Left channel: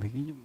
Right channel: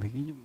Bequillo.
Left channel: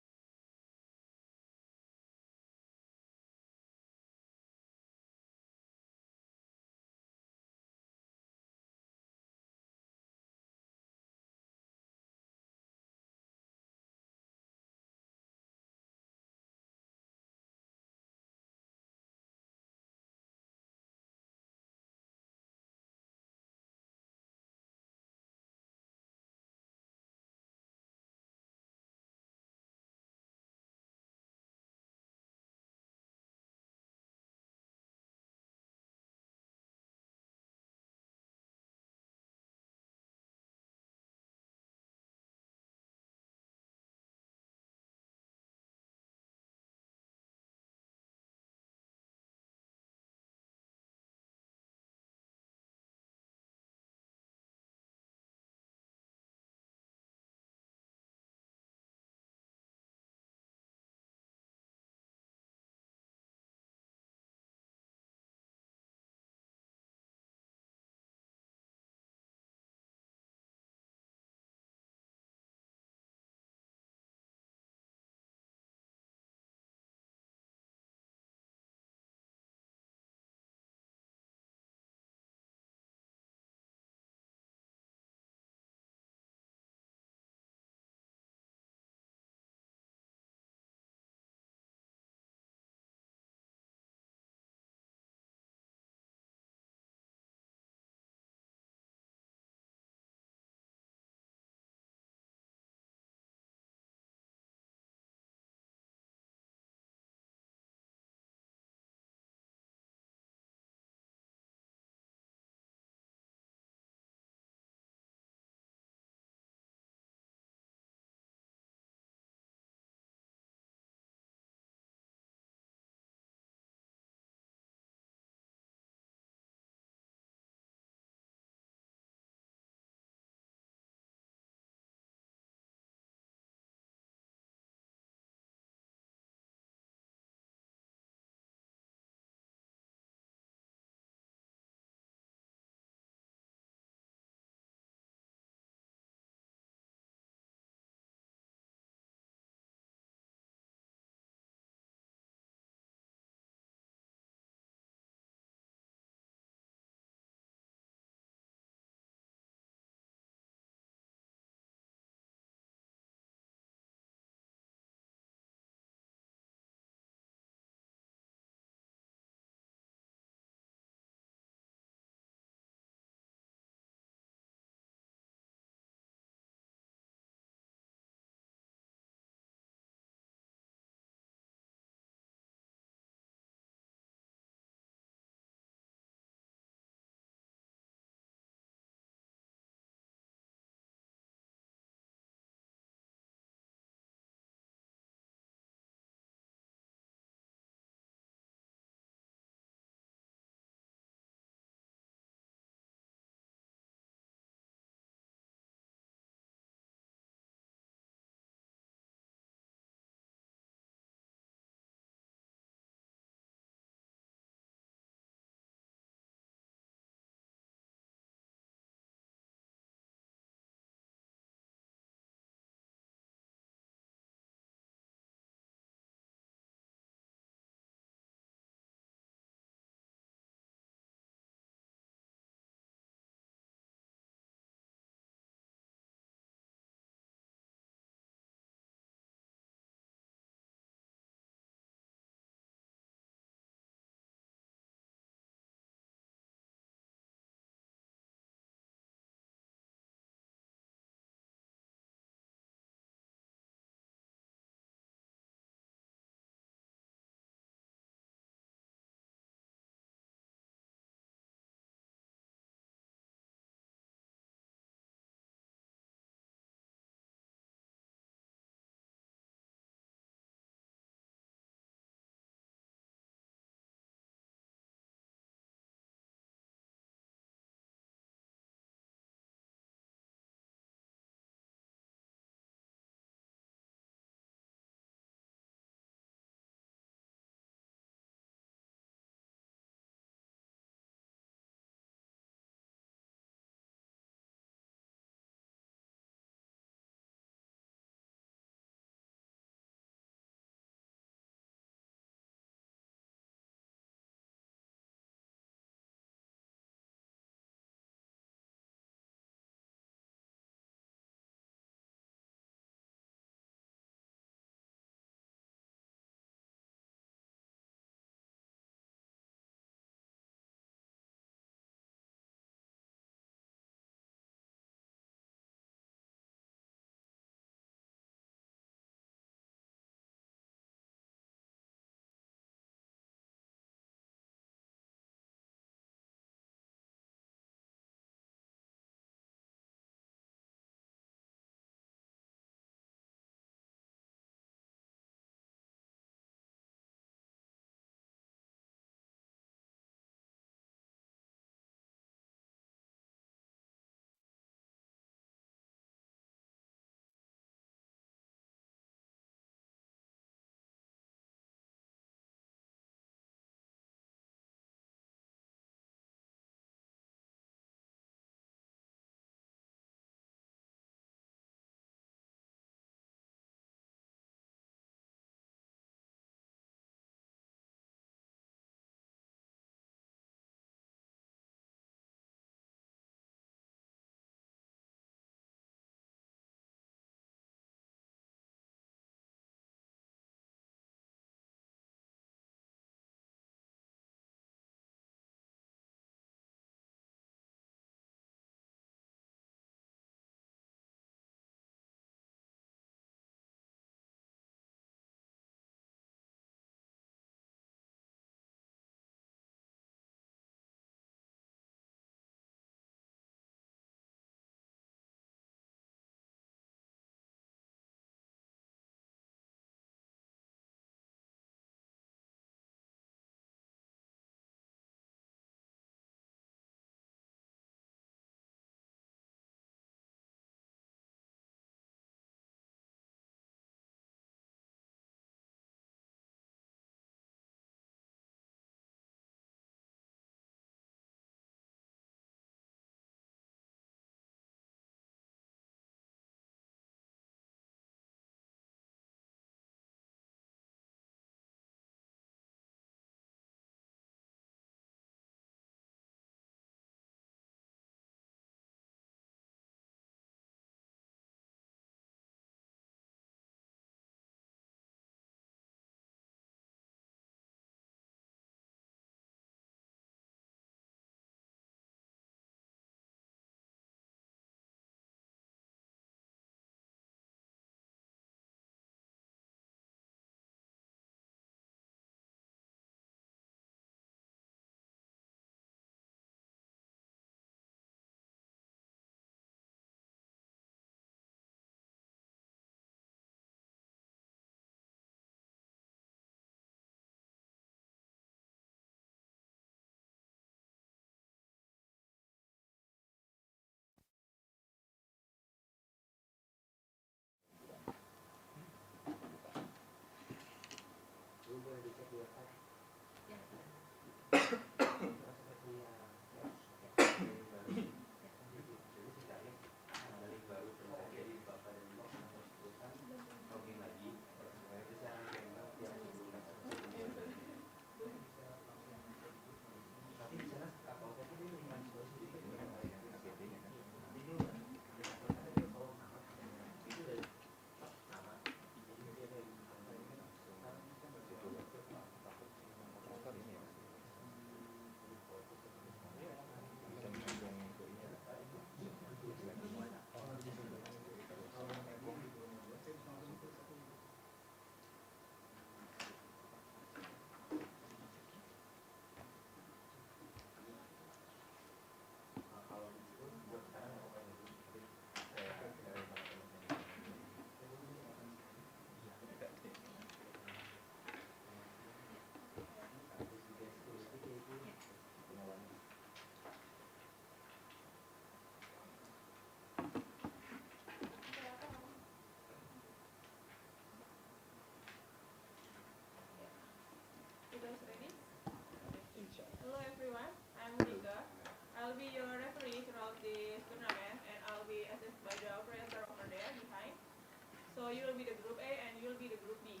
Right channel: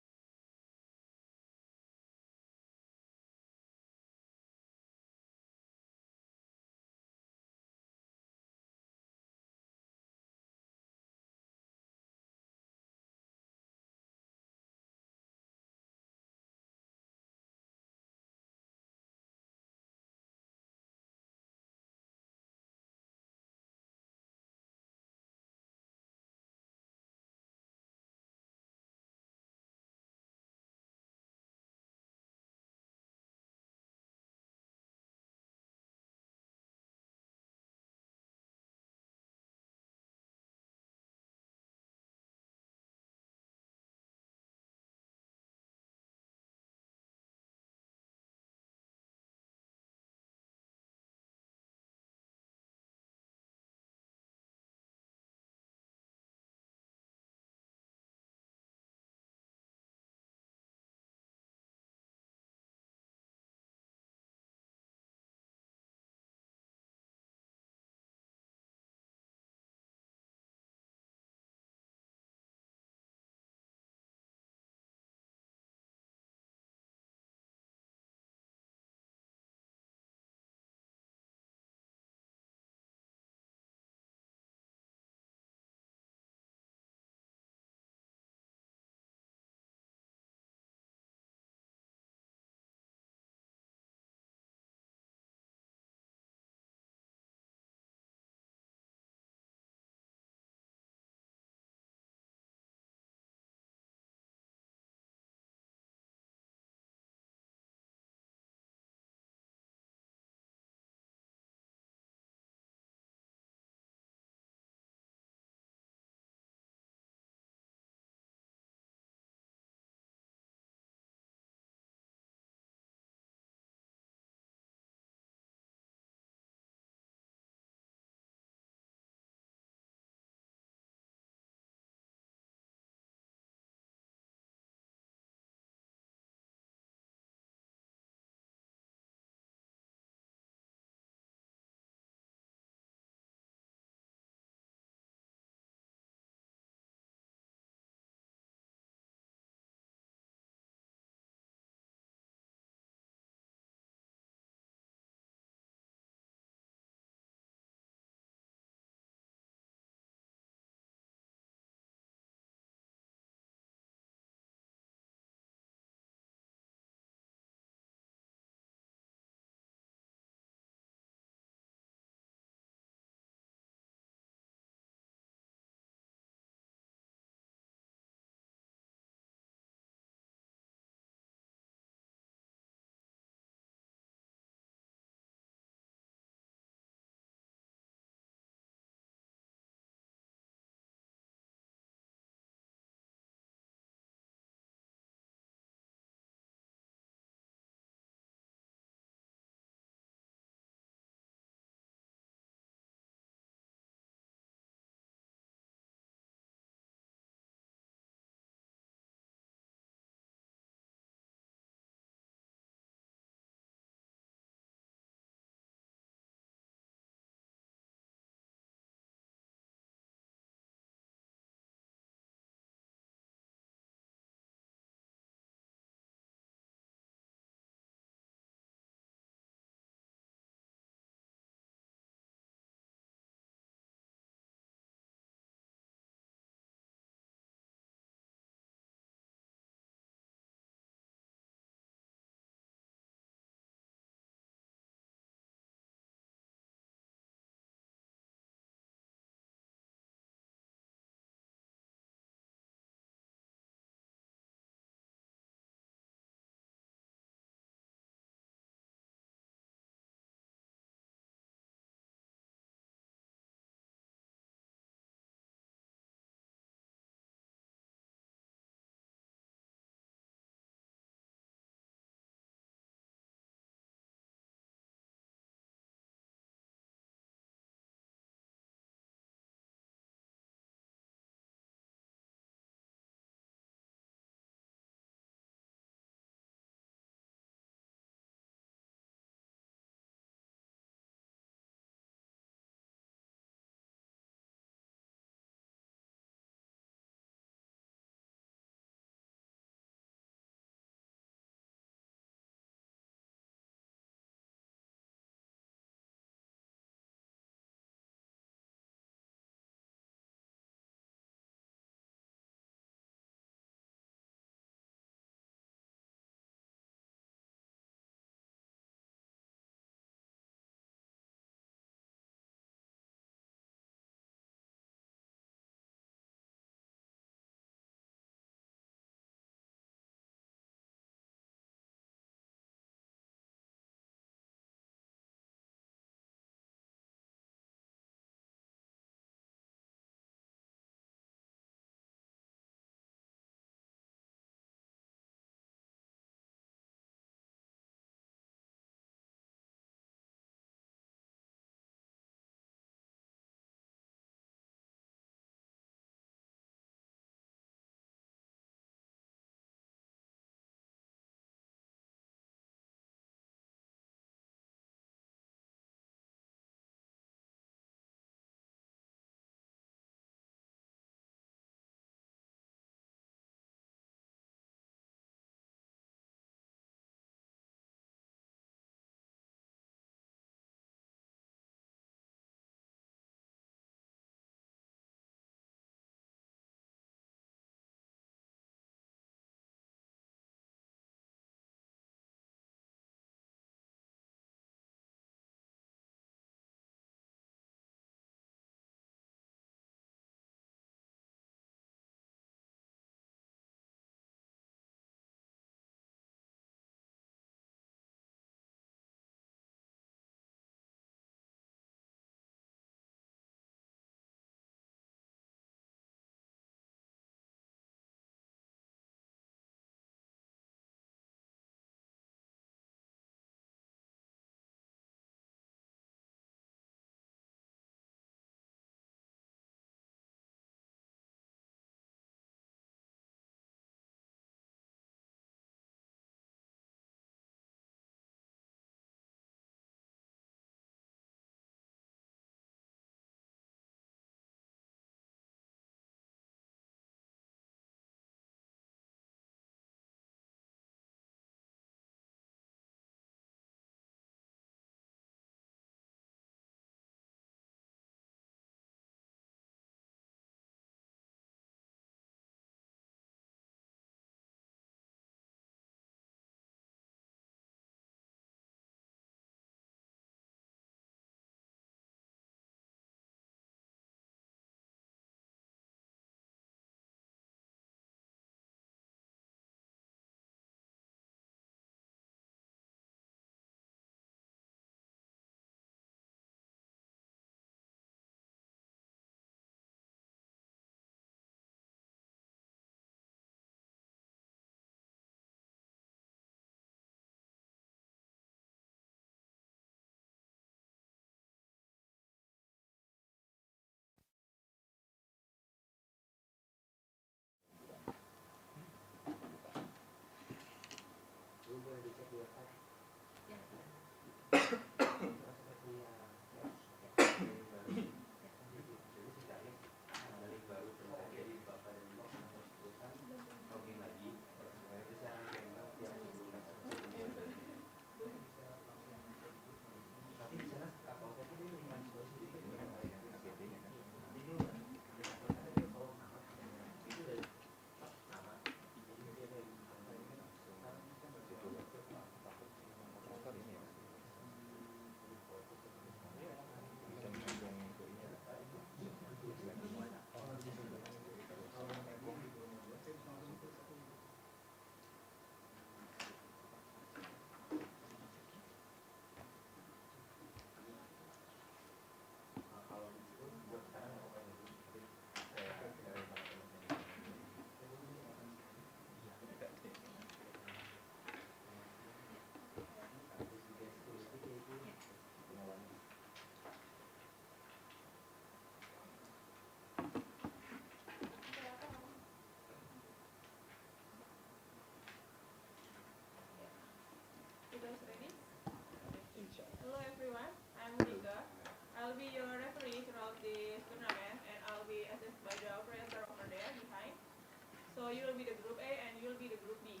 So you will be the group A and you will be the group B.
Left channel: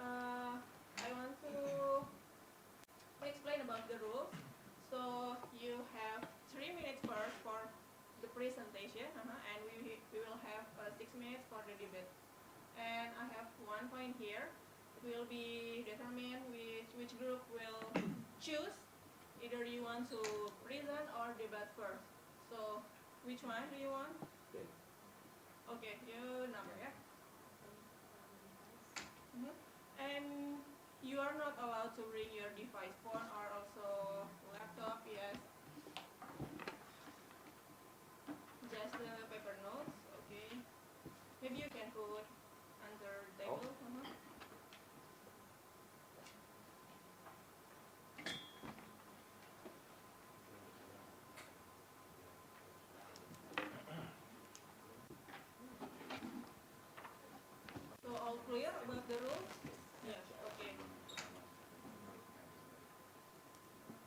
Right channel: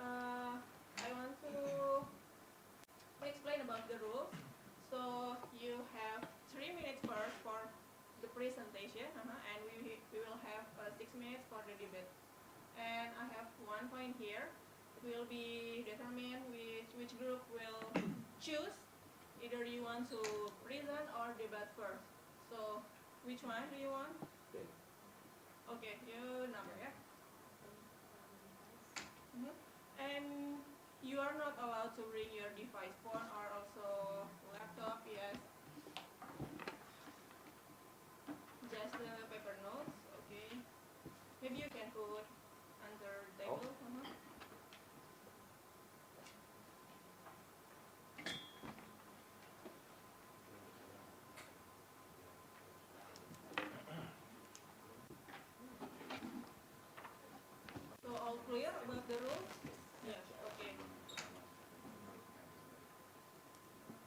I want to explain about the rules. So you have 3 minutes first for the presentation, and we will have 6 minutes for the debate. And I have 1 point here. It will be determined which group will choose. Either you want to present or debate first. So which one do you want? Okay, you number, yeah. And you are not allowed to bring your device, phone or also laptop, yes. Just the paper notes, okay. Maybe you can put under table. So all clear about the rules? Yes, okay.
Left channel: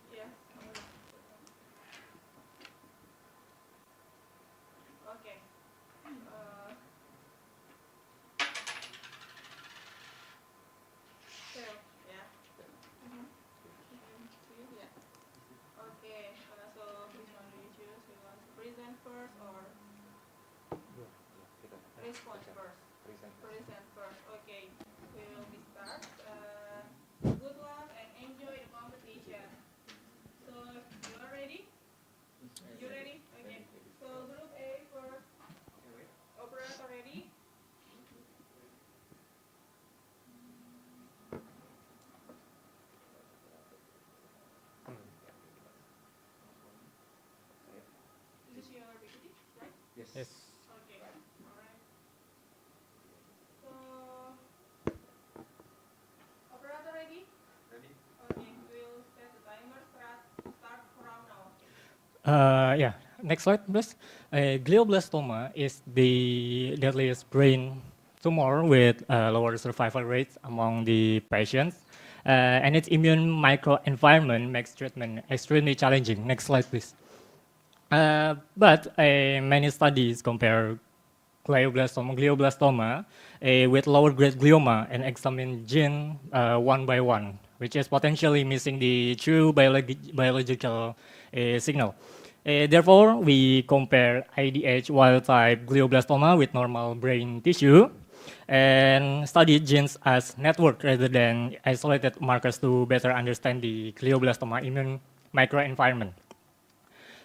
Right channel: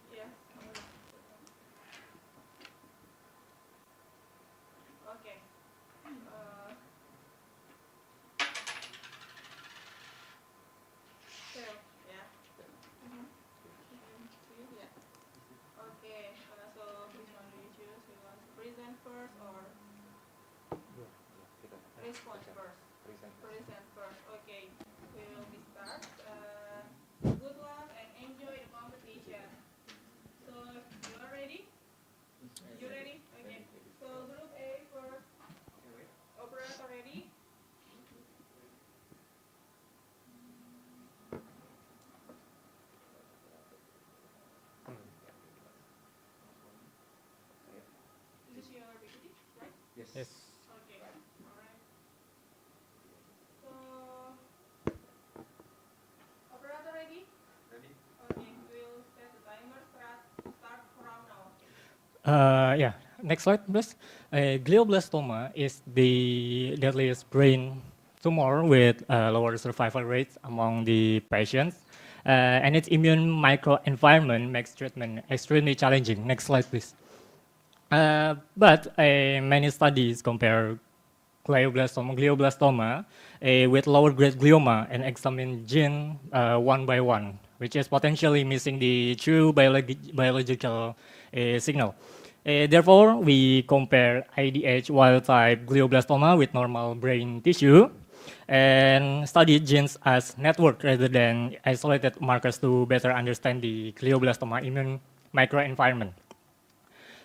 Yes. Okay. So, yeah. Yeah. Okay. So which one do you choose? You want to present first or response first? Present first. Okay. We will be start. Good luck and enjoy the competition. So you are ready? You ready? Okay. So group A first. Operator ready? This is your PPT, right? Yes. Okay. All right. So operator ready? Ready? Okay. We'll set the timer. Start from now. Yeah. Next slide, please. Glioblastoma is the deadliest brain tumor with lower survival rates among the patients, and its immune microenvironment makes treatment extremely challenging. Next slide, please. But many studies compare glioblastoma with lower grade glioma and examine gene one by one, which is potentially missing the true biological signal. Therefore, we compare IDH wild type glioblastoma with normal brain tissue and study genes as network rather than isolated markers to better understand the glioblastoma immune microenvironment.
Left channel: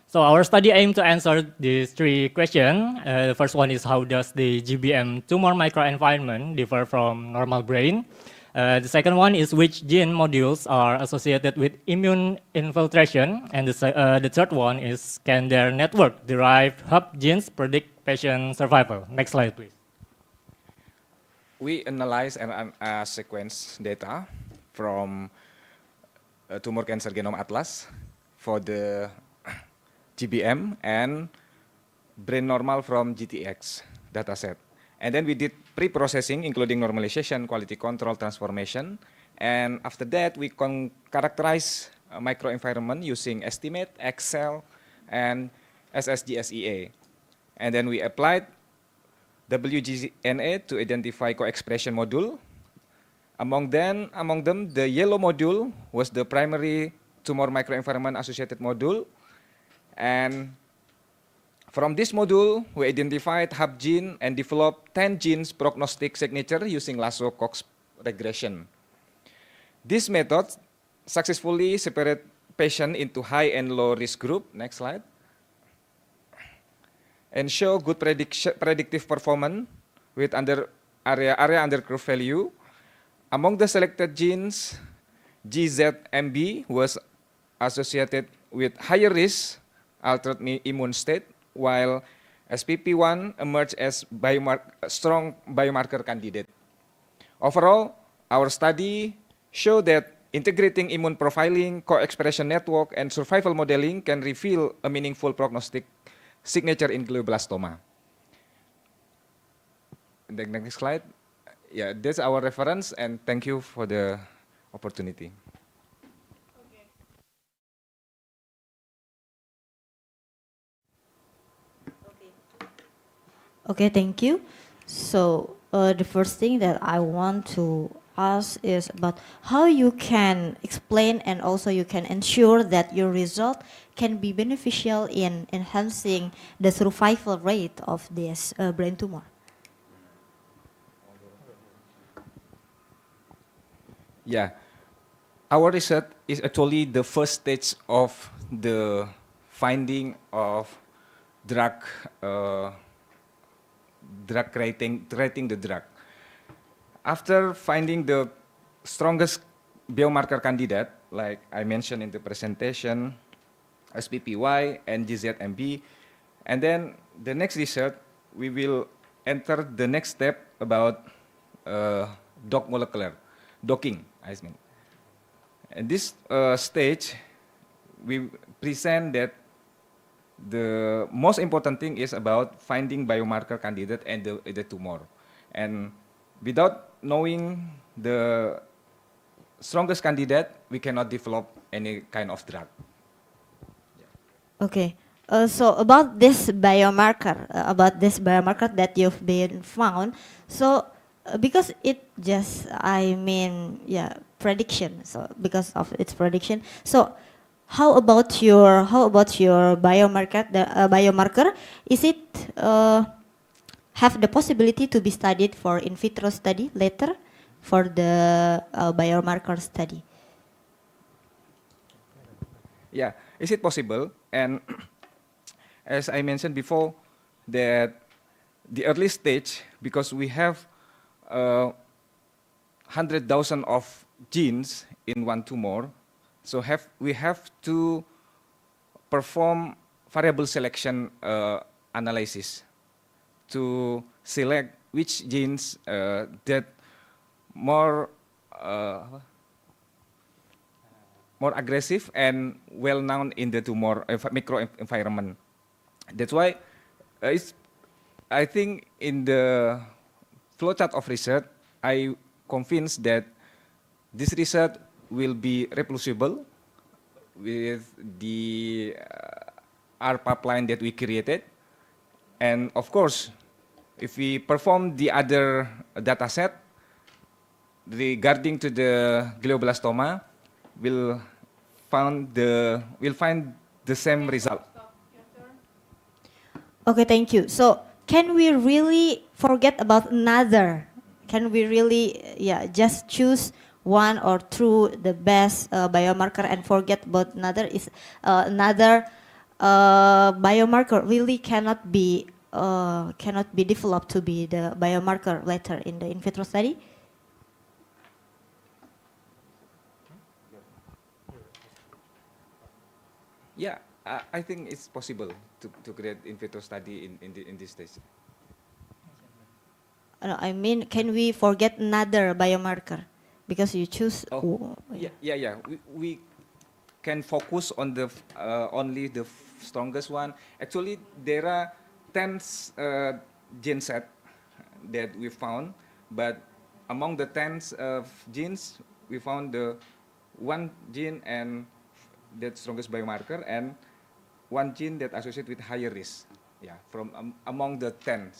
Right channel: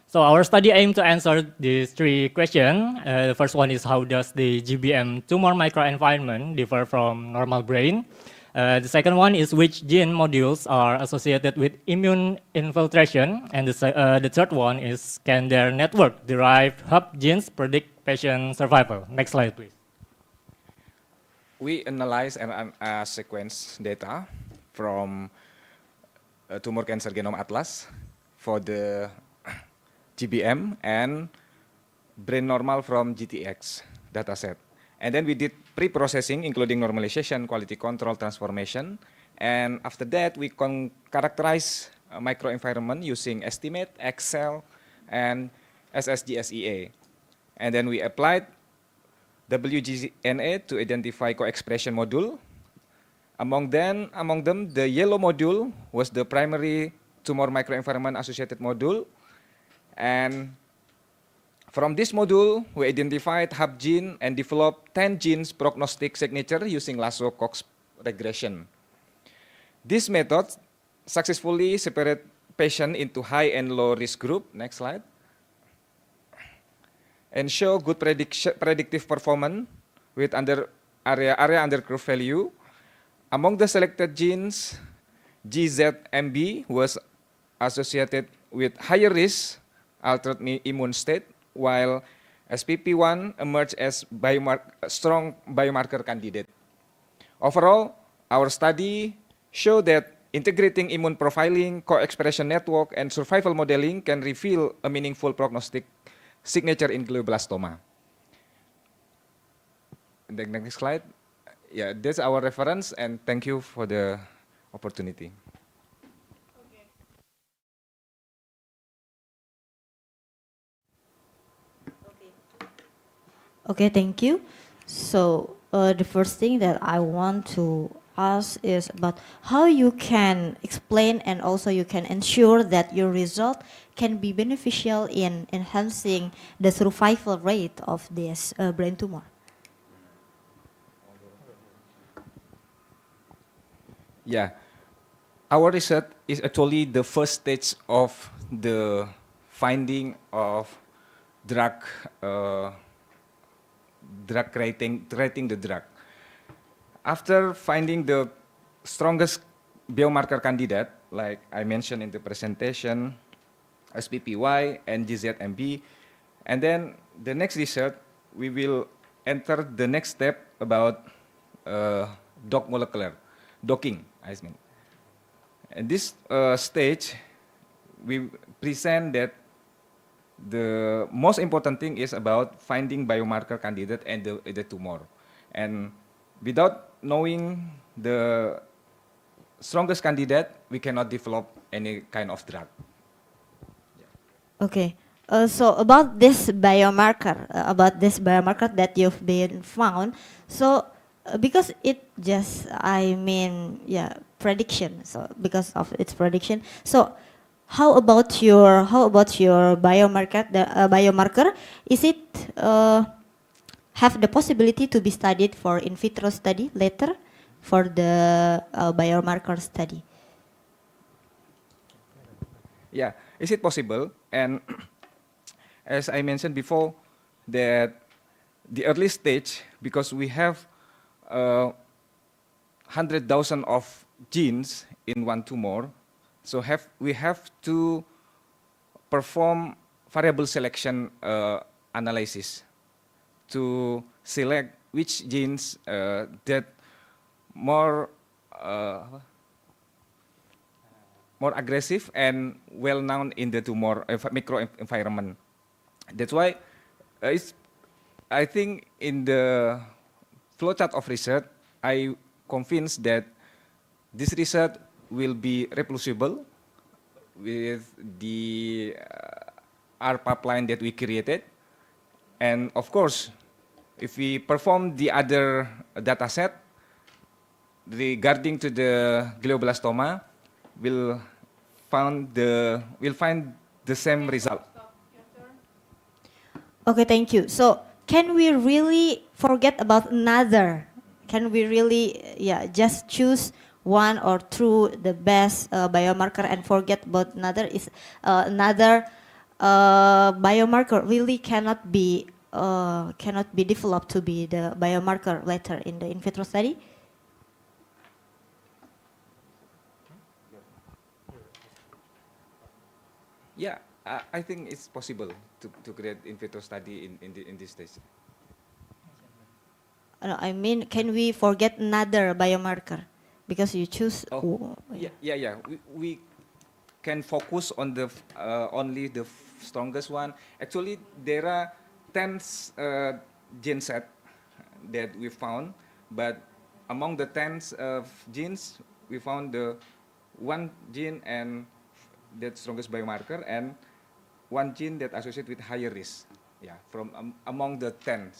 So our study aimed to answer these three questions. The first one is how does the GBM tumor microenvironment differ from normal brain? The second one is which gene modules are associated with immune infiltration? And the third one is can their network-derived hub genes predict patient survival? Next slide, please. We analyze and sequence data from tumor cancer genome atlas for the GBM and brain normal from GTX dataset. And then we did pre-processing, including normalization, quality control, transformation. And after that, we characterize microenvironment using estimate, Excel, and SSGSEA. And then we applied WGNA to identify co-expression module. Among them, the yellow module was the primary tumor microenvironment associated module. And from this module, we identified hub gene and developed 10 genes prognostic signature using Lasso-Cox regression. This method successfully separate patient into high and low risk group. Next slide. And show good predictive performance with area under curve value. Among the selected genes, GZMB was associated with higher risk altered immune state, while SPP1 emerged as strong biomarker candidate. Overall, our study showed that integrating immune profiling, co-expression network, and survival modeling can reveal a meaningful prognostic signature in glioblastoma. The next slide. Yeah, that's our reference, and thank you for the opportunity. Okay, thank you. So the first thing that I want to ask is about how you can explain and also you can ensure that your result can be beneficial in enhancing the survival rate of this brain tumor. Yeah, our research is actually the first stage of the finding of drug, uh, drug creating the drug. After finding the strongest biomarker candidate, like I mentioned in the presentation, SPPY and GZMB, and then the next research, we will enter the next step about docking, I mean. At this stage, we present that the most important thing is about finding biomarker candidate and the tumor. And without knowing the strongest candidate, we cannot develop any kind of drug. Okay. So about this biomarker that you've been found, so because it just, I mean, yeah, prediction. So because of its prediction, so how about your biomarker? The biomarker, is it have the possibility to be studied for in vitro study later for the biomarker study? Yeah, is it possible? And as I mentioned before, that the early stage, because we have 100,000 of genes in one tumor, so we have to perform variable selection analysis to select which genes that more more aggressive and well known in the tumor microenvironment. That's why I think in the flowchart of research, I convinced that this research will be reproducible with the R pipeline that we created. And of course, if we perform the other data set regarding to the glioblastoma, we'll find the same result. Stop. Your turn. Okay, thank you. So can we really forget about another? Can we really, yeah, just choose one or two the best biomarker and forget about another? Is another biomarker really cannot be developed to be the biomarker later in the in vitro study? Yeah, I think it's possible to create in vitro study in this stage. No, I mean, can we forget another biomarker because you choose? Yeah. We can focus on the only the strongest one. Actually, there are 10 gene set that we found, but among the 10 genes, we found the one gene and that strongest biomarker and one gene that associated with higher risk. Yeah, from among the 10.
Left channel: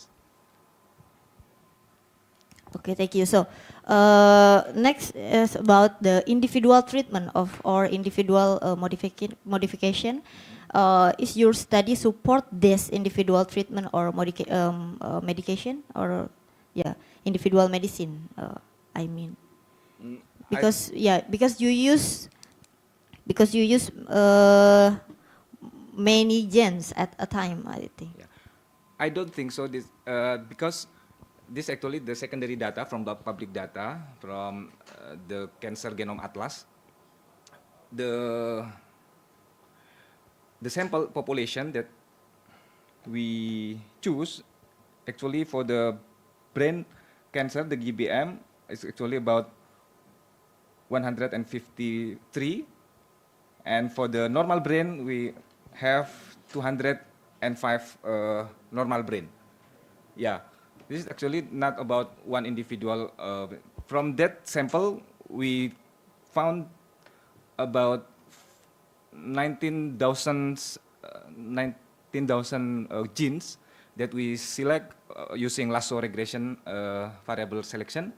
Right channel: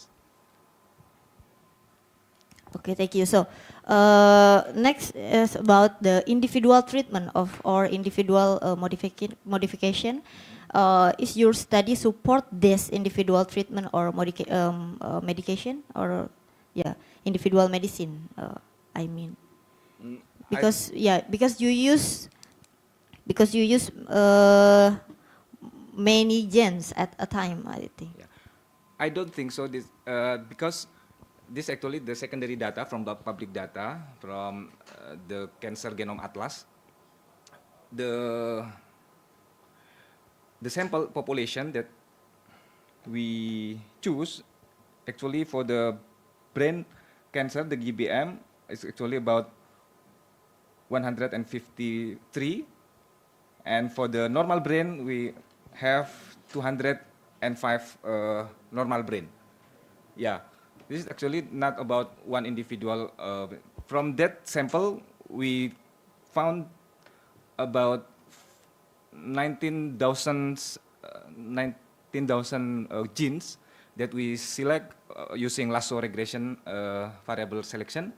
Okay, thank you. So next is about the individual treatment of or individual modification. Is your study support this individual treatment or medication or individual medicine? I mean, because you use many genes at a time, I think. Yeah. I don't think so. This because this actually the secondary data from the public data from the Cancer Genome Atlas. The sample population that we choose actually for the brain cancer, the GBM, is actually about 153, and for the normal brain we have 205 normal brain. Yeah, this is actually not about one individual. From that sample, we found about 19,000 genes that we select using lasso regression variable selection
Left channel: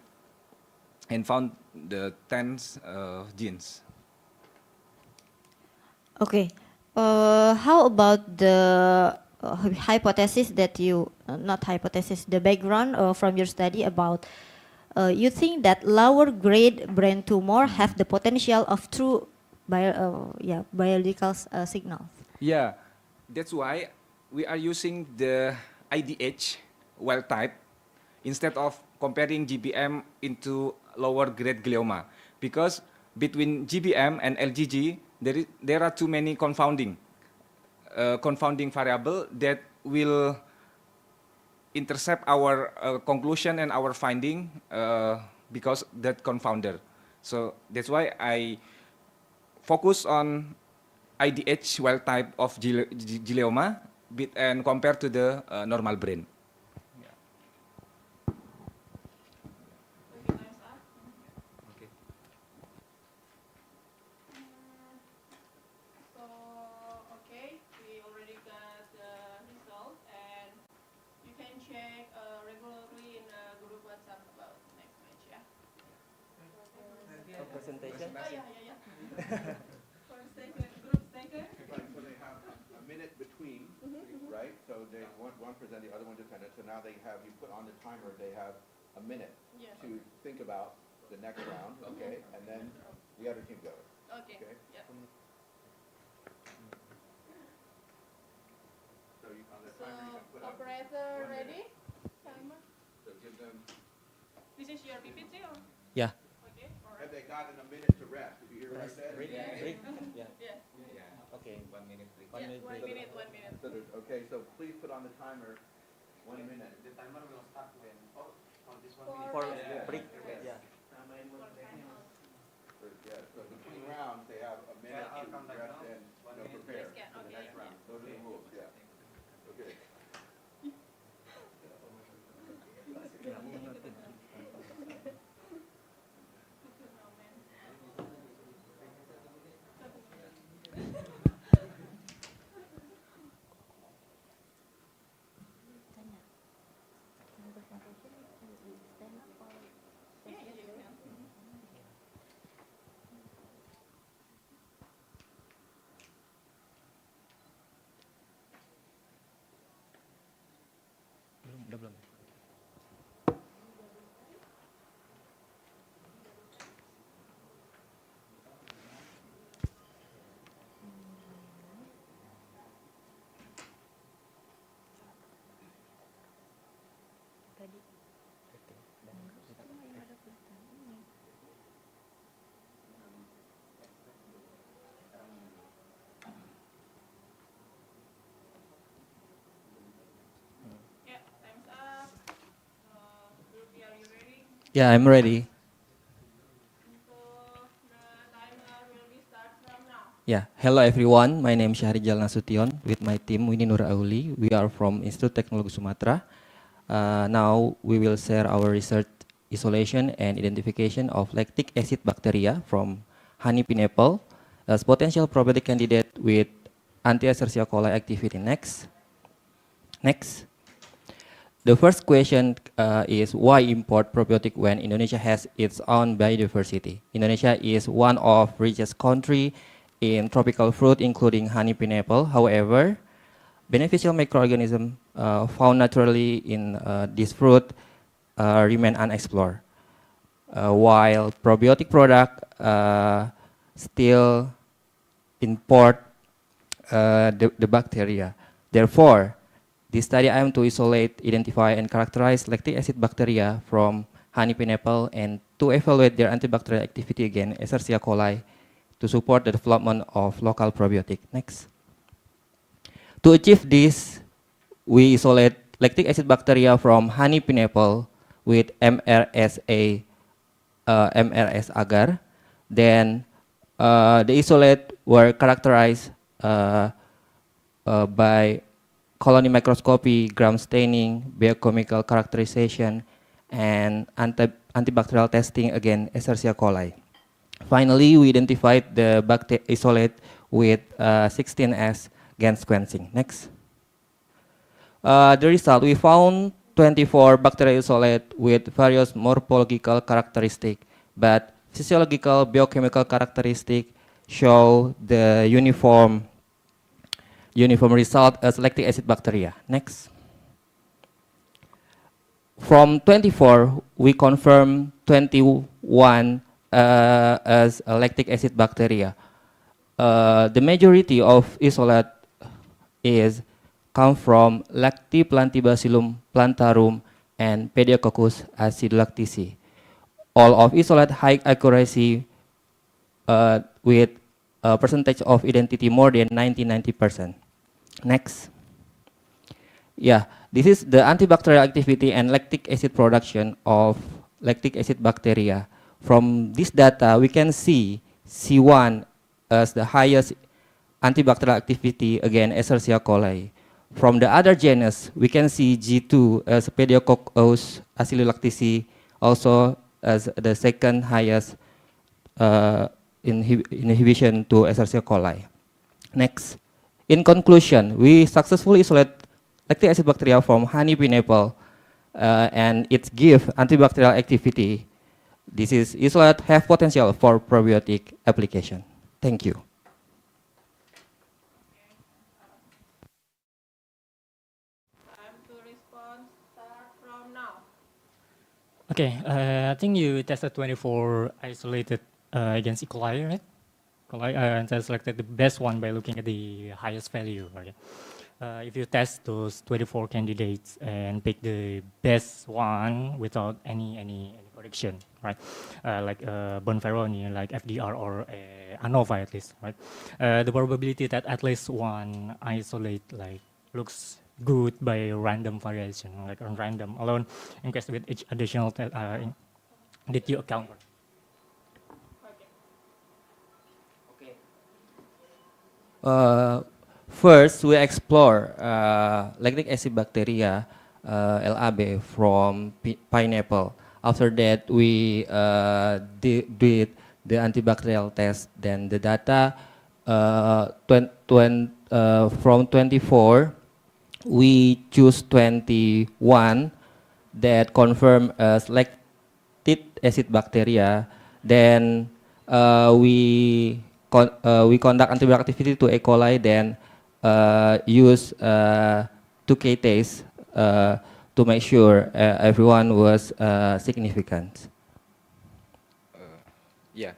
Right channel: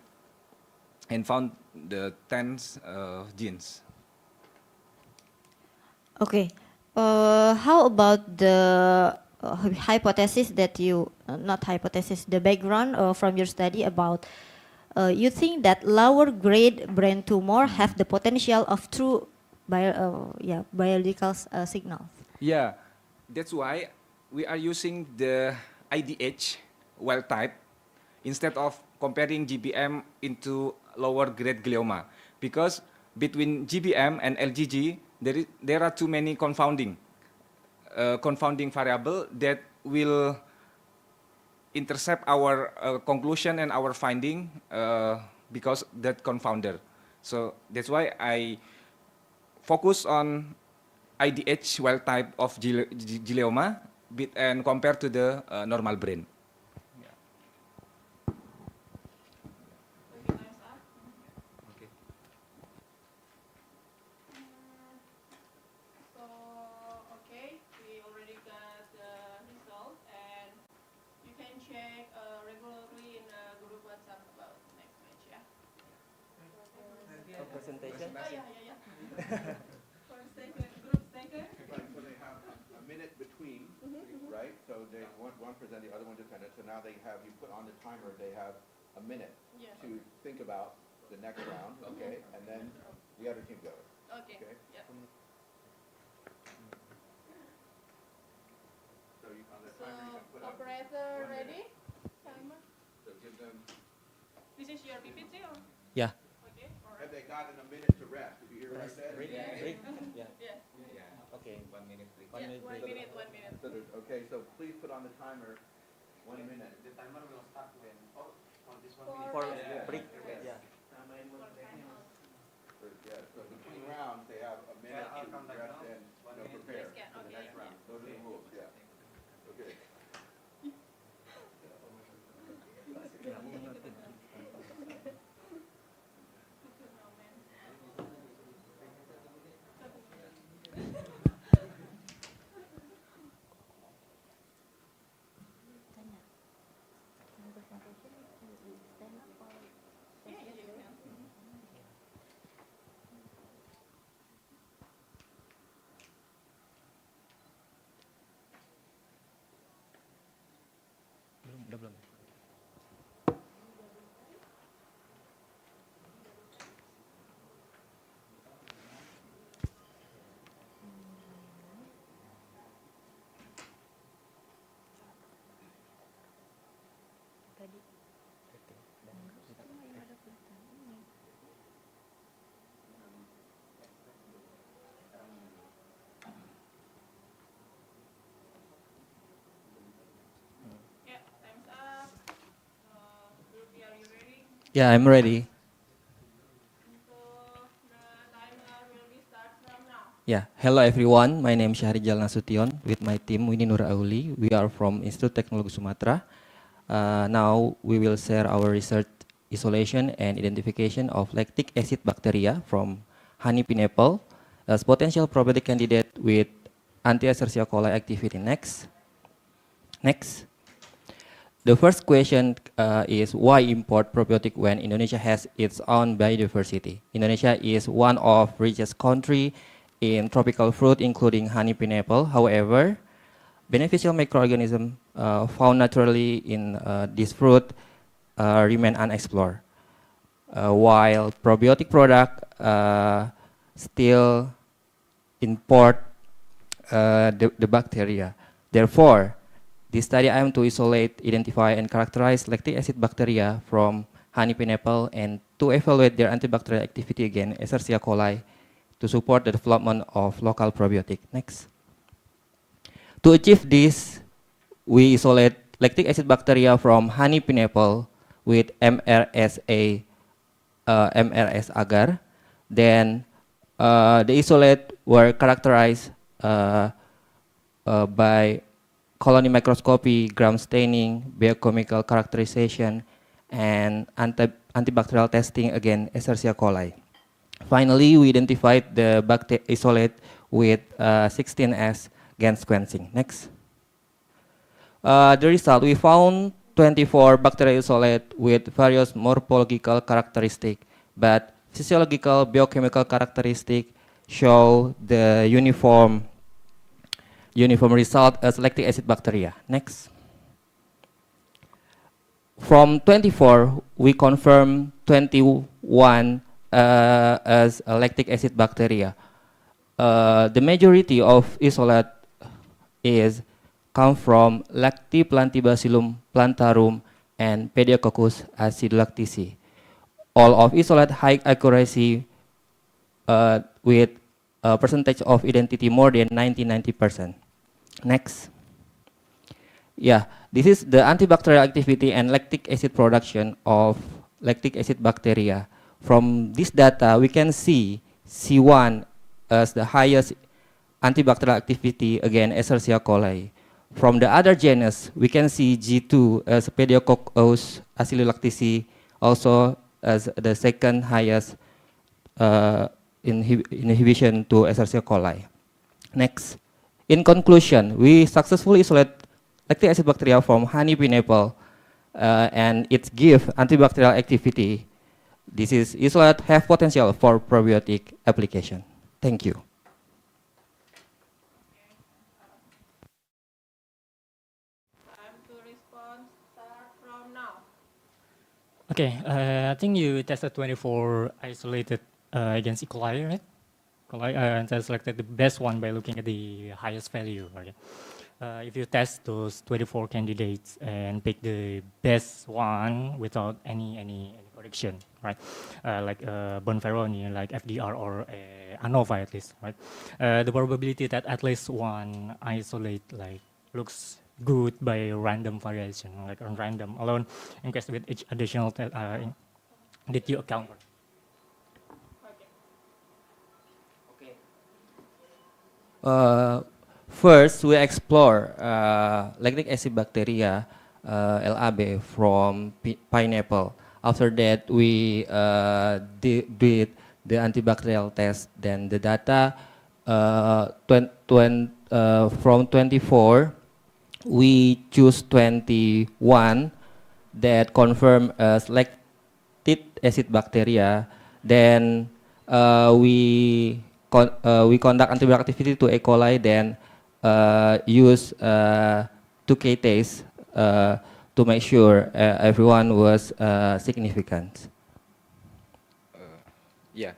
and found the 10 genes. Okay. How about the hypothesis that you, not hypothesis, the background from your study about you think that lower grade brain tumor have the potential of true biological signals? Yeah, that's why we are using the IDH wild type instead of comparing GBM into lower grade glioma, because between GBM and LGG there are too many confounding variable that will intercept our conclusion and our finding because that confounder. So that's why I focus on IDH wild type of glioma and compared to the normal brain. Okay, time's up. Okay. So, okay, we already got the result, and you can check regularly in group WhatsApp about next match, yeah? Presentation. Oh, yeah. First taken, group taken. Right, so they have a minute between, right? So they one present, the other one defended. So now they have, you put on the timer, they have a minute Yeah. to think about the next round, okay? And then the other team goes. Okay, Okay. yeah. So you, on the So, timer, you can put up. operator 1 minute. ready? Timer. So give them, This is your PPT or? Yeah. Okay, have alright. they gotten a minute to rest? Did you hear what I said? Break. Yeah. Break. Yeah. Yeah, Yeah. Okay. 1 minute break. One yeah, minute 1 break. minute, 1 minute. So there's, okay, so please put on the timer 1 minute. The timer will start when for this 1 For minute. For Yeah. break. Yeah. Yeah. Yeah, so between rounds, they have a minute Yeah, I'll to come back rest now. and, 1 minute. prepare Yes, yeah, for the okay, next yeah. round. Those are the rules, yeah. Okay. Yeah, you can. Belum. Yeah, time's up. Ruby, are you ready? Yeah, I'm ready. So, the timer will be start from now. Yeah, hello everyone. My name is Syahrijal Nasution with my team Winnie Nur Auli. We are from Institute Teknologi Sumatera. Now we will share our research isolation and identification of lactic acid bacteria from honey pineapple as potential probiotic candidate with anti-Escherichia coli activity. Next. The first question is why import probiotic when Indonesia has its own biodiversity? Indonesia is one of richest country in tropical fruit, including honey pineapple. However, beneficial microorganisms found naturally in this fruit remain unexplored, while probiotic product still import the bacteria. Therefore, this study aimed to isolate, identify, and characterize lactic acid bacteria from honey pineapple and to evaluate their antibacterial activity against Escherichia coli to support the development of local probiotic. Next. To achieve this, we isolate lactic acid bacteria from honey pineapple with MRSA, MRS agar. Then the isolate were characterized by colony microscopy, gram staining, biochemical characterization, and antibacterial testing against Escherichia coli. Finally, we identified the isolate with 16S GAN sequencing. Next. The result, we found 24 bacterial isolate with various morphological characteristics, but physiological biochemical characteristics show the uniform result as lactic acid bacteria. Next. From 24, we confirm 21 as a lactic acid bacteria. The majority of isolate is come from Lactobacillus plantarum and Pediococcus acidulactici. All of isolate high accuracy with a percentage of identity more than 90%. Next. Yeah, this is the antibacterial activity and lactic acid production of lactic acid bacteria. From this data, we can see C1 as the highest antibacterial activity against Escherichia coli. From the other genus, we can see G2 as Pediococcus acidulactici, also as the second highest inhibition to Escherichia coli. Next. In conclusion, we successfully isolate lactic acid bacteria from honey pineapple and it gives antibacterial activity. This is isolate have potential for probiotic application. Thank you. Time to respond. Start from now. Okay, I think you tested 24 isolated against E. coli, right? Coli, and then selected the best one by looking at the highest value. Right? If you test those 24 candidates and pick the best one without any correction, right? Like Bonferroni, like FDR or ANOVA at least, right? The probability that at least one isolate like looks good by random variation, like on random alone, in case with each additional did you account for? First, we explore lactic acid bacteria, LAB, from pineapple. After that, we did the antibacterial test. Then the data from 24, we choose 21 that confirm as lactic acid bacteria. Then we conduct antibiotic activity to E. coli, then use 2K test to make sure everyone was significant. Yeah.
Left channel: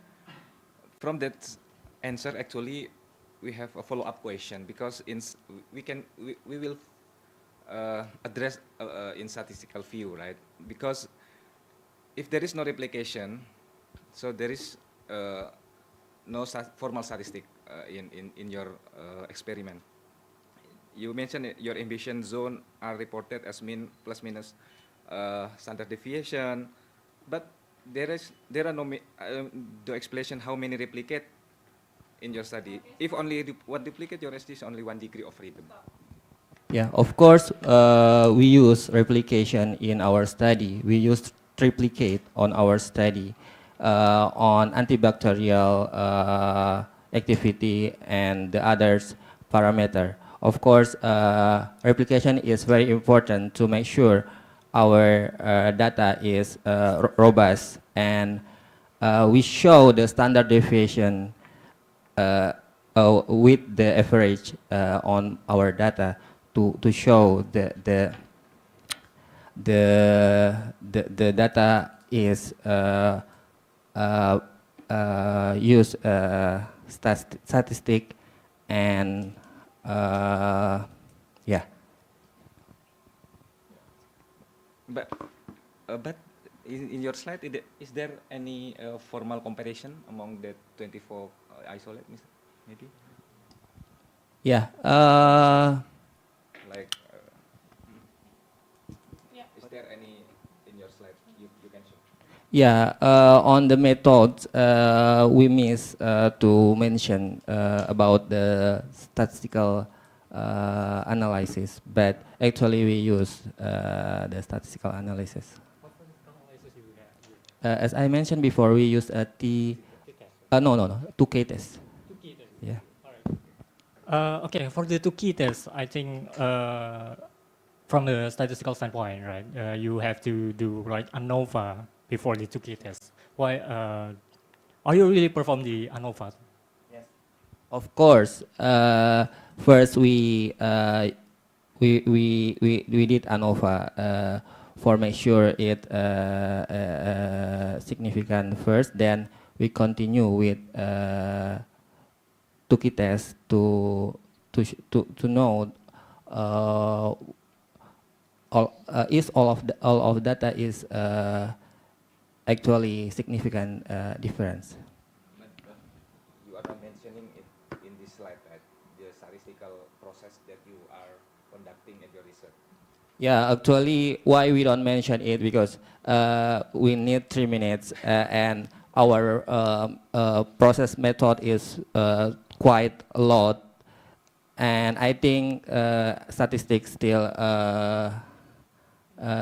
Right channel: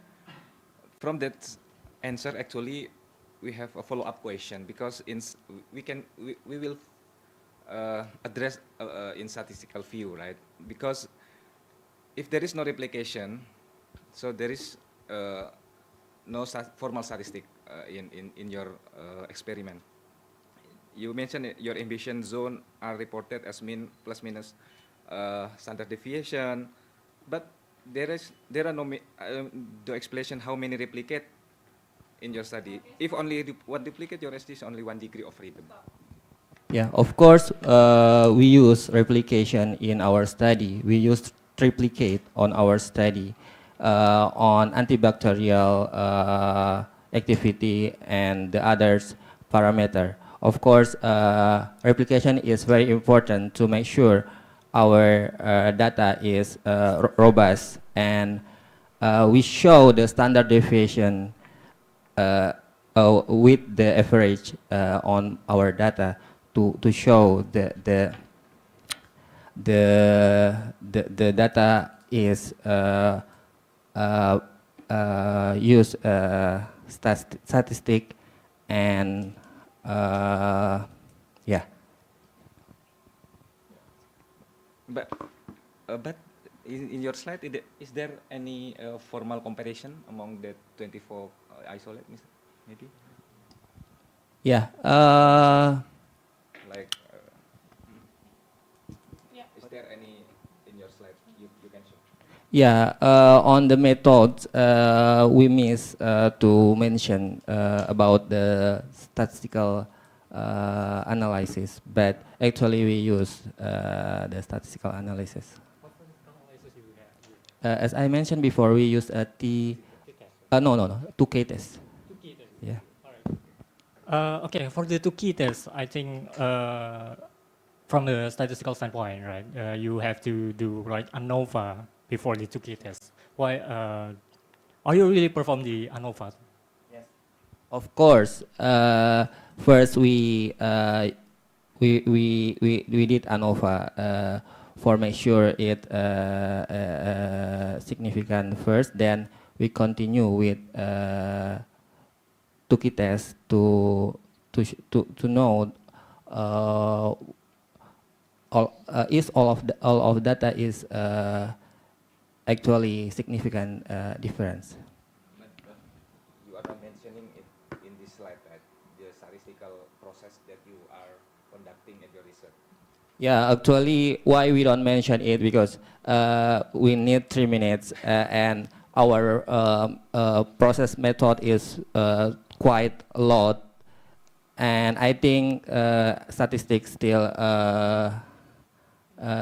From that answer, actually, we have a follow-up question because we will address in statistical view, right? Because if there is no replication, so there is no formal statistic in your experiment. You mentioned your ambition zone are reported as mean plus minus standard deviation, but there are no the explanation how many replicate in your study. If only one duplicate, your ST is only 1 degree of freedom. Yeah, of course, we use replication in our study. We use triplicate on our study on antibacterial activity and the others parameter. Of course, replication is very important to make sure our data is robust, and we show the standard deviation with the average on our data to show the data is use statistic and yeah. But in your slide, is there any formal comparison among the 24 isolate, maybe? Yeah. Like, Yeah. is there any in your slide you can show? Yeah, on the methods, we miss to mention about the statistical analysis, but actually we use the statistical analysis. What statistical analysis you have? As I mentioned before, we use a no, 2K test. 2 key tests. Yeah. All right. Okay, for the 2 key tests, I think from the statistical standpoint, right, you have to do like ANOVA before the Tukey test. Why? Are you really perform the ANOVA? Of course, first we did ANOVA for make sure it significant first. Then we continue with Tukey test to know all of data is actually significant difference. But you are not mentioning it in this slide, right? The statistical process that you are conducting at your research. Yeah, actually, why we don't mention it because we need 3 minutes and our process method is quite a lot, and I think statistics still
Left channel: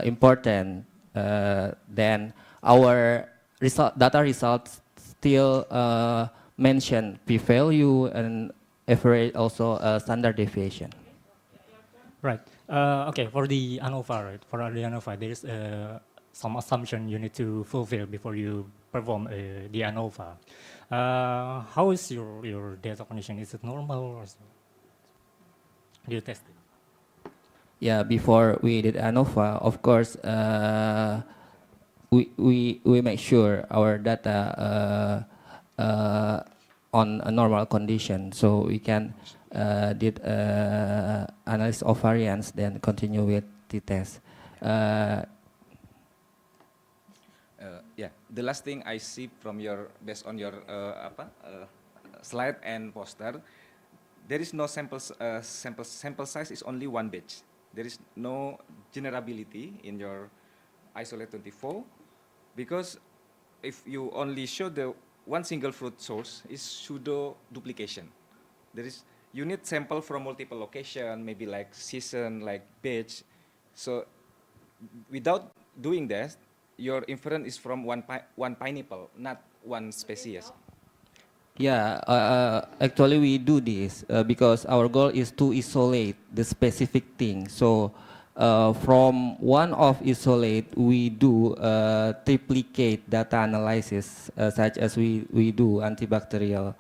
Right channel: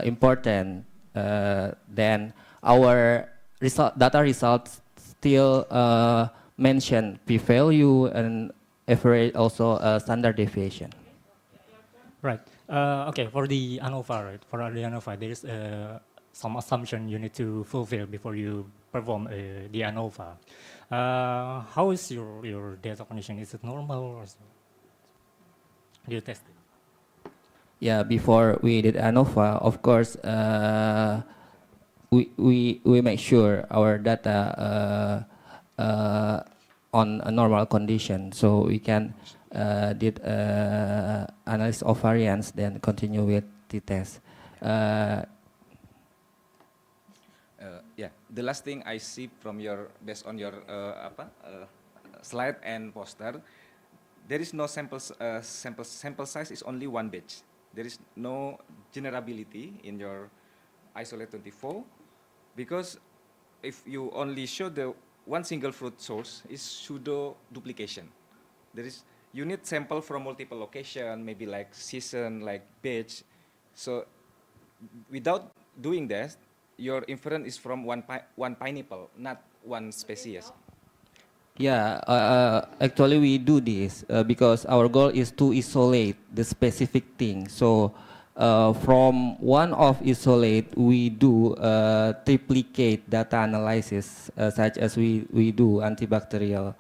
important. Then our data results still mention p-value and average, also standard deviation. Right. Okay. For the ANOVA, right? For the ANOVA, there is some assumption you need to fulfill before you perform the ANOVA. How is your data condition? Is it normal or so? Do you test it? Yeah, before we did ANOVA, of course, we make sure our data on a normal condition, so we can did analysis of variance, then continue with the test. Yeah, the last thing I see from your, based on your slide and poster, there is no sample size is only one batch. There is no generability in your isolate 24, because if you only show the one single fruit source is pseudo duplication. There is, you need sample from multiple location, maybe like season, like batch. So without doing that, your inference is from one pineapple, not one species. Yeah, actually we do this because our goal is to isolate the specific thing. So from one of isolate, we do triplicate data analysis, such as we do antibacterial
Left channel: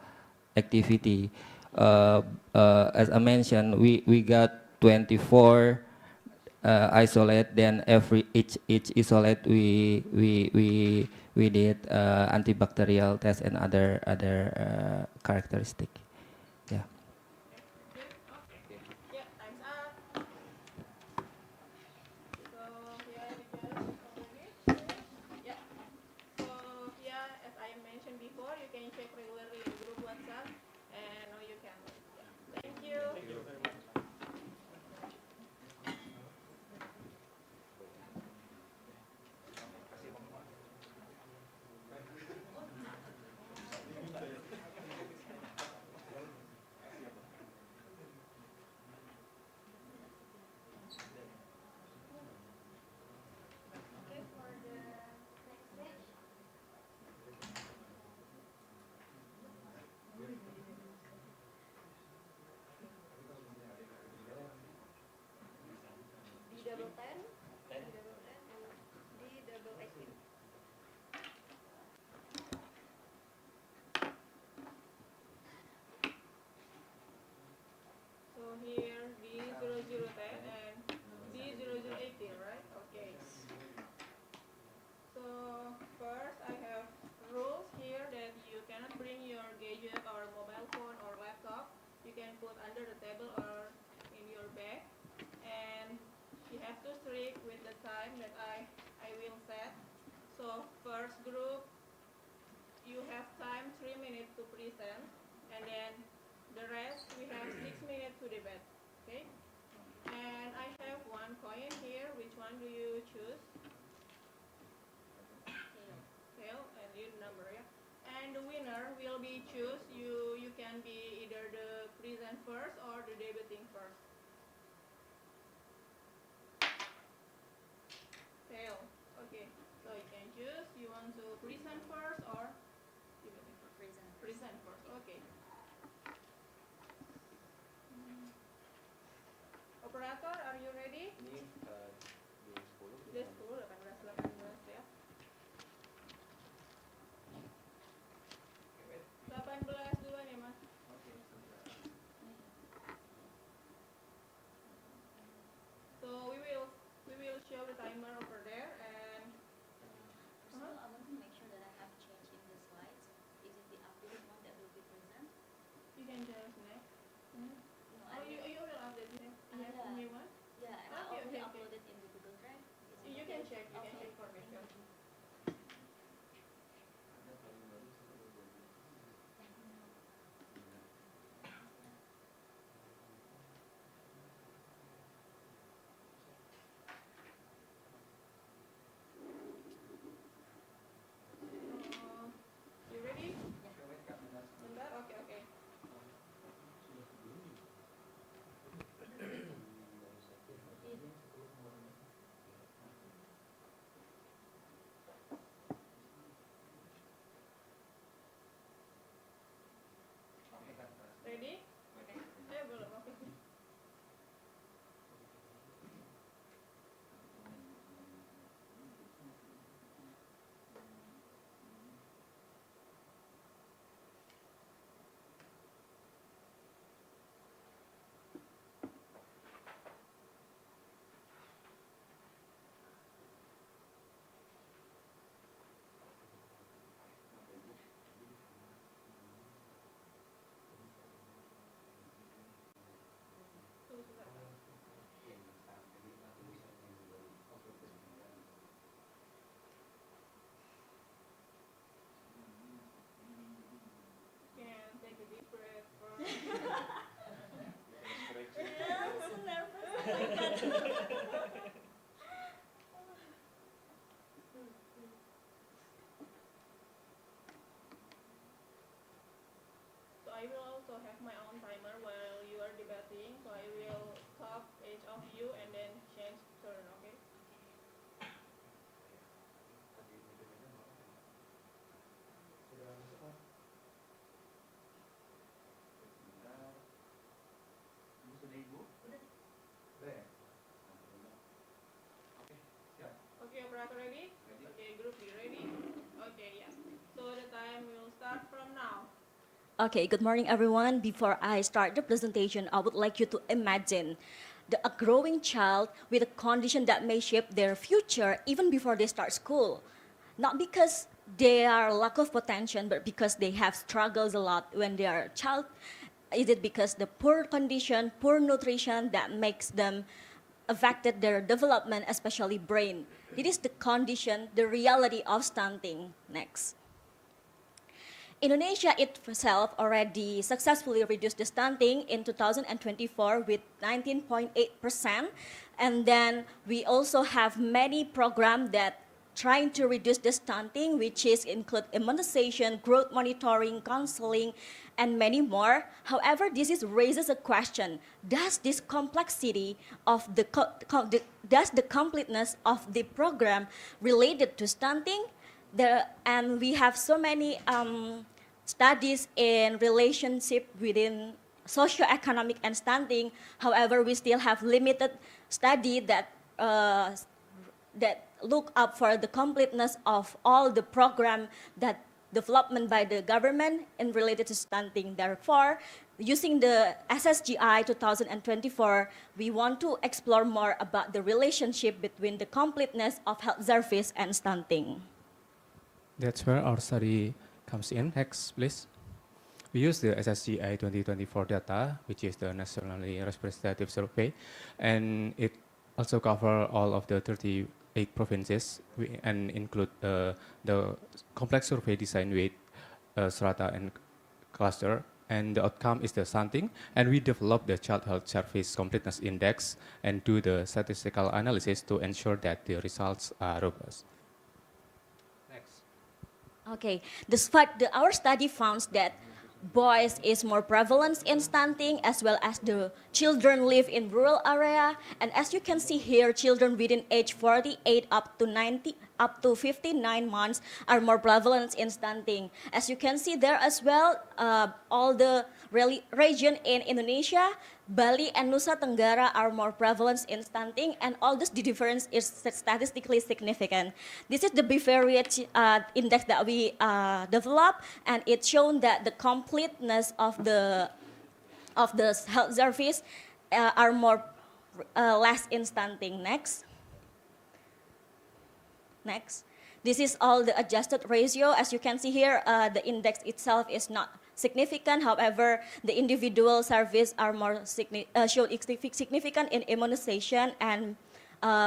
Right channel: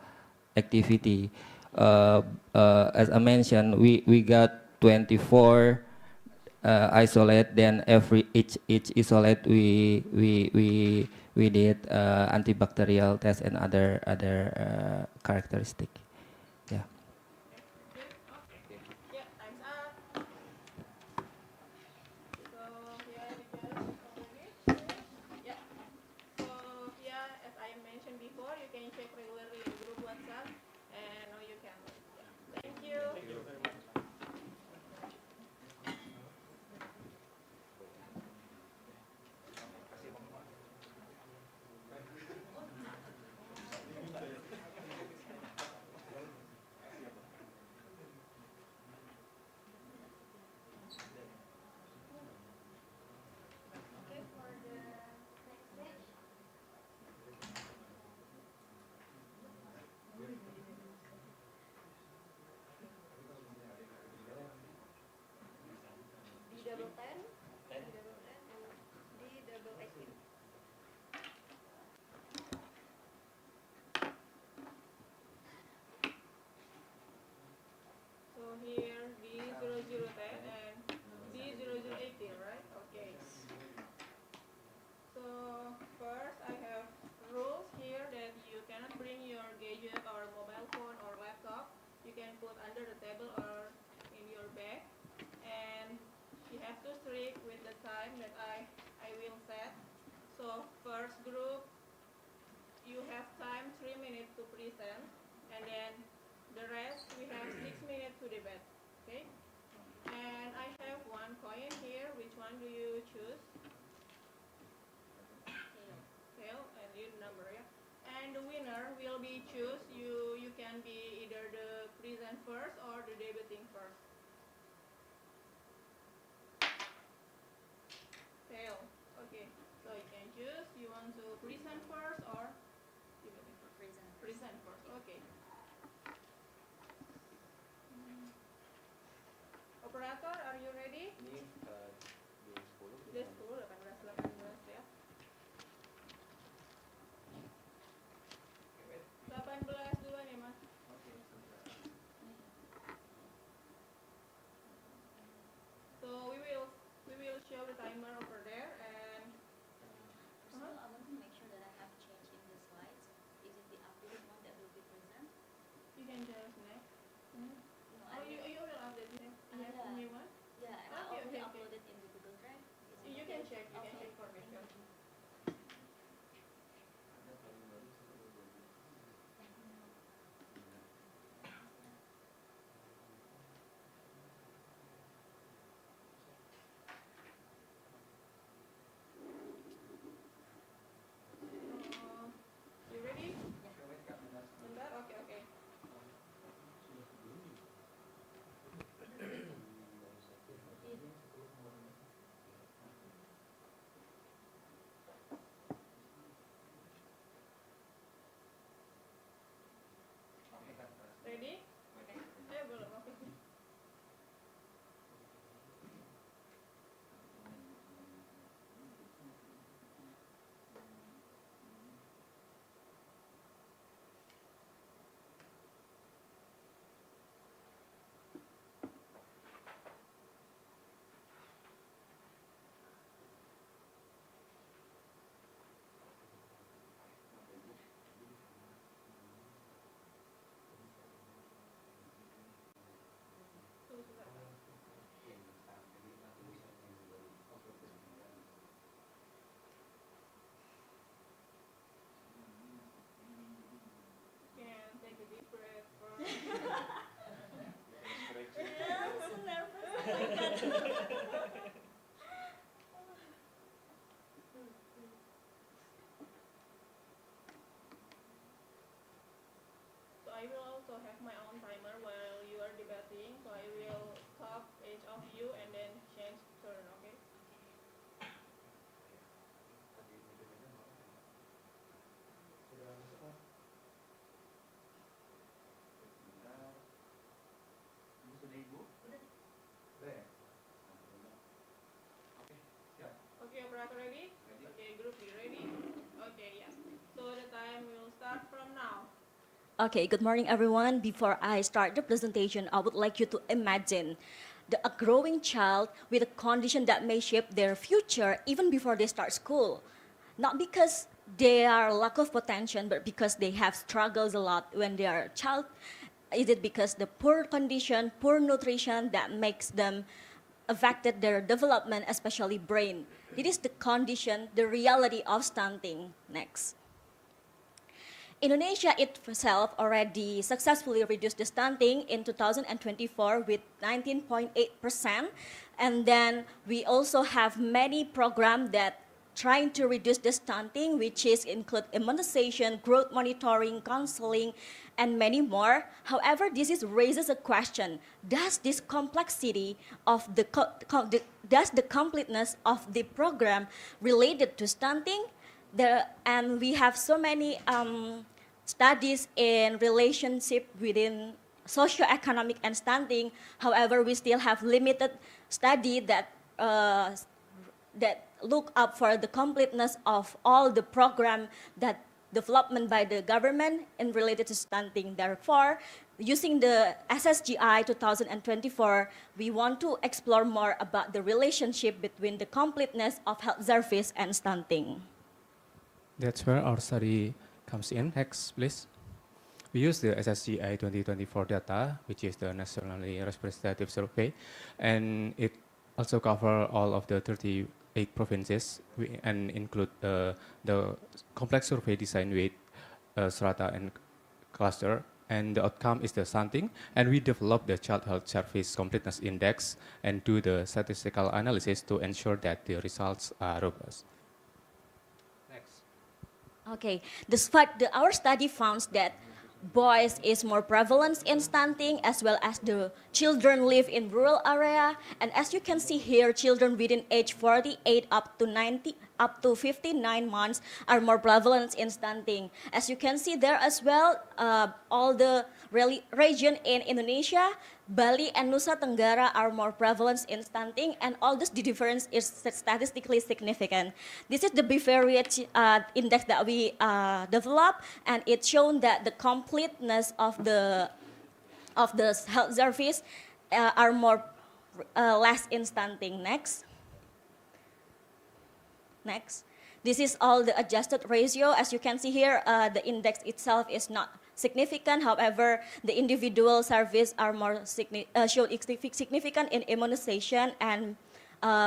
activity. As I mentioned, we got 24 isolate. Then each isolate we did antibacterial test and other characteristic. Yeah. Yeah, time's up. So yeah, you just already. Yeah. So yeah, as I mentioned before, you can check regularly in group WhatsApp, and you can. Yeah. Thank you. Thank you very much. Okay, for the next page. D double 10, D double 10, and D double 18. So here D0010 and D0018, right? Okay. So first I have rules here that you cannot bring your gadget or mobile phone or laptop. You can put under the table or in your bag. And you have to strict with the time that I will set. So first group, you have time 3 minutes to present, and then the rest we have 6 minutes to debate. Okay? And I have one coin here. Which one do you choose? Tail, and you number, yeah. And the winner will be choose. You can be either the present first or the debating first. Tail. Okay. So you can choose. You want to present first or debating first? Present. Present first. Okay. Operator, are you ready? also have my own timer while you are debating, so I will stop each of you and then change turn, okay? Okay, operator ready? Okay, group B ready? Okay, yes. So the time will start from now. Okay, good morning, everyone. Before I start the presentation, I would like you to imagine a growing child with a condition that may shape their future even before they start school. Not because they are lack of potential, but because they have struggles a lot when they are a child. Is it because the poor condition, poor nutrition that makes them affected their development, especially brain? It is the condition, the reality of stunting. Next. Indonesia itself already successfully reduced the stunting in 2024 with 19.8%. And then we also have many programs that trying to reduce the stunting, which is include immunization, growth monitoring, counseling, and many more. However, this raises a question: does this complexity of does the completeness of the program related to stunting? And we have so many studies in relationship within socioeconomic and stunting. However, we still have limited study that look up for the completeness of all the program that development by the government in related to stunting. Therefore, using the SSGI 2024, we want to explore more about the relationship between the completeness of health service and stunting. That's where our study comes in. Next, please. We use the SSGI 2024 data, which is the nationally representative survey, and it also covers all of the 38 provinces and include the complex survey design with strata and cluster. And the outcome is the stunting, and we develop the Child Health Service Completeness Index and do the statistical analysis to ensure that the results are robust. Okay, our study found that boys is more prevalent in stunting as well as the children live in rural area. And as you can see here, children within age 48 up to 59 months are more prevalent in stunting. As you can see there as well, all the region in Indonesia, Bali and Nusa Tenggara are more prevalent in stunting, and all this, the difference is statistically significant. This is the bivariate index that we developed, and it's shown that the completeness of the health service are more less in stunting. Next. This is all the adjusted ratio. As you can see here, the index itself is not significant. However, the individual service are more significant in immunization and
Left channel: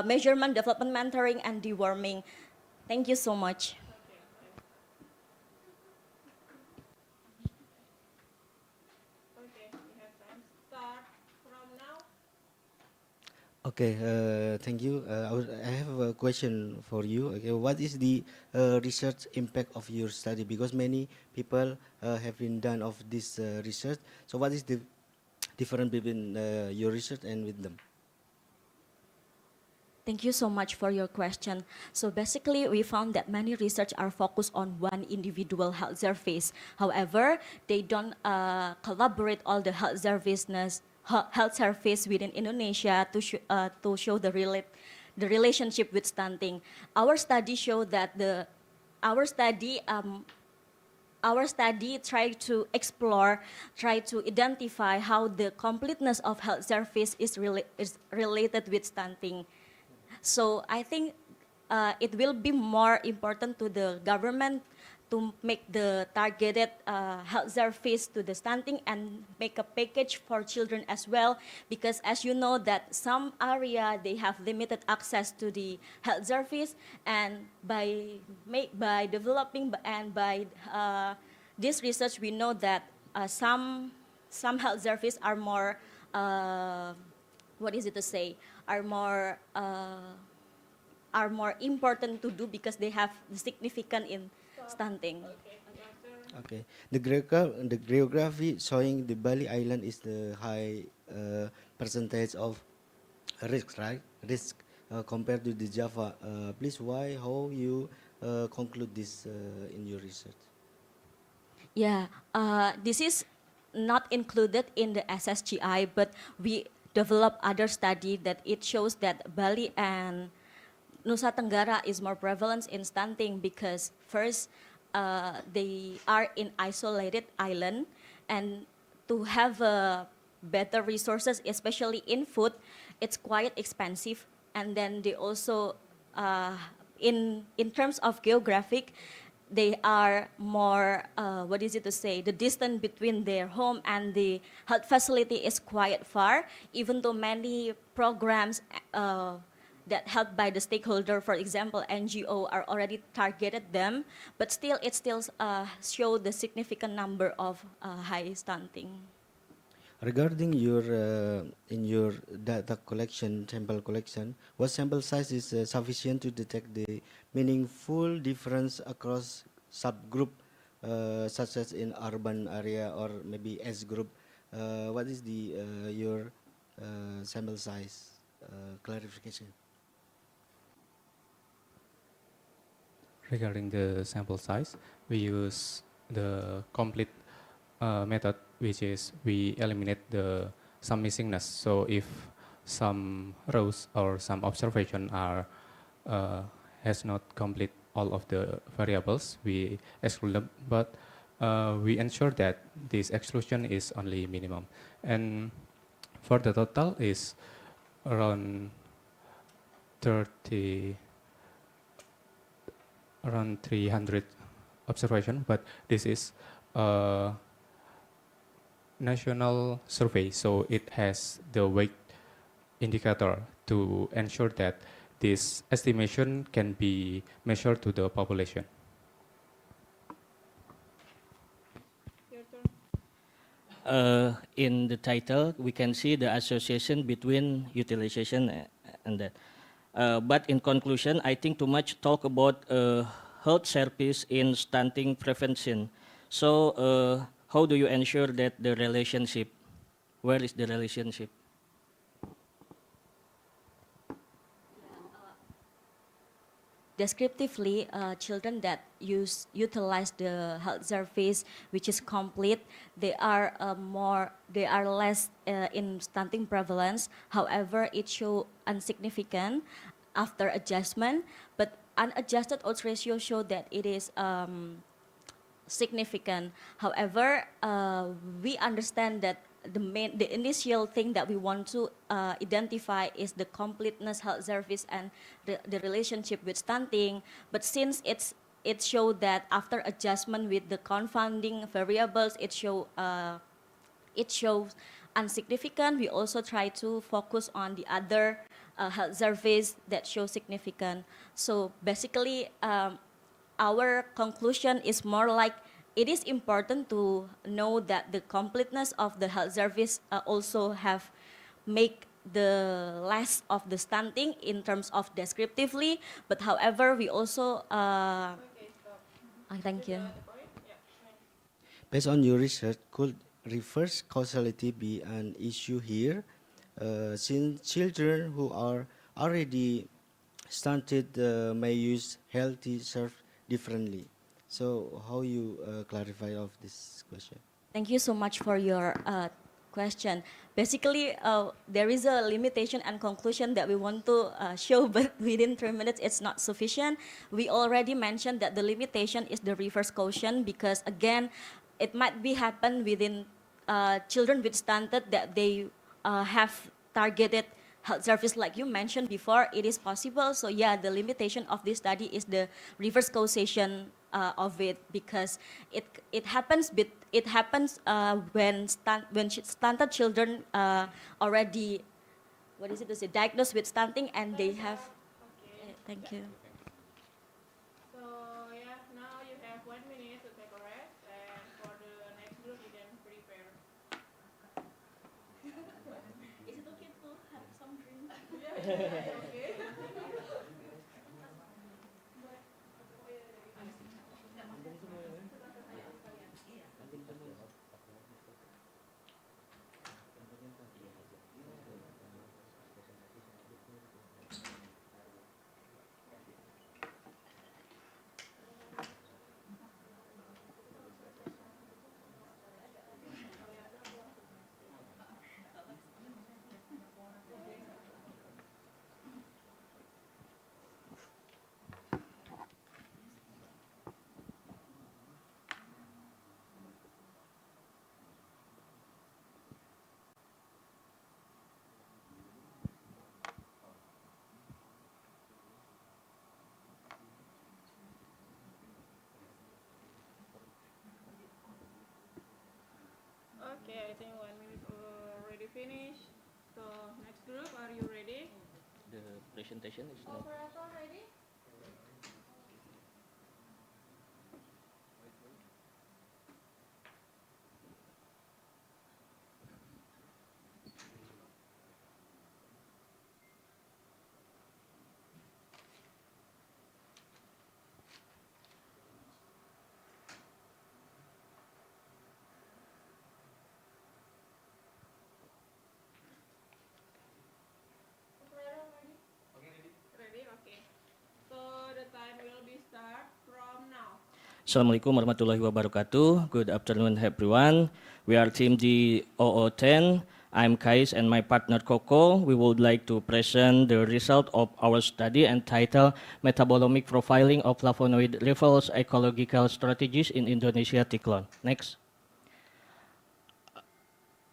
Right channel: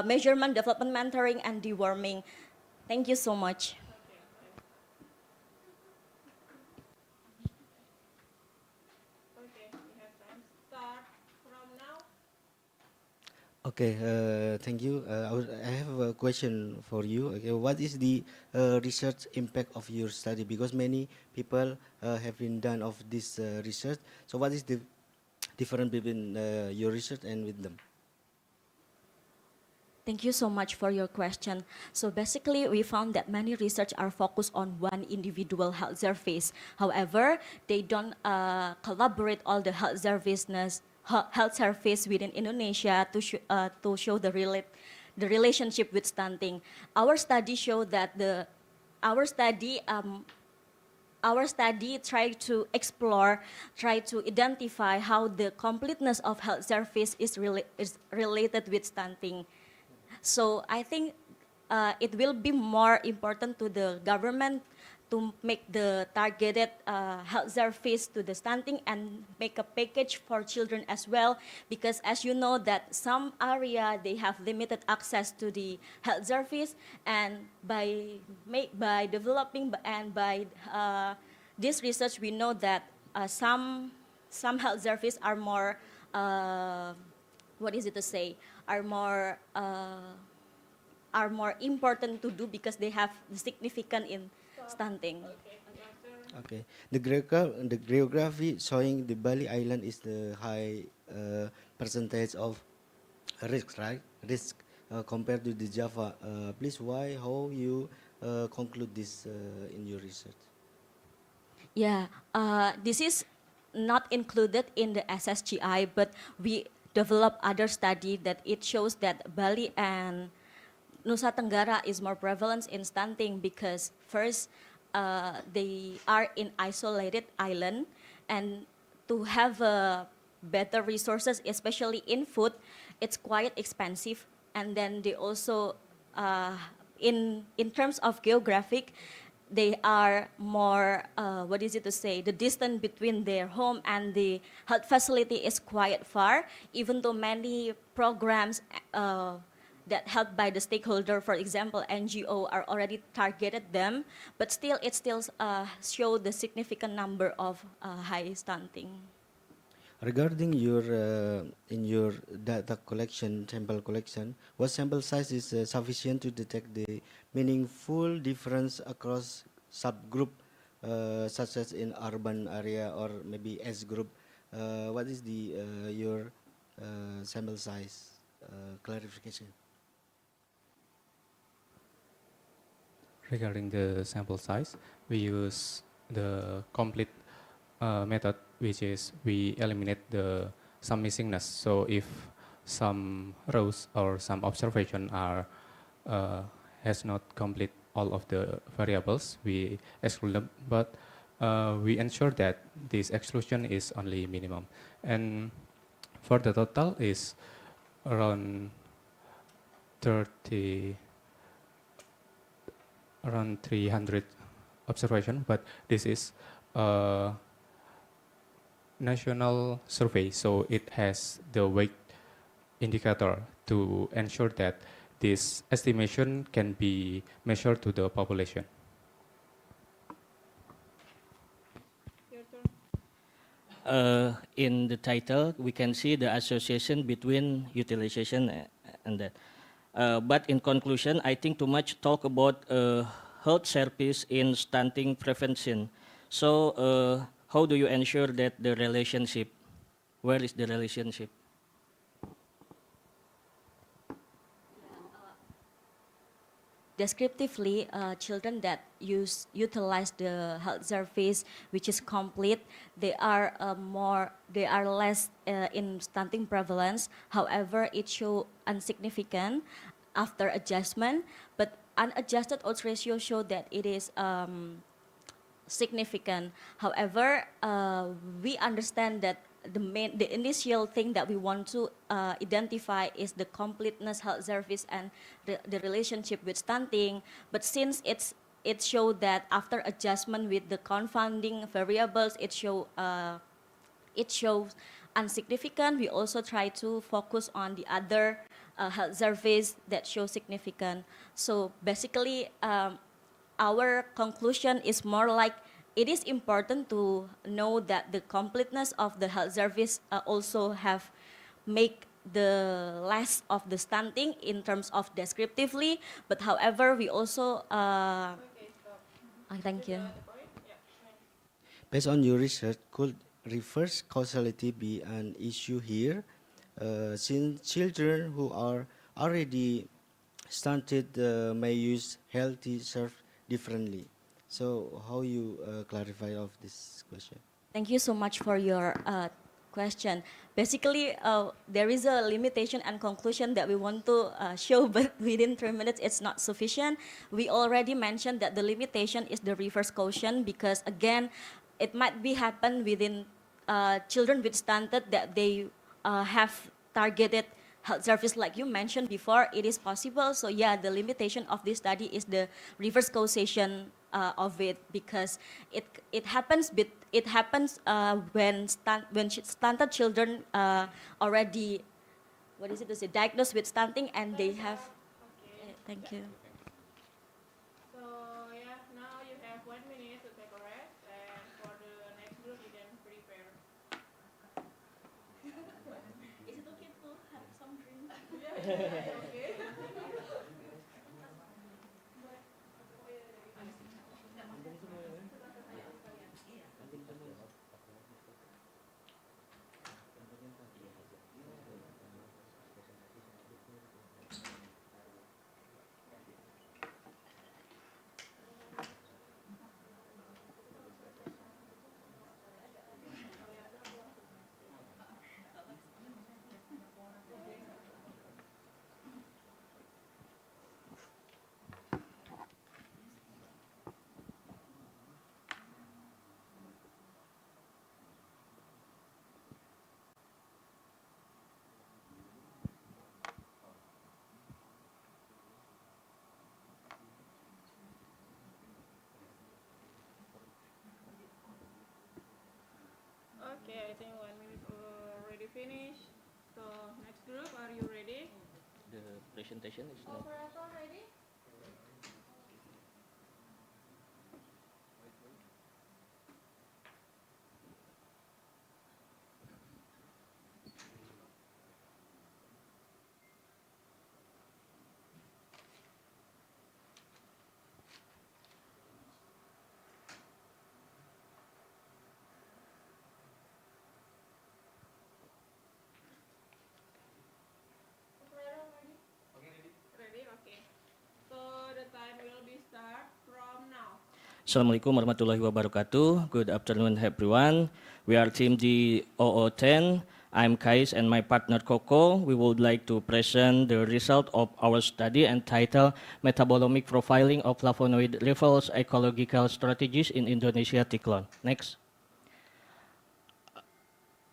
measurement, development mentoring, and deworming. Thank you so much. Okay, we have time. Start from now. Okay, thank you. I have a question for you. Okay, what is the research impact of your study? Because many people have been done of this research. So what is the difference between your research and with them? Thank you so much for your question. So basically, we found that many research are focused on one individual health service. However, they don't collaborate all the health service within Indonesia to show the relationship with stunting. Our study showed that our study tried to explore, tried to identify how the completeness of health service is related with stunting. So I think it will be more important to the government to make the targeted health service to the stunting and make a package for children as well, because as you know that some area they have limited access to the health service, and by developing and by this research we know that some health service are more are more important to do because they have significant in stunting. Okay, Doctor. Okay. The geography showing the Bali Island is the high percentage of risk, right? Risk compared to the Java. Please, why, how you conclude this in your research? Yeah, this is not included in the SSGI, but we develop other study that it shows that Bali and Nusa Tenggara is more prevalent in stunting because first, they are in isolated island, and to have better resources, especially in food, it's quite expensive. And then they also, in terms of geographic, they are more, what is it to say, the distance between their home and the health facility is quite far, even though many programs that helped by the stakeholder, for example, NGO, are already targeted them, but still it still show the significant number of high stunting. Regarding your in your data collection, sample collection, what sample size is sufficient to detect the meaningful difference across subgroup, such as in urban area or maybe S group? What is the your sample size clarification? Regarding the sample size, we use the complete method, which is we eliminate some missingness. So if some rows or some observation are has not complete all of the variables, we exclude them. But we ensure that this exclusion is only minimum. And for the total is around 30. Around 300 observation, but this is a national survey, so it has the weight indicator to ensure that this estimation can be measured to the population. Your turn. In the title, we can see the association between utilization and that. But in conclusion, I think too much talk about health service in stunting prevention. So how do you ensure that the relationship, where is the relationship? Descriptively, children that utilize the health service, which is complete, they are less in stunting prevalence. However, it show insignificant after adjustment, but unadjusted odds ratio show that it is significant. However, we understand that the initial thing that we want to identify is the completeness health service and the relationship with stunting. But since it showed that after adjustment with the confounding variables, it shows insignificant. We also try to focus on the other health service that show significant. So basically, our conclusion is more like it is important to know that the completeness of the health service also have make the less of the stunting in terms of descriptively, but however we also Okay, stop. thank you. The point? Yeah. Based on your research, could reverse causality be an issue here? Since children who are already stunted may use healthy serve differently. So how you clarify of this question? Thank you so much for your question. Basically, there is a limitation and conclusion that we want to show, but within 3 minutes, it's not sufficient. We already mentioned that the limitation is the reverse caution because, again, it might be happen within children with stunted that they have targeted health service like you mentioned before. It is possible. So yeah, the limitation of this study is the reverse causation of it because it happens when stunted children already, what is it to say, diagnosed with stunting and they have. Okay. Thank you. So yeah, now you have 1 minute to take a rest, and for the next group you can prepare. Is it okay to have some drink? Yeah, okay. I think 1 minute already finished. So next group, are you ready? The presentation is not. Operator ready? Operator ready? Ready? Okay. So the time will be start from now. Assalamualaikum warahmatullahi wabarakatuh. Good afternoon, everyone. We are Team G0010. I'm Kais and my partner Coco. We would like to present the result of our study entitled Metabolomic Profiling of Flavonoid Levels Ecological Strategies in Indonesia Tiklon. Next.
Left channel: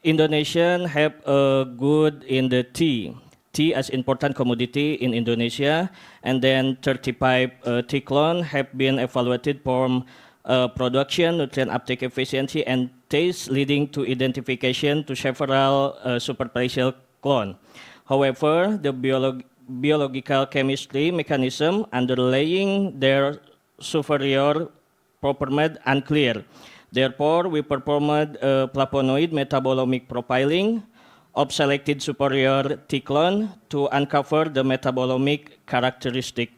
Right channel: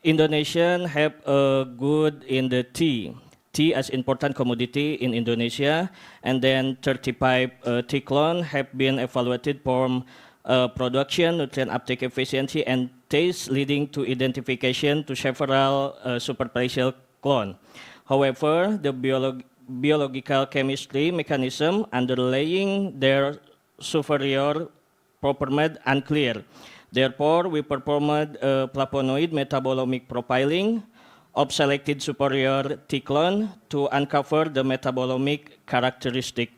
Indonesian have a good in the tea. Tea as important commodity in Indonesia, and then 35 Tiklon have been evaluated from production, nutrient uptake efficiency, and taste, leading to identification to several superficial clone. However, the biological chemistry mechanism underlying their superior performed unclear. Therefore, we performed flavonoid metabolomic profiling of selected superior Tiklon to uncover the metabolomic characteristic.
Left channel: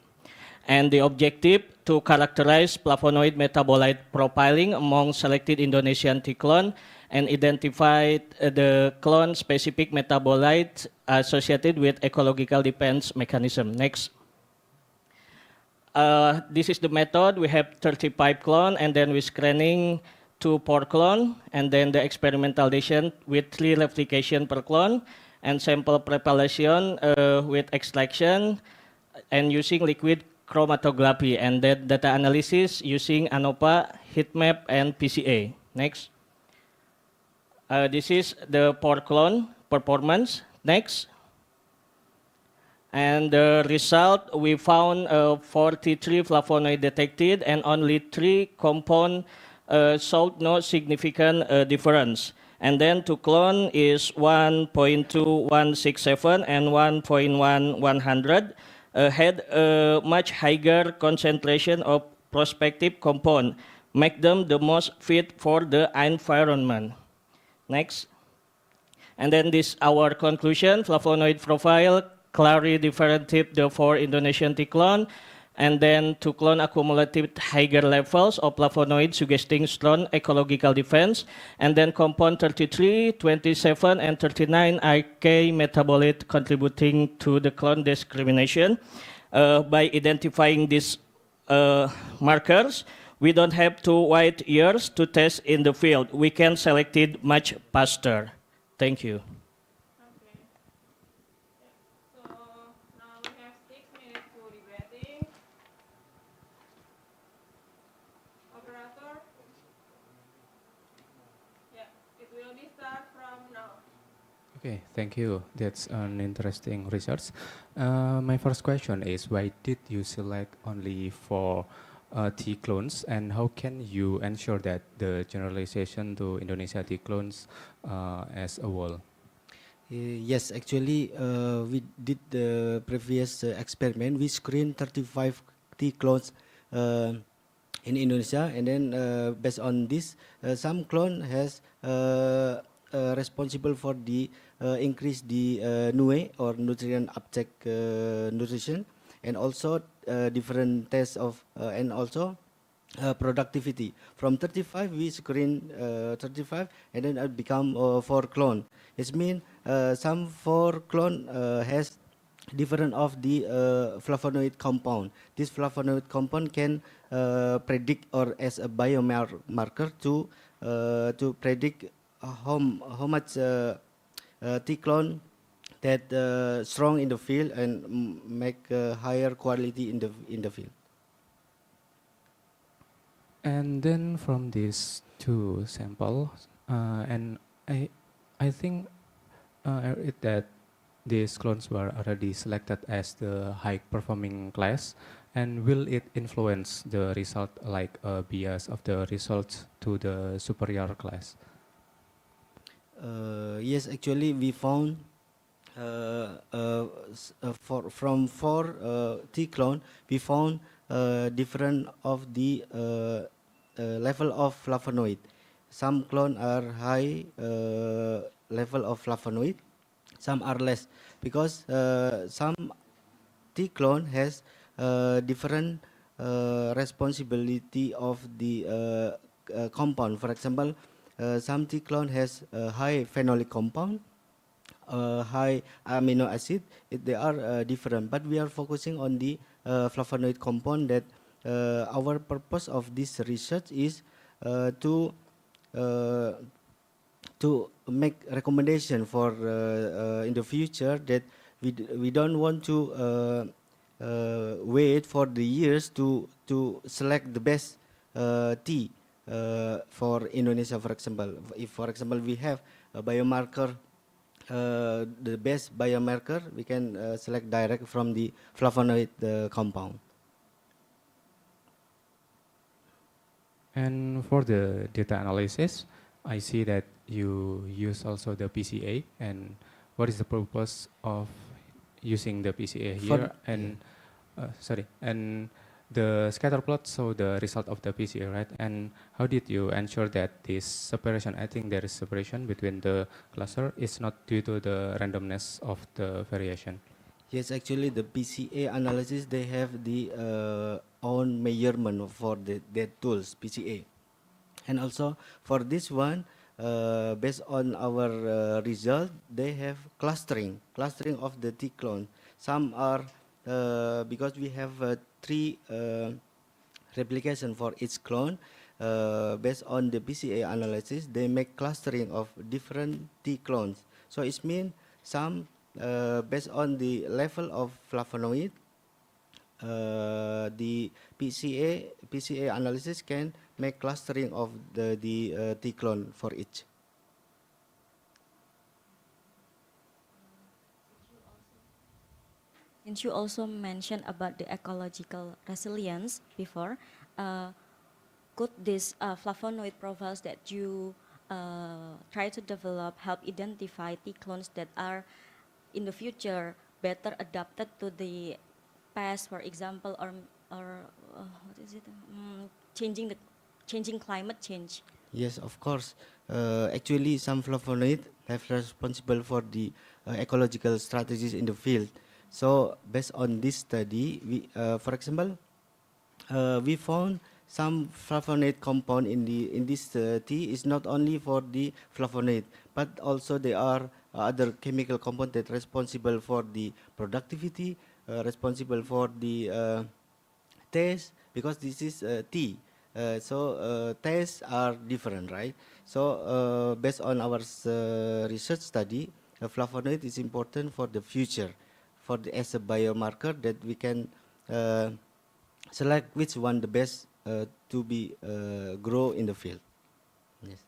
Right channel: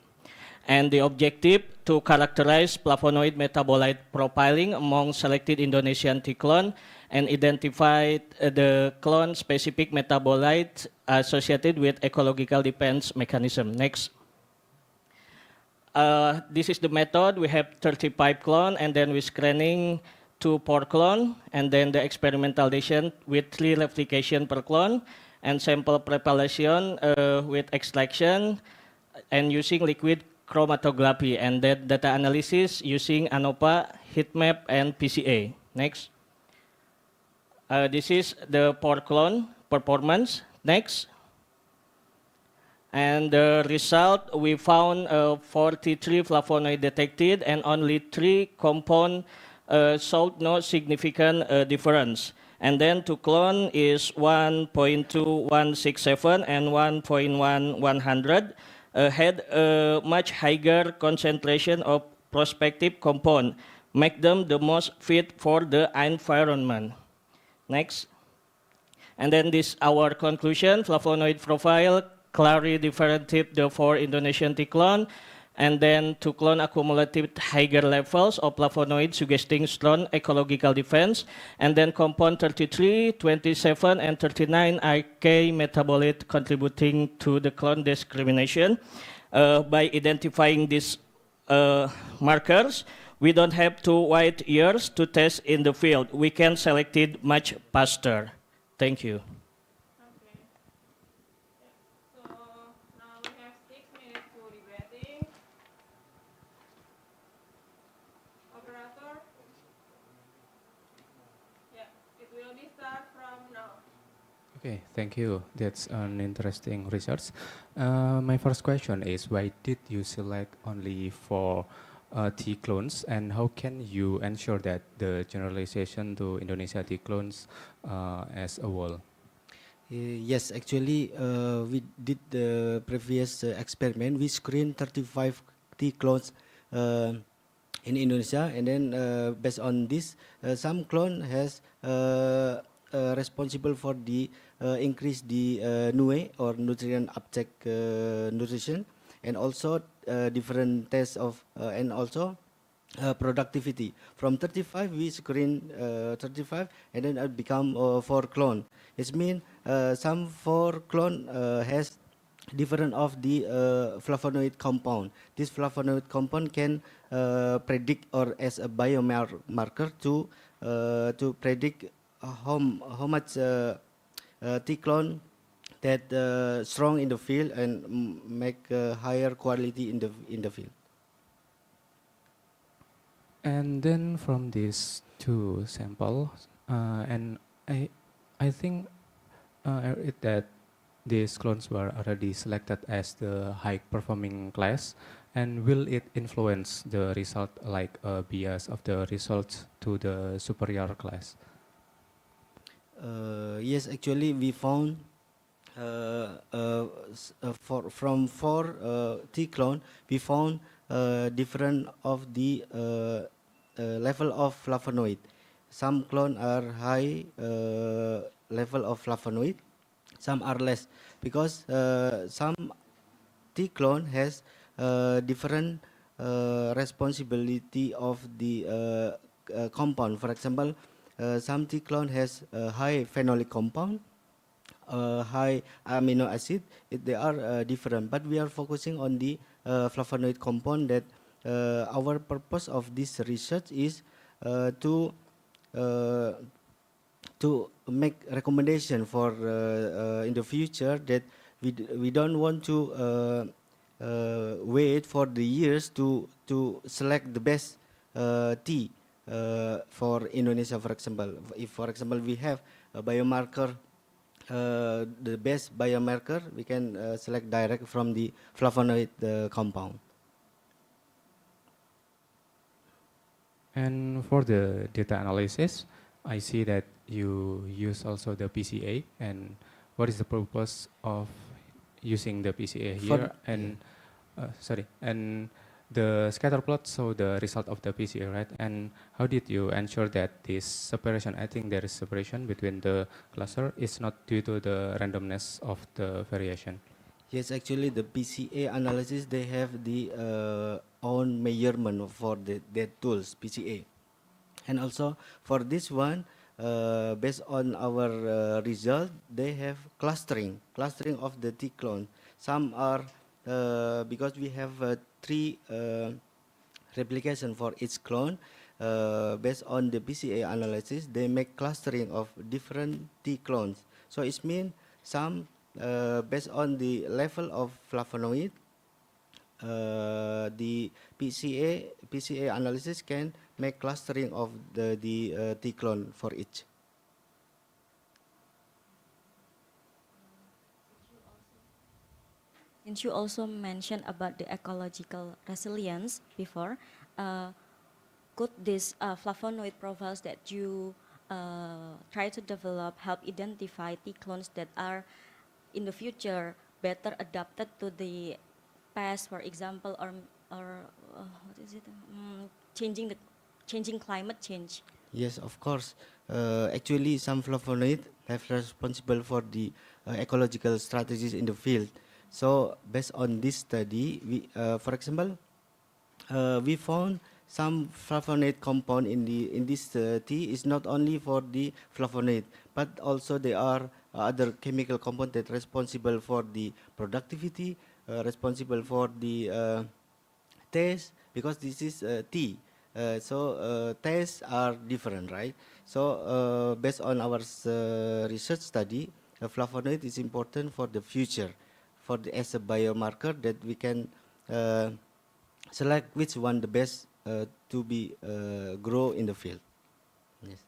And the objective to characterize flavonoid metabolite profiling among selected Indonesian Tiklon and identify the clone-specific metabolites associated with ecological defense mechanism. Next. This is the method. We have 35 clone, and then we're screening 2 per clone, and then the experimental addition with 3 replication per clone, and sample preparation with extraction, and using liquid chromatography, and then data analysis using ANOVA, heatmap, and PCA. Next. This is the per clone performance. Next. And the result, we found 43 flavonoid detected, and only 3 compound showed no significant difference. And then to clone is 1.2167 and 1.1100 had a much higher concentration of prospective compound, make them the most fit for the environment. Next. And then this our conclusion, flavonoid profile clearly differentiate the 4 Indonesian Tiklon, and then to clone accumulative higher levels of flavonoid suggesting strong ecological defense, and then compound 33, 27, and 39 are key metabolite contributing to the clone discrimination. By identifying these markers, we don't have to wait years to test in the field. We can select it much faster. Thank you. Okay. Yeah. So now we have 6 minutes for debating. Operator? Yeah, it will be start from now. Okay, thank you. That's an interesting research. My first question is, why did you select only 4 T clones, and how can you ensure that the generalization to Indonesia T clones as a whole? Yes, actually, we did the previous experiment. We screened 35 T clones in Indonesia, and then based on this, some clone has responsible for the increase the NUE or nutrient uptake nutrition, and also different tests of and also productivity. From 35 we screen 35, and then it become 4 clone. It means some 4 clone has different of the flavonoid compound. This flavonoid compound can predict or as a biomarker to predict how much T clone that strong in the field and make higher quality in the field. And then from these 2 samples, and I think I read that these clones were already selected as the high performing class, and will it influence the result, like a bias of the results to the superior class? Yes, actually, we found from four T clone, we found different of the level of flavonoid. Some clone are high level of flavonoid, some are less, because some T clone has different responsibility of the compound. For example, some T clone has high phenolic compound, high amino acid. They are different, but we are focusing on the flavonoid compound. That our purpose of this research is to uh, to make recommendation for in the future, that we don't want to wait for the years to select the best tea for Indonesia. For example, if for example we have a biomarker, the best biomarker, we can select direct from the flavonoid compound. And for the data analysis, I see that you use also the PCA. And what is the purpose of using the PCA here? And sorry, and the scatter plot show the result of the PCA, right? And how did you ensure that this separation? I think there is separation between the cluster is not due to the randomness of the variation. Yes, actually, the PCA analysis, they have the own measurement for their tools, PCA. And also for this one, based on our result, they have clustering of the T clone. Some are, because we have three replication for each clone, based on the PCA analysis, they make clustering of different T clones. So it means some based on the level of flavonoid, the PCA analysis can make clustering of the T clone for each. Since you also mentioned about the ecological resilience before, could this flavonoid profiles that you try to develop help identify T clones that are in the future better adapted to the past, for example, or what is it? Changing climate change. Yes, of course. Actually, some flavonoid have responsible for the ecological strategies in the field. So based on this study, we, for example, we found some flavonoid compound in this tea is not only for the flavonoid, but also there are other chemical compounds that responsible for the productivity, responsible for the taste, because this is tea. So tastes are different, right? So based on our research study, flavonoid is important for the future, for the, as a biomarker that we can select which one the best to be grow in the field. Yes.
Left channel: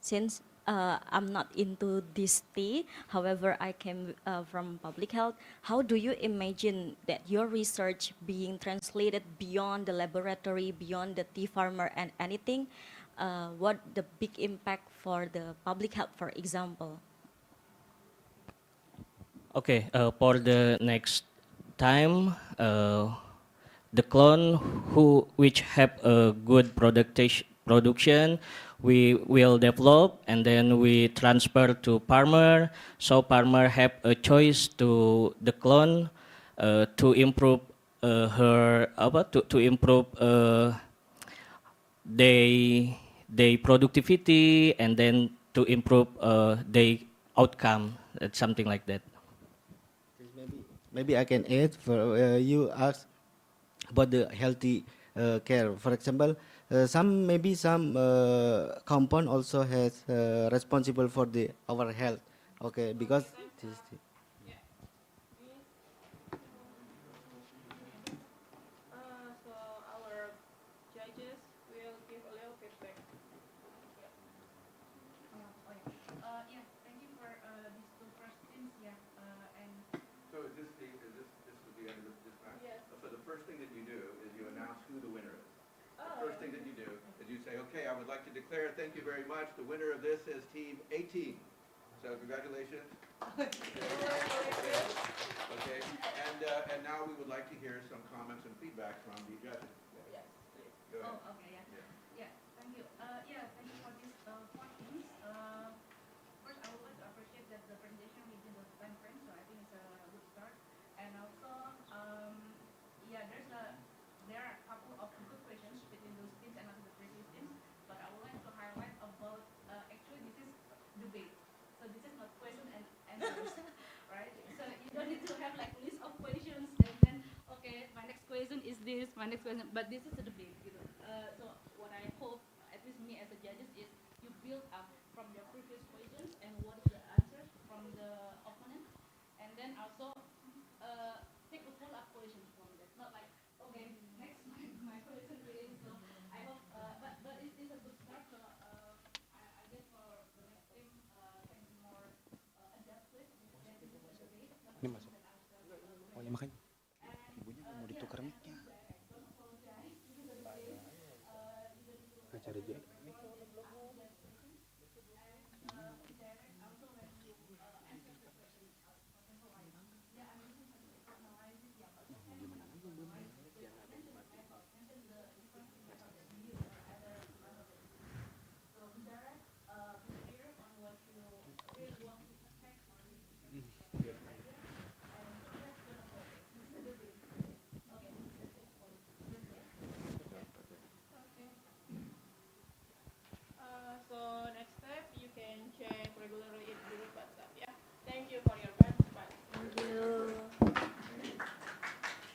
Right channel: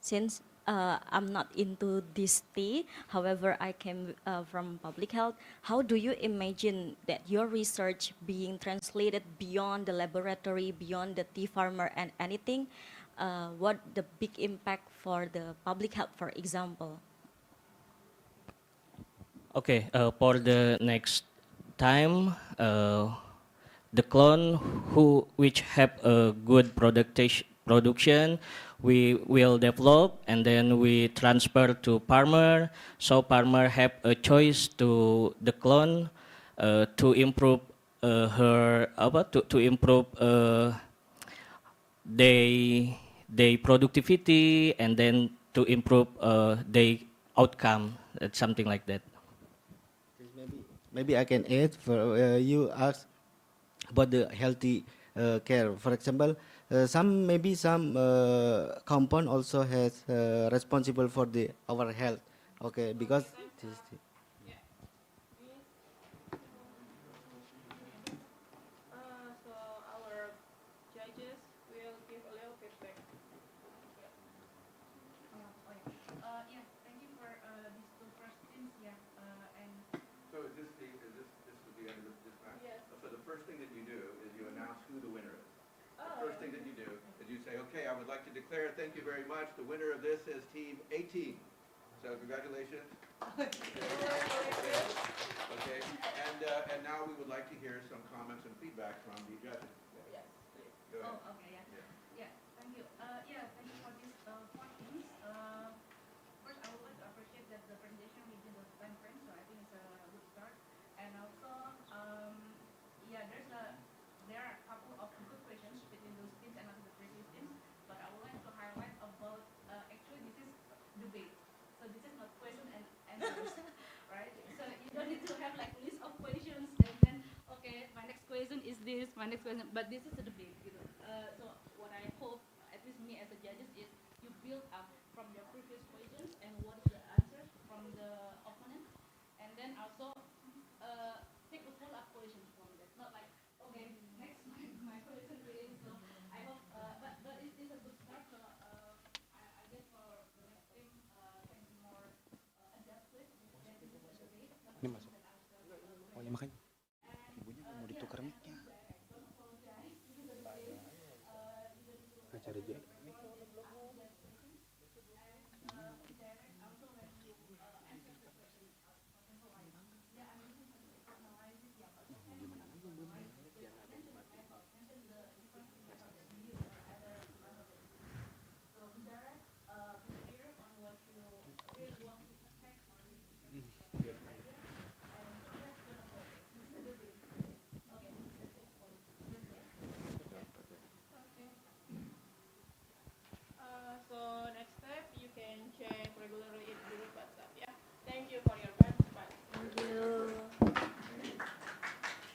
Since I'm not into this tea, however, I came from public health, how do you imagine that your research being translated beyond the laboratory, beyond the tea farmer and anything? What the big impact for the public health, for example? Okay, for the next time, the clone which have a good production, we will develop and then we transfer to farmer. So farmer have a choice to the clone to improve to improve their productivity and then to improve their outcome, something like that. Maybe I can add, for you asked about the healthy care. For example, some compound also has responsible for the our health. Okay, because this, So our judges will give a little feedback. Yeah, thank you for these two questions. Yeah, and So is this is the end of this match? Yes. So the first thing that you do is you announce who the winner is. Oh, The first thing that you do is you say, okay, I would like to declare, thank you very much. The winner of this is team 18. So congratulations. Okay, and now we would like to hear some comments and feedback from the judges. Yes, please. Go ahead. Oh, okay, yeah. Yeah, thank you. Thank you for these questions. First, I would like to appreciate that the presentation within the time frame, so I think it's a good start. And also, there are a couple of good questions between those teams and also the previous teams, but I would like to highlight about, actually this is debate. So this is not question and answers, right? So you don't need to have like list of questions and then, okay, my next question is this, my next question, but this is a debate, gitu. So what I hope, at least me as a judges, is you build up from your previous questions and what is the answers from the opponent, and then also take a follow-up questions from that. Not like, okay, next my question is, so I hope, but it is a good start. So I guess for the next team can be more adaptive. That this is a debate. Ini masuk. Oh ya makanya. Ibunya mau ditukar mic-nya. Acara aja. So next step, you can check regularly each group WhatsApp. Yeah. Thank you for your participation. Thank you.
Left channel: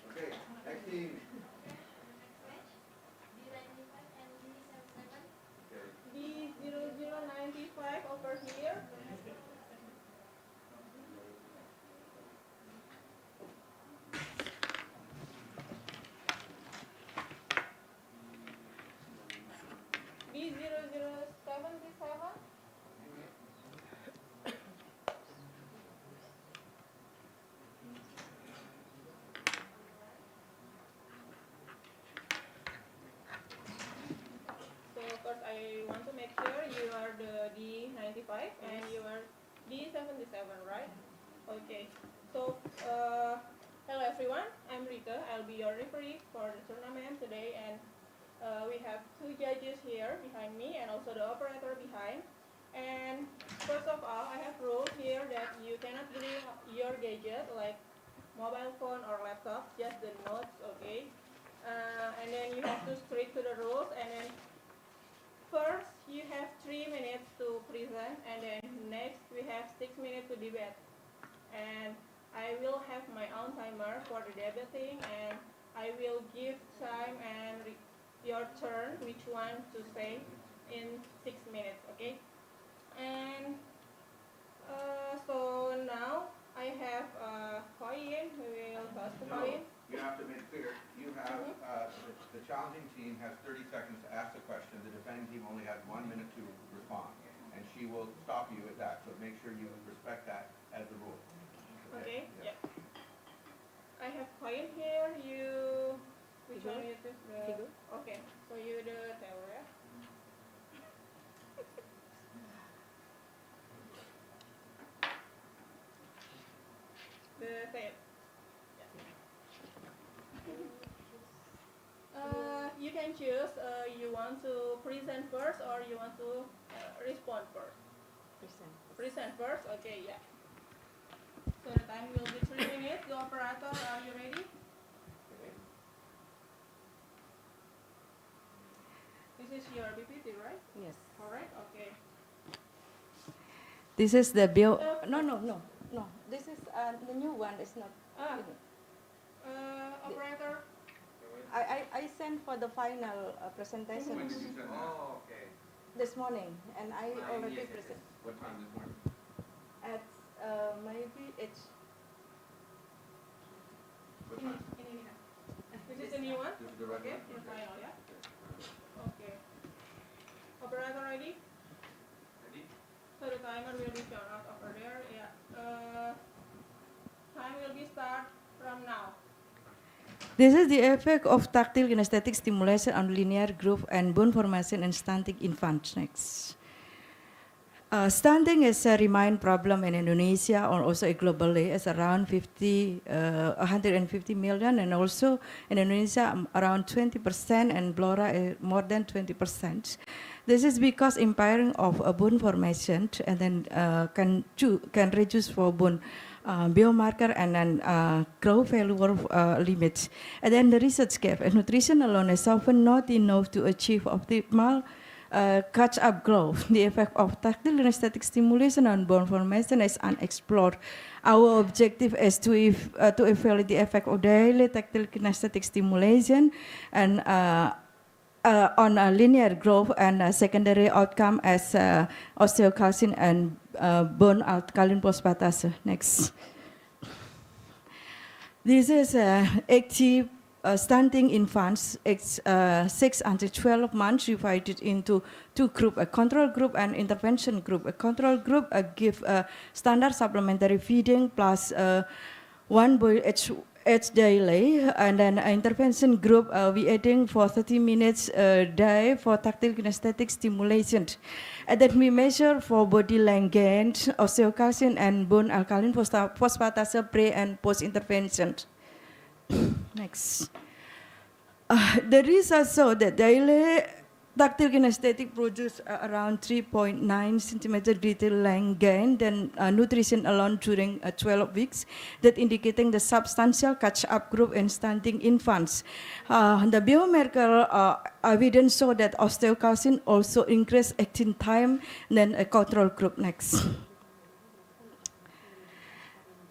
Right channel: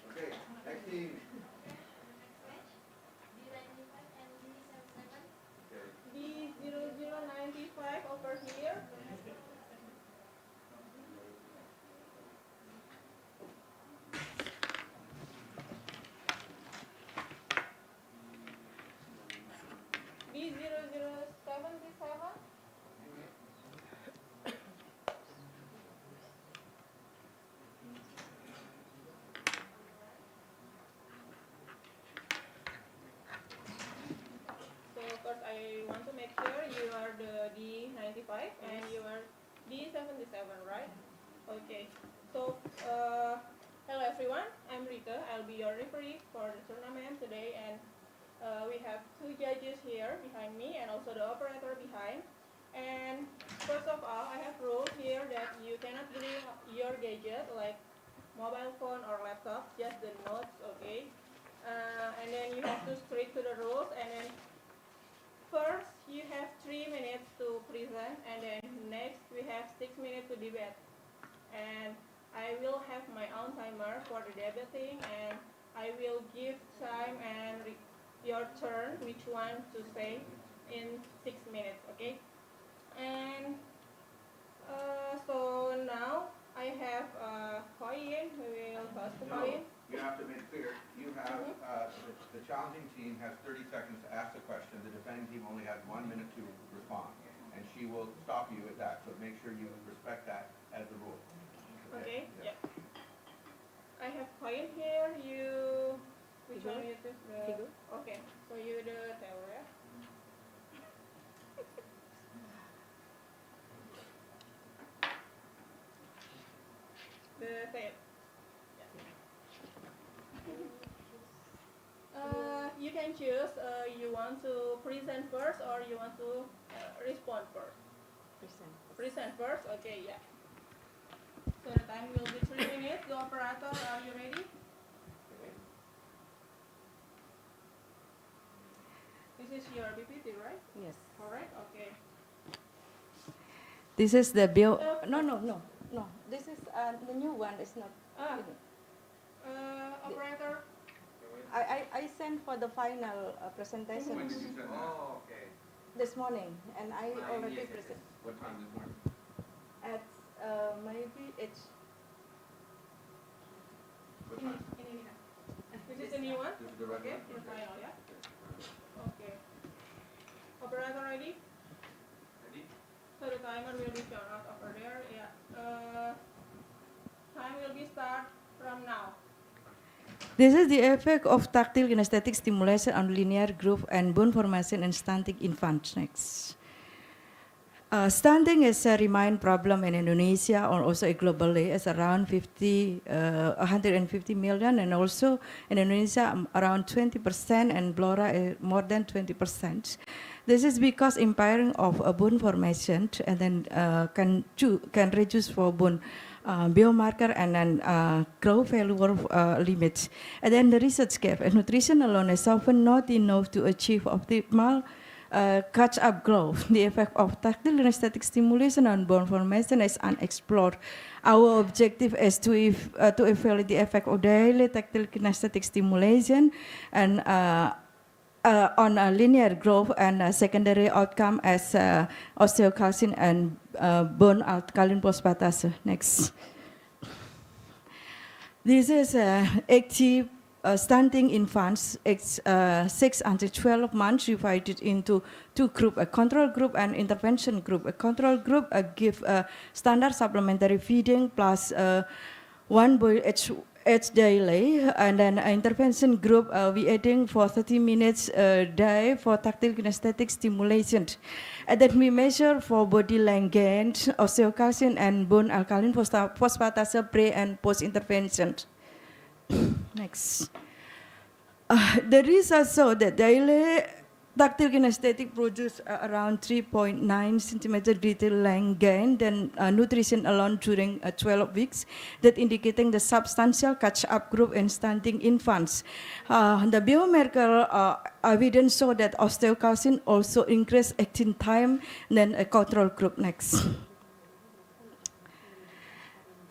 Okay, next team. D0095 over here. B0077. So first I want to make sure you are the D95 and you are D77, right? Okay. So hello everyone, I'm Rika. I'll be your referee for the tournament today, and we have two judges here behind me and also the operator behind. And first of all, I have rules here that you cannot bring your gadget like mobile phone or laptop, just the notes, okay? And then you have to stick to the rules, and then first, you have 3 minutes to present, and then next we have 6 minutes to debate. And I will have my own timer for the debating, and I will give time and your turn, which one to say in 6 minutes, okay? And so now I have a coin, we will toss the No, coin. you have to make clear, you have, the challenging team has 30 seconds to ask the question, the defending team only has 1 minute to respond. And she will stop you at that, so make sure you respect that as the rule. Okay, yeah. I have coin here, you, which one you choose? Figure. Okay, so you the tail, yeah? The tail. You can choose, you want to present first or you want to respond first. Present first, okay, yeah. So the time will be 3 minutes. The operator, are you ready? This is your BPT, right? Yes. All right, okay. This is the bill. No. This is the new one. It's not. Operator, I sent for the final presentation When did you send that? Oh, okay. this morning, and I already yes, yes, present. What time this morning? At maybe it's What time? this is the new one? This is the red Okay, one? your final, yeah? Okay. Operator ready? Ready? So the timer will be shown out over there, yeah. Time will be start from now. This is the effect of tactile kinesthetic stimulation on linear growth and bone formation in stunting infants. Next. Stunting is a remain problem in Indonesia or also globally. It's around 150 million, and also in Indonesia around 20%, and Blora more than 20%. This is because impairing of bone formation and then can reduce for bone biomarker and then growth failure limits. And then the research gap, nutrition alone is often not enough to achieve optimal catch-up growth. The effect of tactile kinesthetic stimulation on bone formation is unexplored. Our objective is to evaluate the effect of daily tactile kinesthetic stimulation and on linear growth and secondary outcome as osteocalcin and bone alkaline phosphatase. Next. This is active stunting infants, 6 until 12 months, divided into two groups, a control group and intervention group. A control group give standard supplementary feeding plus one boil each daily, and then intervention group we adding for 30 minutes a day for tactile kinesthetic stimulation. And then we measure for body length gain, osteocalcin and bone alkaline phosphatase pre and post intervention. Next. The research showed that daily tactile kinesthetic produce around 3.9 centimeter detail length gain than nutrition alone during 12 weeks, that indicating the substantial catch-up group in stunting infants. The biomarker evidence show that osteocalcin also increased acting time than a control group. Next.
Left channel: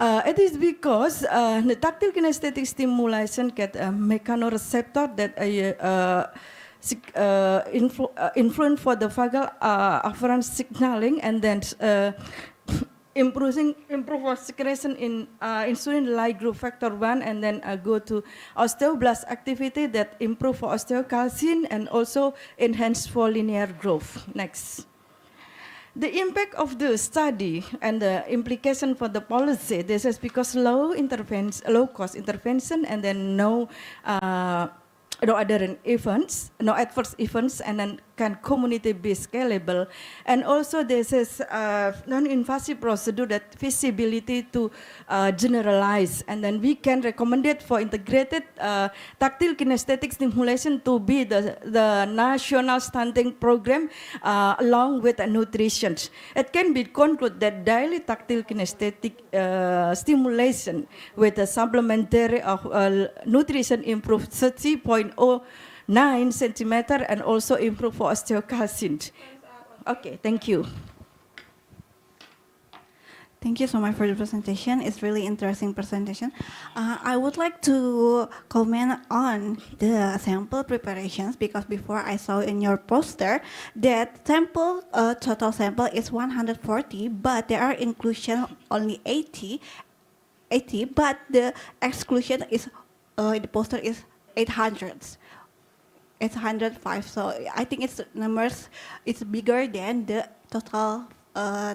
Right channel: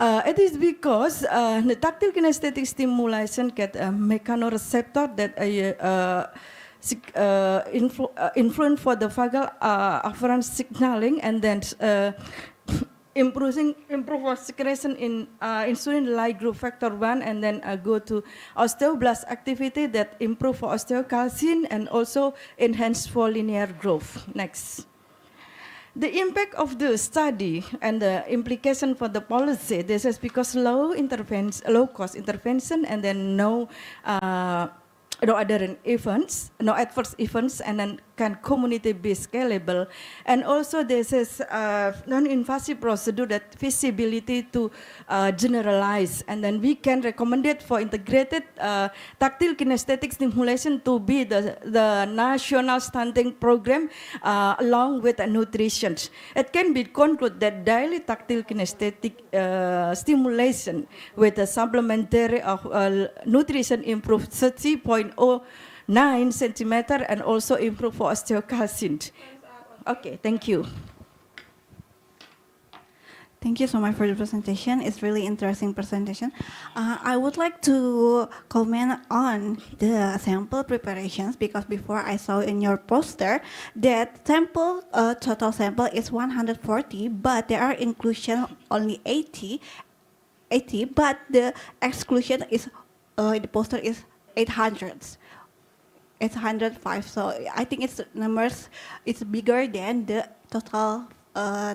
It is because the tactile kinesthetic stimulation get a mechanoreceptor that influence for the vagal afferent signaling, and then improve secretion in insulin-like growth factor 1, and then go to osteoblast activity that improve for osteocalcin and also enhance for linear growth. Next. The impact of the study and the implication for the policy, this is because low cost intervention, and then no other events, no adverse events, and then can community be scalable. And also this is non-invasive procedure that feasibility to generalize, and then we can recommend it for integrated tactile kinesthetic stimulation to be the national stunting program along with nutrition. It can be concluded that daily tactile kinesthetic stimulation with a supplementary of nutrition improves 30.09 centimeter and also improve for osteocalcin. Okay, thank you. Thank you so much for the presentation. It's really interesting presentation. I would like to comment on the sample preparations, because before I saw in your poster that total sample is 140, but there are inclusion only 80, but the exclusion is the poster is 800. 805. So I think it's numbers. It's bigger than the total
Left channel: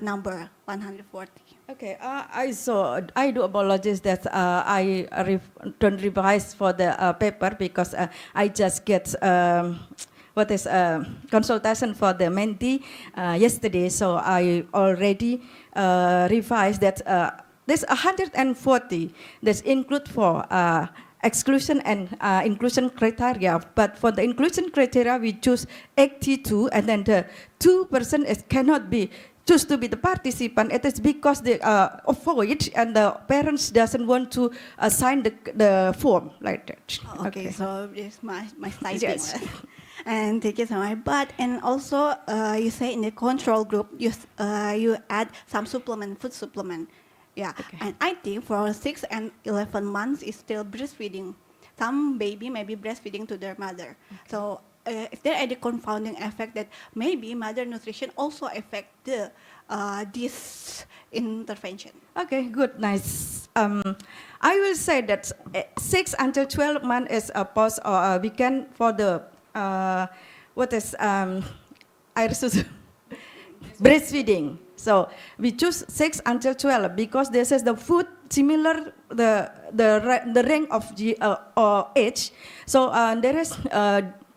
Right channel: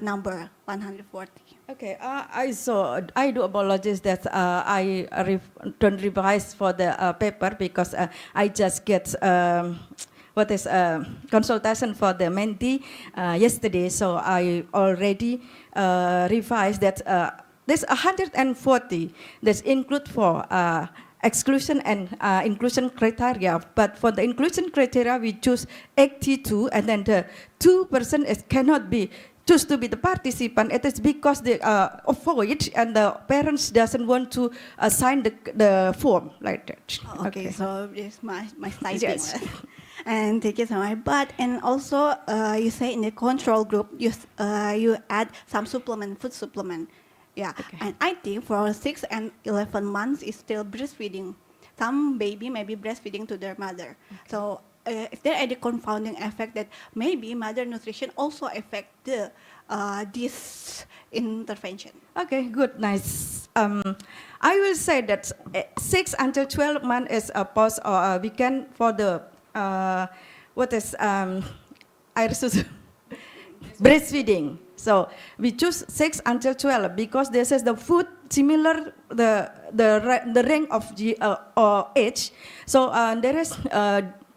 number 140. Okay, I do apologize that I don't revise for the paper, because I just get consultation for the mentee yesterday, so I already revised that there's 140 that's include for exclusion and inclusion criteria, but for the inclusion criteria we choose 82, and then the 2% cannot be choose to be the participant. It is because they avoid, and the parents doesn't want to sign the form like that. Okay, so it's my typing. Yes. And thank you so much. But and also you say in the control group you add some food supplement. Yeah, okay. And I think for 6 and 11 months is still breastfeeding. Some baby may be breastfeeding to their mother. Okay. So is there any confounding effect that maybe mother nutrition also affect the this intervention? Okay, good, nice. I will say that 6 until 12 months is a pause or a weekend for the breastfeeding. So we choose 6 until 12 because this is the food similar the range of age. So there is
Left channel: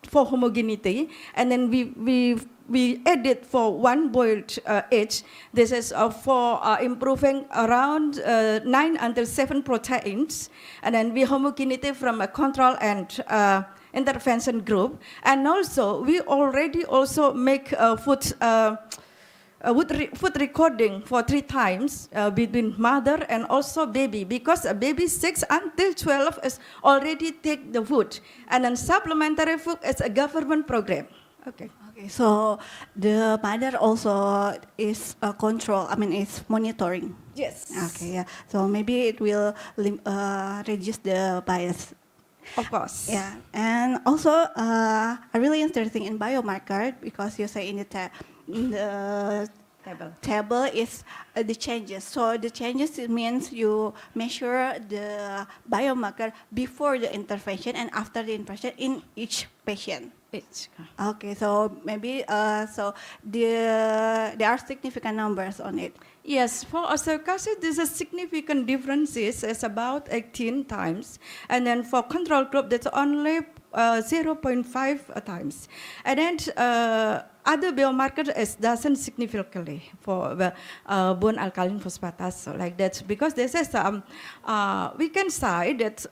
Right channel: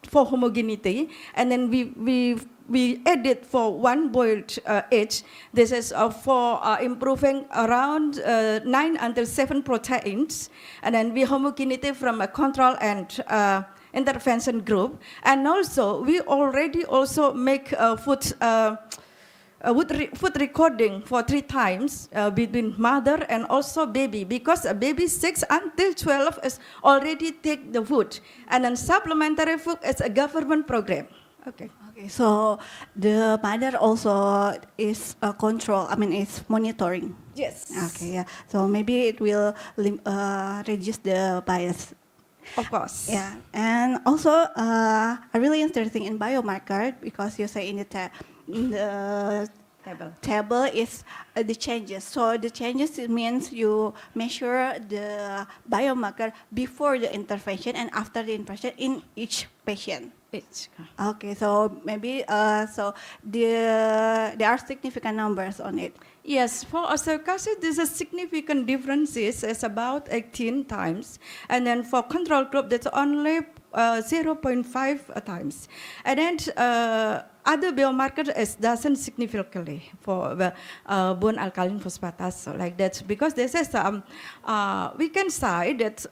for homogeneity, and then we added for one boiled age. This is for improving around 9 until 7 proteins, and then we homogeneity from a control and intervention group. And also we already also make food recording for 3 times between mother and also baby, because a baby 6 until 12 is already take the food, and then supplementary food is a government program. Okay. Okay, so the mother also is control. I mean, it's monitoring. Yes. Okay, yeah. So maybe it will reduce the bias. Of course. Yeah, and also I really interesting in biomarker because you say in the table is the changes. So the changes, it means you measure the biomarker before the intervention and after the intervention in each patient. Okay, so maybe so there are significant numbers on it. Yes, for osteocalcin, there's a significant differences. It's about 18 times, and then for control group, that's only 0.5 times, and then other biomarker is doesn't significantly for the bone alkaline phosphatase, so like that, because this is we can say that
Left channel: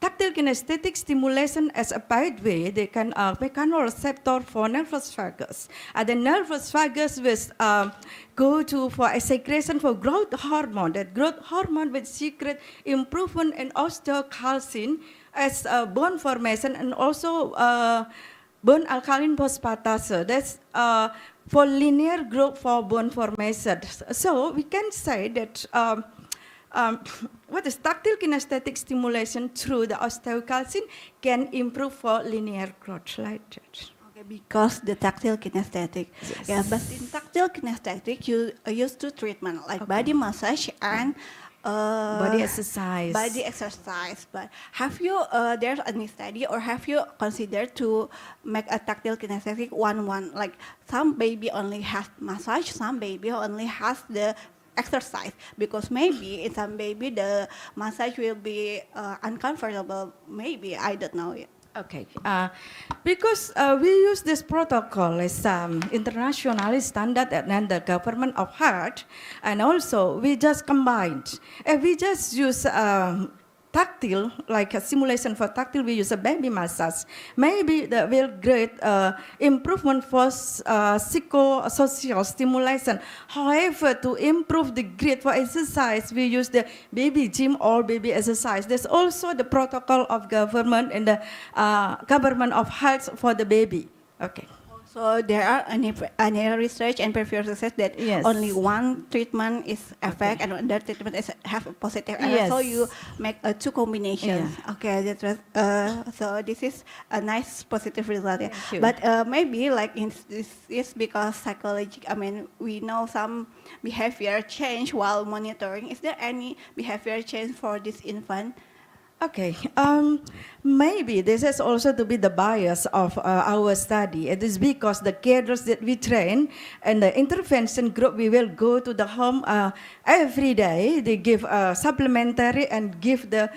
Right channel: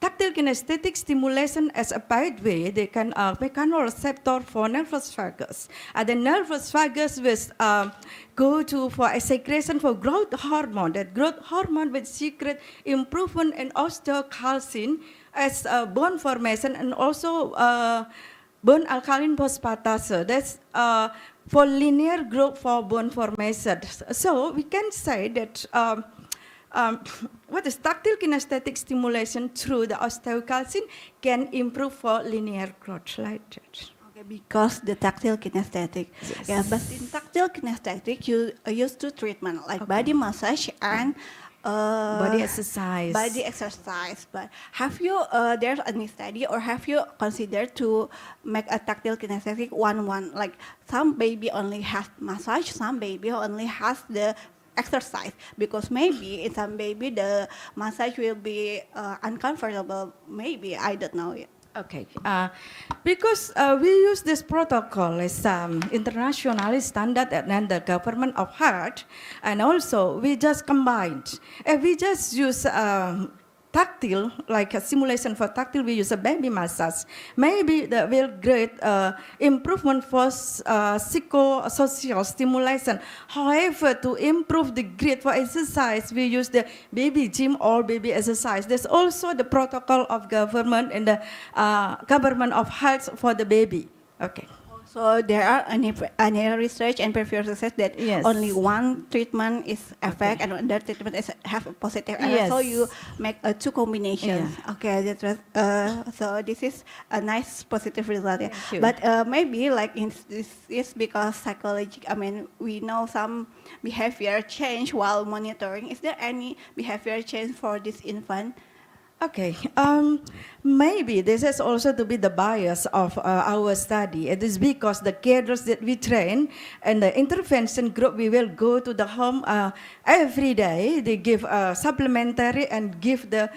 tactile kinesthetic stimulation as a pathway, they can mechanoreceptor for nervous vagus. And the nervous vagus will go to for a secretion for growth hormone. That growth hormone will secrete improvement in osteocalcin as bone formation and also bone alkaline phosphatase. That's for linear growth for bone formation. So we can say that what is tactile kinesthetic stimulation through the osteocalcin can improve for linear growth like that. Okay, because the tactile kinesthetic. Yes. Yeah, but in tactile kinesthetic, you use 2 treatment like body massage and Body exercise. Body exercise. But have you there's any study or have you considered to make a tactile kinesthetic one like some baby only has massage, some baby only has the exercise, because maybe in some baby the massage will be uncomfortable, maybe, I don't know yet. Okay, because we use this protocol as internationally standard and the government of heart, and also we just combined, we just use tactile, like a simulation for tactile, we use a baby massage. Maybe that will great improvement for psychosocial stimulation. However, to improve the grade for exercise, we use the baby gym or baby exercise. There's also the protocol of government and the government of health for the baby. Okay. So there are any research and previous research that Yes. only one treatment is effect and another treatment is have a positive effect. Yes. So you make two combinations. Yeah. Okay, that's right. So this is a nice positive result. Yeah. Thank you. But maybe like this is because psychology. I mean, we know some behavior change while monitoring. Is there any behavior change for this infant? Okay, maybe this is also to be the bias of our study. It is because the cadres that we train and the intervention group, we will go to the home every day. They give supplementary and give the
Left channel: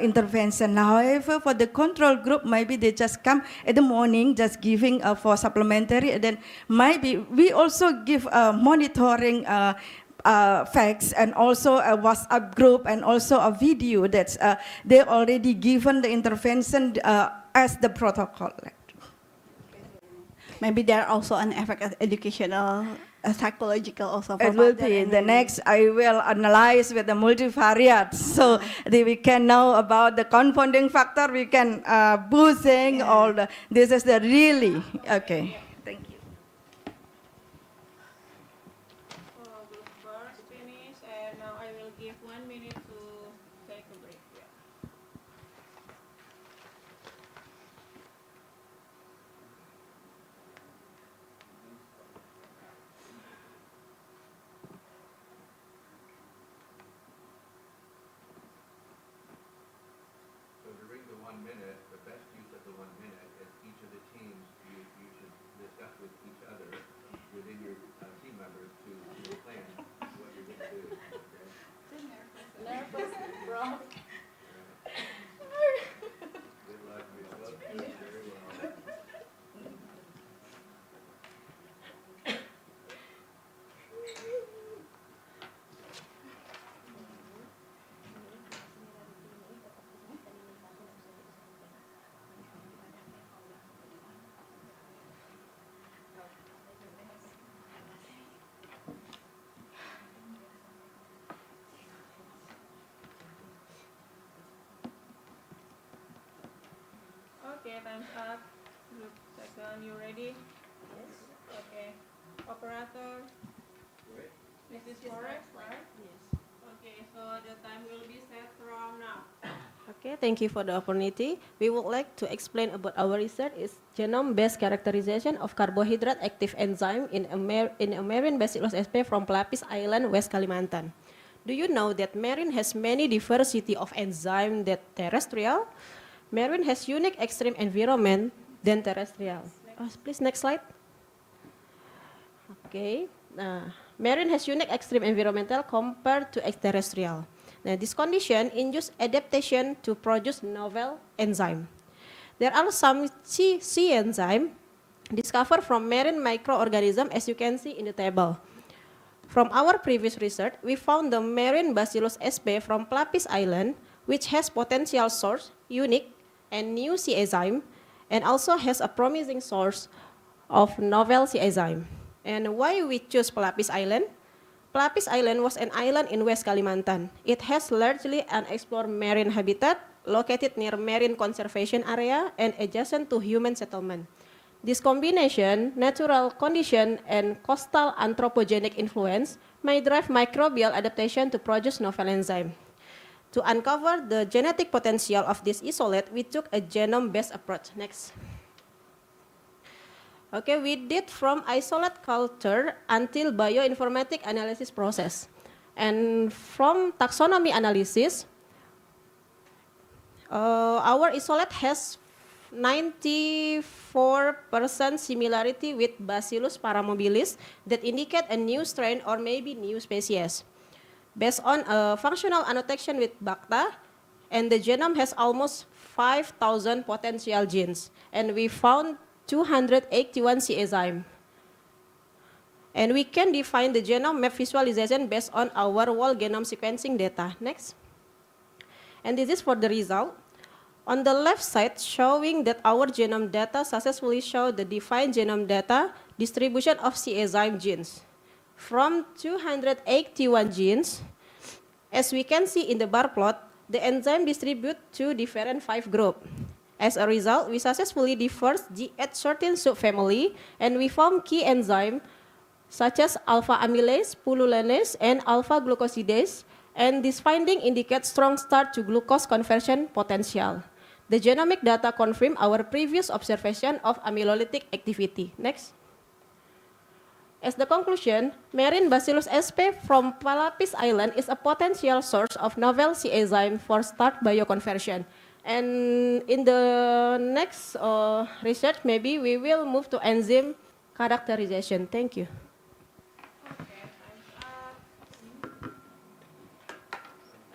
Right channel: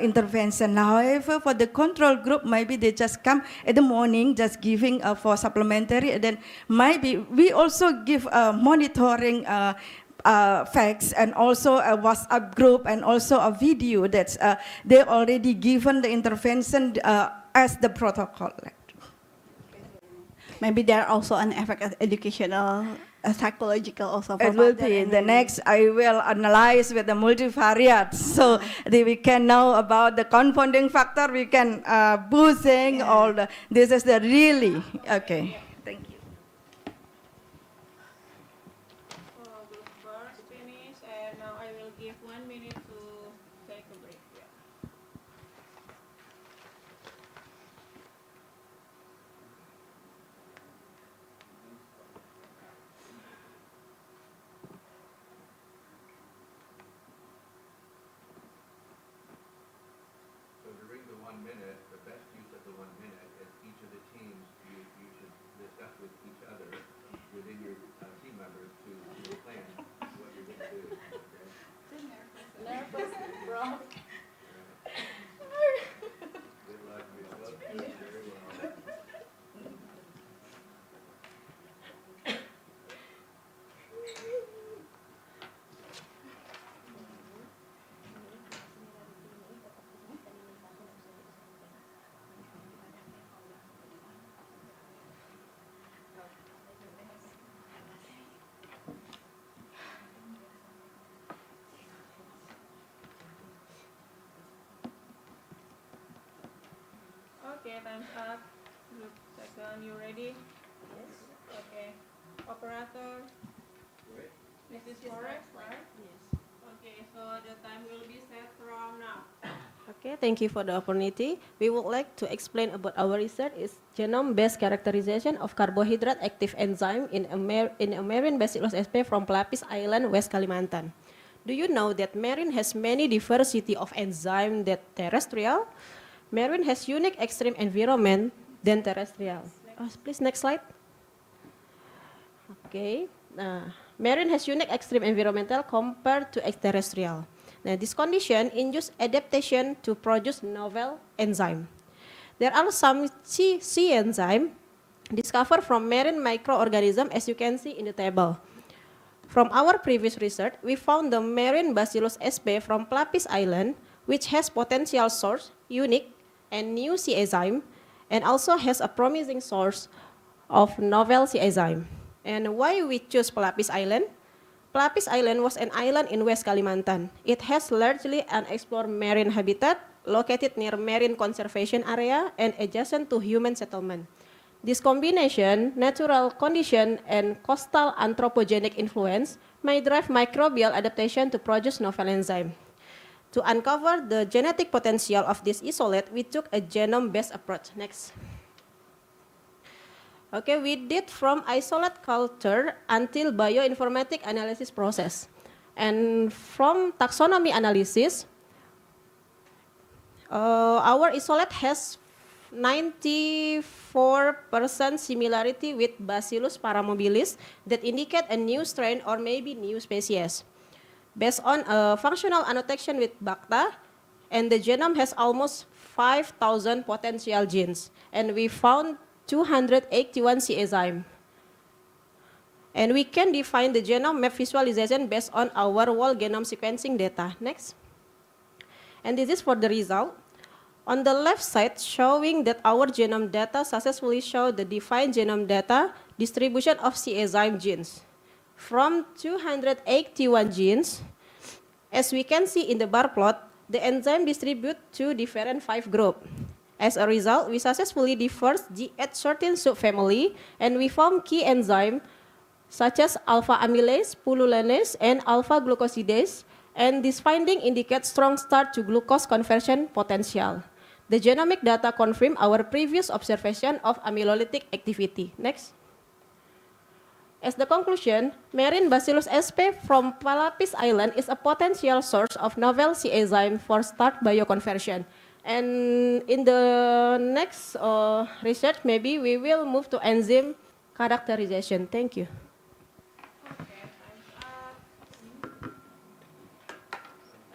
intervention. However, for the control group, maybe they just come in the morning, just giving for supplementary. And then maybe we also give monitoring facts and also a WhatsApp group and also a video that they already given the intervention as the protocol. Maybe there are also an effect of educational, psychological also. For It will mother be and the next. I will analyze with the multivariate, so that we can know about the confounding factor. We can boosting all the. This is the really okay. Thank you. Group first finish, and now I will give 1 minute to take a break. Yeah. So during the 1 minute, the best use of the 1 minute is each of the teams, you should list Okay, time's up. Group second, you ready? Yes. Okay. Operator. This is correct, right? Yes. Okay, so the time will be set from now. Okay, thank you for the opportunity. We would like to explain about our research is genome-based characterization of carbohydrate active enzyme in a marine Bacillus sp from Pelapis Island, West Kalimantan. Do you know that marine has many diversity of enzyme that terrestrial? Marine has unique extreme environment than terrestrial. Please, next slide. Okay. Marine has unique extreme environmental compared to extraterrestrial. Now, this condition induces adaptation to produce novel enzyme. There are some C enzyme discovered from marine microorganism, as you can see in the table. From our previous research, we found the marine Bacillus sp from Pelapis Island, which has potential source, unique, and new C enzyme, and also has a promising source of novel C enzyme. And why we choose Pelapis Island? Pelapis Island was an island in West Kalimantan. It has largely unexplored marine habitat, located near marine conservation area and adjacent to human settlement. This combination, natural condition and coastal anthropogenic influence, may drive microbial adaptation to produce novel enzyme. To uncover the genetic potential of this isolate, we took a genome-based approach. Next. Okay, we did from isolate culture until bioinformatic analysis process. And from taxonomy analysis, our isolate has 94% similarity with Bacillus paramobilis that indicate a new strain or maybe new species. Based on a functional annotation with BACTA, and the genome has almost 5,000 potential genes. And we found 281 C enzyme. And we can define the genome map visualization based on our whole genome sequencing data. Next. And this is for the result. On the left side, showing that our genome data successfully show the defined genome data distribution of C enzyme genes. From 281 genes, as we can see in the bar plot, the enzyme distribute to different 5 groups. As a result, we successfully diverse G813 subfamily, and we found key enzymes such as alpha amylase, pululanase, and alpha glucosidase, and this finding indicates strong start to glucose conversion potential. The genomic data confirm our previous observation of amylolytic activity. Next. As the conclusion, marine Bacillus sp from Pelapis Island is a potential source of novel C enzyme for start bioconversion. And in the next research, maybe we will move to enzyme characterization. Thank you. Okay, time's up.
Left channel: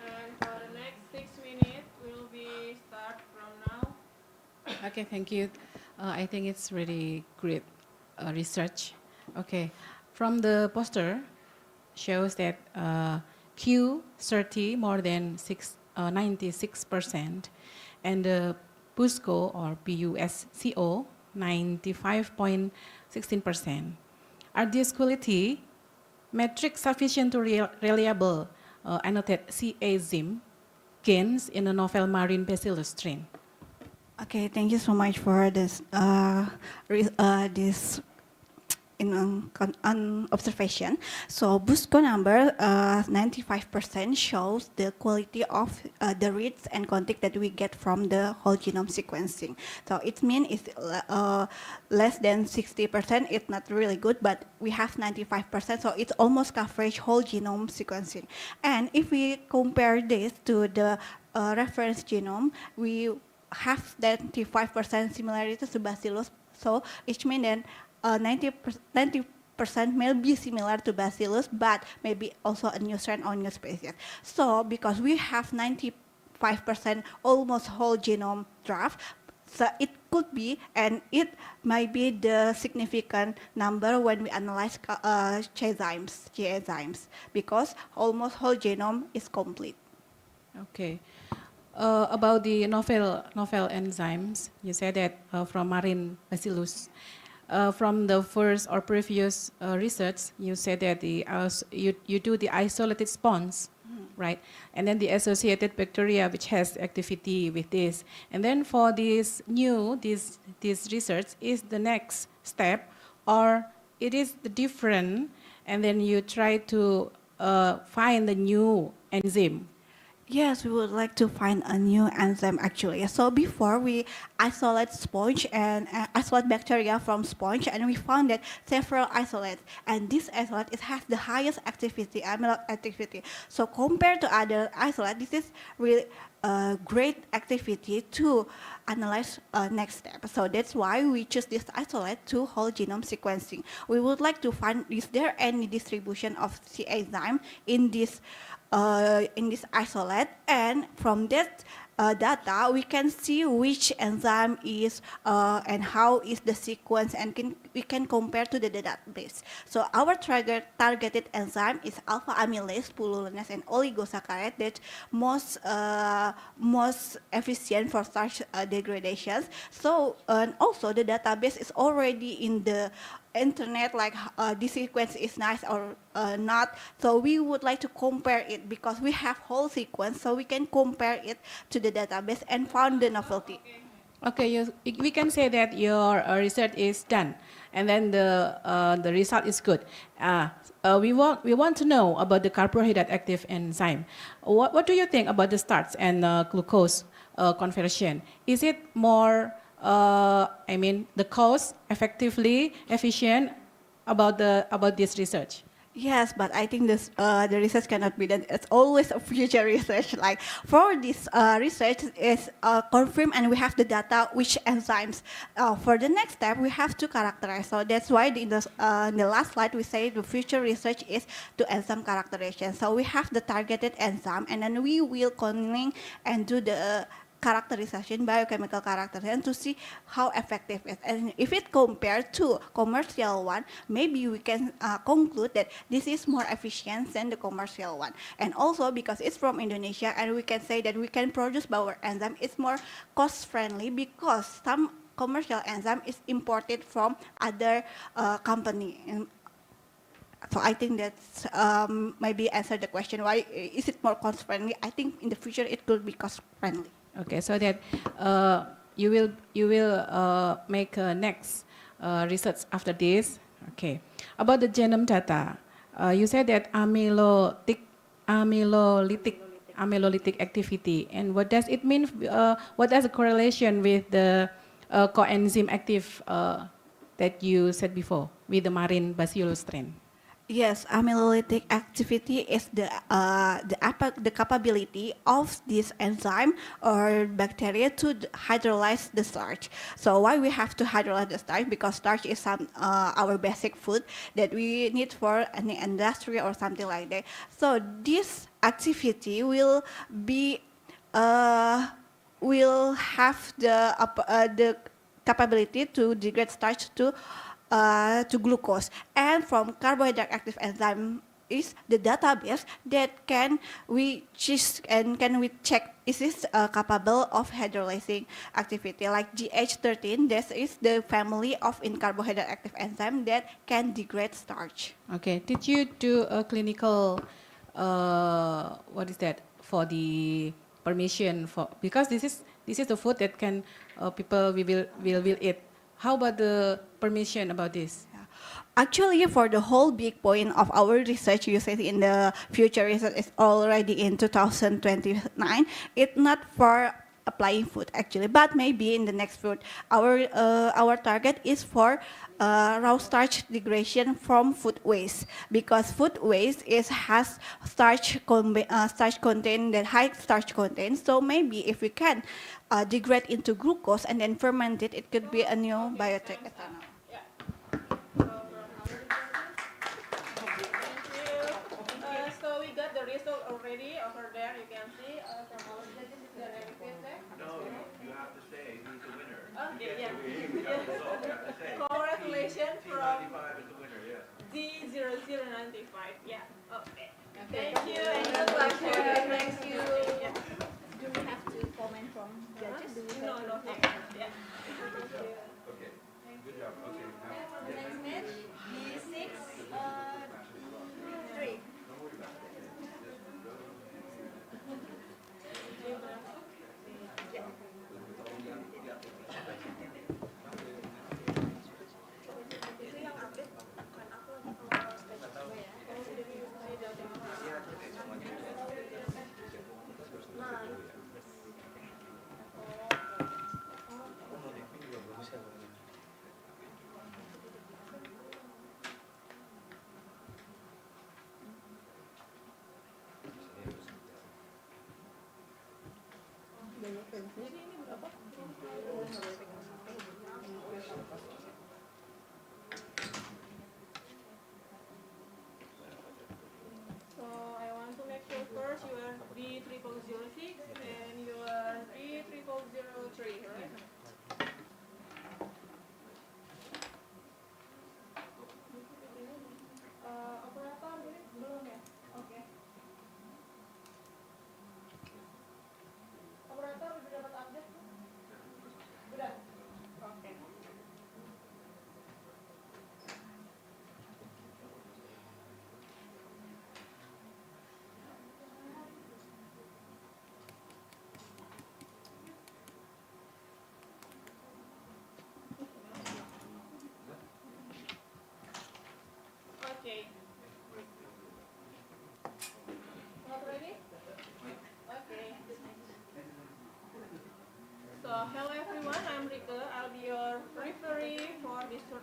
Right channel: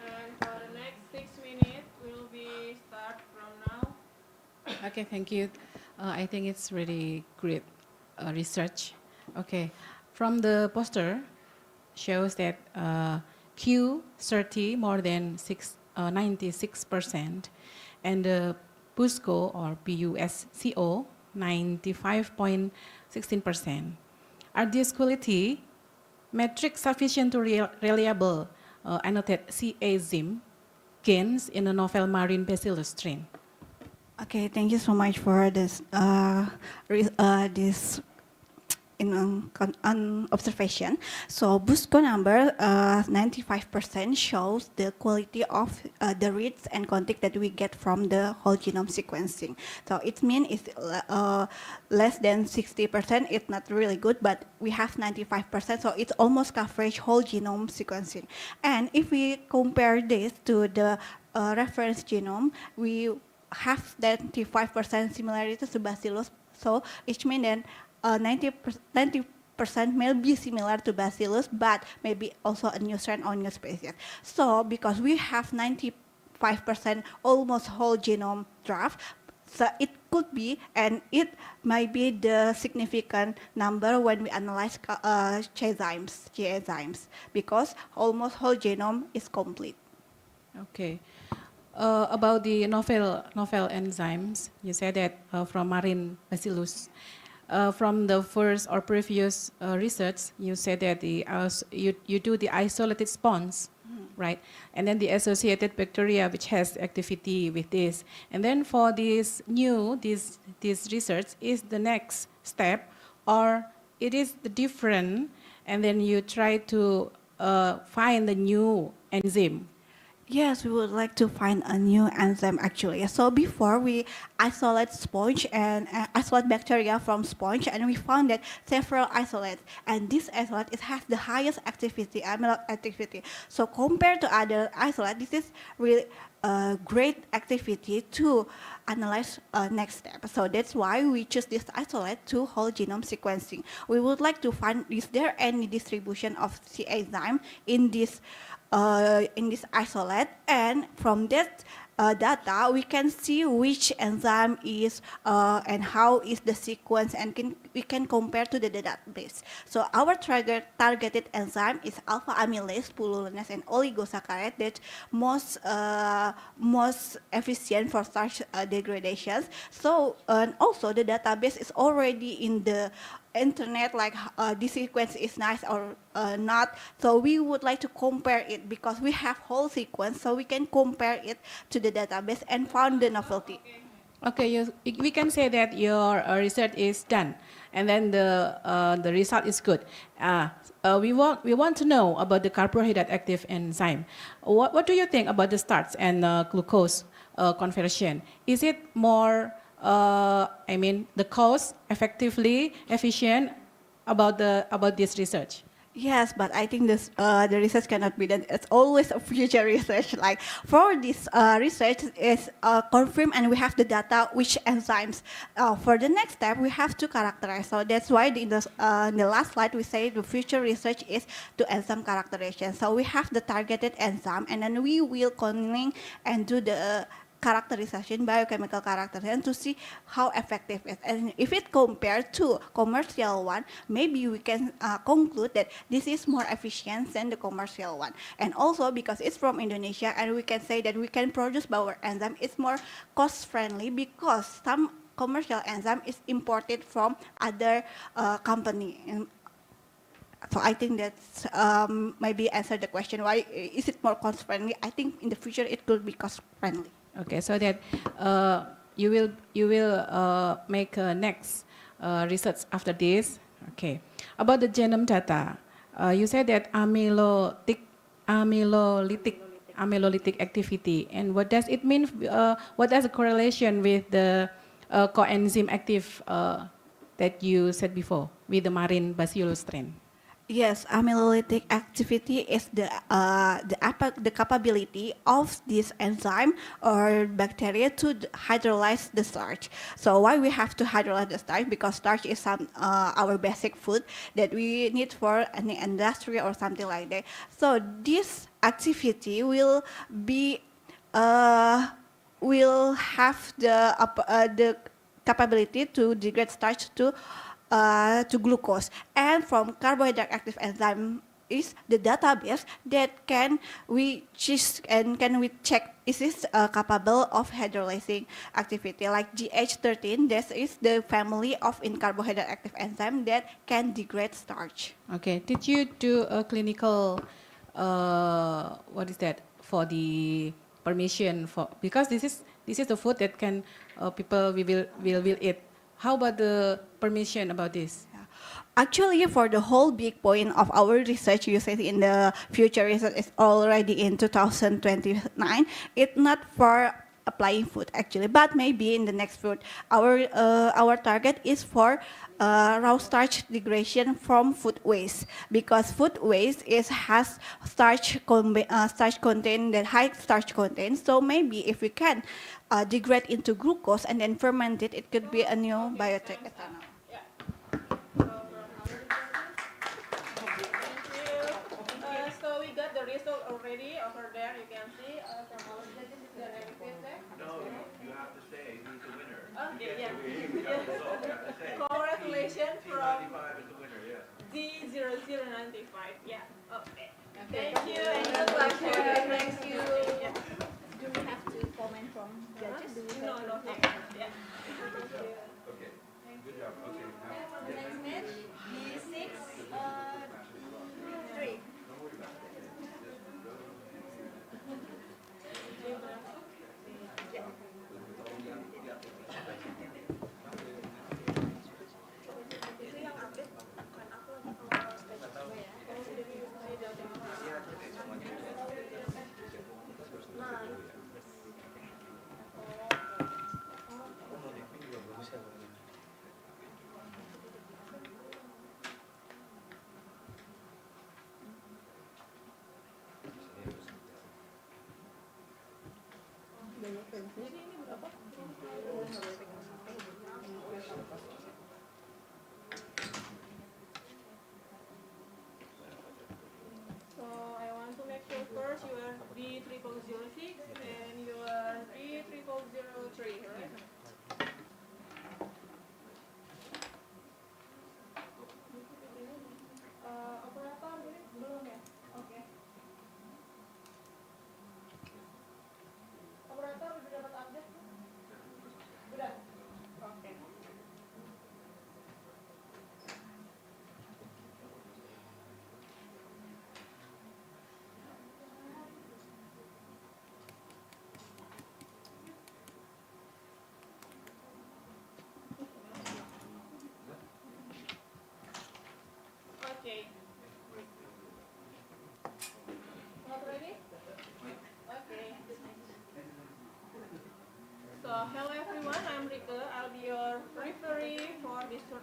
And for the next 6 minutes, will be start from now. Okay, thank you. I think it's really great research. Okay, from the poster shows that Q30 more than 96%, and the PUSCO or PUSCO 95.16%. Are these quality metrics sufficient to reliable annotate C enzyme gains in a novel marine Bacillus strain? Okay, thank you so much for this this observation. So BUSCO number 95% shows the quality of the reads and content that we get from the whole genome sequencing. So it means it's less than 60%. It's not really good, but we have 95%. So it's almost coverage whole genome sequencing. And if we compare this to the reference genome, we have 95% similarity to Bacillus. So it means that 90% may be similar to Bacillus, but maybe also a new strain or new species. So because we have 95% almost whole genome draft, so it could be, and it might be the significant number when we analyze G enzymes, because almost whole genome is complete. Okay. About the novel enzymes, you said that from marine Bacillus. From the first or previous research, you said that you do the isolated response right? And then the associated bacteria which has activity with this. And then for this research is the next step, or it is the different, and then you try to find the new enzyme. Yes, we would like to find a new enzyme actually. So before we isolate sponge and isolate bacteria from sponge, and we found that several isolates, and this isolate it has the highest activity, amyloid activity. So compared to other isolate, this is really great activity to analyze next step. So that's why we choose this isolate to whole genome sequencing. We would like to find is there any distribution of C enzyme in this isolate, and from that data we can see which enzyme is and how is the sequence, and we can compare to the database. So our targeted enzyme is alpha amylase, pullulinase, and oligosaccharide that most efficient for starch degradations. So and also the database is already in the internet, like this sequence is nice or not. So we would like to compare it because we have whole sequence, so we can compare it to the database and found the novelty. Okay, we can say that your research is done, and then the result is good. We want to know about the carbohydrate active enzyme. What do you think about the starch and glucose conversion? Is it more the cost effectively efficient about this research? Yes, but I think this the research cannot be done. It's always a future research. Like for this research is confirmed, and we have the data which enzymes. For the next step, we have to characterize. So that's why in the last slide we say the future research is to enzyme characterization. So we have the targeted enzyme, and then we will cloning and do the characterization, biochemical characterization, to see how effective it is. And if it compared to commercial one, maybe we can conclude that this is more efficient than the commercial one. And also because it's from Indonesia, and we can say that we can produce our enzyme, it's more cost friendly because some commercial enzyme is imported from other company. And so I think that's maybe answer the question, why is it more cost friendly? I think in the future it could be cost friendly. Okay, so that you will make next research after this. Okay, about the genome data, you said that amylolytic activity, and what does it mean? What does the correlation with the coenzyme active that you said before with the marine bacillus strain? Yes, amylolytic activity is the capability of this enzyme or bacteria to hydrolyze the starch. So why we have to hydrolyze the starch? Because starch is our basic food that we need for any industry or something like that. So this activity will have the capability to degrade starch to glucose, and from carbohydrate active enzyme is the database that we check is this capable of hydrolyzing activity, like GH13. This is the family of in carbohydrate active enzyme that can degrade starch. Okay, did you do a clinical what is that for the permission for, because this is the food that can people will eat. How about the permission about this? Actually, for the whole big point of our research, you said in the future research is already in 2029. It's not for applying food actually, but maybe in the next food. Our target is for raw starch degradation from food waste, because food waste has starch content, that high starch content. So maybe if we can degrade into glucose and then ferment it, it could be a new bioethanol. So we got the result already over there. You can see from our feedback. No, you have to say who's the winner. Okay, You yeah. can't say we have the result, you have to say. Congratulations from T95 is the winner, yes. D0095. Yeah. Okay. Thank you and good luck. Thank you. Yeah. Do we have to comment from judges? No. Yeah. Okay. Good job. Okay. Now, The next match, D6, 3.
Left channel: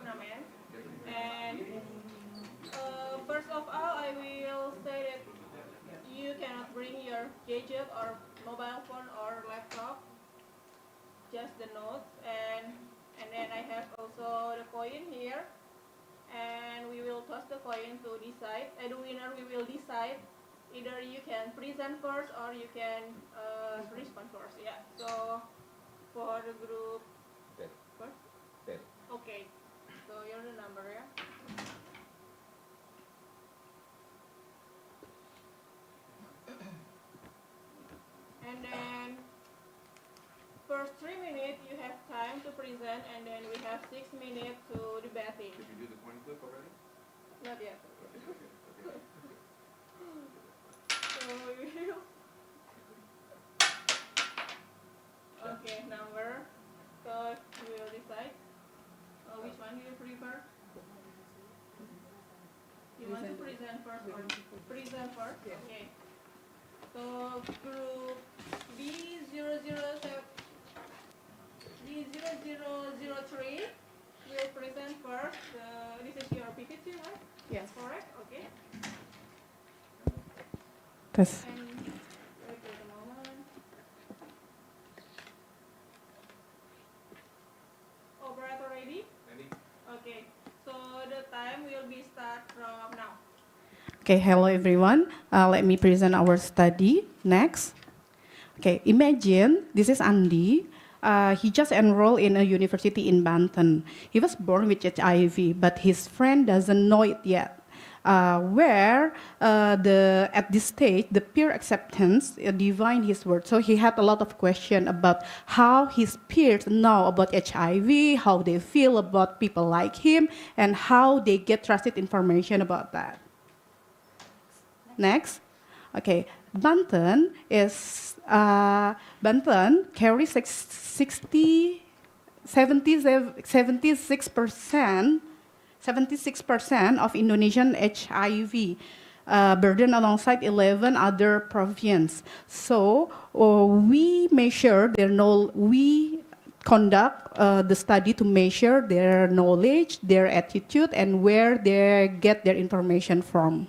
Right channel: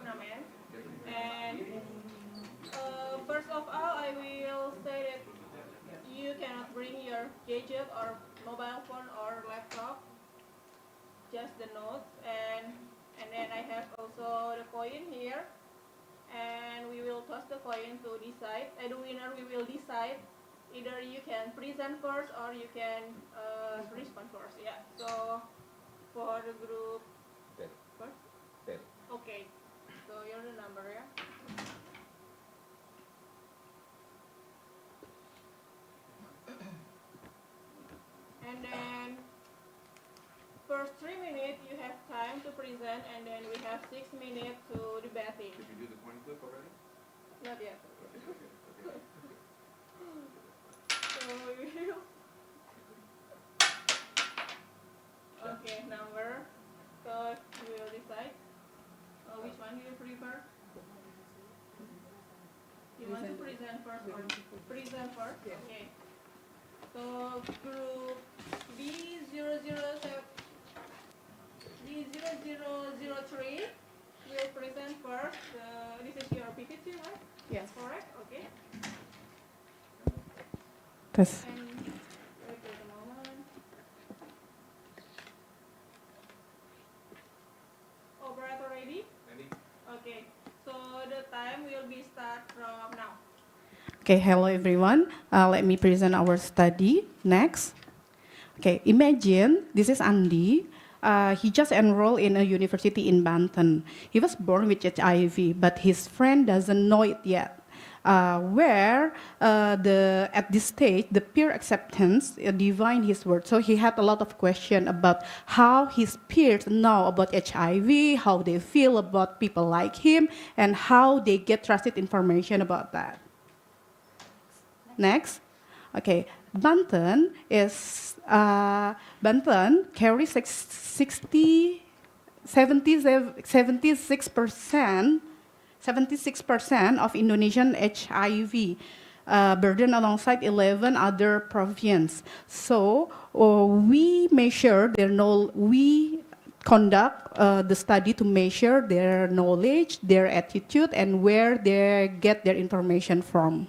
tournament. And first of all, I will say that you cannot bring your gadget or mobile phone or laptop, just the notes. And then I have also the coin here, and we will toss the coin to decide. The winner we will decide. Either you can present first or you can respond first. Yeah. So for the group first. Okay. So you're the number, yeah. And then first 3 minutes you have time to present, and then we have 6 minutes to debating. Did you do the coin flip already? Not yet. Okay. So we will. Okay, number. So we will decide which one you prefer. You want to present first or present first? Okay. So group B0007 B0003 will present first. This is your PPT, right? Yes. Correct? Okay. Yes. And wait for the moment. Operator ready? Ready? Okay. So the time will be start from now. Okay, hello everyone. Let me present our study next. Okay, imagine this is Andy. He just enrolled in a university in Banten. He was born with HIV, but his friend doesn't know it yet. At this stage, the peer acceptance define his word. So he had a lot of questions about how his peers know about HIV, how they feel about people like him, and how they get trusted information about that. Next, okay, Banten carries 76% of Indonesian HIV burden alongside 11 other provinces. So we conduct the study to measure their knowledge, their attitude, and where they get their information from.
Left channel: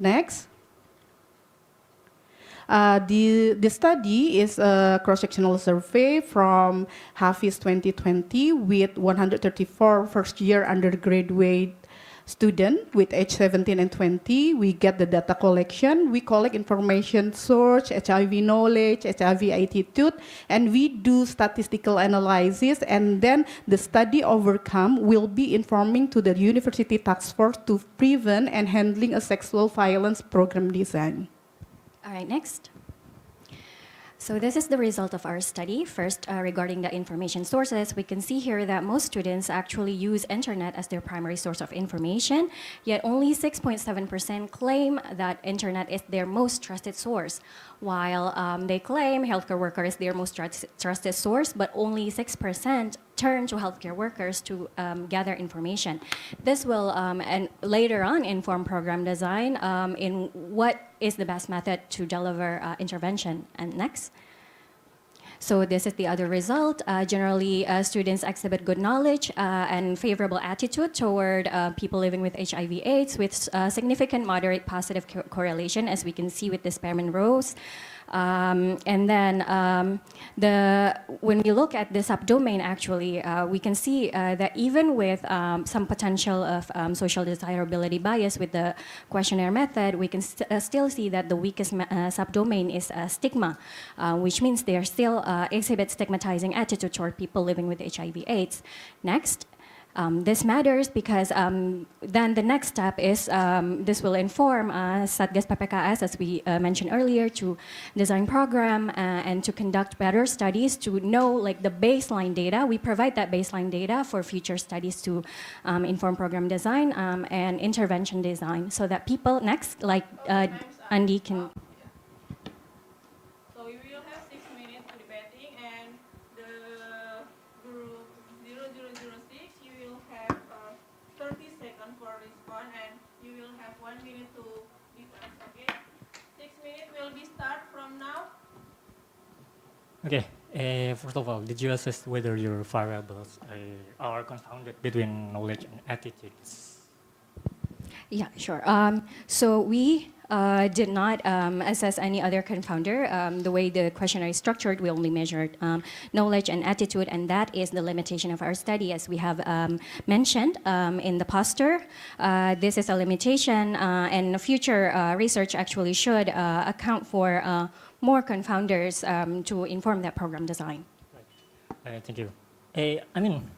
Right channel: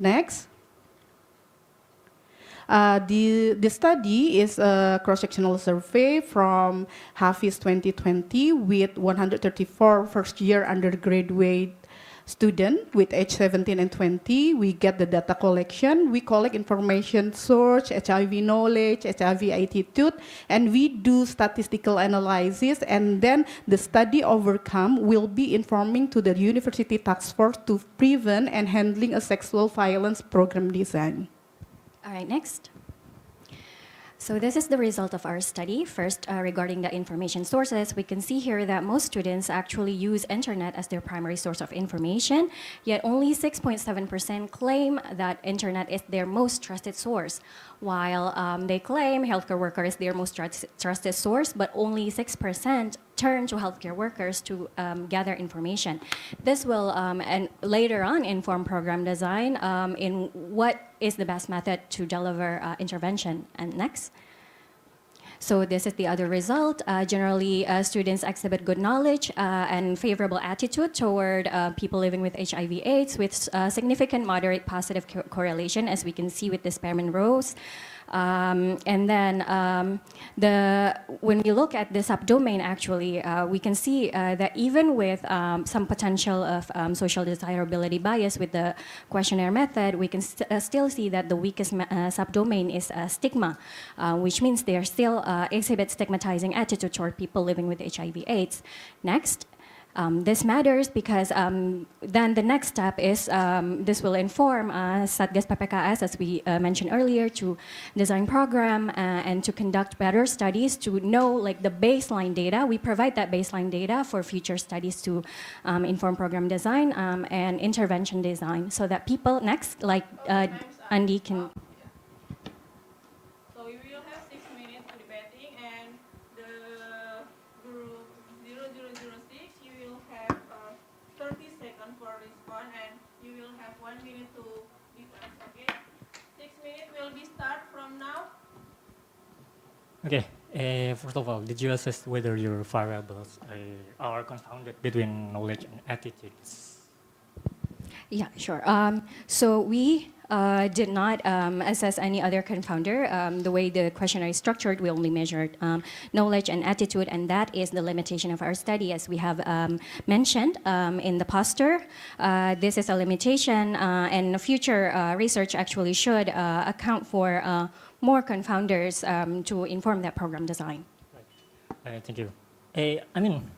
Next. The study is a cross-sectional survey from Hafiz 2020 with 134 first-year undergraduate students with age 17 and 20. We get the data collection. We collect information source, HIV knowledge, HIV attitude, and we do statistical analysis. And then the study outcome will be informing to the university task force to prevent and handling a sexual violence program design. All right, next. So this is the result of our study. First, regarding the information sources, we can see here that most students actually use internet as their primary source of information, yet only 6.7% claim that internet is their most trusted source, while they claim healthcare worker is their most trusted source, but only 6% turn to healthcare workers to gather information. This will, and later on, inform program design in what is the best method to deliver intervention. And next. So this is the other result. Generally, students exhibit good knowledge and favorable attitude toward people living with HIV/AIDS with significant moderate positive correlation, as we can see with the Spearman rows. And then when we look at the subdomain, actually, we can see that even with some potential of social desirability bias with the questionnaire method, we can still see that the weakest subdomain is stigma, which means they are still exhibit stigmatizing attitude toward people living with HIV/AIDS. Next. This matters because then the next step is this will inform Satgas PPKS, as we mentioned earlier, to design program and to conduct better studies to know like the baseline data. We provide that baseline data for future studies to inform program design and intervention design, so that people next, like Andy can. So we will have 6 minutes for debating, and the group 0006, you will have 30 seconds for response, and you will have 1 minute to defense. Okay, 6 minutes will be start from now. Okay. First of all, did you assess whether your variables are confounded between knowledge and attitudes? Yeah, sure. So we did not assess any other confounder. The way the questionnaire is structured, we only measured knowledge and attitude, and that is the limitation of our study, as we have mentioned in the poster. This is a limitation, and future research actually should account for more confounders to inform that program design. Thank you. I mean,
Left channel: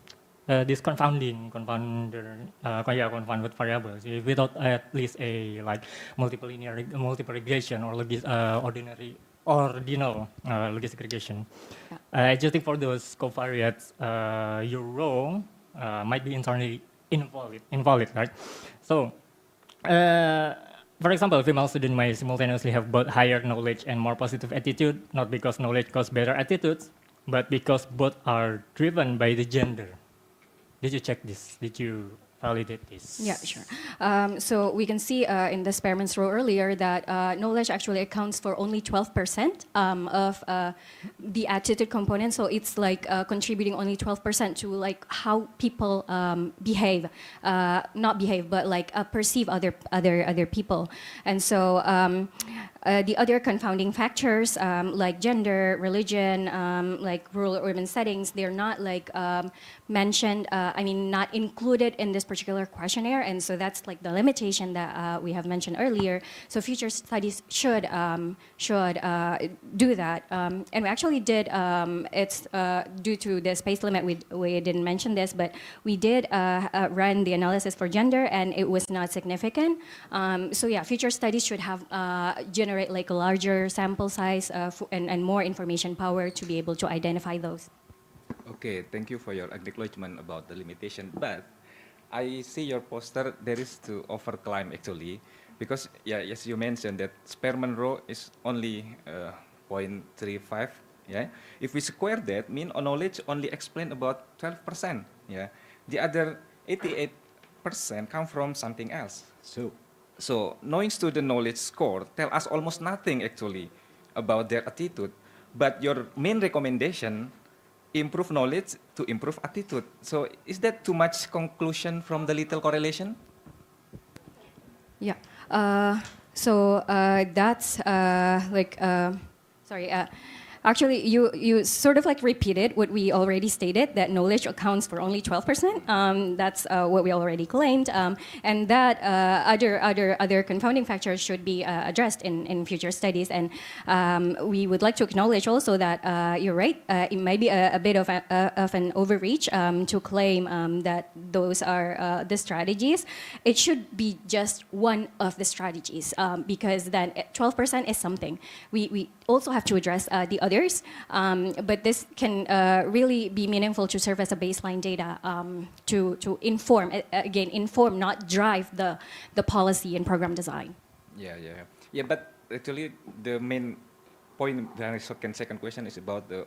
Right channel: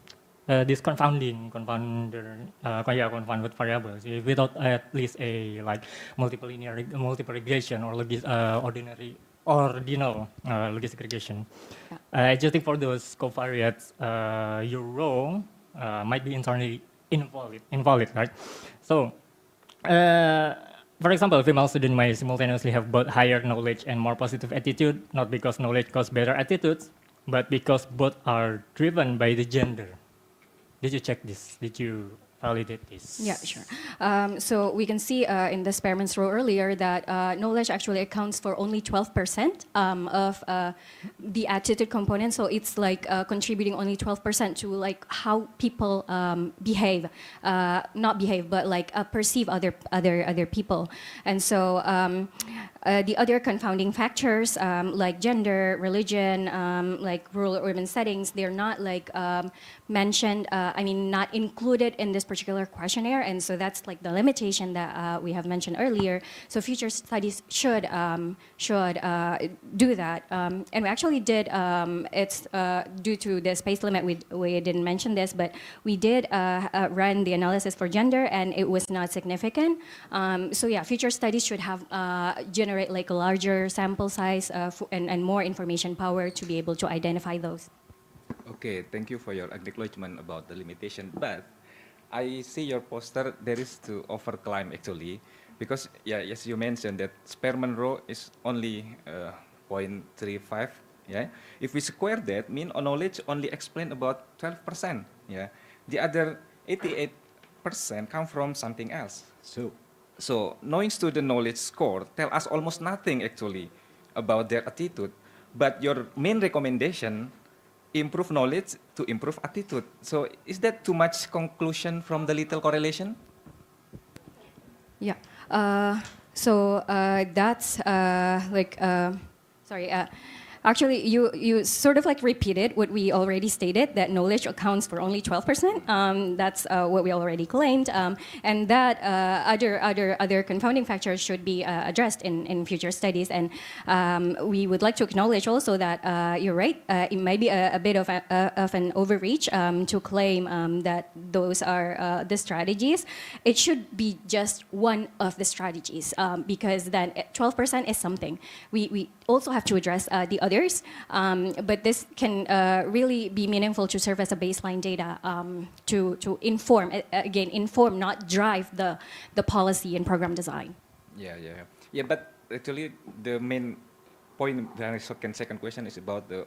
this confounder, confounded variables, without at least a like multiple regression or ordinal logistic regression. Adjusting for those covariates, your row might be internally invalid, right? So, for example, female students may simultaneously have both higher knowledge and more positive attitude, not because knowledge causes better attitudes, but because both are driven by the gender. Did you check this? Did you validate this? Yeah, sure. So we can see in the Spearman's row earlier that knowledge actually accounts for only 12% of the attitude component. So it's like contributing only 12% to like how people behave, not behave, but like perceive other people. And so the other confounding factors like gender, religion, like rural urban settings, they're not like mentioned, not included in this particular questionnaire, and so that's like the limitation that we have mentioned earlier. So future studies should do that, and we actually did. It's due to the space limit. We didn't mention this, but we did run the analysis for gender, and it was not significant. So yeah, future studies should have generate like a larger sample size and more information power to be able to identify those. Okay, thank you for your acknowledgement about the limitation, but I see your poster, there is to overclimb actually, because yeah, as you mentioned that Spearman row is only 0.35, yeah. If we square that, mean knowledge only explain about 12%, yeah. The other 88% come from something else. So knowing student knowledge score tell us almost nothing actually about their attitude, but your main recommendation improve knowledge to improve attitude. So is that too much conclusion from the little correlation? Yeah. So that's sorry. Actually, you sort of like repeated what we already stated, that knowledge accounts for only 12%. That's what we already claimed, and that other confounding factors should be addressed in future studies. And we would like to acknowledge also that you're right. It might be a bit of an overreach to claim that those are the strategies. It should be just one of the strategies, because then 12% is something. We also have to address the others, but this can really be meaningful to serve as a baseline data to inform, inform, not drive the policy and program design. Yeah, but actually the main point, the second question is about the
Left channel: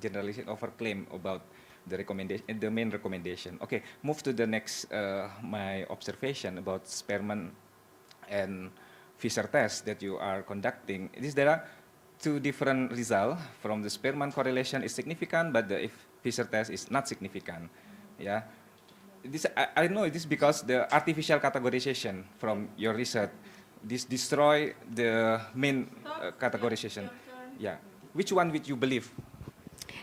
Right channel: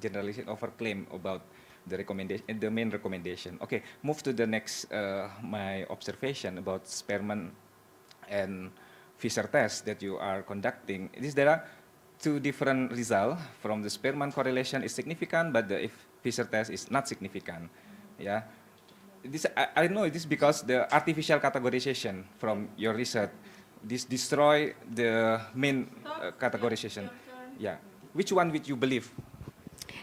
generalization, claim about the recommendation, the main recommendation. Okay, move to the next, my observation about Spearman and Fisher test that you are conducting. There are two different results. From the Spearman correlation is significant, but the Fisher test is not significant. Yeah, I know this because the artificial categorization from your research, this destroy the main categorization. Yeah, which one would you believe?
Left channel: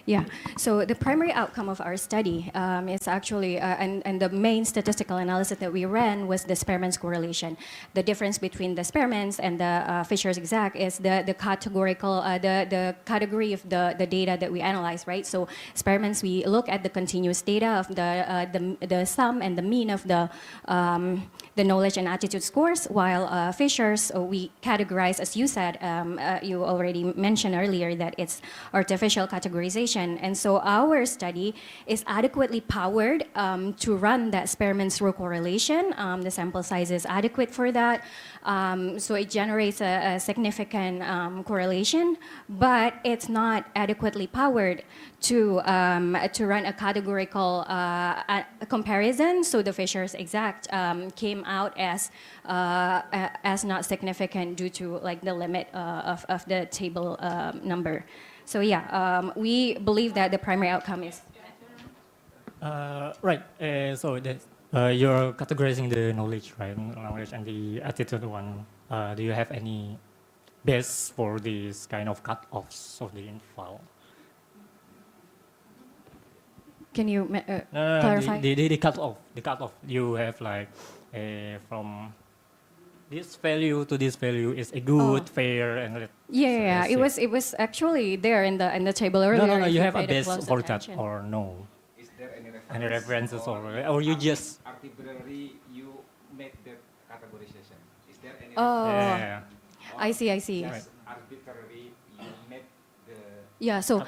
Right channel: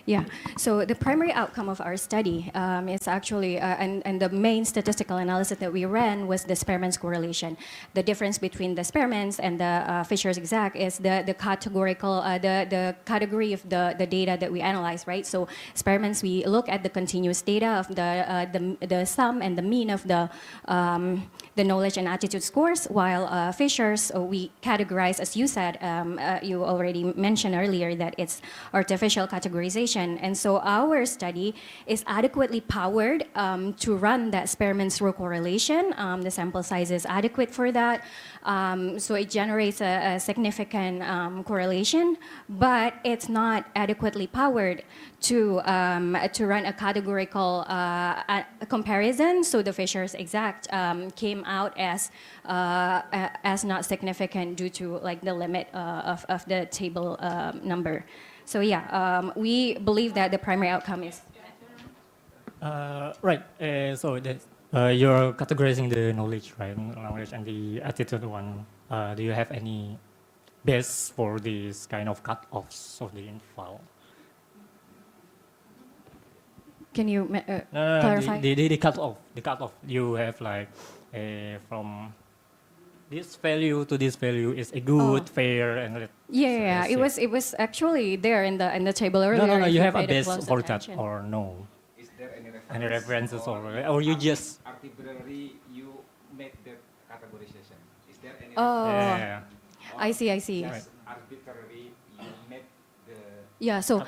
Yeah, so the primary outcome of our study is actually, and the main statistical analysis that we ran was the Spearman's correlation. The difference between the Spearman's and the Fisher's exact is the categorical, the category of the data that we analyze, right? So Spearman's, we look at the continuous data of the sum and the mean of the knowledge and attitude scores, while Fisher's, we categorize, as you said, you already mentioned earlier that it's artificial categorization. And so our study is adequately powered to run that Spearman's row correlation. The sample size is adequate for that. So it generates a significant correlation, but it's not adequately powered to run a categorical comparison. So the Fisher's exact came out as not significant due to like the limit of the table number. So yeah, we believe that the primary outcome is. Right. So that you're categorizing the knowledge, right? Knowledge and the attitude one. Do you have any base for this kind of cut-offs of the info? Can you No, clarify? the cut-off. The cut-off. You have like from this value to this value is a good, Oh. fair, and Yeah, it was actually there in the table earlier. no. if You have a paid base close for that attention. or no? Is there Any references or you just arbitrarily you make that categorization? Is there any Oh, Yeah. I see. just arbitrary you make the Yeah, so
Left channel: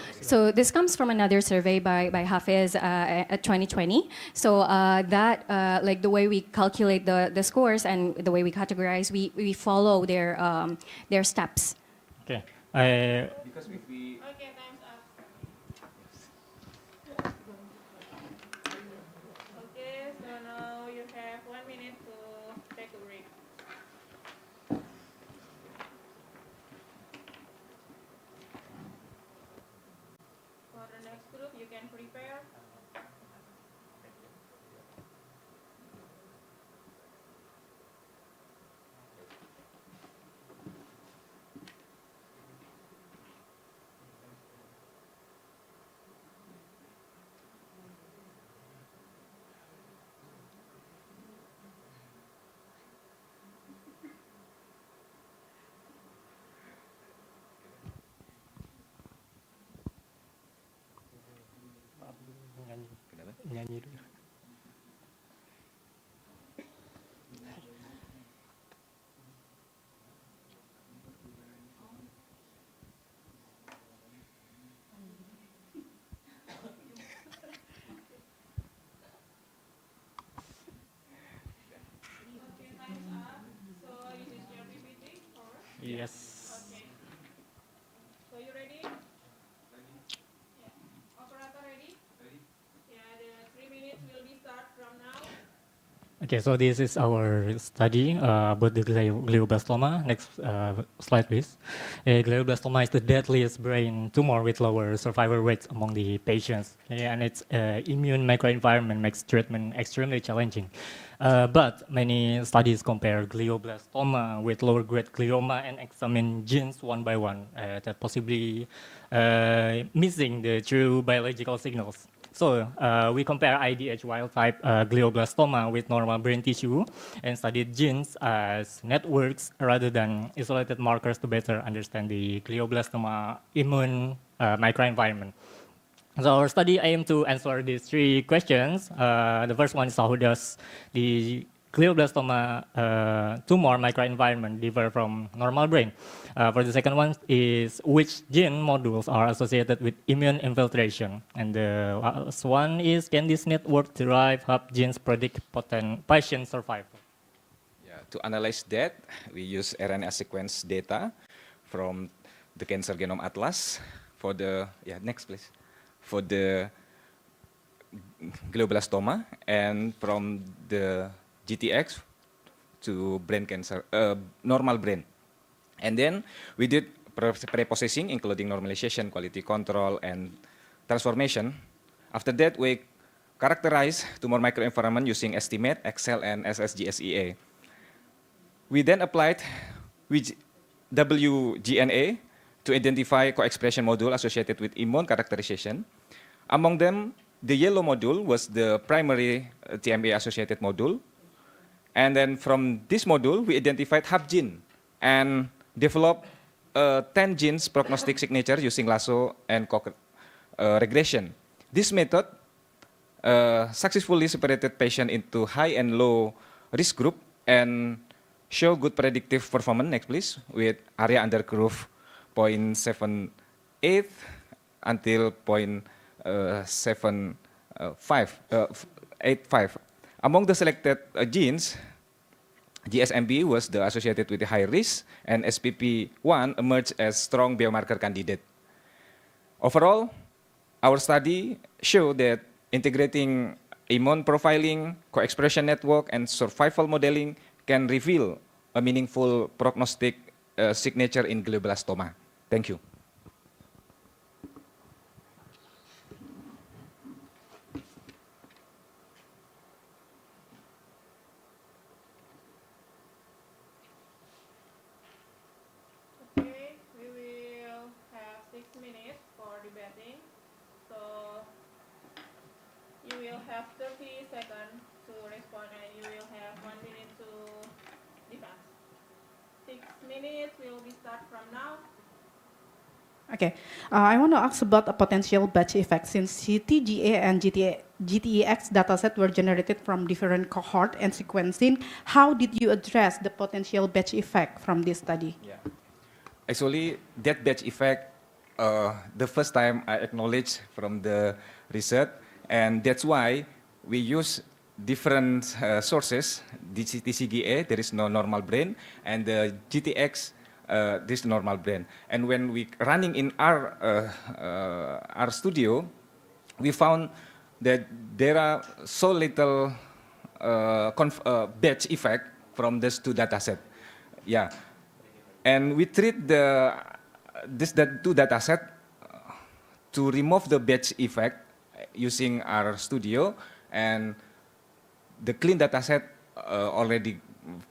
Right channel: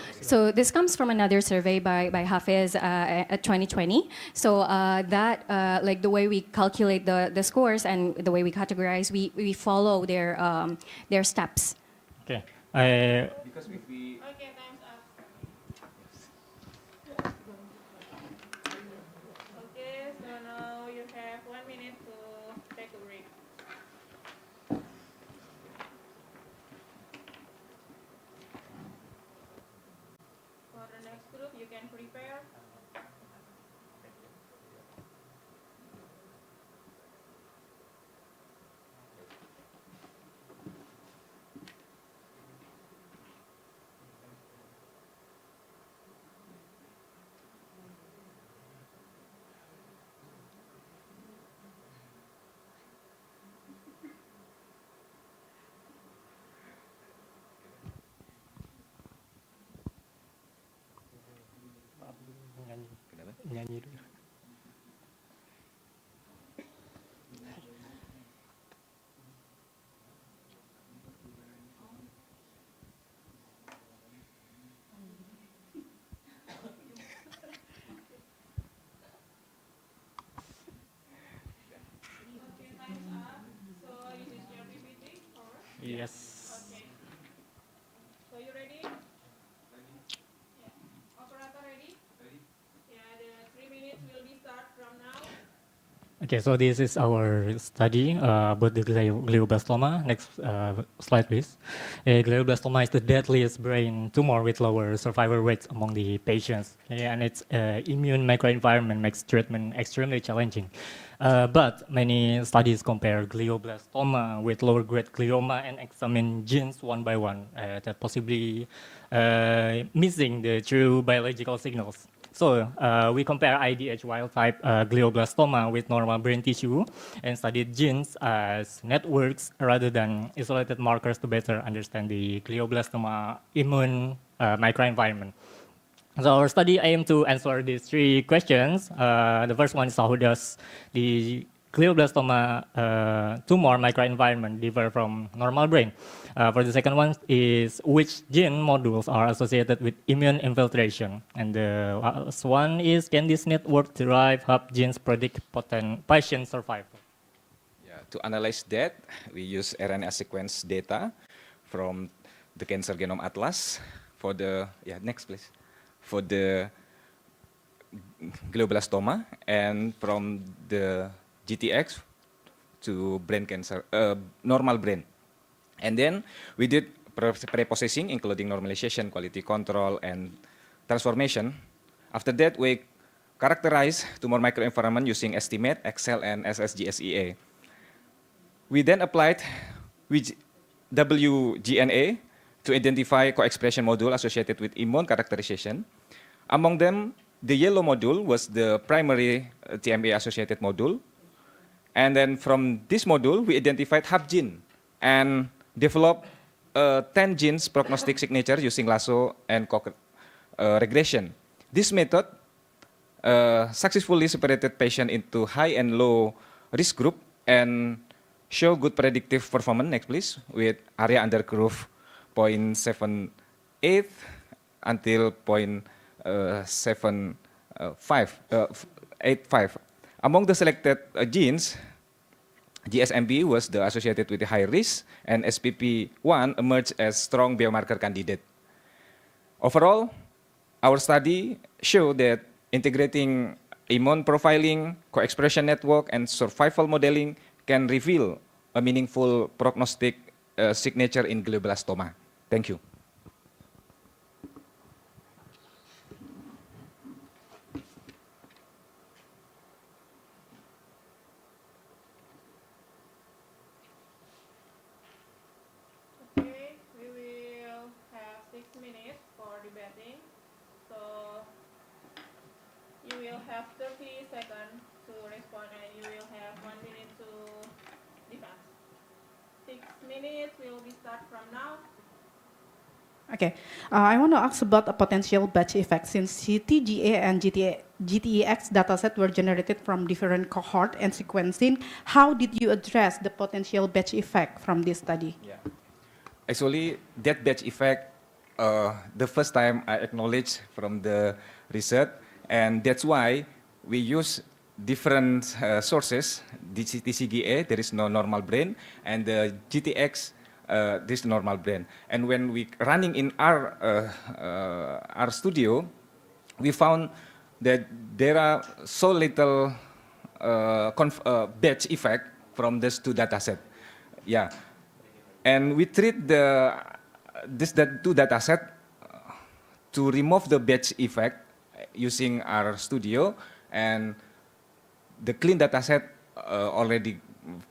this comes from another survey by Hafiz at 2020. So that like the way we calculate the scores and the way we categorize, we follow their steps. Okay. because if we Okay, time's up. Okay, so now you have 1 minute to take a break. For the next group, you can prepare. Nyanyi dulu. Okay, time's up. So this is your PPT, or? Yes. Okay. So you ready? Yeah. Operator ready? Yeah, the 3 minutes will be start from now. Okay, so this is our study about the glioblastoma. Next slide, please. Glioblastoma is the deadliest brain tumor with lower survival rates among the patients, and its immune microenvironment makes treatment extremely challenging. But many studies compare glioblastoma with lower-grade glioma and examine genes one by one that possibly missing the true biological signals. So we compare IDH wild-type glioblastoma with normal brain tissue and studied genes as networks rather than isolated markers to better understand the glioblastoma immune microenvironment. So our study aimed to answer these three questions. The first one is how does the glioblastoma tumor microenvironment differ from normal brain? For the second one is which gene modules are associated with immune infiltration? And the last one is can this network derive help genes predict patient survival? Yeah, to analyze that, we use RNA sequence data from the Cancer Genome Atlas for the, next please, for the glioblastoma and from the GTX to brain cancer, normal brain. And then we did pre-processing, including normalization, quality control, and transformation. After that, we characterize tumor microenvironment using estimate, Excel, and SSGSEA. We then applied WGNA to identify co-expression module associated with immune characterization. Among them, the yellow module was the primary TMA-associated module. And then from this module, we identified hub gene and developed 10 genes prognostic signature using lasso and regression. This method successfully separated patient into high and low risk group and show good predictive performance, next please, with area under curve 0.78 until 0.85. Among the selected genes, GSMB was the associated with the high risk, and SPP1 emerged as strong biomarker candidate. Overall, our study showed that integrating immune profiling, co-expression network, and survival modeling can reveal a meaningful prognostic signature in glioblastoma. Thank you. have 30 seconds to respond, and you will have 1 minute to defense. 6 minutes will be start from now. Okay, I want to ask about a potential batch effect since CTGA and GTEX dataset were generated from different cohort and sequencing. How did you address the potential batch effect from this study? Yeah. Actually, that batch effect, the first time I acknowledged from the research, and that's why we use different sources. TCGA, there is no normal brain, and the GTX, this normal brain. And when we running in our studio, we found that there are so little batch effect from these two dataset. Yeah. And we treat that two dataset to remove the batch effect using our studio, and the clean dataset already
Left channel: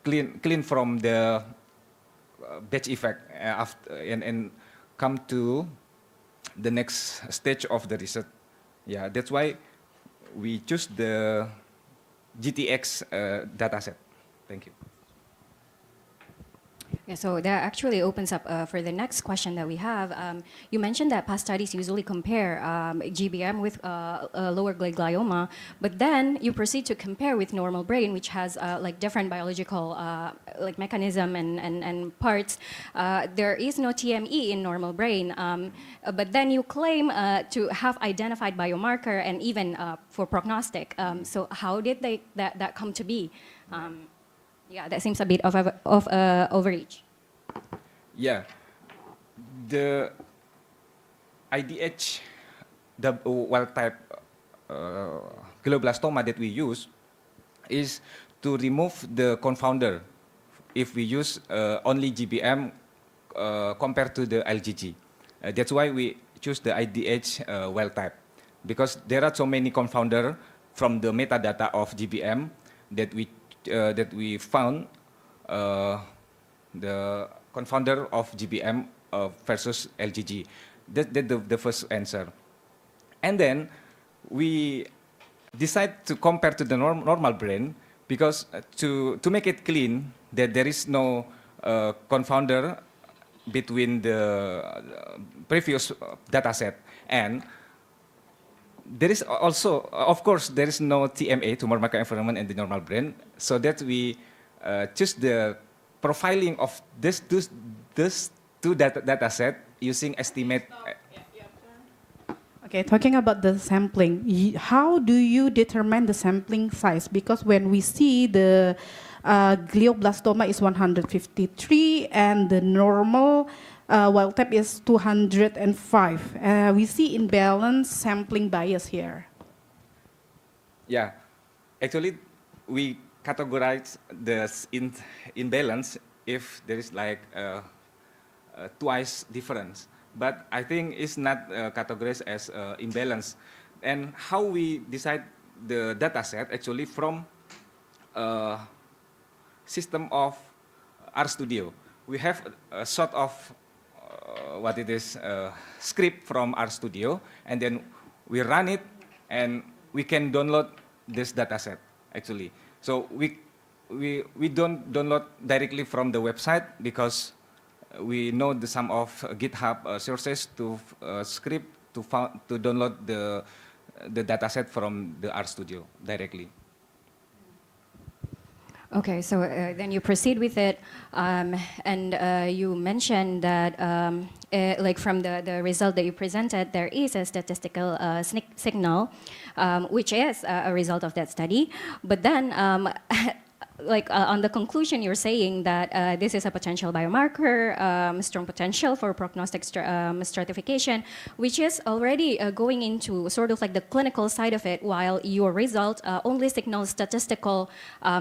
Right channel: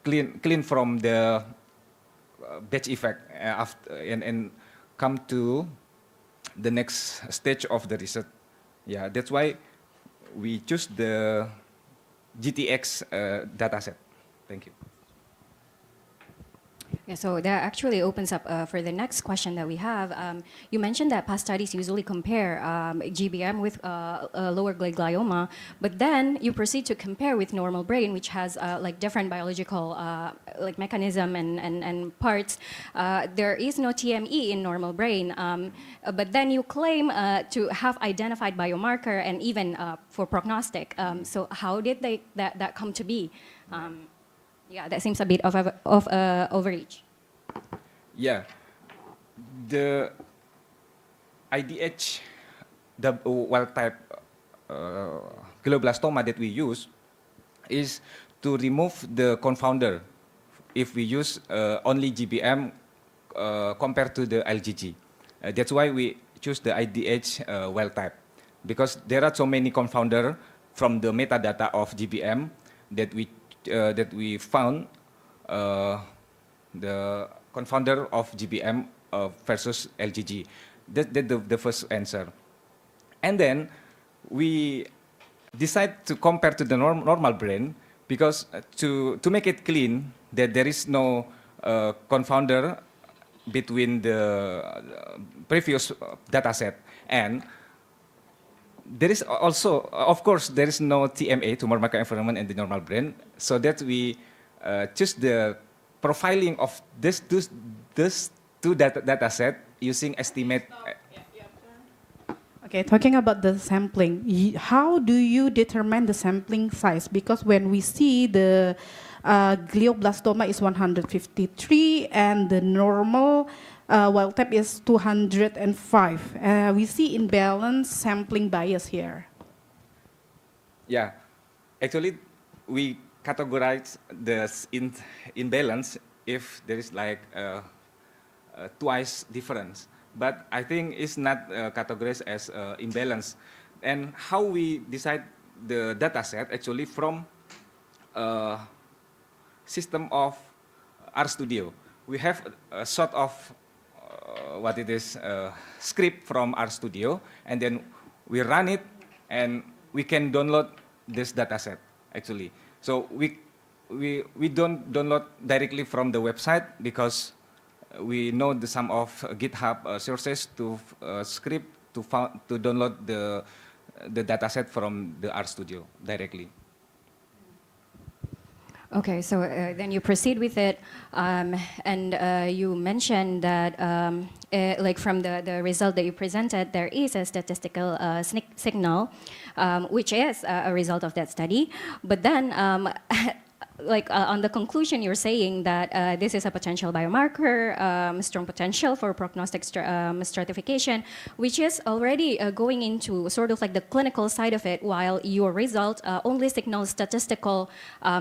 clean from the batch effect and come to the next stage of the research. Yeah, that's why we choose the GTX dataset. Thank you. Yeah, so that actually opens up for the next question that we have. You mentioned that past studies usually compare GBM with lower grade glioma, but then you proceed to compare with normal brain, which has like different biological like mechanism and parts. There is no TME in normal brain, but then you claim to have identified biomarker and even for prognostic. So how did that come to be? Yeah, that seems a bit of overreach. Yeah, the IDH, the wild type glioblastoma that we use is to remove the confounder if we use only GBM compared to the LGG. That's why we choose the IDH wild type, because there are so many confounder from the metadata of GBM that we found the confounder of GBM versus LGG. That's the first answer. And then we decide to compare to the normal brain, because to make it clean that there is no confounder between the previous data set, and there is also, of course, there is no TMA, tumor microenvironment, in the normal brain, so that we choose the profiling of this two data set using estimate. Okay, talking about the sampling, how do you determine the sampling size? Because when we see the glioblastoma is 153 and the normal wild type is 205. We see imbalance sampling bias here. Yeah, actually, we categorize the imbalance if there is like twice difference. But I think it's not categorized as imbalance. And how we decide the data set actually from system of RStudio. We have a sort of what it is script from RStudio, and then we run it, and we can download this data set actually. So we don't download directly from the website, because we know the some of GitHub sources to script to download the dataset from the RStudio directly. Okay, so then you proceed with it, and you mentioned that, like from the result that you presented, there is a statistical signal, which is a result of that study. But then, like on the conclusion, you're saying that this is a potential biomarker, strong potential for prognostic stratification, which is already going into sort of like the clinical side of it, while your result only signals statistical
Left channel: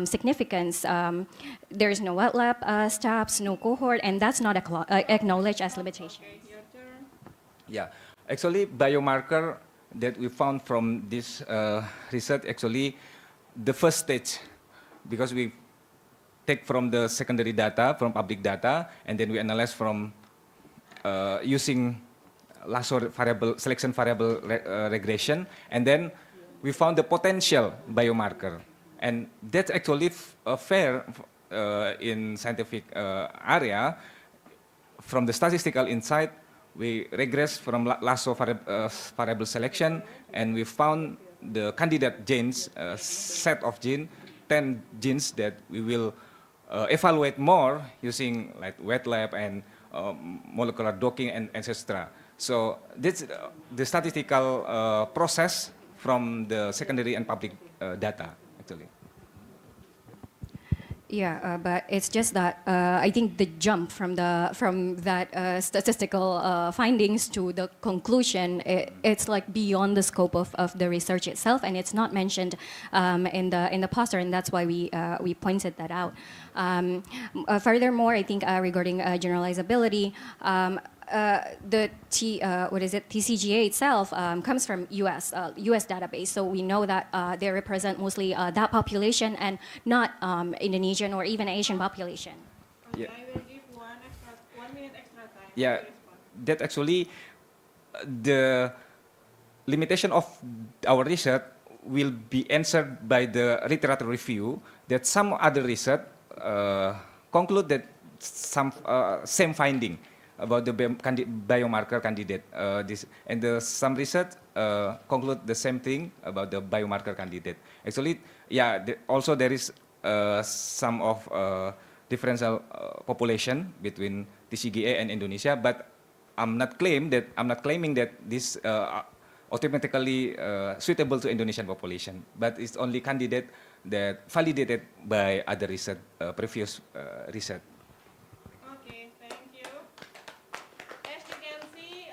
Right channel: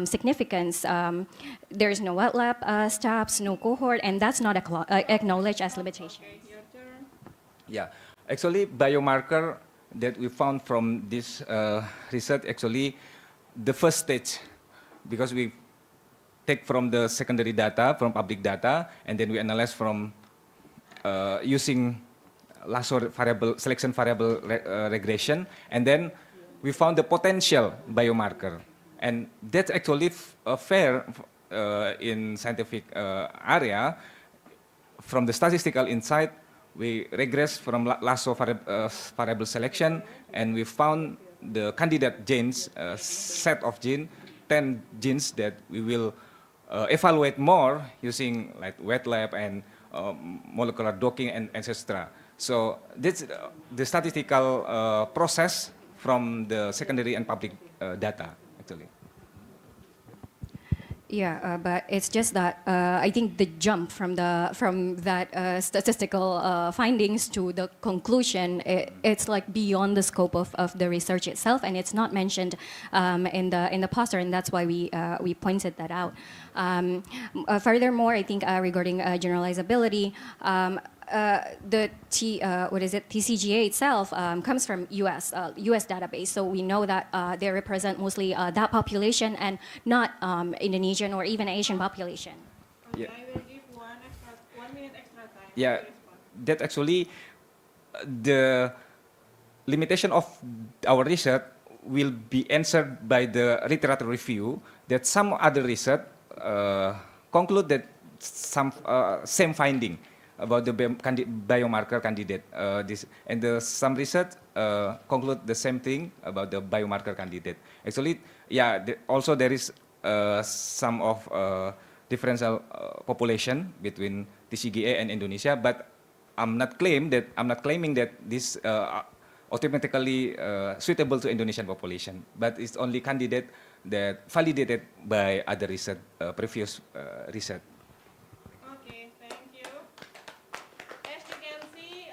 significance. There is no wet lab steps, no cohort, and that's not acknowledged as limitation. Yeah, actually, biomarker that we found from this research, actually, the first stage, because we take from the secondary data, from public data, and then we analyze from using lasso variable, selection variable regression, and then we found the potential biomarker. And that's actually fair in scientific area. From the statistical insight, we regress from lasso variable selection, and we found the candidate genes, set of genes, 10 genes that we will evaluate more using like wet lab and molecular docking and etc. So this the statistical process from the secondary and public data actually. Yeah, but it's just that I think the jump from that statistical findings to the conclusion, it's like beyond the scope of the research itself, and it's not mentioned in the poster, and that's why we pointed that out. Furthermore, I think regarding generalizability. TCGA itself comes from US database, so we know that they represent mostly that population and not Indonesian or even Asian population. Yeah. I will give 1 minute extra time. Yeah, that actually the limitation of our research will be answered by the literature review. That some other research conclude that some same finding about the biomarker candidate. Some research conclude the same thing about the biomarker candidate. Actually, yeah, also there is some of differential population between TCGA and Indonesia, but I'm not claiming that this automatically suitable to Indonesian population, but it's only candidate that validated by other research, previous research. Okay, thank you. As you can see,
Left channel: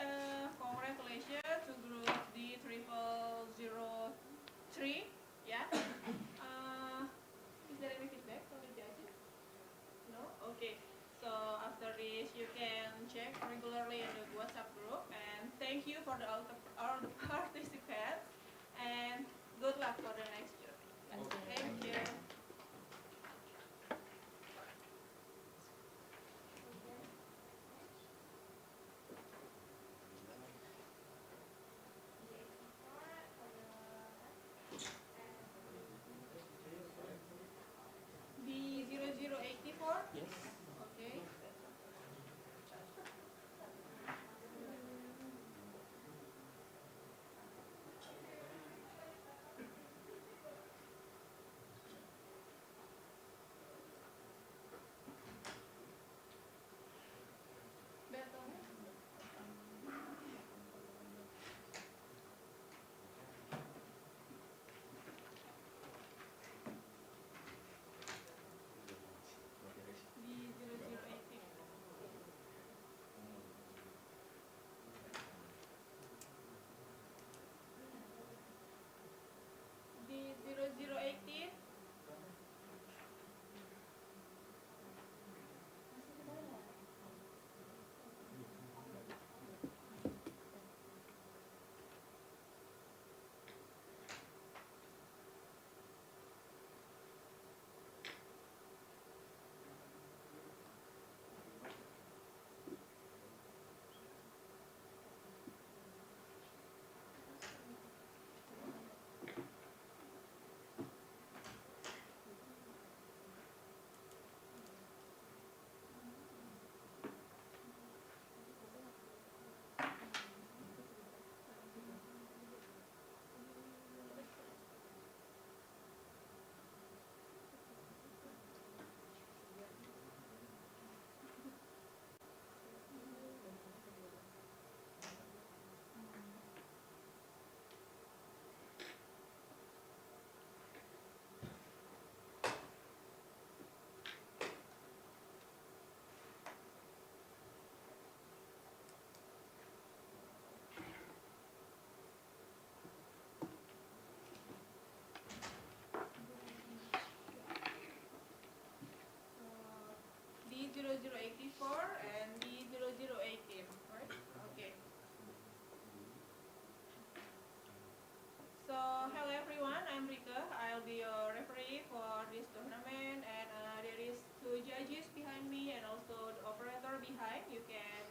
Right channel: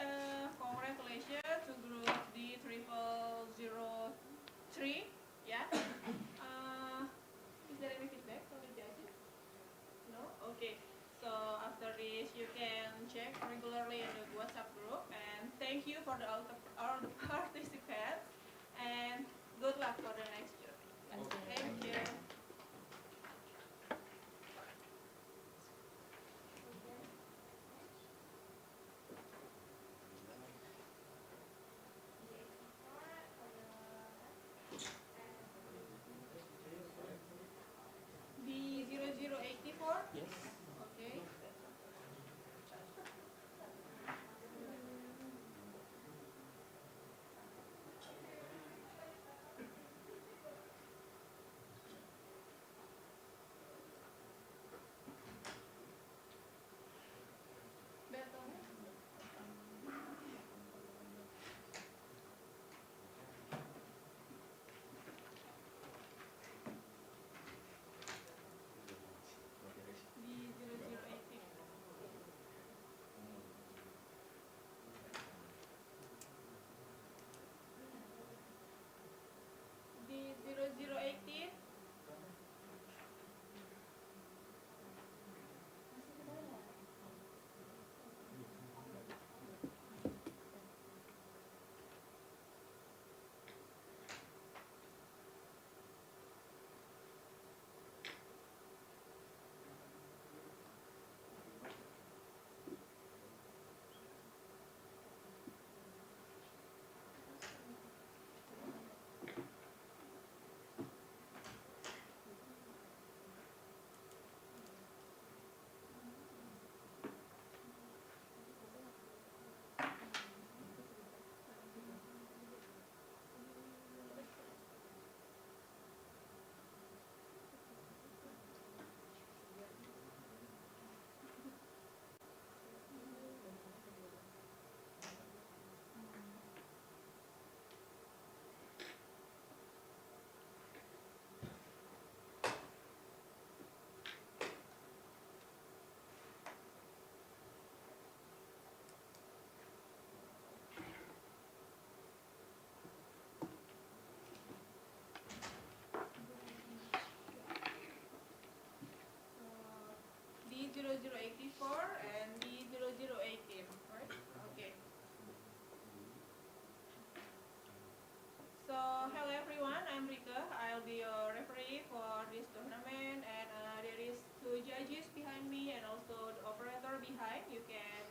congratulations to group D0003. Yeah. Is there any feedback from the judges? No? Okay. So after this, you can check regularly in the WhatsApp group. And thank you for all the participants. And good luck for the next year. Thank you. B0084? Yes. Okay. B0018? D0084 and D0018, right? Okay. So, hello everyone, I'm Rika. I'll be your referee for this tournament, and there is 2 judges behind me and also the operator behind, you can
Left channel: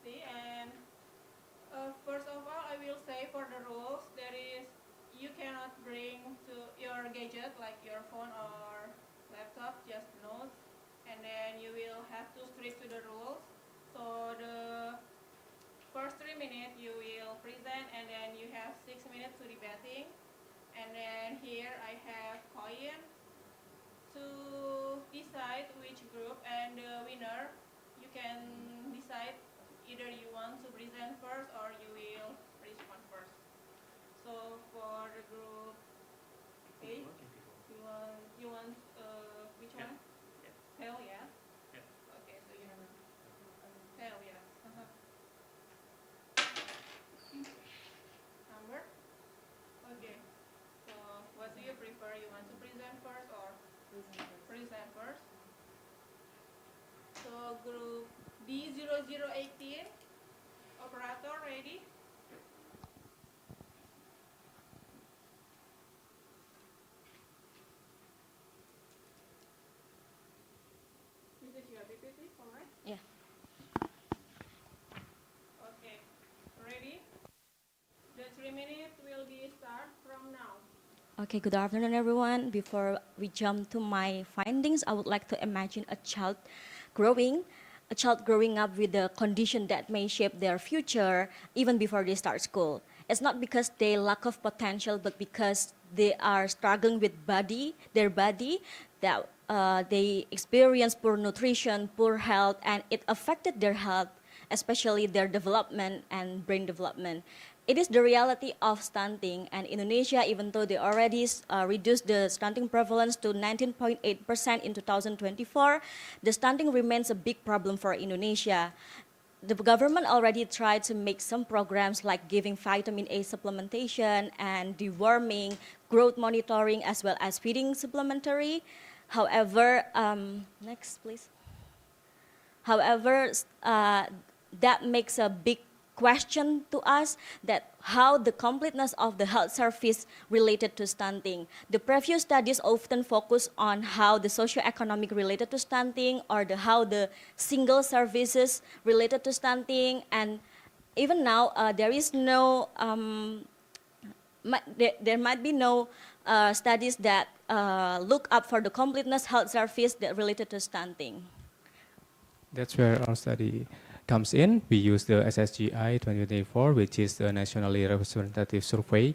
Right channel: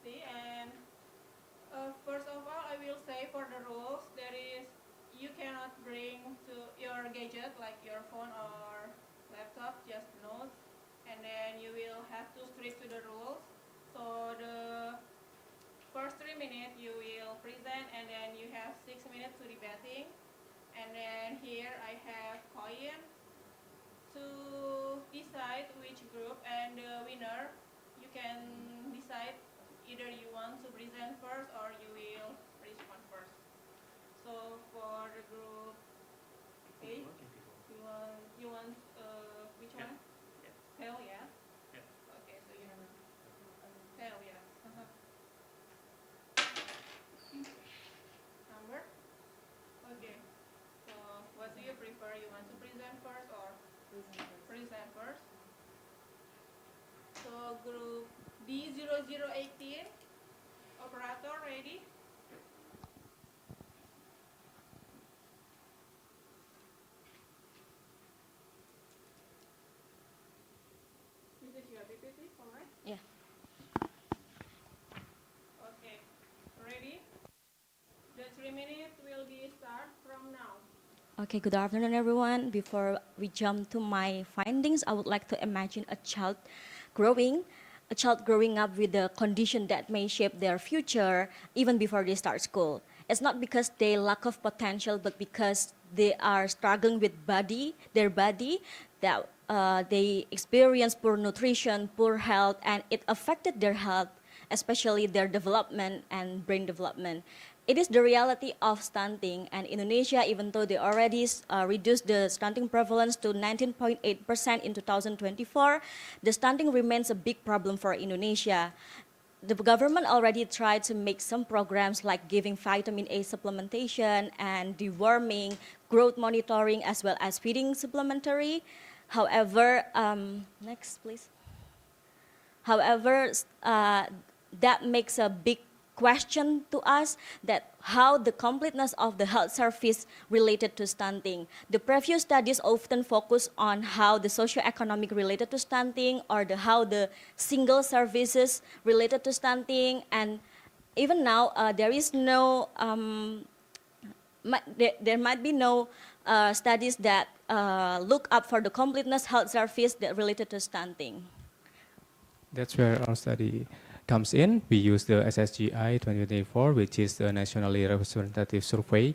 see. And first of all, I will say for the rules, there is you cannot bring to your gadget like your phone or laptop, just notes, and then you will have to stick to the rules. So the first 3 minutes you will present, and then you have 6 minutes to debating. And then here I have coin to decide which group, and the winner, you can decide either you want to present first or you will respond first. So for the group A, you want which one? Hell yeah. Okay, so you have hell yeah. Number? Okay. So what do you prefer? You want to present first or present first? So group B0018, operator ready? This is your PPT, alright? Yeah. Okay, ready? The 3 minutes will be start from now. Okay, good afternoon, everyone. Before we jump to my findings, I would like to imagine a child growing up with a condition that may shape their future even before they start school. It's not because they lack of potential, but because they are struggling with their body, that they experience poor nutrition, poor health, and it affected their health, especially their development and brain development. It is the reality of stunting, and Indonesia, even though they already reduced the stunting prevalence to 19.8% in 2024, the stunting remains a big problem for Indonesia. The government already tried to make some programs like giving vitamin A supplementation and deworming, growth monitoring, as well as feeding supplementary. However, next please. However, that makes a big question to us, that how the completeness of the health service related to stunting. The previous studies often focus on how the socioeconomic related to stunting, or how the single services related to stunting, and even now there is no there might be no studies that look up for the completeness health service that related to stunting. That's where our study comes in. We use the SSGI 2024, which is the nationally representative survey,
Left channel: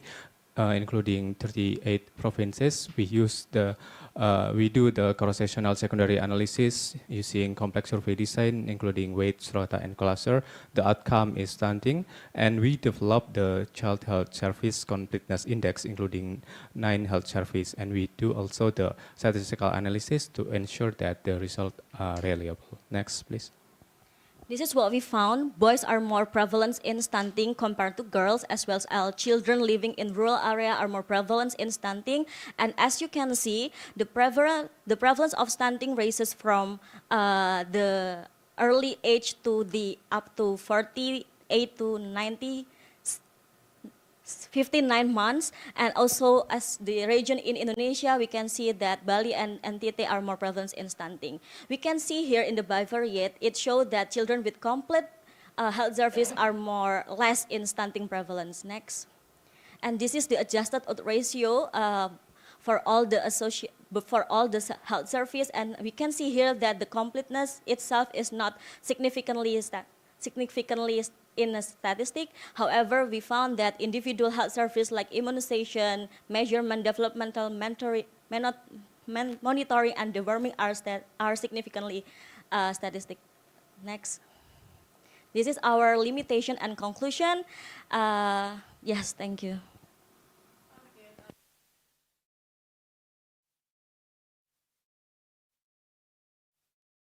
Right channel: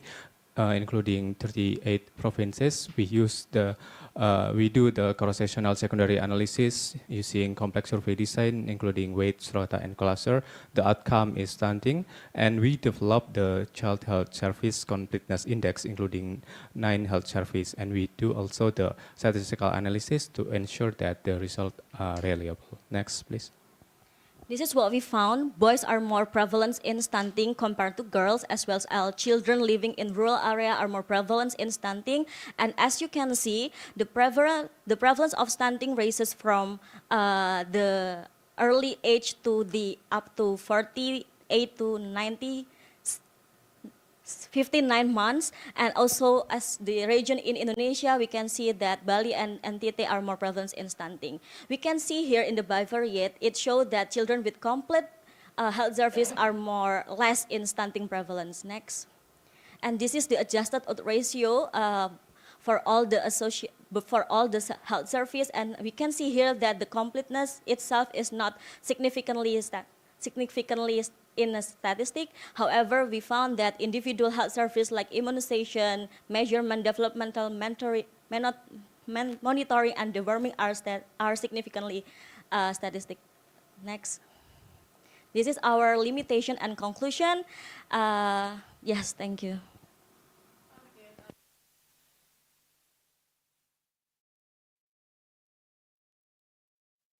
including 38 provinces. We do the cross-sectional secondary analysis using complex survey design, including weight, strata, and cluster. The outcome is stunting, and we develop the Child Health Service Completeness Index, including 9 health services, and we do also the statistical analysis to ensure that the results are reliable. Next, please. This is what we found. Boys are more prevalent in stunting compared to girls, as well as children living in rural area are more prevalent in stunting. And as you can see, the prevalence of stunting ranges from the early age to the up to 48 to 59 months, and also as the region in Indonesia, we can see that Bali and NTT are more prevalent in stunting. We can see here in the bivariate, it showed that children with complete health service are less in stunting prevalence. Next. And this is the adjusted odds ratio for all the health service, and we can see here that the completeness itself is not significantly in a statistic. However, we found that individual health service like immunization, measurement, developmental monitoring, and deworming are significantly statistic. Next. This is our limitation and conclusion. Yes, thank you.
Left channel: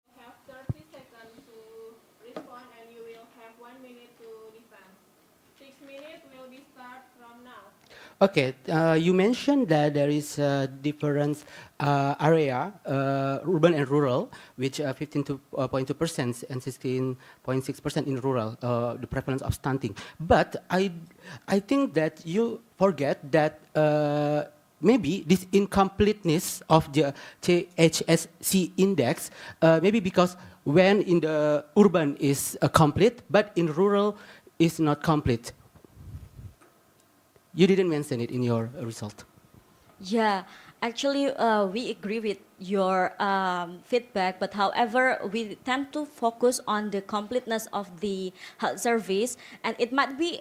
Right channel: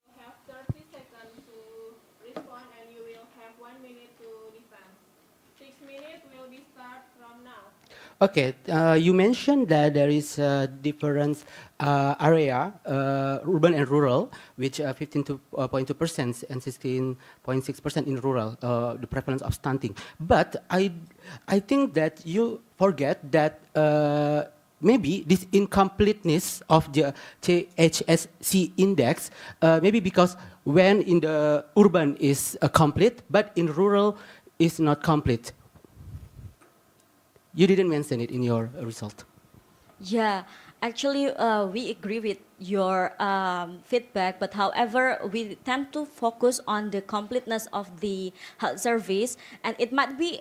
You have 30 seconds to respond, and you will have 1 minute to defend. 6 minutes will be start from now. Okay, you mentioned that there is a different area, urban and rural, which 15.2% and 16.6% in rural, the prevalence of stunting. But I think that you forget that maybe this incompleteness of the THSC index, maybe because when in the urban is complete, but in rural is not complete. You didn't mention it in your result. Yeah, actually, we agree with your feedback, but however, we tend to focus on the completeness of the health service, and it might be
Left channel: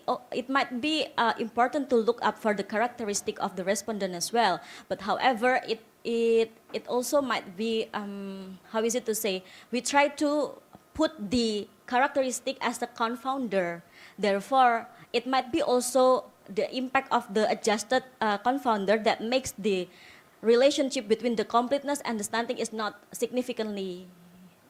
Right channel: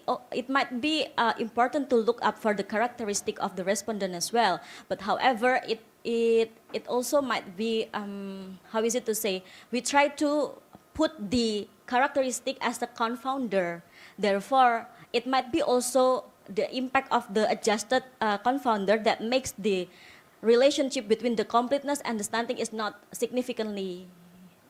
important to look up for the characteristic of the respondent as well. But however, it also might be how is it to say? We try to put the characteristic as the confounder. Therefore, it might be also the impact of the adjusted confounder that makes the relationship between the completeness and the stunting is not significantly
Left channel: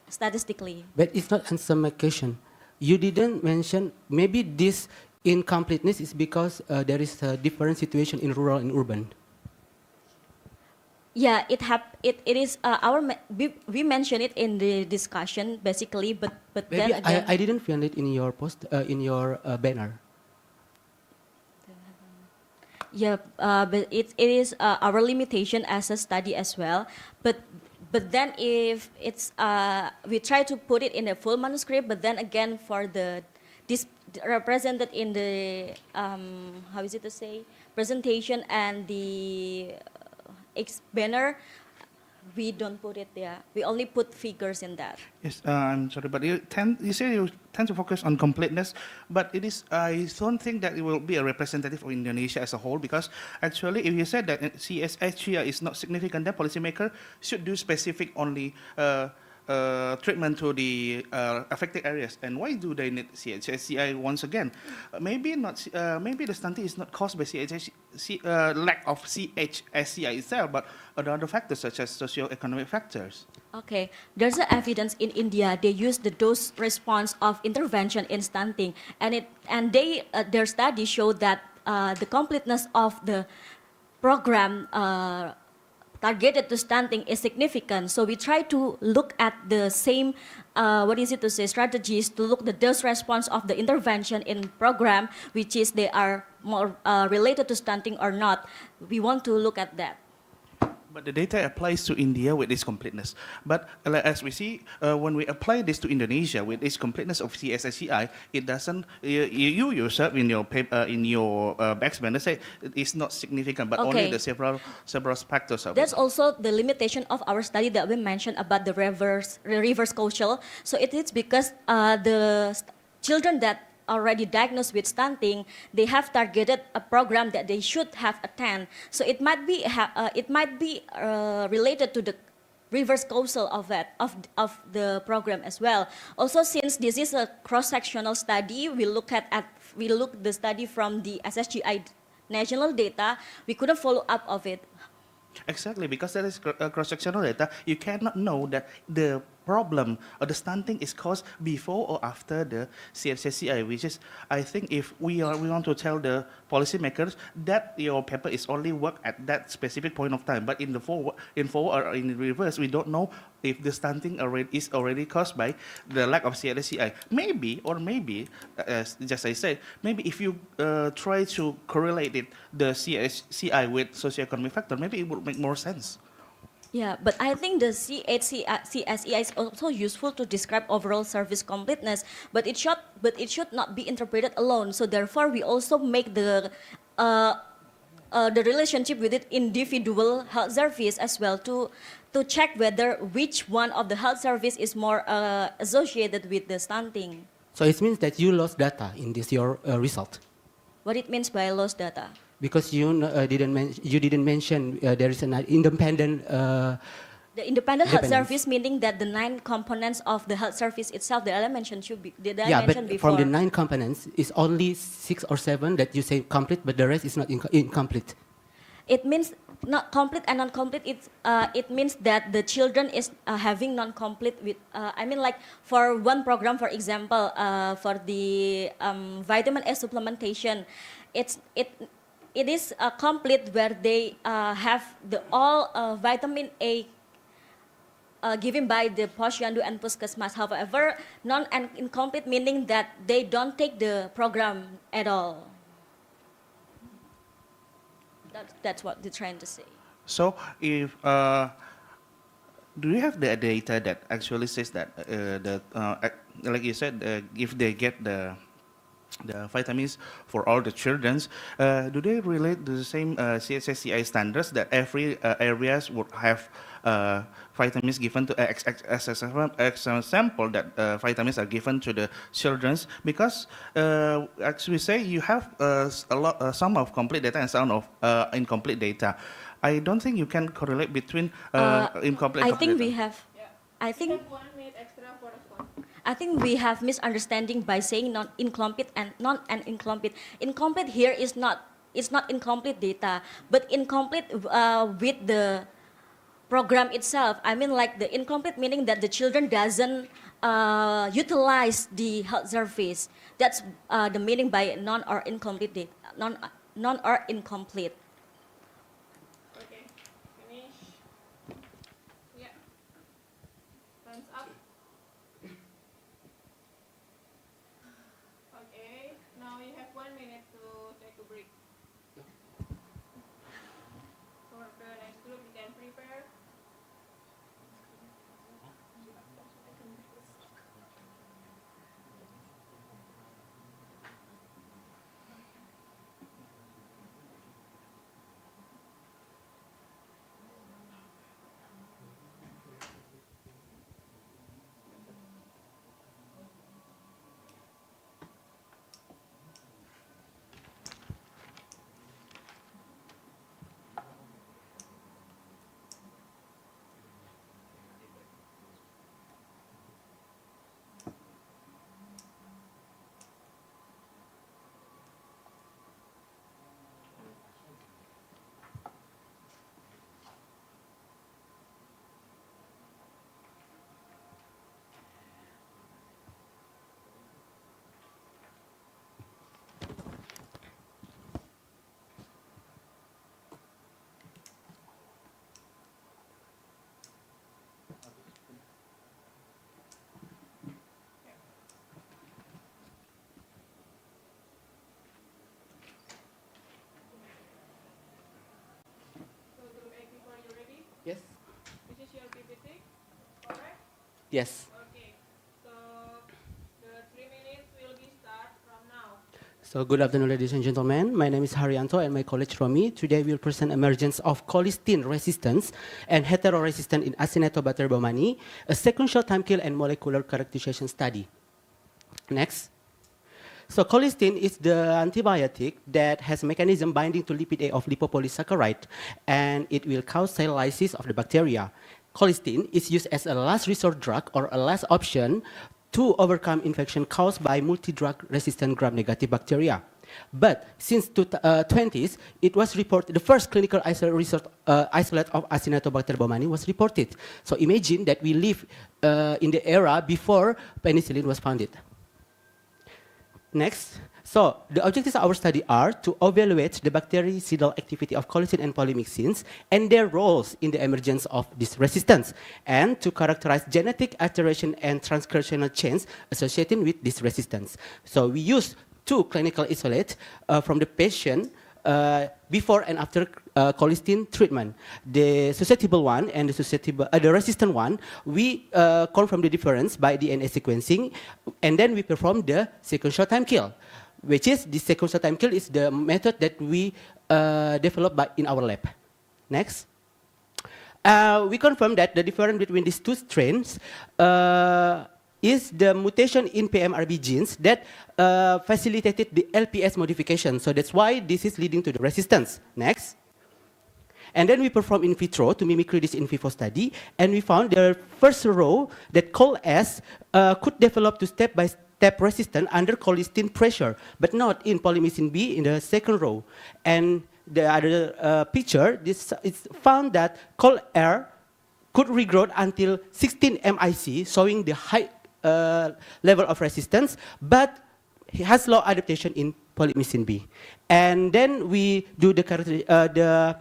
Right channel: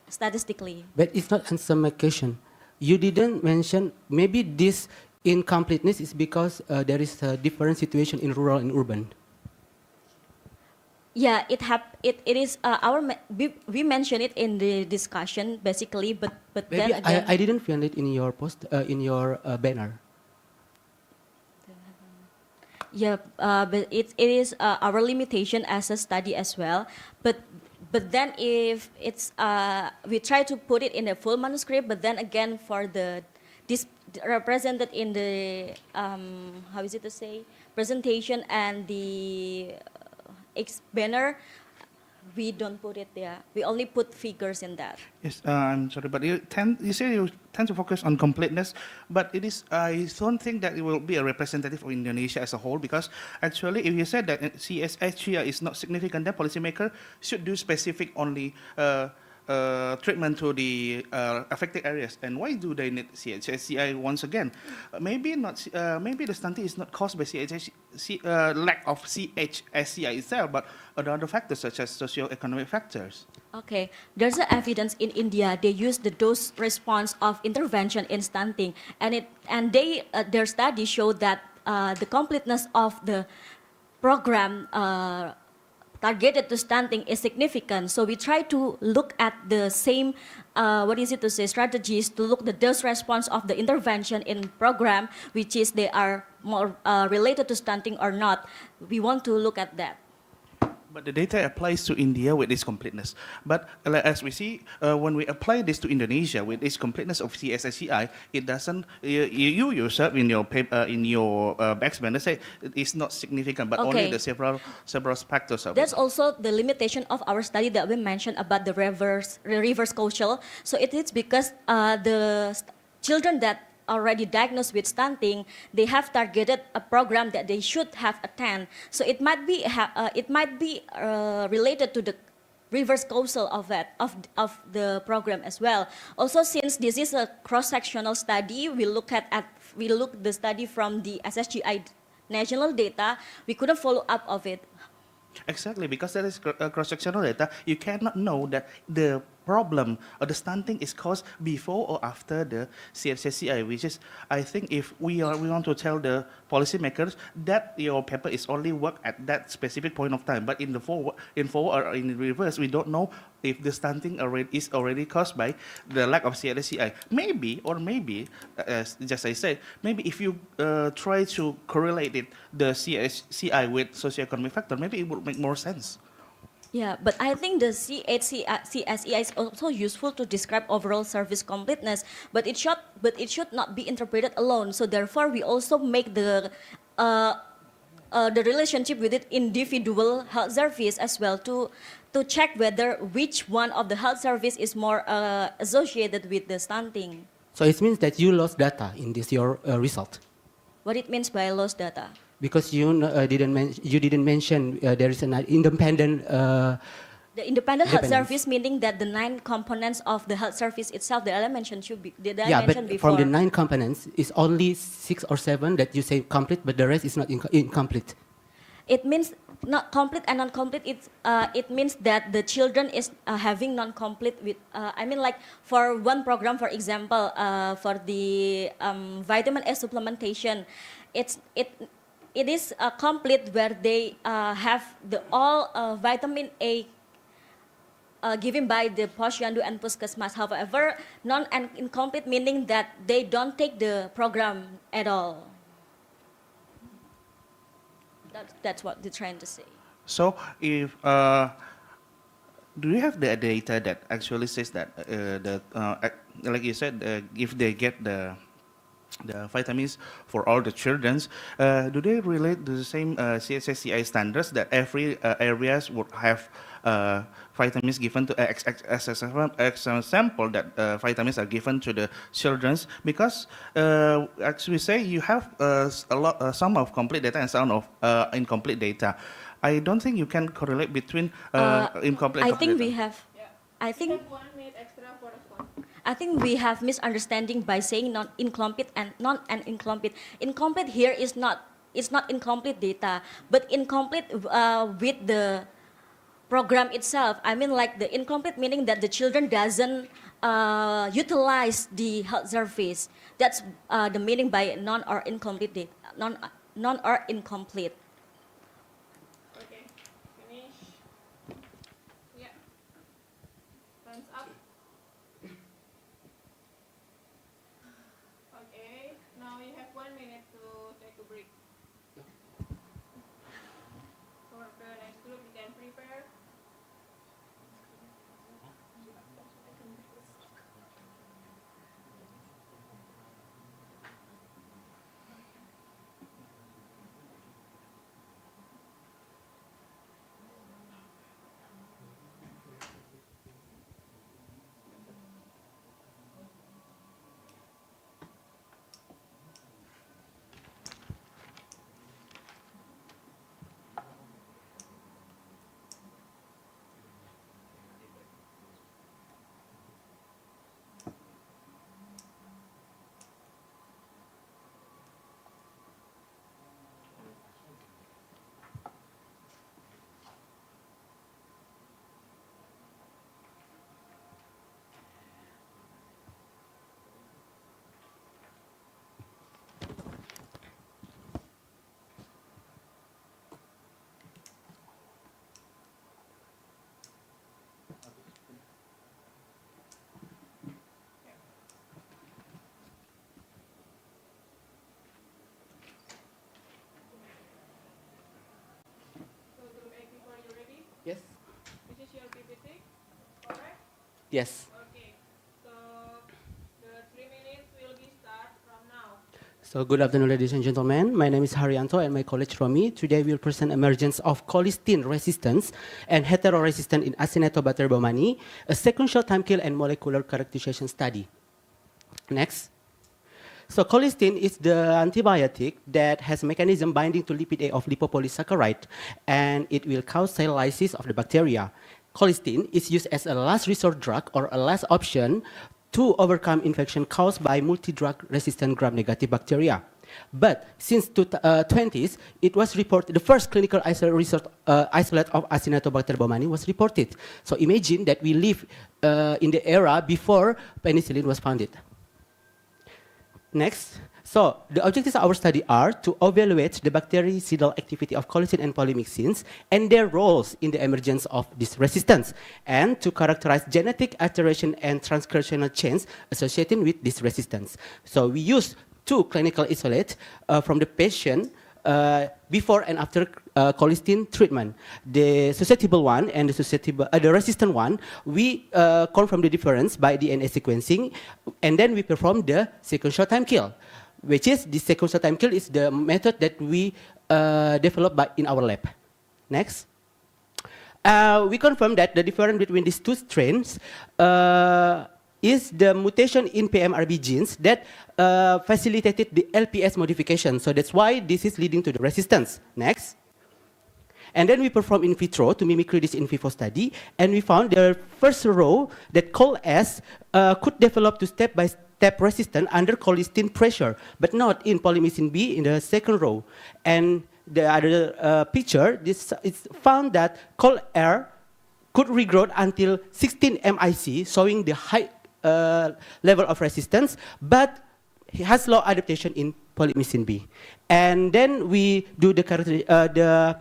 statistically. But it's not answer my question. You didn't mention maybe this incompleteness is because there is a different situation in rural and urban. Yeah, it is we mentioned it in the discussion basically, but Maybe then again, I didn't find it in your post in your banner. yeah, but it is our limitation as a study as well. But then if it's we try to put it in a full manuscript, but then again for this represented in the how is it to say presentation and the banner, we don't put it there. We only put figures in that. Yes, I'm sorry, but you say you tend to focus on completeness, but it is, I don't think that it will be a representative of Indonesia as a whole, because actually if you said that CSHIA is not significant, then policymaker should do specific only treatment to the affected areas. And why do they need CHSCI once again? Maybe the stunting is not caused by lack of CHSCI itself, but other factors such as socio-economic factors. Okay, there's a evidence in India. They use the dose response of intervention in stunting, and their study showed that the completeness of the program targeted to stunting is significant. So we try to look at the same, strategies to look the dose response of the intervention in program, which is they are more related to stunting or not. We want to look at that. But the data applies to India with its completeness. But as we see, when we apply this to Indonesia with its completeness of CSSCI, it doesn't. You yourself in your paper, in your backspender say it's not significant, but only the several factors of That's it. also the limitation of our study that we mentioned about the reverse causal. So it is because the children that already diagnosed with stunting, they have targeted a program that they should have attend. So it might be related to the reverse causal of that of the program as well. Also, since this is a cross-sectional study, we look the study from the SSGI national data. We couldn't follow up of it. Exactly, because there is cross-sectional data, you cannot know that the problem or the stunting is caused before or after the CSSCI, which is, I think, if we want to tell the policymakers that your paper is only work at that specific point of time, but in forward or in reverse, we don't know if the stunting is already caused by the lack of CSSCI. Maybe, just I said, maybe if you try to correlate the CSCI with socioeconomic factor, maybe it would make more sense. Yeah, but I think the CSEI is also useful to describe overall service completeness, but it should not be interpreted alone. So therefore, we also make the relationship with it individual health service as well to check whether which one of the health service is more associated with the stunting. So it means that you lost data in this your result. What it means by lost data? Because you didn't mention there is an independent. The independent health service, meaning that the 9 components of the health service itself that I mentioned But from the 9 components, it's only 6 or 7 that you say complete, but the rest is not incomplete. It means not complete and non-complete. It means that the children is having non-complete with. I mean, like for one program, for example, for the vitamin A supplementation, it is complete where they have all vitamin A given by the Posyandu and Puskesmas. However, non and incomplete meaning that they don't take the program at all. That's what they're trying to say. So if do you have the data that actually says that like you said, if they get the the vitamins for all the children, do they relate to the same CSSCI standards that every areas would have vitamins given to as an example that vitamins are given to the children? Because as we say, you have some of complete data and some of incomplete data. I don't think you can correlate between incomplete. I and think complete we data. have. I think. You have 1 minute extra for response. I think we have misunderstanding by saying non-incomplete and non-incomplete. Incomplete here is not, it's not incomplete data, but incomplete with the program itself. I mean, like the incomplete meaning that the children doesn't utilize the health service. That's the meaning by non or incomplete data, non or incomplete. Okay, finish. Yeah. Thumbs up. Okay, now you have 1 minute to take a break. For the next group, you can prepare. So group 84, you ready? Yes. This is your PPT, correct? Yes. Okay, so the 3 minutes will be start from now. So good afternoon, ladies and gentlemen. My name is Haryanto and my colleague Romi. Today we'll present emergence of colistin resistance and heteroresistance in Acinetobacter baumannii, a sequential time kill and molecular characterization study. Next. So colistin is the antibiotic that has mechanism binding to lipid A of lipopolysaccharide, and it will cause cell lysis of the bacteria. Colistin is used as a last resort drug or a last option to overcome infection caused by multi-drug resistant gram-negative bacteria. But since the 20s, it was reported, the first clinical isolate of Acinetobacter baumannii was reported. So imagine that we live in the era before penicillin was founded. Next, so the objectives of our study are to evaluate the bactericidal activity of colistin and polymyxins and their roles in the emergence of this resistance, and to characterize genetic alteration and transcriptional change associated with this resistance. So we use 2 clinical isolates from the patient before and after colistin treatment. The susceptible one and the resistant one, we confirm the difference by DNA sequencing, and then we perform the sequential time kill, which is the sequential time kill is the method that we developed in our lab. Next. We confirm that the difference between these 2 strains is the mutation in PMRB genes that facilitated the LPS modification. So that's why this is leading to the resistance. Next. And then we perform in vitro to mimicry this in vivo study, and we found the first row that COL-S could develop to step-by-step resistance under colistin pressure, but not in polymyxin B in the second row. And the other picture, it's found that COL-R could regrow until 16 MIC, showing the high level of resistance, but it has low adaptation in polymyxin B. And then we do the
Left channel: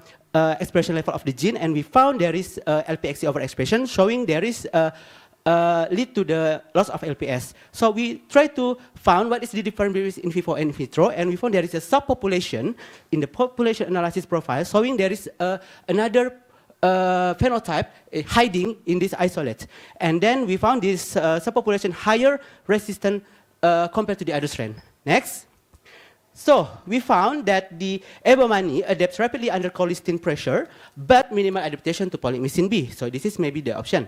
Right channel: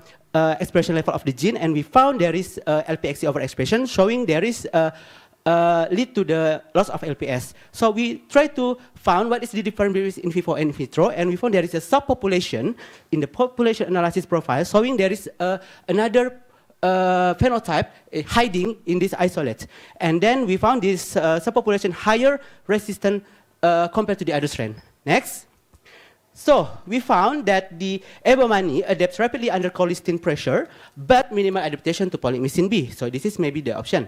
expression level of the gene, and we found there is LPXC overexpression, showing there is lead to the loss of LPS. So we try to find what is the difference between in vivo and in vitro, and we found there is a subpopulation in the population analysis profile, showing there is another phenotype hiding in this isolate. And then we found this subpopulation higher resistant compared to the other strain. Next. So we found that the ebomani adapts rapidly under cholesterol pressure, but minimal adaptation to polymyxin B. So this is maybe the option.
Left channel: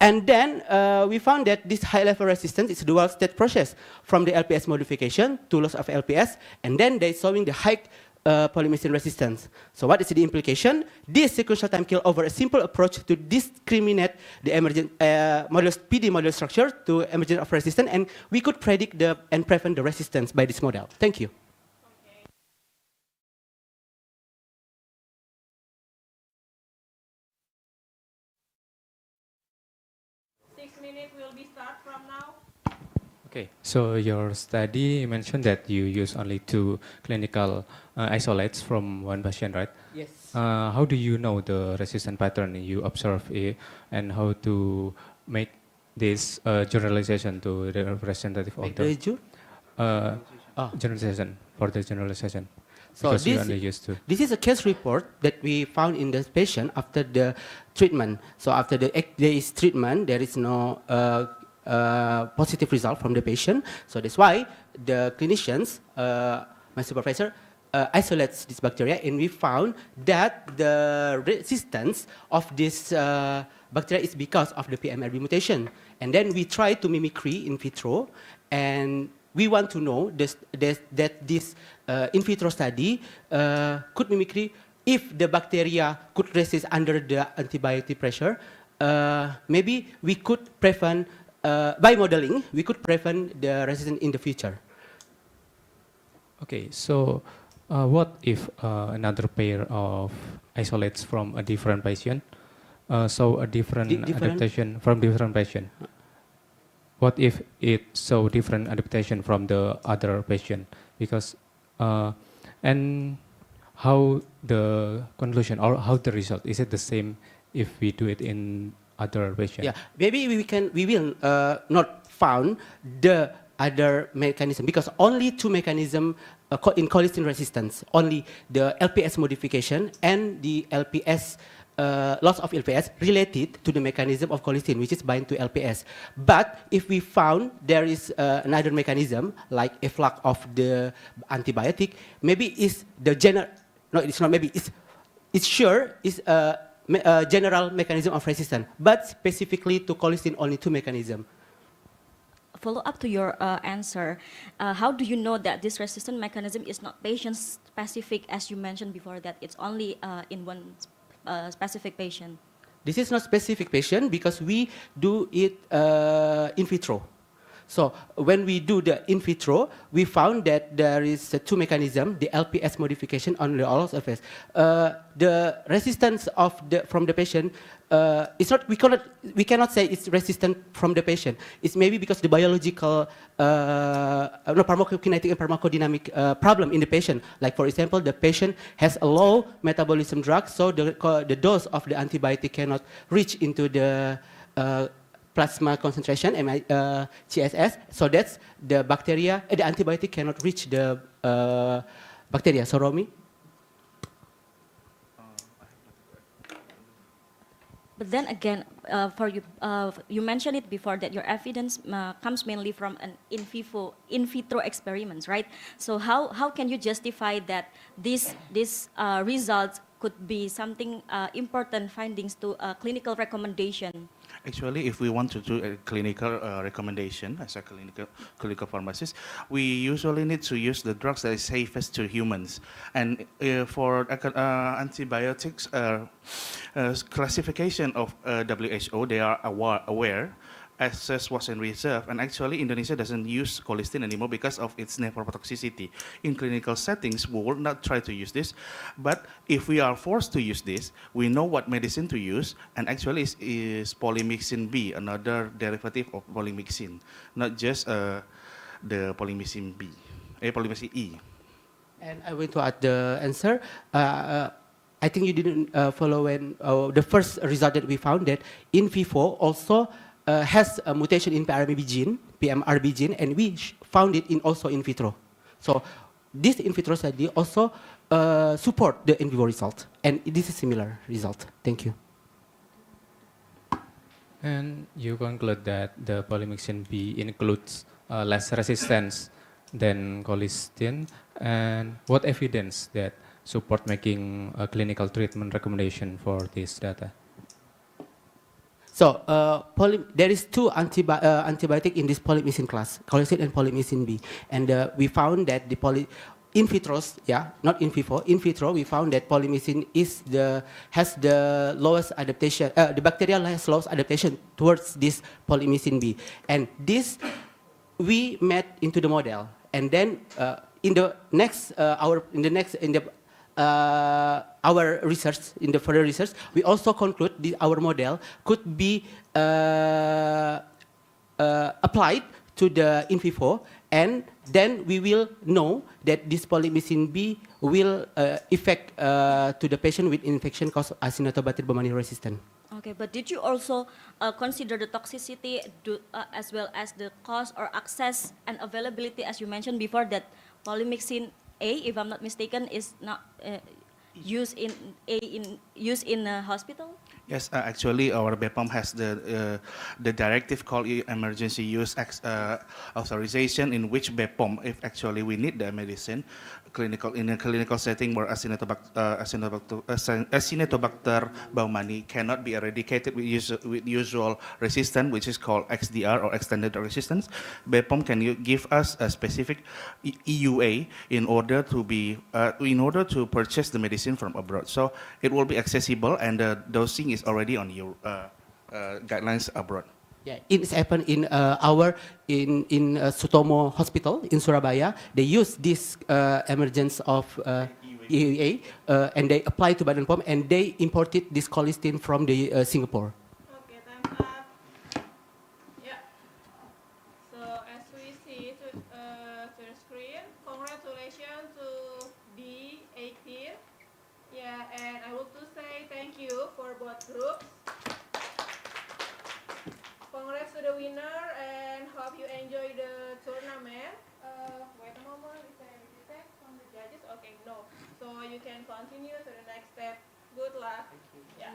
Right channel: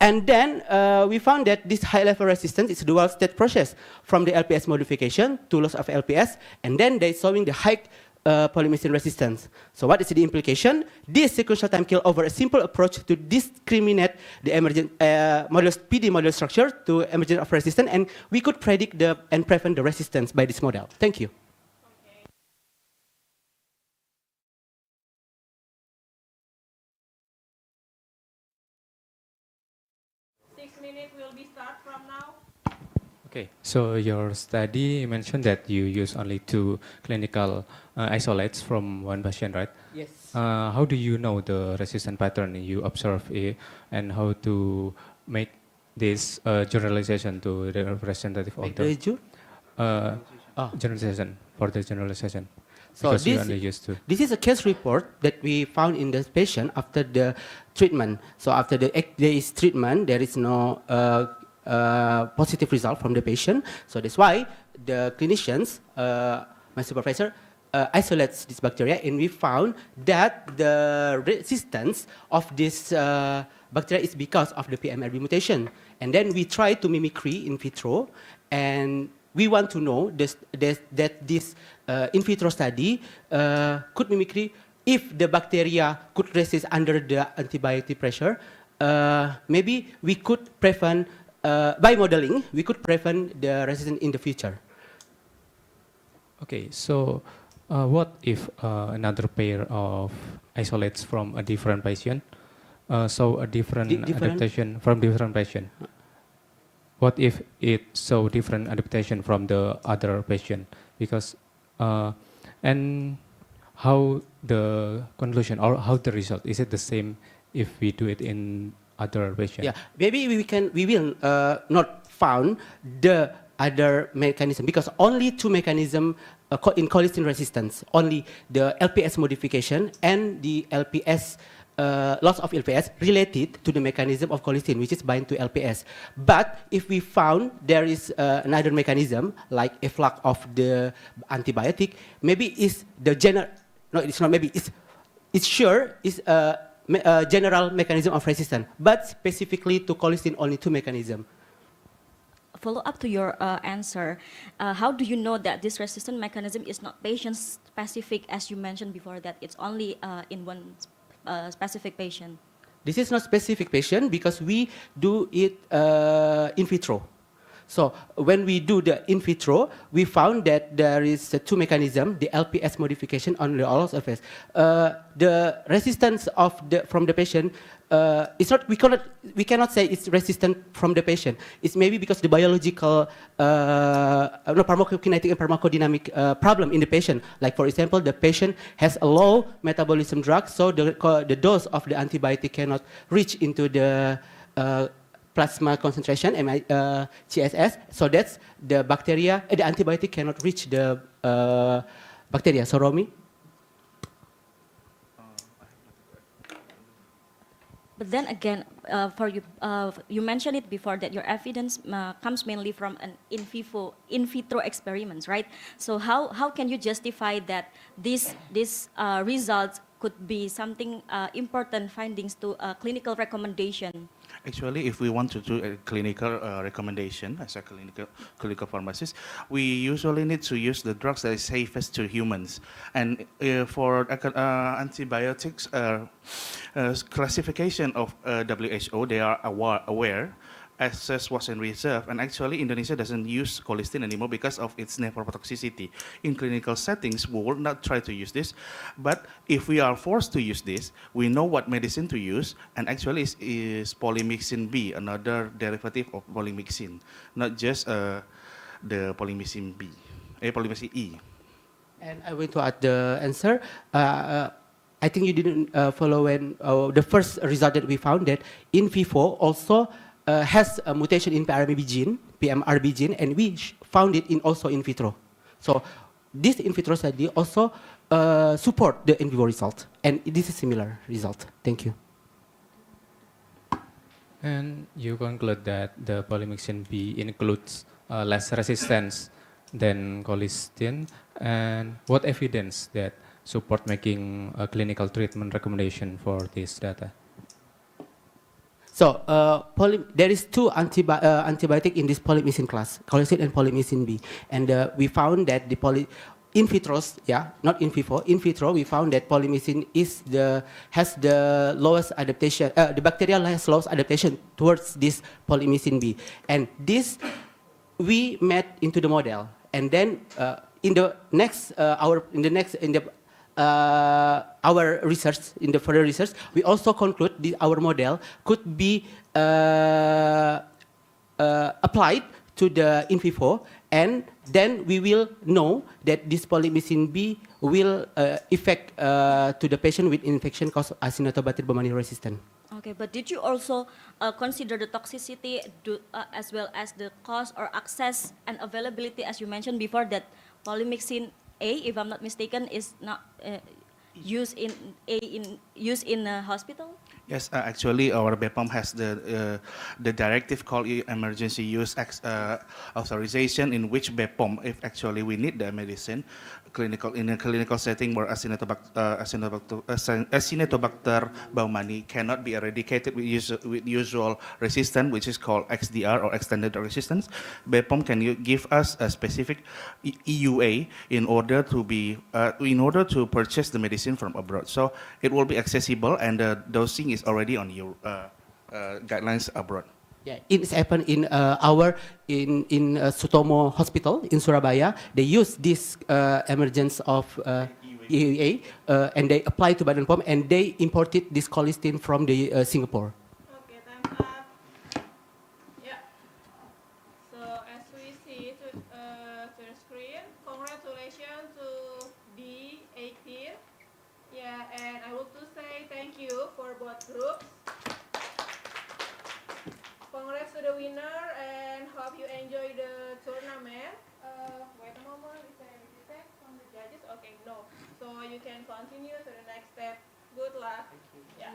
And then we found that this high-level resistance is a dual-state process from the LPS modification to loss of LPS, and then they're showing the high polymyxin resistance. So what is the implication? This sequential time kill over a simple approach to discriminate the emergent modulus PD model structure to emergence of resistance, and we could predict and prevent the resistance by this model. Thank you. 6 minutes will be start from now. Okay, so your study mentioned that you use only 2 clinical isolates from 1 patient, right? Yes. How do you know the resistance pattern you observe it, and how to make this generalization to the representative of the generalization for the generalization? So Because you only used to. this is a case report that we found in the patient after the treatment. So after the 8 days treatment, there is no positive result from the patient. So that's why the clinicians, my supervisor, isolates this bacteria, and we found that the resistance of this bacteria is because of the PMRB mutation. And then we try to mimicry in vitro, and we want to know that this in vitro study could mimicry if the bacteria could resist under the antibiotic pressure. Maybe we could prevent, by modeling, we could prevent the resistance in the future. Okay, so what if another pair of isolates from a different patient, so a different adaptation from different patient? What if it so different adaptation from the other patient? Because and how the conclusion or how the result, is it the same if we do it in other patient? Yeah, maybe we will not found the other mechanism, because only 2 mechanisms in colistin resistance, only the LPS modification and the LPS loss of LPS related to the mechanism of colistin, which is bind to LPS. But if we found there is another mechanism like efflux of the antibiotic, maybe is the general, no, it's not maybe, it's sure is a general mechanism of resistance, but specifically to colistin only 2 mechanisms. Follow up to your answer, how do you know that this resistant mechanism is not patient specific, as you mentioned before, that it's only in one specific patient? This is not specific patient because we do it in vitro. So when we do the in vitro, we found that there is 2 mechanisms, the LPS modification on the loss of LPS. The resistance of from the patient is not, we cannot say it's resistant from the patient. It's maybe because the biological, pharmacokinetic and pharmacodynamic problem in the patient. Like for example, the patient has a low metabolism drug, so the dose of the antibiotic cannot reach into the plasma concentration, CSS, so that's the bacteria, the antibiotic cannot reach the bacteria. So Romy? But then again, for you, you mentioned it before that your evidence comes mainly from an in vitro experiments, right? So how can you justify that these results could be something important findings to a clinical recommendation? Actually, if we want to do a clinical recommendation as a clinical pharmacist, we usually need to use the drugs that is safest to humans. And for antibiotics classification of WHO, they are aware. Access was in reserve, and actually Indonesia doesn't use colistin anymore because of its nephrotoxicity. In clinical settings, we will not try to use this, but if we are forced to use this, we know what medicine to use, and actually is polymyxin B, another derivative of polymyxin, not just the polymyxin B, polymyxin E. And I want to add the answer. I think you didn't follow when the first result that we found that in vivo also has a mutation in PMRB gene, and we found it also in vitro. So this in vitro study also support the in vivo result, and this is similar result. Thank you. And you conclude that the polymyxin B includes less resistance than colistin, and what evidence that support making a clinical treatment recommendation for this data? So there is two antibiotic in this polymyxin class, colistin and polymyxin B, and we found that the in vitros, yeah, not in vivo, in vitro, we found that polymyxin has the lowest adaptation, the bacterial has lowest adaptation towards this polymyxin B, and this we met into the model, and then in the next our research, in the further research, we also conclude our model could be applied to the in vivo, and then we will know that this polymyxin B will affect to the patient with infection caused Acinetobacter baumannii resistant. Okay, but did you also consider the toxicity as well as the cost or access and availability, as you mentioned before, that polymyxin A, if I'm not mistaken, is not used in a hospital? Yes, actually, our BPOM has the directive called emergency use authorization, in which BPOM, if actually we need the medicine, in a clinical setting where Acinetobacter baumannii cannot be eradicated with usual resistance, which is called XDR or extended resistance, BPOM can give us a specific EUA in order to purchase the medicine from abroad. So it will be accessible, and the dosing is already on your guidelines abroad. Yeah, it's happened in Sutomo Hospital in Surabaya. They use this emergence of EUA, and they apply to Badan POM, and they imported this colistin from the Singapore. Okay, time's up. Yeah. So as we see to the screen, congratulations to D18. Yeah, and I want to say thank you for both groups. Congrats to the winner, and hope you enjoy the tournament. Wait a moment, is there any feedback from the judges? Okay, no. So you can continue to the next step. Good luck. Yeah.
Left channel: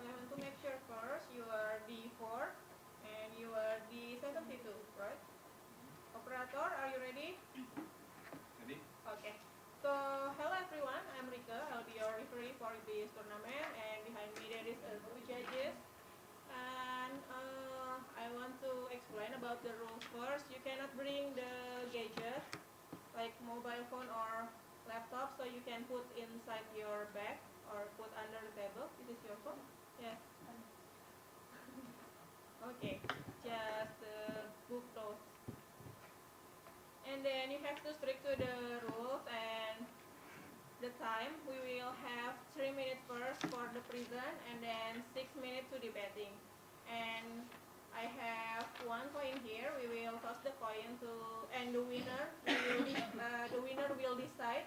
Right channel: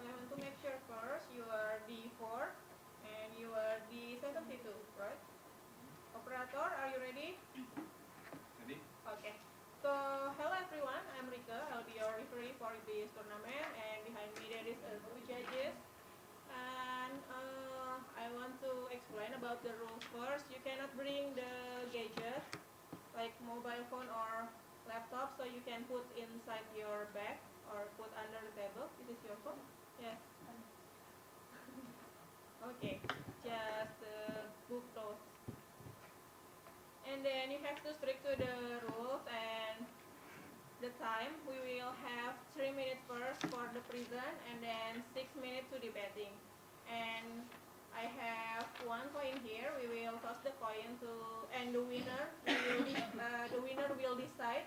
So I want to make sure first you are D4 and you are D72, right? Operator, are you ready? Ready? Okay. So hello everyone, I'm Rika. I'll be your referee for this tournament, and behind me there is two judges. And I want to explain about the rules first. You cannot bring the gadget like mobile phone or laptop, so you can put inside your bag or put under the table. This is your phone. Yes. Okay. Just book those. And then you have to stick to the rules and the time. We will have 3 minutes first for the present, and then 6 minutes to debating. And I have 1 coin here. We will toss the coin to, and the winner will decide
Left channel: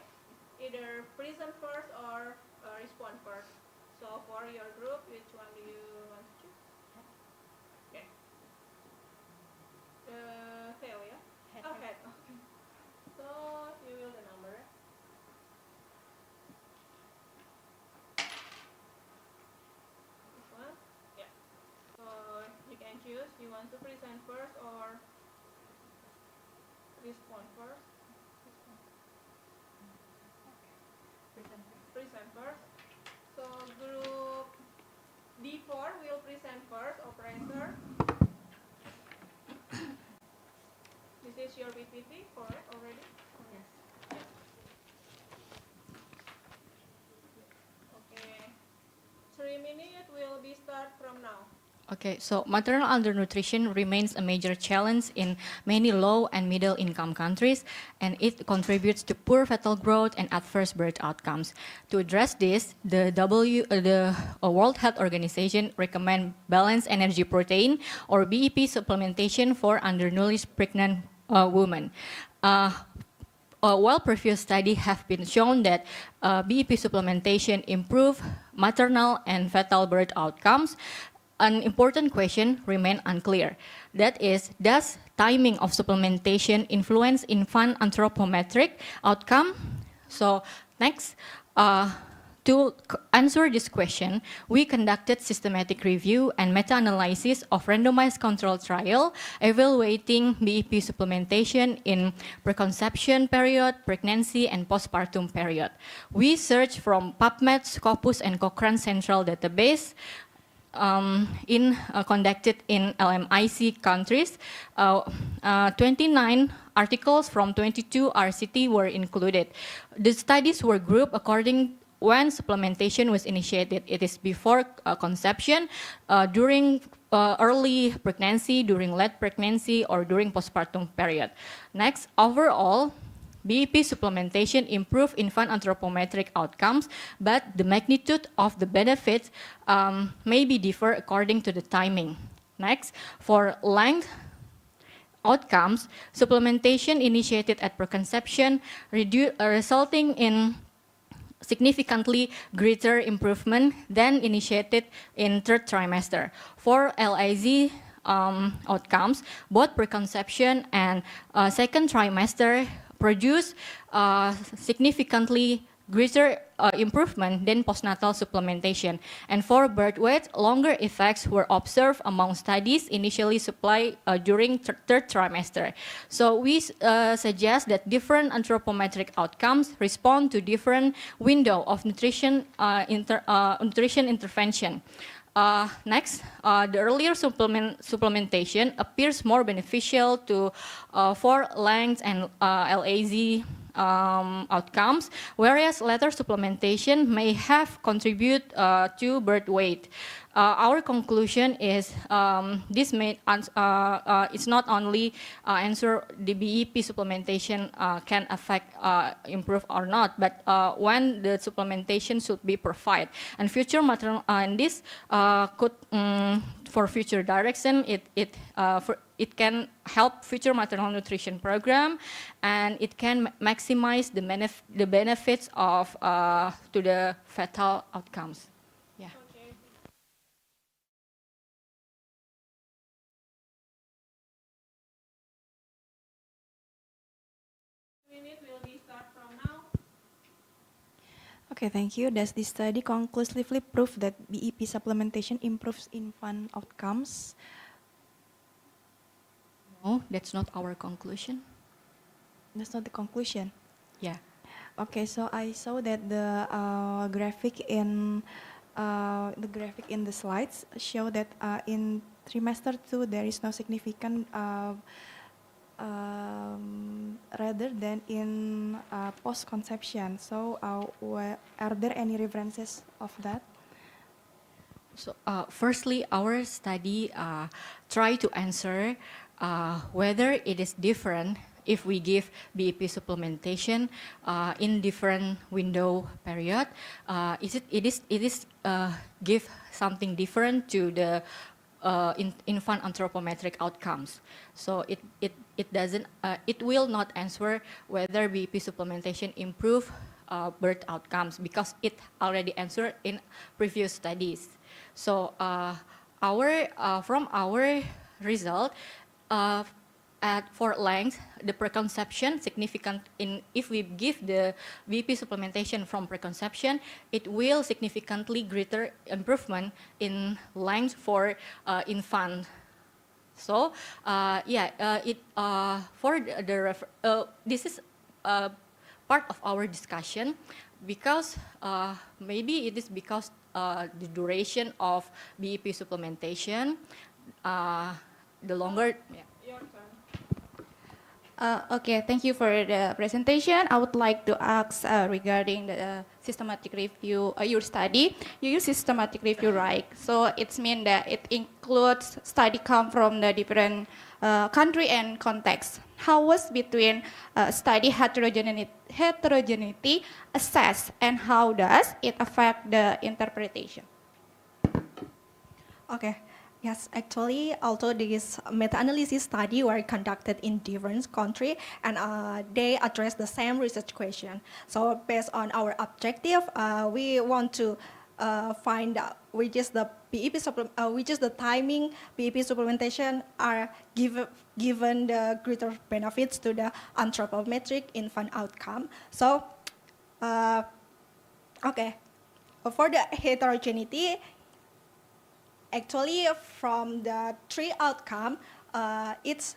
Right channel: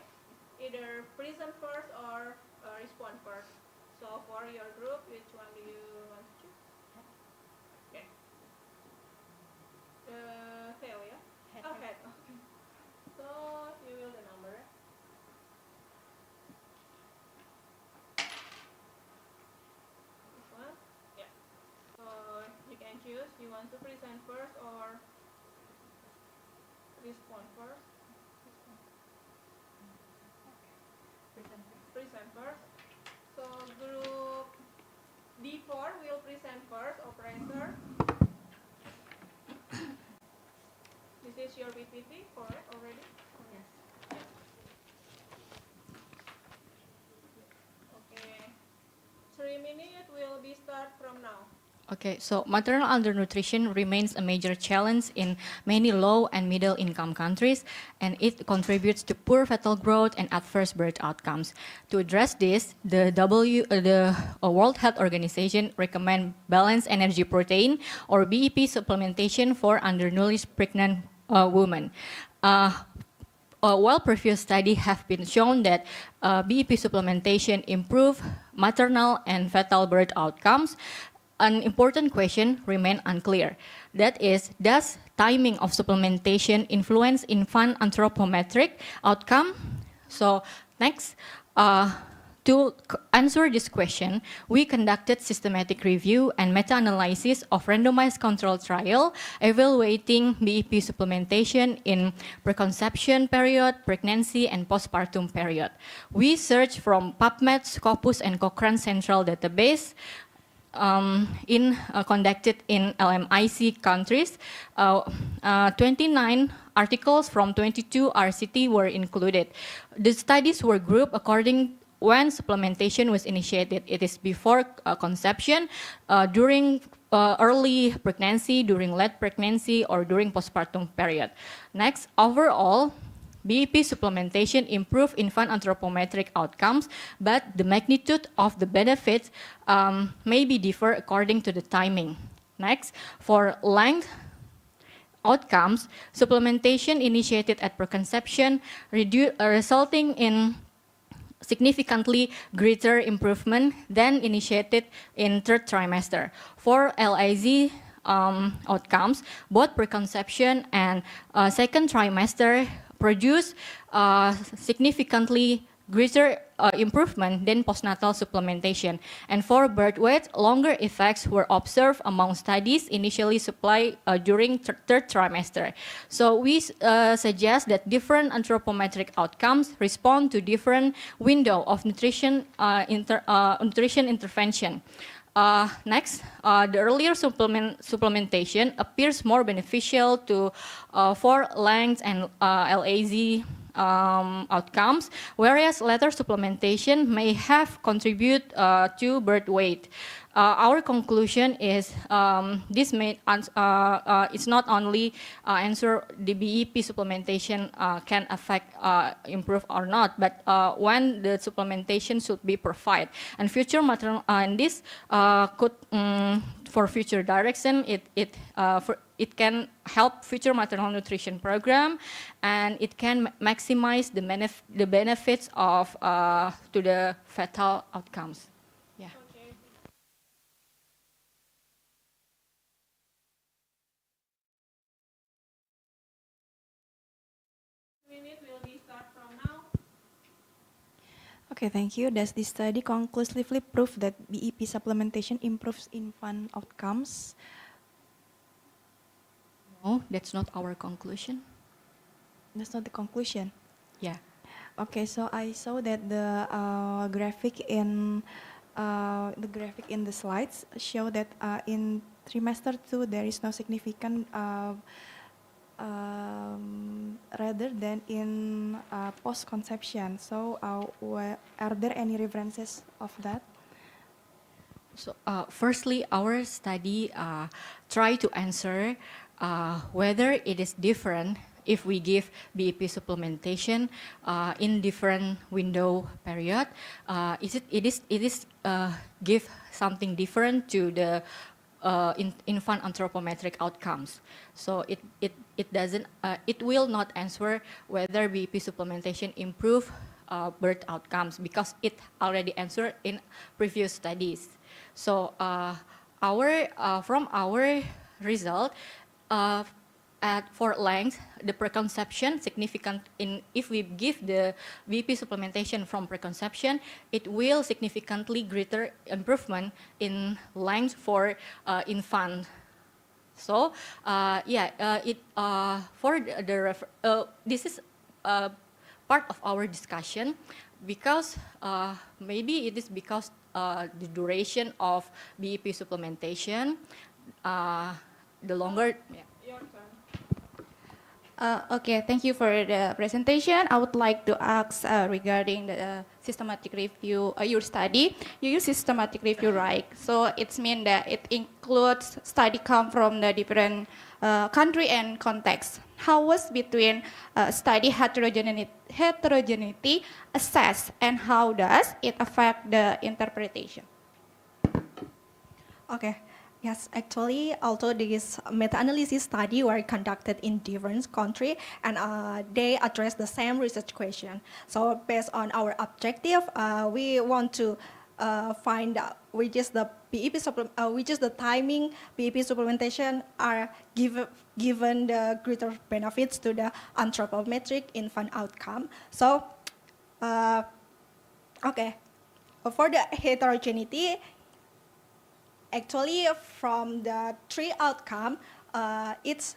either present first or respond first. So for your group, which one do you want to choose? tail, yeah? Oh, head. Okay. So you will the number. This one? Yeah. So you can choose. You want to present first or respond first? Present first. So group D4 will present first, operator. This is your PPT, correct already? Yes. Okay. 3 minutes will be start from now. Okay, so maternal undernutrition remains a major challenge in many low and middle income countries, and it contributes to poor fetal growth and adverse birth outcomes. To address this, the World Health Organization recommend balanced energy protein or BEP supplementation for undernourished pregnant women. While previous studies have been shown that BEP supplementation improve maternal and fetal birth outcomes, an important question remains unclear. That is, does timing of supplementation influence infant anthropometric outcome? So next, to answer this question, we conducted systematic review and meta-analysis of randomized control trial evaluating BEP supplementation in preconception period, pregnancy, and postpartum period. We searched from PubMed, Scopus, and Cochrane Central Database, conducted in LMIC countries. 29 articles from 22 RCT were included. The studies were grouped according when supplementation was initiated. It is before conception, during early pregnancy, during late pregnancy, or during postpartum period. Next, overall, BEP supplementation improve infant anthropometric outcomes, but the magnitude of the benefits may be differ according to the timing. Next, for length outcomes, supplementation initiated at preconception resulting in significantly greater improvement than initiated in third trimester. For LIZ outcomes, both preconception and second trimester produce significantly greater improvement than postnatal supplementation. And for birth weight, longer effects were observed among studies initially supplied during third trimester. So we suggest that different anthropometric outcomes respond to different window of nutrition, nutrition intervention. Next, the earlier supplementation appears more beneficial for length and LAZ outcomes, whereas later supplementation may have contributed to birth weight. Our conclusion is this may it's not only answer the BEP supplementation can affect improve or not, but when the supplementation should be provided. And future maternal and this could for future direction it can help future maternal nutrition program, and it can maximize the benefits of to the fetal outcomes. Yeah. Minute will be start from now. Okay, thank you. Does this study conclusively prove that BEP supplementation improves infant outcomes? No, that's not our conclusion. That's not the conclusion. Yeah. Okay, so I saw that the graphic in the slides show that in trimester 2 there is no significant rather than in post-conception. So are there any references of that? So firstly, our study try to answer whether it is different if we give BEP supplementation in different window period. It is give something different to the infant anthropometric outcomes. So it doesn't it will not answer whether BEP supplementation improve birth outcomes, because it already answered in previous studies. So from our result, for length, the preconception significant if we give the BP supplementation from preconception, it will significantly greater improvement in length for infant. So this is part of our discussion because maybe it is because the duration of BEP supplementation, the longer. Yeah. Your turn. Okay, thank you for the presentation. I would like to ask regarding the systematic review, your study. You use systematic review, right? So it's mean that it includes study come from the different country and context. How was between study heterogeneity assessed, and how does it affect the interpretation? Okay. Yes, actually, although these meta-analysis study were conducted in different countries and they address the same research question. So based on our objective, we want to find out which is the which is the timing BEP supplementation are given the greater benefits to the anthropometric infant outcome. So, okay, for the heterogeneity. Actually, from the 3 outcome, it's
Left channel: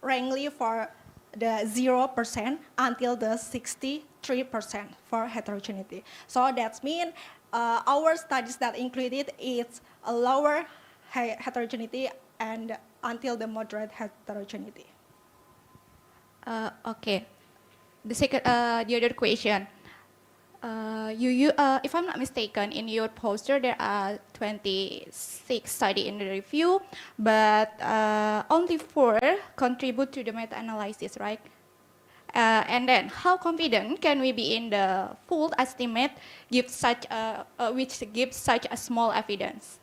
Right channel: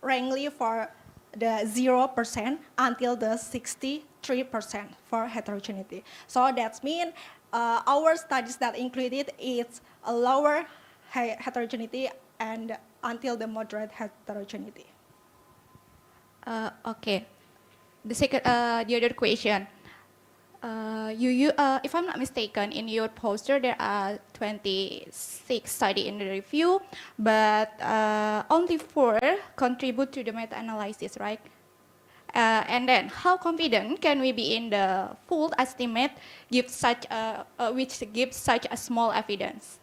rangely for the 0% until the 63% for heterogeneity. So that means our studies that included is a lower heterogeneity and until the moderate heterogeneity. Okay. The other question. If I'm not mistaken, in your poster there are 26 studies in the review, but only 4 contribute to the meta-analysis, right? And then, how confident can we be in the full estimate which gives such a small evidence?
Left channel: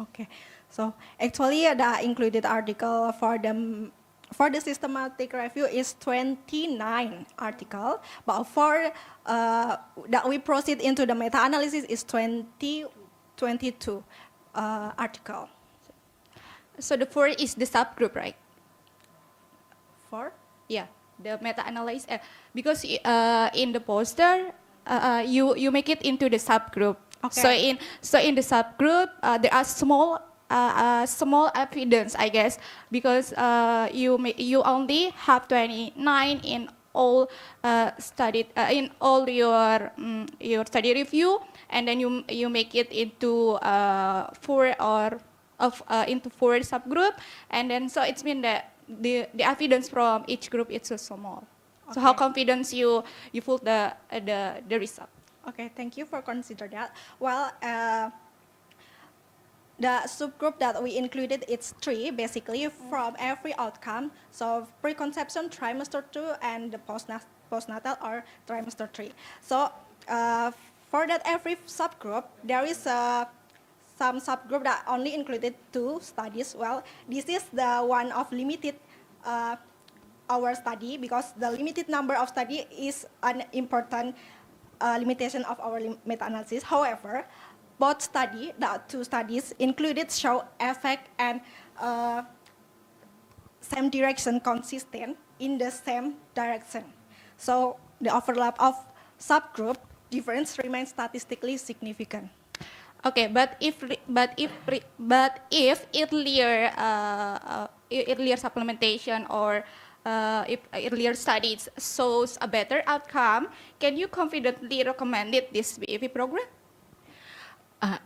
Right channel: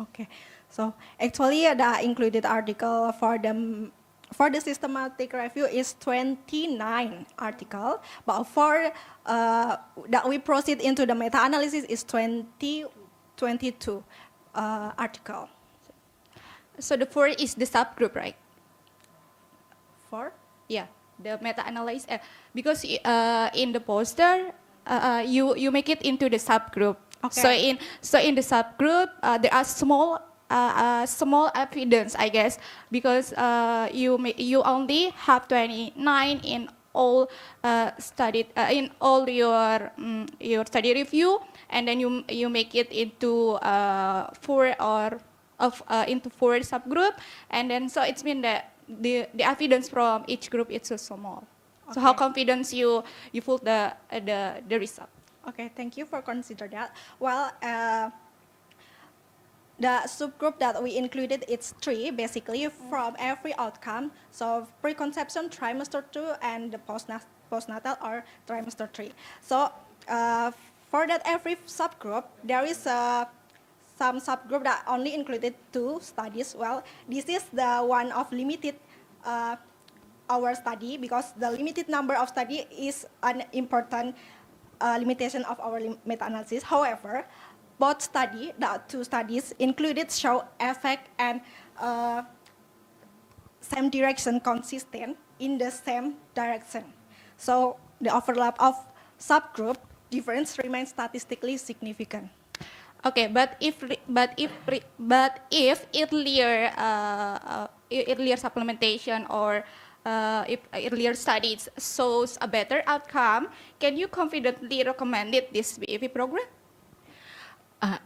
Okay, so actually the included article for the systematic review is 29 article, but for that we proceed into the meta-analysis is 22 article. So the 4 is the subgroup, right? 4? Yeah, the meta-analysis, because in the poster, you make it into the subgroup. Okay. So in the subgroup, there are small evidence, I guess, because you only have 29 in all studied in all your study review, and then you make it into 4 subgroup, and then so it's mean that the evidence from each group is so small. So how confident you put the result? Okay, thank you for consider that. Well, the subgroup that we included, it's 3 basically from every outcome. So preconception, trimester 2, and the postnatal or trimester 3. So for that every subgroup, there is some subgroup that only included 2 studies. Well, this is the one of limited our study, because the limited number of study is an important limitation of our meta-analysis. However, both study, the 2 studies included, show effect and same direction consistent in the same direction. So the overlap of subgroup difference remains statistically significant. Okay, but if earlier supplementation or if earlier studies shows a better outcome, can you confidently recommend this BEP program?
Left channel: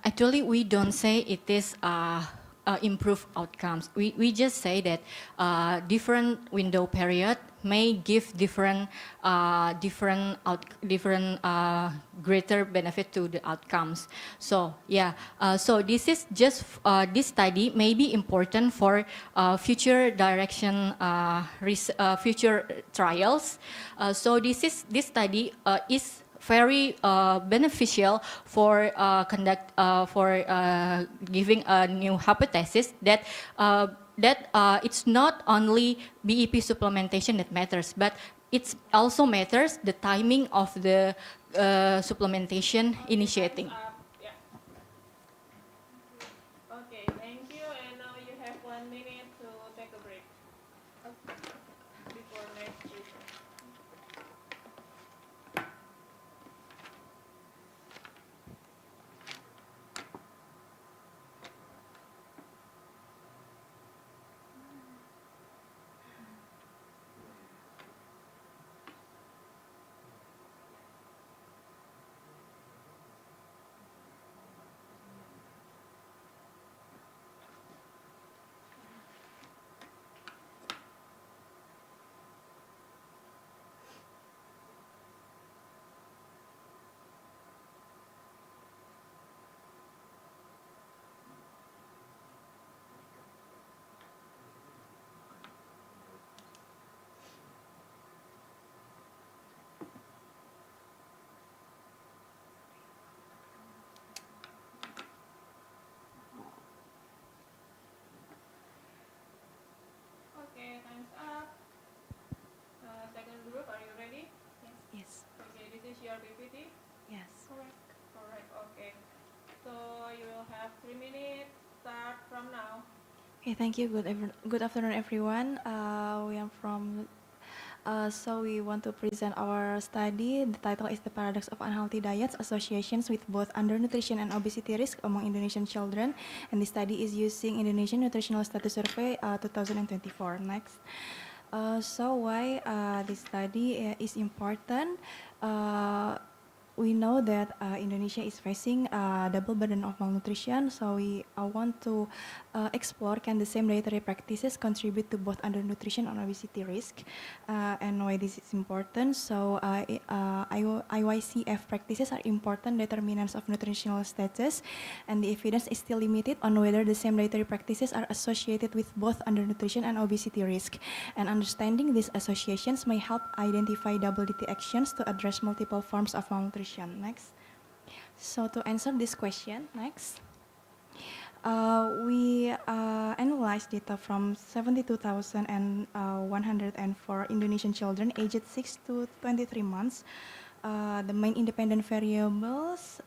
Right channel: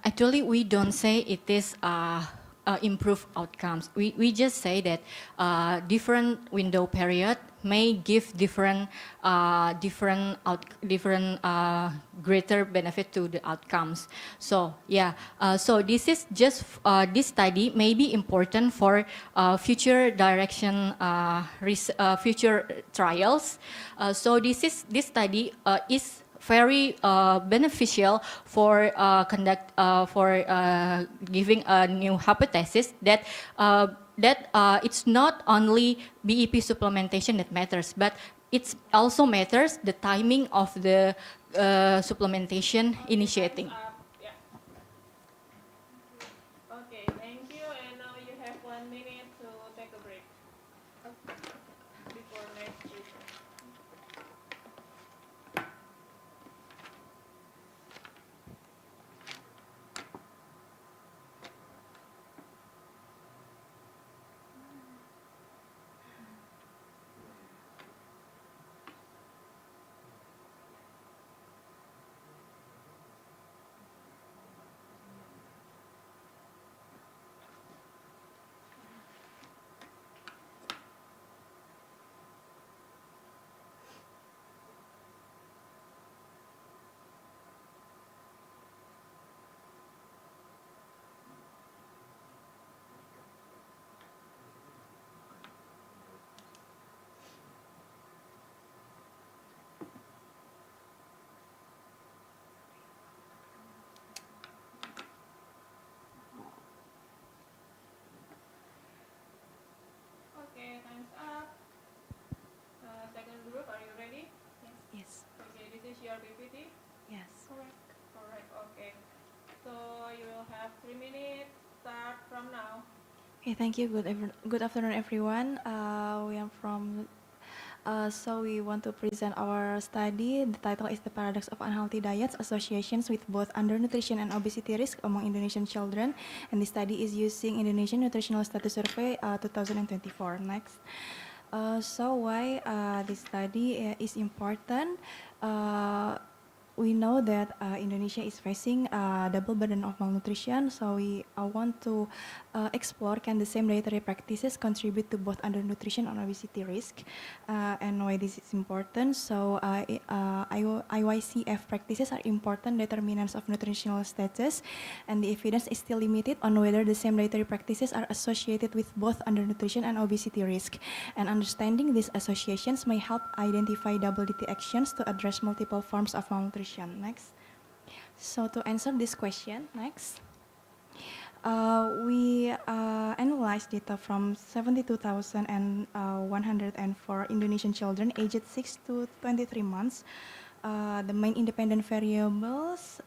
Actually, we don't say it is improved outcomes. We just say that different window period may give different greater benefit to the outcomes. So yeah, so this is just this study may be important for future direction, future trials. So this study is very beneficial for giving a new hypothesis that it's not only BEP supplementation that matters, but it also matters the timing of the supplementation initiating. Okay, you will have 3 minutes. Start from now. Okay, thank you. Good afternoon, everyone. We are from. So we want to present our study. The title is "The Paradox of Unhealthy Diets: Associations with Both Undernutrition and Obesity Risk Among Indonesian Children." And the study is using Indonesian Nutritional Status Survey 2024. Next. So why this study is important? We know that Indonesia is facing a double burden of malnutrition, so we want to explore can the same dietary practices contribute to both undernutrition and obesity risk, and why this is important. So IYCF practices are important determinants of nutritional status, and the evidence is still limited on whether the same dietary practices are associated with both undernutrition and obesity risk. And understanding these associations may help identify double DT actions to address multiple forms of malnutrition. Next. So to answer this question, next. We analyzed data from 72,104 Indonesian children aged 6 to 23 months. The main independent variables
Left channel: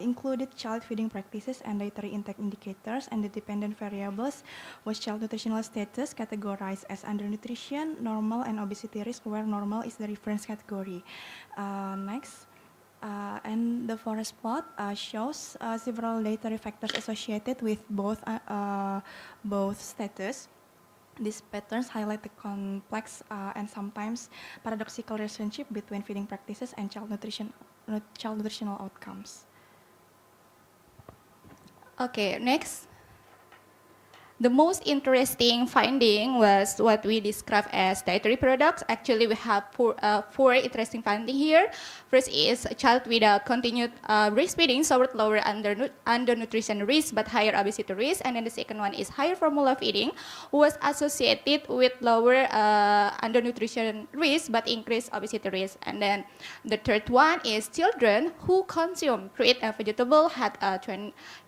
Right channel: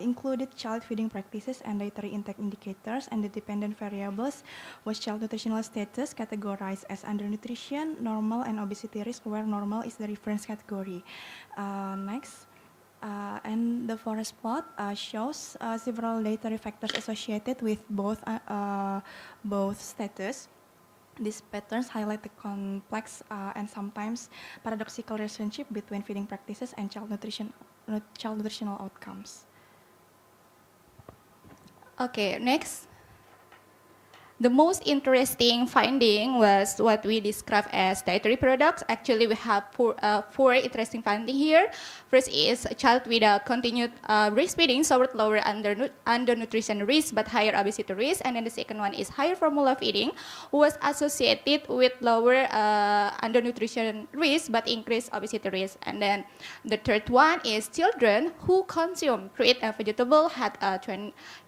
included child feeding practices and dietary intake indicators, and the dependent variables was child nutritional status categorized as undernutrition, normal, and obesity risk, where normal is the reference category. Next. And the forest plot shows several dietary factors associated with both status. These patterns highlight the complex and sometimes paradoxical relationship between feeding practices and child nutritional outcomes. Okay, next. The most interesting finding was what we describe as dietary products. Actually, we have four interesting findings here. First is a child without continued breastfeeding suffered lower undernutrition risk but higher obesity risk. And then the second one is higher formula feeding was associated with lower undernutrition risk but increased obesity risk. And then the third one is children who consume fruit and vegetable had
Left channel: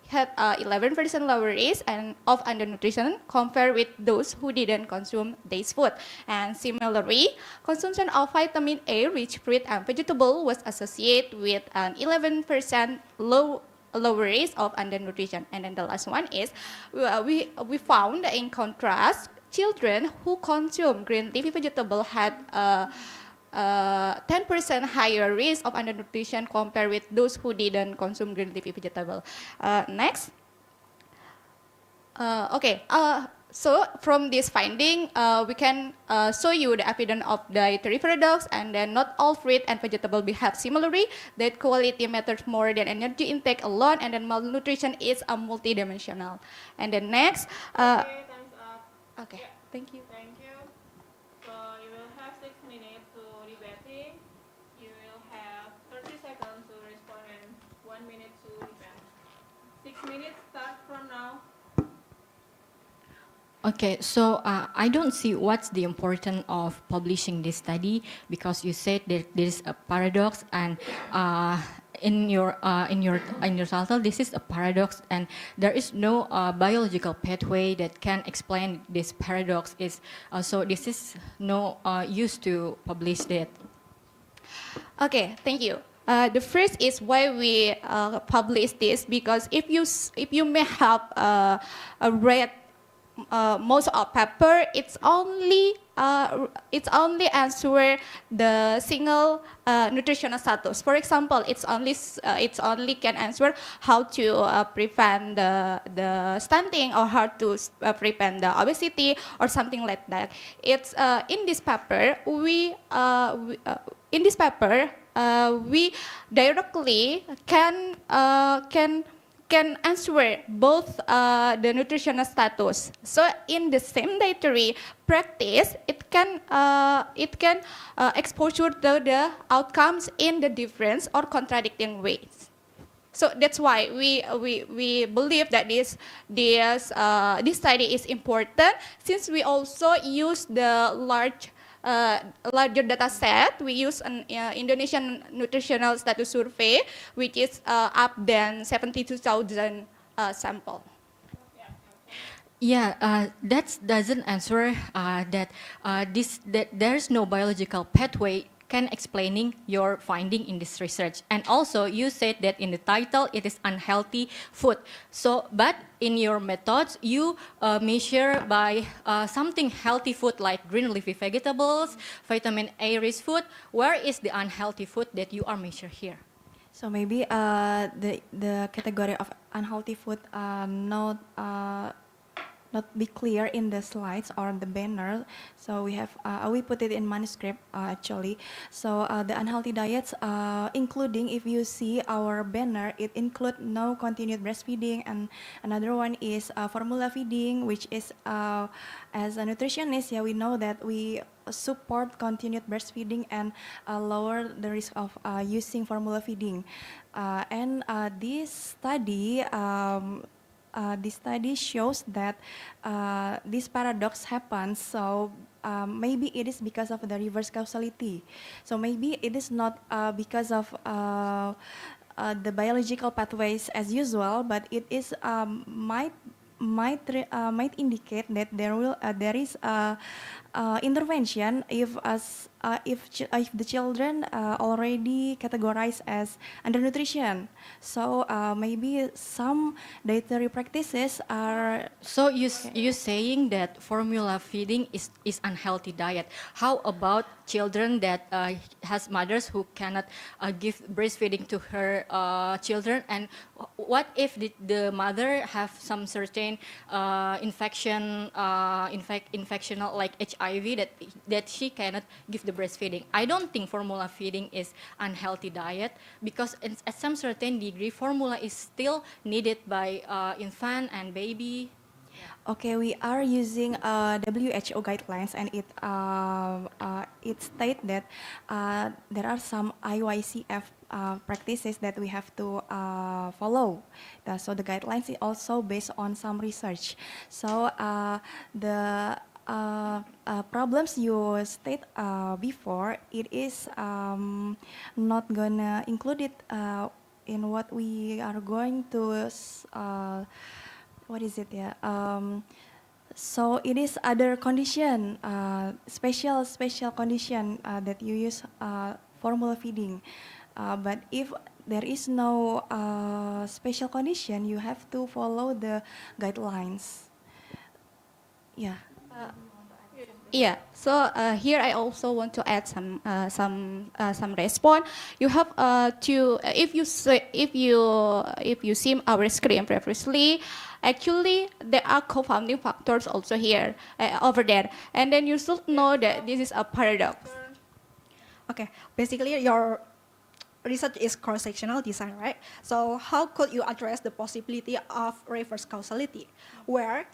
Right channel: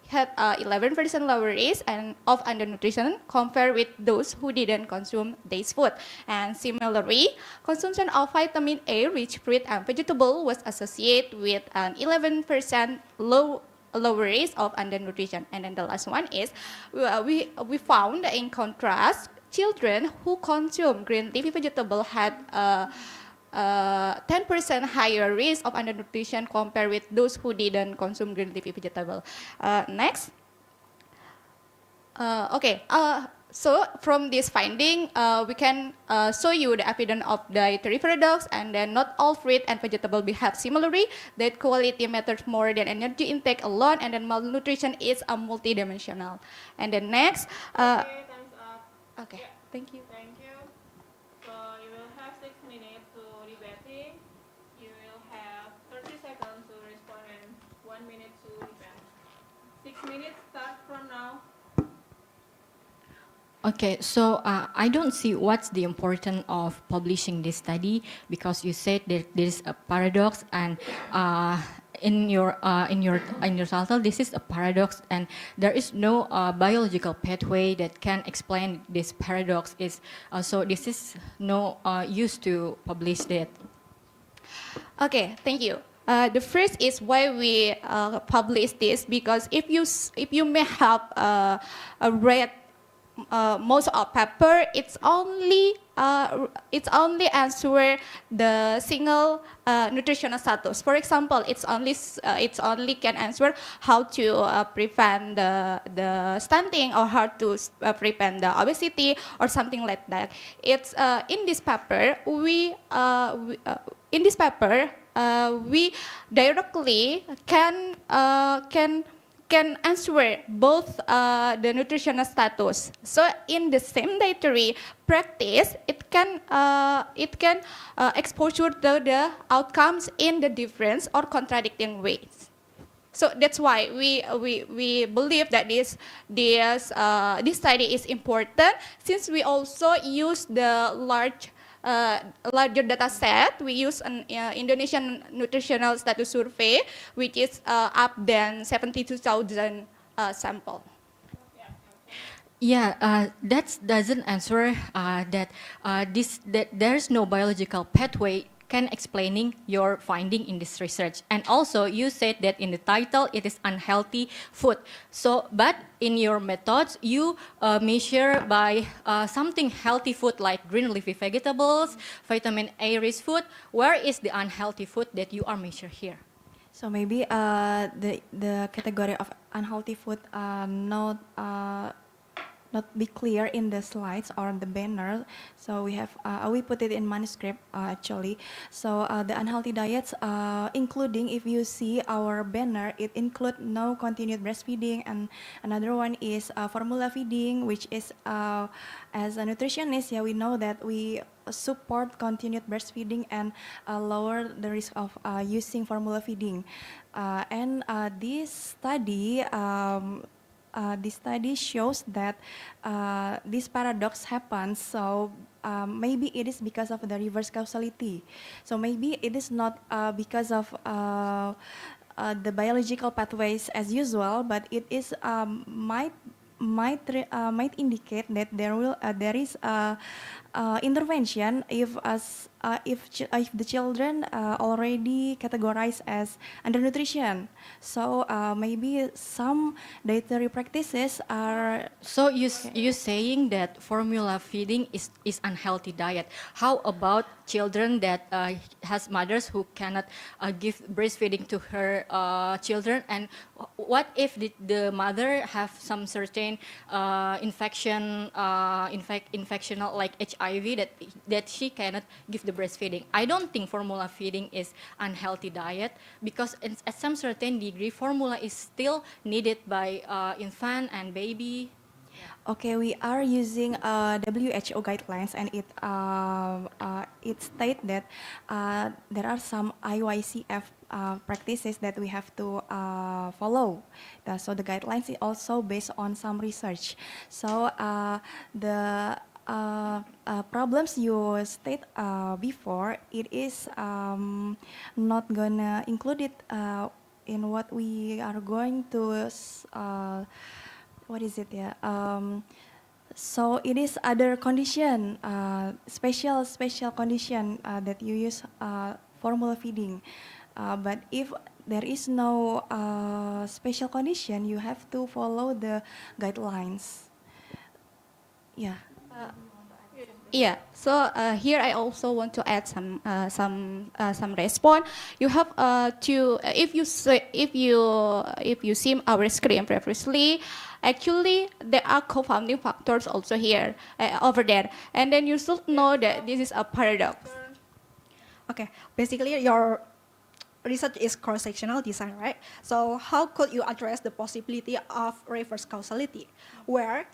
11% lower risk and of undernutrition compared with those who didn't consume this food. And similarly, consumption of vitamin A rich fruit and vegetable was associated with an 11% lower risk of undernutrition. And then the last one is we found in contrast children who consume green leafy vegetable had 10% higher risk of undernutrition compared with those who didn't consume green leafy vegetable. Next. So from this finding, we can show you the evidence of dietary paradox, and then not all fruit and vegetable behave similarly, that quality matters more than energy intake alone, and then malnutrition is a multidimensional. And then next. Okay, time's up. Okay, thank you. Thank you. So you will have 6 minutes to debating. You will have 30 seconds to respond and 1 minute to debate. 6 minutes start from now. Okay, so I don't see what's the importance of publishing this study, because you said that there is a paradox, and in your title this is a paradox, and there is no biological pathway that can explain this paradox. So this is no use to publish that. Okay, thank you. The first is why we publish this, because if you may have read most of paper, it's only answer the single nutritional status. For example, it's only can answer how to prevent the stunting, or how to prevent the obesity, or something like that. It's in this paper we directly can answer both the nutritional status. So in the same dietary practice, it can exposure to the outcomes in the different or contradicting ways. So that's why we believe that this study is important, since we also use the larger data set. We use an Indonesian nutritional status survey, which is up than 72,000 sample. Yeah, that doesn't answer that there is no biological pathway can explaining your finding in this research. And also you said that in the title it is unhealthy food. So, but in your methods you measure by something healthy food like green leafy vegetables, vitamin A rich food. Where is the unhealthy food that you are measured here? So maybe the category of unhealthy food not be clear in the slides or the banner. So we put it in manuscript actually. So the unhealthy diets, including if you see our banner, it include no continued breastfeeding, and another one is formula feeding, which is as a nutritionist, yeah, we know that we support continued breastfeeding and lower the risk of using formula feeding. And this study shows that this paradox happens. So maybe it is because of the reverse causality. So maybe it is not because of the biological pathways as usual, but it is might indicate that there is intervention if the children already categorized as undernutrition. So maybe some dietary practices are. So you saying that formula feeding is unhealthy diet. How about children that has mothers who cannot give breastfeeding to her children, and what if the mother have some certain infection like HIV that she cannot give the breastfeeding? I don't think formula feeding is unhealthy diet, because at some certain degree formula is still needed by infant and baby. Okay, we are using WHO guidelines, and it states that there are some IYCF practices that we have to follow. So the guidelines is also based on some research. So the problems you state before, it is not gonna include it in what we are going to. What is it? Yeah. So it is other condition, special condition that you use formula feeding. But if there is no special condition, you have to follow the guidelines. Yeah. Yeah. So here I also want to add some response. You have to if you see our screen previously, actually there are confounding factors also here over there, and then you should know that this is a paradox. Okay. Basically, your research is cross-sectional design, right? So how could you address the possibility of reverse causality, where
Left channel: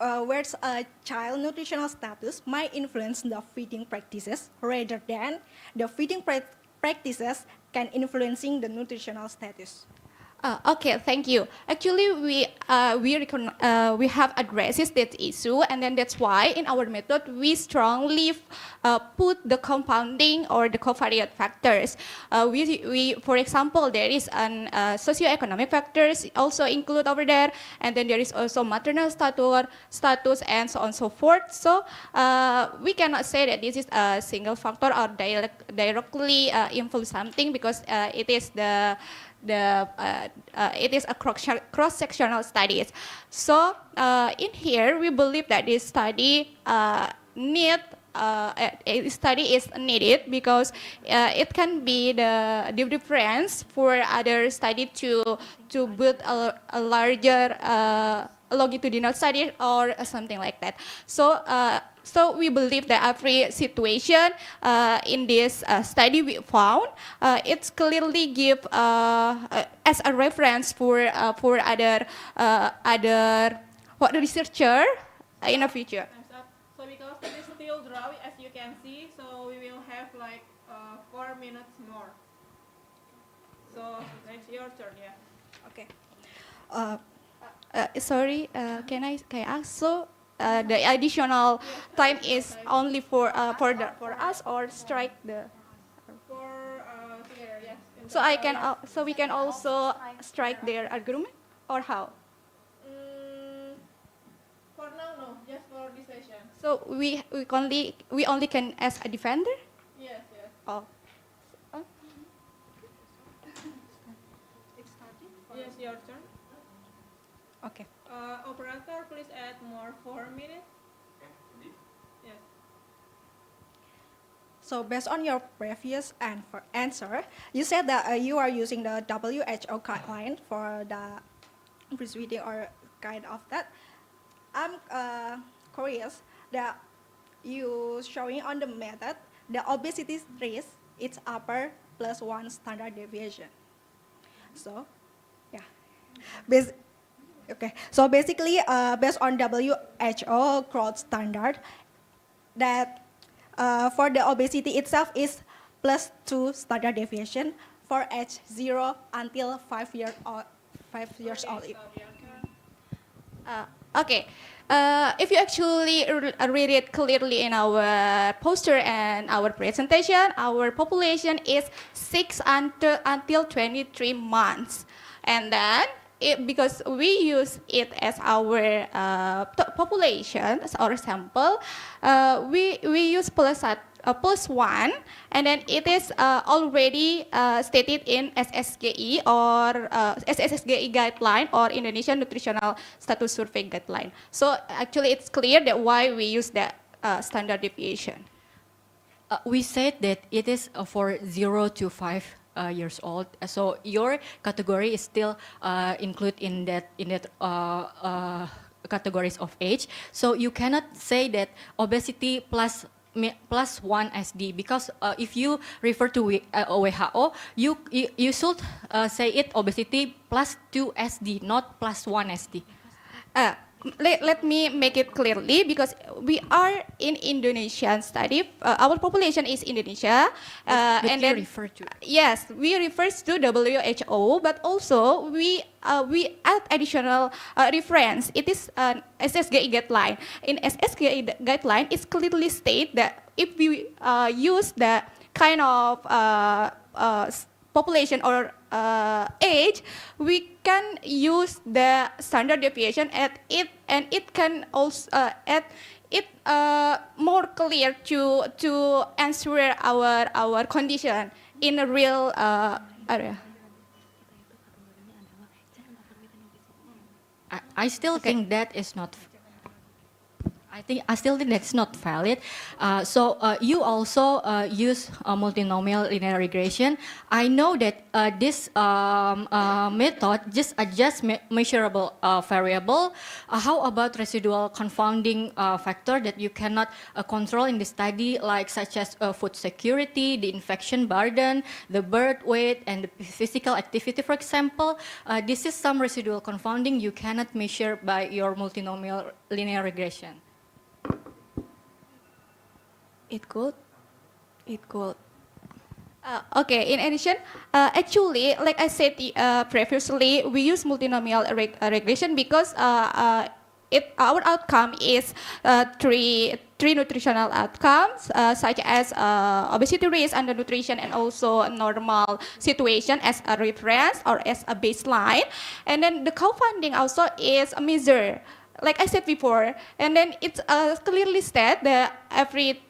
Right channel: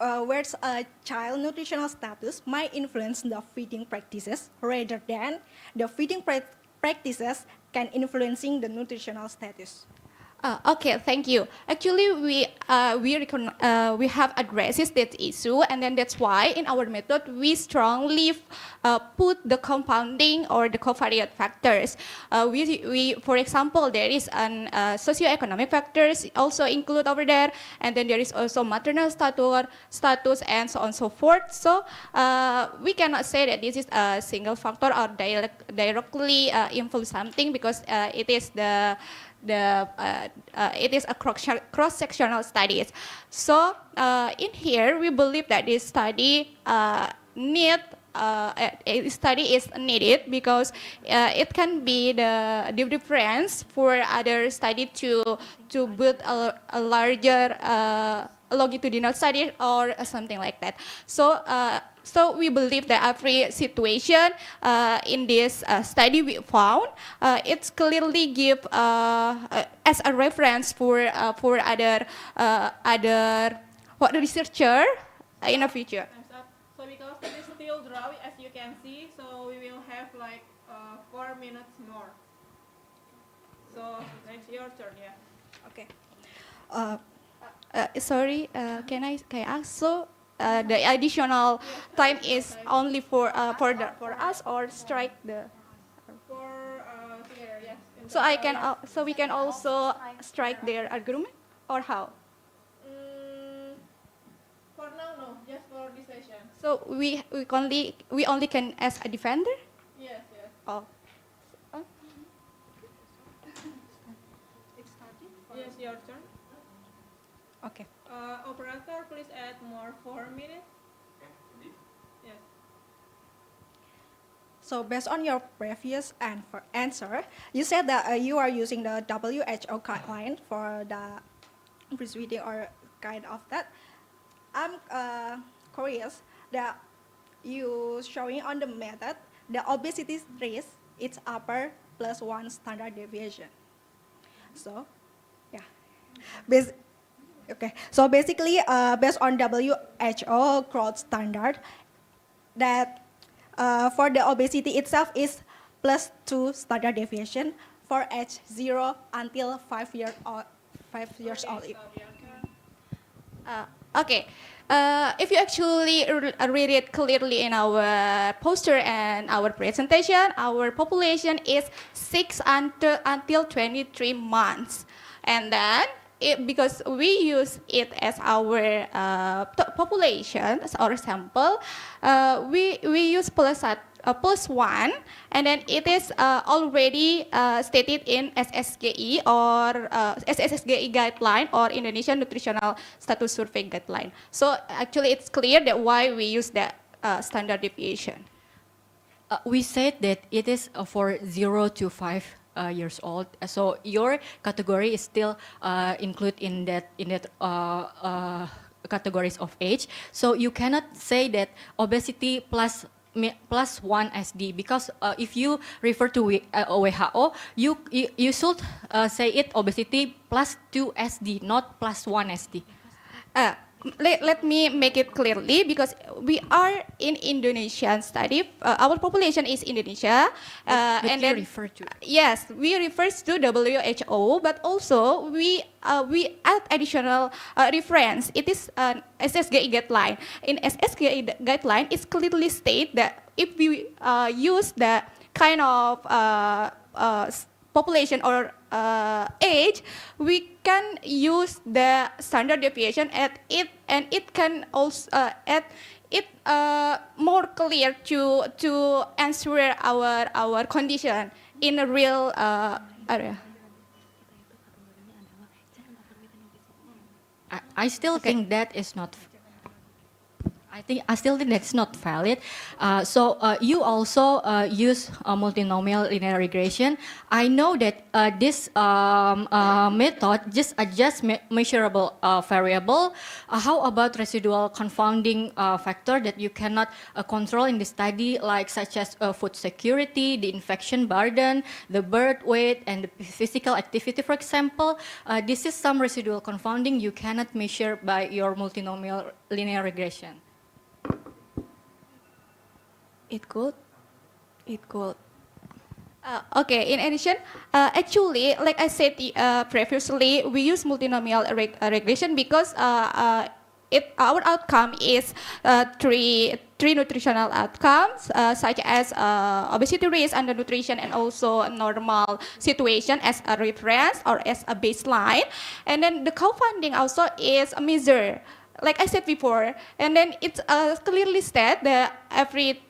a child nutritional status might influence the feeding practices rather than the feeding practices can influencing the nutritional status? Okay, thank you. Actually, we have addressed that issue, and then that's why in our method we strongly put the compounding or the covariate factors. We for example, there is an socioeconomic factors also include over there, and then there is also maternal status and so on and so forth. So we cannot say that this is a single factor or directly influence something, because it is it is a cross-sectional studies. So in here, we believe that this study is needed, because it can be the difference for other study to build a larger longitudinal study or something like that. So we believe that every situation in this study we found, it's clearly give as a reference for other researcher in the future. Time's up. So because it is still dry, as you can see, so we will have like 4 minutes more. So it's your turn, yeah. Okay. Sorry, can I ask? So the additional time is only for us, or strike the. For together, yes. So we can also strike their argument, or how? For now, no, just for this session. So we only can as a defender. Yes, yes. all. Yes, your turn. Okay. Operator, please add more 4 minutes. Yes. So based on your previous answer, you said that you are using the WHO guideline for the breastfeeding or kind of that. I'm curious that you showing on the method the obesity risk is upper plus 1 standard deviation. So, yeah. Okay. So basically, based on WHO growth standard, that for the obesity itself is plus 2 standard deviation for age 0 until 5 years old. 5 years old. Okay. If you actually read it clearly in our poster and our presentation, our population is 6 until 23 months. And then, because we use it as our population, as our sample, we use plus 1, and then it is already stated in SSGI or SSGI guideline or Indonesian Nutritional Status Survey guideline. So actually it's clear that why we use that standard deviation. We said that it is for 0 to 5 years old. So your category is still included in that categories of age. So you cannot say that obesity plus 1 SD, because if you refer to WHO, you should say it obesity plus 2 SD, not plus 1 SD. Let me make it clearly, because we are in Indonesian study. Our population is Indonesia, But and you then refer to yes, we refer to WHO, but also we add additional reference. It is an SSGI guideline. In SSGI guideline, it's clearly state that if we use the kind of population or age, we can use the standard deviation at it, and it can also add it more clear to answer our condition in a real area. I still think that is not. I still think that's not valid. So you also use multinomial linear regression. I know that this method just adjusts measurable variable. How about residual confounding factor that you cannot control in the study, like such as food security, the infection burden, the birth weight, and the physical activity, for example? This is some residual confounding you cannot measure by your multinomial linear regression. It could. Okay, in addition, actually, like I said previously, we use multinomial regression because our outcome is three nutritional outcomes, such as obesity risk, undernutrition, and also normal situation as a reference or as a baseline. And then the co-funding also is a measure, like I said before, and then it's clearly stated that every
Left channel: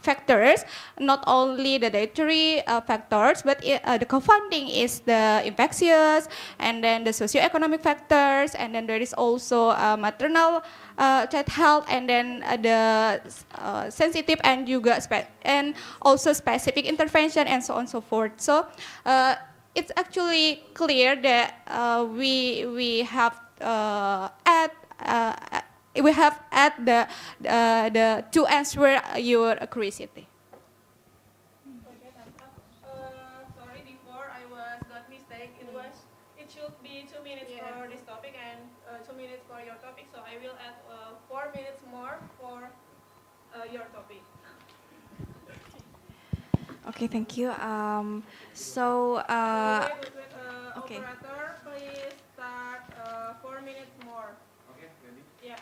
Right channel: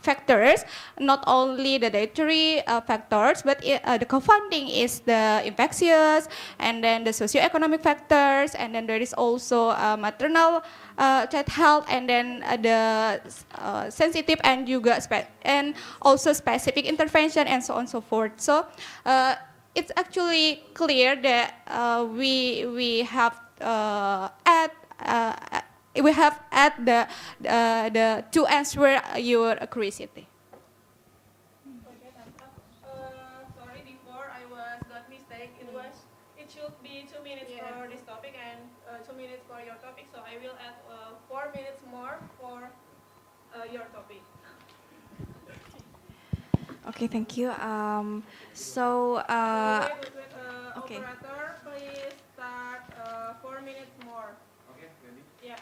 factors, not only the dietary factors, but the co-funding is the infectious, and then the socioeconomic factors, and then there is also maternal child health, and then the sensitive and juga and also specific intervention, and so on and so forth. So it's actually clear that we have add the to answer your curiosity. Sorry, before I got mistake. It should be 2 minutes for this topic and 2 minutes for your topic. So I will add 4 minutes more for your topic. Okay, thank you. Okay. Operator, please start 4 minutes more. Okay, ready? Yeah.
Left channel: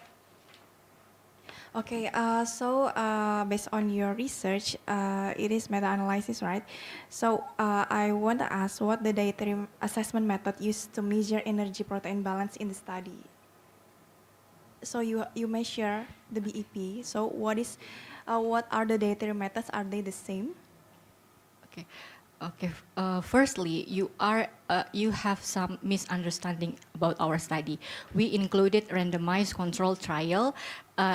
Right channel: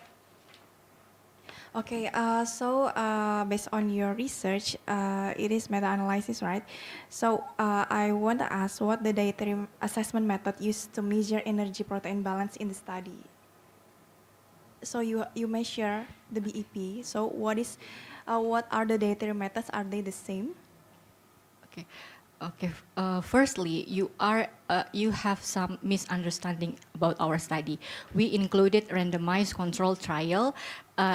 Okay, based on your research, it is meta-analysis, right? So I want to ask what the dietary assessment method used to measure energy protein balance in the study. So you measure the BEP. So what are the dietary methods? Are they the same? Okay. Okay. Firstly, you have some misunderstanding about our study. We included randomized control trial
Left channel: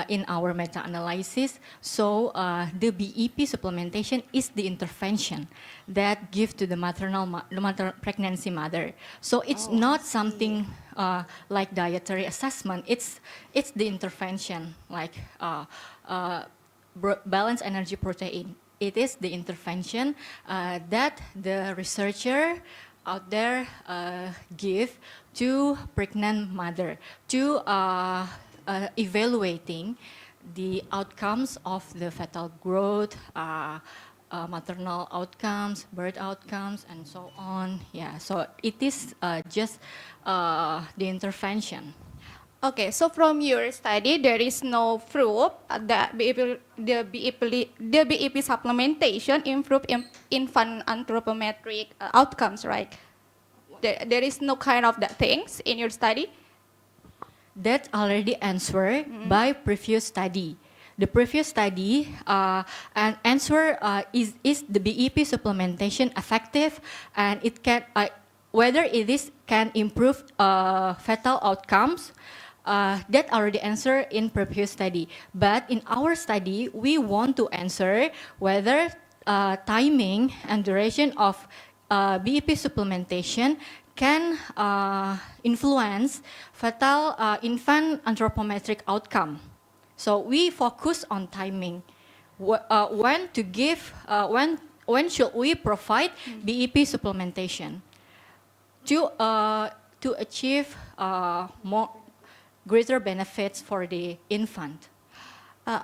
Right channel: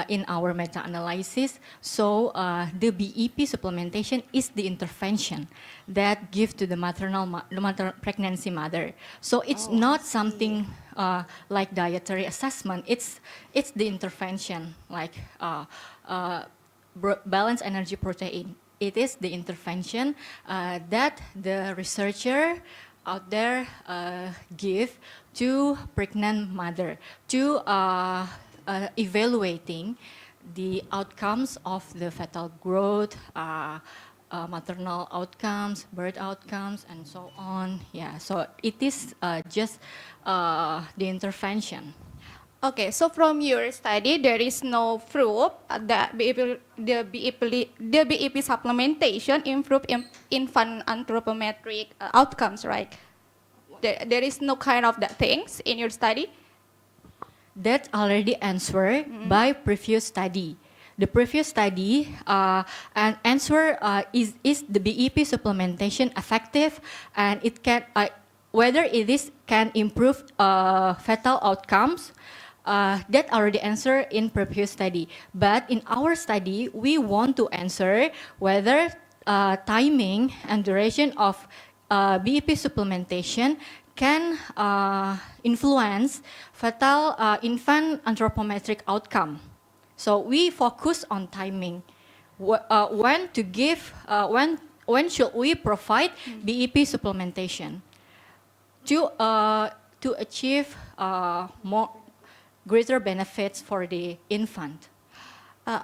in our meta-analysis. So the BEP supplementation is the intervention that give to the pregnancy mother. So it's not something like dietary assessment. It's the intervention like balanced energy protein. It is the intervention that the researcher out there give to pregnant mother to evaluating the outcomes of the fetal growth, maternal outcomes, birth outcomes, and so on. Yeah, so it is just the intervention. Okay, so from your study, there is no proof that the BEP supplementation improve infant anthropometric outcomes, right? There is no kind of that things in your study? That's already answered by previous study. The previous study an answer is the BEP supplementation effective, and it can whether it is can improve fetal outcomes. That already answered in previous study. But in our study, we want to answer whether timing and duration of BEP supplementation can influence fetal infant anthropometric outcome. So we focus on timing. When to give, when should we provide BEP supplementation to achieve more greater benefits for the infant.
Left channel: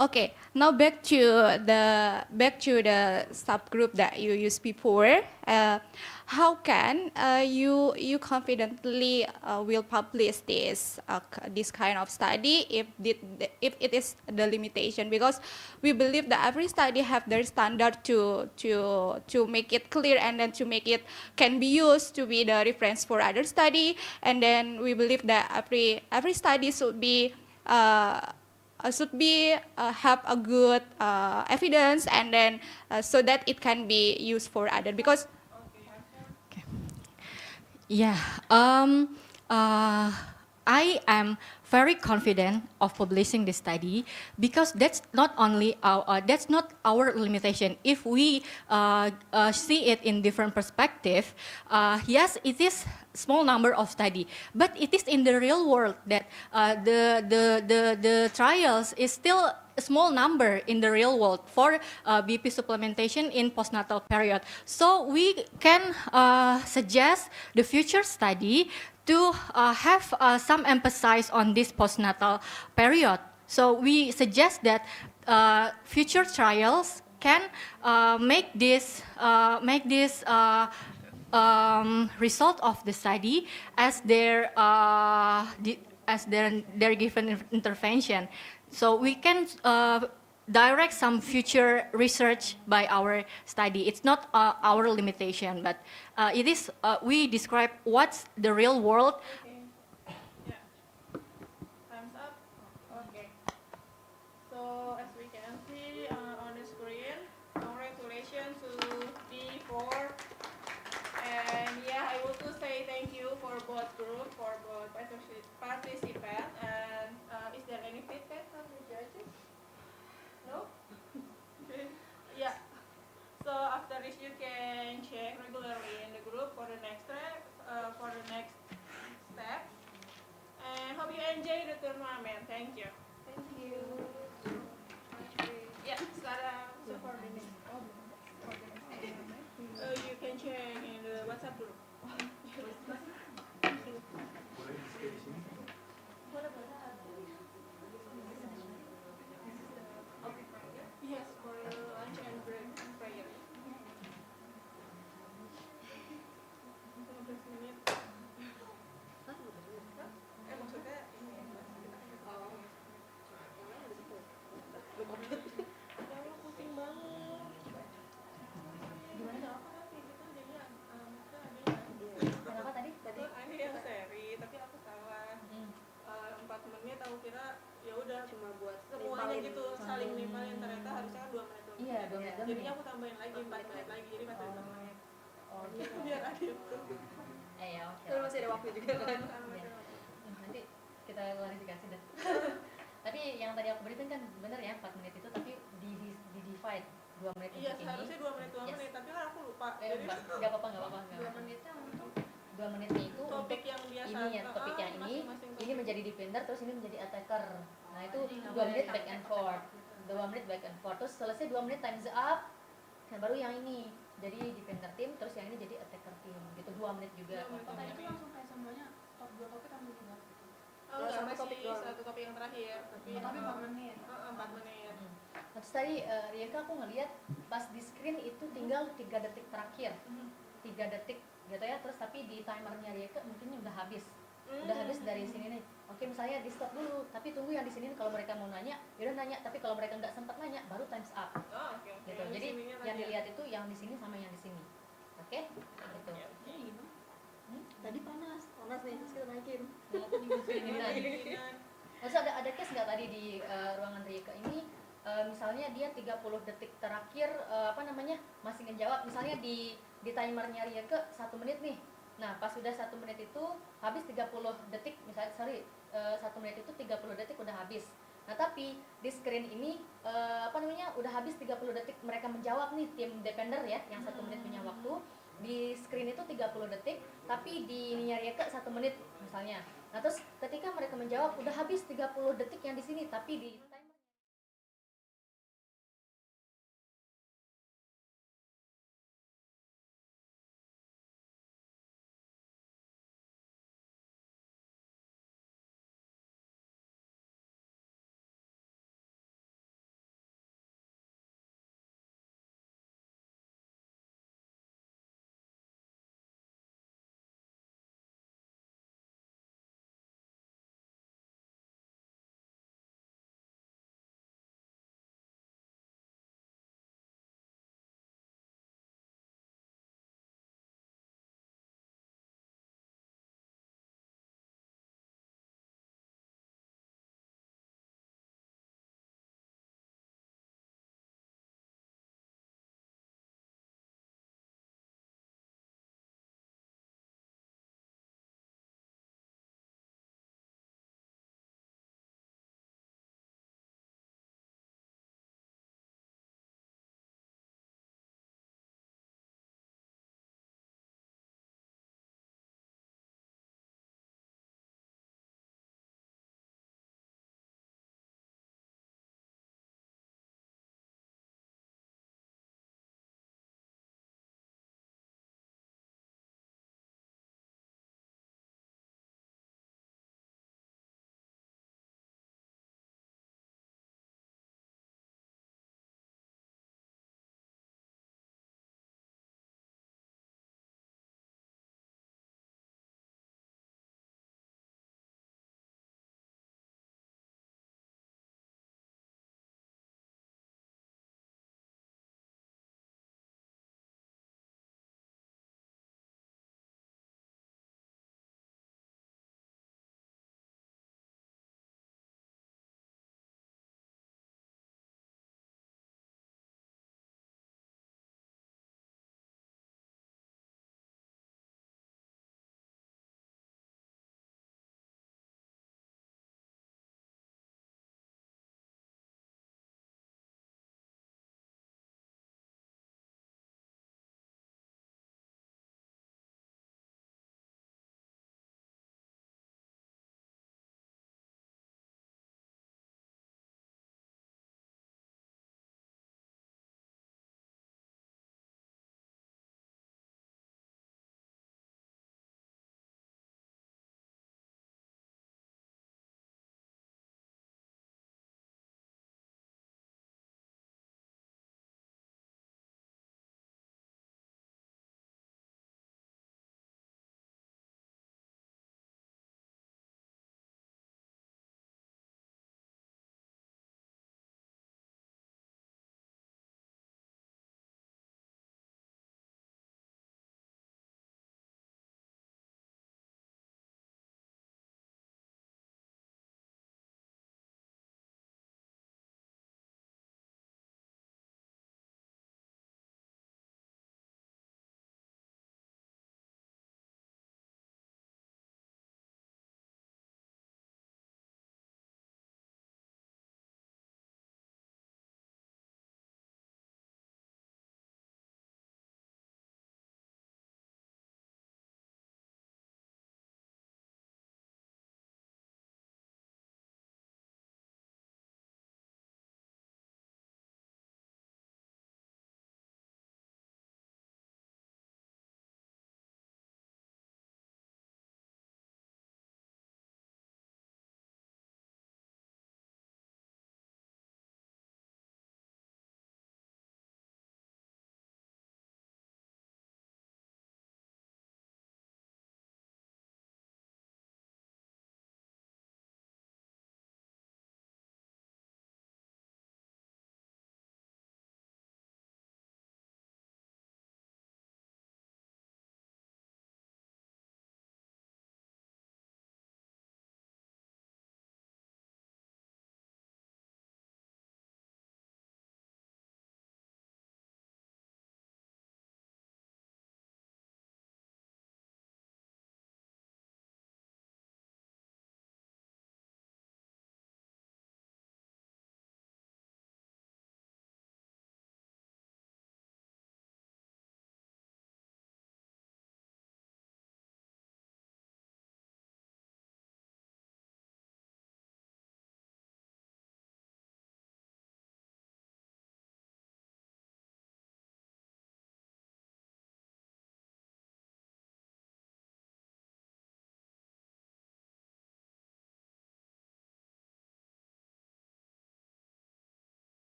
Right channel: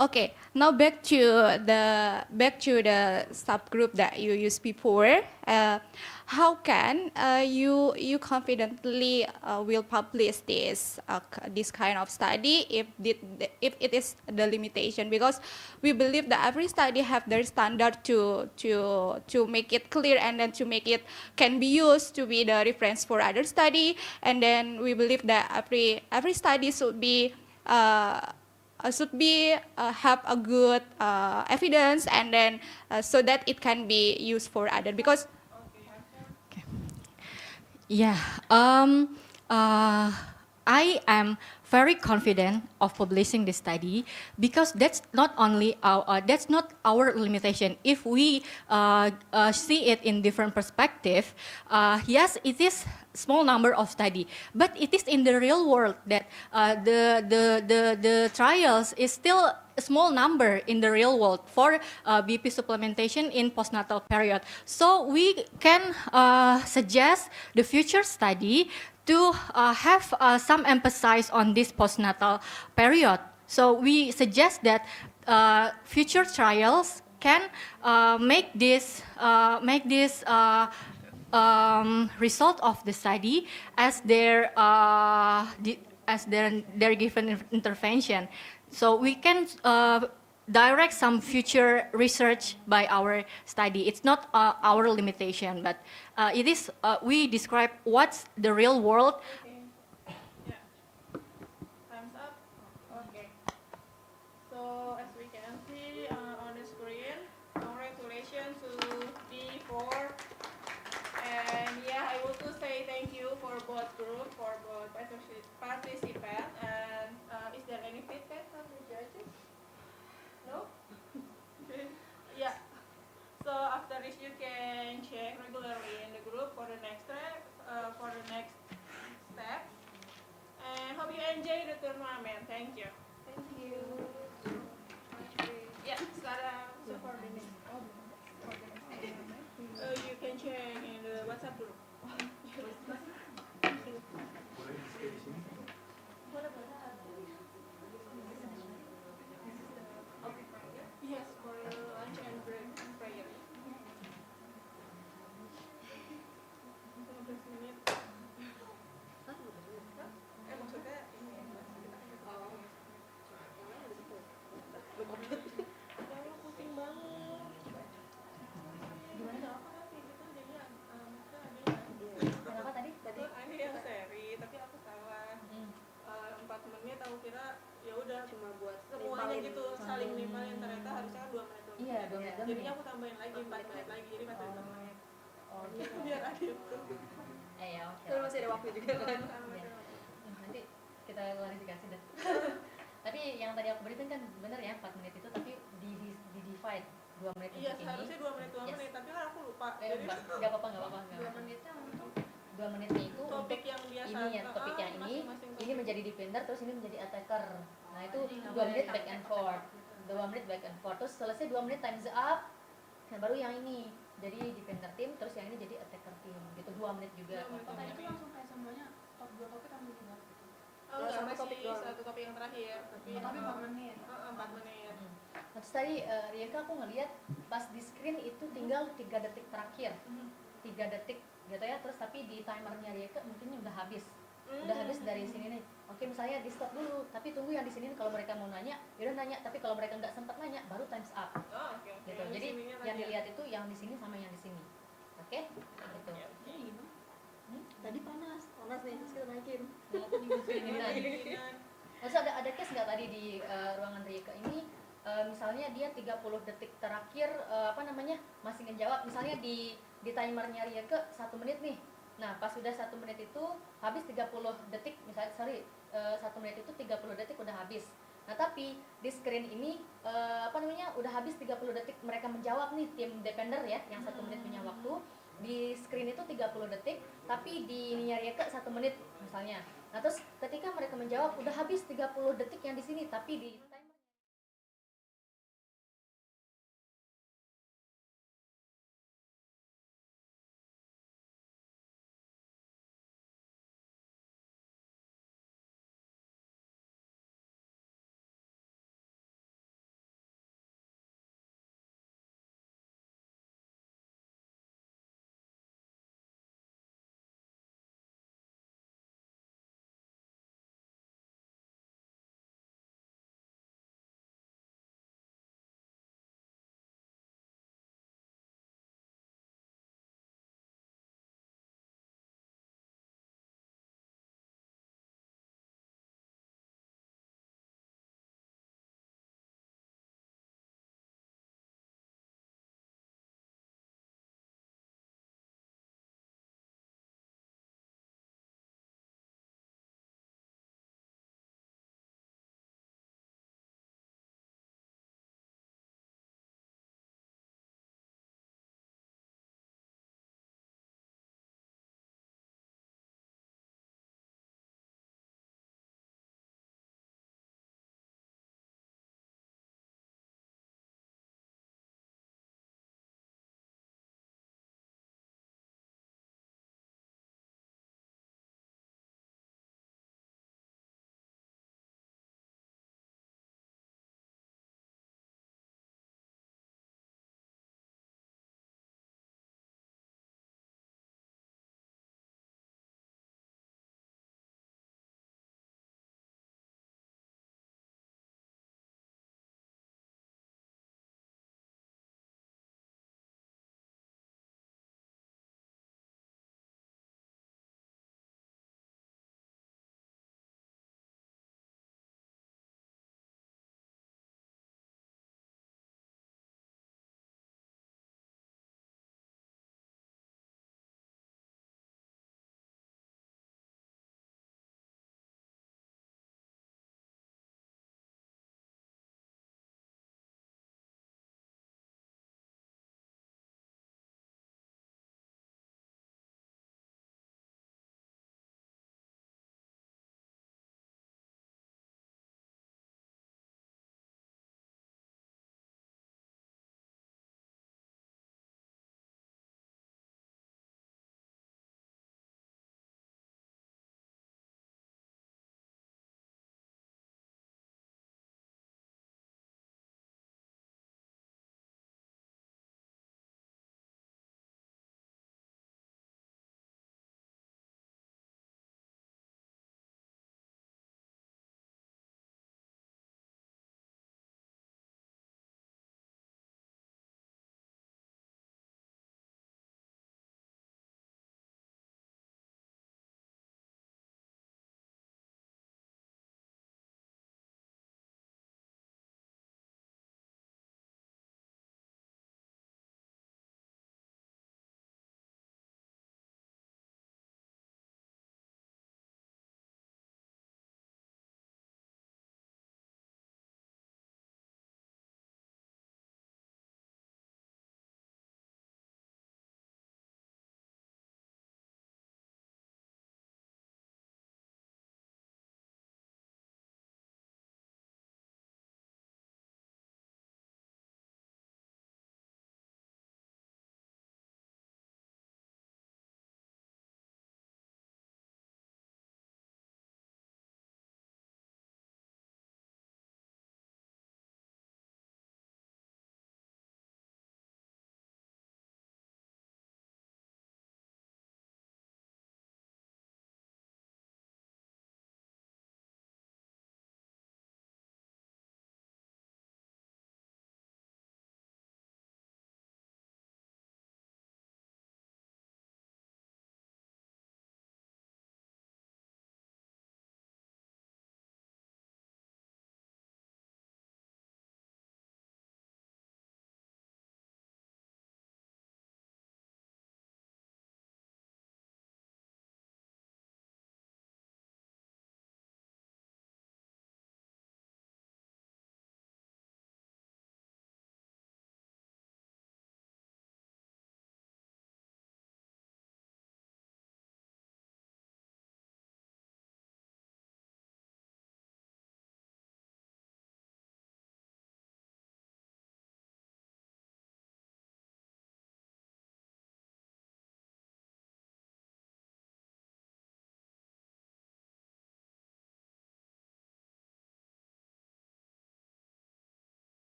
Okay, now back to the subgroup that you used before. How can you confidently will publish this kind of study if it is the limitation? Because we believe that every study have their standard to make it clear, and then to make it can be used to be the reference for other study. And then we believe that every study should be have a good evidence, and then so that it can be used for other. Because yeah, I am very confident of publishing this study because that's not our limitation. If we see it in different perspective, yes, it is small number of study, but it is in the real world that the trials is still a small number in the real world for BP supplementation in postnatal period. So we can suggest the future study to have some emphasis on this postnatal period. So we suggest that future trials can make this result of the study as their given intervention. So we can direct some future research by our study. It's not our limitation, but it is we describe what's the real world. Time's up. Okay. So as we can see on the screen, congratulations to D4. And yeah, I want to say thank you for both group, for both participants. And is there any feedback from the judges? No? Yeah. So after this, you can check regularly in the group for the next step. And hope you enjoy the tournament. Thank you. Thank you. Yeah, sekarang for the next. You can check in the WhatsApp group. Yes, for lunch and break and prayer. 15 menit. Maksudnya ini ya lu pusing banget. Gimana? Apa nanti kita jadinya kenapa tadi? Ini yang seri, tapi aku salah. 4 menit aku kira ya udah cuma buat semuanya gitu saling nimpalin, ternyata harusnya kan 2 menit. Iya, 2 menit. Jadinya aku tambahin lagi 4 menit lagi, jadi 4 menit. Biar adil. Ya, oke. Kan masih ada waktu juga kan. Iya. Nanti kita klarifikasi deh. Tapi yang tadi aku berikan kan bener ya 4 menit itu, tapi di divide 2 menit Iya, untuk ini. seharusnya 2 menit, 2 menit, tapi kan aku lupa. Jadi nggak apa-apa. 2 menitnya untuk 2 menitnya itu topik untuk yang biasa. ini ya, topik yang masing-masing ini menjadi defender, terus ini menjadi attacker. Nah itu Jadi 2 menit back and forth. 2 menit back and forth, terus selesai 2 menit times up. Nah baru yang ini jadi defender team, terus yang ini jadi attacker team. Gitu 2 menit juga. Apakah itu langsung kayak semuanya top 2 topik atau juga? Oh, Ya, sama sama topik doang. satu topik yang terakhir. Tapi 4 menit. 4 menit. Nah, terus tadi Rieka aku ngeliat pas di screen itu tinggal 3 detik terakhir. 3 detik gitu ya, terus tapi di timernya Rieka mungkin udah habis. Udah habis dari sini nih. Oke, misalnya di stop dulu, tapi tunggu yang di sini kalau mereka mau nanya, yaudah nanya, tapi kalau mereka nggak sempat nanya, baru times up. Oh, oke. Gitu. Jadi yang dilihat itu yang di sini sama yang di sini. Oke? Gitu. Tadi panas nih, terus kita naikin. Terus ada case nggak tadi di ruangan Rieka ini, misalnya dia 30 detik terakhir masih ngejawab, misalnya di timernya Rieka 1 menit nih. Nah pas sudah 1 menit itu habis 30 detik, misalnya 1 menit itu 30 detik udah habis. Nah tapi di screen ini udah habis 30 detik mereka menjawab nih, tim defender ya yang 1 menit punya waktu. Di screen itu 30 detik, tapi di ininya Rieka 1 menit misalnya. Nah terus ketika mereka menjawab udah habis 30 detik yang di sini, tapi di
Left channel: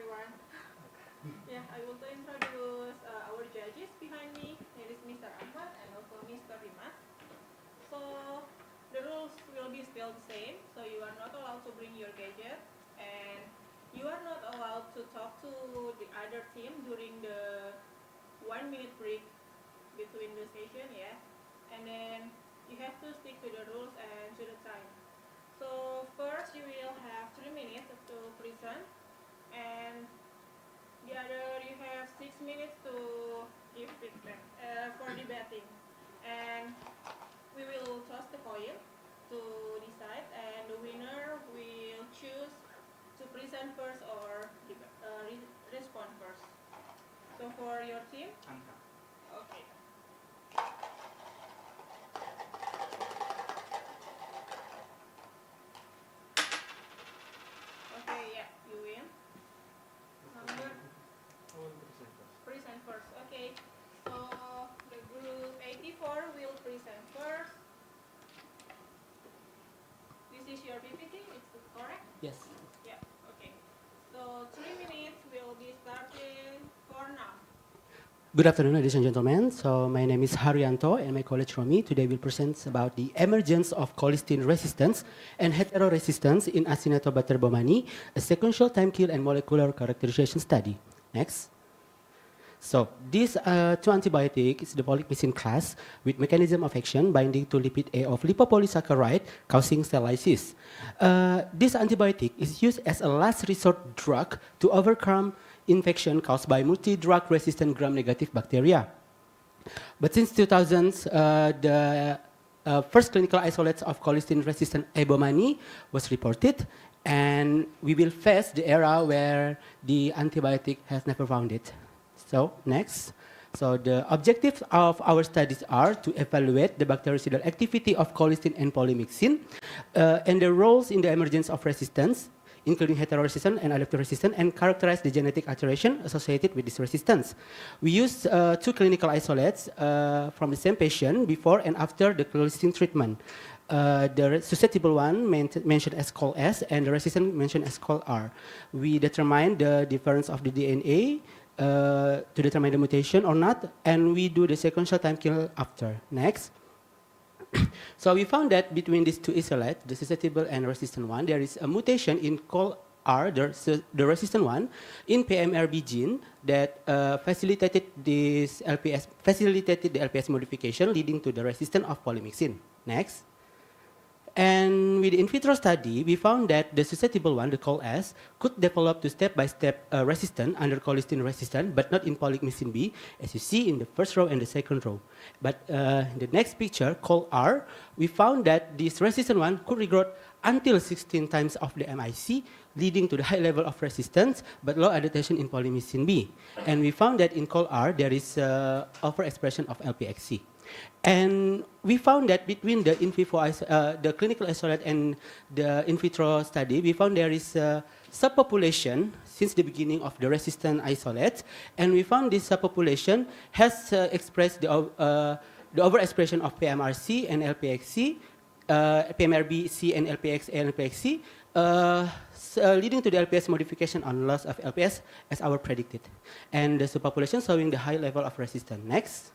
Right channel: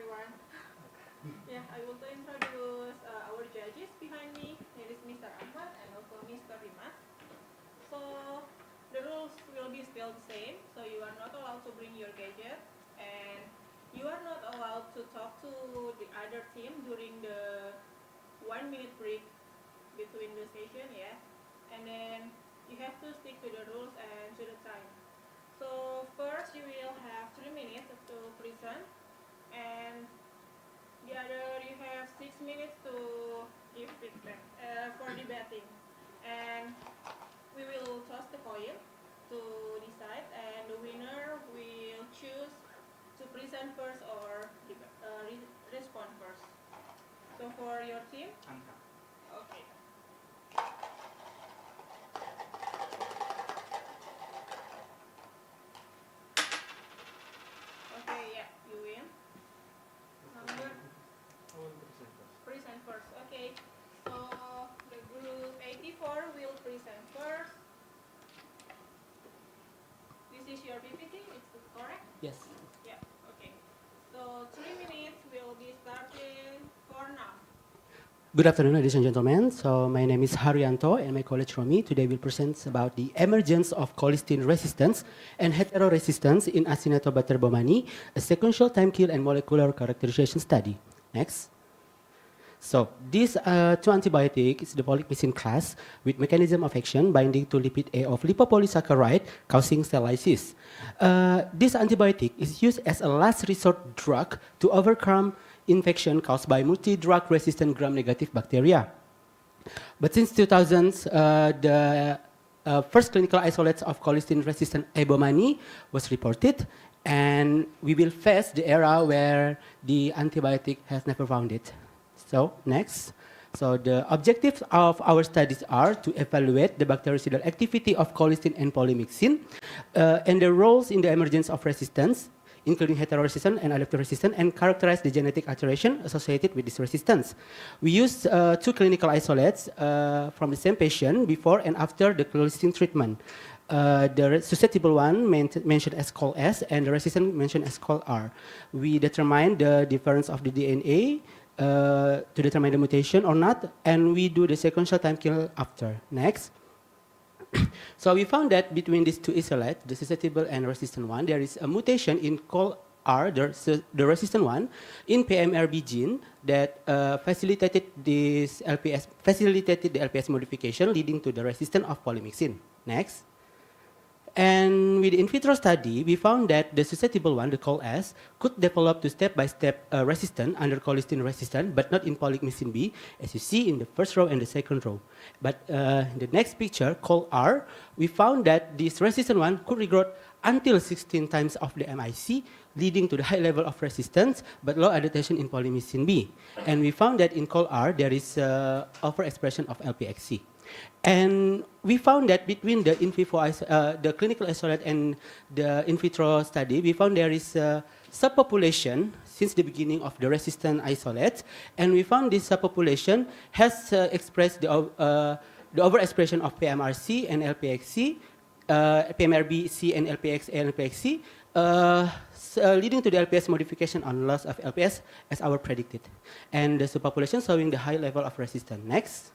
everyone. Yeah, I want to introduce our judges behind me. Here is Mr. Ahmad and also Mr. Rimas. So the rules will be still the same. So you are not allowed to bring your gadget, and you are not allowed to talk to the other team during the 1 minute break between the session, yeah. And then you have to stick to the rules and to the time. So first you will have 3 minutes to present, and the other you have 6 minutes to give feedback for debating. And we will toss the coin to decide, and the winner will choose to present first or respond first. So for your team, okay. Okay, yeah, you win. Number present first. Okay. So the group 84 will present first. This is your PPT, it's correct? Yes. Yeah, okay. So 3 minutes will be starting for now. Good afternoon, ladies and gentlemen. So my name is Haryanto, and my colleague Romi today will present about the emergence of colistin resistance and heteroresistance in Acinetobacter baumannii, a sequential time kill and molecular characterization study. Next. So this two antibiotic is the polymyxin class with mechanism of action binding to lipid A of lipopolysaccharide causing cell lysis. This antibiotic is used as a last resort drug to overcome infection caused by multi-drug resistant gram-negative bacteria. But since 2000s, the first clinical isolates of colistin resistant A. baumannii was reported, and we will face the era where the antibiotic has never found it. So next. So the objectives of our studies are to evaluate the bactericidal activity of colistin and polymyxin and the roles in the emergence of resistance, including heteroresistant and adaptive-resistant, and characterize the genetic alteration associated with this resistance. We used two clinical isolates from the same patient before and after the colistin treatment. The susceptible one mentioned as col S and the resistant mentioned as col R. We determine the difference of the DNA to determine the mutation or not, and we do the sequential time kill after. Next. So we found that between these two isolates, the susceptible and resistant one, there is a mutation in col R, the resistant one, in PMRB gene that facilitated the LPS modification, leading to the resistance of polymyxin. Next. And with the in vitro study, we found that the susceptible one, the col S, could develop to step-by-step resistance under colistin resistant, but not in polymyxin B, as you see in the first row and the second row. But in the next picture, col R, we found that this resistant one could regrow until 16 times of the MIC, leading to the high level of resistance, but low adaptation in polymyxin B. And we found that in col R, there is overexpression of LPXC. And we found that between the in vivo, the clinical isolate and the in vitro study, we found there is a subpopulation since the beginning of the resistant isolate, and we found this subpopulation has expressed the overexpression of PMRC and LPXC, PMRBC and LPX and LPXC, leading to the LPS modification on loss of LPS as our predicted, and the subpopulation showing the high level of resistance. Next.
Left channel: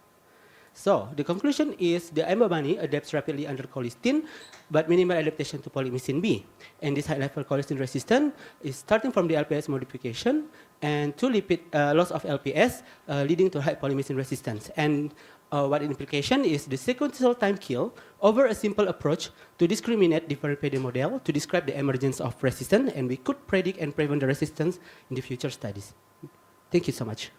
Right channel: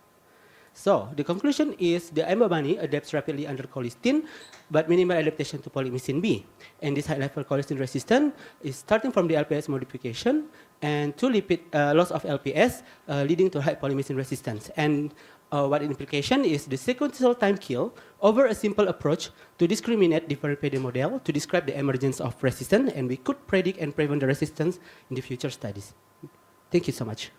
So the conclusion is the A. baumannii adapts rapidly under colistin, but minimal adaptation to polymyxin B. And this high-level colistin resistance is starting from the LPS modification and to lipid loss of LPS, leading to high polymyxin resistance. And what implication is the sequential time kill over a simple approach to discriminate different PD model to describe the emergence of resistance, and we could predict and prevent the resistance in the future studies. Thank you so much.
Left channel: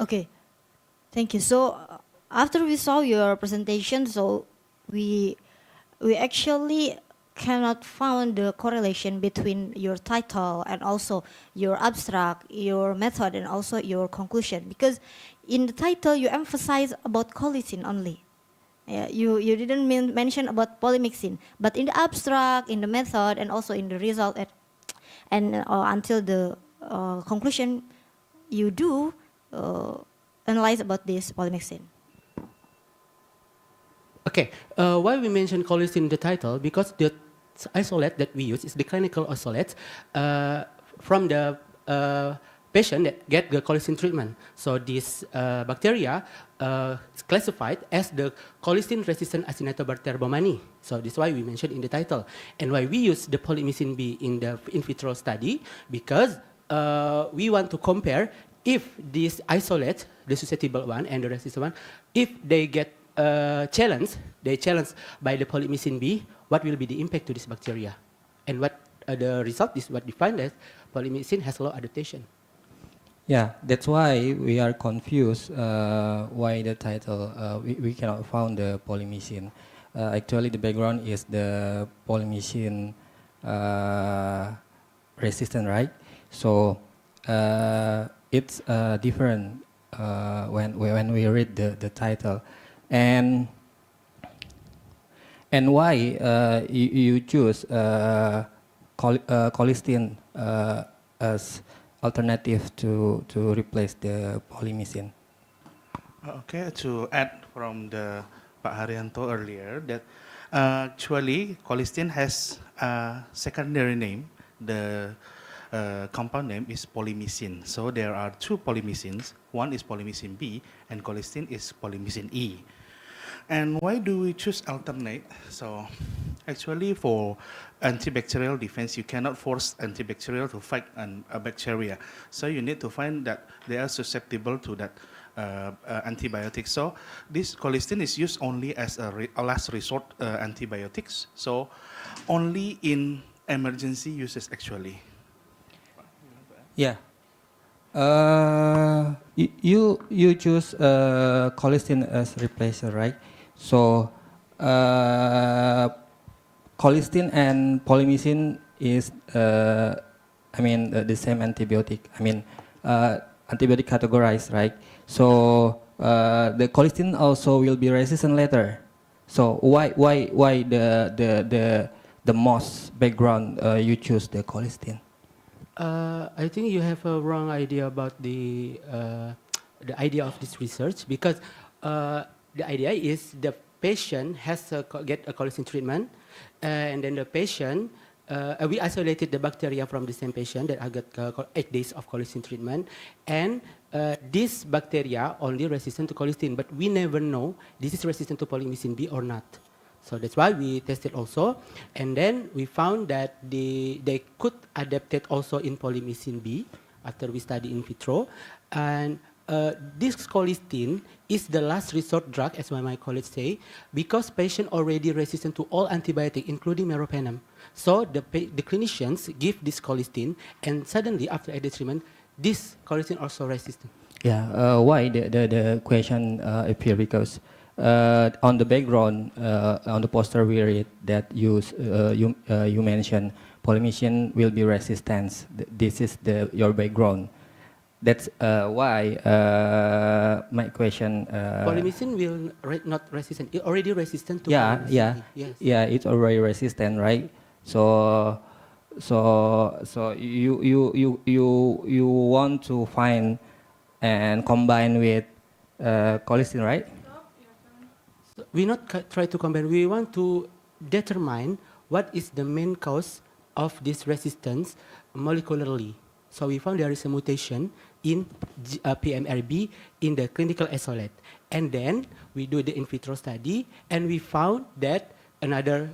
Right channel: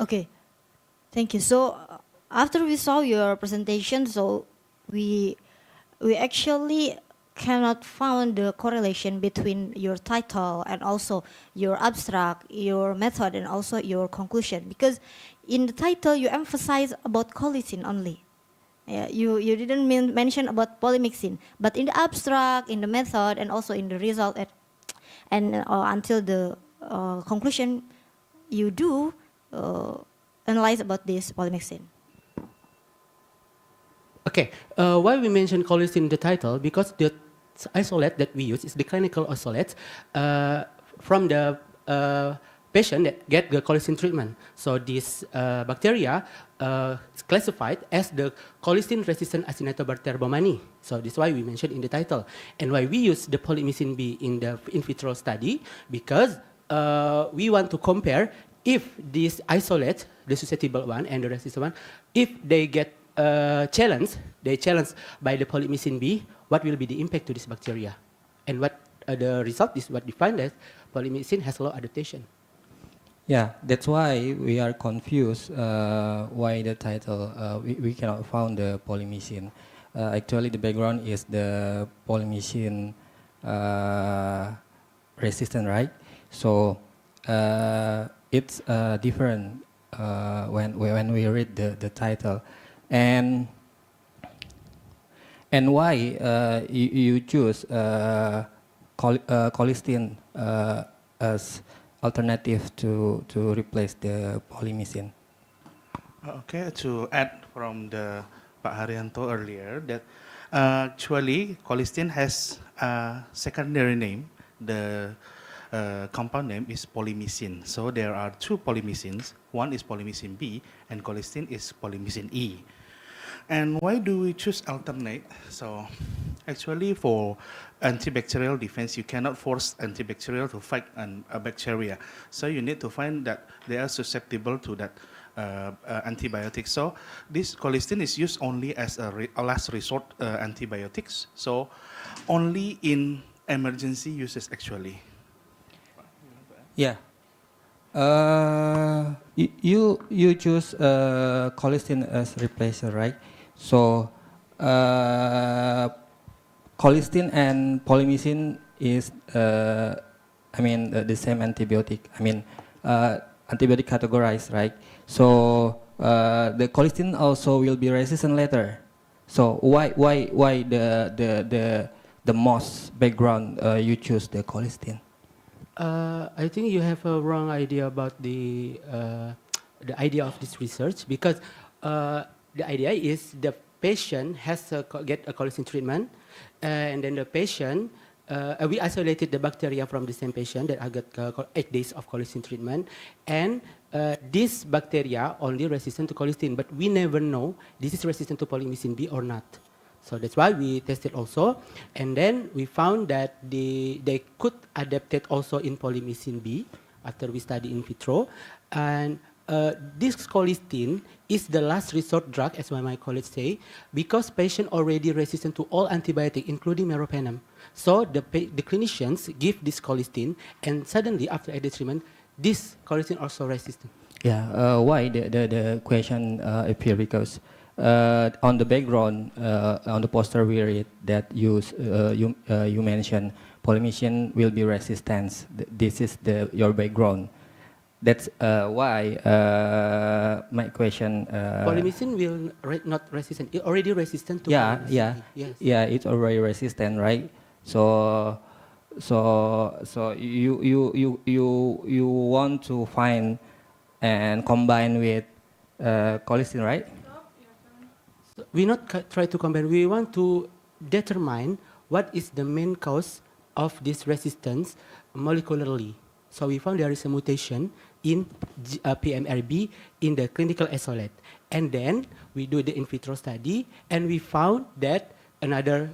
Okay, thank you. So after we saw your presentation, so we actually cannot find the correlation between your title and also your abstract, your method, and also your conclusion, because in the title you emphasize about colistin only. You didn't mention about polymyxin, but in the abstract, in the method, and also in the result, until the conclusion, you do analyze about this polymyxin? Okay, why we mention colistin in the title? Because the isolate that we use is the clinical isolate from the patient that get the colistin treatment. So this bacteria is classified as the colistin-resistant Acinetobacter baumannii. So this is why we mentioned in the title. And why we use the polymyxin B in the in vitro study, because we want to compare if this isolate, the susceptible one and the resistant one, if they get challenged by the polymyxin B, what will be the impact to this bacteria? And what the result is what defined as polymyxin has low adaptation. Yeah, that's why we are confused why the title, we cannot find the polymyxin. Actually, the background is the polymyxin resistant, right? So it's different when we read the title. And why you choose colistin as alternative to replace the polymyxin? Okay, to add from the Pak Haryanto earlier, that actually colistin has a secondary name. The compound name is polymyxin. So there are two polymyxins. One is polymyxin B and colistin is polymyxin E. And why do we choose alternate? So actually for antibacterial defense, you cannot force antibacterial to fight a bacteria. So you need to find that they are susceptible to that antibiotic. So this colistin is used only as a last resort antibiotics. So only in emergency uses actually. Yeah. You choose colistin as replacer, right? So colistin and polymyxin is, the same antibiotic. Antibiotic categorized, right? So the colistin also will be resistant later. So why the most background you choose the colistin? I think you have a wrong idea about the idea of this research, because the idea is the patient has to get a colistin treatment, and then the patient, we isolated the bacteria from the same patient that got 8 days of colistin treatment, and this bacteria only resistant to colistin, but we never know this is resistant to polymyxin B or not. So that's why we tested also, and then we found that they could adapt it also in polymyxin B after we study in vitro, and this colistin is the last resort drug, as my colleagues say, because patient already resistant to all antibiotic, including meropenem. So the clinicians give this colistin, and suddenly after added treatment, this colistin also resistant. Yeah, why the question appear, because on the background, on the poster we read that you mentioned polymyxin will be resistant. This is your background. That's why my question. Polymyxin will not resistant. It already resistant to. Yeah, polymyxin. yeah, Yes. yeah. It's already resistant, right? So you want to find and combine with colistin, right? So we not try to combine. We want to determine what is the main cause of this resistance molecularly. So we found there is a mutation in PMRB in the clinical isolate. And then we do the in vitro study, and we found that another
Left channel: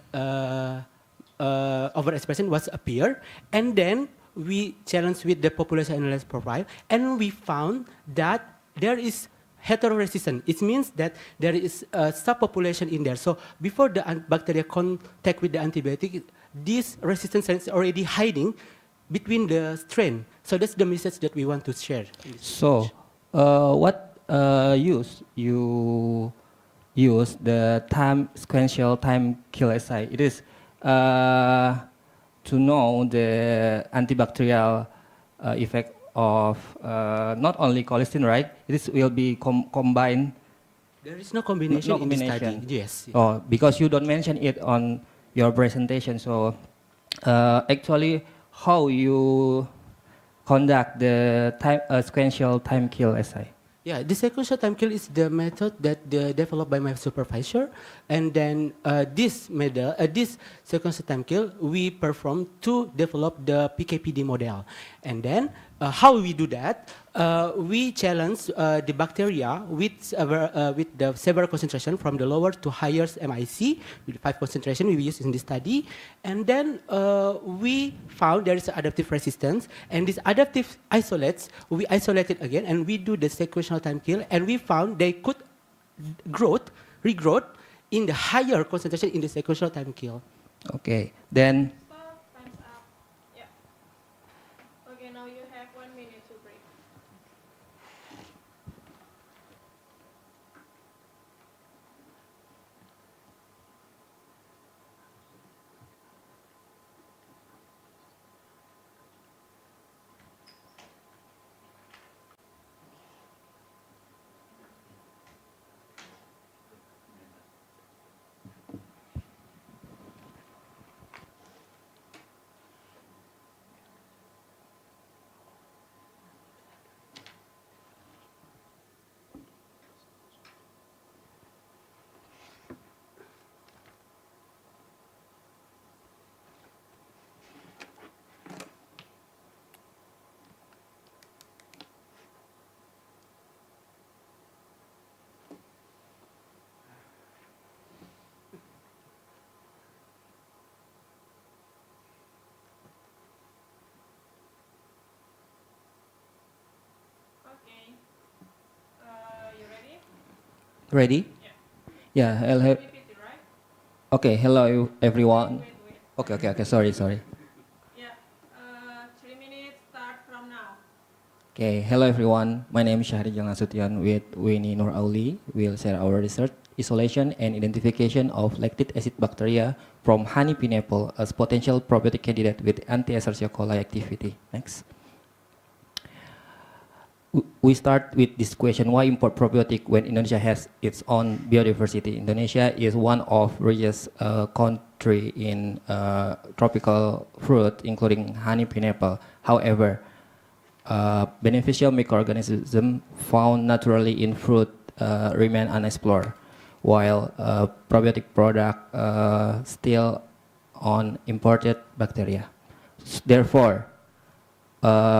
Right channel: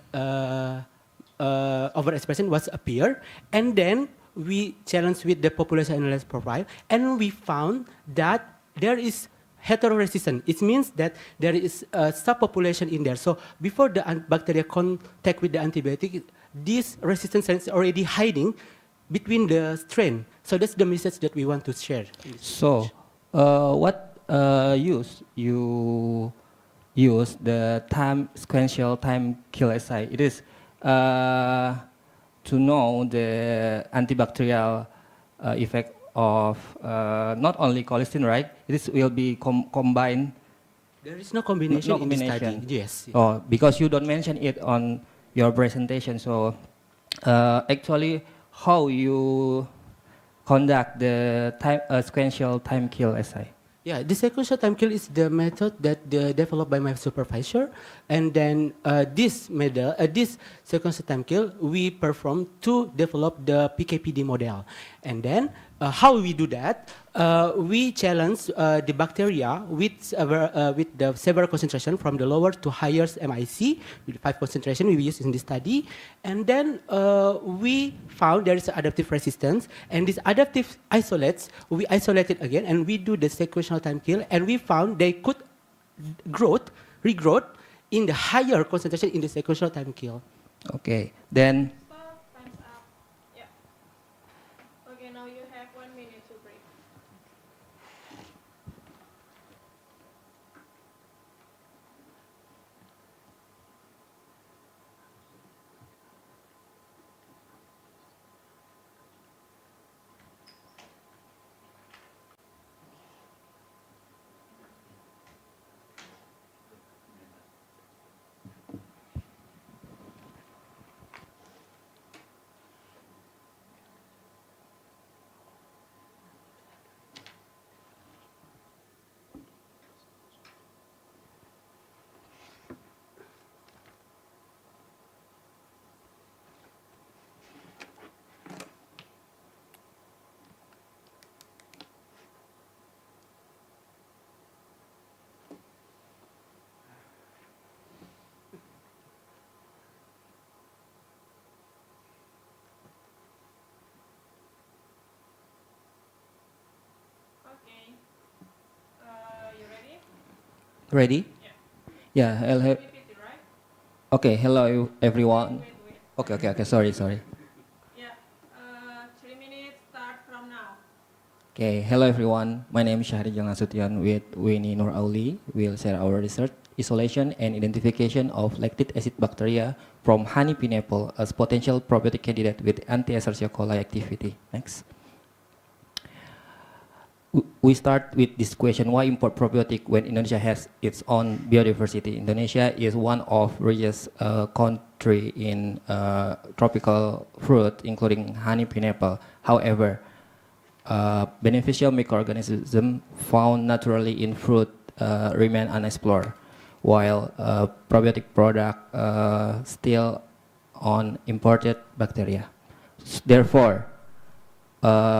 overexpression was appear. And then we challenged with the population analysis profile, and we found that there is heteroresistant. It means that there is a subpopulation in there. So before the bacteria contact with the antibiotic, this resistance is already hiding between the strain. So that's the message that we want to share. So, what you use the time sequential time kill assay? It is to know the antibacterial effect of not only colistin, right? This will be combined. There is no combination, No in the combination. study. Yes. Oh, because you don't mention it on your presentation. So, actually, how you conduct the sequential time kill assay? Yeah, the sequential time kill is the method that developed by my supervisor, and then this sequential time kill we perform to develop the PKPD model, and then how we do that? We challenge the bacteria with the several concentration from the lower to higher MIC with 5 concentration we use in this study, and then we found there is adaptive resistance, and these adaptive isolates we isolated again, and we do the sequential time kill, and we found they could regrowth in the higher concentration in the sequential time kill. Okay, then. Stop, time's up. Yeah. Okay, now you have 1 minute to break. Okay. You ready? Ready? Yeah. Yeah. Hello. PPT, right? Okay. Hello, everyone. Okay. Sorry. Yeah. 3 minutes start from now. Okay. Hello, everyone. My name is Syahri Nasution with Winnie Nur Auli. We'll share our research, isolation, and identification of lactic acid bacteria from honey pineapple as potential probiotic candidate with anti-Escherichia coli activity. Next. We start with this question: why import probiotic when Indonesia has its own biodiversity? Indonesia is one of richest country in tropical fruit, including honey pineapple. However, beneficial microorganisms found naturally in fruit remain unexplored, while probiotic product still on imported bacteria. Therefore,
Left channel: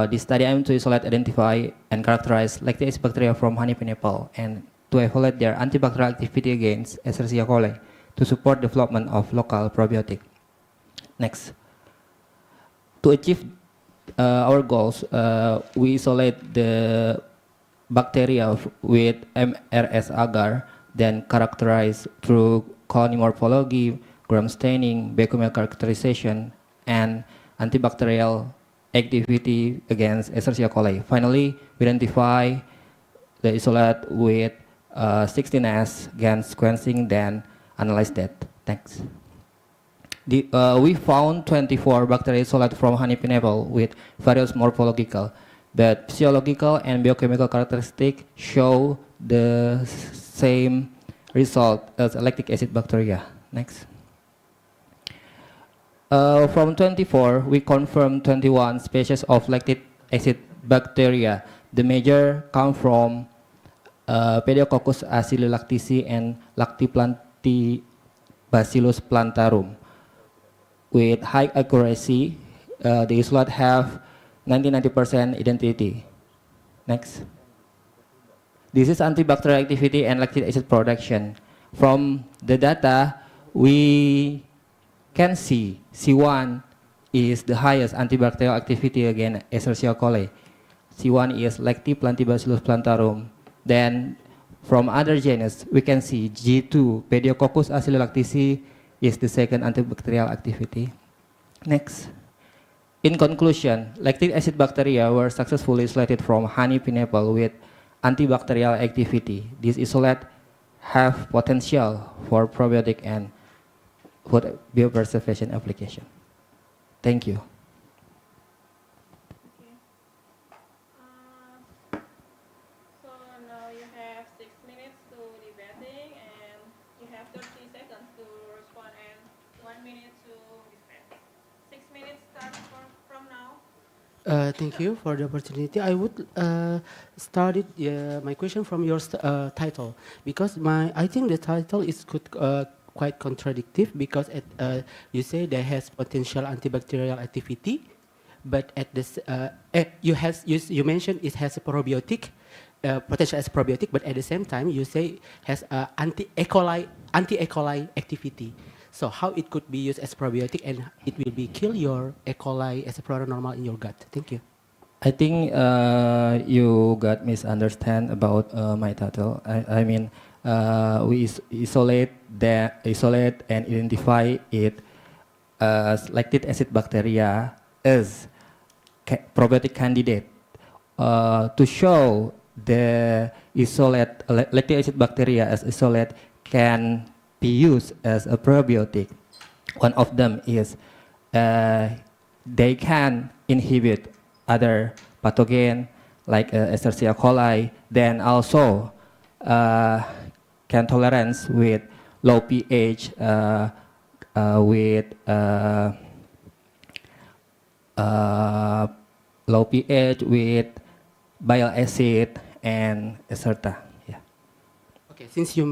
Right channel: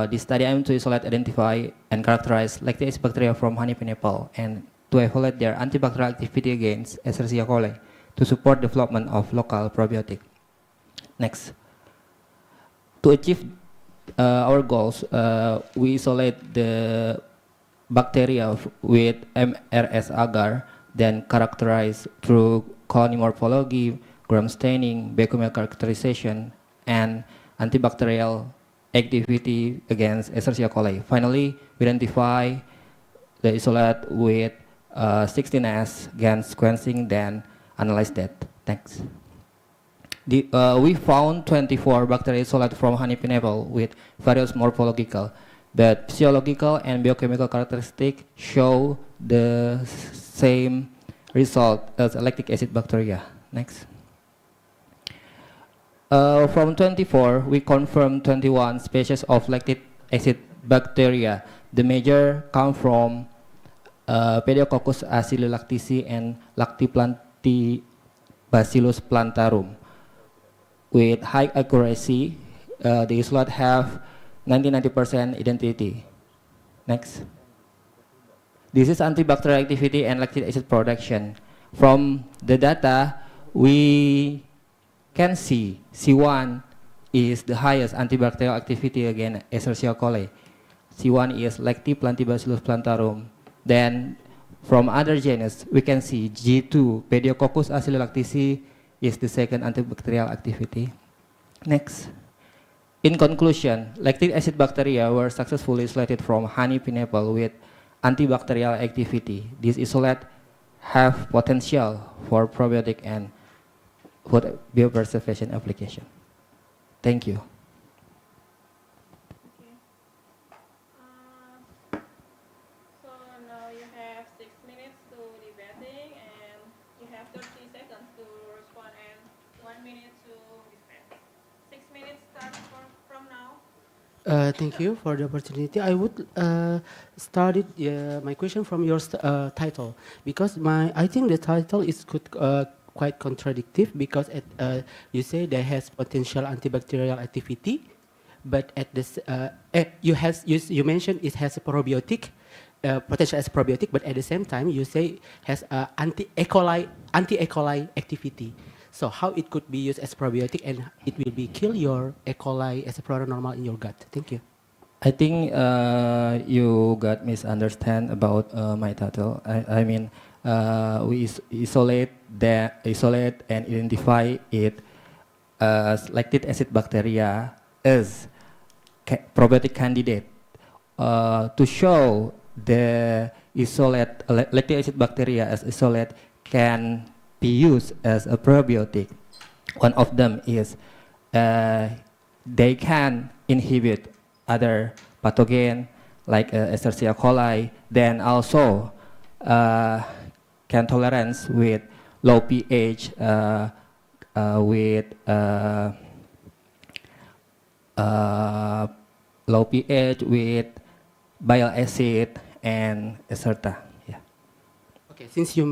this study aims to isolate, identify, and characterize lactic acid bacteria from honey pineapple and to evaluate their antibacterial activity against Escherichia coli to support development of local probiotic. Next. To achieve our goals, we isolate the bacteria with MRS agar, then characterize through colony morphology, gram staining, biochemical characterization, and antibacterial activity against Escherichia coli. Finally, we identify the isolate with 16S GAN sequencing, then analyze that. Thanks. We found 24 bacteria isolate from honey pineapple with various morphological, but physiological and biochemical characteristics show the same result as lactic acid bacteria. Next. From 24, we confirmed 21 species of lactic acid bacteria. The major come from Pediococcus acinolactici and Lactobacillus plantarum. With high accuracy, the isolate have 90% identity. Next. This is antibacterial activity and lactic acid production. From the data, we can see C1 is the highest antibacterial activity against Escherichia coli. C1 is Lactobacillus plantarum. Then from other genus, we can see G2, Pediococcus acinolactici, is the second antibacterial activity. Next. In conclusion, lactic acid bacteria were successfully isolated from honey pineapple with antibacterial activity. These isolates have potential for probiotic and food biopreservation application. Thank you. So now you have 6 minutes to debating, and you have 30 seconds to respond and 1 minute to dispense. 6 minutes start from now. Thank you for the opportunity. I would start it, my question from your title, because I think the title is quite contradictory, because you say there has potential antibacterial activity, but at this you mentioned it has a probiotic potential as a probiotic, but at the same time you say has anti-E. coli activity. So how it could be used as probiotic and it will be kill your E. coli as a product normal in your gut? Thank you. I think you got misunderstand about my title. I mean, we isolate and identify it as lactic acid bacteria as probiotic candidate to show the isolate lactic acid bacteria as isolate can be used as a probiotic. One of them is they can inhibit other pathogen like Escherichia coli, then also can tolerance with low pH, with low pH, with bile acid, and etc. Yeah. Okay, since you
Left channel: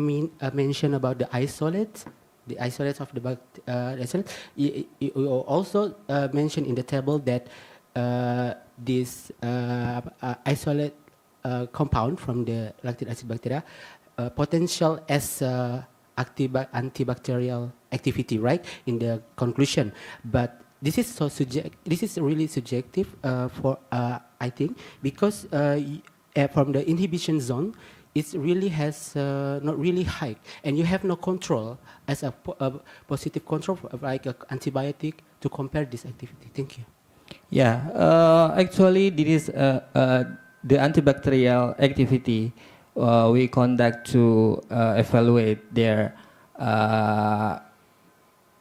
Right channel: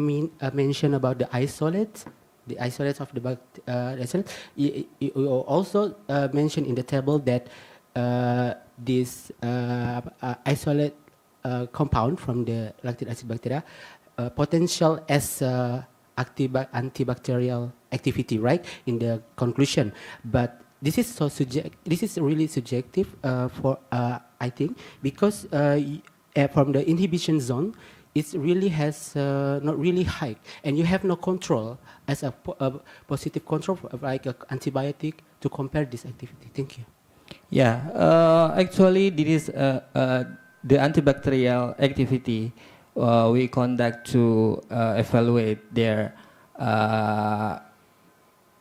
mentioned about the isolates of the isolate, you also mentioned in the table that this isolate compound from the lactic acid bacteria potential as antibacterial activity, right? In the conclusion, but this is this is really subjective for I think, because from the inhibition zone, it really has not really high, and you have no control as a positive control like an antibiotic to compare this activity. Thank you. Yeah, actually, this is the antibacterial activity we conduct to evaluate their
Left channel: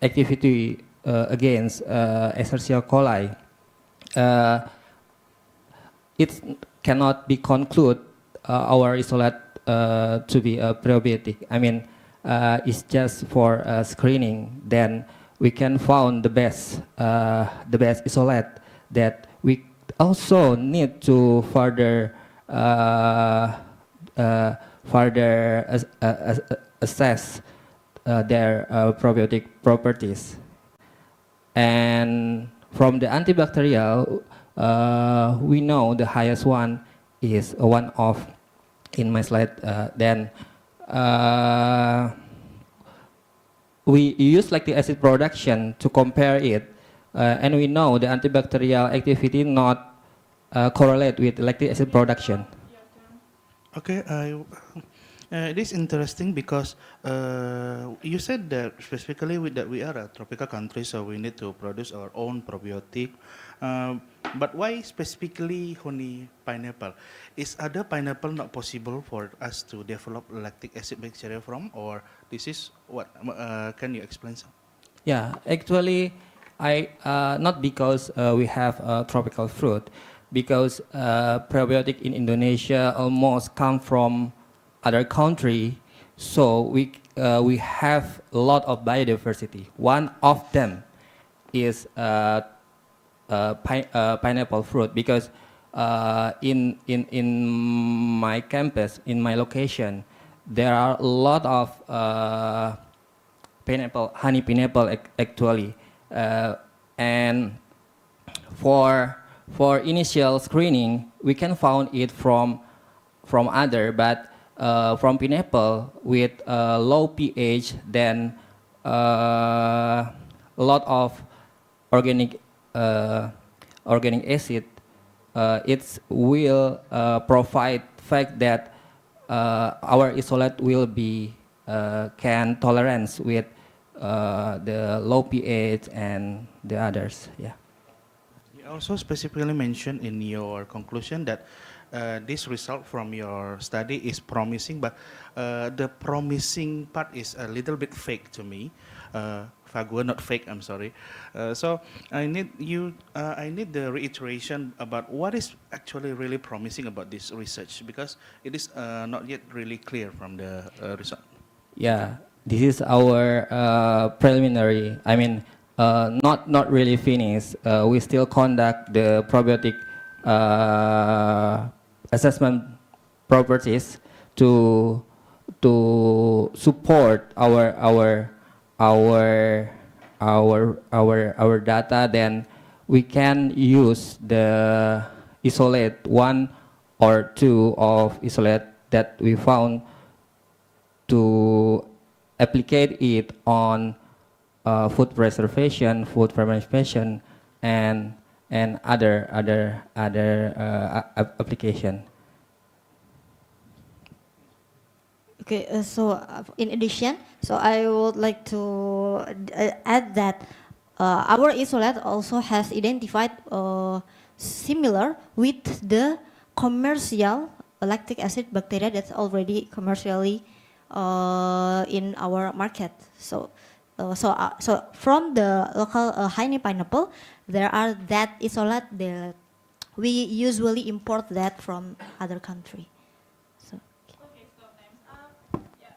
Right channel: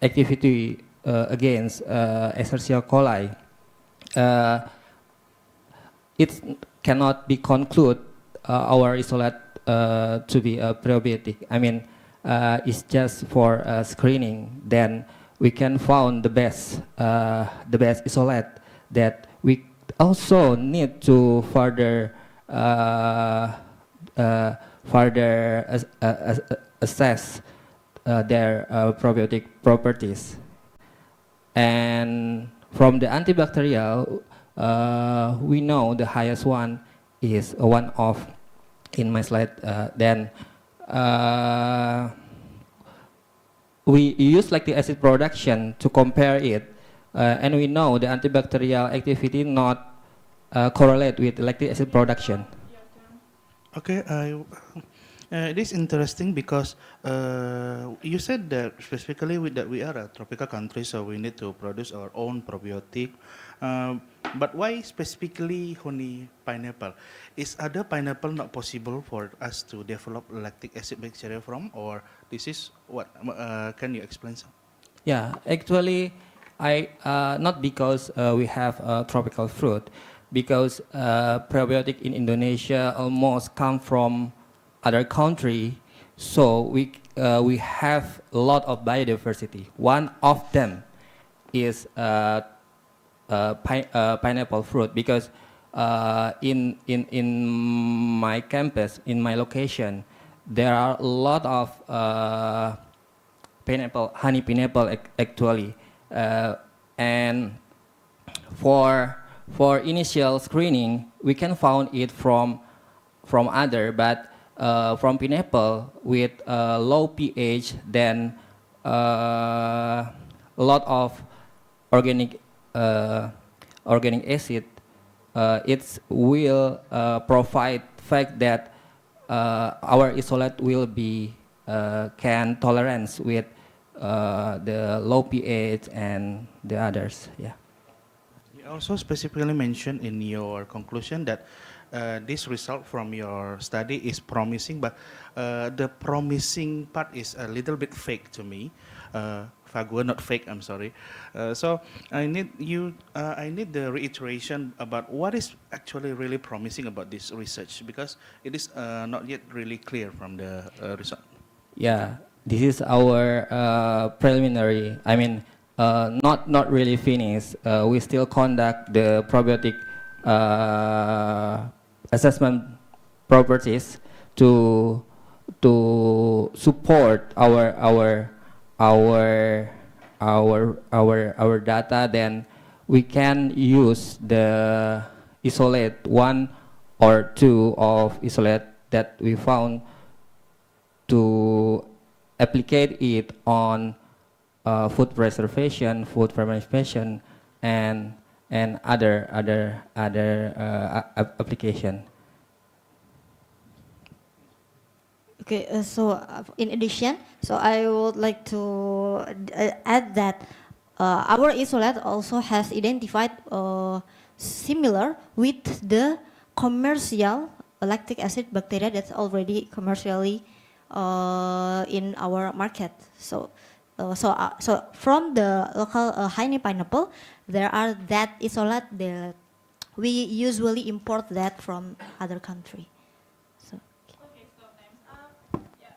activity against Escherichia coli. It cannot be concluded our isolate to be a probiotic. I mean, it's just for screening. Then we can find the best isolate that we also need to further assess their probiotic properties. And from the antibacterial, we know the highest one is one of in my slide. Then we use lactic acid production to compare it, and we know the antibacterial activity not correlate with lactic acid production. Okay, it is interesting because you said that specifically that we are a tropical country, so we need to produce our own probiotic. But why specifically honey pineapple? Is other pineapple not possible for us to develop lactic acid bacteria from, or this is what? Can you explain some? Yeah, actually, not because we have tropical fruit, because probiotic in Indonesia almost come from other country, so we have a lot of biodiversity. One of them is pineapple fruit, because in my campus, in my location, there are a lot of honey pineapple actually, and for initial screening we can found it from other, but from pineapple with low pH, then a lot of organic acid, it will provide fact that our isolate will be can tolerance with the low pH and the others. Yeah. You also specifically mentioned in your conclusion that this result from your study is promising, but the promising part is a little bit fake to me. Fagua, not fake, I'm sorry. So I need the reiteration about what is actually really promising about this research, because it is not yet really clear from the result. Yeah, this is our preliminary, I mean, not really finished. We still conduct the probiotic assessment properties to support our data. Then we can use the isolate one or two of isolate that we found to applicate it on food preservation, food fermentation, and other application. Okay, in addition, so I would like to add that our isolate also has identified similar with the commercial lactic acid bacteria that's already commercially in our market. So from the local honey pineapple, there are that isolate that we usually import that from other country. So. Okay, so time's up. Yeah.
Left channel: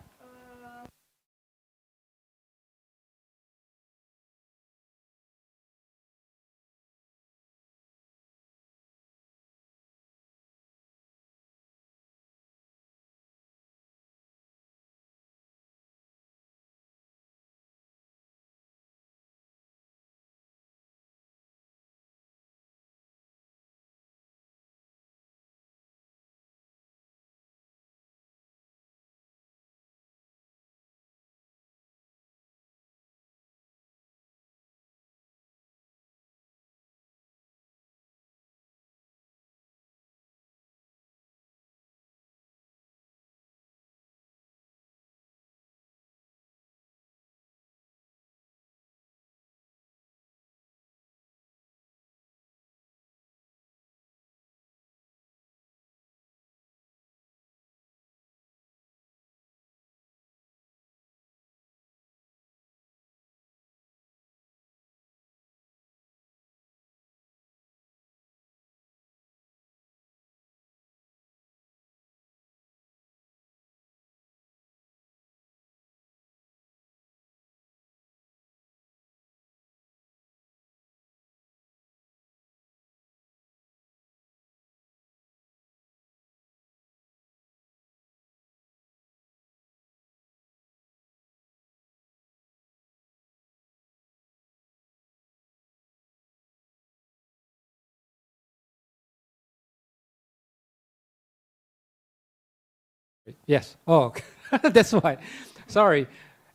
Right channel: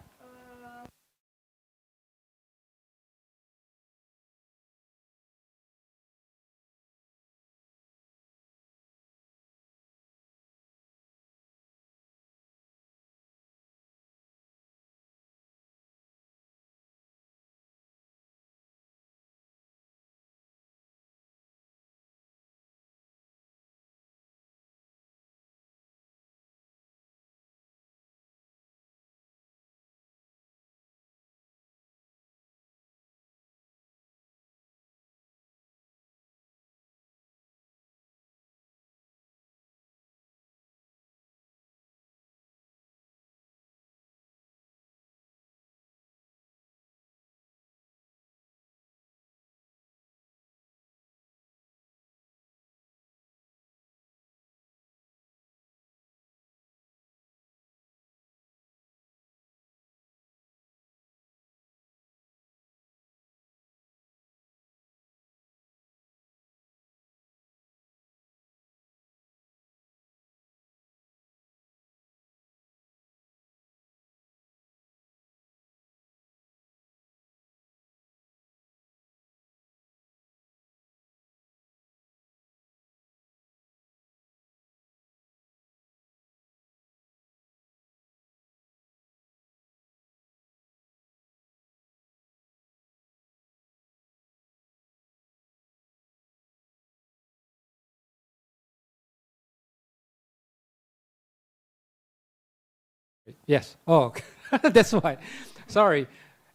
Yes. Oh, that's why. Sorry.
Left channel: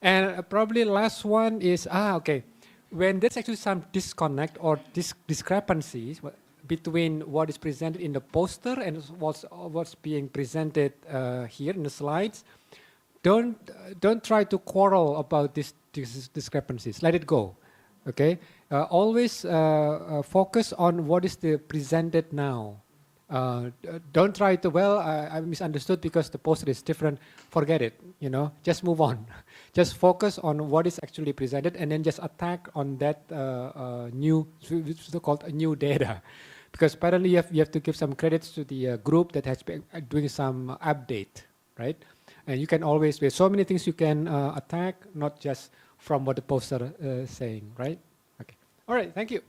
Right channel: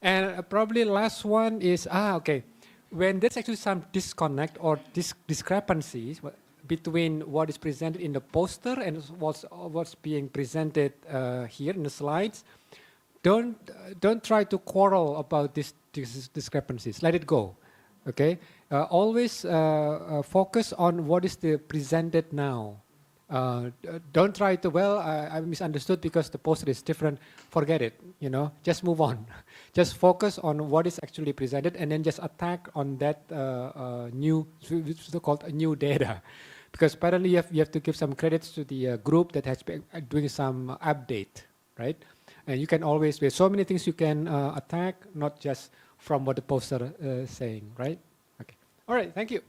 And probably last one is, okay. When there's actually some disconnect or discrepancies between what is presented in the poster and what's being presented here in the slides, don't try to quarrel about these discrepancies. Let it go. Okay. Always focus on what is the presented now. Don't try to, well, I misunderstood because the poster is different. Forget it, just move on. Just focus on what is actually presented and then just attack on that new, so-called new data. Because apparently you have to give some credits to the group that has been doing some update, right? And you can always, there's so many things you can attack, not just from what the poster is saying, right? Okay. All right, thank you.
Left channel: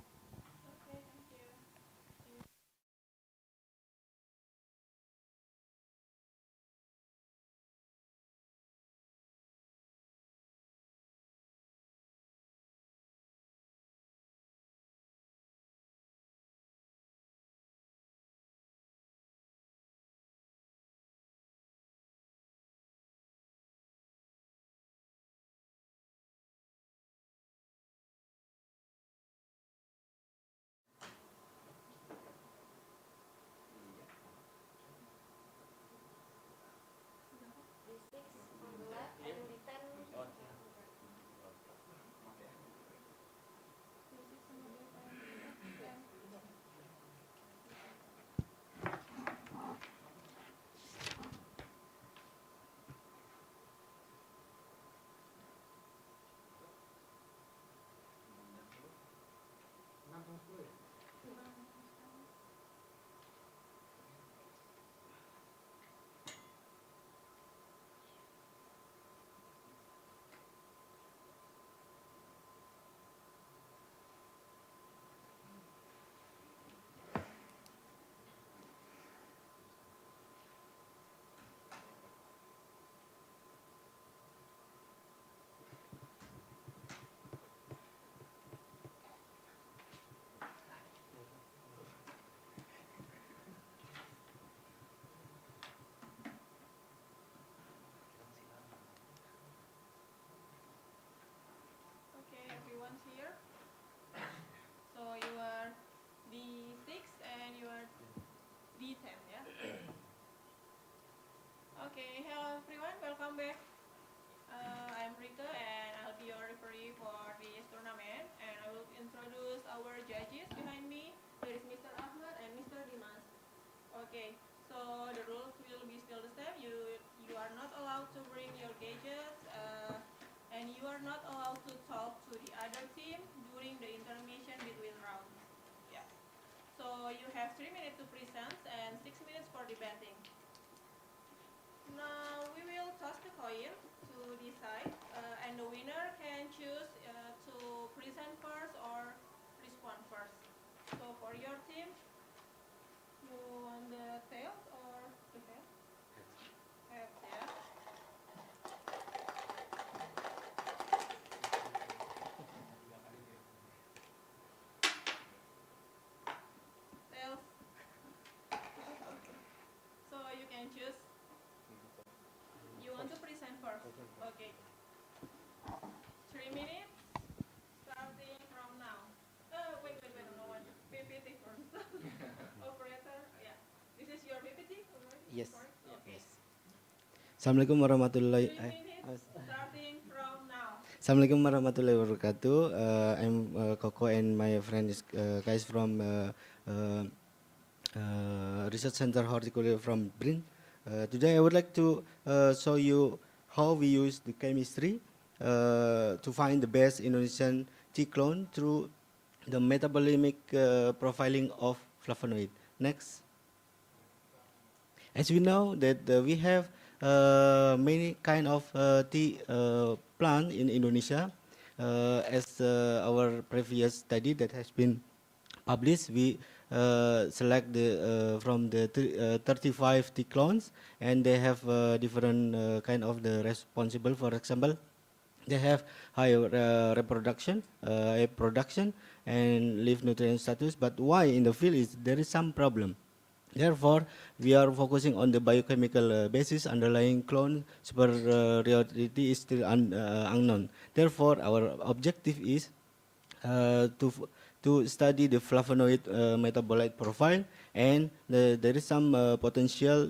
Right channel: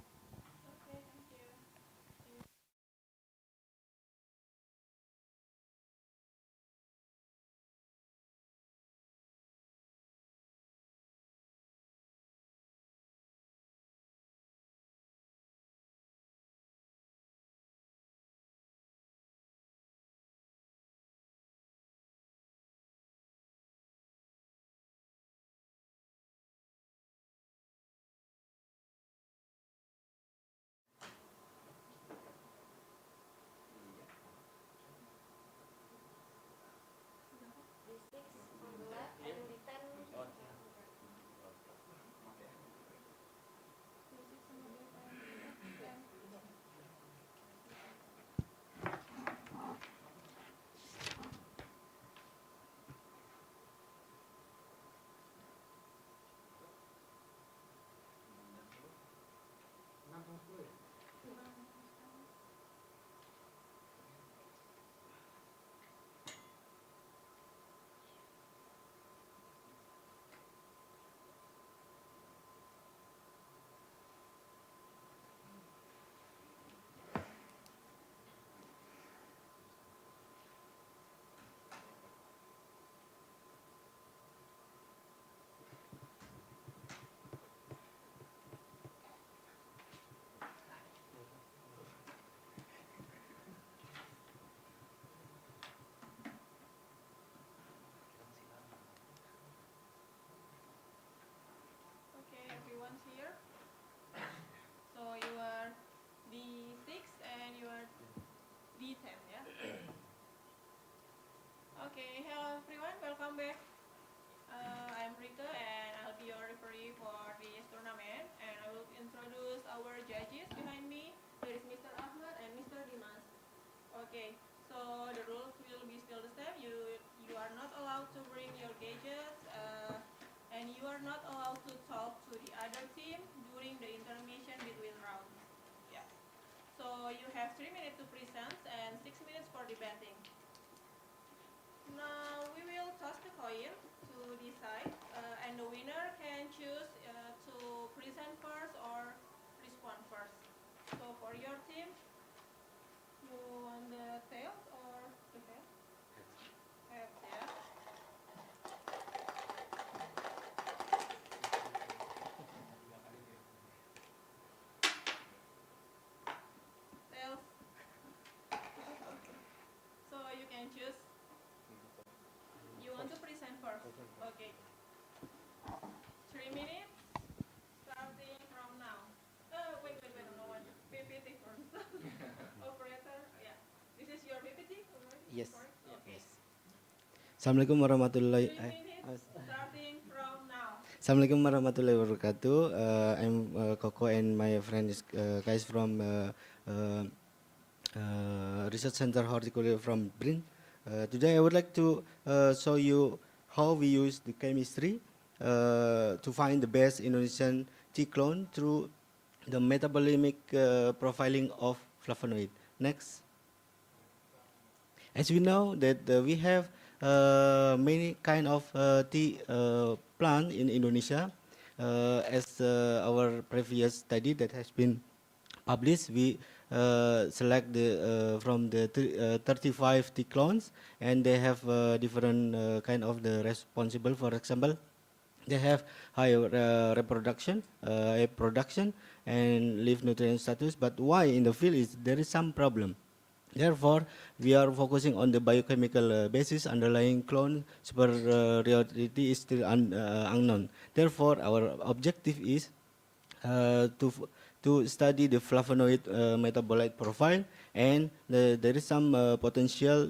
Okay, hello everyone, welcome back. I'm Rika and I'll be your referee for this tournament, and I will introduce our judges behind me. There is Mr. Ahmad and Mr. Dimas. Okay, so the rules will be still the same. You are not allowed to bring your gadgets, and you are not allowed to talk to the other team during the intermission between rounds. Yeah. So you have 3 minutes to present and 6 minutes for debating. Now we will toss the coin to decide, and the winner can choose to present first or respond first. So for your team, you want the tails or the head? Heads, yeah. Tails. So you can choose. You want to present first? Okay. 3 minutes, starting from now. Wait, no one. PPT first. Operator, yeah. This is your PPT? Yes. Okay. Yes. Assalamualaikum warahmatullahi 3 minutes, starting from now. Assalamualaikum warahmatullahi wabarakatuh. I'm Koko and my friend is guys from Research Center Horticulture from Brin. Today I would like to show you how we use the chemistry to find the best Indonesian tea clone through the metabolomic profiling of flavonoid. Next. As we know that we have many kind of tea plant in Indonesia. As our previous study that has been published, we select the from the 35 tea clones, and they have different kind of the responsible. For example, they have high reproduction, high production, and leaf nutrient status. But why in the field is there is some problem. Therefore, we are focusing on the biochemical basis underlying clone superiority is still unknown. Therefore, our objective is to study the flavonoid metabolite profile, and there is some potential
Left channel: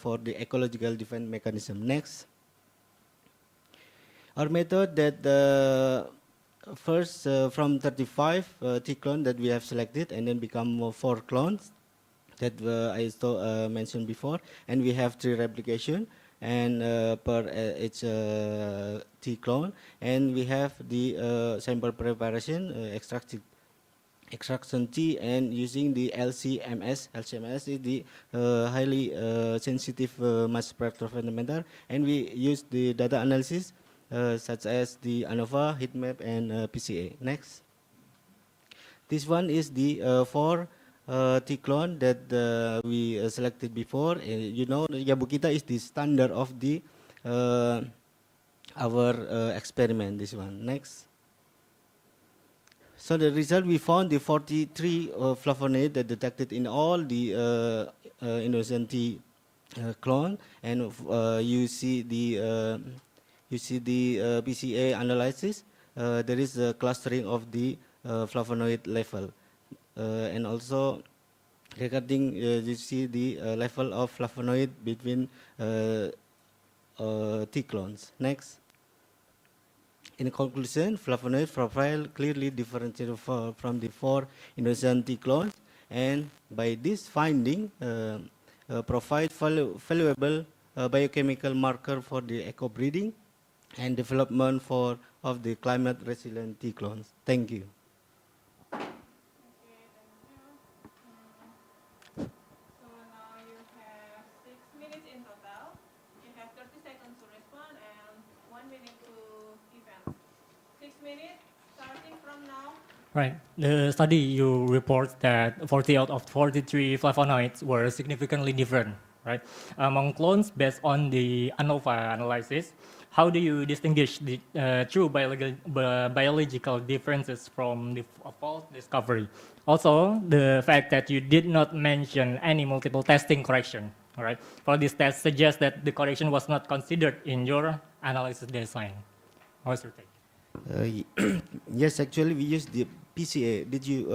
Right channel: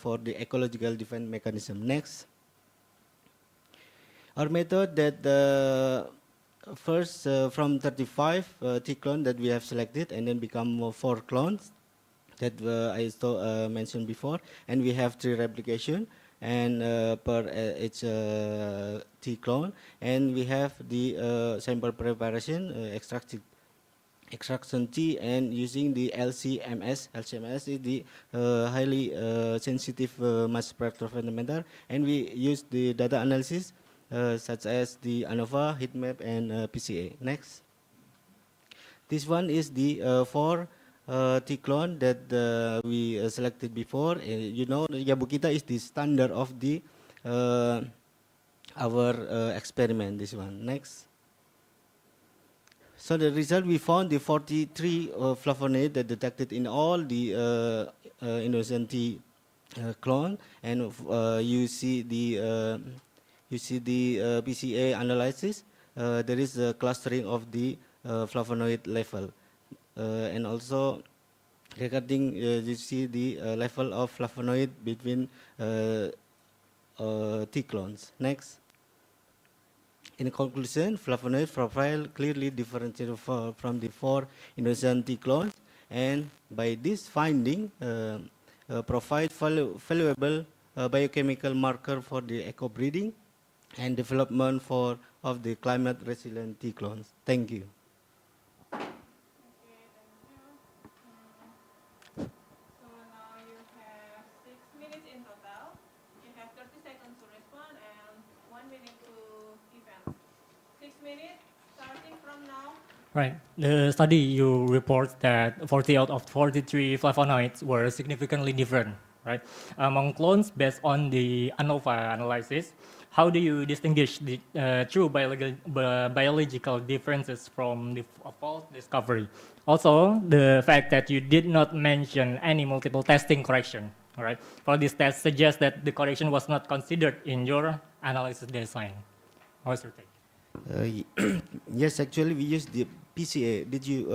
for the ecological defense mechanism. Next. Our method that first from 35 T clone that we have selected, and then become 4 clones that I mentioned before, and we have 3 replication and per each T clone, and we have the sample preparation extraction T, and using the LCMS. LCMS is the highly sensitive mass spectrophotometer, and we use the data analysis such as the ANOVA, heat map, and PCA. Next. This one is the 4 T clone that we selected before. You know, Yabukita is the standard of the our experiment. This one. Next. So the result, we found the 43 flavonoid that detected in all the Indonesian tea clone, and you see the PCA analysis. There is a clustering of the flavonoid level, and also regarding you see the level of flavonoid between tea clones. Next. In conclusion, flavonoid profile clearly differentiated from the 4 Indonesian tea clones, and by this finding, provide valuable biochemical marker for the eco breeding and development of the climate resilient tea clones. Thank you. So now you have 6 minutes in total. You have 30 seconds to respond and 1 minute to defend. 6 minutes, starting from now. Right. The study you report that 40 out of 43 flavonoids were significantly different, right? Among clones based on the ANOVA analysis, how do you distinguish the true biological differences from the false discovery? Also, the fact that you did not mention any multiple testing correction, all right? For this test suggests that the correction was not considered in your analysis design. What's your take? Yes, actually we use the PCA. Did you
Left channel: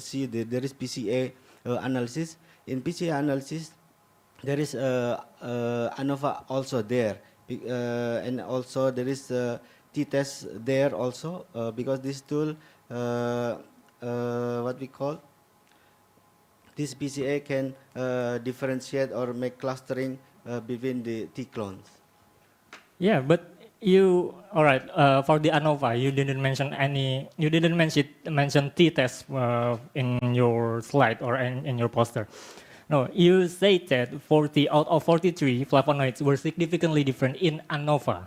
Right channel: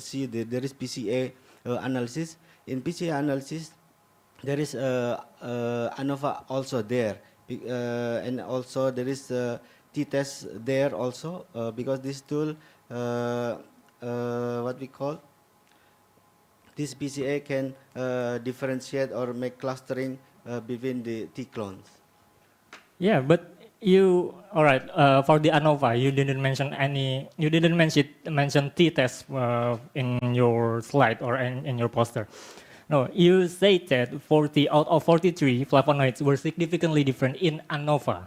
see there is PCA analysis? In PCA analysis, there is ANOVA also there, and also there is t-test there also, because this tool, what we call, this PCA can differentiate or make clustering between the T-clones. Yeah, but you, all right, for the ANOVA, you didn't mention mention t-test in your slide or in your poster. No, you said that 40 out of 43 flavonoids were significantly different in ANOVA,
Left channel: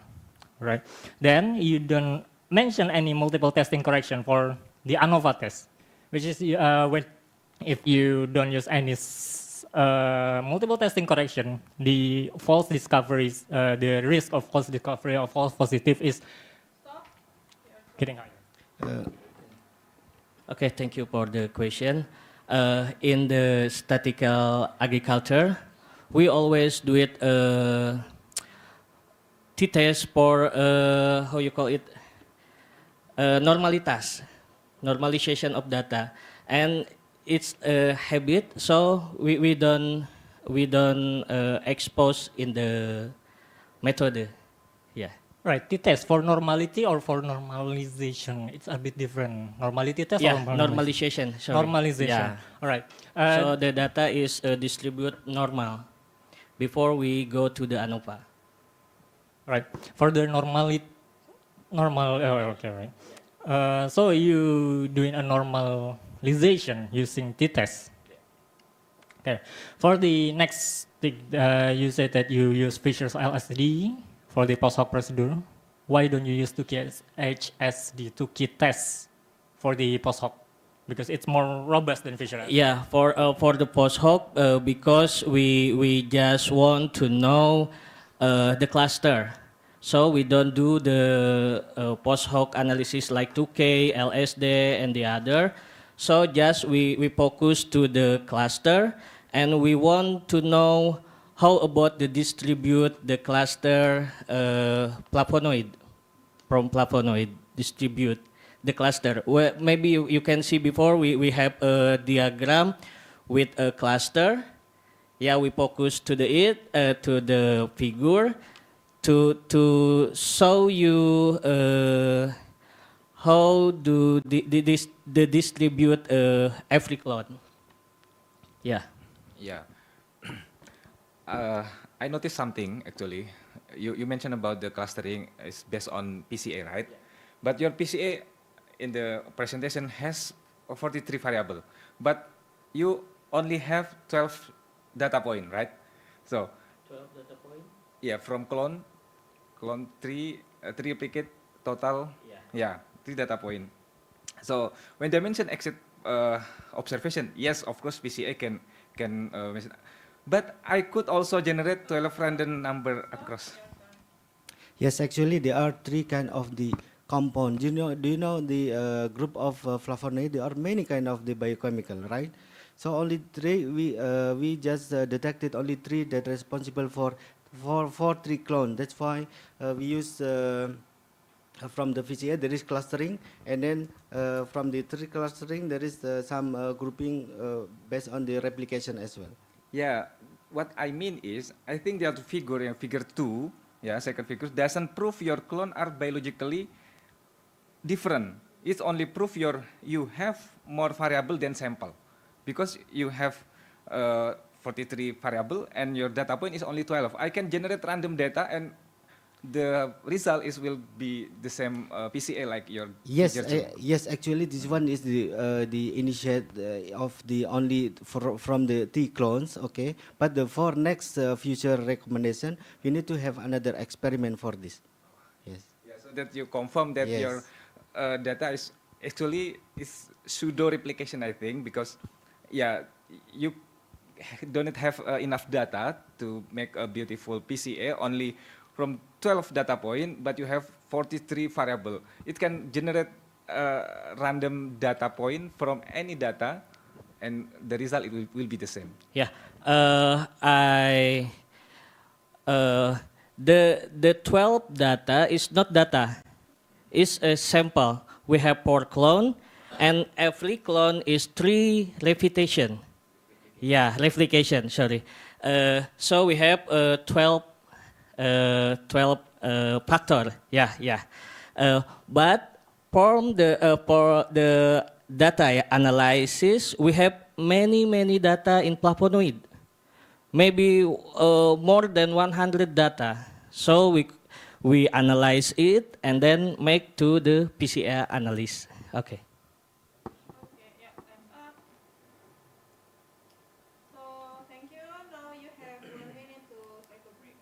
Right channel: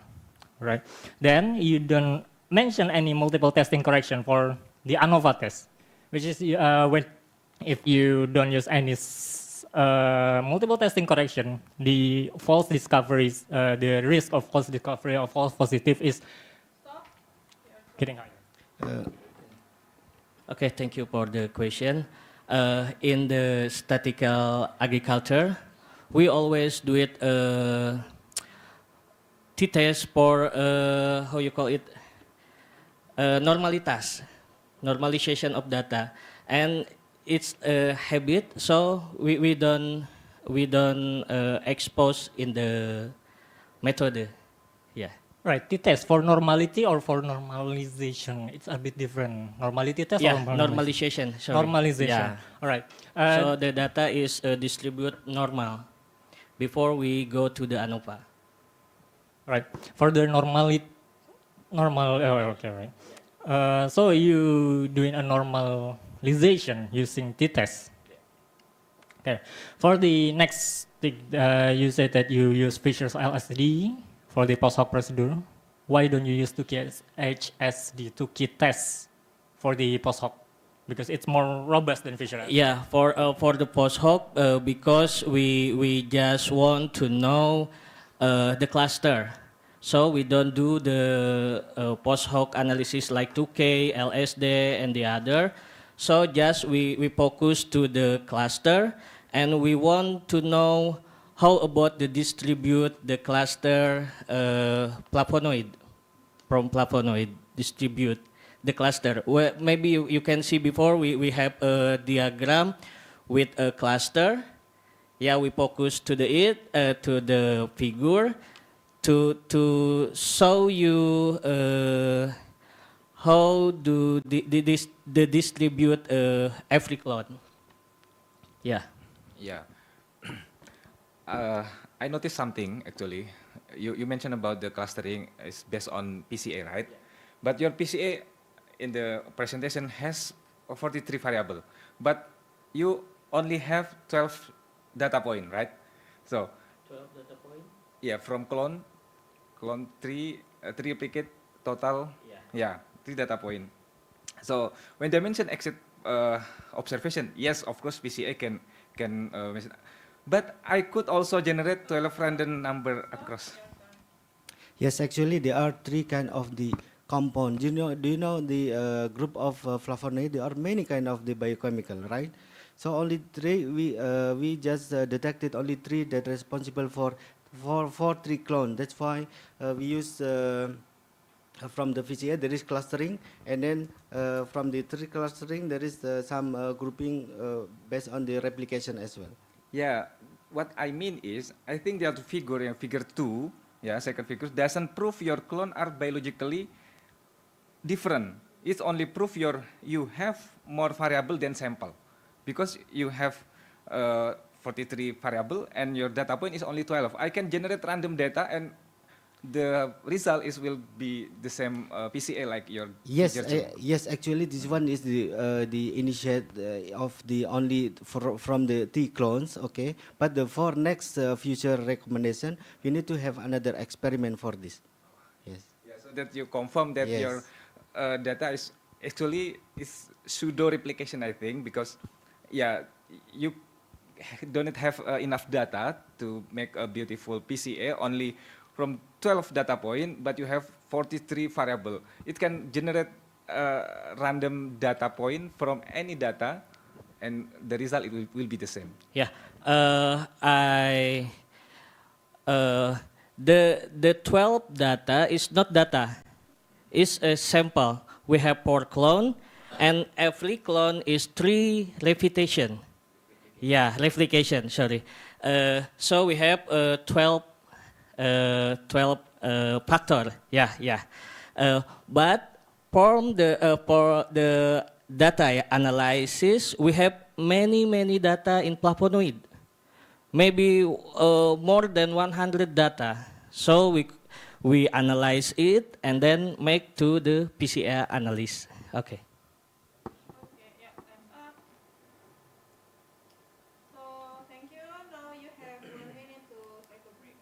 right? Then you don't mention any multiple testing correction for the ANOVA test, which is when if you don't use any multiple testing correction, the false discoveries, the risk of false discovery of false positive is getting higher. Okay, thank you for the question. In the statistical agriculture, we always do it t-test for how you call it, normalitas, normalization of data, and it's a habit, so we don't expose in the method. Yeah. Right, t-test for normality or for normalization, it's a bit different. Normality test Yeah, or normalization. Sorry. Normalization. Yeah. All right. So the data is distributed normal before we go to the ANOVA. Right. For the normal, okay, right. So you doing a normalization using t-test. Okay. For the next thing, you said that you use Fisher's LSD for the post-hoc procedure. Why don't you use 2KHSD, 2K test for the post-hoc? Because it's more robust than Fisher. Yeah, for the post-hoc, because we just want to know the cluster. So we don't do the post-hoc analysis like 2K, LSD, and the other. So just we focus to the cluster, and we want to know how about the distribute the cluster flavonoid, from flavonoid distribute the cluster. Well, maybe you can see before we have a diagram with a cluster. Yeah, we focus to the figure to show you how do the distribute every clone. Yeah. Yeah. I noticed something actually. You mentioned about the clustering is based on PCA, right? Yeah. But your PCA in the presentation has 43 variable, but you only have 12 data point, right? So 12 data point. Yeah, from clone 3 replicate total. Yeah, 3 data point. So when they mention exit observation, yes, of course PCA can mention. But I could also generate 12 random number across. Yes, actually there are 3 kind of the compound. Do you know the group of flavonoid? There are many kind of the biochemical, right? So only 3 we just detected only 3 that responsible for 3 clone. That's why we use from the PCA there is clustering, and then from the 3 clustering there is some grouping based on the replication as well. Yeah, what I mean is, I think the other figure, figure 2, yeah, second figure, doesn't prove your clone are biologically different. It's only proof you have more variable than sample, because you have 43 variable and your data point is only 12. I can generate random data and the result will be the same PCA like your Yes, figure 2. yes. Actually, this one is the initiate of the only from the T clones. Okay, but for next future recommendation, we need to have another experiment for this. Yes. Yeah, so that you confirm that Yes. your data is actually pseudo replication, I think, because yeah, you don't have enough data to make a beautiful PCA only from 12 data point, but you have 43 variable. It can generate random data point from any data, and the result will be the same. Yeah, the 12 data is not data, it's a sample. We have 4 clone, and every clone is 3 repetition. Yeah, replication, sorry. So we have 12 factor. Yeah, yeah. But for the data analysis, we have many data in flavonoid. Maybe more than 100 data. So we analyze it and then make to the PCR analysis. Okay. Okay, yeah, time's up. So thank you. Now you have 1 minute to take a break.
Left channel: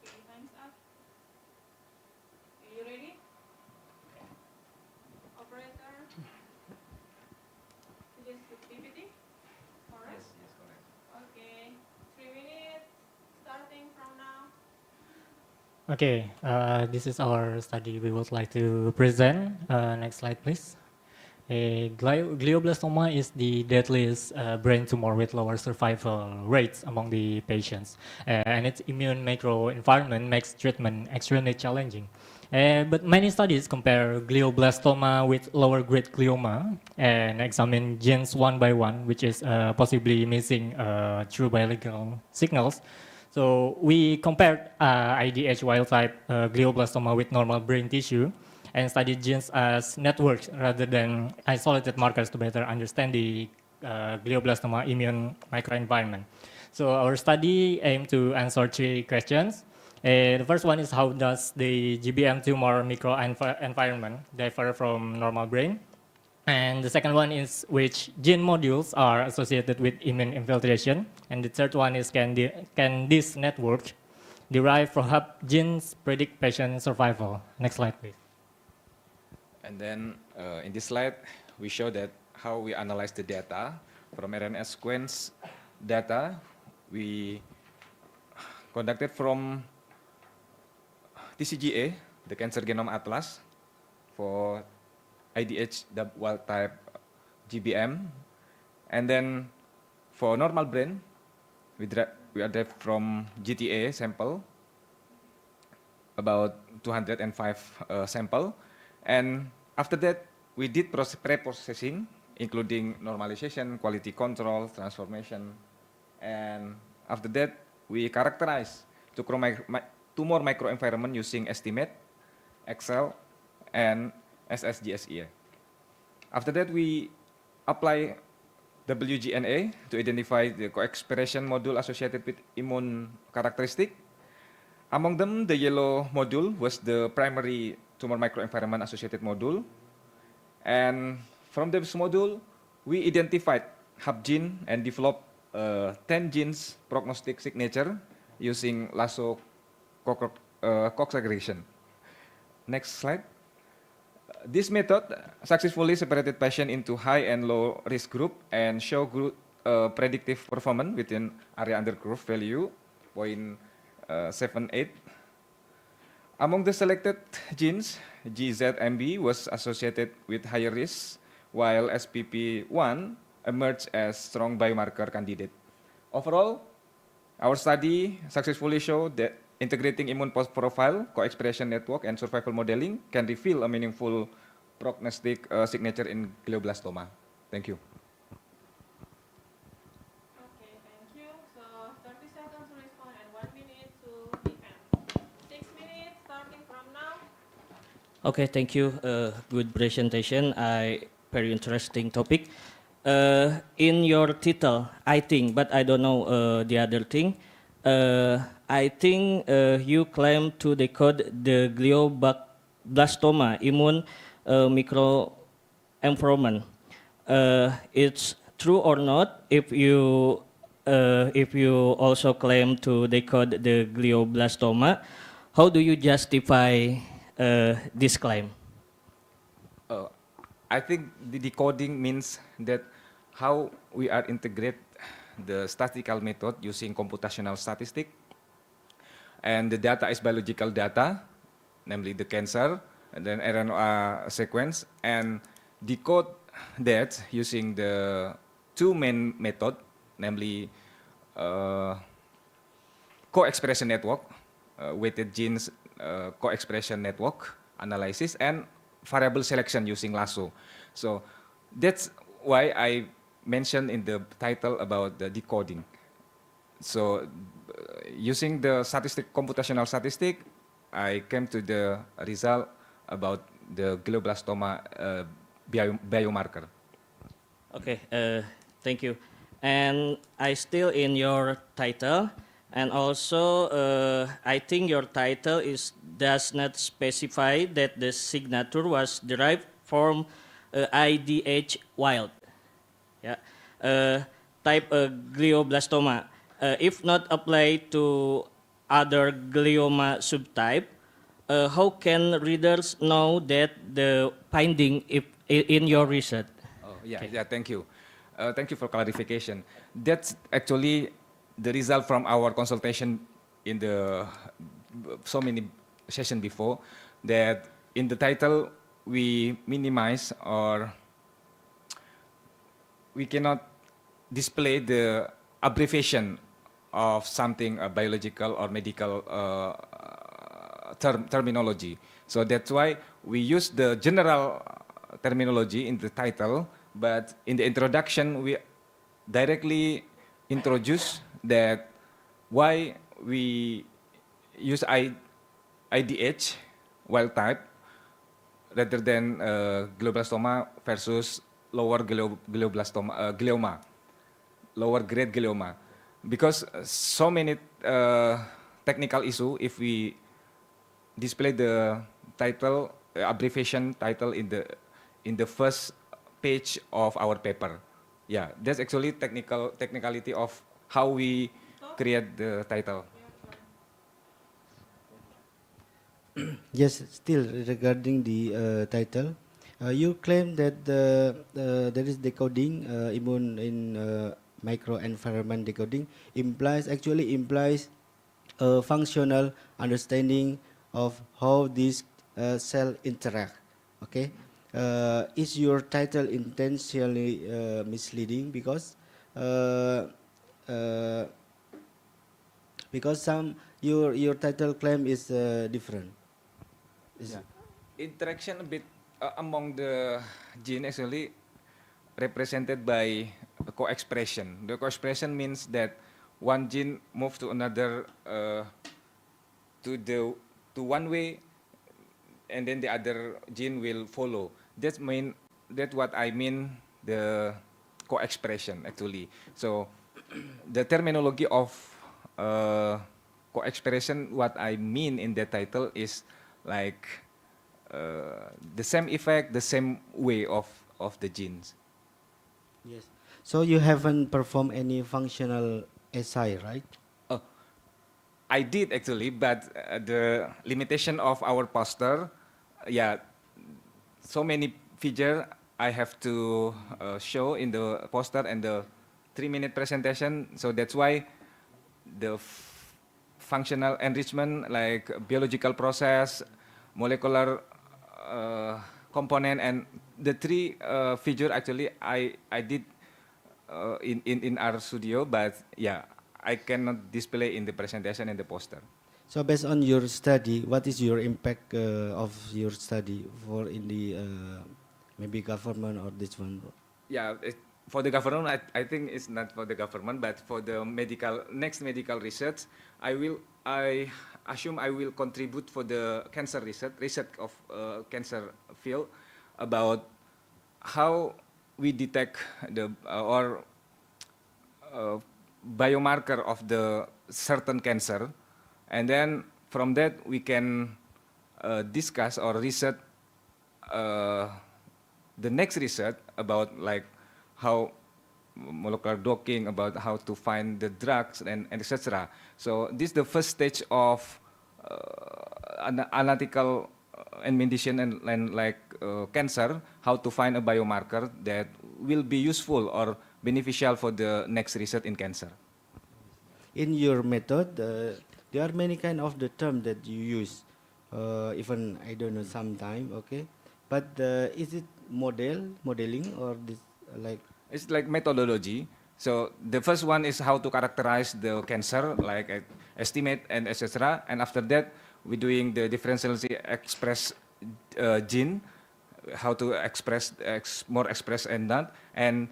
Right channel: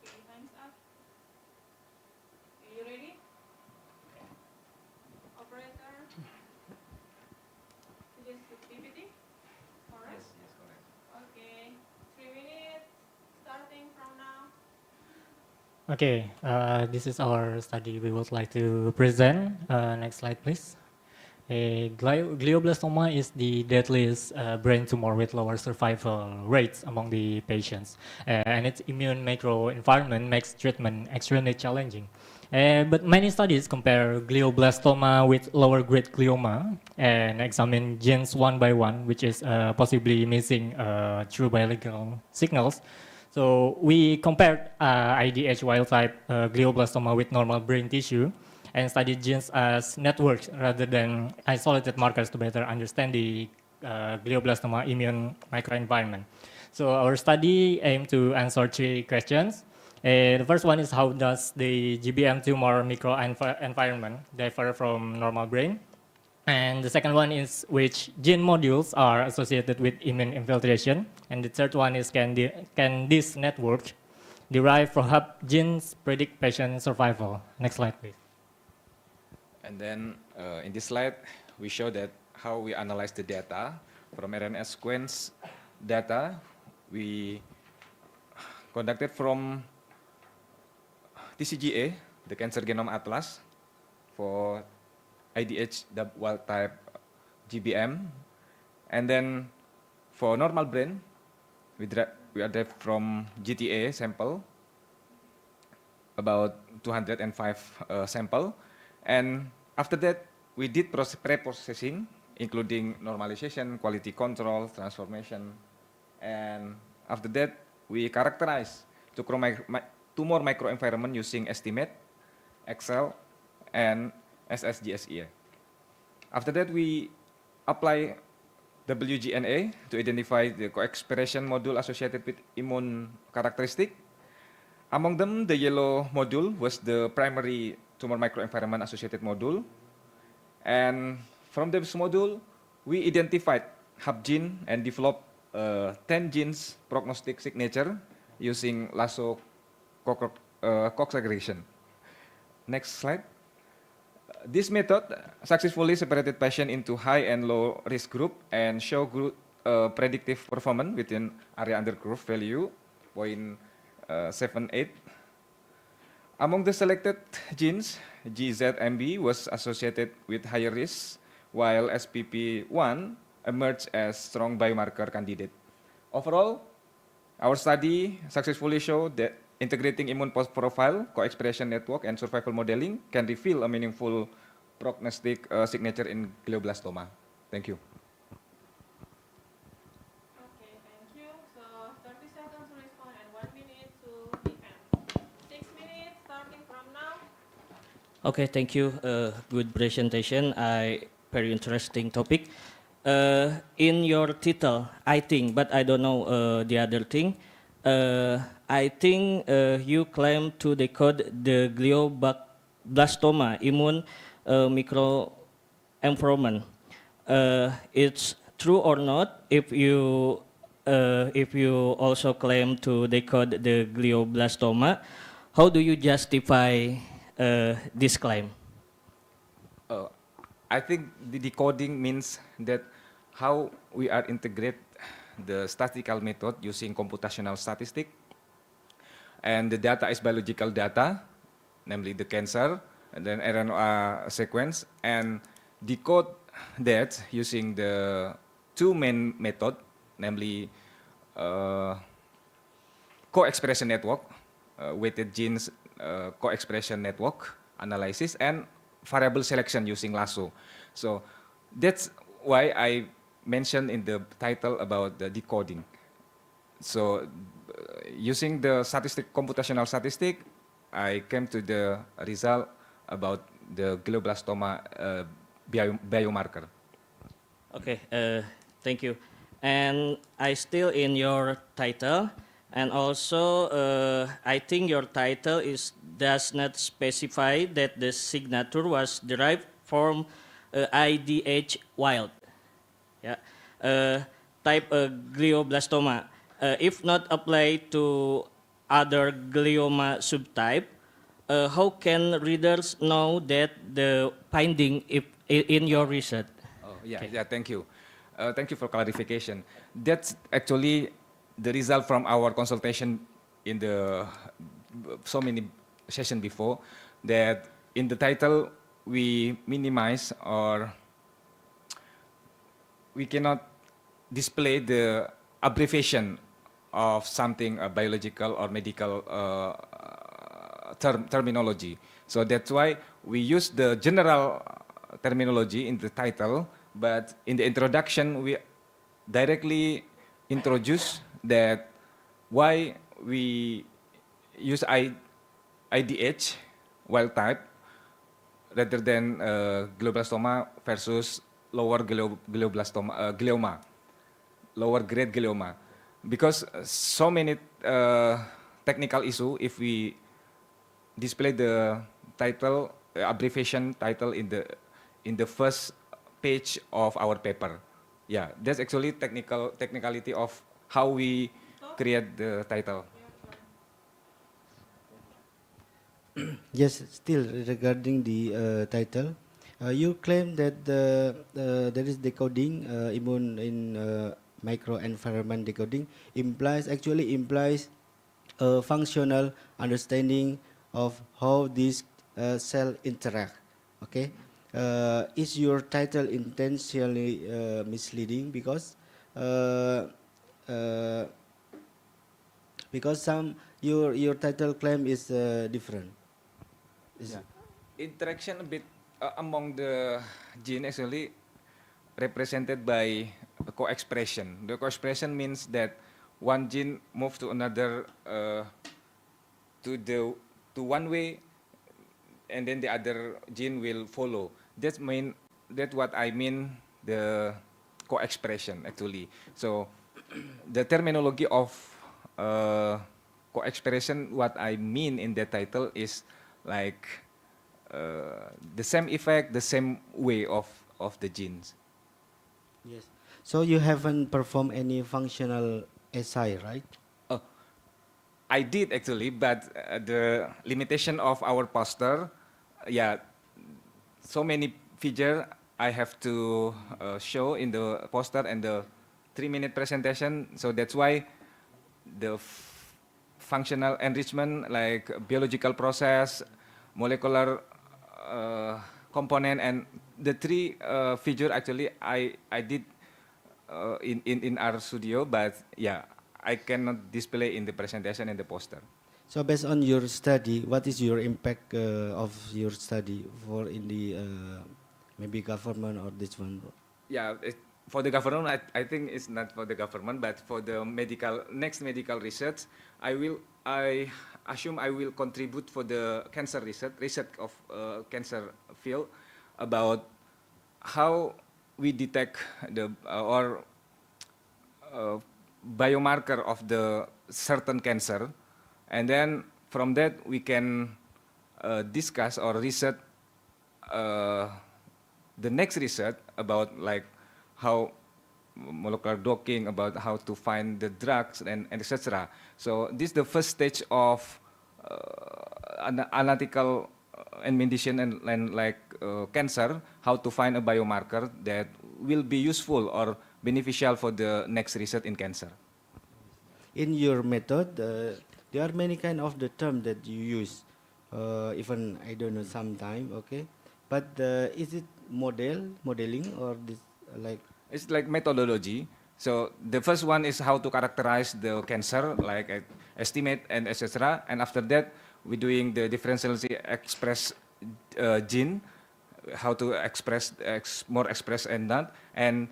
Okay, time's up. Are you ready? Operator, this is the PPT, correct? Yes, correct. Okay, 3 minutes, starting from now. Okay, this is our study we would like to present. Next slide, please. Glioblastoma is the deadliest brain tumor with lower survival rates among the patients, and its immune microenvironment makes treatment extremely challenging. But many studies compare glioblastoma with lower grade glioma and examine genes one by one, which is possibly missing true biological signals. So we compared IDH wild type glioblastoma with normal brain tissue and studied genes as networks rather than isolated markers to better understand the glioblastoma immune microenvironment. So our study aimed to answer 3 questions. The first one is, how does the GBM tumor microenvironment differ from normal brain? And the second one is, which gene modules are associated with immune infiltration? And the third one is, can this network derived from how genes predict patient survival? Next slide, please. And then in this slide, we show that how we analyze the data from RNA sequence data we conducted from TCGA, the Cancer Genome Atlas, for IDH wild type GBM, and then for normal brain, we derived from GTA sample, about 205 sample. And after that, we did pre-processing, including normalization, quality control, transformation. And after that, we characterize tumor microenvironment using estimate, Excel, and SSGSE. After that, we apply WGNA to identify the co-expression module associated with immune characteristic. Among them, the yellow module was the primary tumor microenvironment associated module. And from this module, we identified hub gene and developed 10 genes prognostic signature using lasso Cox aggregation. Next slide. This method successfully separated patient into high and low risk group and show predictive performance within area under curve value 0.78. Among the selected genes, GZMB was associated with higher risk, while SPP1 emerged as strong biomarker candidate. Overall, our study successfully showed that integrating immune profile, co-expression network, and survival modeling can reveal a meaningful prognostic signature in glioblastoma. Thank you. Okay, thank you. So 30 seconds to respond and 1 minute to defend. 6 minutes starting from now. Okay, thank you. Good presentation. Very interesting topic. in your title, I think, but I don't know the other thing. I think you claim to decode the glioblastoma immune microenvironment. It's true or not if you also claim to decode the glioblastoma? How do you justify this claim? I think the decoding means that how we are integrate the statistical method using computational statistic, and the data is biological data, namely the cancer, and then RNA sequence, and decode that using the two main method, namely co-expression network, weighted genes co-expression network analysis, and variable selection using lasso. So that's why I mentioned in the title about the decoding. So using the computational statistic, I came to the result about the glioblastoma biomarker. Okay, thank you. And I still in your title, and also I think your title does not specify that the signature was derived from IDH wild, yeah, type glioblastoma. If not applied to other glioma subtype, how can readers know that the finding in your research? Yeah, thank you. Thank you for clarification. That's actually the result from our consultation in the so many session before, that in the title we minimize, or we cannot display the abbreviation of something biological or medical terminology. So that's why we use the general terminology in the title, but in the introduction we directly introduce that why we use IDH wild type rather than glioblastoma versus lower glioma, lower grade glioma, because so many technical issue if we display the title abbreviation title in the first page of our paper. Yeah, that's actually technicality of how we create the title. Yes, still regarding the title, you claim that there is decoding, immune in microenvironment decoding actually implies a functional understanding of how these cell interact. Okay, is your title intentionally misleading uh, uh, because your title claim is different? Yeah. Interaction a bit among the gene actually represented by co-expression. The co-expression means that one gene move to another to one way, and then the other gene will follow. That's what I mean the co-expression actually. So the terminology of co-expression, what I mean in the title is like the same effect, the same way of the genes. Yes. So you haven't performed any functional assay, right? I did actually, but the limitation of our poster, yeah, so many figure I have to show in the poster and the 3-minute presentation. So that's why the functional enrichment, like biological process, molecular component, and the three figure actually I did in our studio, but yeah, I cannot display in the presentation and the poster. So based on your study, what is your impact of your study for in the maybe government or this one? Yeah, for the government, I think it's not for the government, but for the next medical research, I assume I will contribute for the cancer research of cancer field, about how we detect the or biomarker of the certain cancer, and then from that we can discuss or research the next research about like how molecular docking, about how to find the drugs and etc. So this is the first stage of analytical and medicine and like cancer, how to find a biomarker that will be useful or beneficial for the next research in cancer. In your method, there are many kind of the term that you use. Even I don't know sometime, okay. But is it modeling, or this like? It's like methodology. So the first one is how to characterize the cancer, like estimate and etc. And after that, we're doing the differentially express gene, how to express more express and that. And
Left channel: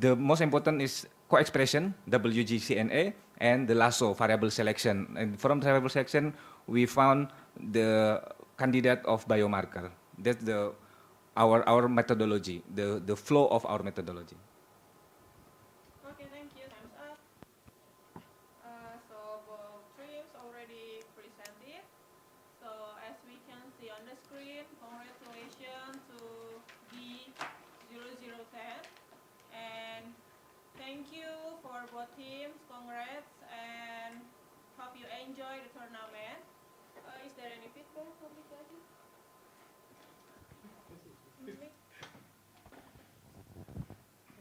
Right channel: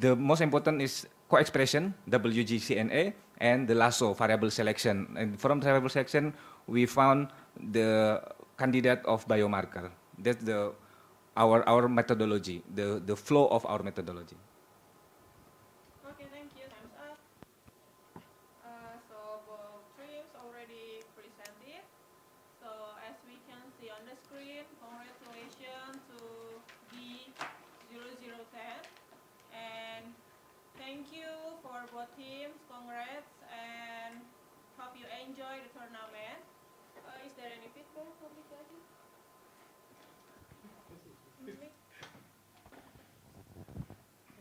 the most important is co-expression, WGCNA, and the lasso, variable selection. And from variable selection, we found the candidate of biomarker. That's our methodology, the flow of our methodology. Okay, thank you. Time's up. So both streams already presented. So as we can see on the screen, congratulations to B0010, and thank you for both teams. Congrats, and hope you enjoy the tournament. Is there any feedback, public lagi?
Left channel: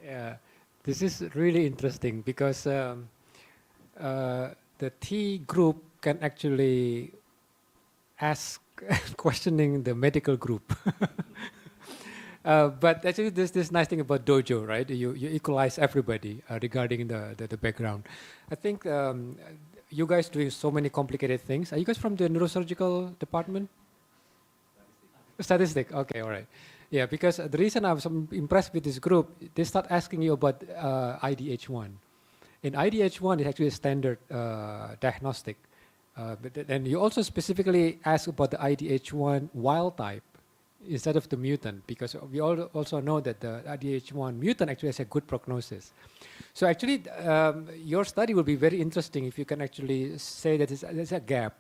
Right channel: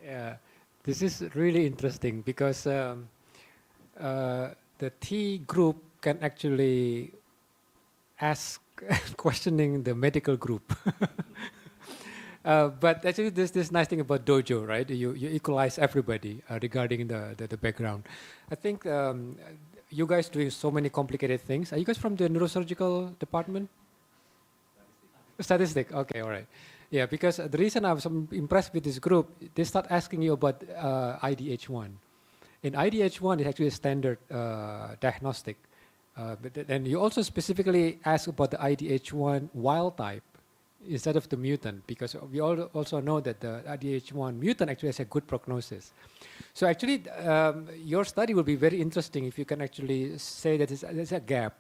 Yeah, this is really interesting because the T group can actually ask questioning the medical group. But actually, there's this nice thing about Dojo, right? You equalize everybody regarding the background. I think you guys doing so many complicated things. Are you guys from the neurosurgical department? Statistic. Okay, all right. Yeah, because the reason I was impressed with this group, they start asking you about IDH1. And IDH1 is actually a standard diagnostic. And you also specifically ask about the IDH1 wild type instead of the mutant, because we all also know that the IDH1 mutant actually has a good prognosis. So actually, your study will be very interesting if you can actually say that there's a gap.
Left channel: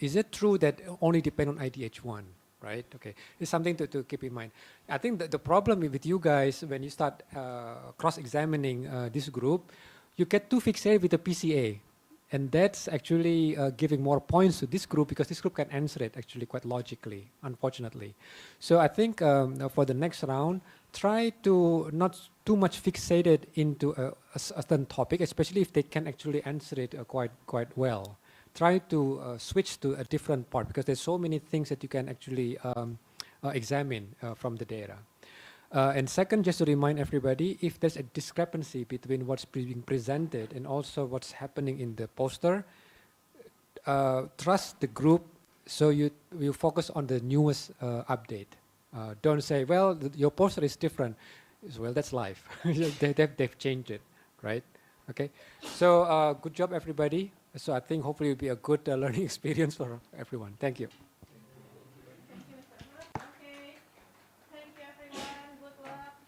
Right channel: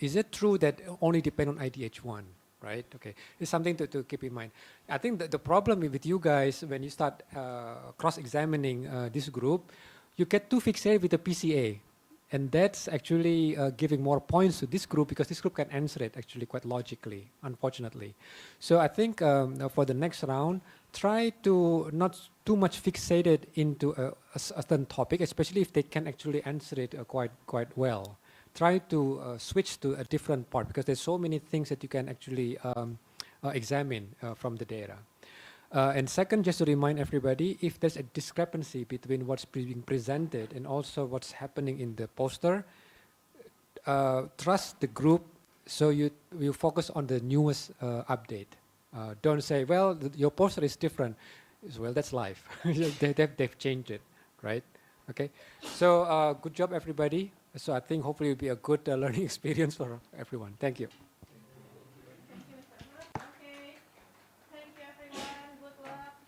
Is it true that only depend on IDH1? Right? Okay, it's something to keep in mind. I think that the problem with you guys, when you start cross-examining this group, you get too fixated with the PCA. And that's actually giving more points to this group, because this group can answer it actually quite logically, unfortunately. So I think for the next round, try to not too much fixated into a certain topic, especially if they can actually answer it quite well. Try to switch to a different part, because there's so many things that you can actually examine from the data. And second, just to remind everybody, if there's a discrepancy between what's being presented and also what's happening in the poster, trust the group, so you focus on the newest update. Don't say, well, your poster is different. Well, that's life. They've changed it, right? Okay. So good job, everybody. So I think hopefully it'll be a good learning experience for everyone. Thank you. Thank you, Mr. Ahmad. Okay. Thank you, everyone. Good luck.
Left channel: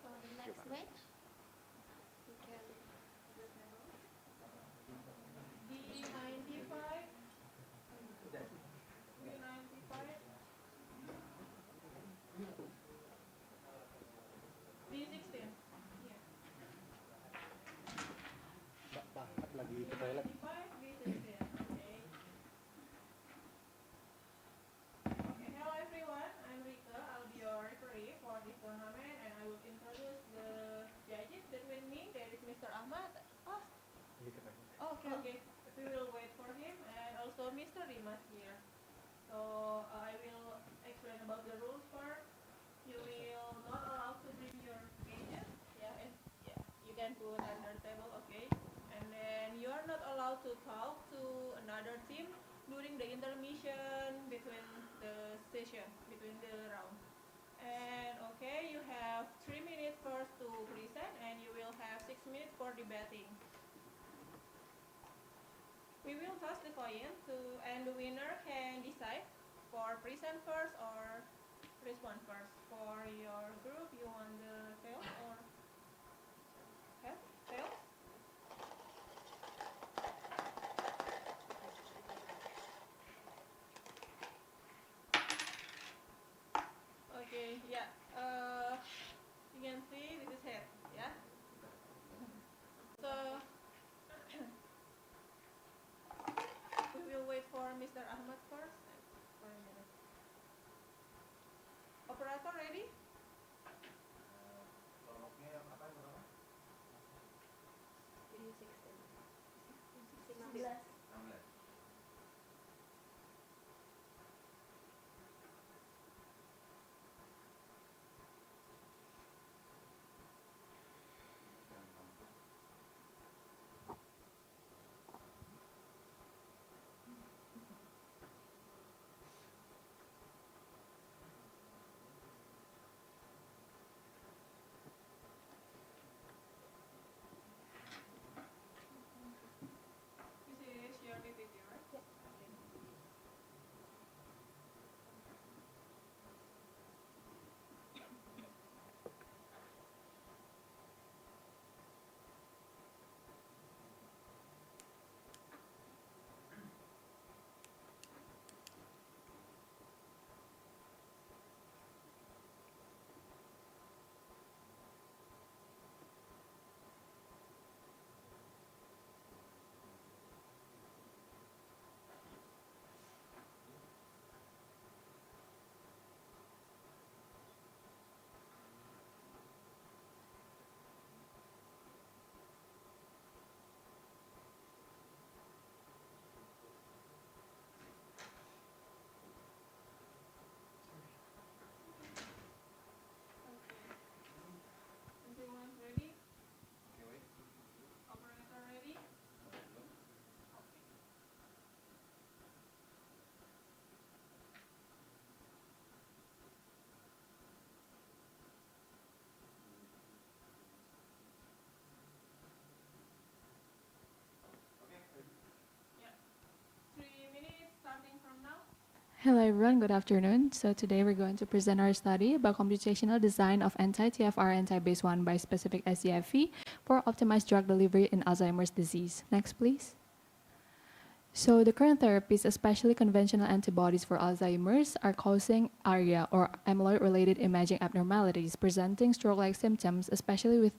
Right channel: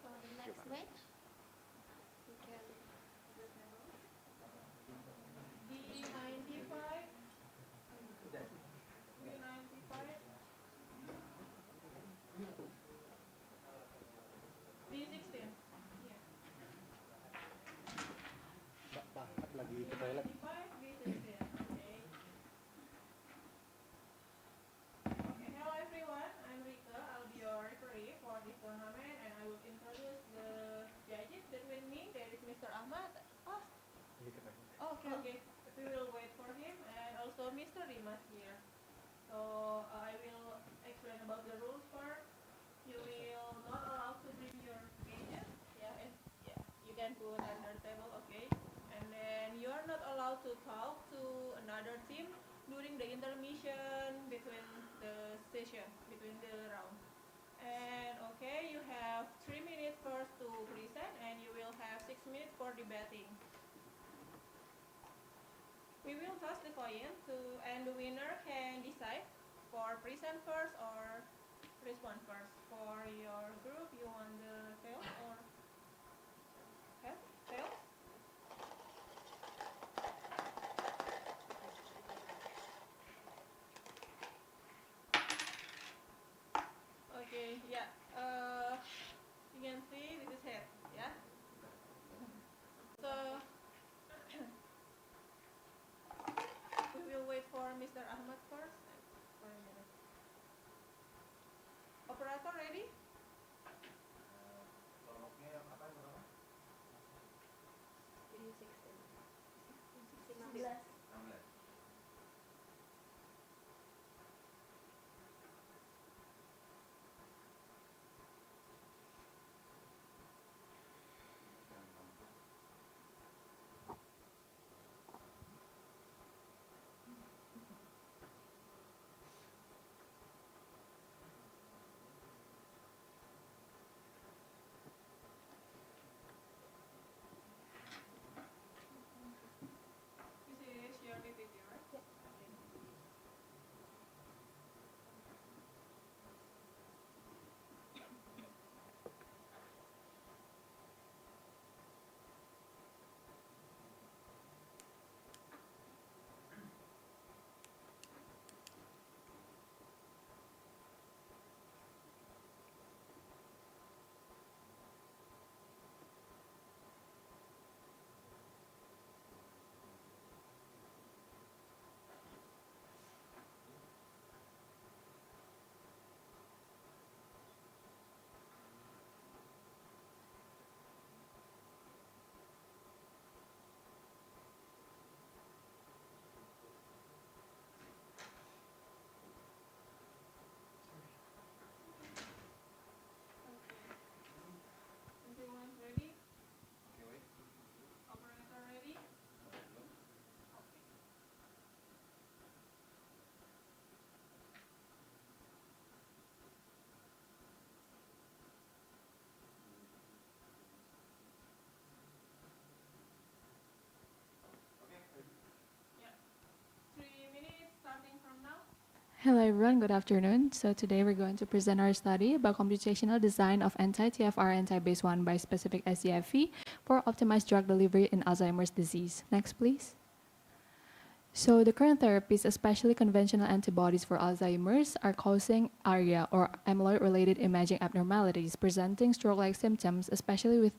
For the next match, you can B95. B95. B16. Yeah. Lagi ke B95, toilet. B16. Okay. Okay. Hello, everyone. I'm Rika. I'll be your referee for this tournament, and I will introduce the judges. Between me, there is Mr. Ahmad. Oh. Okay. Okay. We will wait for him, and also Mr. Rimas here. So I will explain about the rules part. You will not allowed to bring your cages. Yeah, and yeah, you can put under the table, okay? And then you are not allowed to talk to another team during the intermission between the session, between the round. And okay, you have 3 minutes first to present, and you will have 6 minutes for debating. We will toss the coin and the winner can decide For present first or respond first? For your group, you want the tail or head? Tail? Okay, yeah. You can see this is head, yeah. So we will wait for Mr. Ahmad first. For a minute. Operator ready? Video 16. 16. This is your PPT, right? Yeah. Everyone ready? Operator ready? Yeah. 3 minutes starting from now. Hello everyone, good afternoon. So today we're going to present our study about computational design of anti-TFR antibase 1 bispecific SCFE for optimized drug delivery in Alzheimer's disease. Next, please. So the current therapies, especially conventional antibodies for Alzheimer's, are causing ARIA or amyloid-related imaging abnormalities, presenting stroke-like symptoms, especially with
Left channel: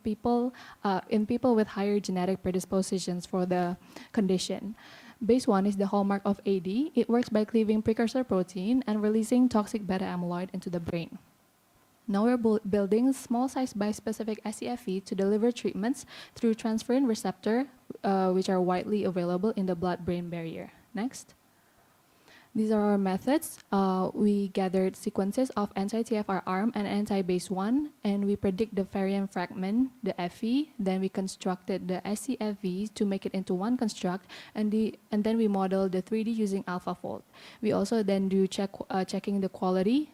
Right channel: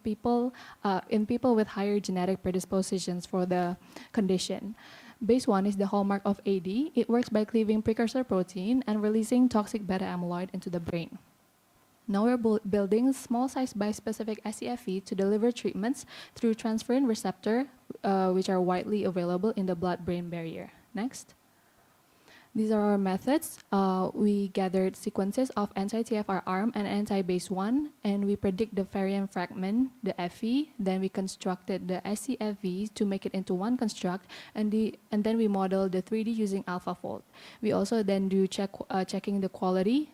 in people with higher genetic predispositions for the condition. Base 1 is the hallmark of AD. It works by cleaving precursor protein and releasing toxic beta amyloid into the brain. Now we're building small-sized bispecific SCFE to deliver treatments through transferrin receptor, which are widely available in the blood-brain barrier. Next. These are our methods. We gathered sequences of anti-TFR arm and anti-base 1, and we predict the variant fragment, the FE. Then we constructed the SCFV to make it into one construct, and then we model the 3D using AlphaFold. We also then do checking the quality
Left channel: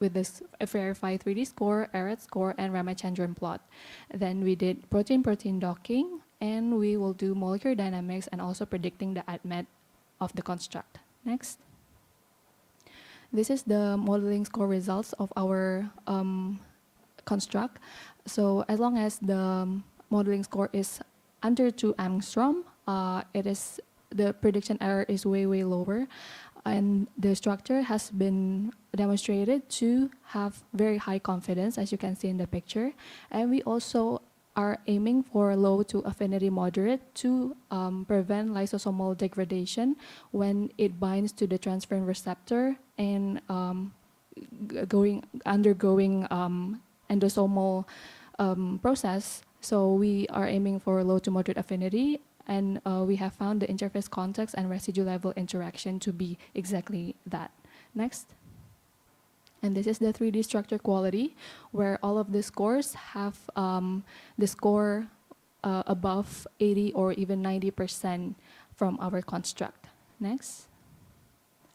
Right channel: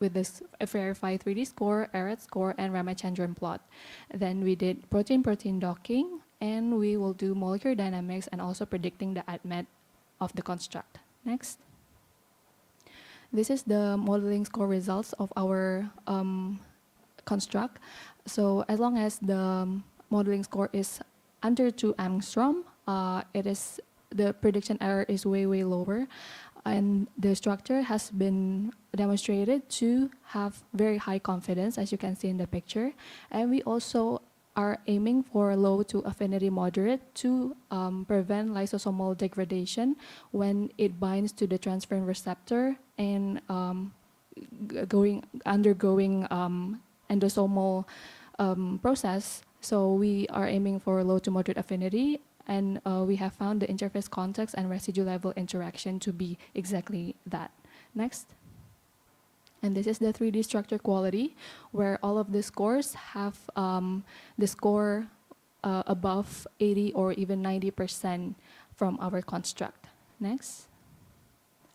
with this verify 3D score, Arrowhead score, and Ramachandran plot. Then we did protein-protein docking, and we will do molecular dynamics and also predicting the ADMET of the construct. Next. This is the modeling score results of our construct. So as long as the modeling score is under 2 angstrom, the prediction error is way lower, and the structure has been demonstrated to have very high confidence, as you can see in the picture. And we also are aiming for low to affinity moderate to prevent lysosomal degradation when it binds to the transferrin receptor and undergoing endosomal process. So we are aiming for low to moderate affinity, and we have found the interface context and residue level interaction to be exactly that. Next. And this is the 3D structure quality, where all of the scores have the score above 80 or even 90% from our construct. Next.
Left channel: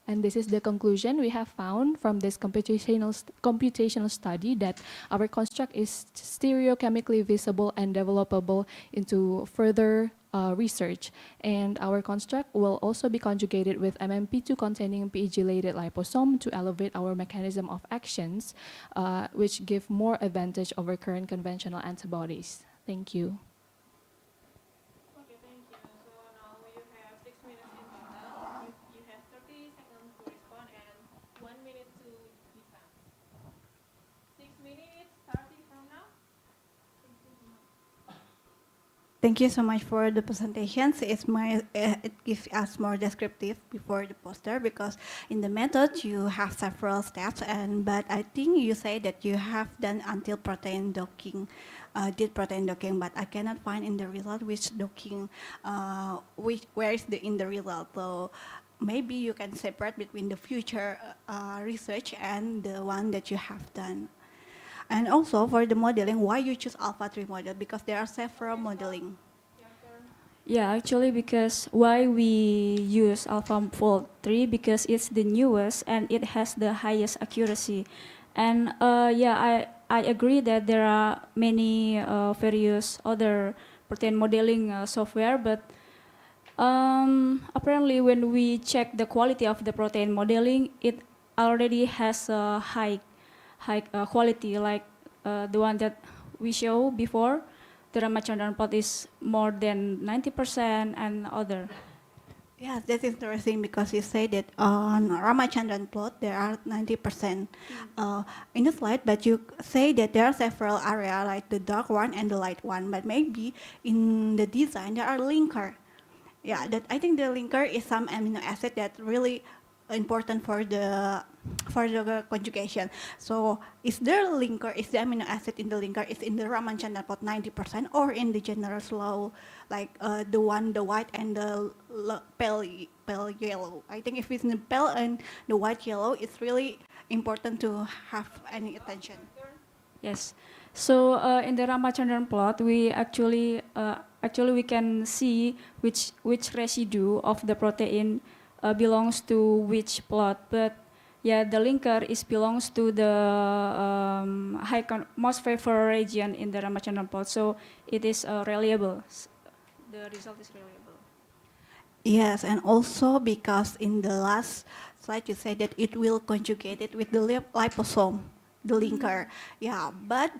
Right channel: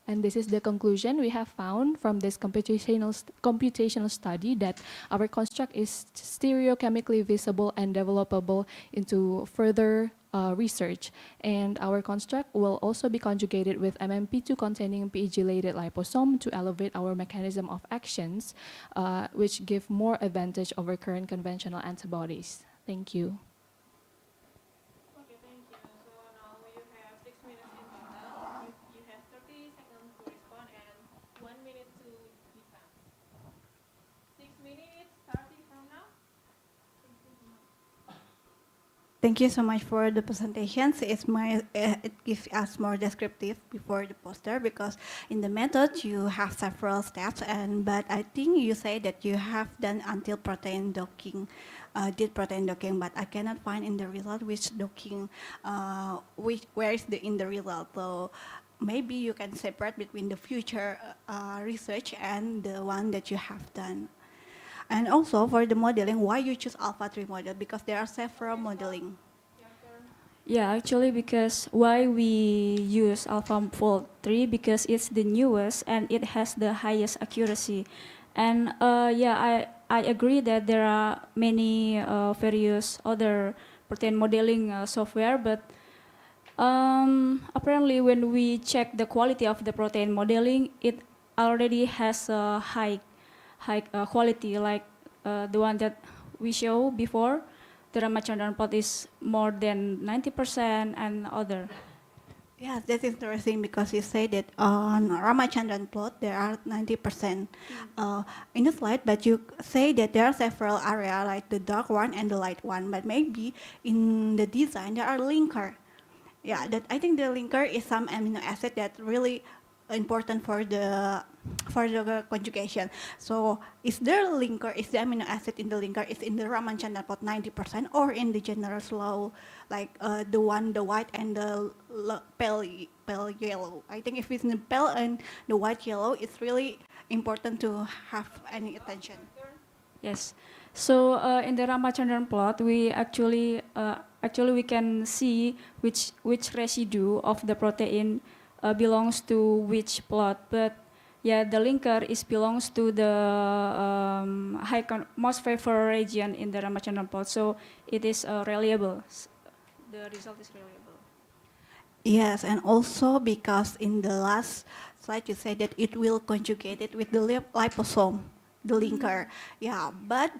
And this is the conclusion we have found from this computational study, that our construct is stereochemically visible and developable into further research. And our construct will also be conjugated with MMP2 containing PEG-related liposome to elevate our mechanism of actions, which give more advantage over current conventional antibodies. Thank you. Okay, thank you. So now you have 6 minutes in total. You have 30 seconds to respond and 1 minute to defend. 6 minutes starting from now. Thank you so much for the presentations. It gives us more descriptive before the poster because in the method you have several steps but I think you say that you have done until protein docking, did protein docking, but I cannot find in the result which docking, where is in the result. So maybe you can separate between the future research and the one that you have done. And also for the modeling, why you choose Alpha 3 model? Because there are several modeling. Yeah, actually, because why we use AlphaFold 3 because it's the newest and it has the highest accuracy. And yeah, I agree that there are many various other protein modeling software, but apparently when we check the quality of the protein modeling, it already has a high quality, like the one that we show before. The Ramachandran plot is more than 90% and other. Yes, that's interesting because you say that on Ramachandran plot there are 90% in the slide, but you say that there are several areas like the dark one and the light one, but maybe in the design there are linker. Yeah, that I think the linker is some amino acid that really important for the conjugation. So is there linker, is the amino acid in the linker is in the Ramachandran plot 90% or in the general slow, like the white and the pale yellow? I think if it's in the pale and the white yellow, it's really important to have any attention. Yes. So in the Ramachandran plot, we actually we can see which residue of the protein belongs to which plot, but yeah, the linker belongs to the most favored region in the Ramachandran plot, so it is reliable. The result is reliable. Yes, and also because in the last slide you said that it will conjugate it with the liposome, the linker. Yeah, but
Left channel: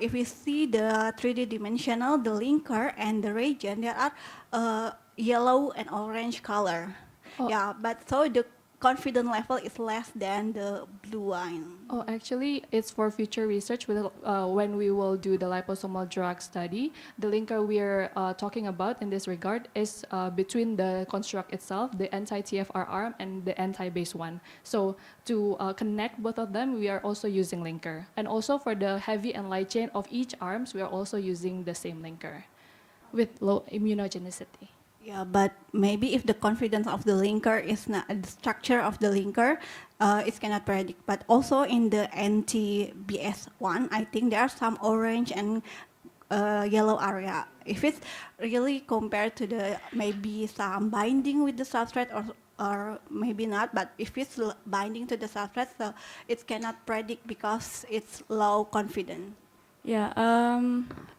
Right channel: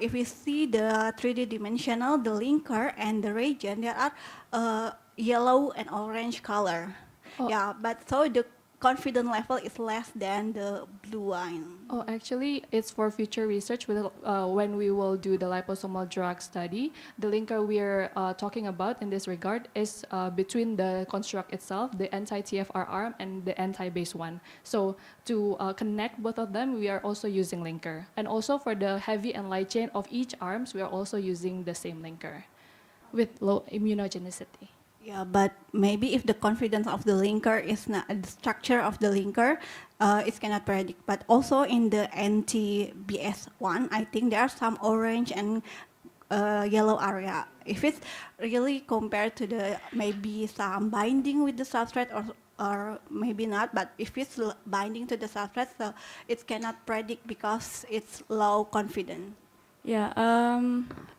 if we see the 3D dimensional, the linker and the reagent, there are yellow and orange color. Yeah, but so the confidence level is less than the blue line. Oh, actually, it's for future research when we will do the liposomal drug study. The linker we're talking about in this regard is between the construct itself, the anti-TFR arm, and the anti-base one. So to connect both of them, we are also using linker. And also for the heavy and light chain of each arms, we are also using the same linker with low immunogenicity. Yeah, but maybe if the confidence of the linker is not the structure of the linker, it cannot predict. But also in the anti-BS1, I think there are some orange and yellow area. If it's really compared to the maybe some binding with the substrate or maybe not, but if it's binding to the substrate, so it cannot predict because it's low confidence. Yeah,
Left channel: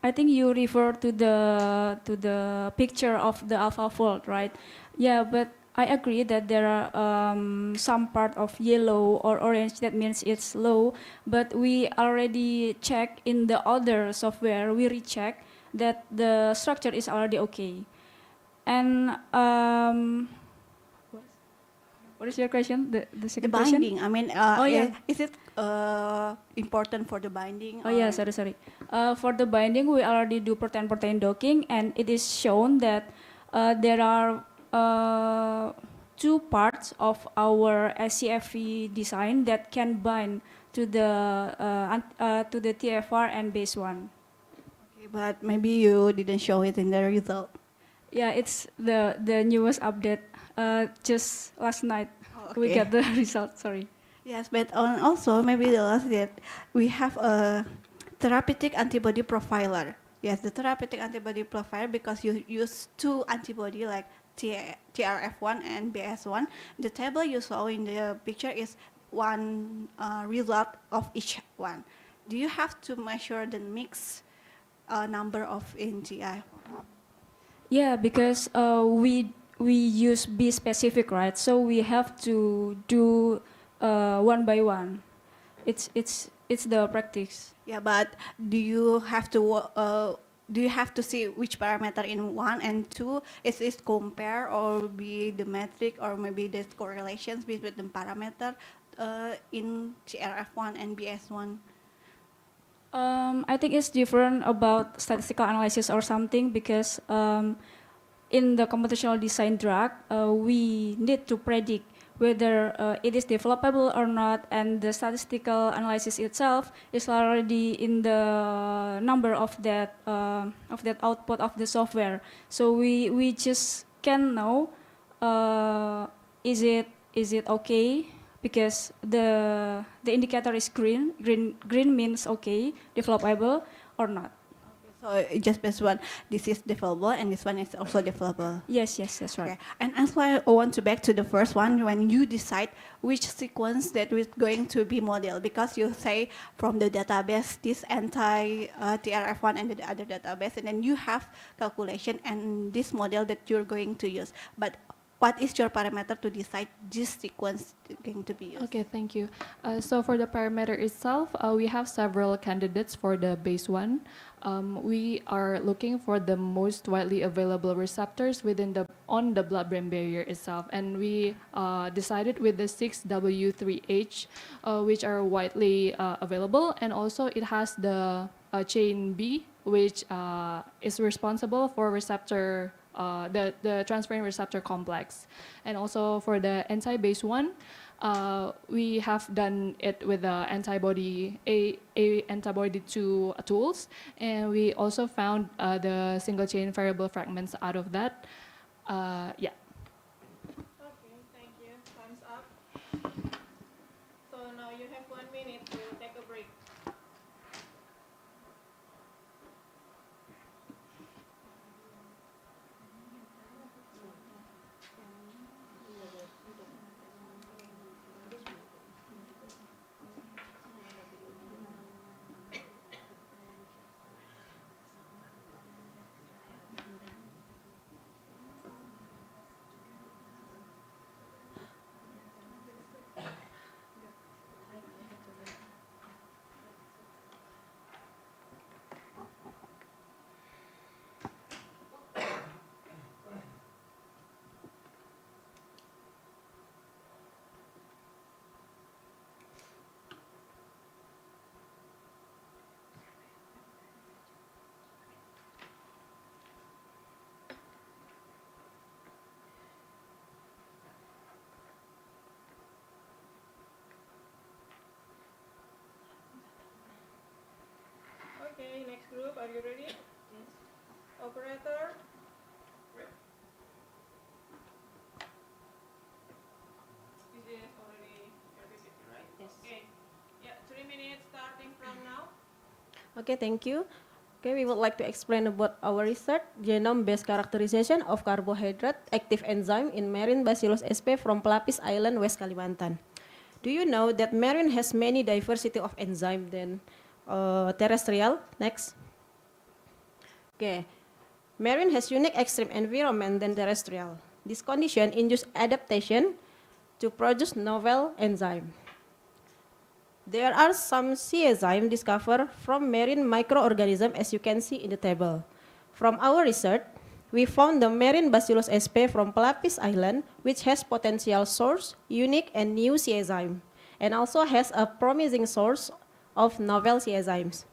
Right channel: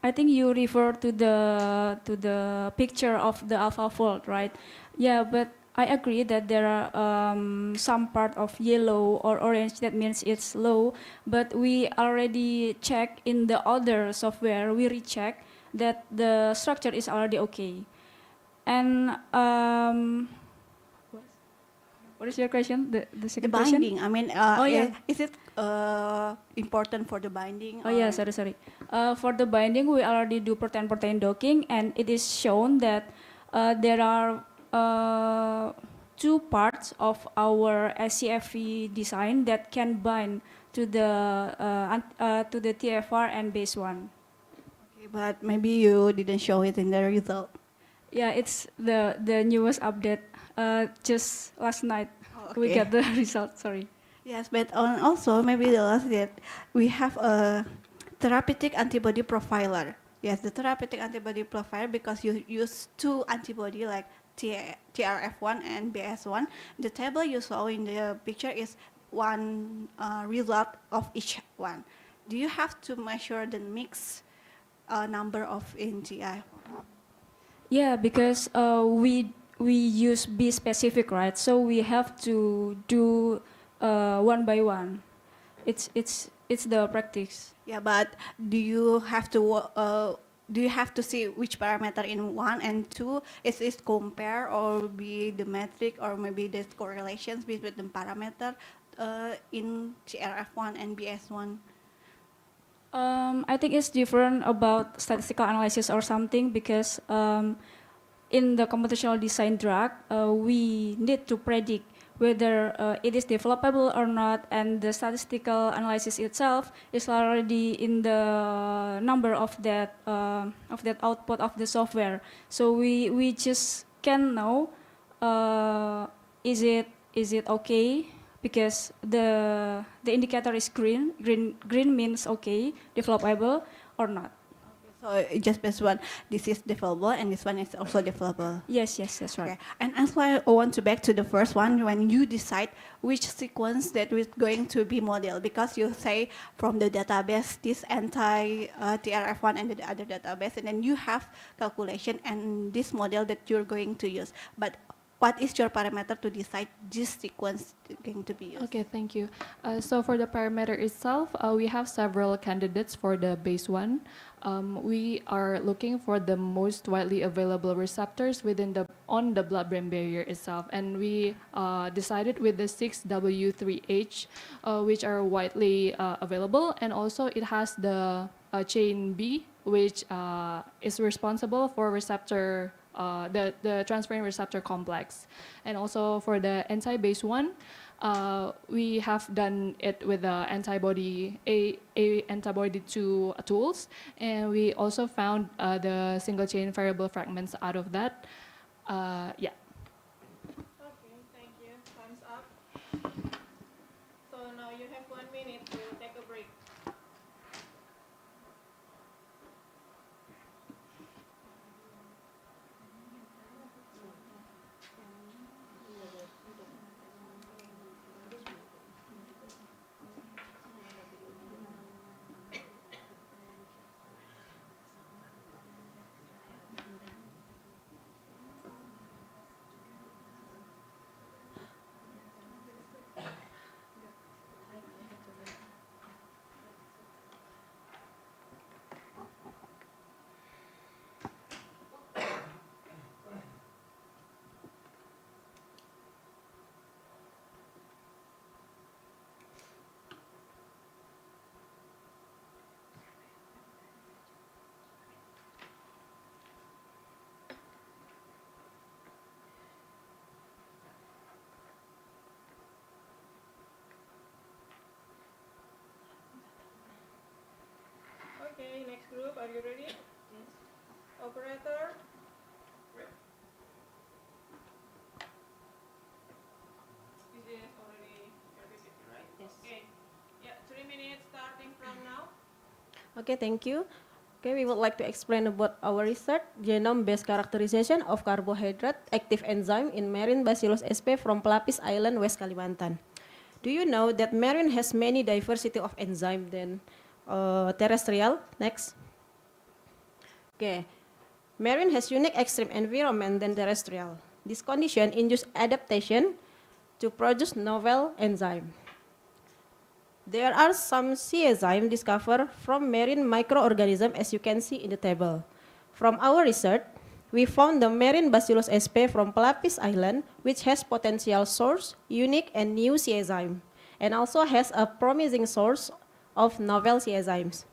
I think you refer to the picture of the AlphaFold, right? Yeah, but I agree that there are some part of yellow or orange that means it's low, but we already check in the other software, we recheck that the structure is already okay. And what is your question? The second question? Binding. I mean, is it important for the binding? Oh yeah, sorry. For the binding, we already do protein-protein docking, and it is shown that there are two parts of our SCFE design that can bind to the TFR and base one. Okay, but maybe you didn't show it in the result. Yeah, it's the newest update. Just last night we got the result. Sorry. Yes, but also maybe the last that we have a therapeutic antibody profiler. Yes, the therapeutic antibody profiler because you use two antibody like TRF1 and BS1. The table you saw in the picture is one result of each one. Do you have to measure the mix number of NGI? Yeah, because we use be specific, right? So we have to do one by one. It's the practice. Yeah, but do you have to see which parameter in 1 and 2? Is it compare or be the metric or maybe the correlations between the parameter in CRF1 and BS1? I think it's different about statistical analysis or something because in the computational design drug, we need to predict whether it is developable or not, and the statistical analysis itself is already in the number of that output of the software. So we just can know is it okay because the indicator is green. Green means okay, developable or not. So just based on this is developable and this one is also developable. Yes, that's right. Okay. And as well, I want to back to the first one when you decide which sequence that is going to be model, because you say from the database this anti-TRF1 and the other database, and then you have calculation and this model that you're going to use. But what is your parameter to decide this sequence going to be used? Okay, thank you. So for the parameter itself, we have several candidates for the base one. We are looking for the most widely available receptors on the blood-brain barrier itself, and we decided with the 6W3H, which are widely available, and also it has the chain B, which is responsible for receptor. The transferrin receptor complex. And also for the anti-base one, we have done it with the antibody antibody 2 tools, and we also found the single chain variable fragments out of that. Yeah. Okay, thank you. Time's up. So now you have 1 minute to take a break. Okay, next group, are you ready? Yes. Operator? Is this already PPT, right? Yes. Okay. Yeah, 3 minutes starting from now. Okay, thank you. Okay, we would like to explain about our research, genome-based characterization of carbohydrate active enzyme in marine Bacillus sp from Pelapis Island, West Kalimantan. Do you know that marine has many diversity of enzyme than terrestrial? Next. Okay. Marine has unique extreme environment than terrestrial. This condition induces adaptation to produce novel enzyme. There are some C enzymes discovered from marine microorganisms, as you can see in the table. From our research, we found the marine Bacillus sp from Pelapis Island, which has potential source, unique and new C enzyme, and also has a promising source of novel C enzymes.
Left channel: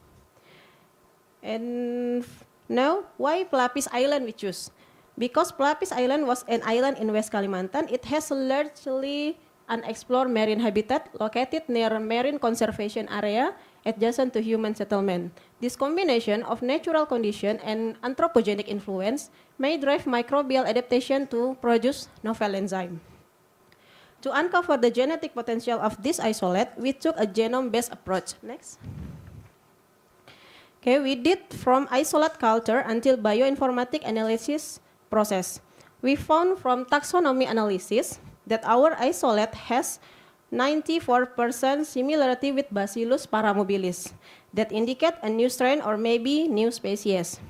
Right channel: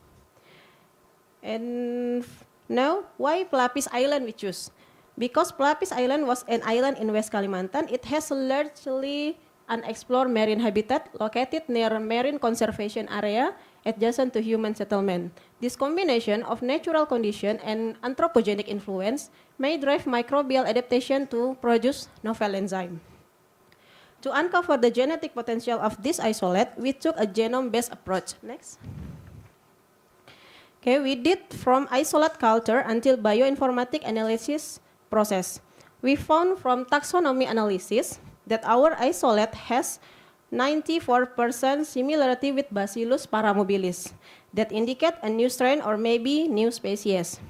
And now, why Pelapis Island we choose? Because Pelapis Island was an island in West Kalimantan, it has a largely unexplored marine habitat located near a marine conservation area adjacent to human settlement. This combination of natural condition and anthropogenic influence may drive microbial adaptation to produce novel enzyme. To uncover the genetic potential of this isolate, we took a genome-based approach. Next. Okay, we did from isolate culture until bioinformatic analysis process. We found from taxonomy analysis that our isolate has 94% similarity with Bacillus paramobilis that indicate a new strain or maybe new species.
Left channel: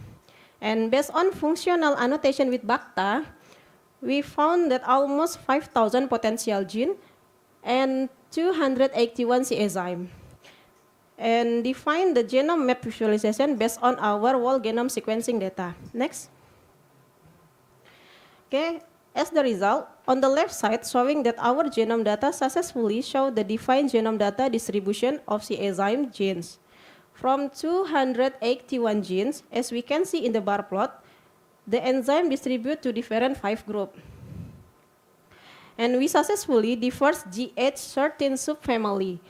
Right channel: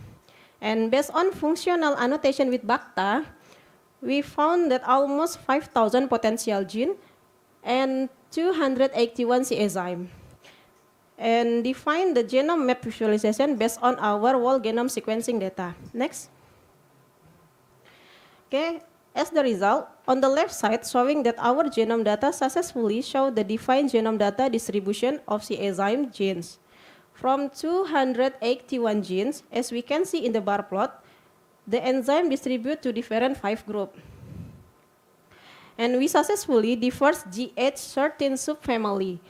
And based on functional annotation with BACTA, we found that almost 5,000 potential gene and 281 C enzyme. And define the genome map visualization based on our whole genome sequencing data. Next. Okay, as the result, on the left side showing that our genome data successfully show the defined genome data distribution of C enzyme genes. From 281 genes, as we can see in the bar plot, the enzyme distribute to different 5 groups. And we successfully diverse GH13 subfamily.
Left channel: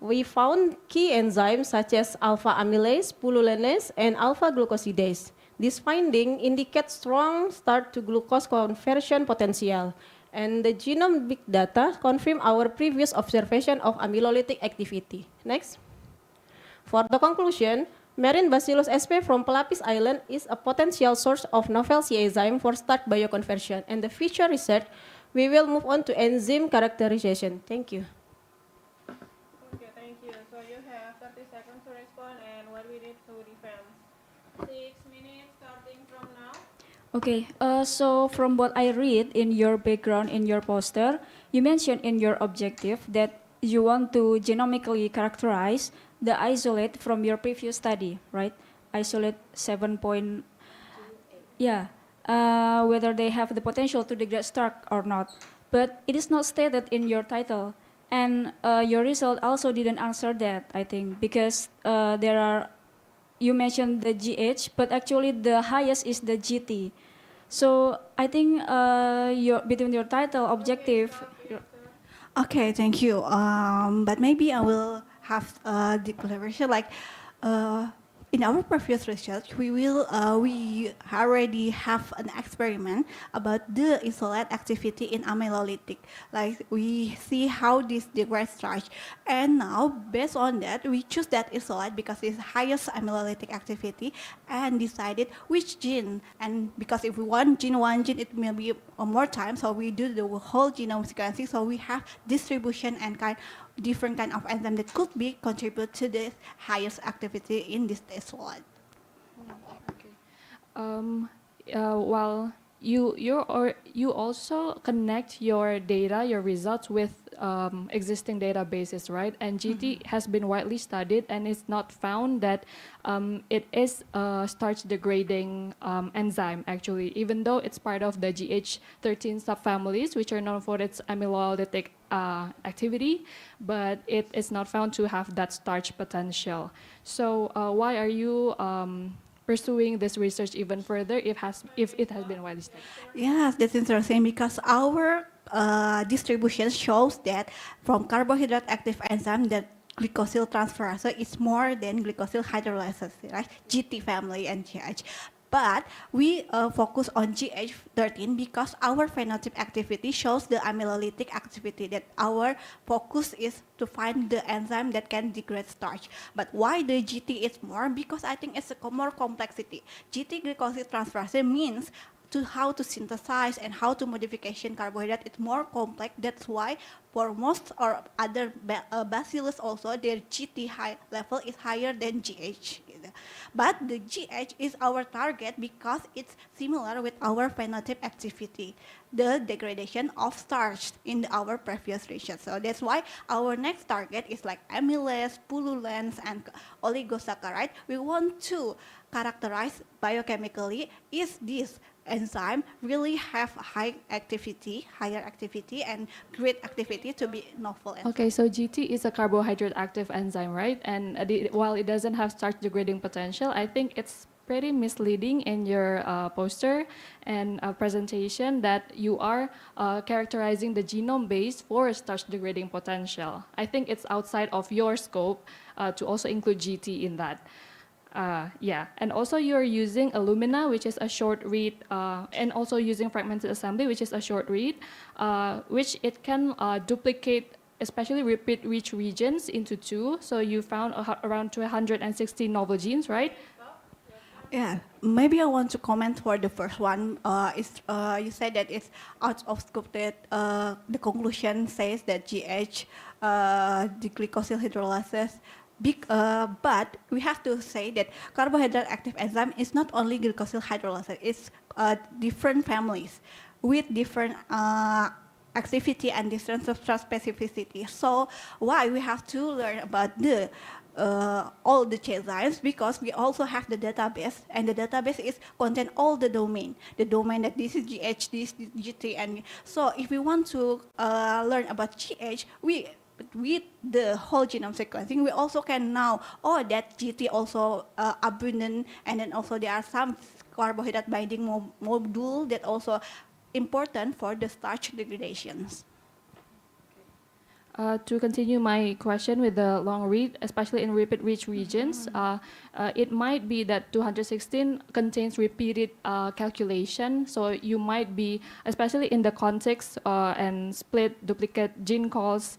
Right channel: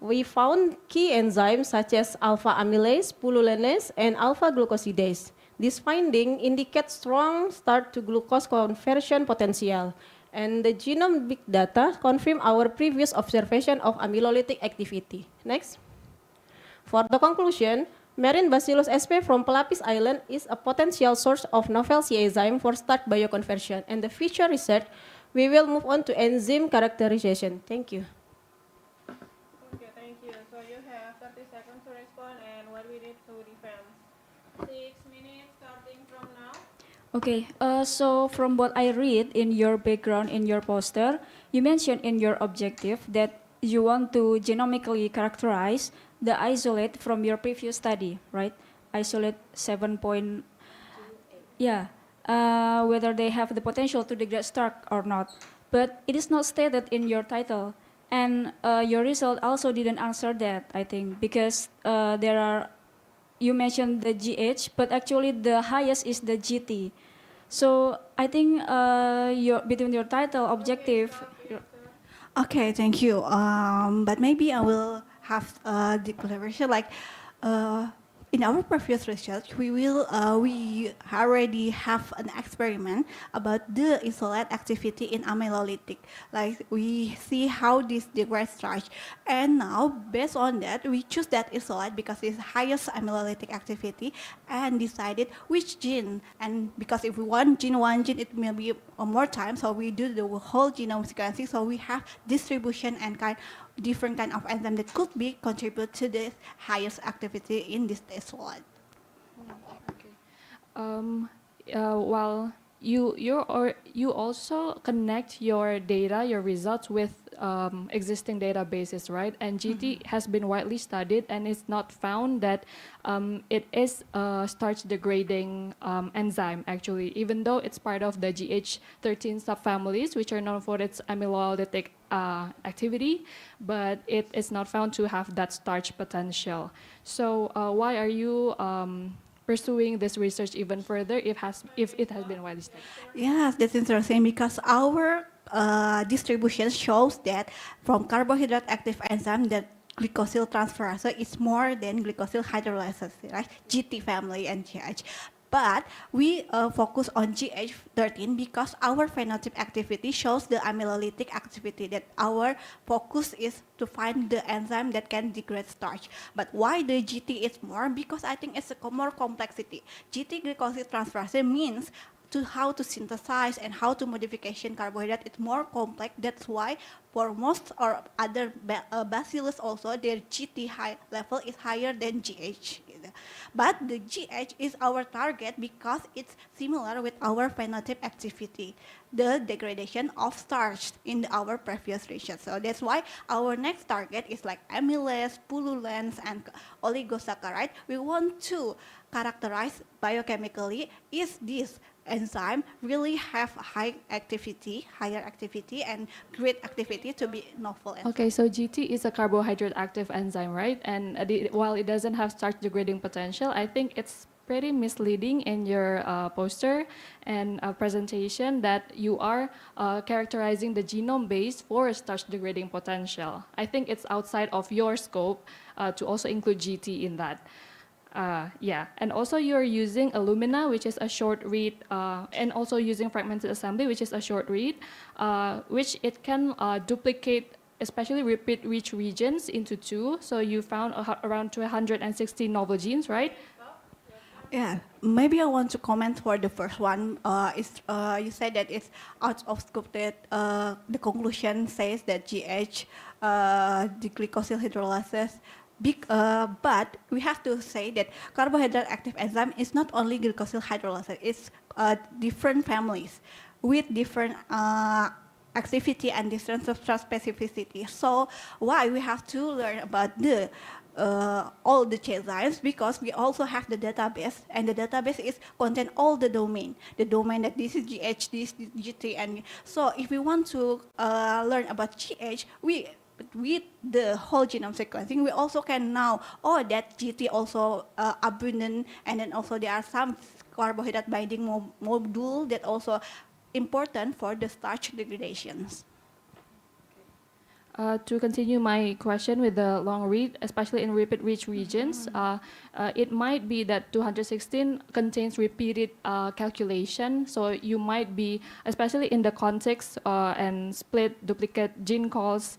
We found key enzymes such as alpha amylase, pullulinase, and alpha glucosidase. This finding indicates strong start to glucose conversion potential. And the genome big data confirm our previous observation of amylolytic activity. Next. For the conclusion, marine Bacillus sp from Pelapis Island is a potential source of novel C enzyme for starch bioconversion. And the future research, we will move on to enzyme characterization. Thank you. Okay, thank you. So you have 30 seconds to respond and what we need to defend. 6 minutes starting from now. Okay, so from what I read in your background, in your poster, you mentioned in your objective that you want to genomically characterize the isolate from your previous study, right? Isolate 7 point, yeah, whether they have the potential to degrade starch or not. But it is not stated in your title. And your result also didn't answer that, I think, because there are, you mentioned the GH, but actually the highest is the GT. So I think between your title, objective. Okay, thank you. But maybe I will have a declaration like in our previous research, we already have an experiment about the isolate activity in amylolytic. Like we see how this degrades starch, and now based on that, we choose that isolate because it's highest amylolytic activity, and decided which gene. And because if we want one gene, it will be more time, so we do the whole genome sequencing. So we have distribution and different kind of enzyme that could be contribute to the highest activity in this isolate. Well, you also connect your data, your results with existing databases, right? And GT has been widely studied, and it's not found that it is a starch degrading enzyme actually, even though it's part of the GH13 subfamilies, which are known for its amylolytic activity, but it is not found to have that starch potential. So why are you pursuing this research even further if it has been widely studied? Yes, that's interesting because our distribution shows that from carbohydrate active enzyme that glycosyl transferase is more than glycosyl hydrolase, right? GT family and GH. But we focus on GH13 because our phenotype activity shows the amylolytic activity, that our focus is to find the enzyme that can degrade starch. But why the GT is more? Because I think it's a more complexity. GT glycosyl transferase means to how to synthesize and how to modification carbohydrate. It's more complex. That's why for most or other bacillus also their GT high level is higher than GH. But the GH is our target because it's similar with our phenotype activity, the degradation of starch in our previous research. So that's why our next target is like amylase, pullulinase, and oligosaccharide. We want to characterize biochemically is this enzyme really have higher activity and great activity to be novel enzyme. Okay, so GT is a carbohydrate active enzyme, right? And while it doesn't have starch degrading potential, I think it's pretty misleading in your poster and presentation that you are characterizing the genome base for starch degrading potential. I think it's outside of your scope to also include GT in that. Yeah, and also you're using Illumina, which is a short read, and also using fragmented assembly, which is a short read, which it can duplicate, especially repeat rich regions into 2. So you found around 260 novel genes, right? Yeah, maybe I want to comment for the first one. You said that it's out of scope, that the conclusion says that GH, the glycosyl hydrolase, But we have to say that carbohydrate active enzyme is not only glycosyl hydrolase, it's different families with different activity and different substrate specificity. So why we have to learn about the all the enzymes, because we also have the database, and the database is contain all the domain that this is GH, this is GT, and so if we want to learn about GH, we with the whole genome sequencing, we also can know, oh, that GT also abundant, and then also there are some carbohydrate binding module that also important for the starch degradations. To continue my question with the long read, especially in repeat-rich regions, it might be that 216 contains repeated calculation. So you might be, especially in the context and split duplicate gene calls,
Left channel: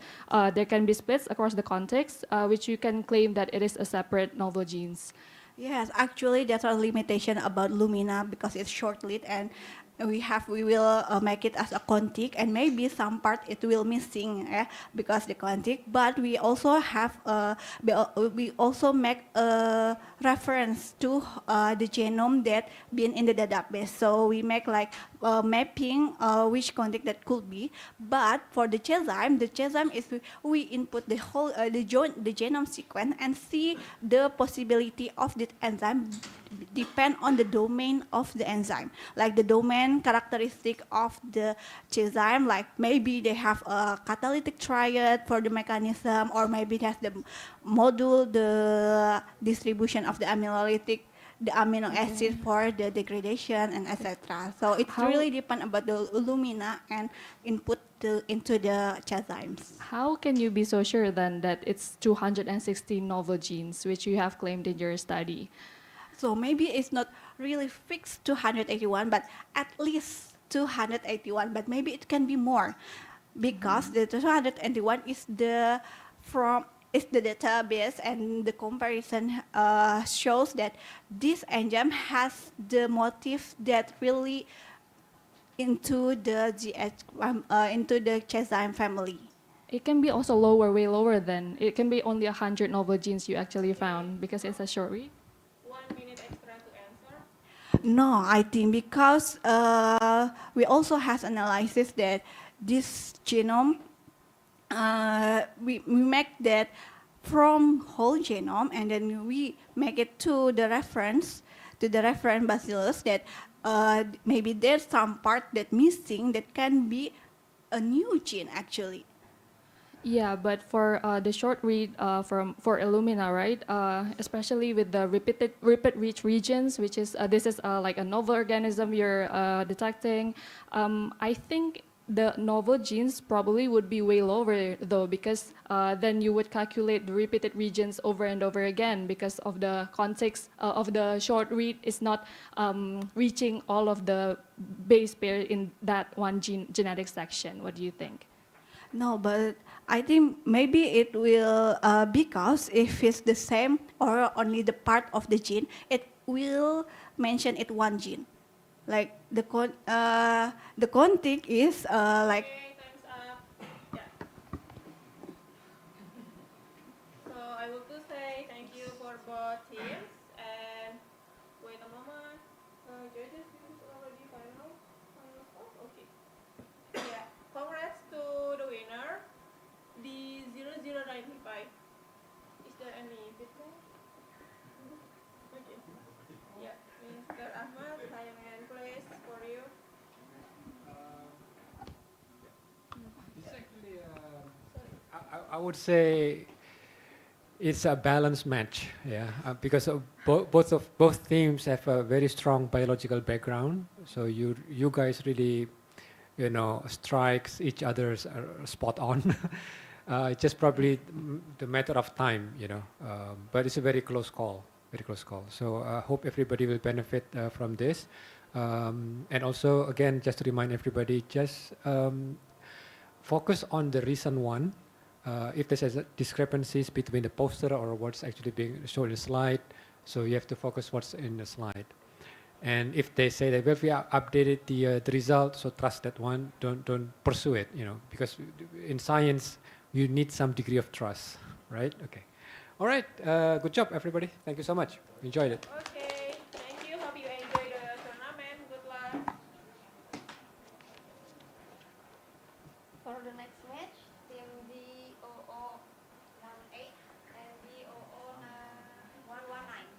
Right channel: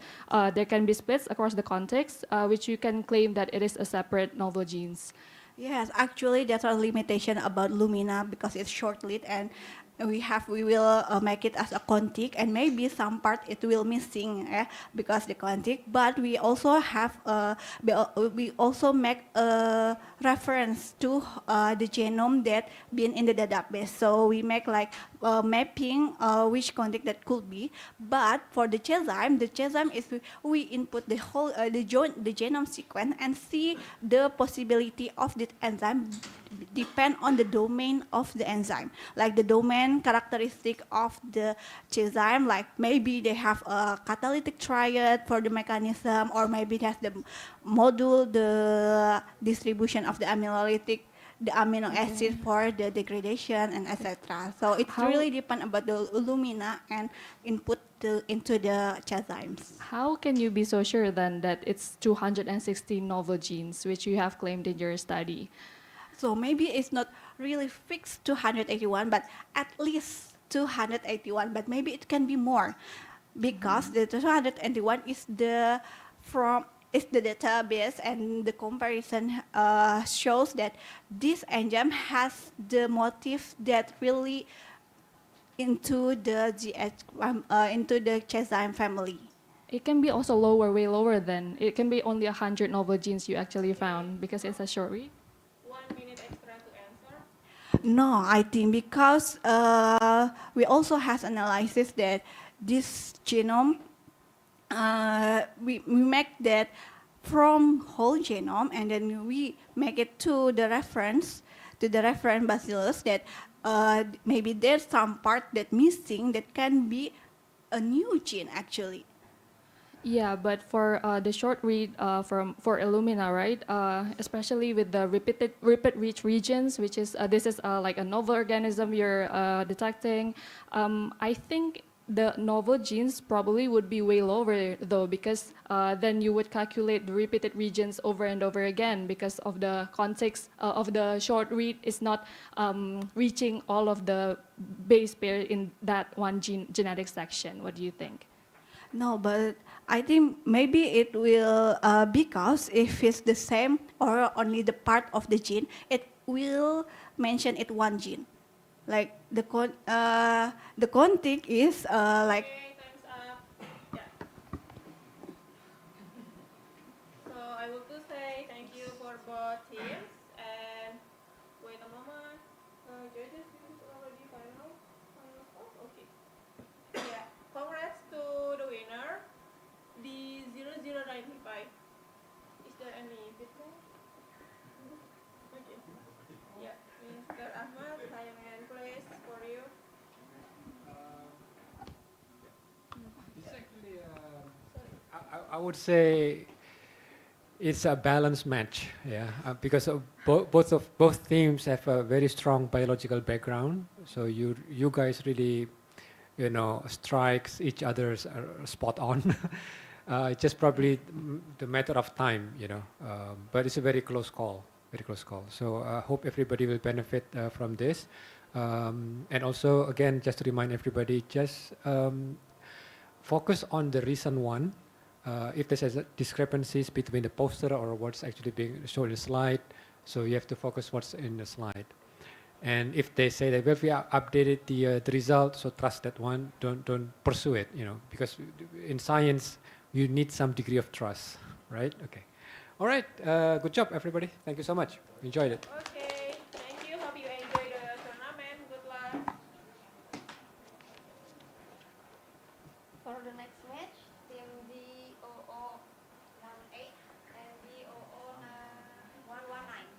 there can be splits across the context, which you can claim that it is a separate novel genes. Yes, actually, that's a limitation about Lumina because it's short-lived, and we will make it as a contig, and maybe some part it will missing because the contig. But we also have we also make a reference to the genome that been in the database. So we make like mapping which contig that could be. But for the enzyme is we input the whole the genome sequence and see the possibility of the enzyme depend on the domain of the enzyme, like the domain characteristic of the enzyme, like maybe they have a catalytic triad for the mechanism, or maybe it has the module, the distribution of the amino acid for the degradation, and etc. So it really depends about the Illumina and input into the enzymes. How can you be so sure then that it's 216 novel genes, which you have claimed in your study? So maybe it's not really fixed 281, but at least 281, but maybe it can be more, because the 281 is the database, and the comparison shows that this enzyme has the motif that really into the into the enzyme family. It can be also lower, way lower than. It can be only 100 novel genes you actually found because it's a short read. 1 minute extra to answer. No, I think because we also have analysis that this genome, we make that from whole genome, and then we make it to the reference bacillus that maybe there's some part that missing that can be a new gene actually. Yeah, but for the short read for Illumina, right? Especially with the repeat-rich regions, which is this is like a novel organism you're detecting. I think the novel genes probably would be way lower though, because then you would calculate the repeated regions over and over again because of the context of the short read is not reaching all of the base pair in that one genetic section. What do you think? No, but I think maybe it will, because if it's the same or only the part of the gene, it will mention it one gene. Like the contig is like. Okay, time's up. Yeah. So I want to say thank you for both teams, and wait a moment. Judges, this is already final score? Okay. Yeah, congrats to the winner, the 0095. Is there any feedback? Okay. Yeah, Mr. Ahmad, I am in place for you. It's actually, I would say it's a balanced match, yeah, because of both teams have a very strong biological background. So you guys really, strikes each other's spot on. It's just probably the matter of time, but it's a very close call. So I hope everybody will benefit from this. And also, again, just to remind everybody, just focus on the recent one. If there's discrepancies between the poster or what's actually being shown in the slide, so you have to focus what's in the slide. And if they say that, well, we have updated the result, so trust that one, don't pursue it, because in science, you need some degree of trust, right? Okay. All right, good job, everybody. Thank you so much. Enjoyed it. Okay, thank you. Hope you enjoy the tournament. Good luck. For the next match, team DOO 18 and DOO 119.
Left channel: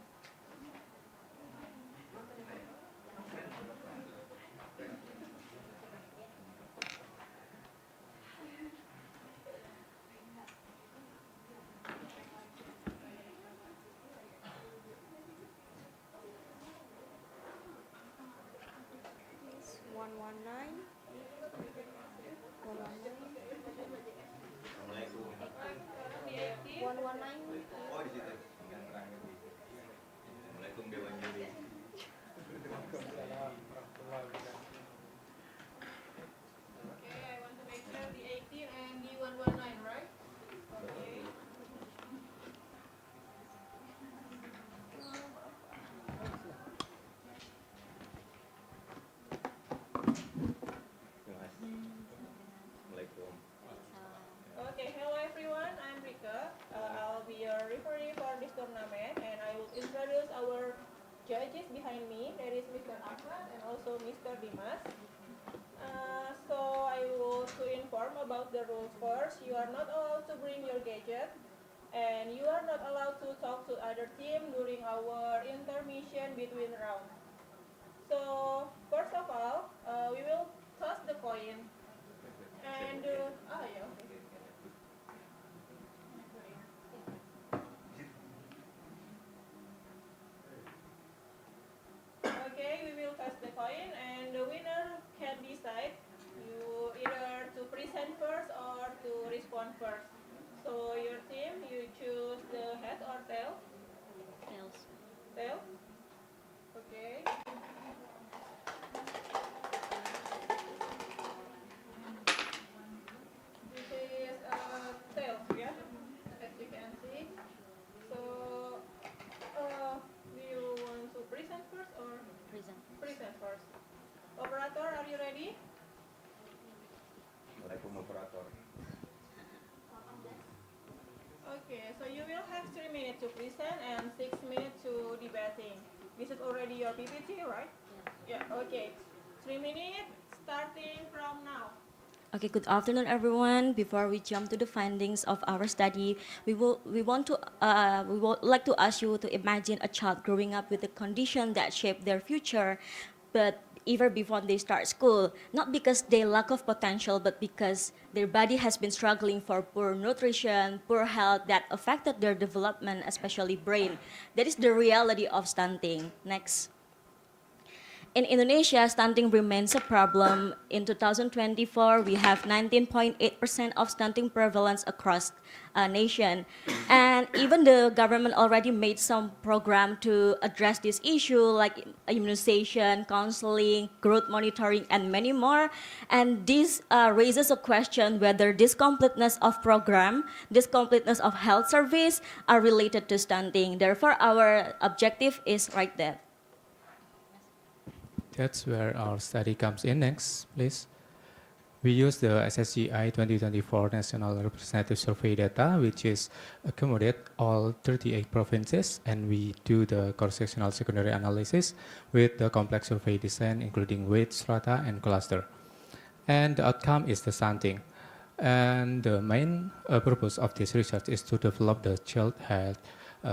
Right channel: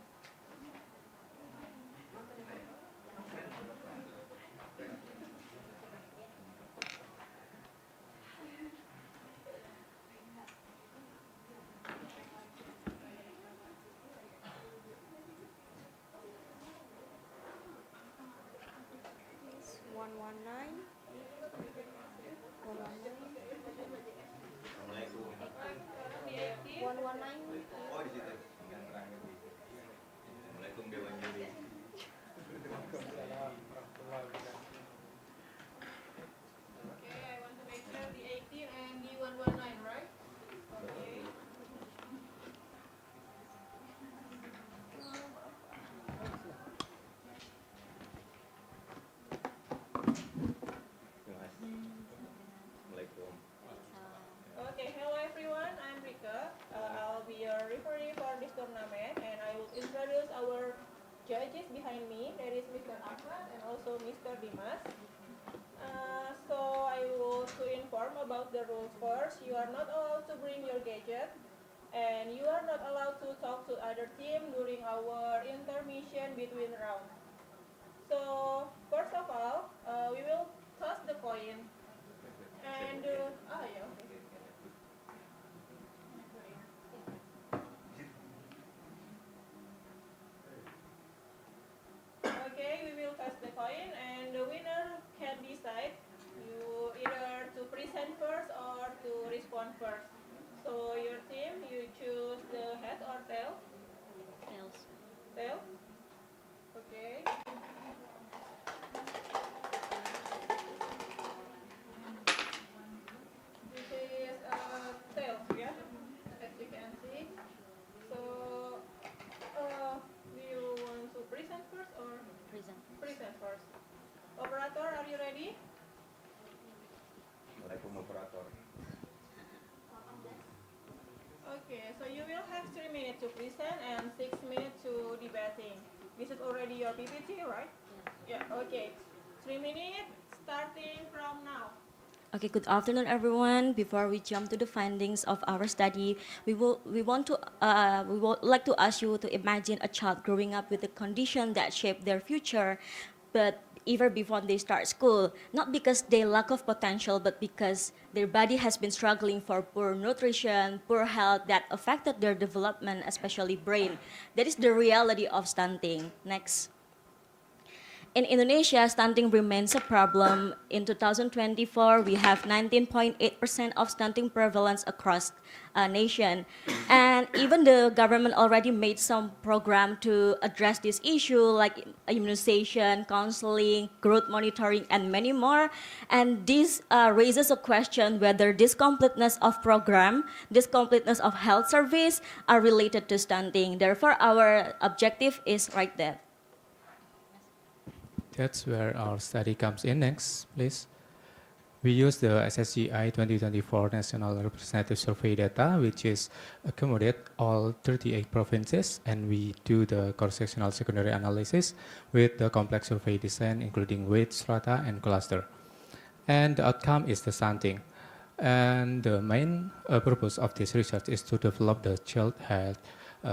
It's 119. 119. Oh, di situ. Yang terakhir di situ. Assalamualaikum Dewan Juri. Okay, I want to make sure the 18 and the 119, right? Okay. Assalamualaikum. Okay, hello everyone. I'm Rika. I'll be your referee for this tournament, and I will introduce our judges behind me. There is Mr. Ahmad and also Mr. Dimas. So I will to inform about the rules first. You are not allowed to bring your gadget, and you are not allowed to talk to other team during our intermission between rounds. So first of all, we will toss the coin, and yeah, okay. Okay, we will toss the coin, and the winner can decide you either to present first or to respond first. So your team, you choose the head or tail? Tails. Tail? Okay. This is tails, yeah, as you can see. So, do you want to present first or? Present. Present first. Operator, are you ready? Assalamualaikum operator. Okay, so you will have 3 minutes to present and 6 minutes to debating. This is already your PPT, right? Yeah. Yeah, okay. 3 minutes starting from now. Okay, good afternoon, everyone. Before we jump to the findings of our study, we would like to ask you to imagine a child growing up with a condition that shape their future, but even before they start school, not because they lack of potential, but because their body has been struggling for poor nutrition, poor health that affected their development, especially brain. That is the reality of stunting. Next. In Indonesia, stunting remains a problem. In 2024, we have 19.8% of stunting prevalence across a nation. And even the government already made some program to address this issue, like immunization, counseling, growth monitoring, and many more. And this raises a question whether this completeness of program, this completeness of health service are related to stunting. Therefore, our objective is right there. That's where our study comes in next, please. We use the SSGI 2024 National Representative Survey data, which is accommodate all 38 provinces, and we do the cross-sectional secondary analysis with the complex survey design, including weight, strata, and cluster. And the outcome is the stunting. And the main purpose of this research is to develop the Child Health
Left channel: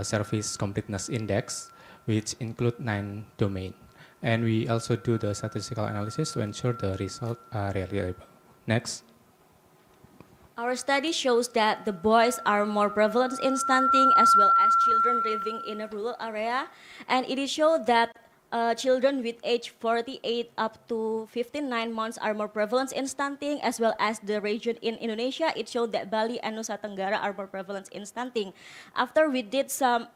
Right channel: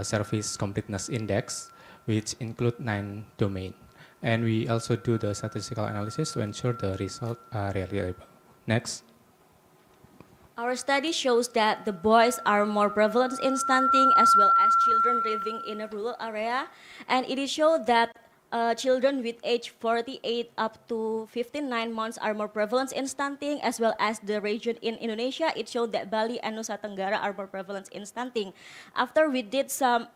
Service Completeness Index, which include 9 domains. And we also do the statistical analysis to ensure the results are reliable. Next. Our study shows that the boys are more prevalent in stunting as well as children living in a rural area. And it is shown that children with age 48 up to 59 months are more prevalent in stunting, as well as the region in Indonesia. It showed that Bali and Nusa Tenggara are more prevalent in stunting. After we did some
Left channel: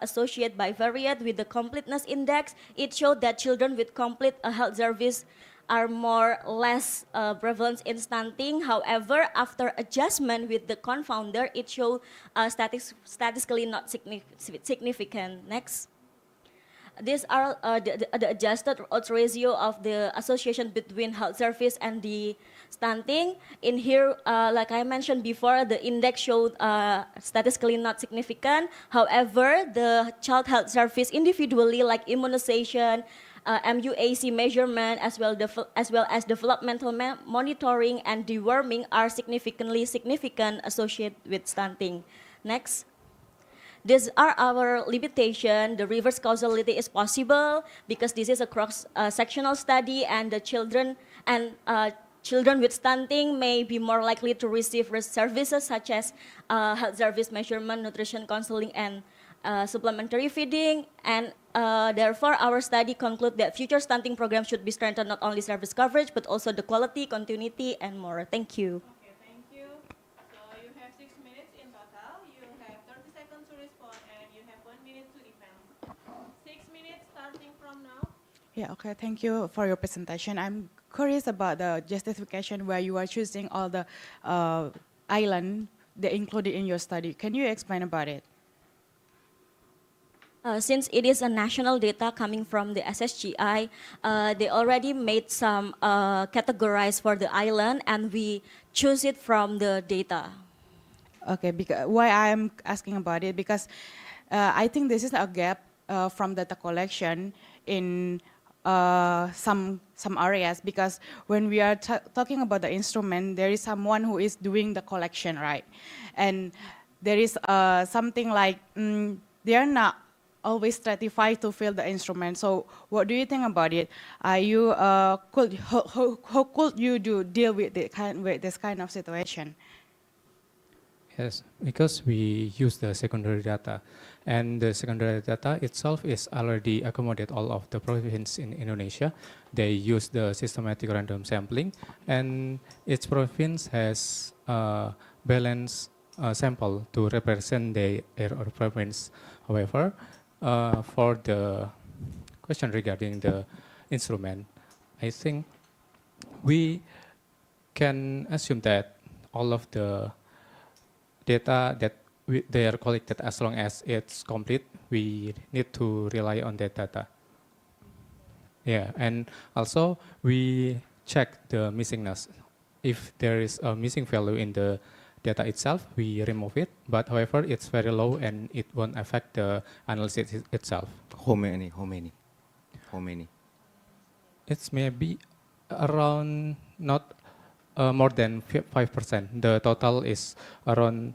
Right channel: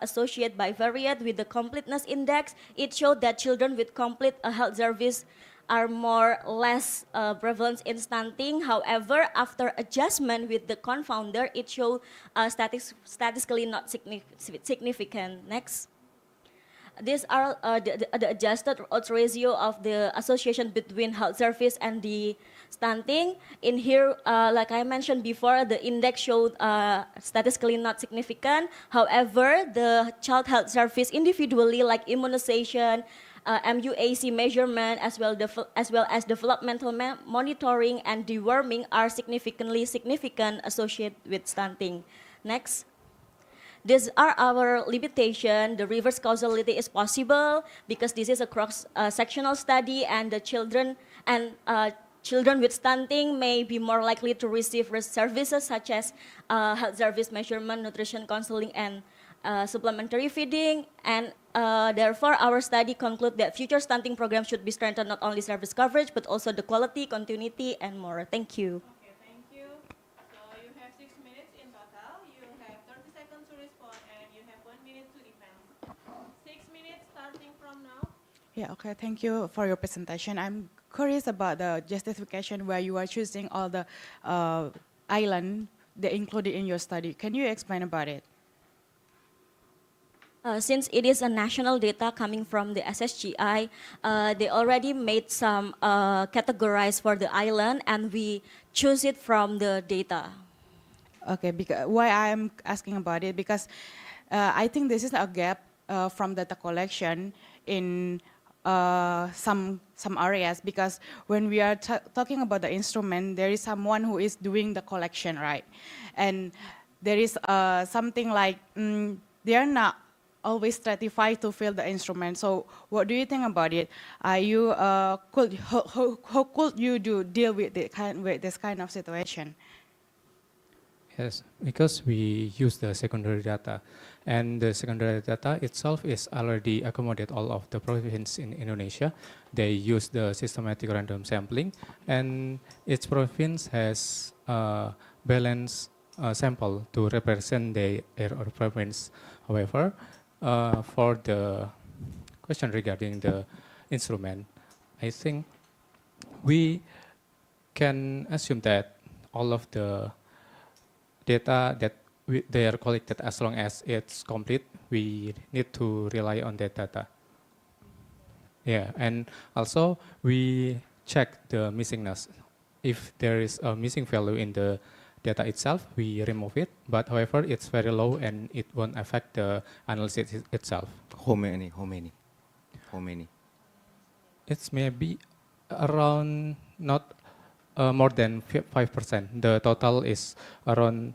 associate bivariate with the completeness index, it showed that children with complete health service are less prevalent in stunting. However, after adjustment with the confounder, it showed statistically not significant. Next. these are the adjusted odds ratio of the association between health service and the stunting. In here, like I mentioned before, the index showed statistically not significant. However, the child health service individually, like immunization, MUAC measurement, as well as developmental monitoring and deworming, are significant associated with stunting. Next. These are our limitation. The reverse causality is possible because this is a cross-sectional study, and the children with stunting may be more likely to receive services such as health service measurement, nutrition counseling, and supplementary feeding. And therefore, our study concludes that future stunting programs should be strengthened not only service coverage, but also the quality, continuity, and more. Thank you. Okay, thank you. So you have 6 minutes in total. You have 30 seconds to respond, and you have 1 minute to defend. 6 minutes starting from now. Yeah, okay, thank you for your presentation. I'm curious about the justification where you are choosing all the island that included in your study. Can you explain about it? Since it is a national data coming from the SSGI, they already made some categorized for the island, and we choose it from the data. Okay, because why I'm asking about it, because I think this is a gap from data collection in some areas, because when we are talking about the instrument, there is someone who is doing the collection, right? And there is something like they are not always stratified to fill the instrument. So what do you think about it? Are you how could you deal with this kind of situation? Yes, because we use the secondary data, and the secondary data itself is already accommodate all of the provinces in Indonesia. They use the systematic random sampling, and each province has a balanced sample to represent their province. However, for the question regarding the instrument, I think we can assume that all of the data that they are collected, as long as it's complete, we need to rely on that data. Yeah, and also we check the missingness. If there is a missing value in the data itself, we remove it. But however, it's very low and it won't affect the analysis itself. How many? It's maybe around not more than 5%. The total is around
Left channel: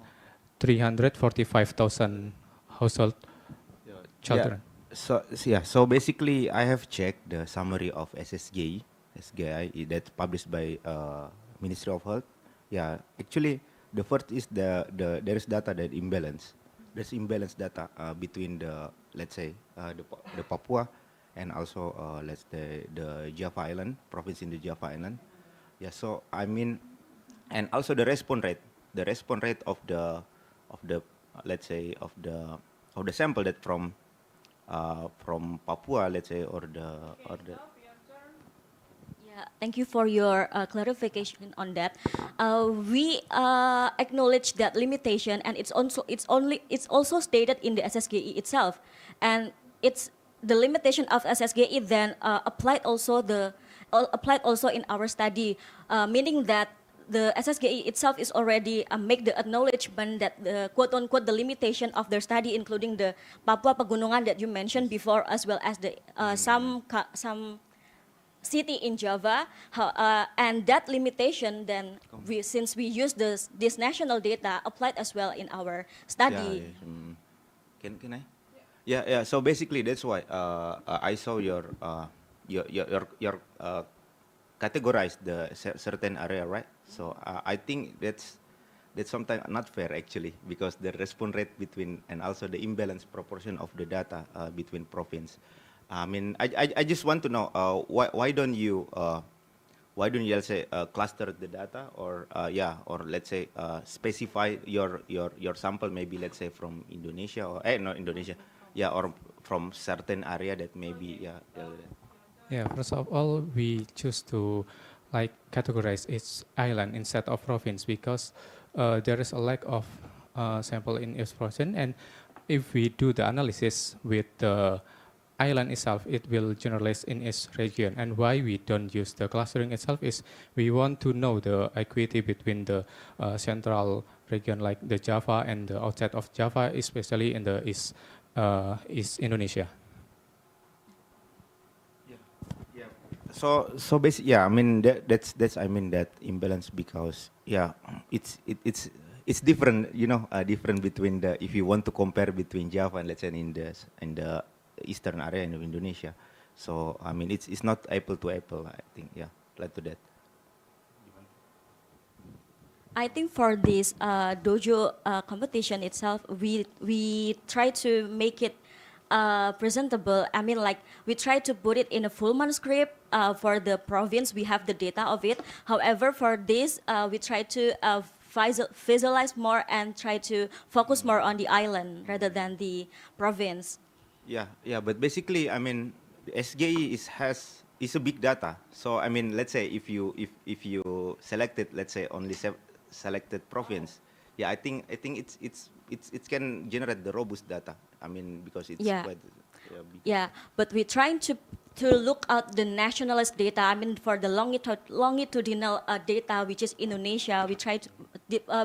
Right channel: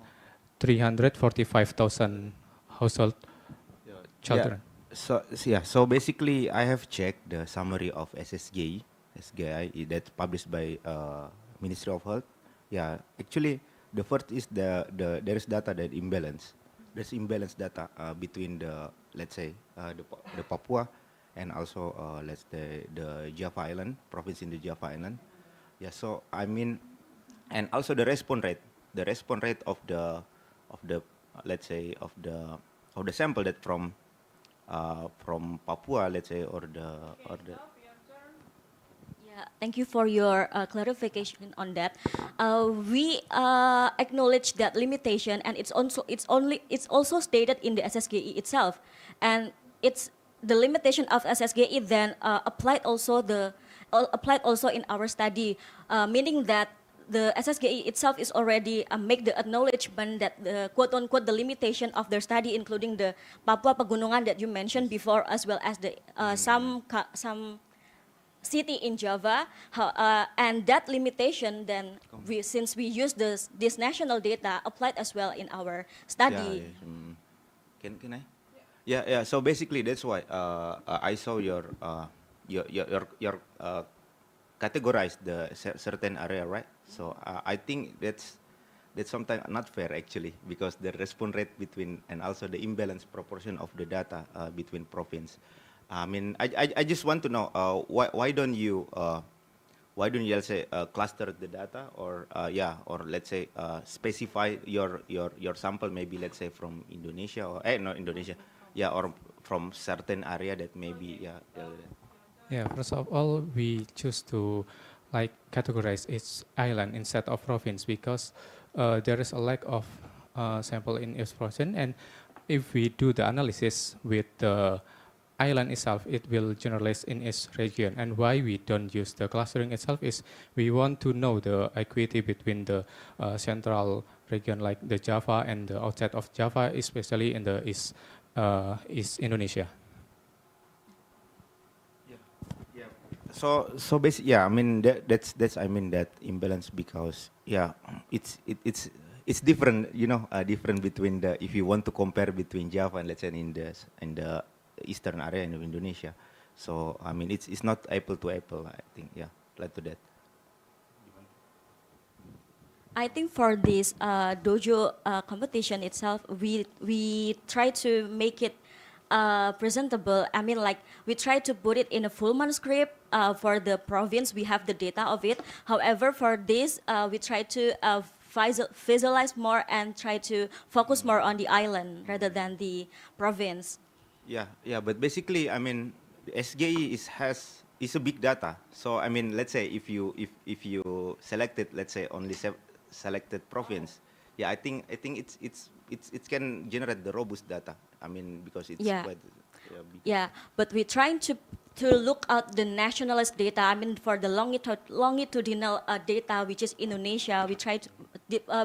345,000 household children. So basically, I have checked the summary of SSGI that's published by Ministry of Health. Yeah, actually, the first is there is data that imbalance. There's imbalance data between the, let's say, the Papua and also let's say the Java Island province in the Java Island. Yeah, so I mean, and also the response rate of the let's say of the sample that from Papua, let's say, or the. Yeah, thank you for your clarification on that. We acknowledge that limitation, and it's also stated in the SSGI itself, and it's the limitation of SSGI then applied also in our study, meaning that the SSGI itself is already make the acknowledgement that the quote unquote the limitation of their study, including the Papua Pegunungan that you mentioned before, as well as the some city in Java, and that limitation then since we use this national data applied as well in our study. Can I? Yeah. So basically, that's why I saw your categorize the certain area, right? So I think that's sometimes not fair actually, because the response rate between and also the imbalance proportion of the data between province. I mean, I just want to know why don't you let's say cluster the data, or or let's say specify your sample, maybe let's say from Indonesia or not Indonesia, or from certain area that maybe Yeah, first of all, we choose to categorize each island instead of province, because there is a lack of sample in each province, and if we do the analysis with the island itself, it will generalize in its region. And why we don't use the clustering itself is we want to know the equity between the central region like the Java and the outside of Java, especially in the East Indonesia. So basically, yeah, I mean that's I mean that imbalance because yeah, it's different, you know, different between the if you want to compare between Java and let's say in the eastern area in Indonesia. So I mean it's not apple to apple. I think yeah, like to that. I think for this dojo competition itself, we try to make it presentable. I mean, like we try to put it in a full manuscript for the province. We have the data of it. However, for this, we try to visualize more and try to focus more on the island rather than the province. Yeah, but basically, I mean, SGE is a big data. So I mean, let's say if you selected, let's say only selected province, yeah, I think it can generate the robust data. I mean, because it's Yeah. quite big. Yeah, but we're trying to look at the nationalist data. I mean, for the longitudinal data, which is Indonesia, we try to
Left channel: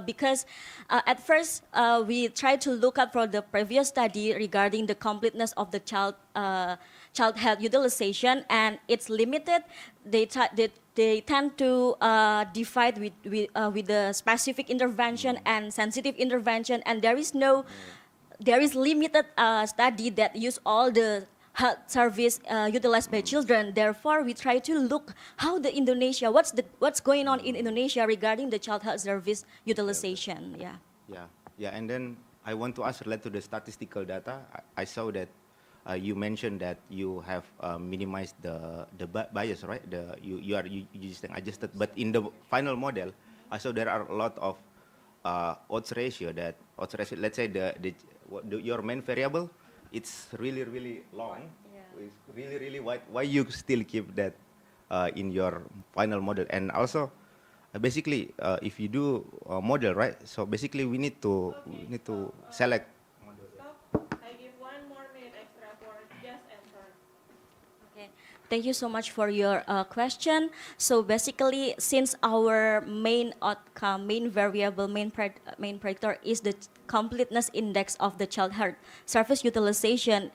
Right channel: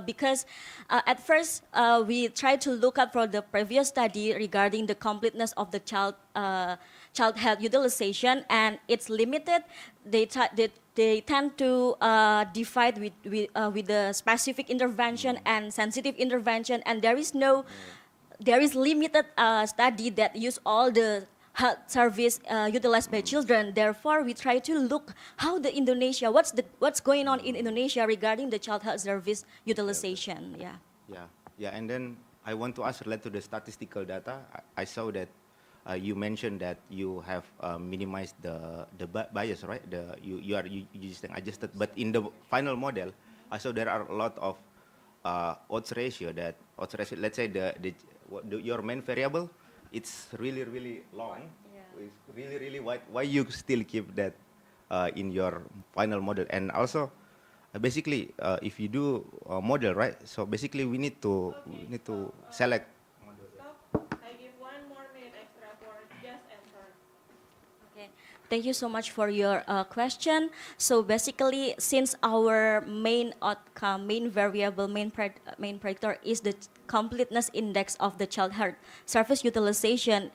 because at first we tried to look up for the previous study regarding the completeness of the child health utilization, and it's limited. They tend to divide with the specific intervention and sensitive intervention, and there is limited study that use all the health service utilized by children. Therefore, we try to look how the Indonesia, what's going on in Indonesia regarding the child health service utilization. Yeah. Yeah, and then I want to ask related to the statistical data. I saw that you mentioned that you have minimized the bias, right? You just adjusted, but in the final model, I saw there are a lot of odds ratio. Let's say your main variable, it's really long. It's really wide. Why you still keep that in your final model? And also, basically, if you do a model, right? So basically, we need to select. I give 1 more minute extra for just answer. Okay. Thank you so much for your question. So basically, since our main outcome, main variable, main predictor is the completeness index of the child health service utilization,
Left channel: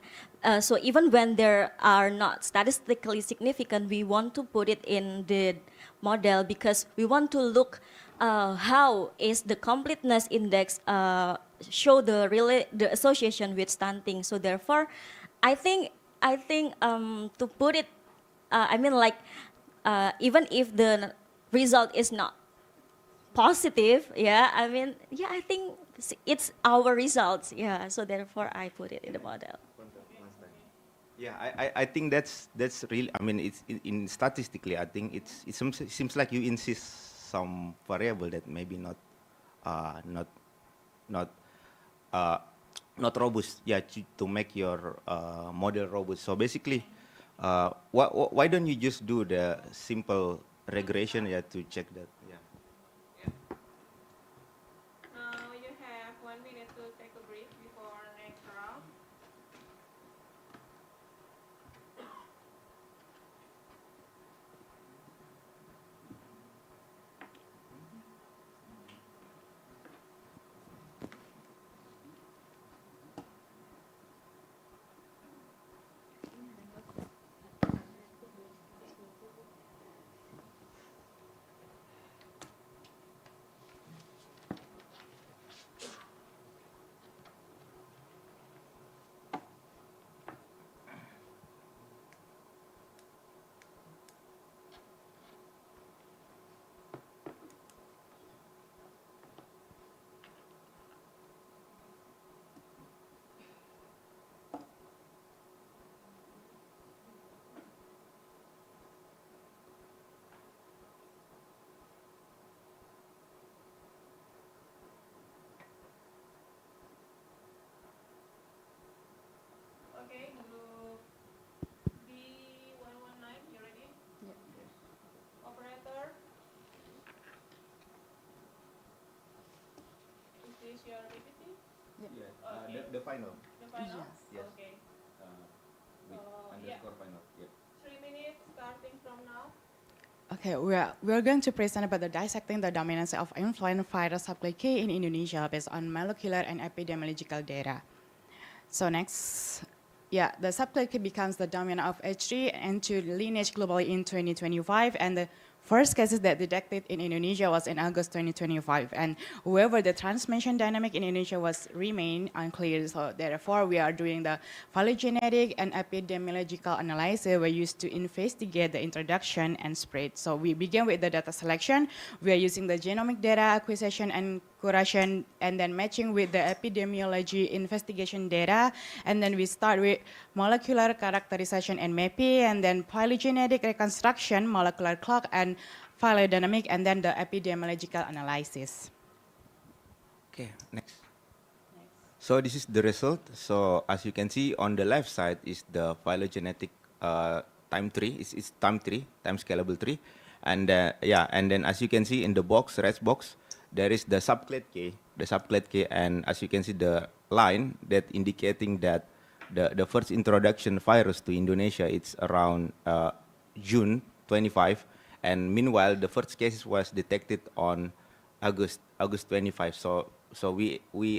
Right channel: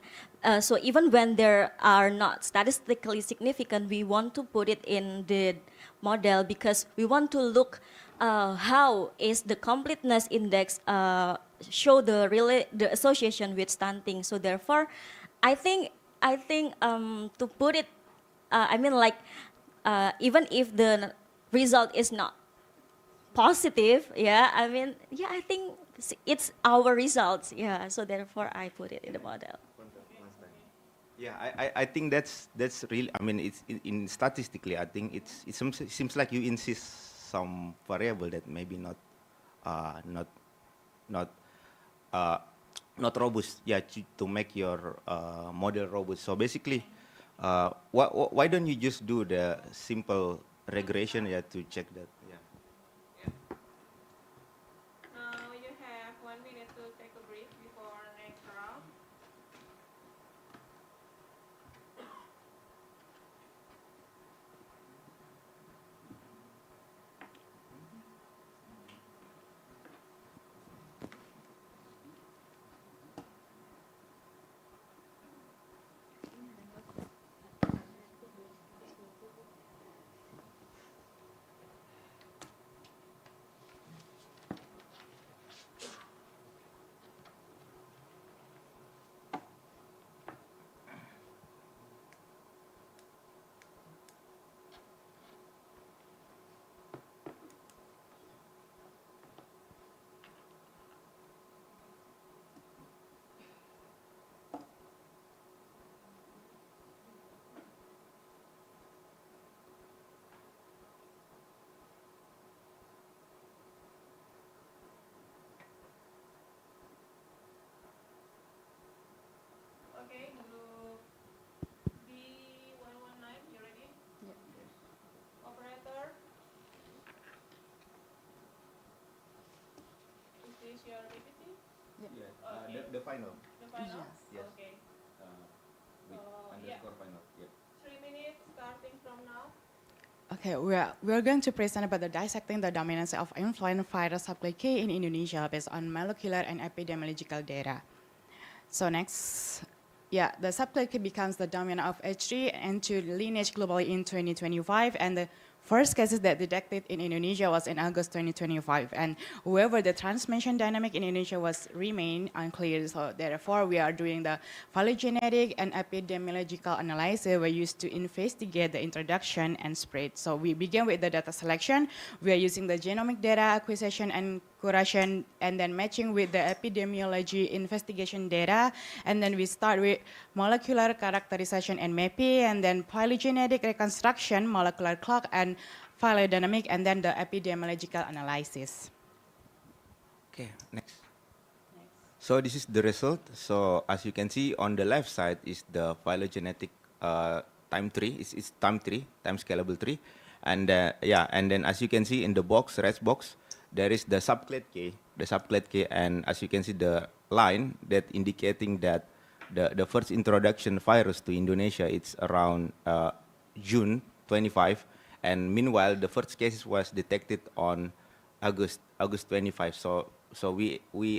so even when there are not statistically significant, we want to put it in the model because we want to look how is the completeness index show the association with stunting. So therefore, I think to put it, I mean, like even if the result is not positive, yeah, I mean, yeah, I think it's our results, yeah. So therefore, I put it in the model. Yeah, I think that's really. I mean, it's in statistically. I think it seems like you insist some variable that maybe not robust. Yeah, to make your model robust. So basically, why don't you just do the simple regression, yeah, to check that? Yeah. Now you have 1 minute to take a break before next round. Okay, group B119, you ready? Yeah. Operator? Is this your PPT? Yeah. Okay. The final. The final? Yes. Okay. We- So Okay, we are going to present about the dissecting the dominance of influenza virus subclade K in Indonesia based on molecular and epidemiological data. So next, yeah, the subclade K becomes the dominant of H3N2 lineage globally in 2025, and the first cases that detected in Indonesia was in August 2025. And however, the transmission dynamic in Indonesia was remain unclear. So therefore, we are doing the phylogenetic and epidemiological analysis we used to investigate the introduction and spread. So we begin with the data selection. We are using the genomic data acquisition and curation, and then matching with the epidemiology investigation data. And then we start with molecular characterization and mapping, and then phylogenetic reconstruction, molecular clock, and phylodynamic, and then the epidemiological analysis. Okay, next. So this is the result. So as you can see on the left side is the phylogenetic time tree. It's time tree, time scalable tree, and yeah, and then as you can see in the box, red box, there is the subclade K, and as you can see the line that indicating that the first introduction virus to Indonesia it's around June 25, and meanwhile the first cases was detected on August 25. So we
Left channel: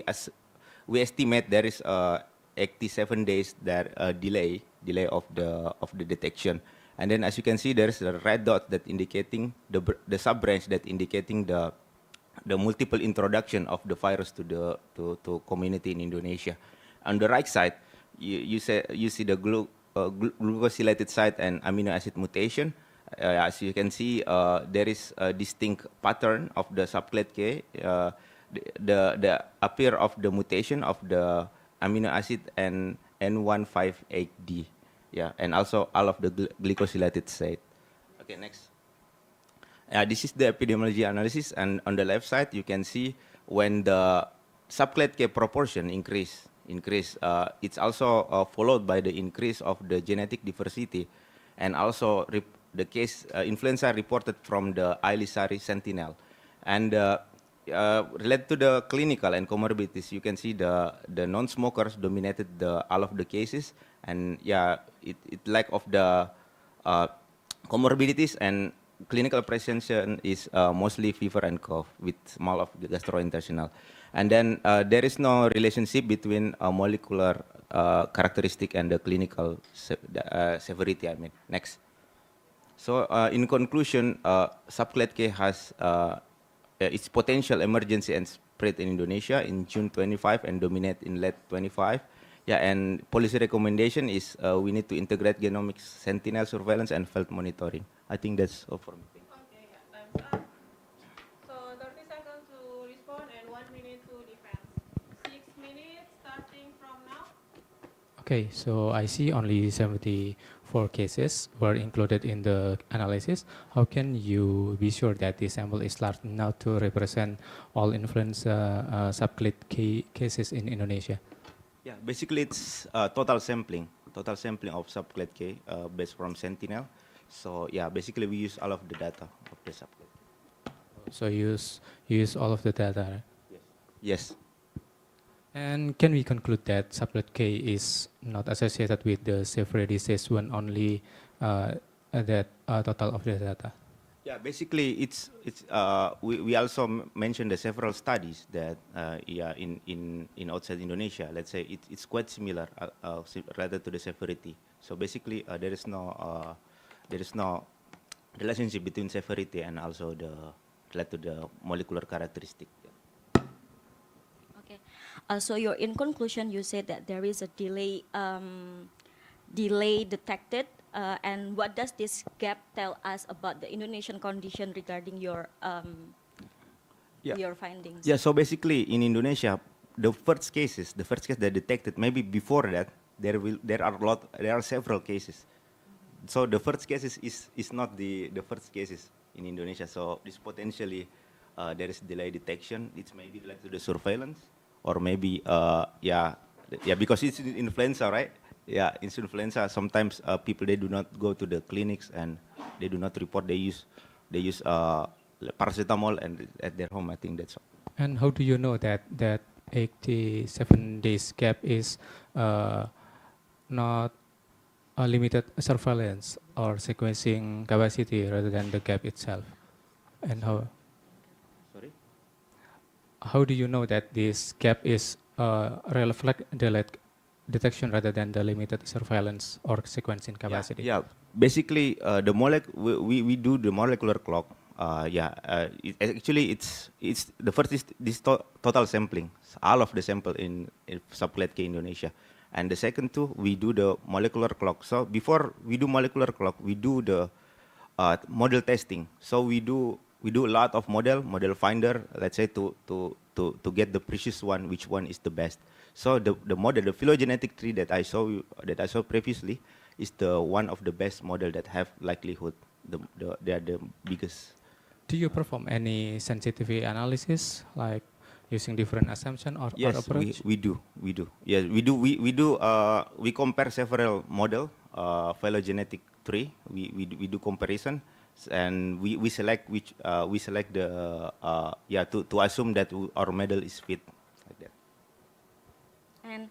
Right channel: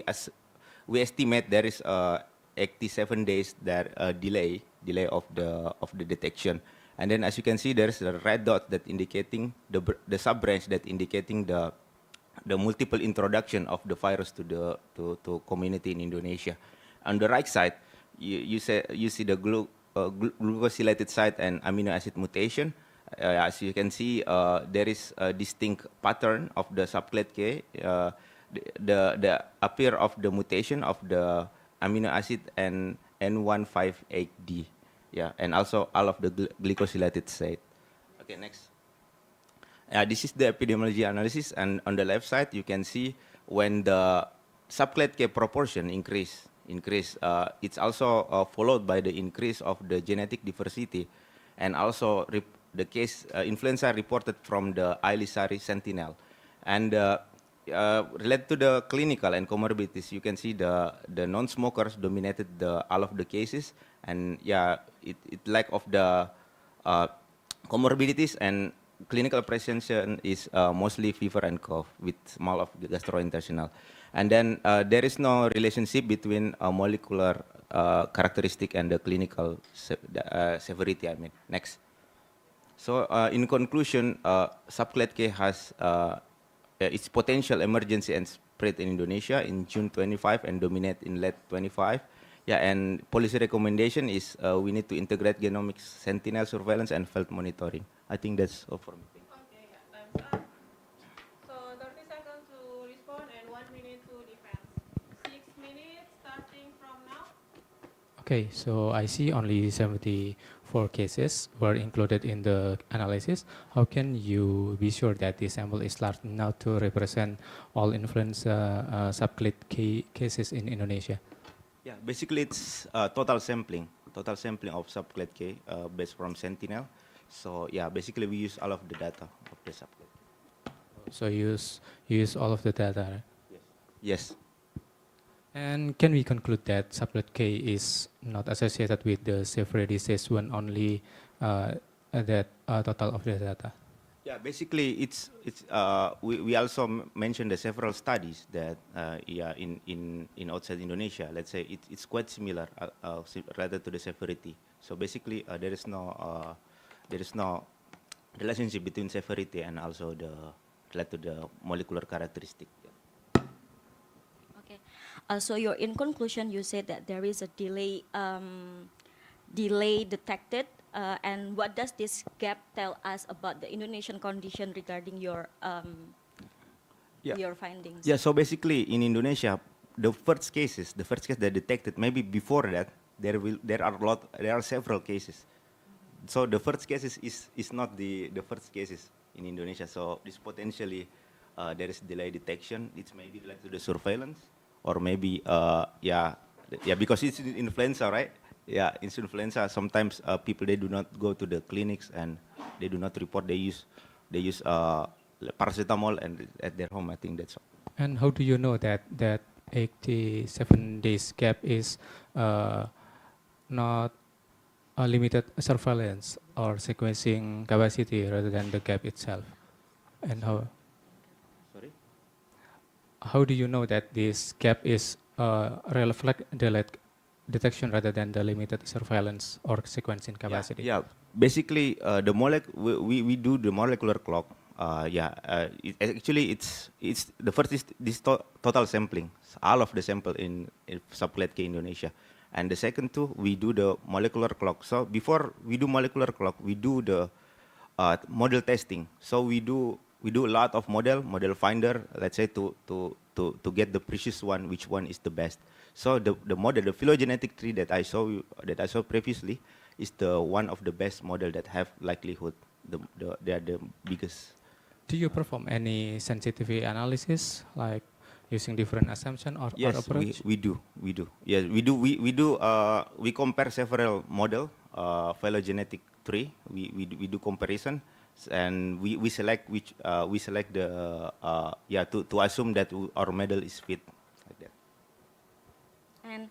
estimate there is 87 days that delay of the detection. And then as you can see, there is a red dot that indicating the sub branch that indicating the multiple introduction of the virus to the to community in Indonesia. On the right side, you see the glucosylated site and amino acid mutation. As you can see, there is a distinct pattern of the subclade K. The appear of the mutation of the amino acid and N158D, yeah, and also all of the glycosylated site. Okay, next. This is the epidemiology analysis, and on the left side you can see when the subclade K proportion increase, it's also followed by the increase of the genetic diversity, and also the case influenza reported from the Ailisari Sentinel, and related to the clinical and comorbidities, you can see the non-smokers dominated all of the cases, and yeah, it lack of the comorbidities and clinical presentation is mostly fever and cough with small of gastrointestinal, and then there is no relationship between molecular characteristic and the clinical severity. I mean, next. So in conclusion, subclade K has its potential emergency and spread in Indonesia in June 25 and dominate in late 25. Yeah, and policy recommendation is we need to integrate genomics, sentinel surveillance, and field monitoring. I think that's all for me. Okay, yeah, time's up. So 30 seconds to respond and 1 minute to defense. 6 minutes starting from now. Okay, so I see only 74 cases were included in the analysis. How can you be sure that the sample is large enough to represent all influenza subclade cases in Indonesia? Yeah, basically it's total sampling of subclade K based from Sentinel. So yeah, basically we use all of the data of the subclade. So you use all of the data, right? Yes. And can we conclude that subclade K is not associated with the severe disease when only that total of the data? Yeah, basically it's we also mentioned the several studies that yeah in outside Indonesia, let's say it's quite similar rather to the severity. So basically there is no relationship between severity and also the related to the molecular characteristic. Okay. So in conclusion, you said that there is a delay detected. And what does this gap tell us about the Indonesian condition regarding your findings? Yeah, so basically in Indonesia, the first case that detected, maybe before that, there are several cases. So the first cases is not the first cases in Indonesia. So this potentially there is delay detection. It's maybe related to the surveillance, or maybe because it's influenza, right? Yeah, it's influenza. Sometimes people they do not go to the clinics and they do not report. They use paracetamol and at their home. I think that's all. And how do you know that 87 days gap is not limited surveillance or sequencing capacity rather than the gap itself? And Sorry? how do you know that this gap is reflect delayed detection rather than the limited surveillance or sequencing capacity? Yeah, basically the we do the molecular clock. Actually it's the first is this total sampling, all of the sample in subclade K Indonesia, and the second two we do the molecular clock. So before we do molecular clock, we do the model testing. So we do a lot of model finder, let's say to get the precise one, which one is the best. So the model, the phylogenetic tree that I saw previously, is the one of the best model that have likelihood. They are the biggest. Do you perform any sensitivity analysis, like using different assumption or approach? we do. Yes, we do. We compare several model, phylogenetic tree. We do comparison, and we select the to assume that our model is fit, like that. And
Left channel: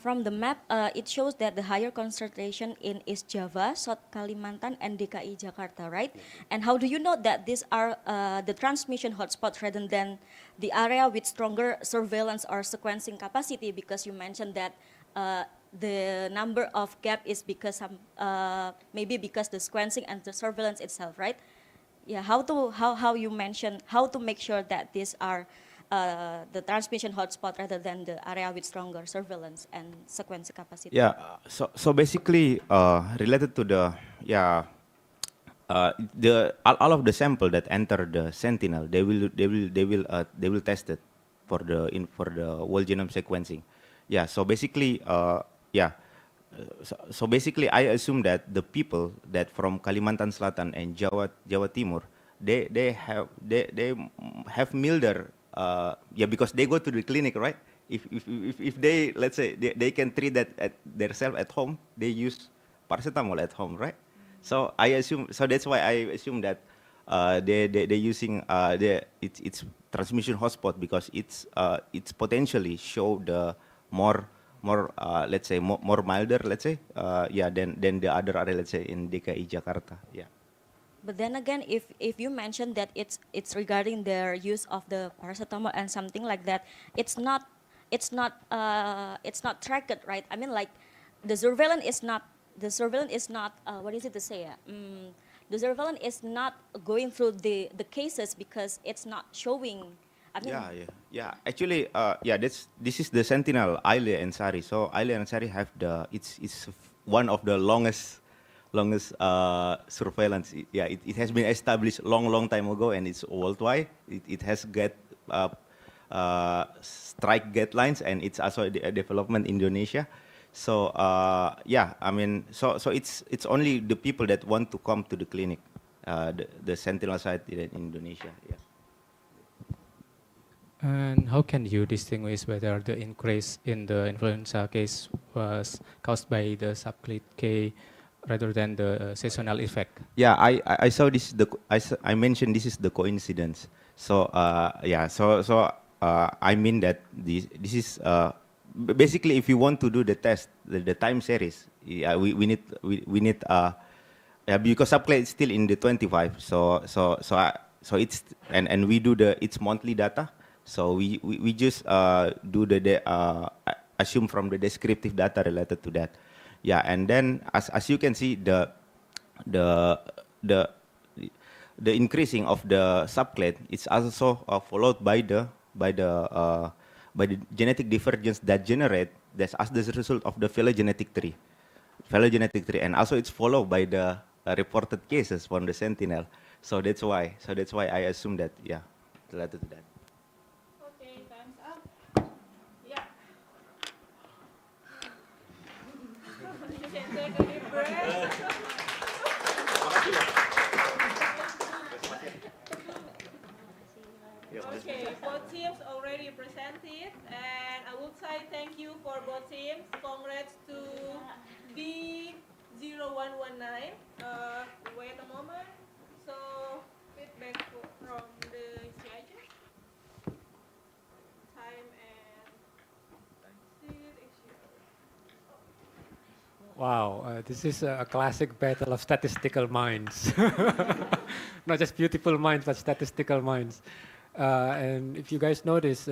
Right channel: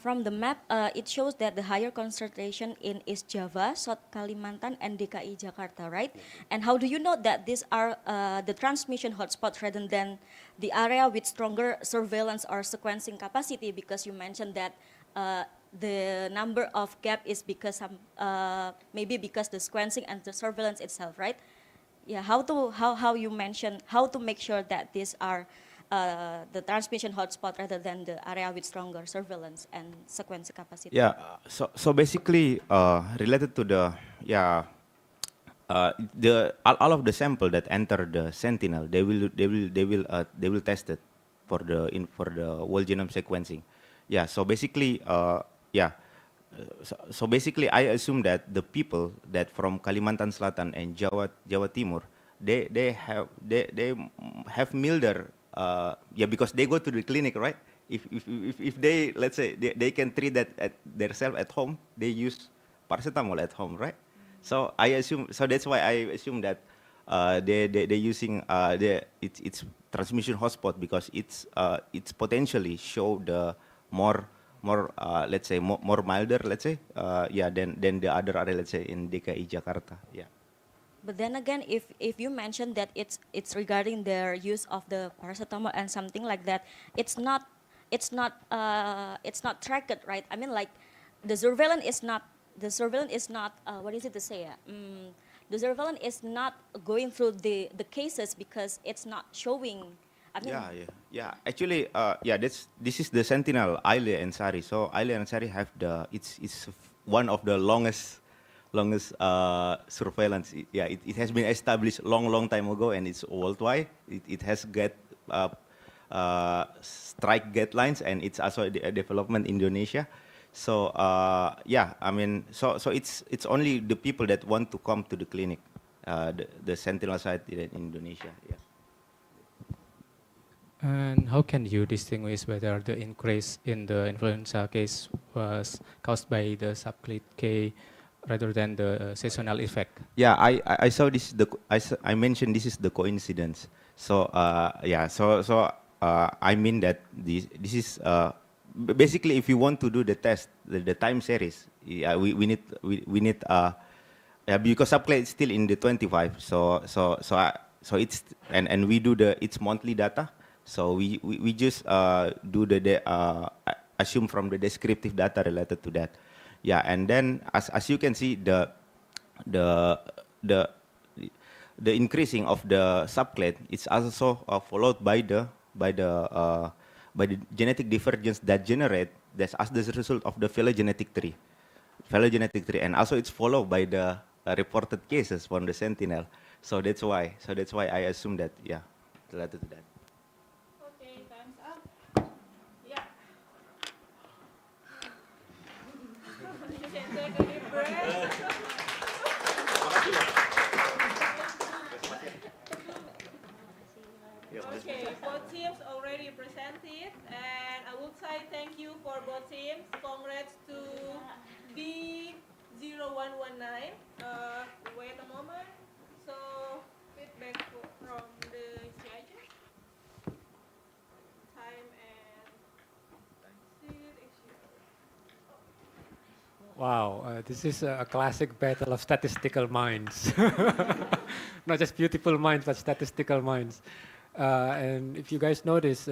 from the map, it shows that the higher concentration in East Java, South Kalimantan, and DKI Jakarta, right? And how do you know that these are the transmission hotspots rather than the area with stronger surveillance or sequencing capacity? Because you mentioned that the number of gap is because maybe because the sequencing and the surveillance itself, right? Yeah, how you mention how to make sure that these are the transmission hotspot rather than the area with stronger surveillance and sequence capacity. Yeah. So basically, related to the all of the sample that enter the Sentinel, they will test it for the whole genome sequencing. Yeah. So basically, So basically, I assume that the people that from Kalimantan Selatan and Jawa Timur, they have milder, because they go to the clinic, right? If they, let's say they can treat that at themselves at home, they use paracetamol at home, right? So that's why I assume that they're using it's transmission hotspot, because it's potentially show the more let's say more milder, let's say than the other area, let's say in DKI Jakarta. Yeah. But then again, if you mention that it's regarding their use of the paracetamol and something like that, it's not tracked, right? I mean, like the surveillance is not what is it to say? The surveillance is not going through the cases because it's not showing. I mean, Actually, this is the Sentinel Aile and Sari. So Aile and Sari have it's one of the longest surveillance. It has been established long time ago, and it's worldwide. It has get strike guidelines, and it's also a development in Indonesia. So I mean, so it's only the people that want to come to the clinic, the Sentinel site in Indonesia. Yeah. And how can you distinguish whether the increase in the influenza case was caused by the subclade K rather than the seasonal effect? Yeah, I saw this. I mentioned this is the coincidence. So I mean that this is basically, if you want to do the test, the time series, we need because subclade is still in the 25. So it's and we do it's monthly data. So we just do assume from the descriptive data related to that. Yeah, and then as you can see, the increasing of the subclade is also followed by the genetic divergence that's as the result of the phylogenetic tree, and also it's followed by the reported cases from the Sentinel. So that's why I assume that related to that. Okay, time's up. Yeah. You can take a deep breath. Okay, both teams already presented, and I would say thank you for both teams. Congrats to B0119. Wait a moment. So feedback from the judges. Time and seat issue. Wow, this is a classic battle of statistical minds. Not just beautiful minds, but statistical minds. And if you guys notice,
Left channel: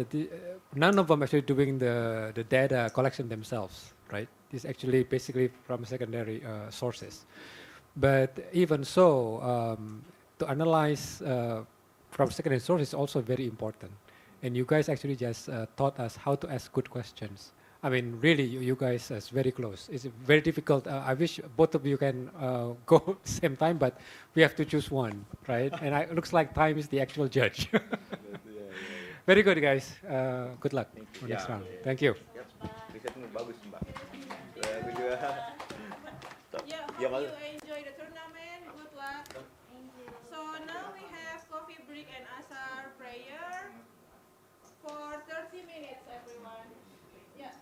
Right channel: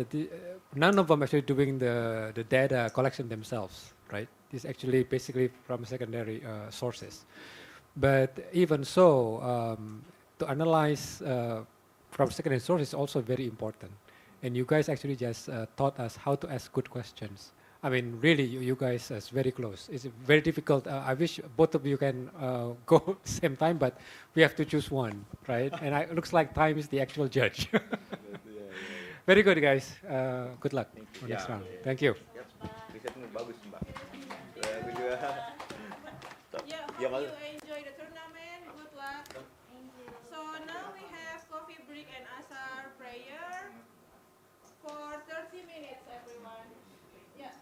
none of them actually doing the data collection themselves, right? This actually basically from secondary sources. But even so, to analyze from secondary sources is also very important. And you guys actually just taught us how to ask good questions. I mean, really, you guys are very close. It's very difficult. I wish both of you can go same time, but we have to choose one, right? And it looks like time is the actual judge. Very good, guys. Good luck for next round. Thank you. Risetnya bagus, Mbak. Yeah, hope you enjoy the tournament. Good luck. So now we have coffee break and asar prayer for 30 minutes, everyone. Yeah.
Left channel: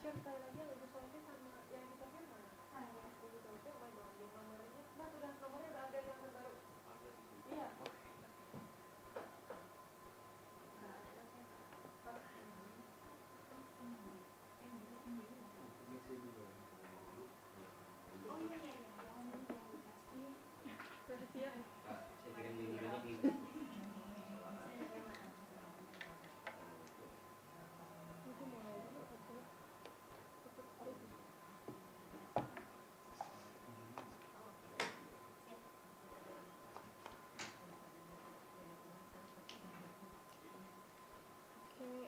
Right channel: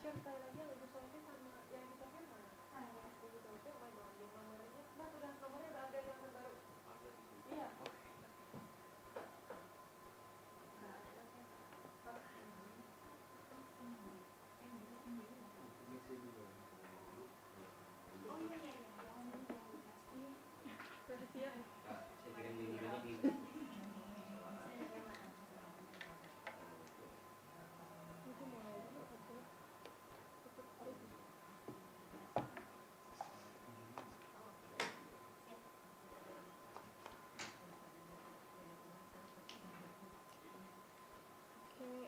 Okay,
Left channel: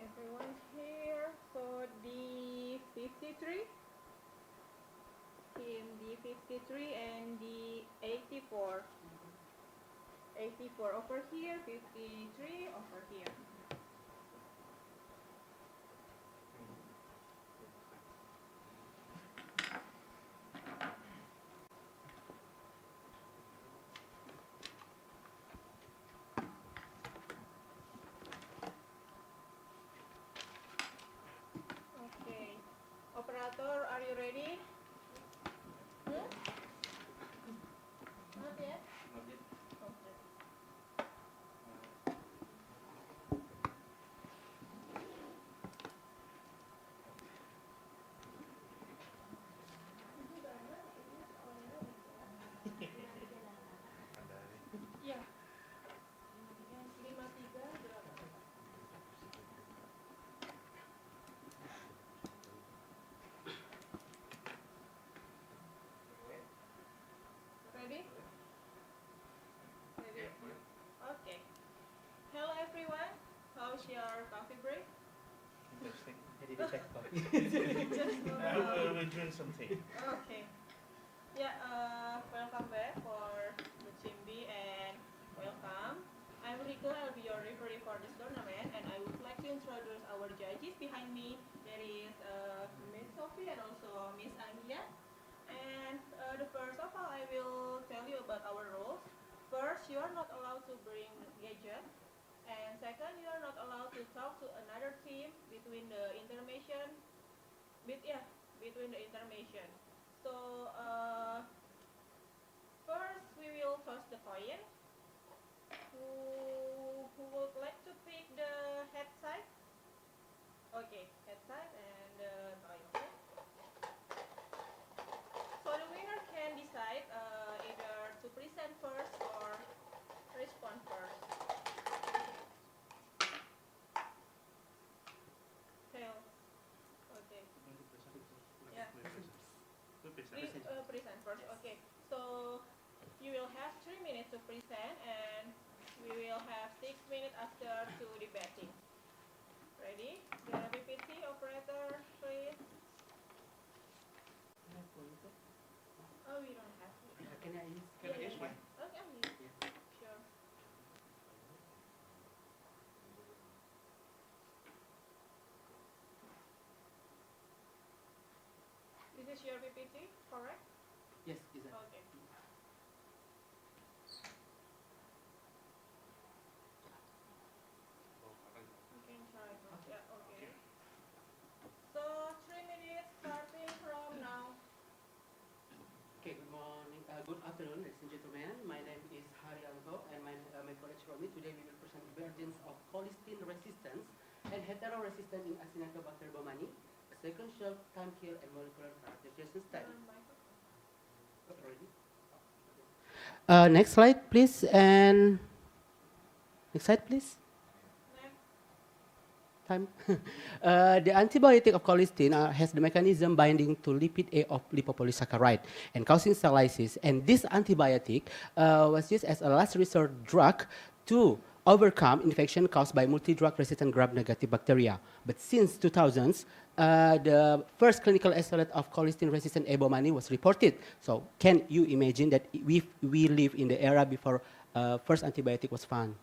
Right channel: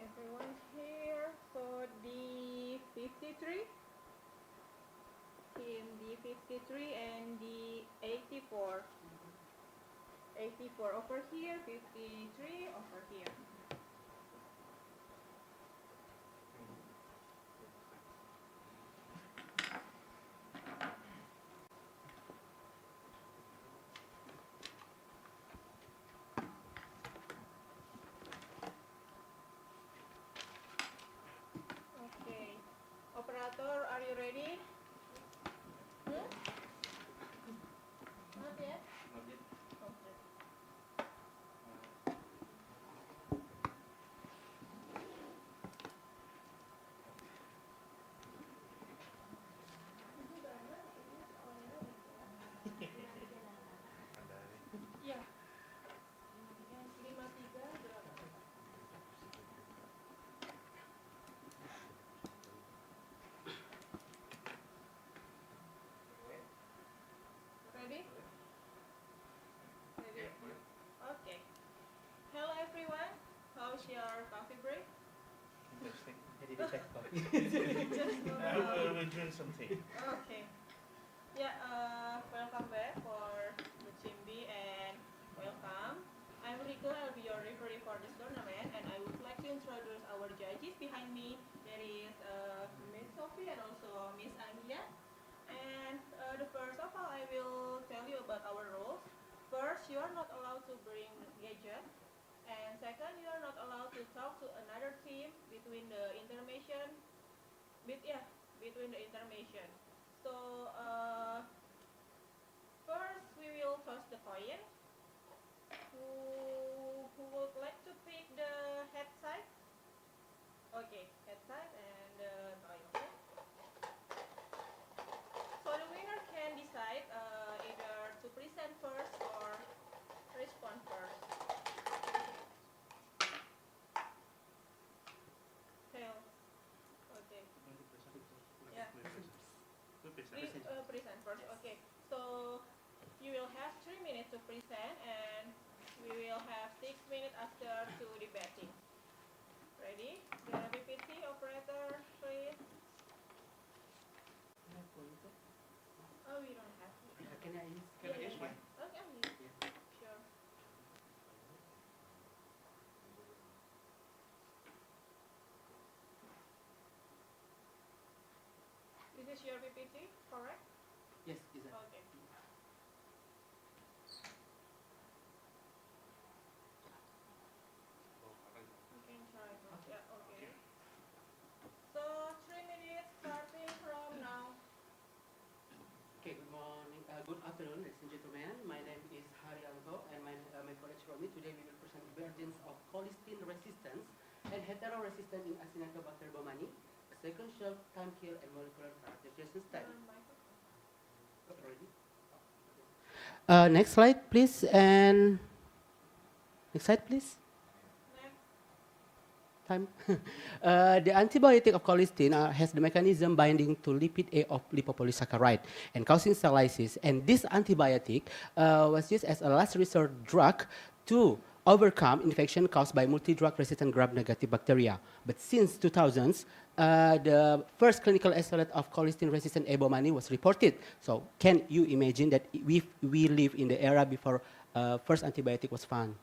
everyone here. So D53, team D53 and D84. 84 over here, 53 over here. Okay. Operator, are you ready? Hmm? Not yet? Okay. Ya. 53 Ready? Ready? Okay. Hello everyone. How's your coffee break? Interesting. Just We're doing something. Okay. Yeah, welcome back for the team B and welcome. I'm Rico, I'll be your referee for this tournament and I would like to introduce our judges behind me. There is Miss Sophie and also Miss Anggia. And the first of all, I will tell you about our rules. First, you are not allowed to bring gadget. And second, you are not allowed to talk to another team between the intermission. Between the intermission. So first we will toss the coin. Who would like to pick the head side? Okay, head side and the coin. Okay. So the winner can decide either to present first or respond first. Tail. Okay. Yeah. Present first. Okay. So you will have 3 minutes to present and we will have 6 minutes after to debating. Ready? The PPT operator, please. Oh, we don't have. Can I use? Can I use one? Okay, I'll use. Sure. This is your PPT, correct? Yes, exactly. Okay. You can try. Yeah, okay. So 3 minutes starting from now. Okay, good morning, good afternoon, ladies and gentlemen. My name is Haryanto and my colleague Romi. Today we will present burdens of cholesterol resistance and hetero-resistant in Acinetobacter baumannii, a sequential time kill and molecular characterization study. Next slide, please, and next slide, please. Time. The antibiotic of colistin has the mechanism binding to lipid A of lipopolysaccharide and causing cell lysis. And this antibiotic was used as a last resort drug to overcome infection caused by multi-drug-resistant gram-negative bacteria. But since 2000s, the first clinical isolate of colistin-resistant A. baumannii was reported. So can you imagine that we live in the era before first antibiotic was found?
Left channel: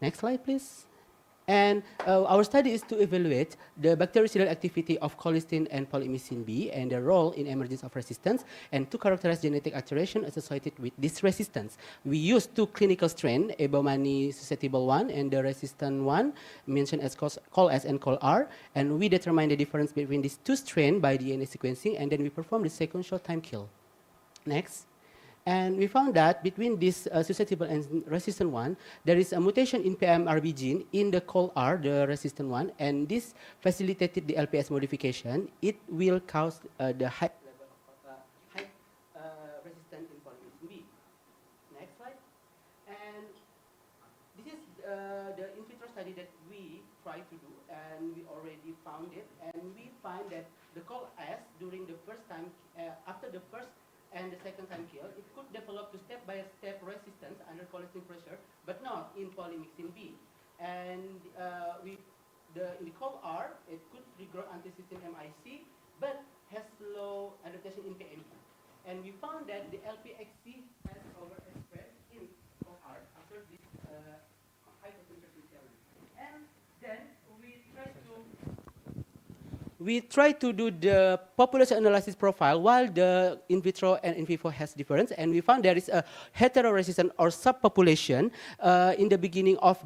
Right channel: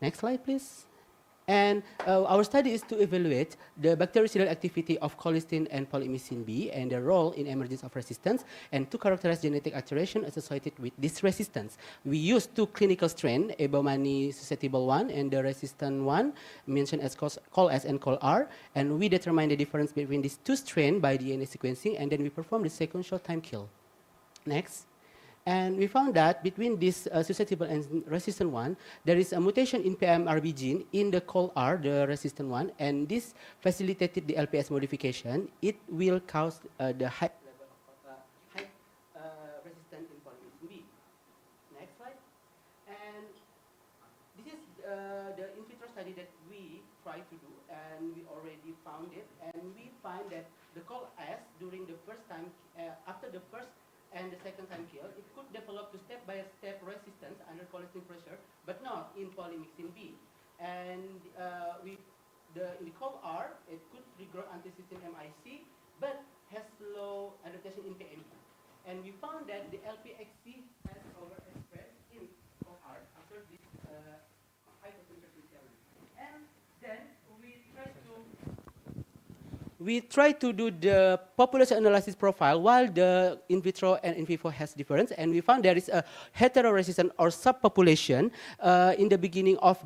Next slide, please. And our study is to evaluate the bactericidal activity of colistin and polymyxin B and their role in emergence of resistance, and to characterize genetic alteration associated with this resistance. We used two clinical strains, Ebomani susceptible 1 and the resistant one, mentioned as col-S and col-R, and we determined the difference between these two strains by DNA sequencing, and then we performed the sequential time kill. Next. And we found that between this susceptible and resistant one, there is a mutation in PMRB gene in the col-R, the resistant one, and this facilitated the LPS modification. It will cause the high level of resistance in polymyxin B. Next slide. And this is the in vitro study that we tried to do, and we already found it. And we find that the col-S during the first time, after the first and the second time kill, it could develop to step-by-step resistance under colistin pressure, but not in polymyxin B. And in the col-R, it could trigger anti-cysteine MIC, but has low adaptation in PMB. And we found that the LPXC has overexpressed in col-R after this hypertension theory. And then we try to do the population analysis profile while the in vitro and in vivo has difference, and we found there is a heteroresistant or subpopulation in the beginning of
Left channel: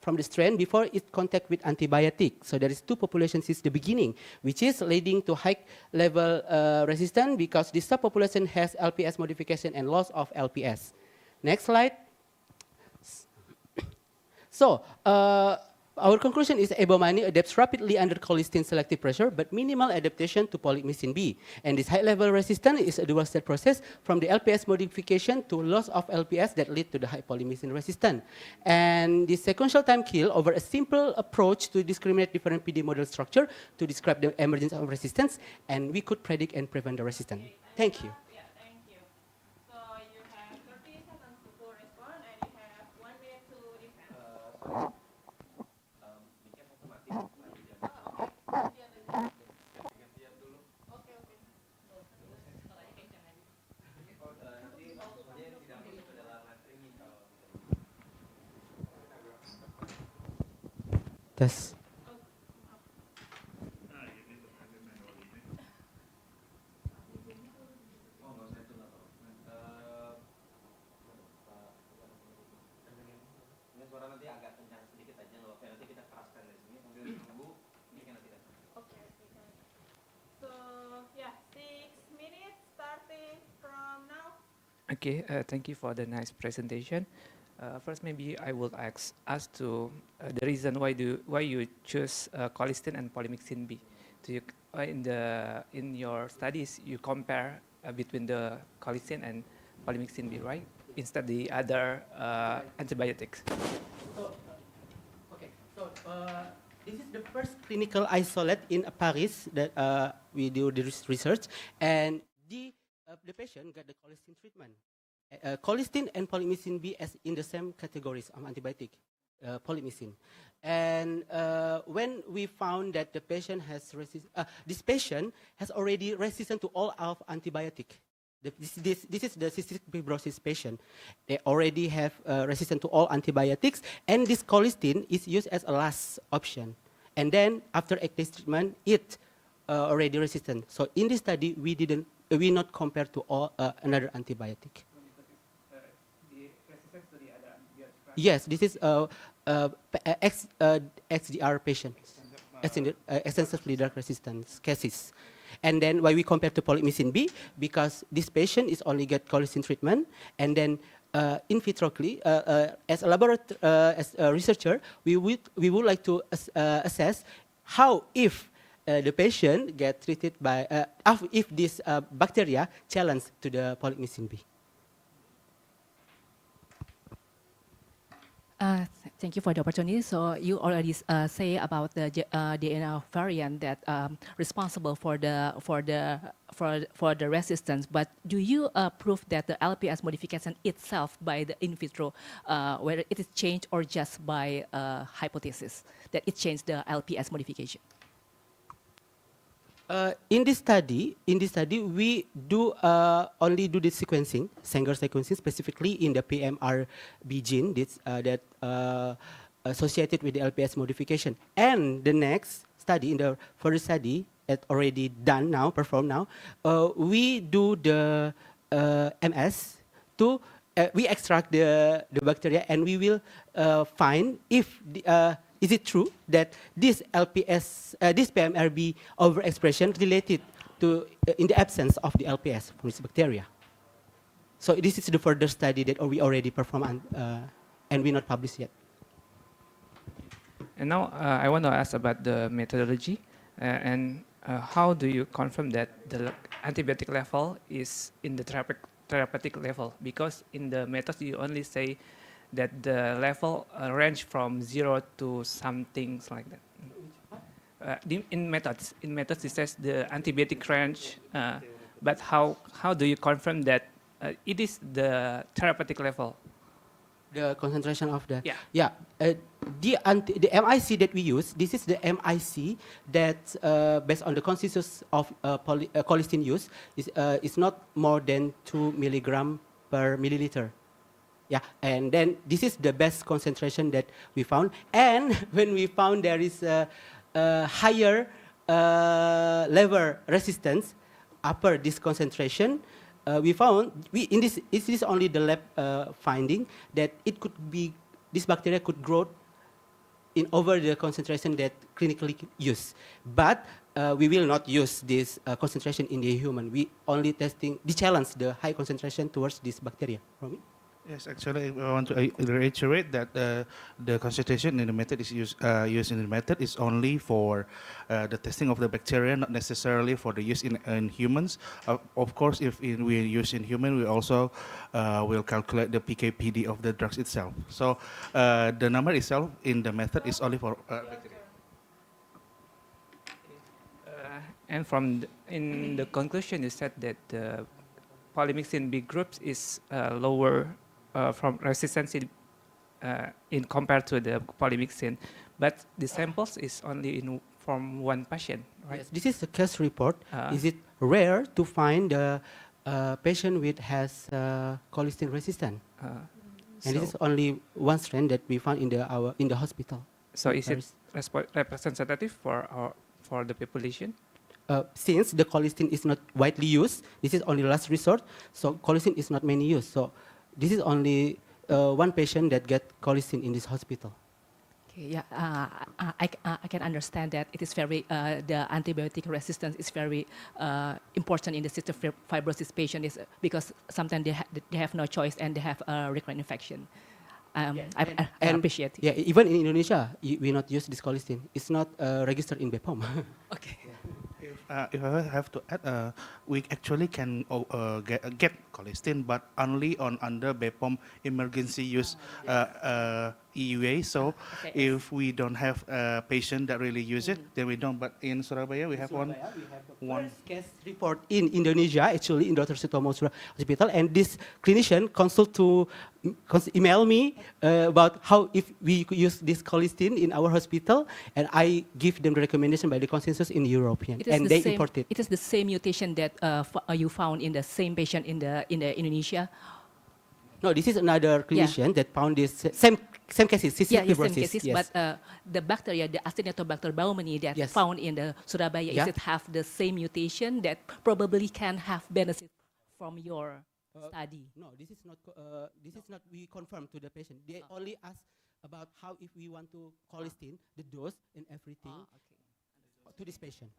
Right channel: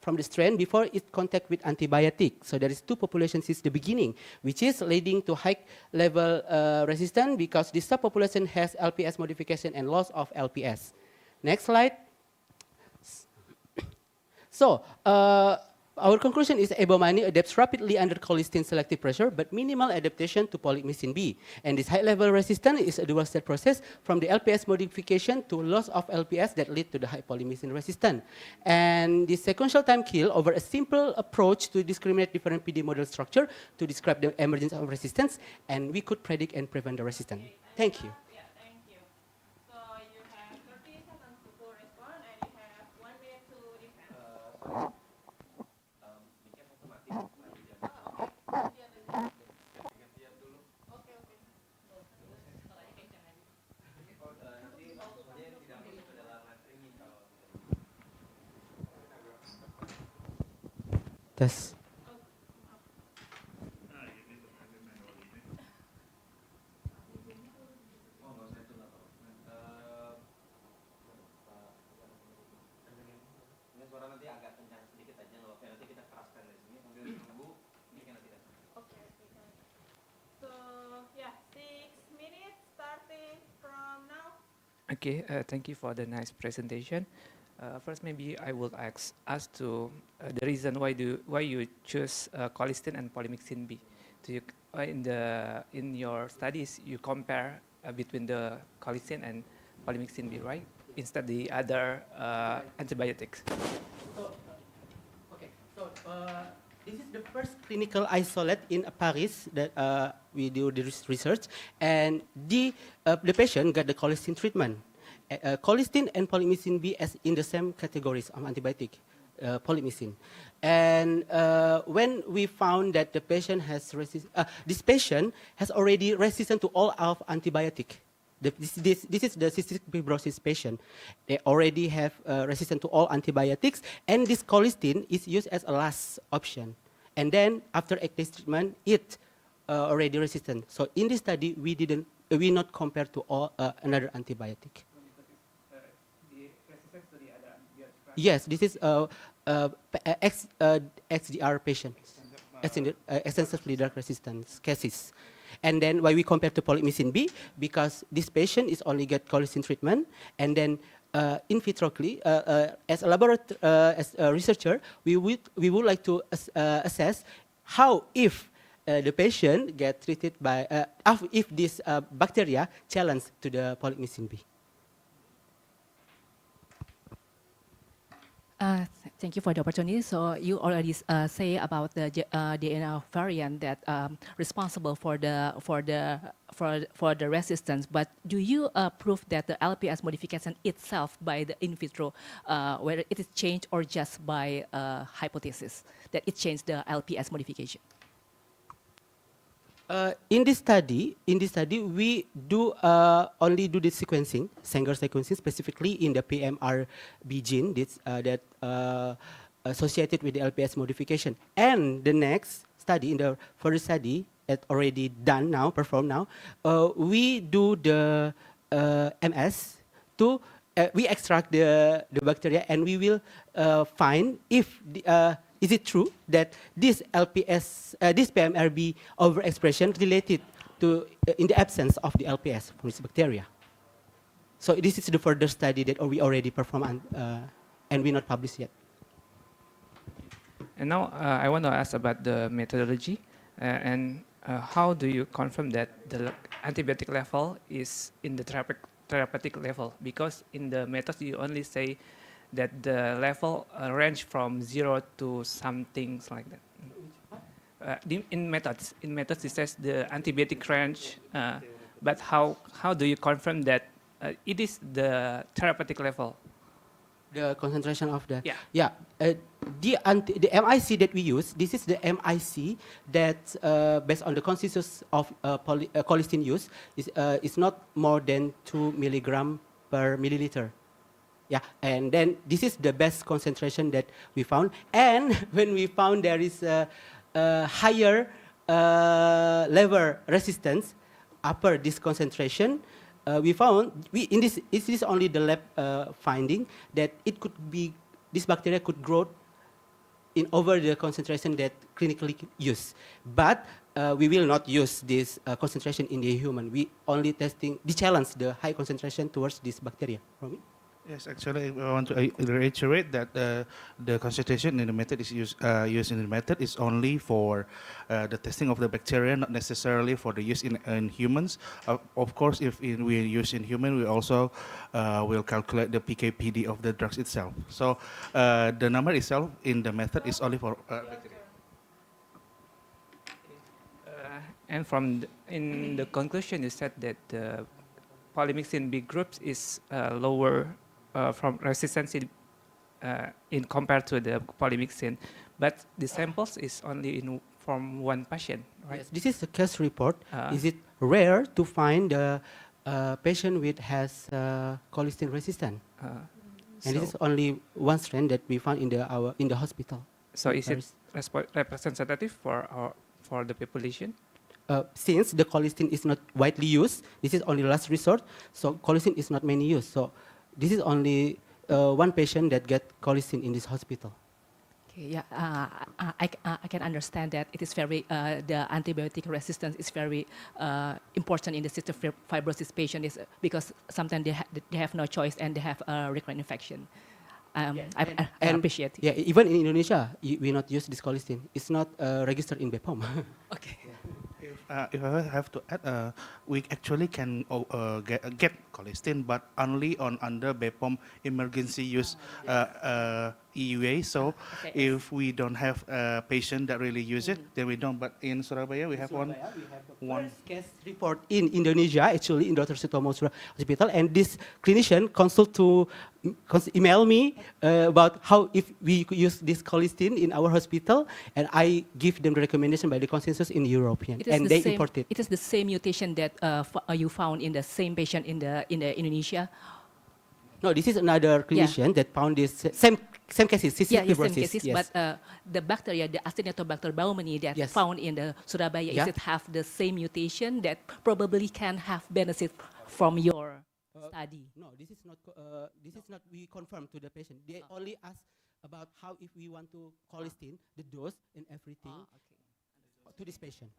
from the strain before it contact with antibiotic. So there is two populations since the beginning, which is leading to high level resistance because this subpopulation has LPS modification and loss of LPS. Next slide. So, our conclusion is Ebomani adapts rapidly under colistin selective pressure, but minimal adaptation to polymyxin B. And this high-level resistance is a dual-step process from the LPS modification to loss of LPS that lead to the high polymyxin resistance. And this sequential time kill over a simple approach to discriminate different PD model structure to describe the emergence of resistance, and we could predict and prevent the resistance. Thank you. Yeah, thank you. So you have 30 seconds to respond, and you have 1 minute to defend. Tes. Suara nanti agak kencang sedikit aja loh, nanti kita keraskan dari sini sambil menunggu mic-nya nanti datang. Okay. So yeah, 6 minutes starting from now. Okay, thank you for the nice presentation. First, maybe I would ask us to the reason why you choose colistin and polymyxin B. Do you in your studies you compare between the colistin and polymyxin B, right? Instead the other antibiotics. This is the first clinical isolate in Paris that we do the research, and the patient got the colistin treatment. Colistin and polymyxin B as in the same categories of antibiotic, polymyxin. And when we found that the patient has this patient has already resistant to all of antibiotic. This is the cystic fibrosis patient. They already have resistance to all antibiotics, and this colistin is used as a last option. And then after active treatment, it already resistant. So in this study, we not compare to all another antibiotic. Yes, this is XDR patients, extensively drug resistance cases. And then why we compare to polymyxin B, because this patient is only get colistin treatment, and then in vitrocally, as a researcher, we would like to assess how if the patient get treated by if this bacteria challenge to the polymyxin B. Thank you for the opportunity. So you already say about the DNA variant that responsible for the resistance. But do you prove that the LPS modification itself by the in vitro, whether it is changed or just by hypothesis that it changed the LPS modification? In this study, we do only do the sequencing, Sanger sequencing, specifically in the PMRB gene. associated with the LPS modification. And the next study, in the further study, that already done now, performed now, we do the MS to we extract the bacteria, and we will find if is it true that this LPS, this PMRB overexpression related to in the absence of the LPS from this bacteria. So this is the further study that we already performed and we not published yet. And now I want to ask about the methodology and how do you confirm that the antibiotic level is in the therapeutic level? Because in the methods you only say that the level range from 0 to something like that. In methods it says the antibiotic range, but how do you confirm that it is the therapeutic level? The concentration of the yeah. The MIC that we use, this is the MIC that based on the consensus of colistin use is not more than 2 milligram per milliliter. Yeah, and then this is the best concentration that we found. And when we found there is a higher level resistance upper this concentration, we found in this is only the lab finding that it could be this bacteria could grow in over the concentration that clinically used, but we will not use this concentration in the human. We only testing the challenge the high concentration towards this bacteria. Romy? Yes, actually, I want to reiterate that the concentration in the method is used in the method is only for the testing of the bacteria, not necessarily for the use in humans. Of course, if we use in human, we also will calculate the PK/PD of the drugs itself. So the number itself in the method is only for bacteria. And in the conclusion, you said that the polymyxin B groups is lower from resistance in compared to the polymyxin, but the samples is only from one patient, right? Yes, this is a case report. Is it rare to find a patient with has colistin resistant? And this is only one strain that we found in the hospital. So is it representative for the population? Since the colistin is not widely used, this is only last resort. So colistin is not many used. So this is only one patient that get colistin in this hospital. Okay, yeah, I can understand that it is very the antibiotic resistance is very important in the cystic fibrosis patient is because sometimes they have no choice and they have a recurrent infection. I appreciate it. Yeah, even in Indonesia, we not use this colistin. It's not registered in BPOM. Okay. If I have to add, we actually can get colistin, but only under BPOM emergency use EUA. So if we don't have a patient that really use it, then we don't. But in Surabaya, we have one case report in Indonesia, actually in Dr. Sutomo Hospital, and this clinician email me about how if we could use this colistin in our hospital, and I give them the recommendation by the consensus in European, and they import it. It is the same mutation that you found in the same patient in Indonesia. No, this is another clinician that found this same cases, cystic same fibrosis. cases, Yes. but the bacteria, the Acinetobacter baumannii that found in the Surabaya, is it have the same mutation that probably can have benefit from your study? No, this is not. This is not. We confirm to the patient. They only ask about how if we want to colistin, the dose and everything to this patient.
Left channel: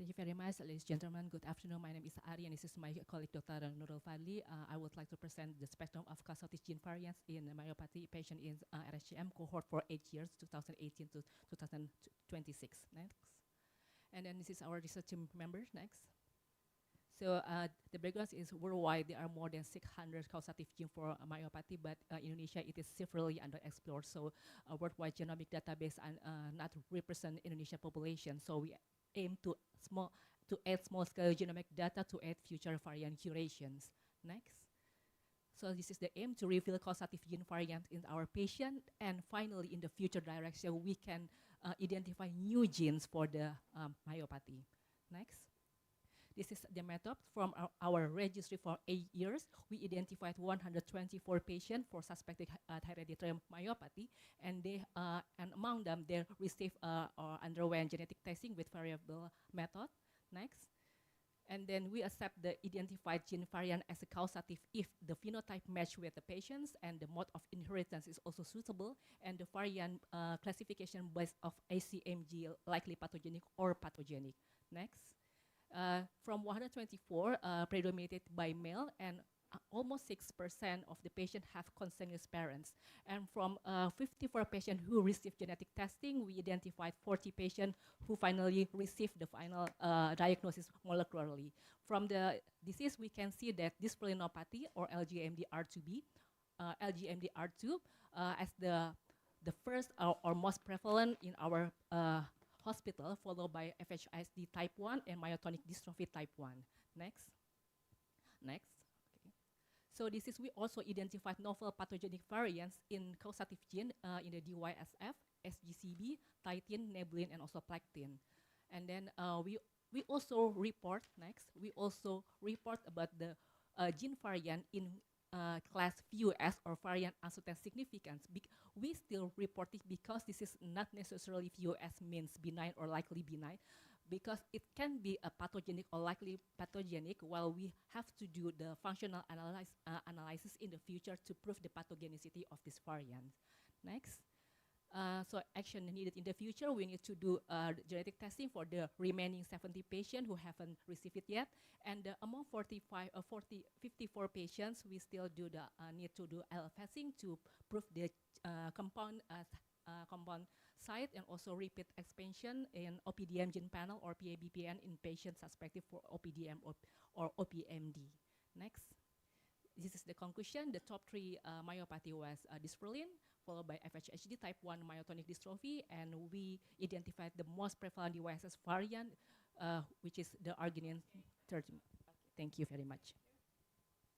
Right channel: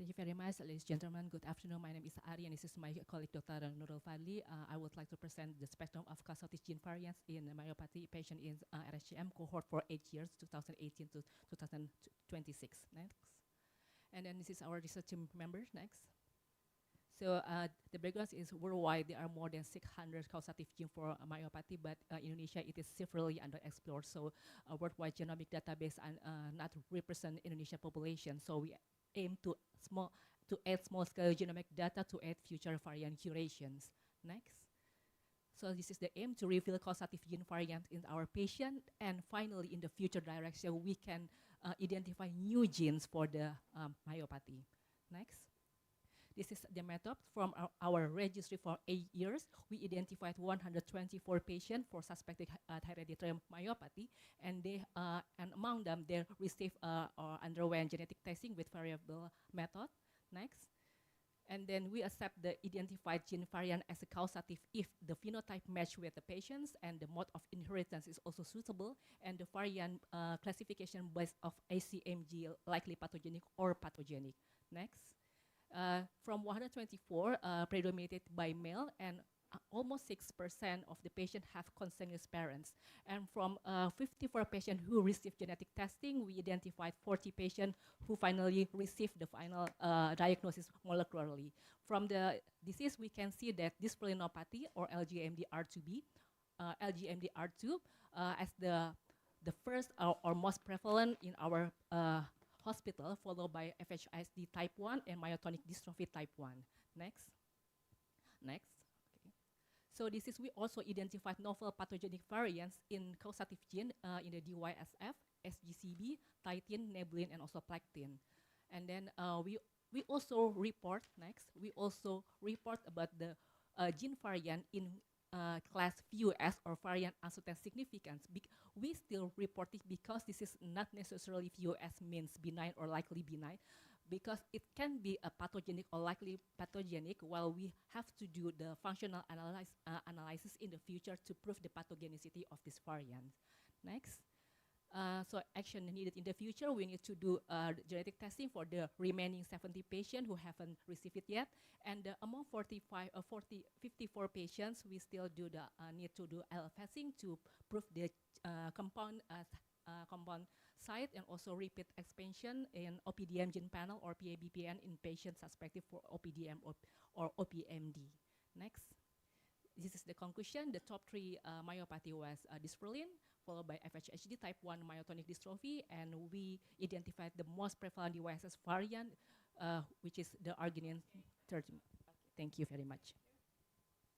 Thank you very much, ladies and gentlemen. Good afternoon. My name is Ari, and this is my colleague, Dr. Nurul Fadli. I would like to present the spectrum of causative gene variants in myopathy patient in RSGM cohort for 8 years, 2018 to 2026. Next. And then this is our research team members. Next. So the background is worldwide, there are more than 600 causative genes for myopathy, but in Indonesia it is severely underexplored. So a worldwide genomic database not represent Indonesian population. So we aim to add small-scale genomic data to add future variant curations. Next. So this is the aim to reveal causative gene variant in our patient, and finally in the future direction we can identify new genes for the myopathy. Next. This is the method from our registry for 8 years. We identified 124 patients for suspected hereditary myopathy, and among them they received or underwent genetic testing with variable method. Next. And then we accept the identified gene variant as a causative if the phenotype match with the patients and the mode of inheritance is also suitable, and the variant classification based of ACMG likely pathogenic or pathogenic. Next. From 124 predominated by male, and almost 6% of the patients have consanguineous parents. And from 54 patients who received genetic testing, we identified 40 patients who finally received the final diagnosis molecularly. From the disease, we can see that dysplaininopathy, or LGMD2B, LGMD2 as the first or most prevalent in our hospital, followed by FHISD type 1 and myotonic dystrophy type 1. Next. Next. Okay. So this is, we also identified novel pathogenic variants in causative gene in the DYSF, SGCB, titin, nebulin, and also plectin. And then we also report, next, we also report about the gene variant in class VUS or variant uncertain significance. We still report it because this is not necessarily VUS means benign or likely benign, because it can be a pathogenic or likely pathogenic, while we have to do the functional analysis in the future to prove the pathogenicity of this variant. Next. So action needed in the future, we need to do genetic testing for the remaining 70 patients who haven't received it yet. And among 54 patients, we still do the need to do LF testing to prove the compound site, and also repeat expansion in OPDM gene panel or PABPN in patients suspected for OPDM or OPMD. Next. This is the conclusion. The top 3 myopathy was dysferlin, followed by FHHD type 1 myotonic dystrophy, and we identified the most prevalent DYSS variant, which is the arginine 30. Okay, thank you very much.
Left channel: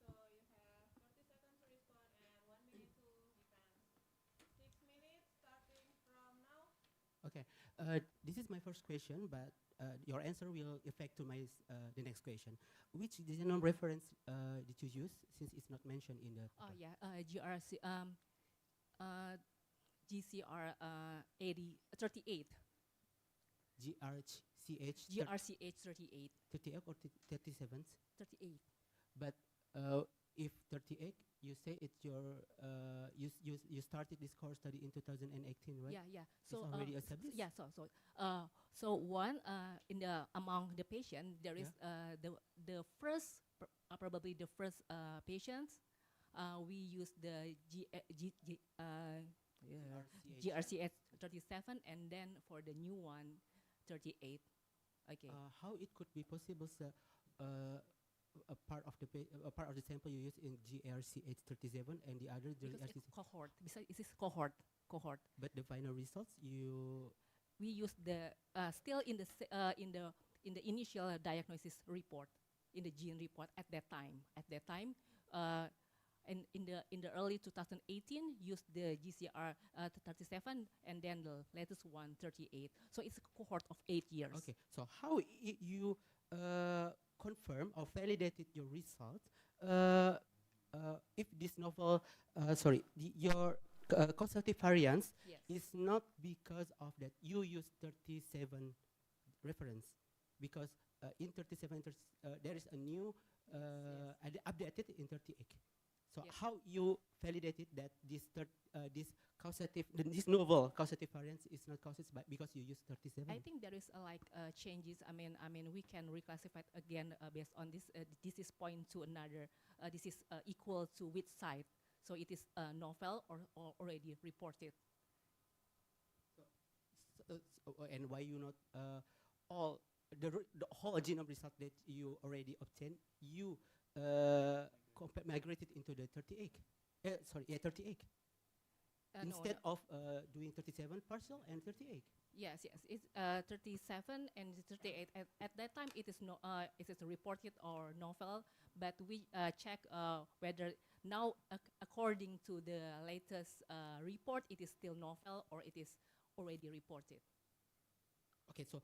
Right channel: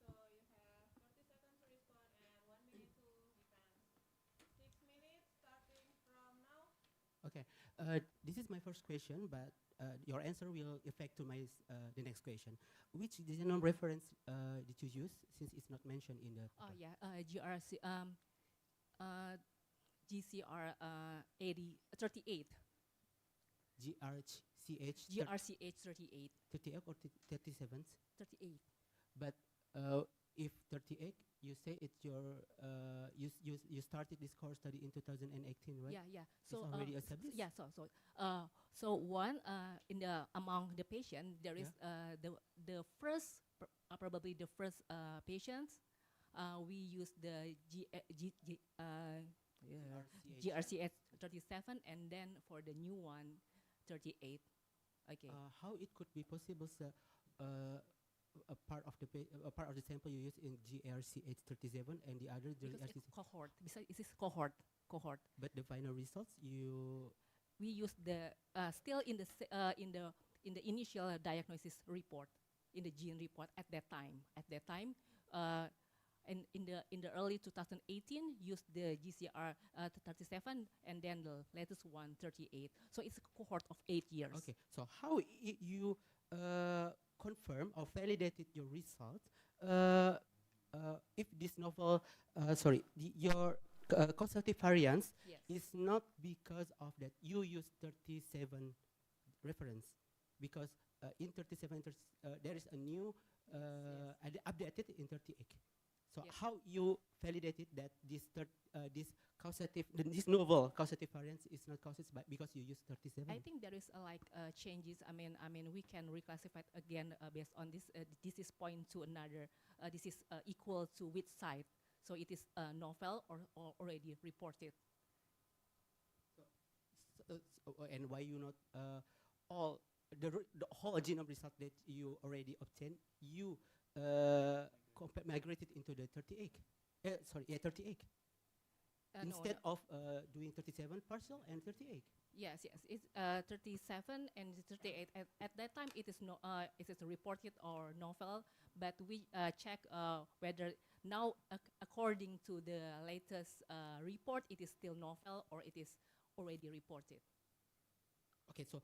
So you have 30 seconds to respond and 1 minute to defend. 6 minutes starting from now. Okay, this is my first question, but your answer will affect to my the next question. Which genome reference did you use, since it's not mentioned in the? Oh yeah, GCR 38. GRCH 38. 38 or 37? 38. But if 38, you say it's your you started this course study in 2018, right? Yeah, yeah. So it's already established. Yeah, so one in the among the patient there is the first probably the first patients we use the GRCS 37, and then for the new one 38. Okay. How it could be possible, sir? A part of the sample you use in GRCH 37 and the other it's cohort. Besides, it is cohort. But the final results we use the still in the initial diagnosis report, in the gene report at that time. And in the early 2018 used the GCR 37, and then the latest one 38. So it's a cohort of 8 years. Okay. So how you confirm or validated your results if this novel, your causative variance is not because of that you use 37 reference, because in 37 there is a new updated in 38. So Yes. how you validated that this causative, this novel causative variance is not caused by because you use 37? I think there is changes. I mean, we can reclassify it again based on this. This is point to another. This is equal to which side. So it is novel or already reported. And why you not all the whole genome result that you already obtained, you migrated into the 38? 38. Instead of doing 37 partial and 38. Yes, it's 37 and 38. At that time, it is reported or novel, but we check whether now, according to the latest report, it is still novel or it is already reported. Okay, so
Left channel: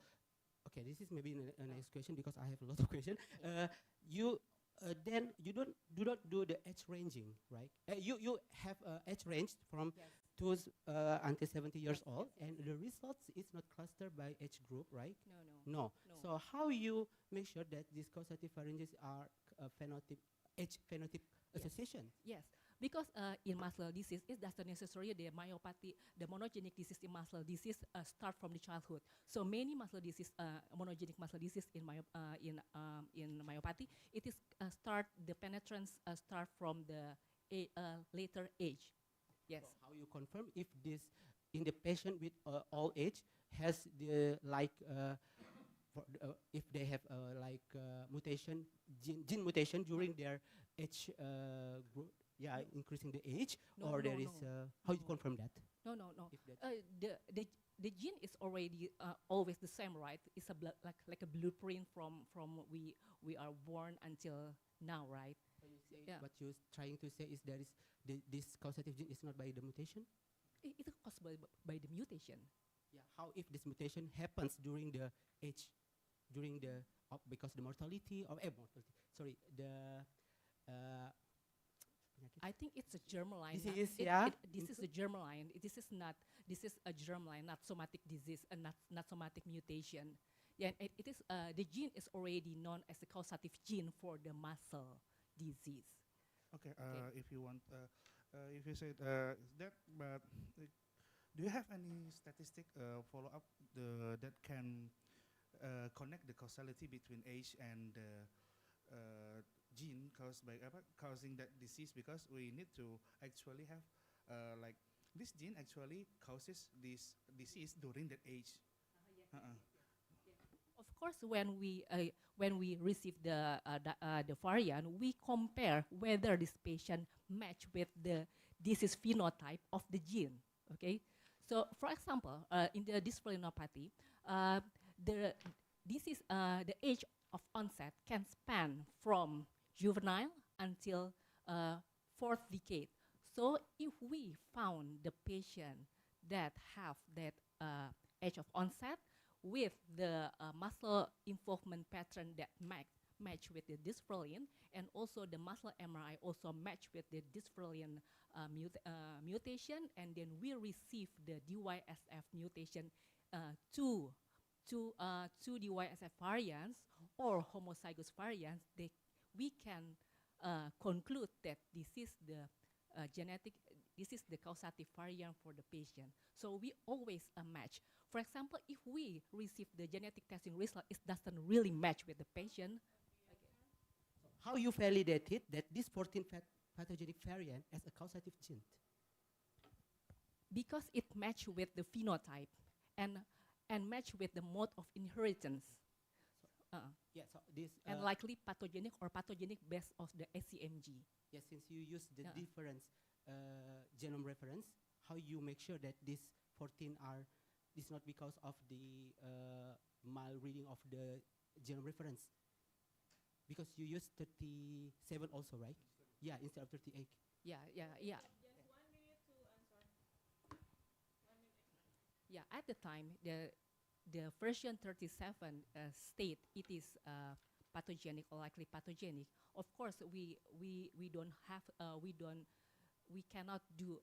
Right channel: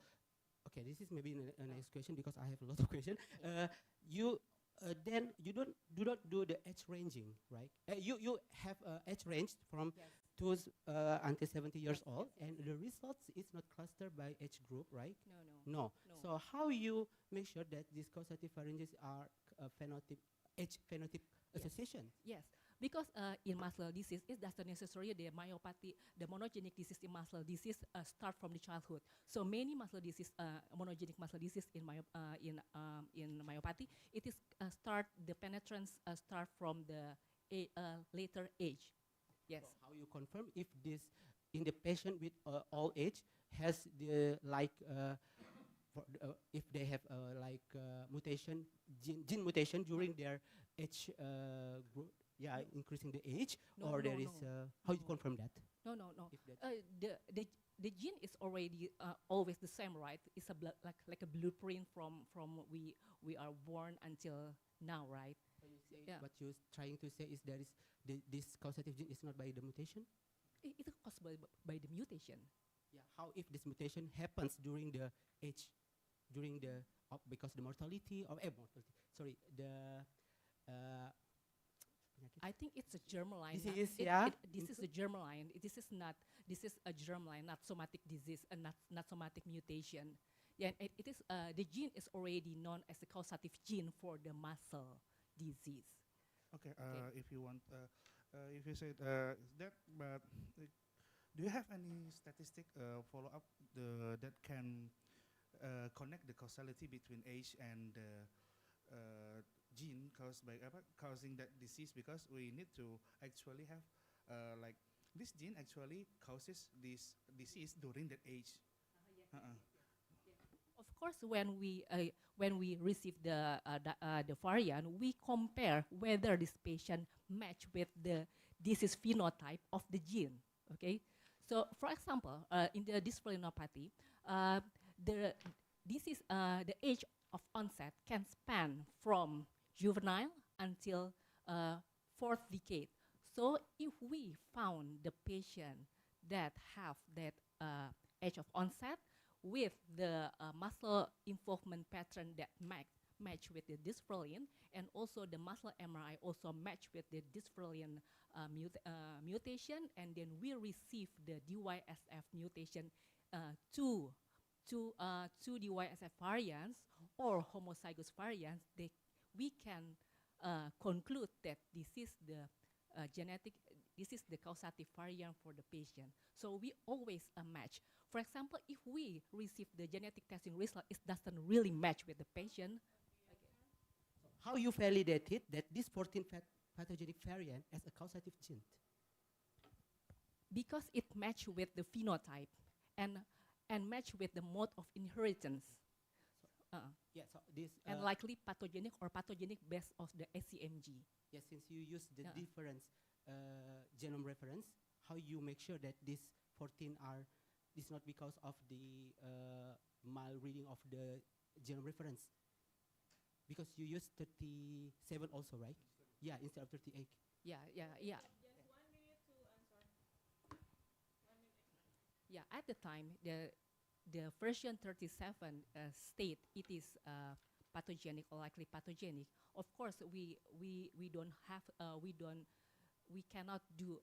this is maybe a next question because I have a lot of questions. You then you do not do the age ranging, right? You have age range from those until 70 years old, and the results is not clustered by age group, right? No. So how you make sure that these causative variances are age phenotype association? Yes, because in muscle disease, it doesn't necessarily the myopathy, the monogenic disease in muscle disease start from the childhood. So many muscle disease, monogenic muscle disease in myopathy, it is the penetrance start from the later age. Yes. So how you confirm if this in the patient with all age has the if they have mutation gene mutation during their age group, increasing the age, or there is how you confirm that? No. The gene is already always the same, right? It's like a blueprint from we are born until now, right? What you're trying to say is there is this causative gene is not by the mutation? It is caused by the mutation. Yeah. How if this mutation happens during the age, because the mortality or I think it's a germline. Disease, This is a germline. This is a germline, not somatic disease and not somatic mutation. Yeah, it is the gene is already known as a causative gene for the muscle disease. Okay. If you want, if you say that, but do you have any statistic follow up that can connect the causality between age and gene causing that disease? Because we need to actually have this gene actually causes this disease during that age. Of course, when we receive the variant, we compare whether this patient match with the disease phenotype of the gene. Okay, so for example, in the dysphalinopathy, the age of onset can span from juvenile until fourth decade. So if we found the patient that have that age of onset with the muscle involvement pattern that match with the dysferlin, and also the muscle MRI also match with the dysferlin mutation, and then we receive the DYSF mutation two DYSF variants or homozygous variants, we can conclude that this is the this is the causative variant for the patient. So we always match. For example, if we receive the genetic testing result, it doesn't really match with the patient. So how you validated that this 14 pathogenic variant as a causative gene? Because it match with the phenotype and match with the mode of inheritance. So this and likely pathogenic or pathogenic based of the ACMG. Yes, since you use the different genome reference, how you make sure that these 14 is not because of the mal reading of the genome reference? Because you use 37 also, right? Yeah, instead of 38. Yeah. Just 1 minute to answer. 1 minute extra. Yeah, at the time, the version 37 state it is pathogenic or likely pathogenic. Of course, we cannot do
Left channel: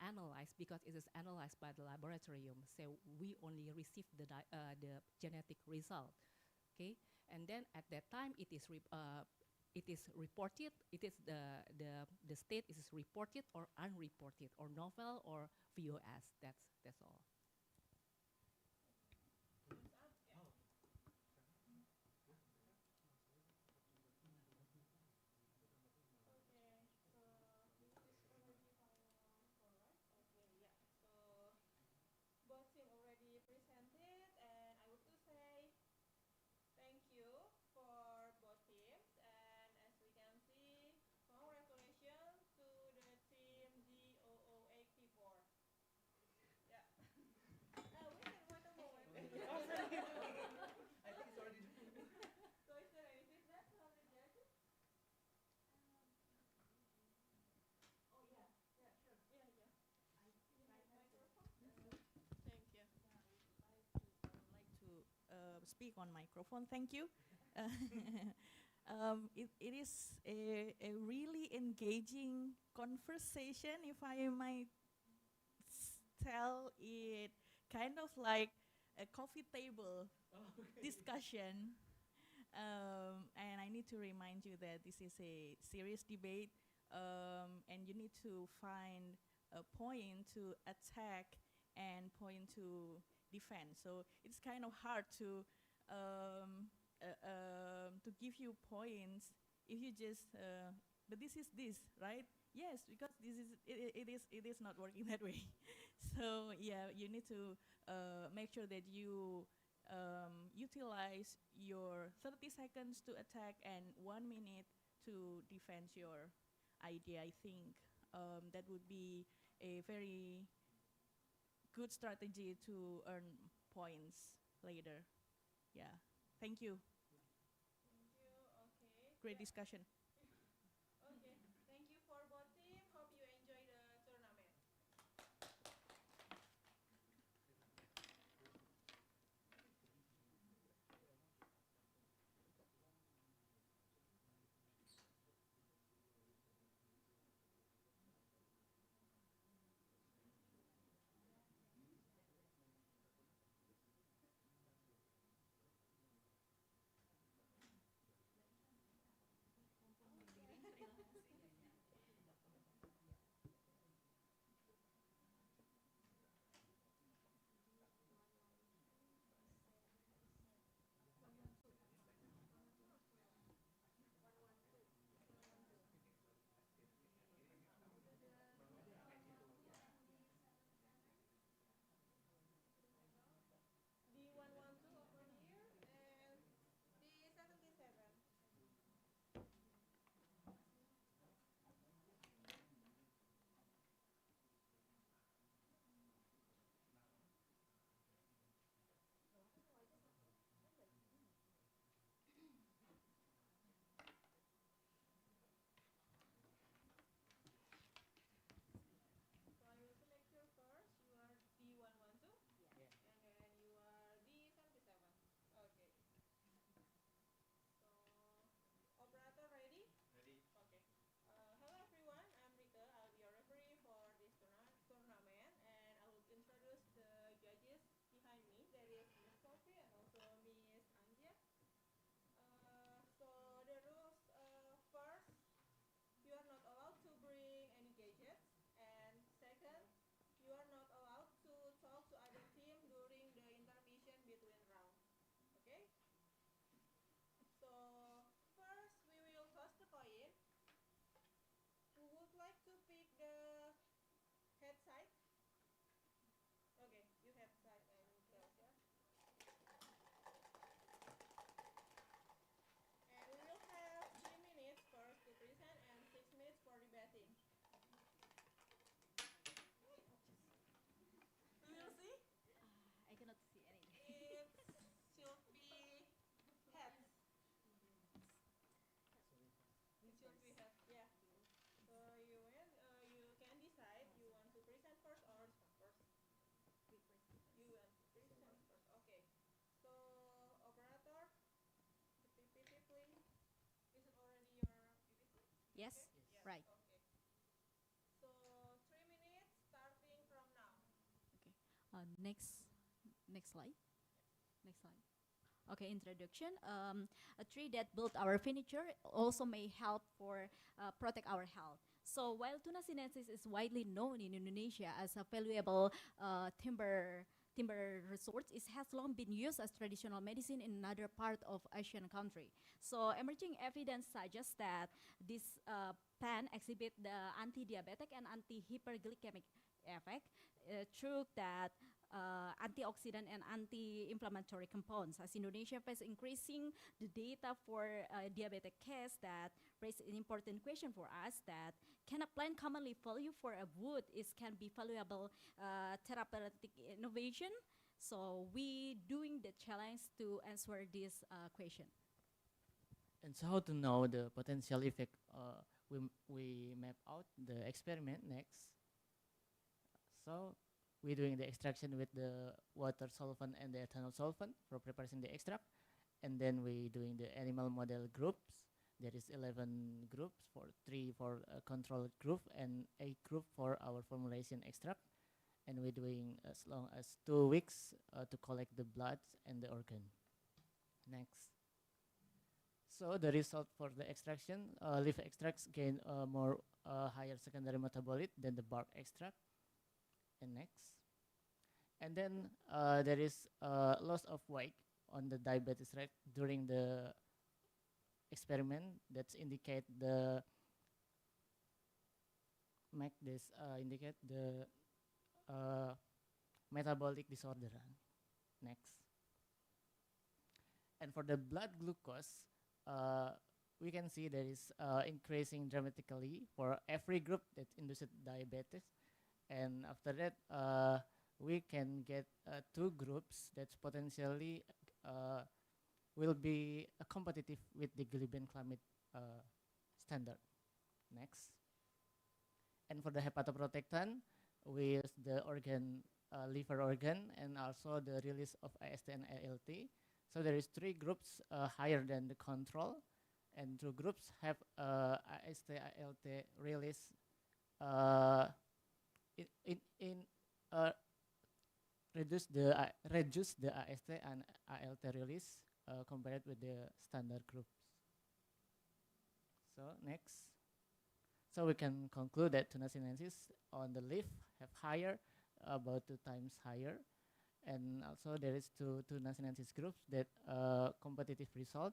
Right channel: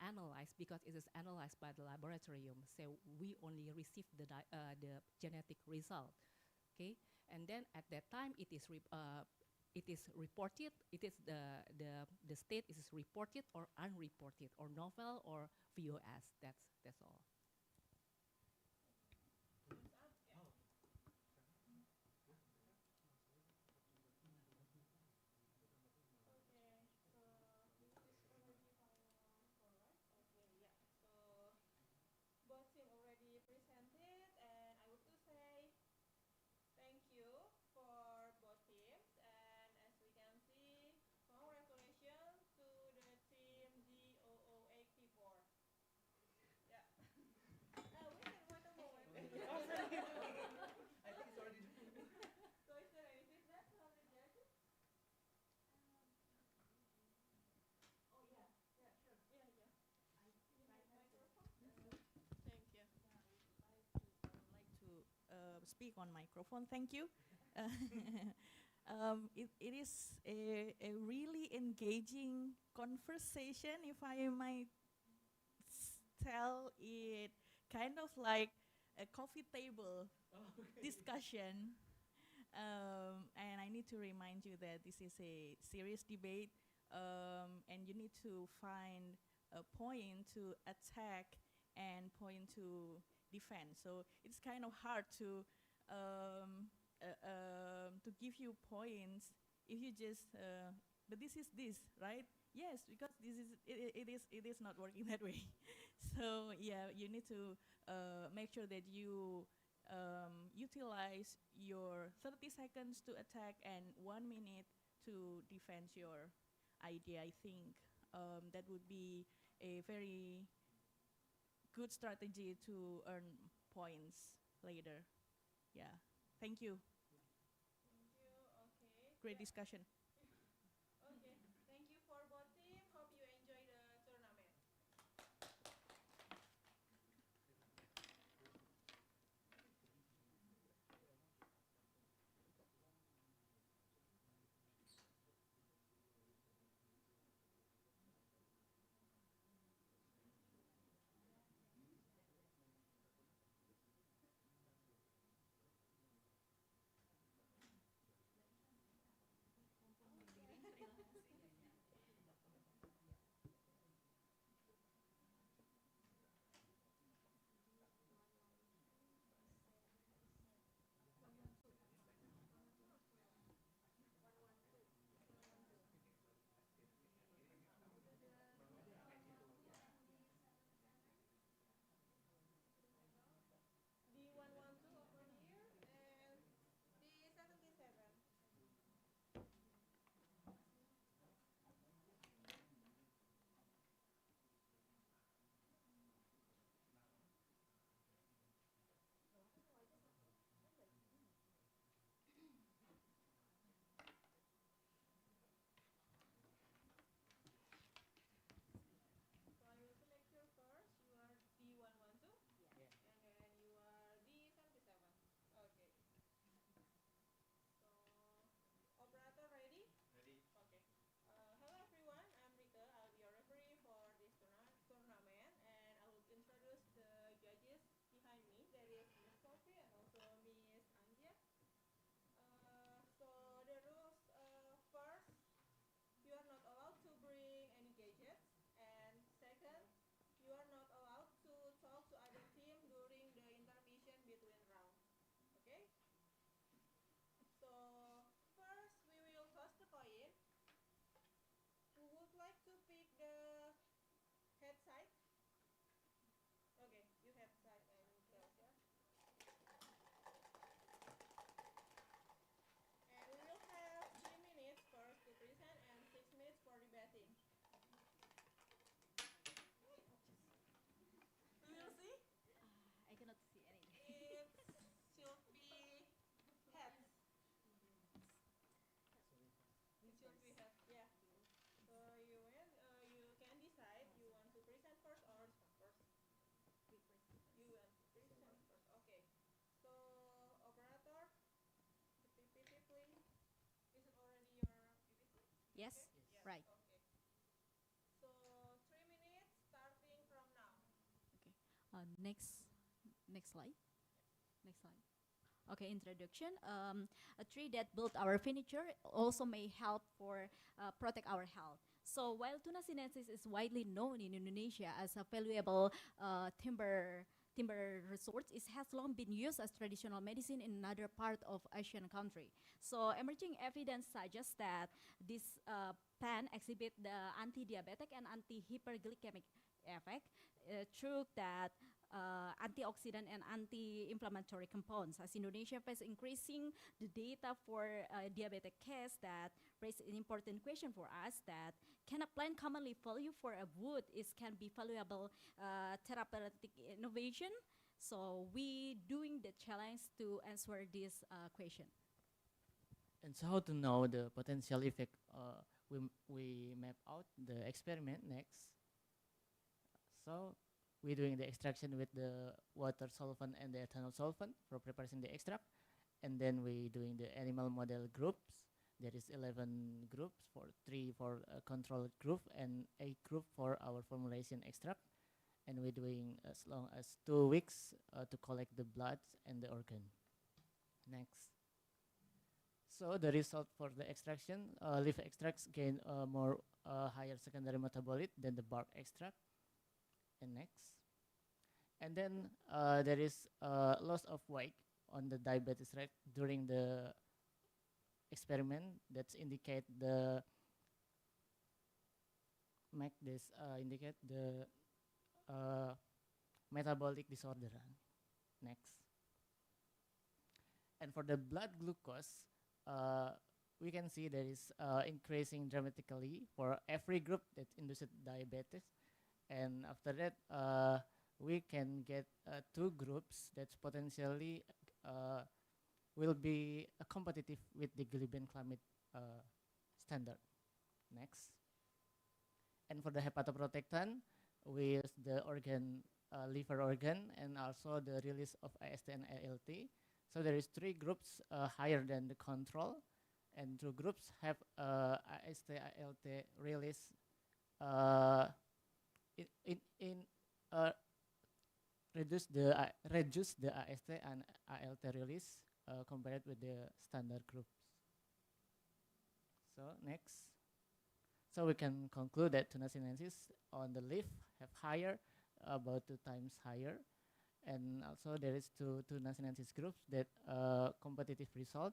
analyze because it is analyzed by the laboratorium. So we only receive the genetic result. Okay, and then at that time it it is reported, it is the state is reported or unreported, or novel or VOS. That's all. Okay, so this is already correct. Okay, yeah. So both team already presented, and I want to say thank you for both teams. And as we can see, congratulations to the team DOO84. Yeah. We can wait a moment. I think it's already done. So is there any feedback from the judges? Oh yeah, yeah, sure. Yeah, yeah. Microphone. Thank you. I would like to speak on microphone. Thank you. It is a really engaging conversation, if I might tell it, kind of like a coffee table discussion. And I need to remind you that this is a serious debate, and you need to find a point to attack and point to defend. So it's kind of hard to give you points if you just, but this is this, right? Yes, because this is it is not working that way. So yeah, you need to make sure that you utilize your 30 seconds to attack and 1 minute to defend your idea. I think that would be a very good strategy to earn points later. Yeah, thank you. Thank you. Okay. Great Yeah. discussion. Okay. Thank you for both team. Hope you enjoy the tournament. D112 over here and D77. So I will select you first. You are D112. Yes. And then you are D77. Okay. So, operator ready? Ready. Okay. Hello everyone, I'm Rika. I'll be your referee for this tournament, and I will introduce the judges behind me. There is Miss Sophie and also Miss Anja. So the rules, first, you are not allowed to bring any gadgets, and second, you are not allowed to talk to other team during the intermission between rounds. Okay? So first we will toss the coin. Who would like to pick the head side? Okay, you have side and tails, yeah. And we will have 3 minutes first to present and 6 minutes for debating. We will see. I cannot see anything. It should be heads. It should be heads, yeah. So you can decide you want to present first or stop first. You want to present first. Okay. So operator, the PPT please. Is it already your PPT? Yes, Okay? Yes. right. Okay. So 3 minutes starting from now. Okay. Next slide. Next slide. Okay, introduction. A tree that built our furniture also may help for protect our health. So while Tuna sinensis is widely known in Indonesia as a valuable timber resource, it has long been used as traditional medicine in another part of Asian country. So emerging evidence suggests that this plant exhibit the anti-diabetic and anti-hyperglycemic effect through that antioxidant and anti-inflammatory compounds. As Indonesia faces increasing the data for diabetic case, that raise an important question for us, that can a plant commonly value for a wood can be valuable therapeutic innovation? So we doing the challenge to answer this question. And so how to know the potential effect? We map out the experiment next. So we're doing the extraction with the water solvent and the ethanol solvent for preparing the extract. And then we doing the animal model groups. There is 11 groups, 3 for a control group and 8 group for our formulation extract. And we're doing as long as 2 weeks to collect the blood and the organ. Next. So the result for the extraction, leaf extracts gain more higher secondary metabolite than the bark extract. And next. And then there is loss of weight on the diabetes rate during the experiment. That's indicate the indicate the metabolic disorder. Next. And for the blood glucose, we can see there is increasing dramatically for every group that induced diabetes. And after that, we can get 2 groups that potentially will be competitive with the glibenclamide standard. Next. And for the hepatoprotectant, we use the organ, liver organ, and also the release of AST and ALT. So there is 3 groups higher than the control, and 2 groups have AST ALT release reduce the AST and ALT release compared with the standard groups. So next. So we can conclude that Tuna sinensis on the leaf have higher, about 2 times higher. And also there is 2 Tuna sinensis groups that competitive result.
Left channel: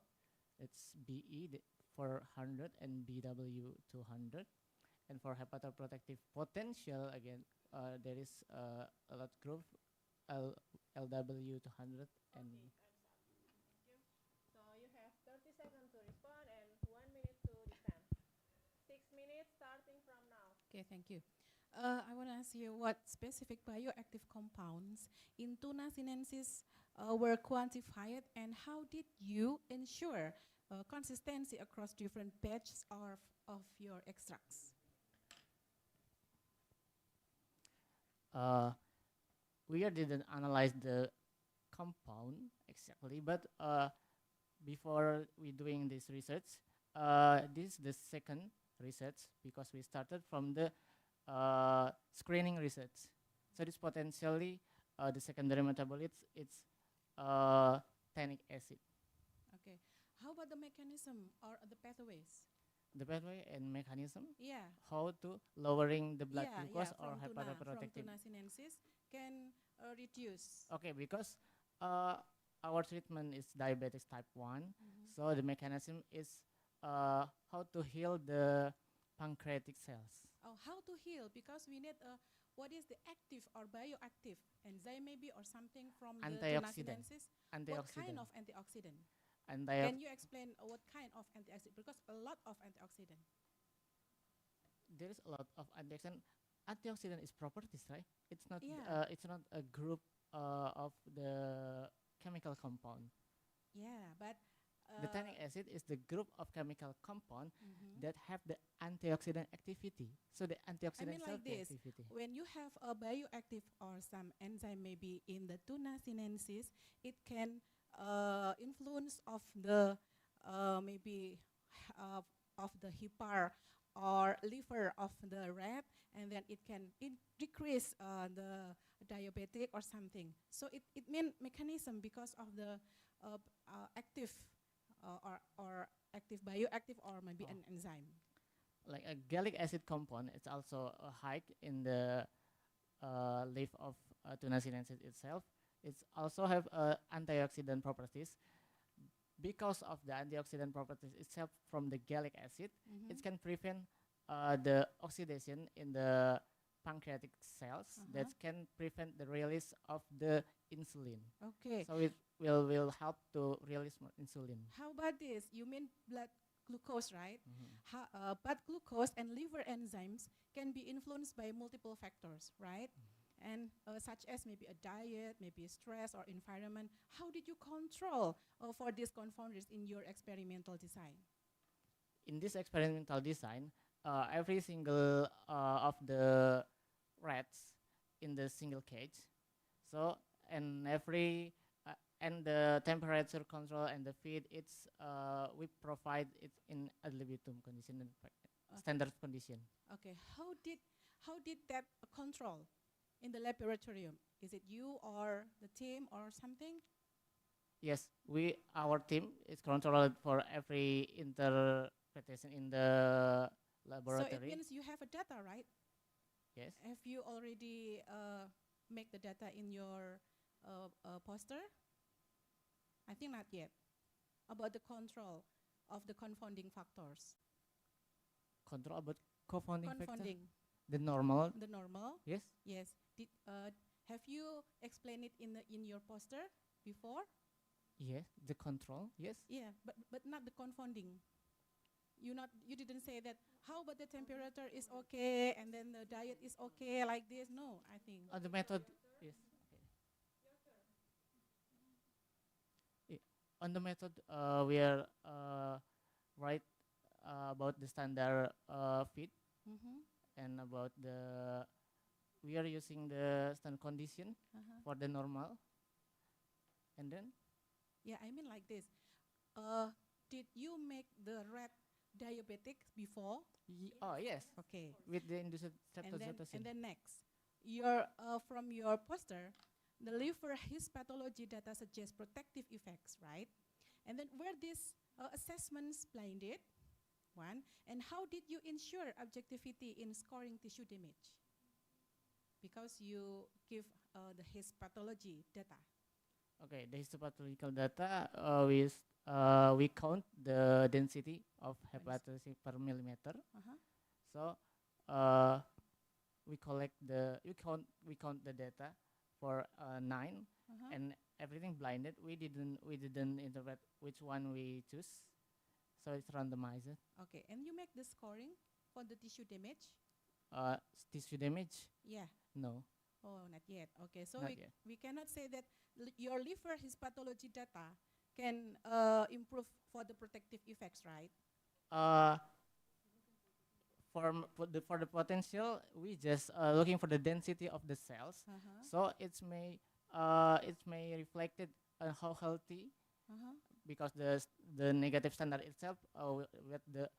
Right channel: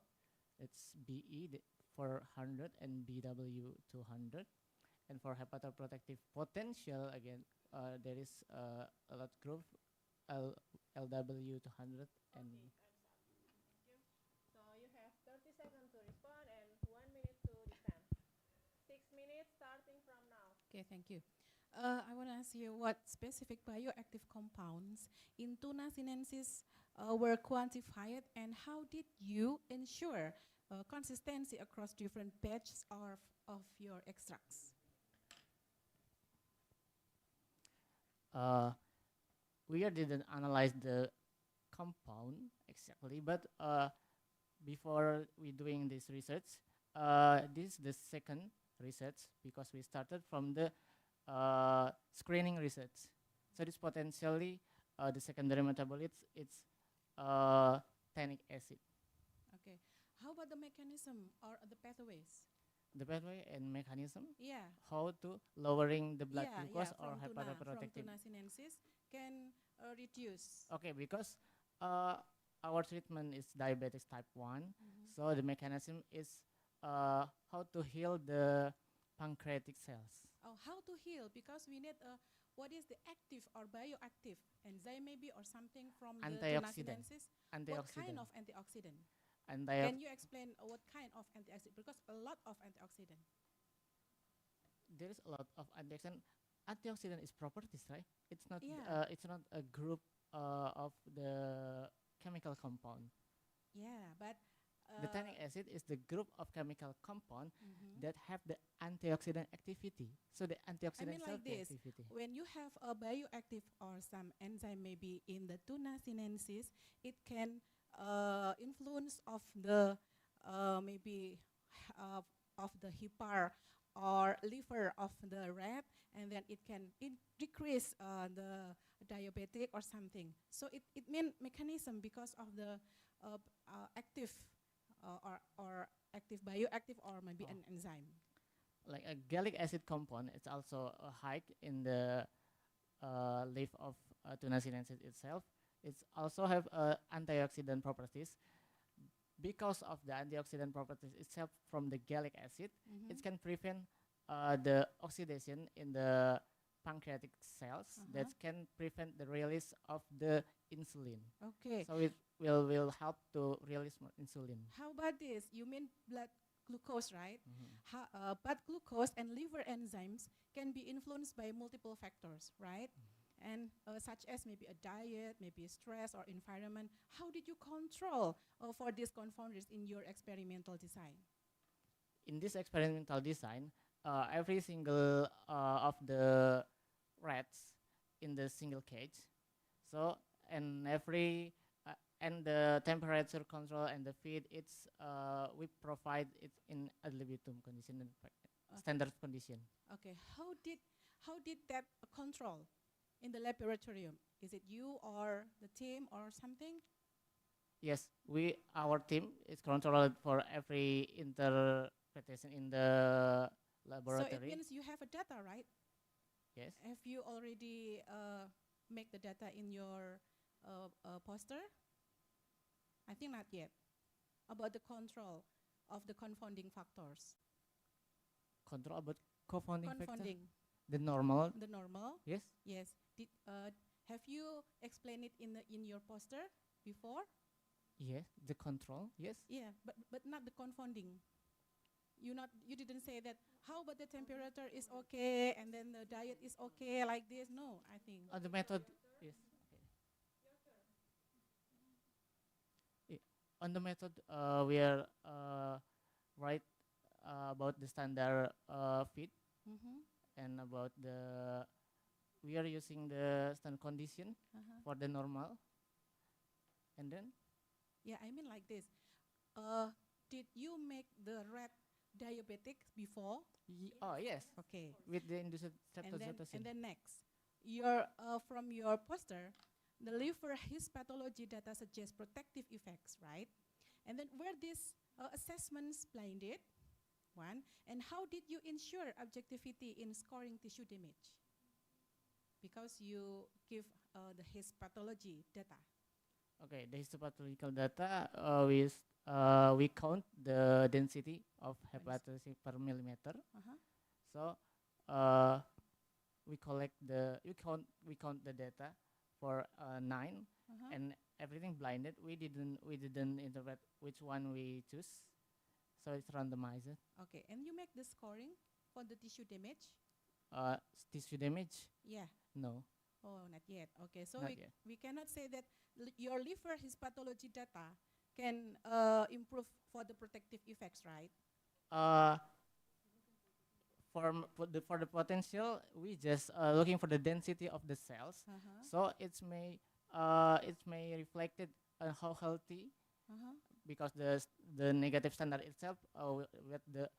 It's BE 400 and BW 200. And for hepatoprotective potential, again, there is a lot group LW 200 and. Okay, thank you. So you have 30 seconds to respond and 1 minute to defend. 6 minutes starting from now. Okay, thank you. I want to ask you what specific bioactive compounds in Tuna sinensis were quantified, and how did you ensure consistency across different batches of your extracts? We didn't analyze the compound exactly, but before we doing this research, this is the second research because we started from the screening research. So this potentially the secondary metabolites, it's tannic acid. Okay. How about the mechanism or the pathways? The pathway and mechanism? Yeah. How to lowering the blood glucose or from hepatoprotective? Tuna sinensis can reduce. Okay, because our treatment is diabetes type 1, so the mechanism is how to heal the pancreatic cells. Oh, how to heal? Because we need what is the active or bioactive enzyme maybe or something from the Tuna sinensis? What kind of antioxidant? Can you explain what kind of antioxidant? Because a lot of antioxidant. There is a lot of antioxidant. Antioxidant is properties, right? It's not. Yeah. It's not a group of the chemical compound. Yeah, but the tannic acid is the group of chemical compound that have the antioxidant activity. So the antioxidant like this. activity. When you have a bioactive or some enzyme maybe in the Tuna sinensis, it can influence of the maybe of the hepar or liver of the rat, and then it can decrease the diabetic or something. So it mean mechanism because of the active or active bioactive or maybe an enzyme? Like a gallic acid compound, it's also high in the leaf of tuna sinensis itself. It's also have antioxidant properties. Because of the antioxidant properties itself from the gallic acid, it can prevent the oxidation in the pancreatic cells that can prevent the release of the insulin. Okay. So it will help to release more insulin. How about this? You mean blood glucose, right? Blood glucose and liver enzymes can be influenced by multiple factors, right? And such as maybe a diet, maybe stress or environment. How did you control for these confounders in your experimental design? In this experimental design, every single of the rats in the single cage, so and every and the temperature control and the feed, it's we provide it in ad libitum condition, standard condition. Okay, how did that control in the laboratorium? Is it you or the team or something? Yes, our team is controlled for every interpretation in the laboratory. So it means you have a data, right? Yes. Have you already make the data in your poster? I think not yet. About the control of the confounding factors. Control about confounding factor? The normal. Yes. Yes. Have you explained it in your poster before? Yes, the control. Yes. Yeah, but not the confounding. You didn't say that. How about the temperature is okay and then the diet is okay like this? No, I think. The method. Yes. Okay. On the method, we are right about the standard feed and about the we are using the standard condition for the normal, and then. Yeah, I mean like this. Did you make the rat diabetic before? Oh yes. Okay. With the induced and then next, from your poster, the liver histopathology data suggests protective effects, right? And then were these assessments blinded? One. And how did you ensure objectivity in scoring tissue damage? Because you give the histopathology data. Okay, the histopathological data, we count the density of hepatocyte per millimeter. So we count the data for 9, and everything blinded. We didn't interpret which one we choose, so it's randomized. Okay, and you make the scoring for the tissue damage. Tissue damage? Yeah. No. Oh, not yet. Okay, so we cannot say that your liver histopathology data can improve for the protective effects, right? For the potential, we just looking for the density of the cells. So it may reflected how healthy, because the negative standard itself with the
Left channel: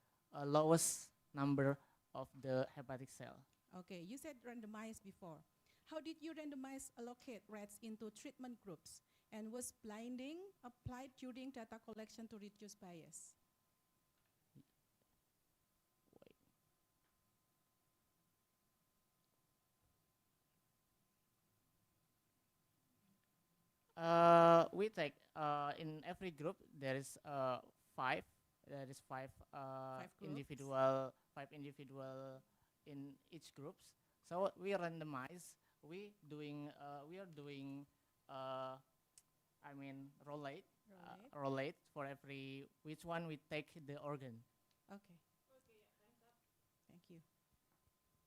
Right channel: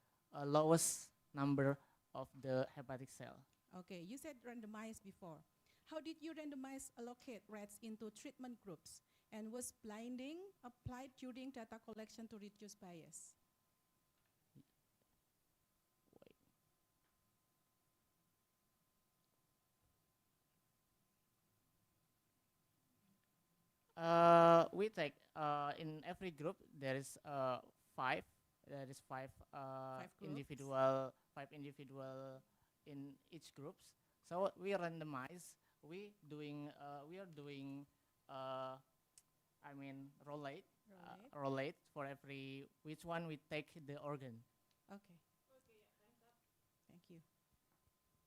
lowest number of the hepatic cell. Okay, you said randomized before. How did you randomize allocate rats into treatment groups? And was blinding applied during data collection to reduce bias? We take in every group there is 5. There is 5 individual in each groups. So we randomize. We are doing rollate for every which one we take the organ. Okay. Thank you.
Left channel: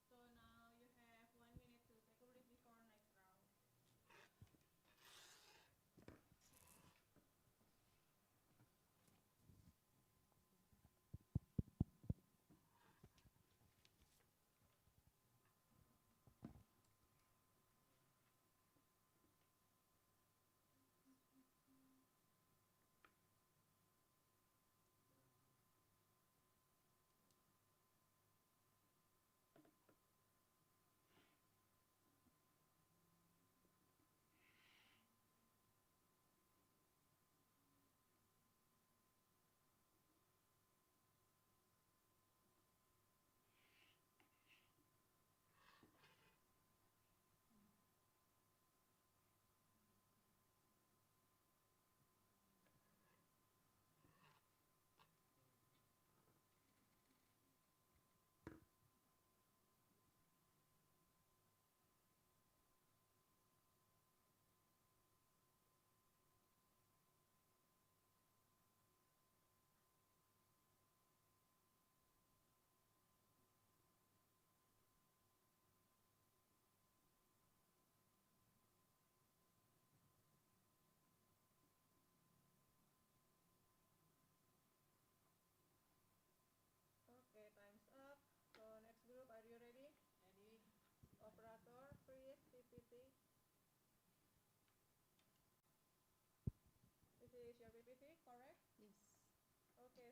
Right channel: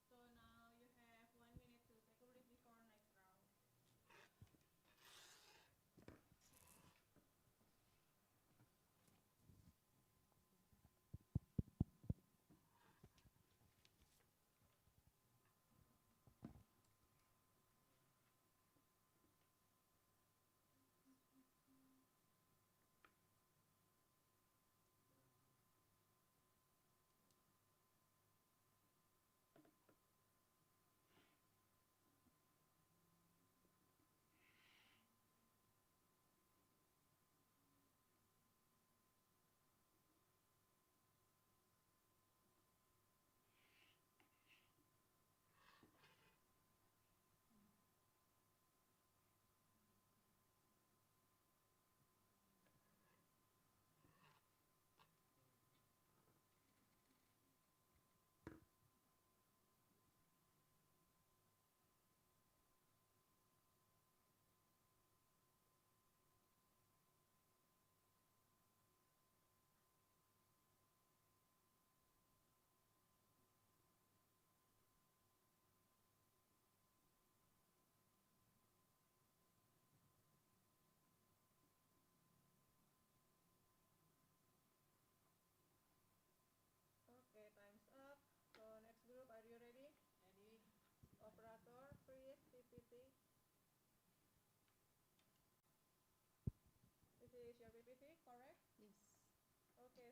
So now you have 1 minute to take a break before next round.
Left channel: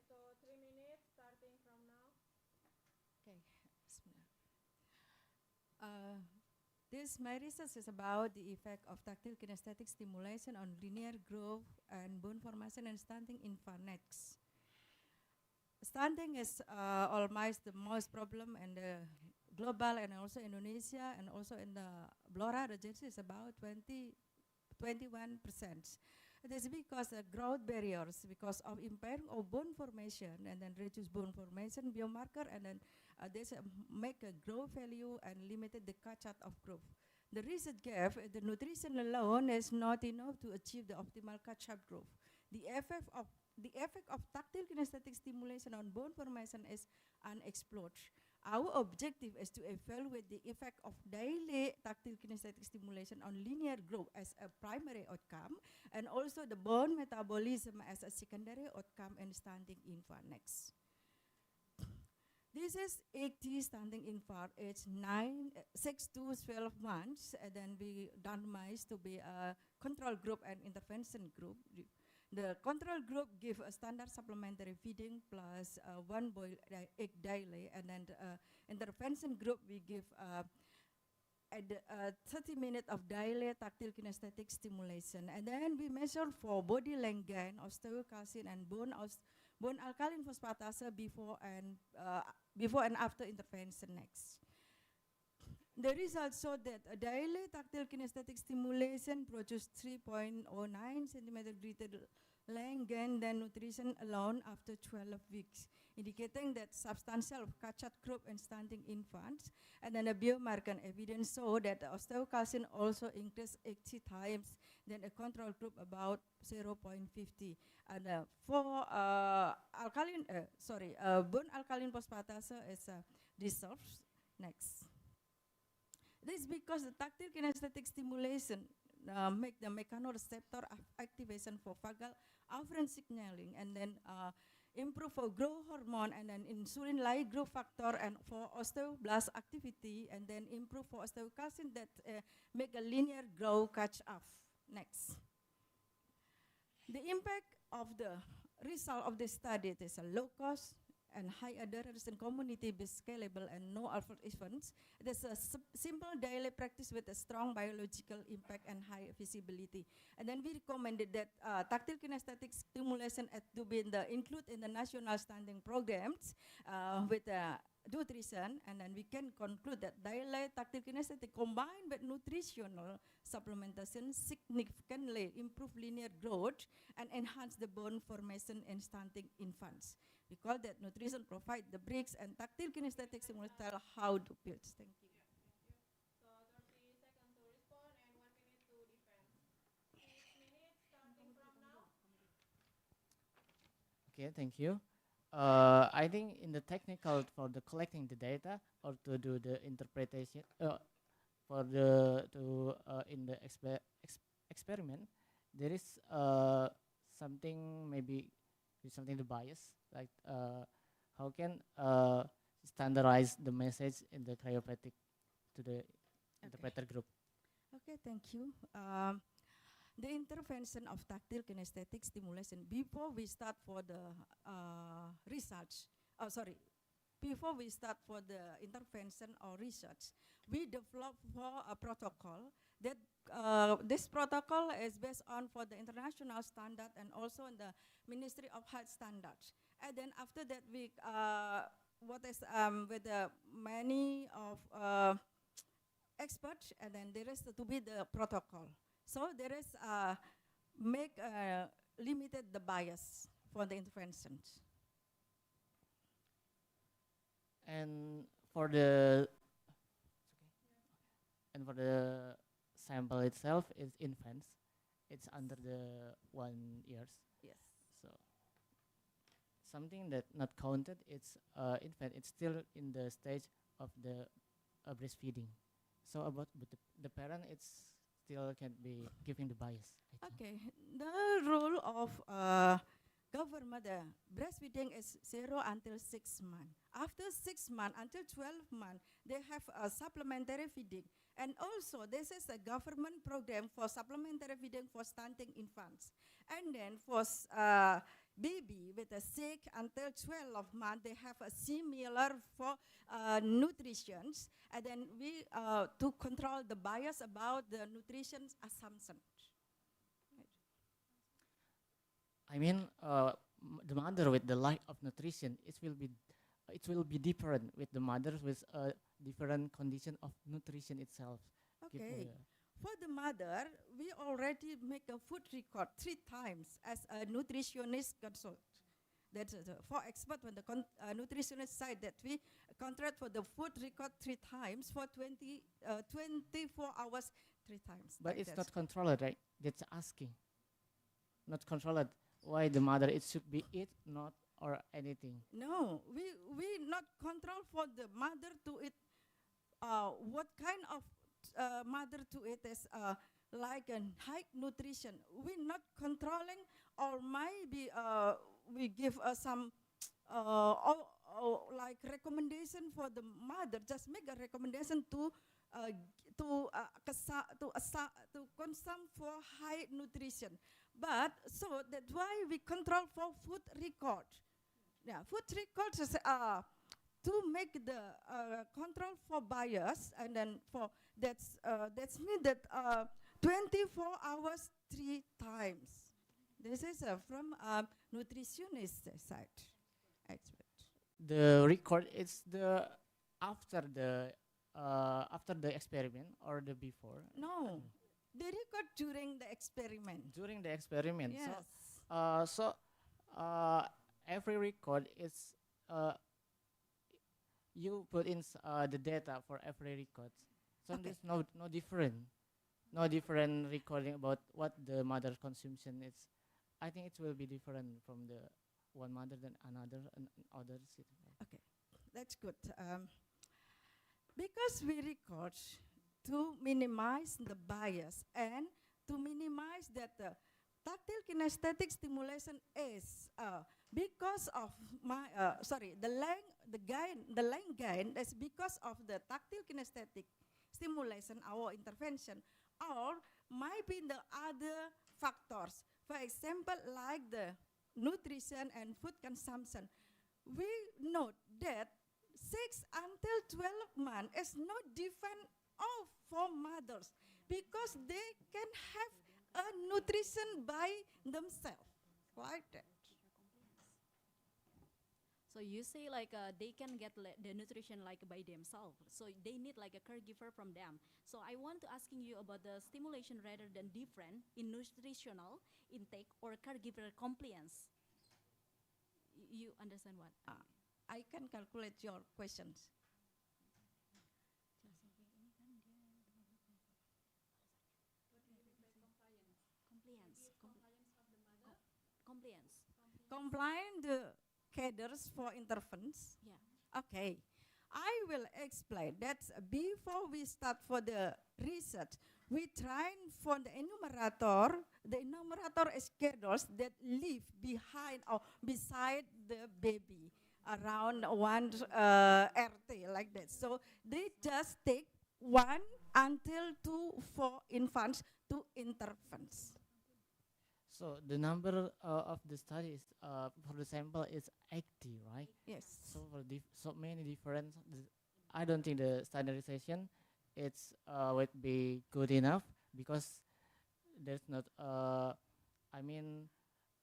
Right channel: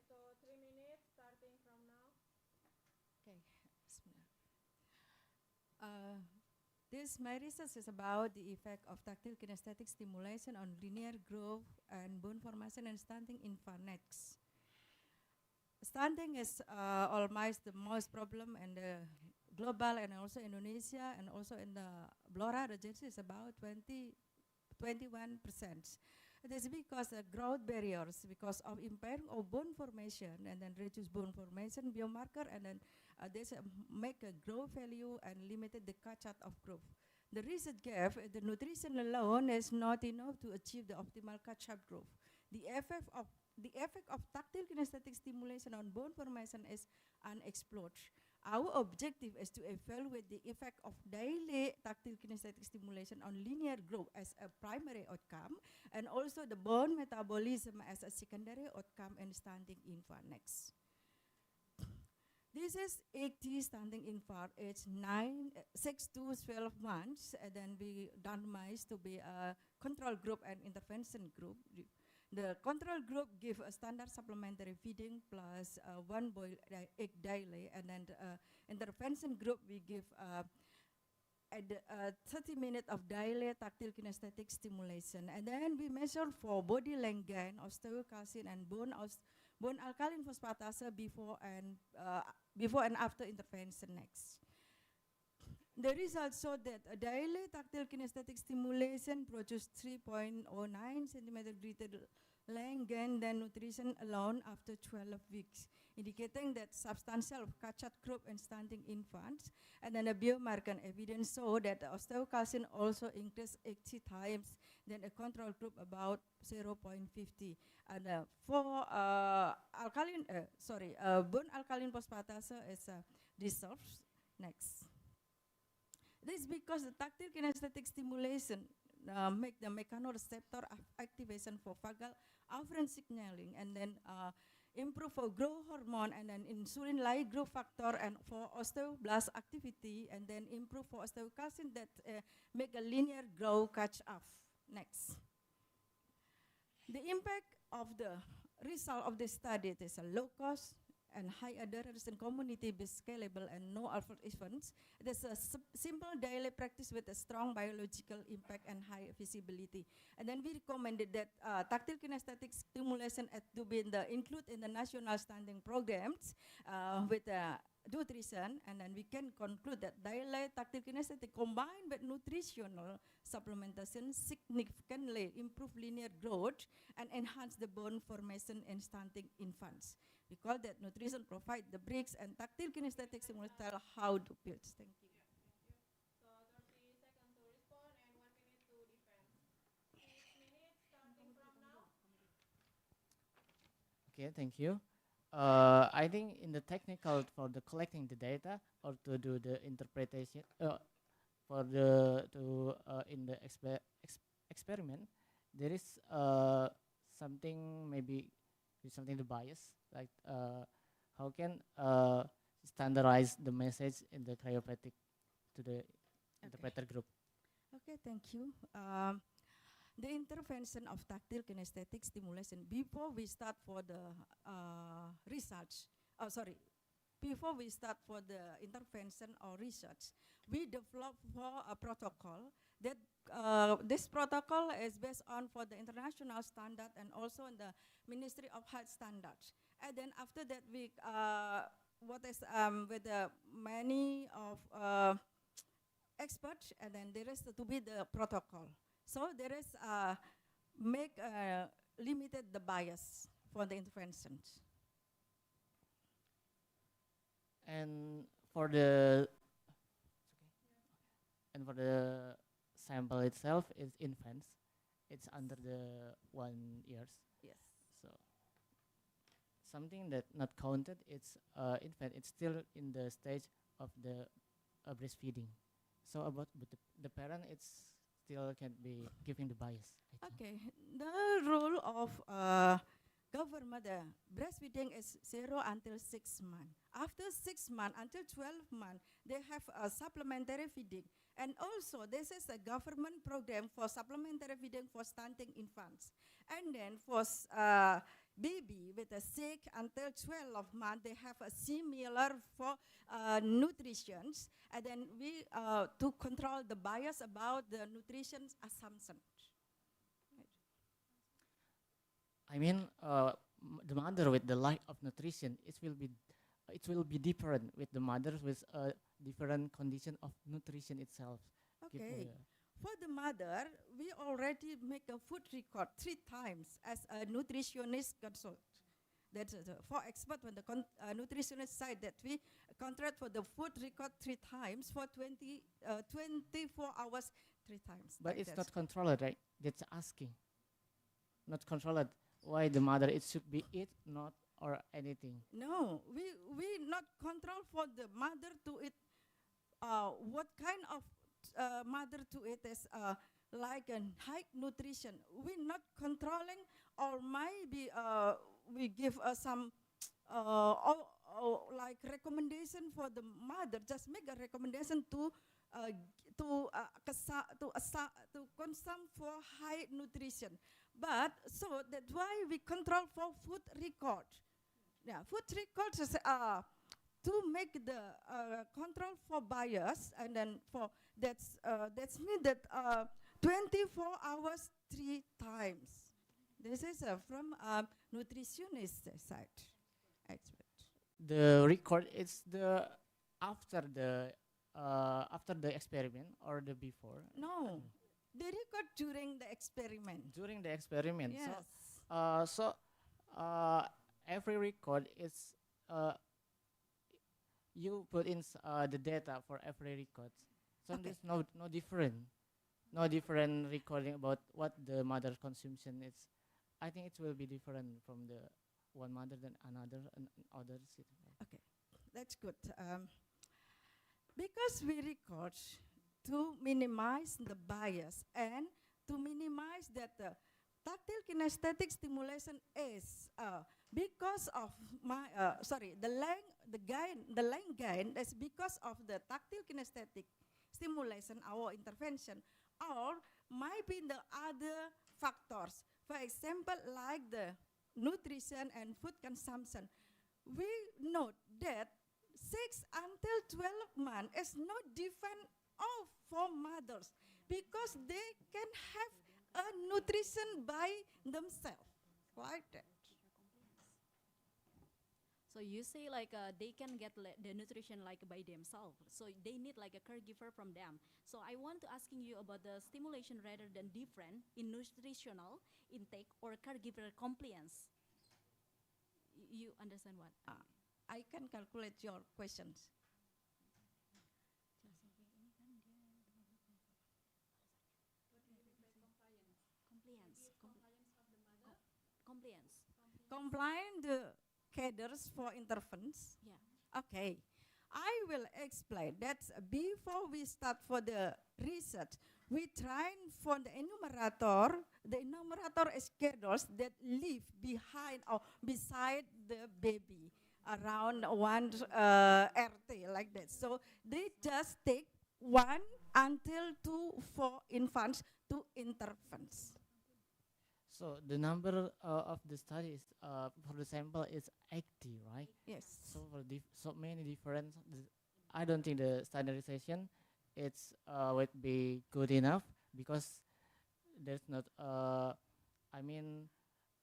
so 3 minutes starting from now. Okay. Bismillah. My research is about the effect of tactile kinesthetic stimulation on linear growth and bone formation and stunting in phonics. Stunting is almost the most problem in the global and also Indonesia and also in the Blora region is about 21%. It is because of growth barriers, because of impairing of bone formation and then reduce bone formation biomarker and then this make a growth value and limited the catch-up of growth. The research gave the nutrition alone is not enough to achieve the optimal catch-up growth. The effect of tactile kinesthetic stimulation on bone formation is unexplored. Our objective is to evaluate the effect of daily tactile kinesthetic stimulation on linear growth as a primary outcome, and also the bone metabolism as a secondary outcome in stunting infant next. This is 80 stunting infant age 6 to 12 months, and then we randomized to be a control group and intervention group. The control group give a standard supplementary feeding plus one boiled egg daily, and then the intervention group we give 30 minutes of daily tactile kinesthetic stimulation, and then we measure for body length gain, osteocalcin, and bone alkaline phosphatase before and after intervention next. The results show that a daily tactile kinesthetic stimulation produces 3.09 centimeter greater length gain than nutrition alone after 12 weeks, indicating that substantial catch-up growth in stunting infants. And then a biomarker evidence show that the osteocalcin also increased 80 times than a control group, about 0.50. And for bone alkaline phosphatase is dissolved next. This is because the tactile kinesthetic stimulation make the mechanoreceptor activation for vagal afferent signaling, and then improve for growth hormone, and then insulin-like growth factor, and for osteoblast activity, and then improve for osteocalcin that make a linear growth catch up. Next. The impact of the result of the study is a low cost and high adherence in community-based, scalable, and no alpha events. It is a simple daily practice with a strong biological impact and high visibility. And then we recommended that tactile kinesthetic stimulation to be included in the national standing programs with nutrition, and then we can conclude that daily tactile kinesthetic combined with nutritional supplementation significantly improve linear growth and enhance the bone formation in stunting infants. We call that nutrition provide the bricks, and tactile kinesthetic stimulation tell how to build. Thank you. So 30 seconds to respond and 1 minute to defend. 6 minutes starting from now. Okay, thank you. I think in the technical for the collecting the data or to do the interpretation in the experiment, there is something maybe something the bias, like how can standardize the message in the chiropractic to the interpreter group. Okay, thank you. The intervention of tactile kinesthetic stimulation before we start for the research, before we start for the intervention or research, we develop for a protocol that this protocol is based on for the international standard and also in the Ministry of Health standards. And then after that, we with the many of experts, and then there is to be the protocol. So there is make limited the bias for the interventions. And for the sample itself is infants. It's under the 1 years. Yes. So something that not counted. It's infant. It's still in the stage of the breastfeeding. So about the parent, it's still can be giving the bias. Okay, the rule of government, breastfeeding is 0 until 6 months. After 6 months until 12 months, they have a supplementary feeding. And also, this is a government program for supplementary feeding for stunting infants. And then for baby with a sick until 12 months, they have a similar for nutrition, and then we to control the bias about the nutrition assumption. I mean, the mother with the lack of nutrition, it will be different with the mother with a different condition of nutrition itself. Okay. For the mother, we already make a food record 3 times as a nutritionist consult. That's for expert when the nutritionist side that we contract for the food record 3 times for 24 hours 3 times. But like it's that. not controlled, right? That's asking. Not controlled. Why the mother it should be eat, not or anything. No, we not control for the mother to eat. What kind of mother to eat is like a high nutrition. We not controlling, or maybe we give some like recommendation for the mother. Just make a recommendation to consume for high nutrition. But so that's why we control for food record. Yeah, food records is to make the control for bias, and then for that's mean that 24 hours 3 times. This is from nutritionist side expert. The record is the after the experiment or the before. No, the record during the experiment. During the experiment. Yes. So every record is you put in the data for every record. So Okay. there's no different recording about what the mother consumption is. I think it will be different from the one mother than another and others. Okay, that's good. Because we record to minimize the bias and to minimize that tactile kinesthetic stimulation is because of my the length gain is because of the tactile kinesthetic stimulation, our intervention, or might be the other factors. For example, like the nutrition and food consumption. We note that 6 until 12 months is not different of for mothers because they can have a nutrition by themselves, like that. So you say like they can get the nutrition like by themselves. So they need like a caregiver from them. So I want to asking you about the stimulation rather than different in nutritional intake or caregiver compliance. You understand what? I can calculate your questions. Compliance. Compliant the cadres for interventions. Yeah. Okay. I will explain that before we start for the research, we try for the enumerator is cadres that live behind or beside the baby around 1 RT like that. So they just take 1 until 2 for infants to interventions. So the number of the studies for the sample is 80, right? Yes. So for so many different, I don't think the standardization would be good enough because there's not I mean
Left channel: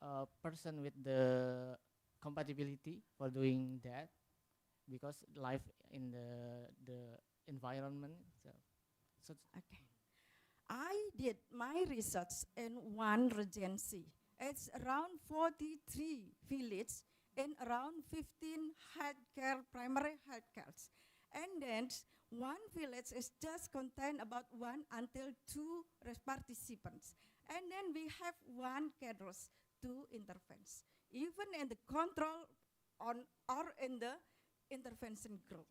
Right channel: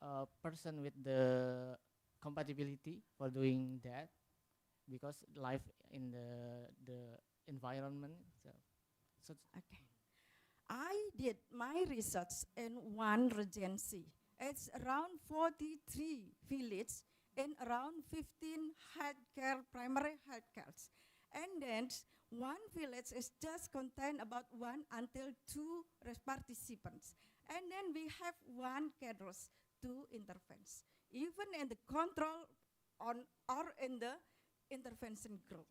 a person with the compatibility for doing that because life in the environment. So okay. I did my research in 1 regency. It's around 43 villages and around 15 primary health cares. And then 1 village is just contain about 1 until 2 participants. And then we have 1 cadres, 2 interventions. Even in the control on or in the intervention group.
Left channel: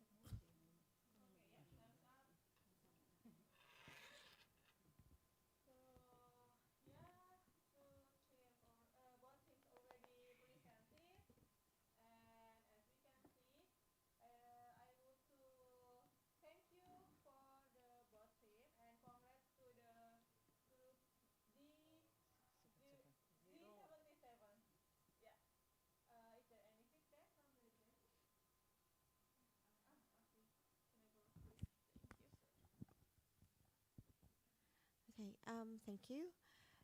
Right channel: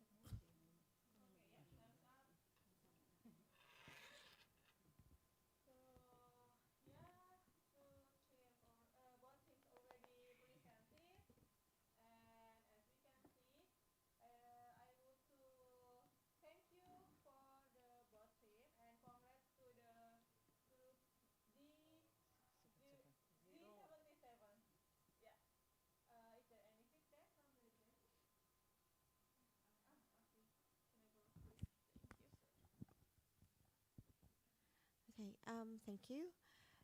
Okay, thank you.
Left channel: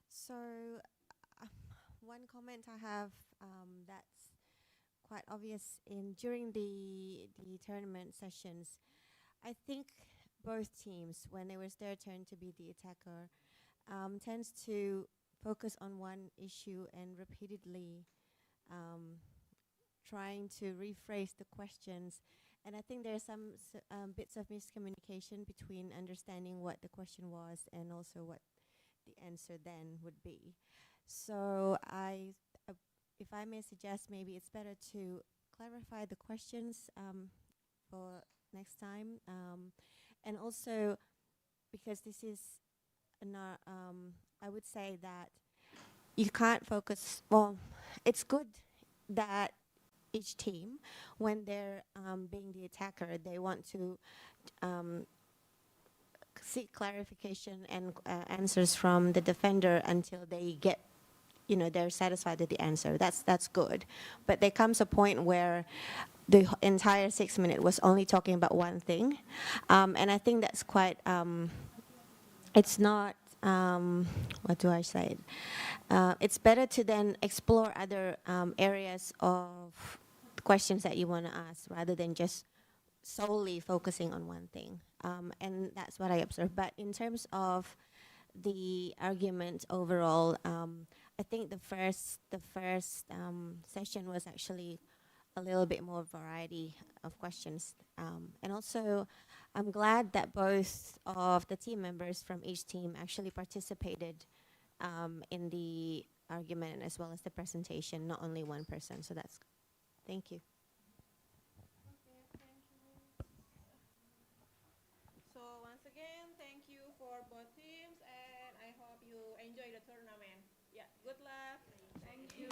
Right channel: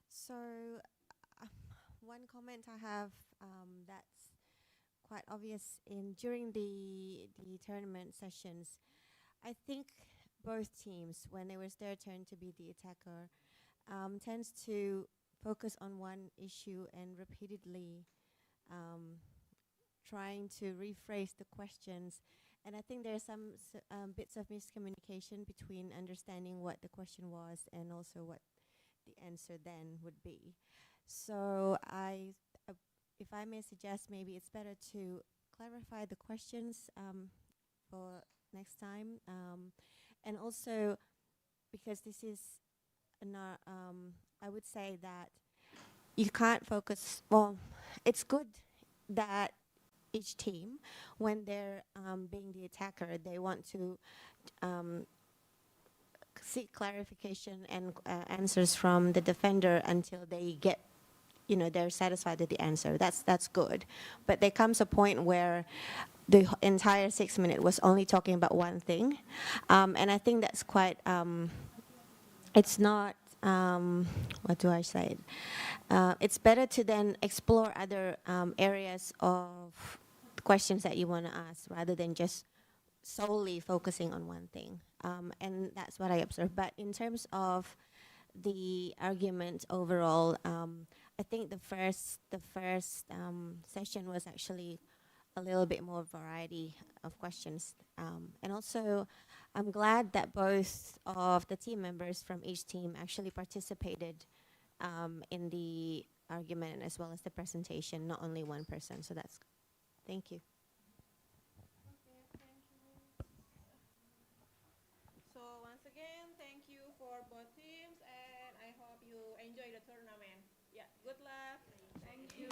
So, uh, one comment I have that's quite obvious in during the tournament sessions. I think both teams, when it was their turn to be the attacker, tends to focus on one issue and repeatedly trying to rephrase the questions. And I think there's some bits of miscommunication between understanding what the question was and also what the answer then would be. So if I may suggest, maybe it's better to clarify the questions for next time. And also, because this is not, I would say that you can't focus, well, it's good that each team, when they're being the attacker, they want to seek clarification and answers from the defender until they get, they're satisfied with the answer. That's good. But there comes a point where the entire 6 minutes was only talking about one thing, and I think that's quite. It's not. What do I say? It's better to then explore other areas of questions that you want to ask rather than just solely focusing on one thing. And that's what I observed. But in terms of the argument overall, I think the first session was actually a little bit more variety of questions. And also, I'm glad that both of the team members from each team actually participated in the argument as well as the presentation, not only one person. So that's, thank you. So once again, thank you for both teams, and I hope you enjoy the tournament. Yeah, good luck. Thank you.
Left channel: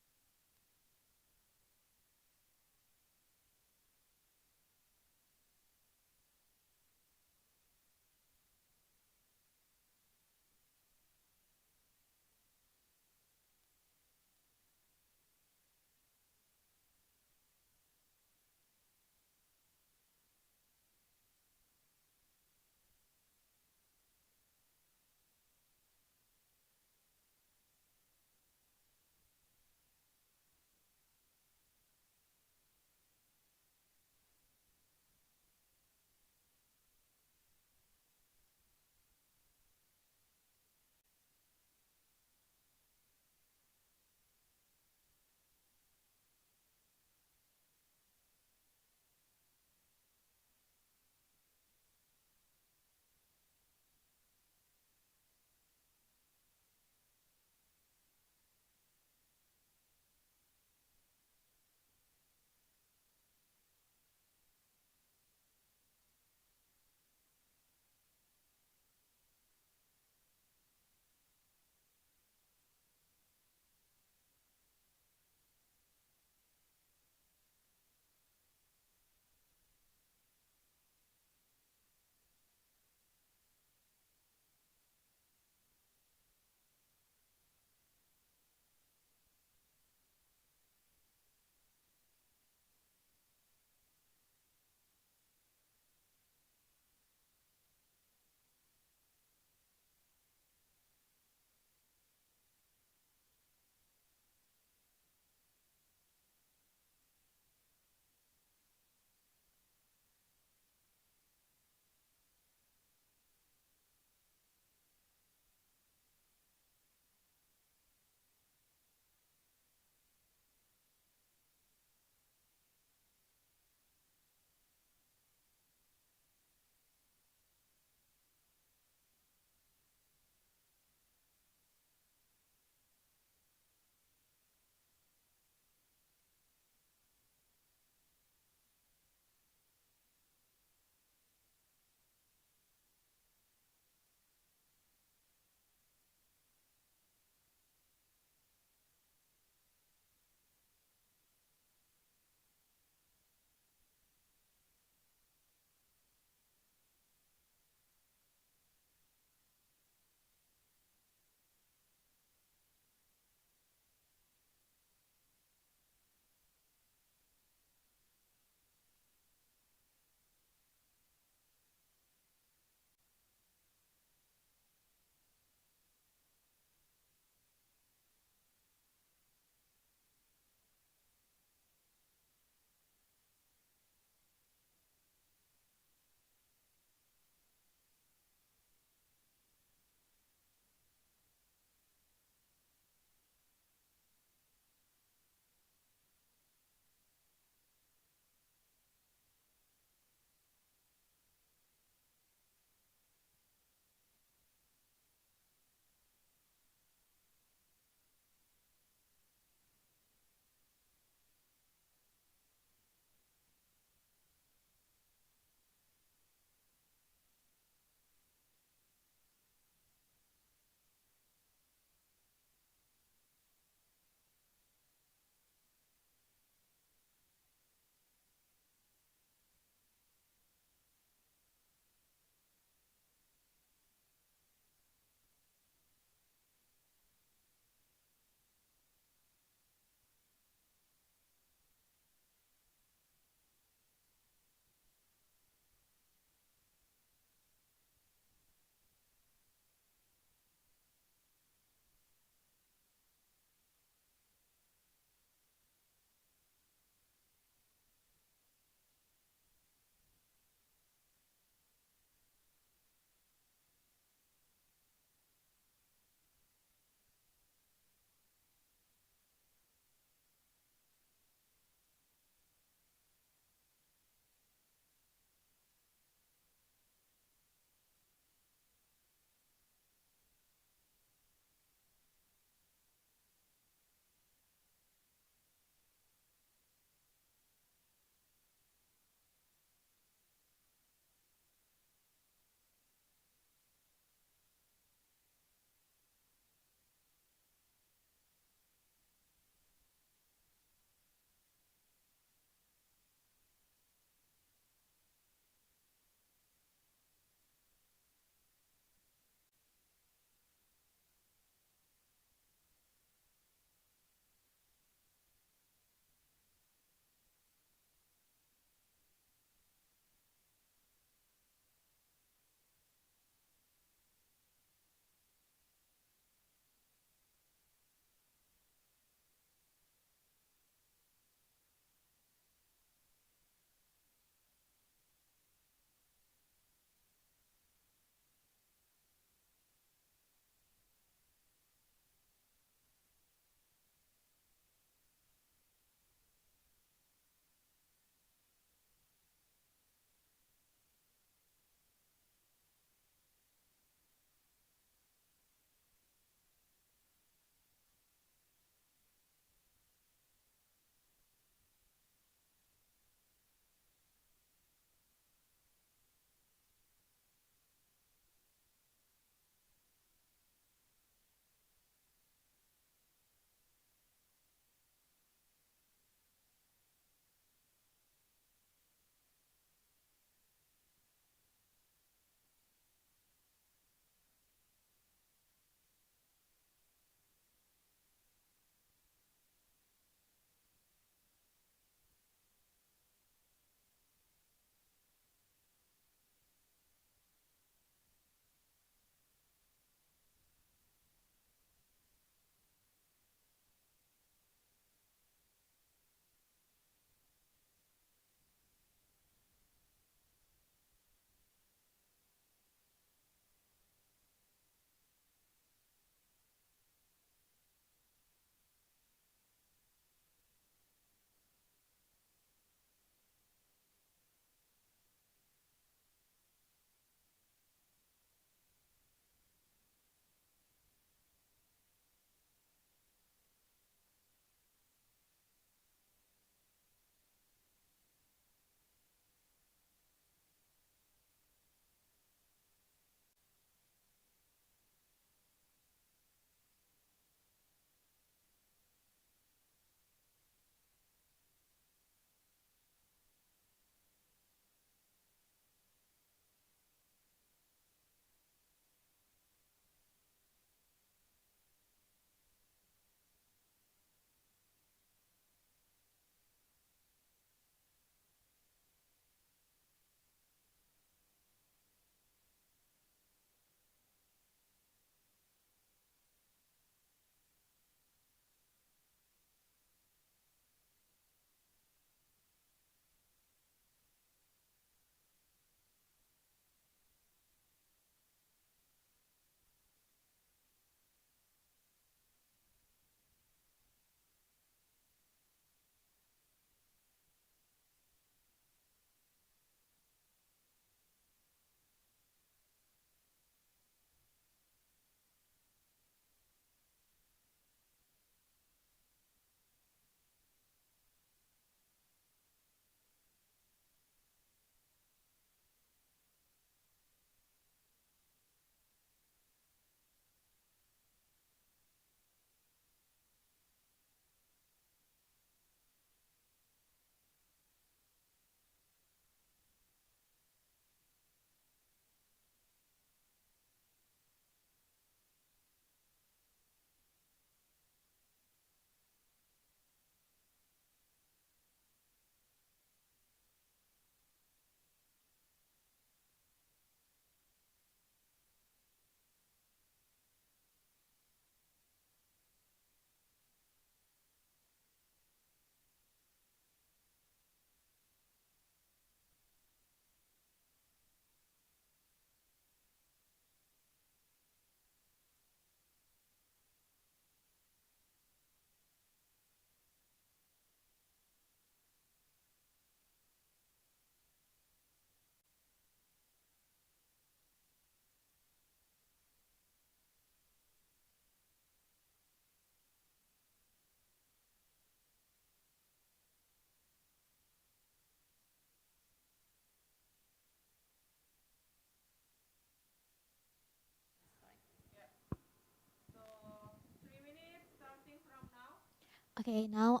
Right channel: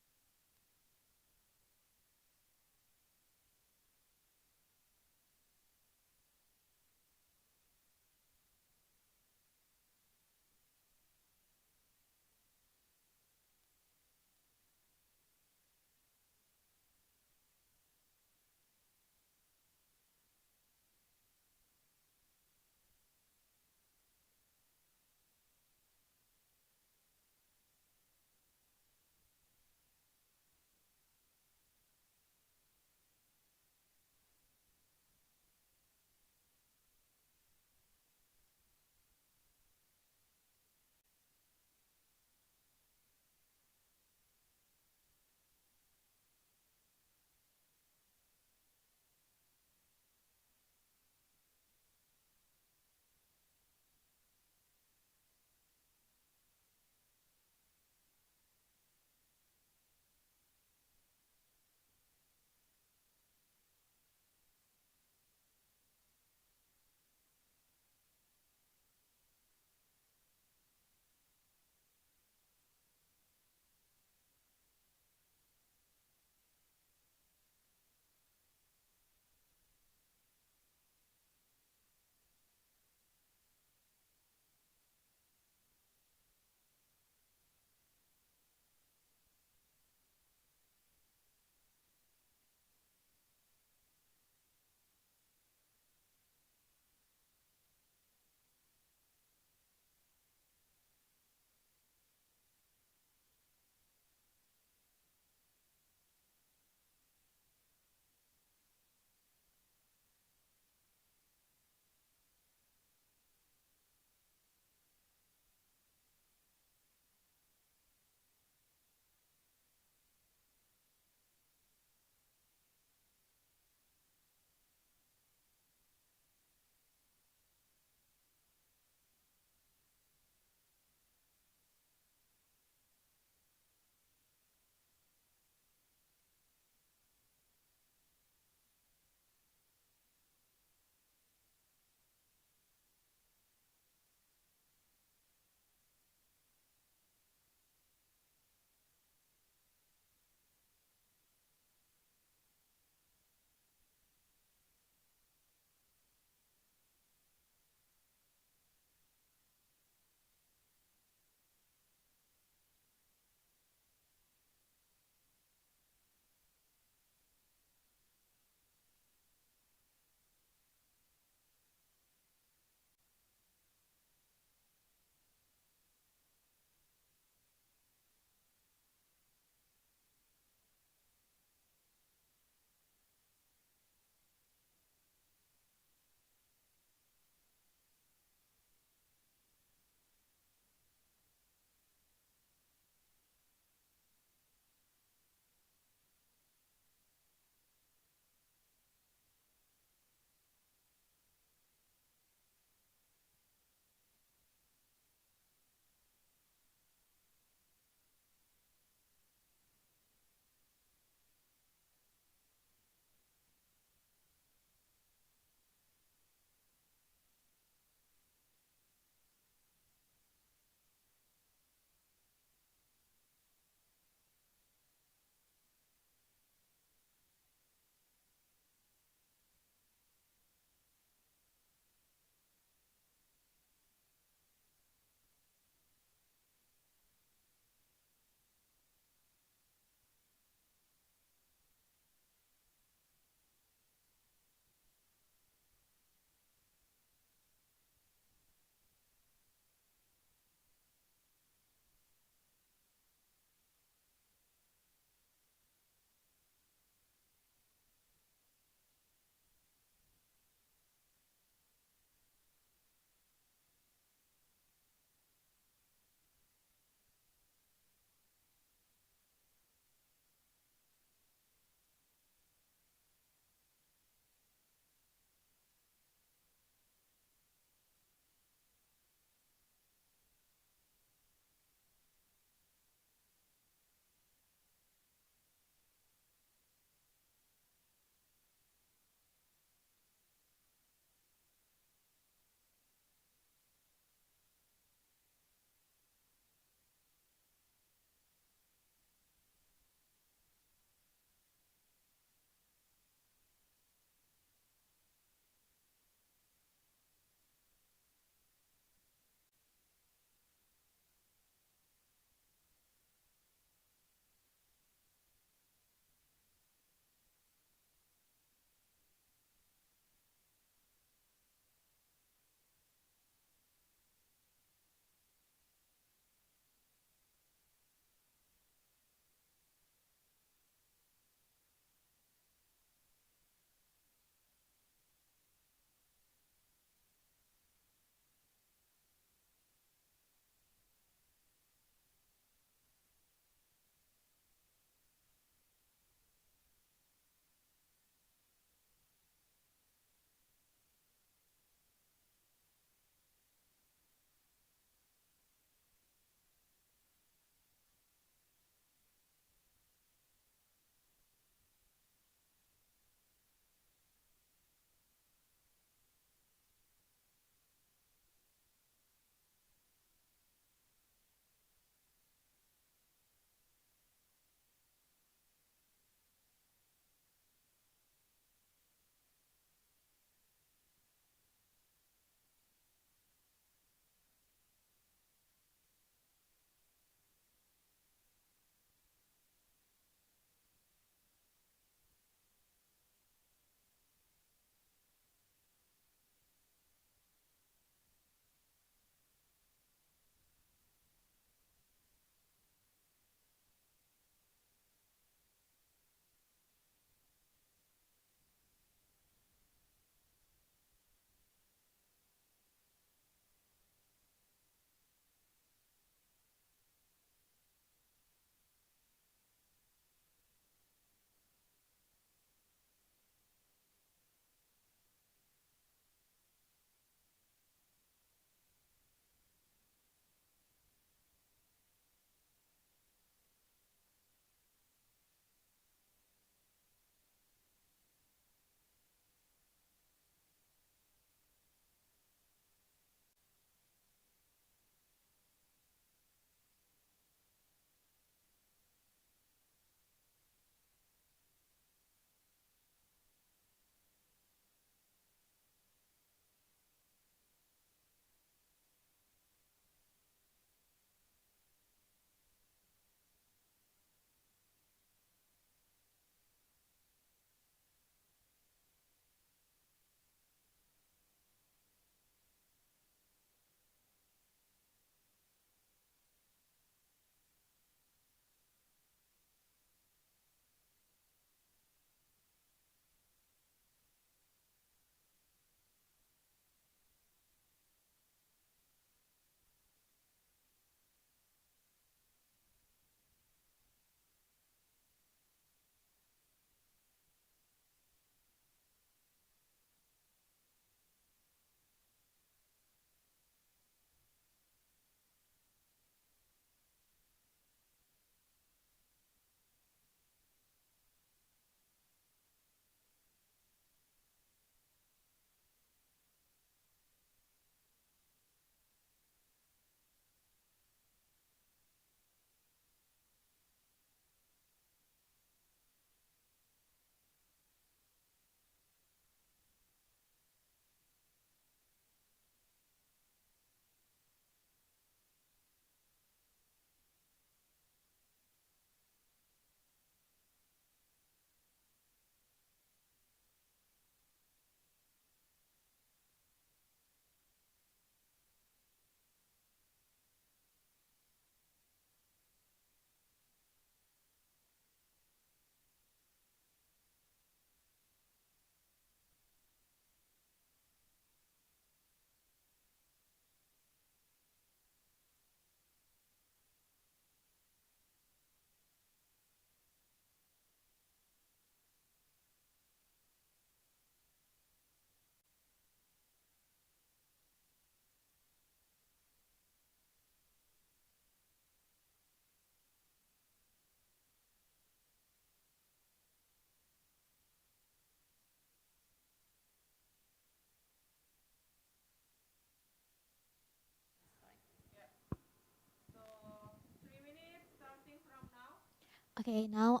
Okay, now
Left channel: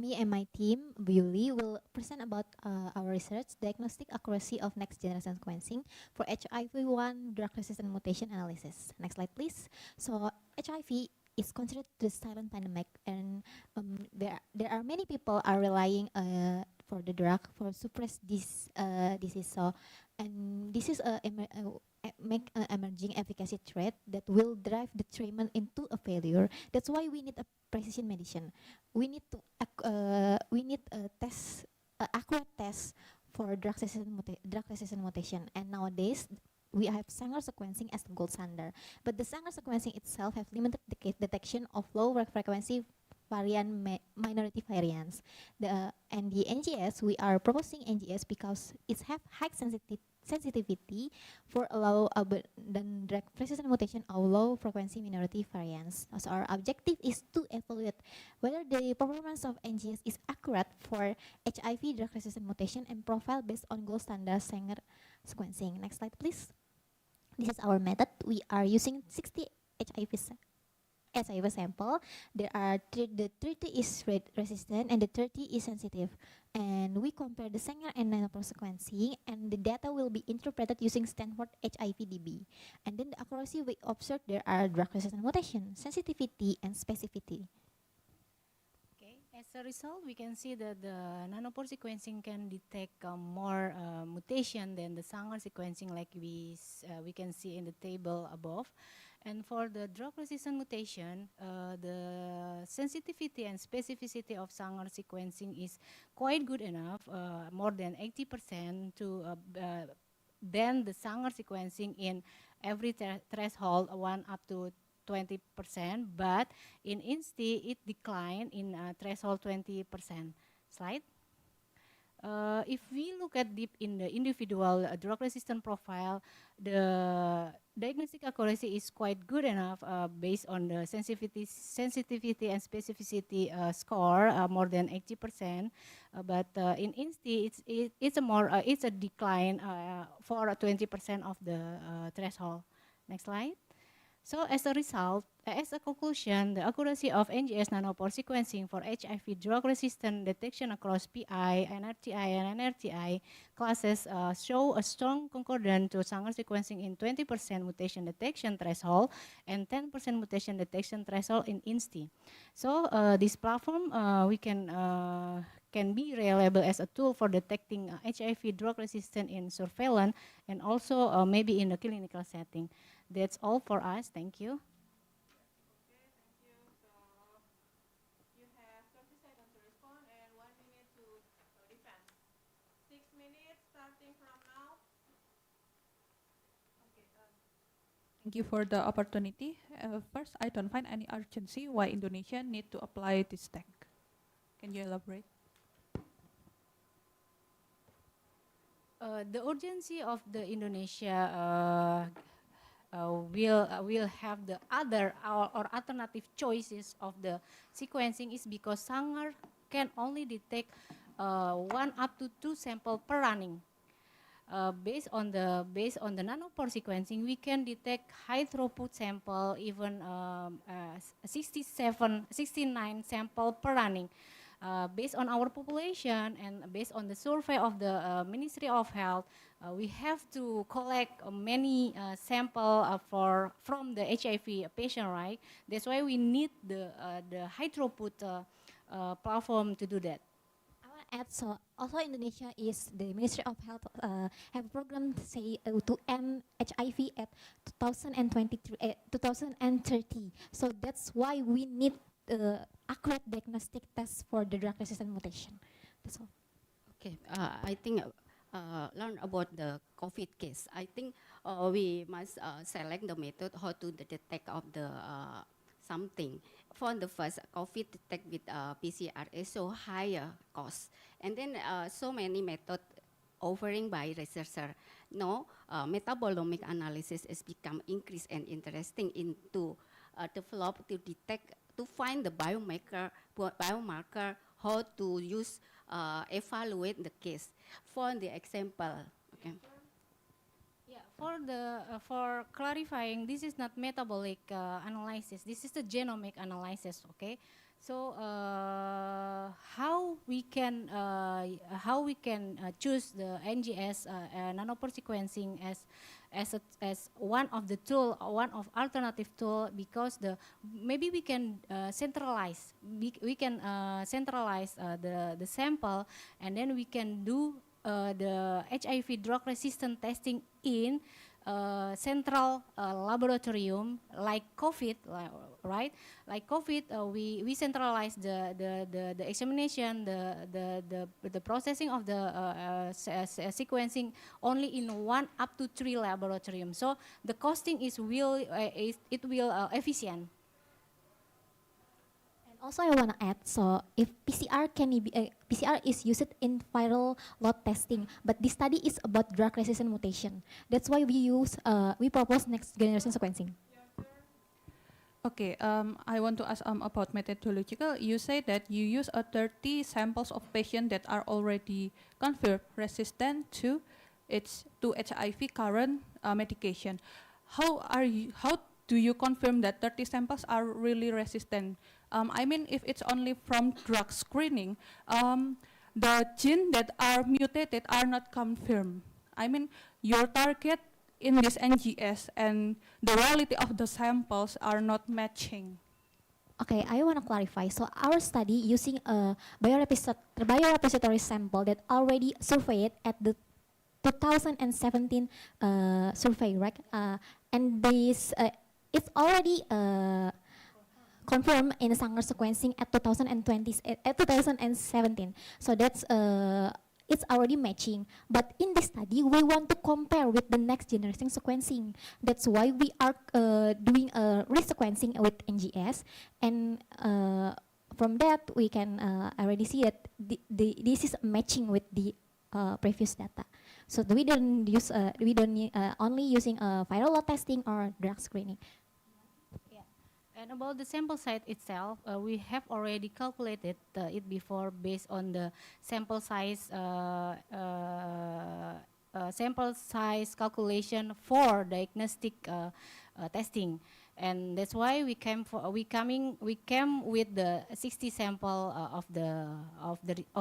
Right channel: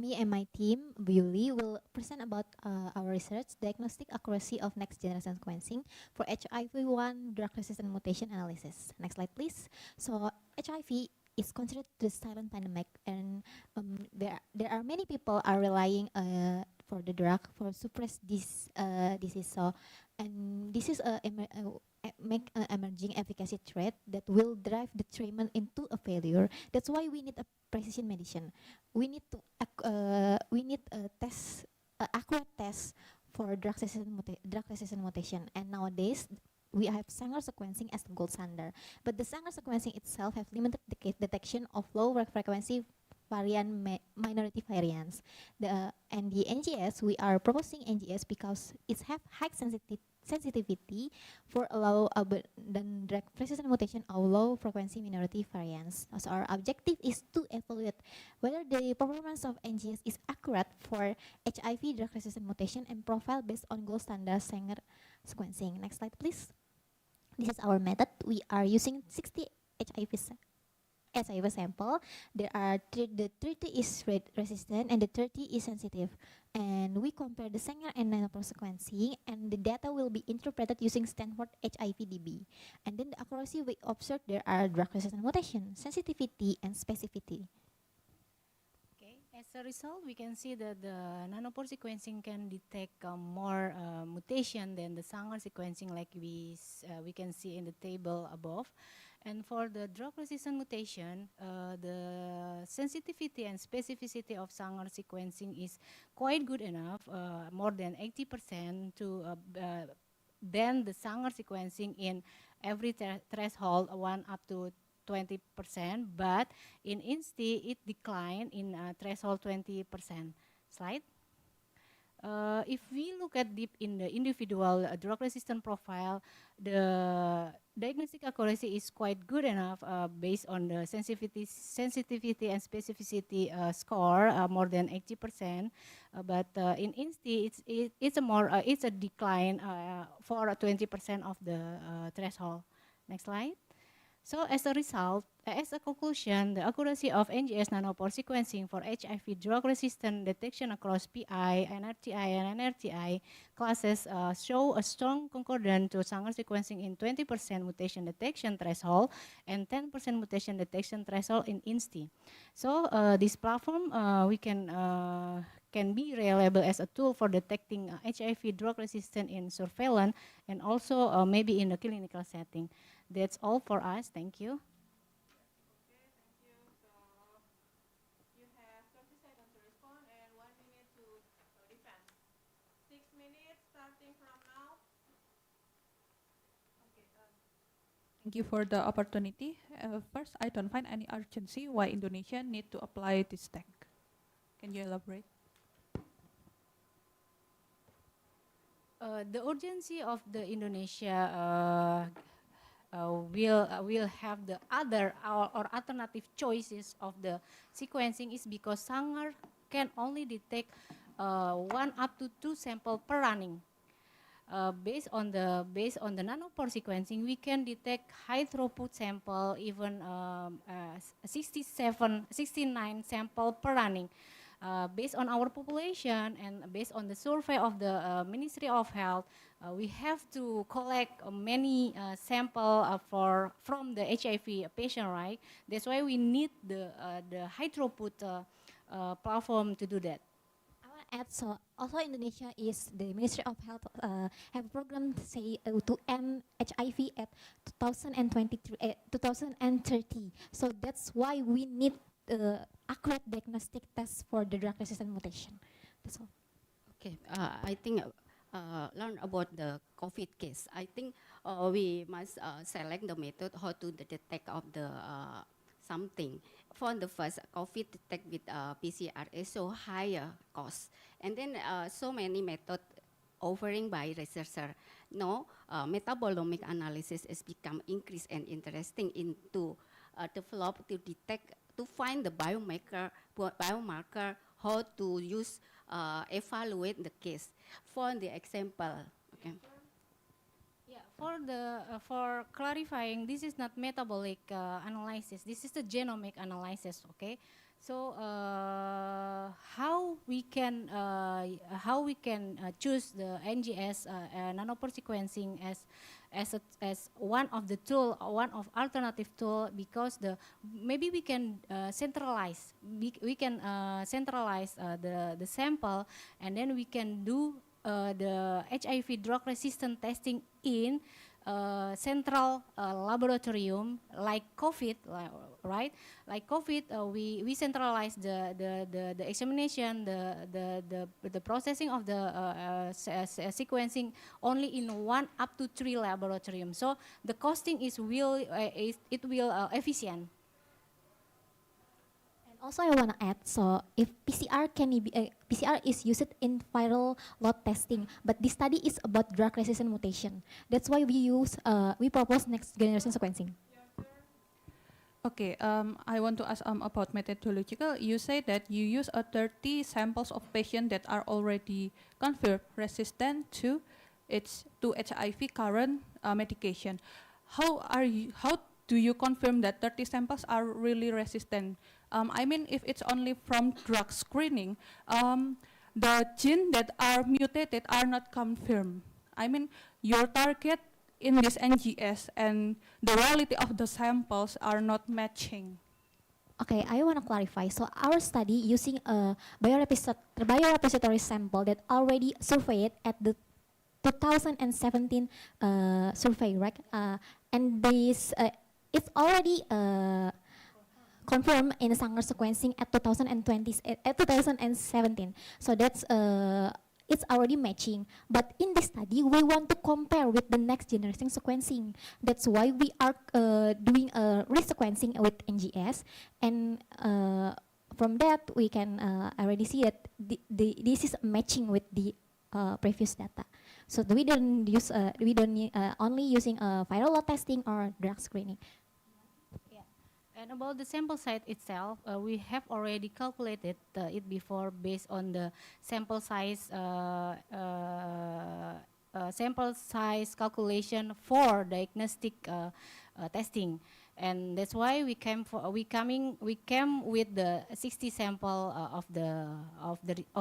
me and my team, Bewley, will present about our research, diagnostic accuracy of next generation sequencing for HIV-1 drug resistant mutation analysis. Next slide, please. So HIV is considered the silent pandemic, and there are many people are relying for the drug for suppress this disease. So, and this is make emerging efficacy threat that will drive the treatment into a failure. That's why we need a precision medicine. We need to we need a test, accurate test for drug resistant mutation. And nowadays we have Sanger sequencing as the gold standard. But the Sanger sequencing itself have limited detection of low frequency minority variants. And the NGS, we are proposing NGS because it have high sensitivity for low than drug resistant mutation of low frequency minority variants. So our objective is to evaluate whether the performance of NGS is accurate for HIV drug resistant mutation and profile based on gold standard Sanger sequencing. Next slide, please. This is our method. We are using 60 HIV sample. There are the 30 is resistant and the 30 is sensitive. And we compare the Sanger and nanopore sequencing, and the data will be interpreted using Stanford HIVDB. And then the accuracy we observe, there are drug resistant mutation, sensitivity, and specificity. As a result, we can see that the nanopore sequencing can detect more mutation than the Sanger sequencing, like we can see in the table above. And for the drug-resistant mutation, the sensitivity and specificity of Sanger sequencing is quite good enough, more than 80% to than the Sanger sequencing in every threshold, 1 up to 20%, but in INSTI it declined in threshold 20%. Slide. If we look at deep in the individual drug-resistant profile, the diagnostic accuracy is quite good enough based on the sensitivity and specificity score, more than 80%. But in INSTI, it's a decline for 20% of the threshold. Next slide. So as a result, as a conclusion, the accuracy of NGS nanopore sequencing for HIV drug-resistant detection across PI, NRTI, and NRTI classes show a strong concordance to Sanger sequencing in 20% mutation detection threshold and 10% mutation detection threshold in INSTI. So this platform we can be reliable as a tool for detecting HIV drug-resistant in surveillance and also maybe in the clinical setting. That's all for us. Thank you. Okay, thank you. So you have 30 seconds to respond and 1 minute to defend. 6 minutes starting from now. Okay, thank you for the opportunity. First, I don't find any urgency why Indonesia need to apply this tech. Can you elaborate? The urgency of the Indonesia will have the other or alternative choices of the sequencing is because Sanger can only detect 1 up to 2 sample per running. Based on the nanopore sequencing, we can detect high throughput sample, even 69 sample per running. Based on our population and based on the survey of the Ministry of Health, we have to collect many sample from the HIV patient, right? That's why we need the high throughput platform to do that. I want to add, so also Indonesia is the Ministry of Health have a program to say to end HIV at 2023, 2030. So that's why we need accurate diagnostic test for the drug resistant mutation. That's all. Okay, I think learn about the COVID case. I think we must select the method how to detect of the something. For the first, COVID detect with PCR is so higher cost, and then so many methods offering by researcher. No, metabolomic analysis has become increased and interesting into develop to detect, to find the biomarker how to use evaluate the case. For the example, okay. Yeah, for clarifying, this is not metabolic analysis. This is the genomic analysis. Okay, So how we can choose the NGS nanopore sequencing as one of the tool, one of alternative tool, because maybe we can centralize the sample, and then we can do the HIV drug resistant testing in central laboratorium like COVID, right? Like COVID, we centralize the examination, the processing of the sequencing only in 1 up to 3 laboratorium. So the costing will efficient. Also, I want to add, so if PCR is used in viral load testing, but this study is about drug resistant mutation. That's why we propose next generation sequencing. Okay, I want to ask about methodological. You say that you use 30 samples of patients that are already confirmed resistant to HIV current medication. How do you confirm that 30 samples are really resistant? I mean, if it's only from drug screening, the genes that are mutated are not confirmed. I mean, your target in this NGS and the reality of the samples are not matching. Okay, I want to clarify. So our study using a biorepository sample that already surveyed at the 2017 survey, right? And this it's already confirmed in Sanger sequencing at 2017. So that's it's already matching. But in this study, we want to compare with the next generation sequencing. That's why we are doing a resequencing with NGS, and from that we can already see that this is matching with the previous data. So we don't only using viral load testing or drug screening. And about the sample size itself, we have already calculated it before based on the sample size calculation for diagnostic testing, and that's why we came with the 60 sample of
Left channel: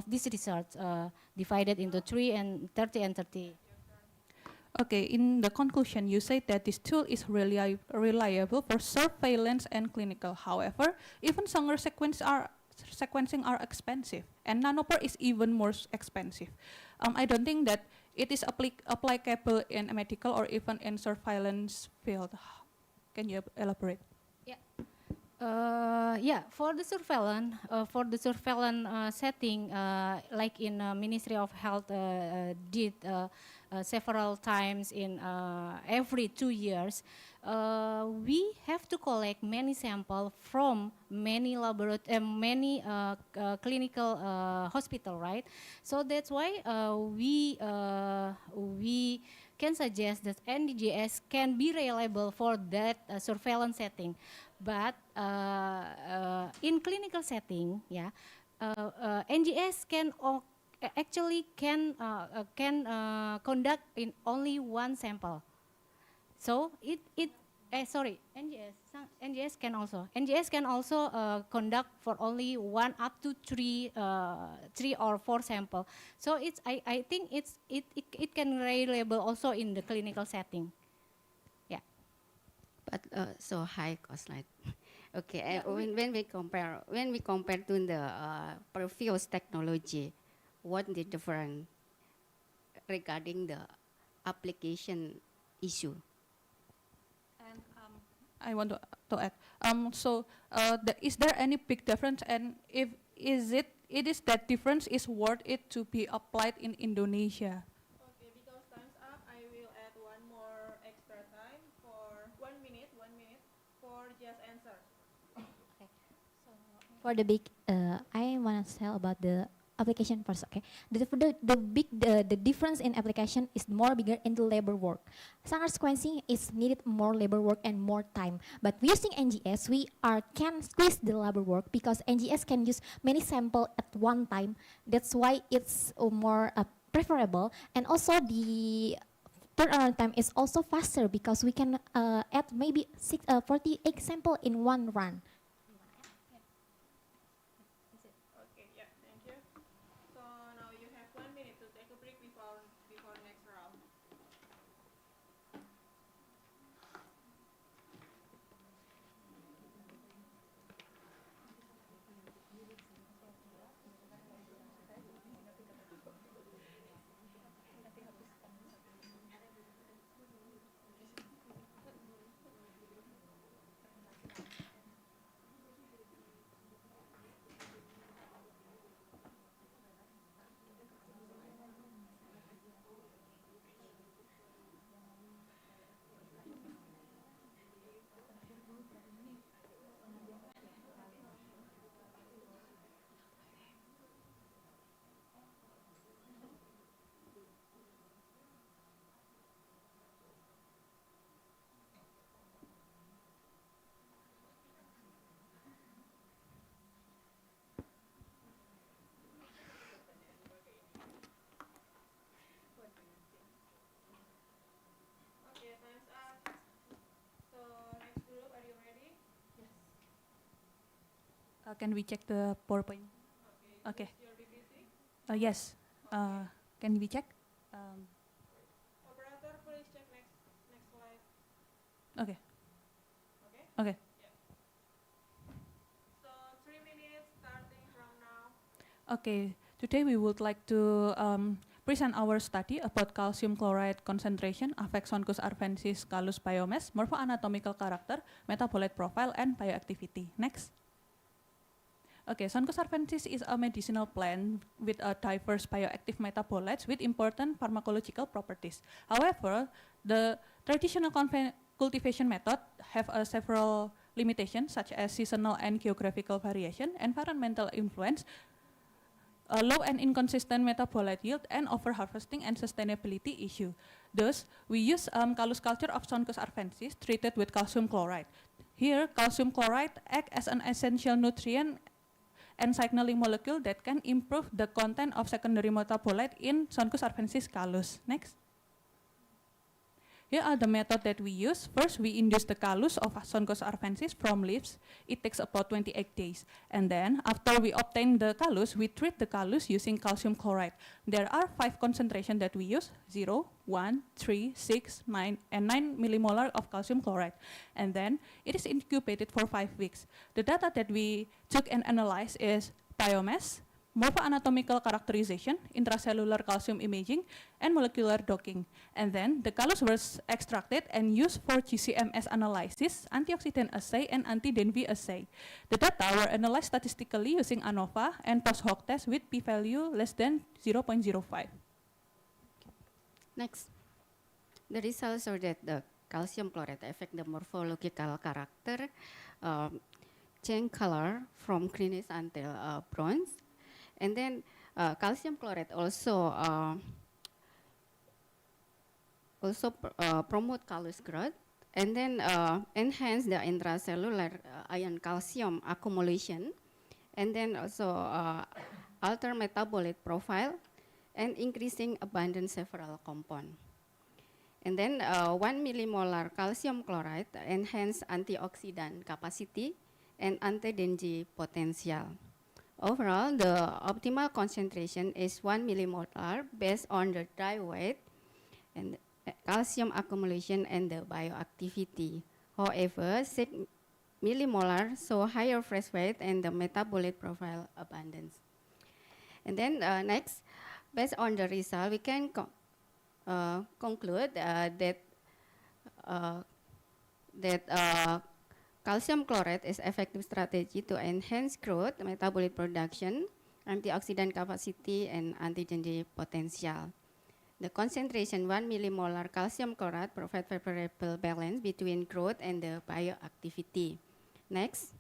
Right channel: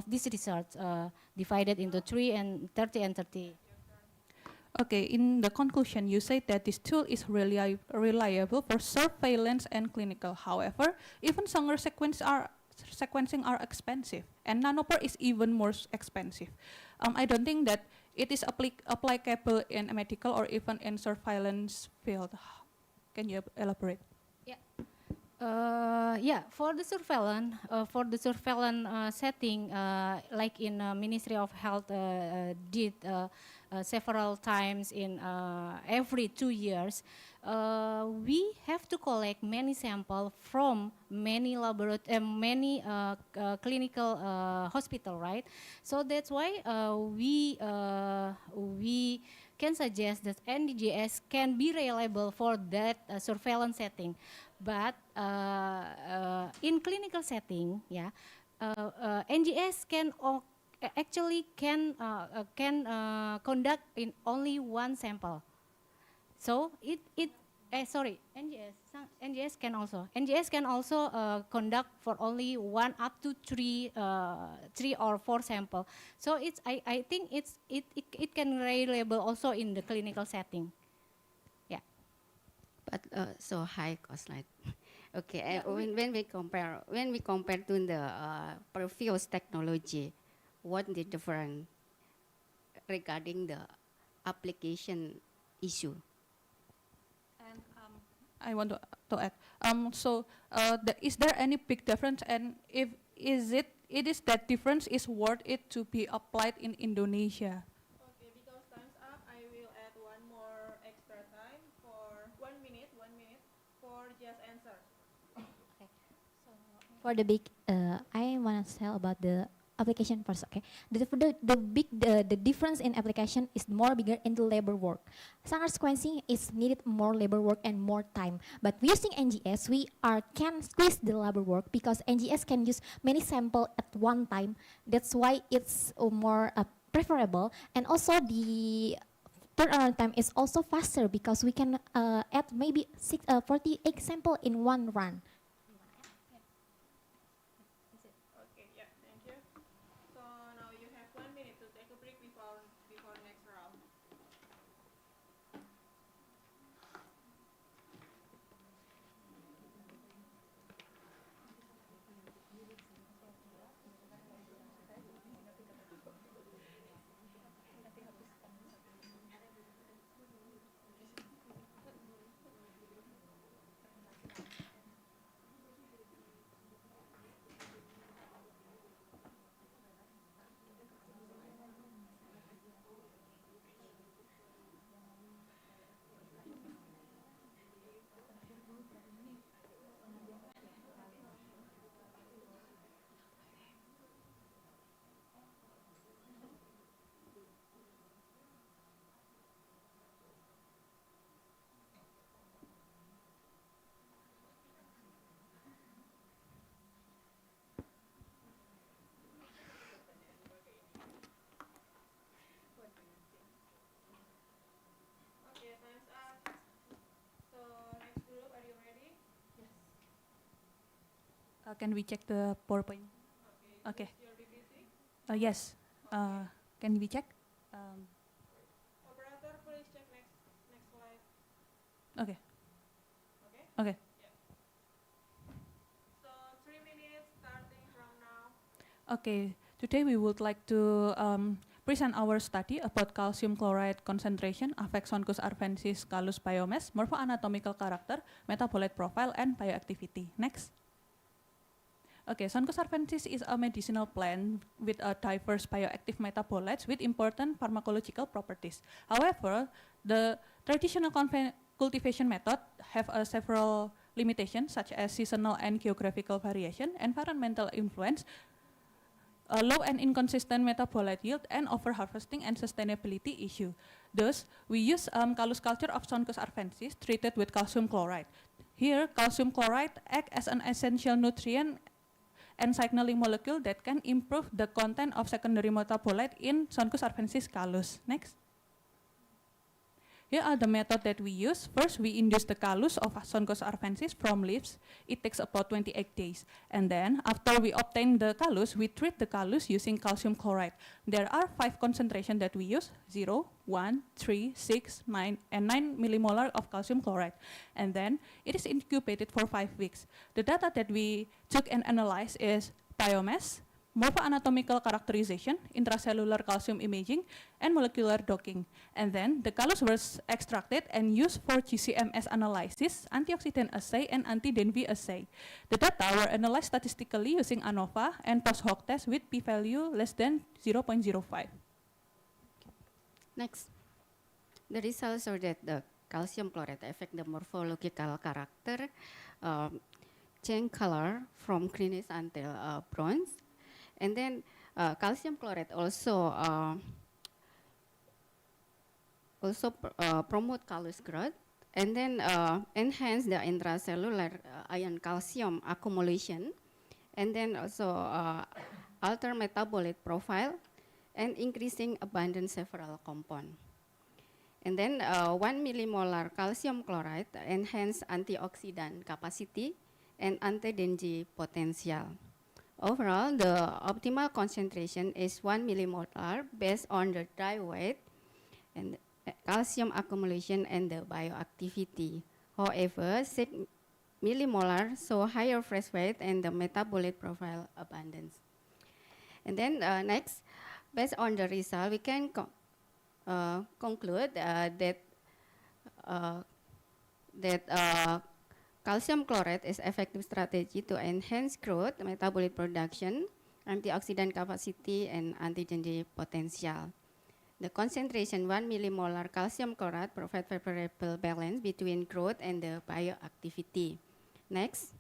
this research divided into 3 and 30 and 30. Okay, in the conclusion, you say that this tool is reliable for surveillance and clinical. However, even Sanger sequencing are expensive, and nanopore is even more expensive. I don't think that it is applicable in a medical or even in surveillance field. Can you elaborate? Yeah, for the surveillance setting, like in Ministry of Health did several times in every 2 years, we have to collect many samples from many clinical hospital, right? So that's why we can suggest that NGS can be reliable for that surveillance setting. But in clinical setting, yeah, NGS can conduct in only 1 sample. So NGS can also conduct for only 1 up to 3 or 4 sample. So I think it can reliable also in the clinical setting. Yeah. But so high cost, like okay. When we compare to the previous technology, what the difference regarding the application issue? And I want to add. Is there any big difference? And if it is that difference is worth it to be applied in Indonesia? Okay, because time's up, I will add one more extra time for 1 minute for just answer. For the big, I want to tell about the application first. Okay, the difference in application is more bigger into labor work. Sanger sequencing is needed more labor work and more time. But using NGS, we can squeeze the labor work because NGS can use many sample at one time. That's why it's more preferable, and also the turnaround time is also faster because we can add maybe 48 sample in one run. Can we check the PowerPoint? Okay. Yes. Can we check? Operator, please check next slide. Okay. Okay? Okay. Yeah. So 3 minutes starting from now. Okay. Today we would like to present our study about calcium chloride concentration affects Sonchus arvensis callus biomass, morphoanatomical character, metabolite profile, and bioactivity. Next. Okay, Sonchus arvensis is a medicinal plant with a diverse bioactive metabolites with important pharmacological properties. However, the traditional cultivation method have several limitations such as seasonal and geographical variation, environmental influence, low and inconsistent metabolite yield, and overharvesting and sustainability issue. Thus, we use callus culture of Sonchus arvensis treated with calcium chloride. Here, calcium chloride acts as an essential nutrient and signaling molecule that can improve the content of secondary metabolite in Sonchus arvensis callus. Next. Here are the method that we use. First, we induce the callus of Sonchus arvensis from leaves. It takes about 28 days. And then, after we obtain the callus, we treat the callus using calcium chloride. There are 5 concentrations that we use, 0, 1, 3, 6, 9, and 9 millimolar of calcium chloride. And then, it is incubated for 5 weeks. The data that we took and analyzed is biomass, morphoanatomical characterization, intracellular calcium imaging, and molecular docking. And then the callus was extracted and used for GCMS analysis, antioxidant assay, and anti-DNV assay. The data were analyzed statistically using ANOVA and post-hoc test with p-value less than 0.05. Next. The results show that the calcium chloride affect the morphological character, change color from greenish until bronze. And then calcium chloride also promote callus growth, and then enhance the intracellular ion calcium accumulation, and then also alter metabolite profile, and increasing abundance several compound. And then 1 millimolar calcium chloride enhance antioxidant capacity and anti-DNG potential. Overall, the optimal concentration is 1 millimolar based on the dry weight and calcium accumulation and the bioactivity. However, 6 millimolar show higher fresh weight and the metabolite profile abundance. And then next, based on the result, we can conclude that calcium chloride is effective strategy to enhance growth, metabolic production, antioxidant capacity, and anti-DNG potential. The concentration 1 millimolar calcium chloride provides favorable balance between growth and the bioactivity. Next.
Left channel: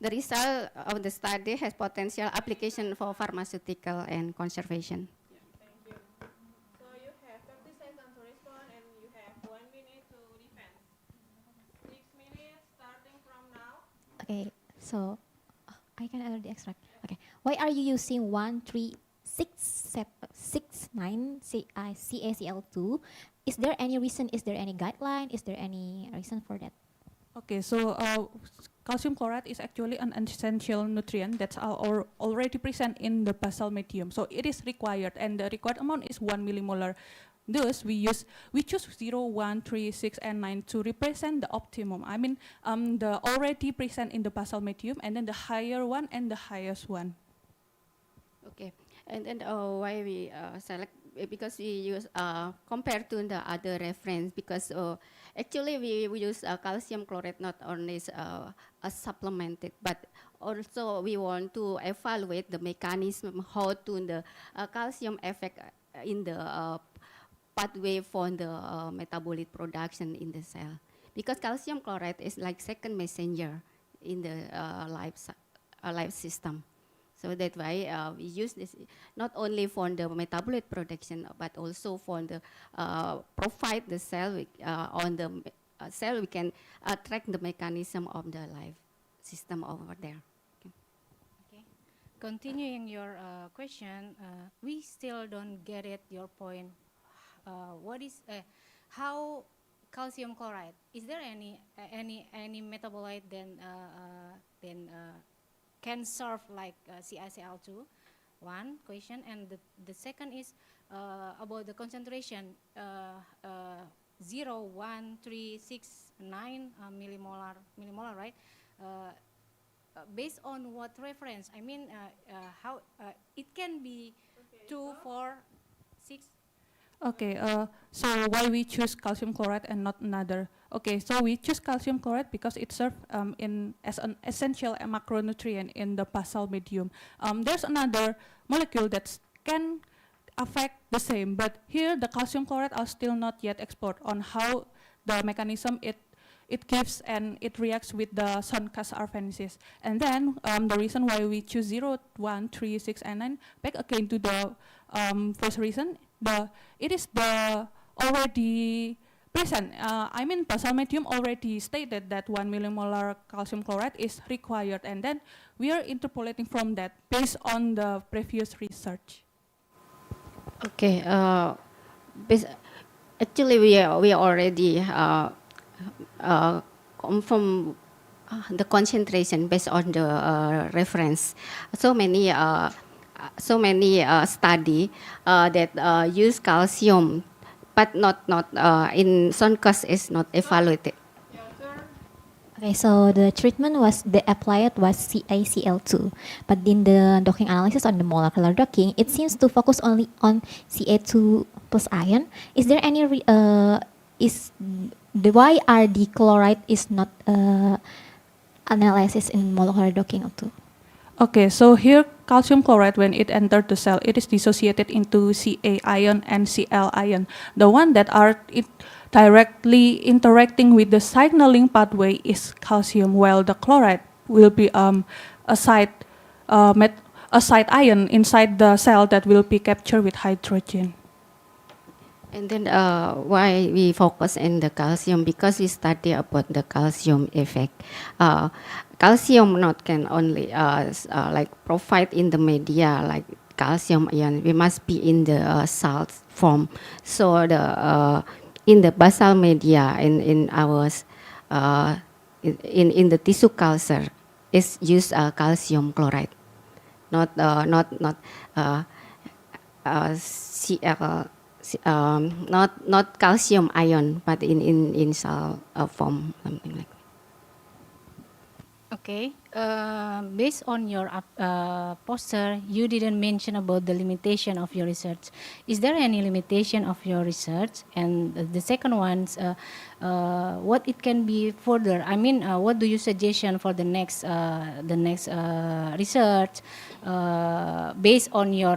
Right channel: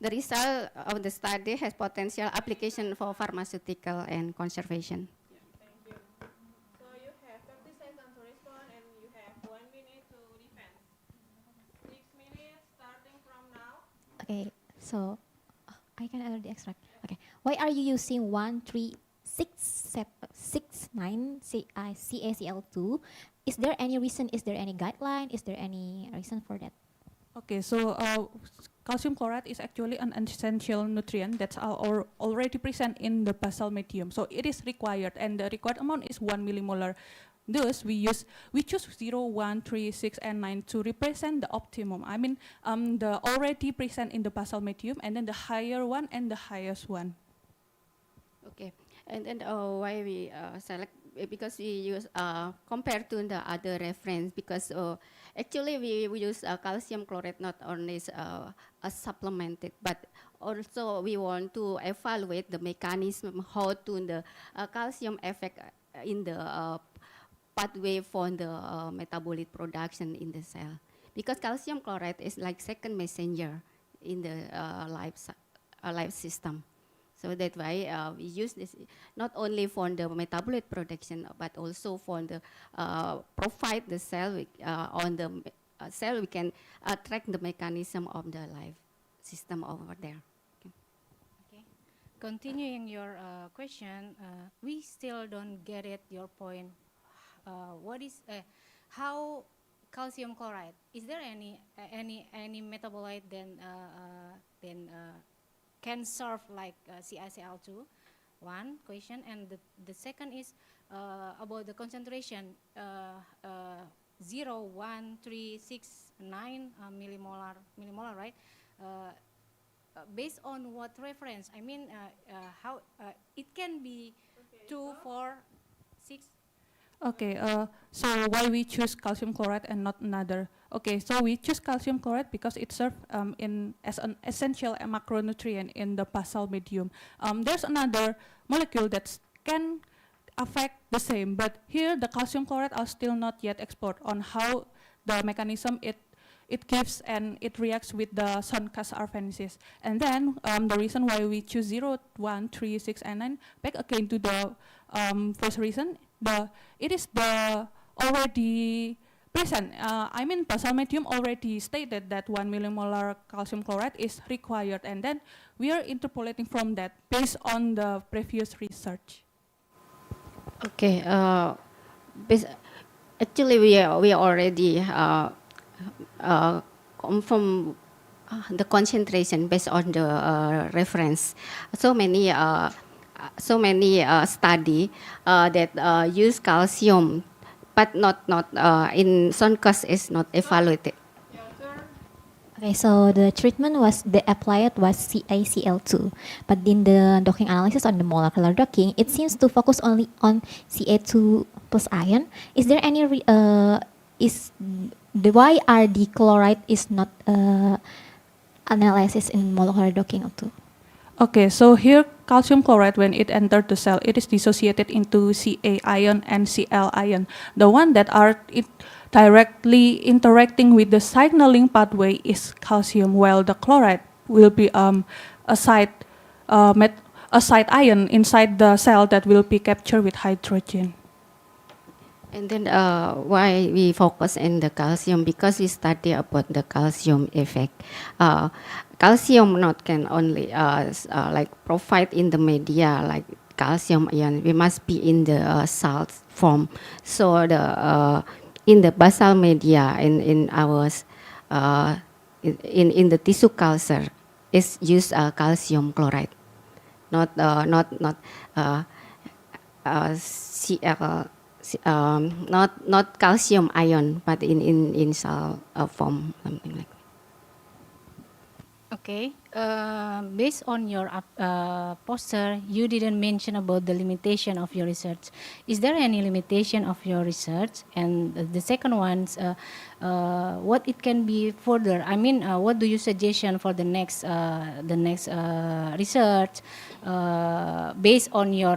The result of the study has potential application for pharmaceutical and conservation. Thank you. So you have 30 seconds to respond and you have 1 minute to defend. 6 minutes starting from now. Okay, so I can already extract. Okay, why are you using 13669 CaCl2? Is there any reason? Is there any guideline? Is there any reason for that? Okay, so calcium chloride is actually an essential nutrient that's already present in the basal medium. So it is required, and the required amount is 1 millimolar. Thus, we choose 0, 1, 3, 6, and 9 to represent the optimum. I mean, the already present in the basal medium, and then the higher one and the highest one. Okay, and then why we select, because we use compared to the other reference, because actually we use calcium chloride not only as supplemented, but also we want to evaluate the mechanism how to the calcium effect in the pathway for the metabolic production in the cell, because calcium chloride is like second messenger in the life system. So that's why we use this not only for the metabolic production, but also for the provide the cell on the cell we can track the mechanism of the life system over there. Okay. Continuing your question, we still don't get it. Your point. What is how calcium chloride. Is there any metabolite can serve like CaCl2? One question, and the second is about the concentration 0.1369 millimolar, right? Based on what reference? I mean, how it can be 2, 4, 6. Okay, so why we choose calcium chloride and not another? Okay, so we choose calcium chloride because it serves as an essential macronutrient in the basal medium. There's another molecule that can affect the same, but here the calcium chloride are still not yet explored on how the mechanism it gives and it reacts with the Sun-Cas arfensis. And then the reason why we choose 0, 1, 3, 6, and 9, back again to the first reason, it is the already present. I mean, basal medium already stated that 1 millimolar calcium chloride is required, and then we are interpolating from that based on the previous research. Okay. Actually, we already confirm the concentration based on the reference. So many study that use calcium, but not in Sun-Cas is not evaluated. Okay, so the treatment the applied was CaCl2, but in the docking analysis on the molecular docking, it seems to focus only on Ca2 plus ion. Is there any why the chloride is not analysis in molecular docking too? Okay, so here calcium chloride, when it entered the cell, it is dissociated into Ca ion and Cl ion. The one that are directly interacting with the signaling pathway is calcium, while the chloride will be a side ion inside the cell that will be captured with hydrogen. And then why we focus on the calcium? Because we study about the calcium effect. Calcium not can only like provide in the media like calcium ion. We must be in the salt form. So the in the basal media in ours in the tissue culture is use calcium chloride, not Cl. Not calcium ion, but in salt form, something like that. Okay, based on your poster, you didn't mention about the limitation of your research. Is there any limitation of your research? And the second one, what it can be further? I mean, what do you suggestion for the next research based on your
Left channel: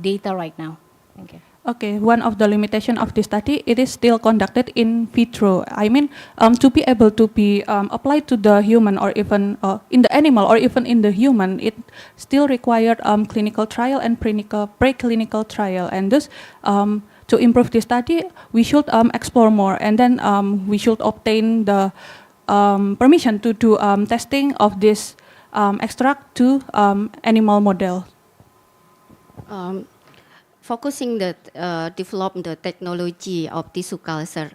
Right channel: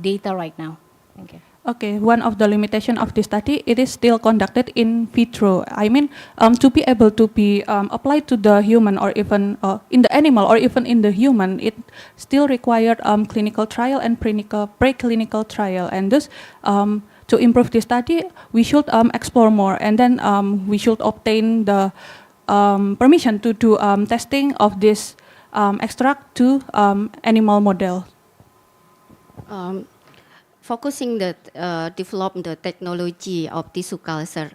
data right now? Thank you. Okay, one of the limitation of this study, it is still conducted in vitro. I mean, to be able to be applied to the human or even in the animal or even in the human, it still required clinical trial and preclinical trial. And thus, to improve this study, we should explore more, and then we should obtain the permission to do testing of this extract to animal model. Focusing the develop the technology of tissue culture,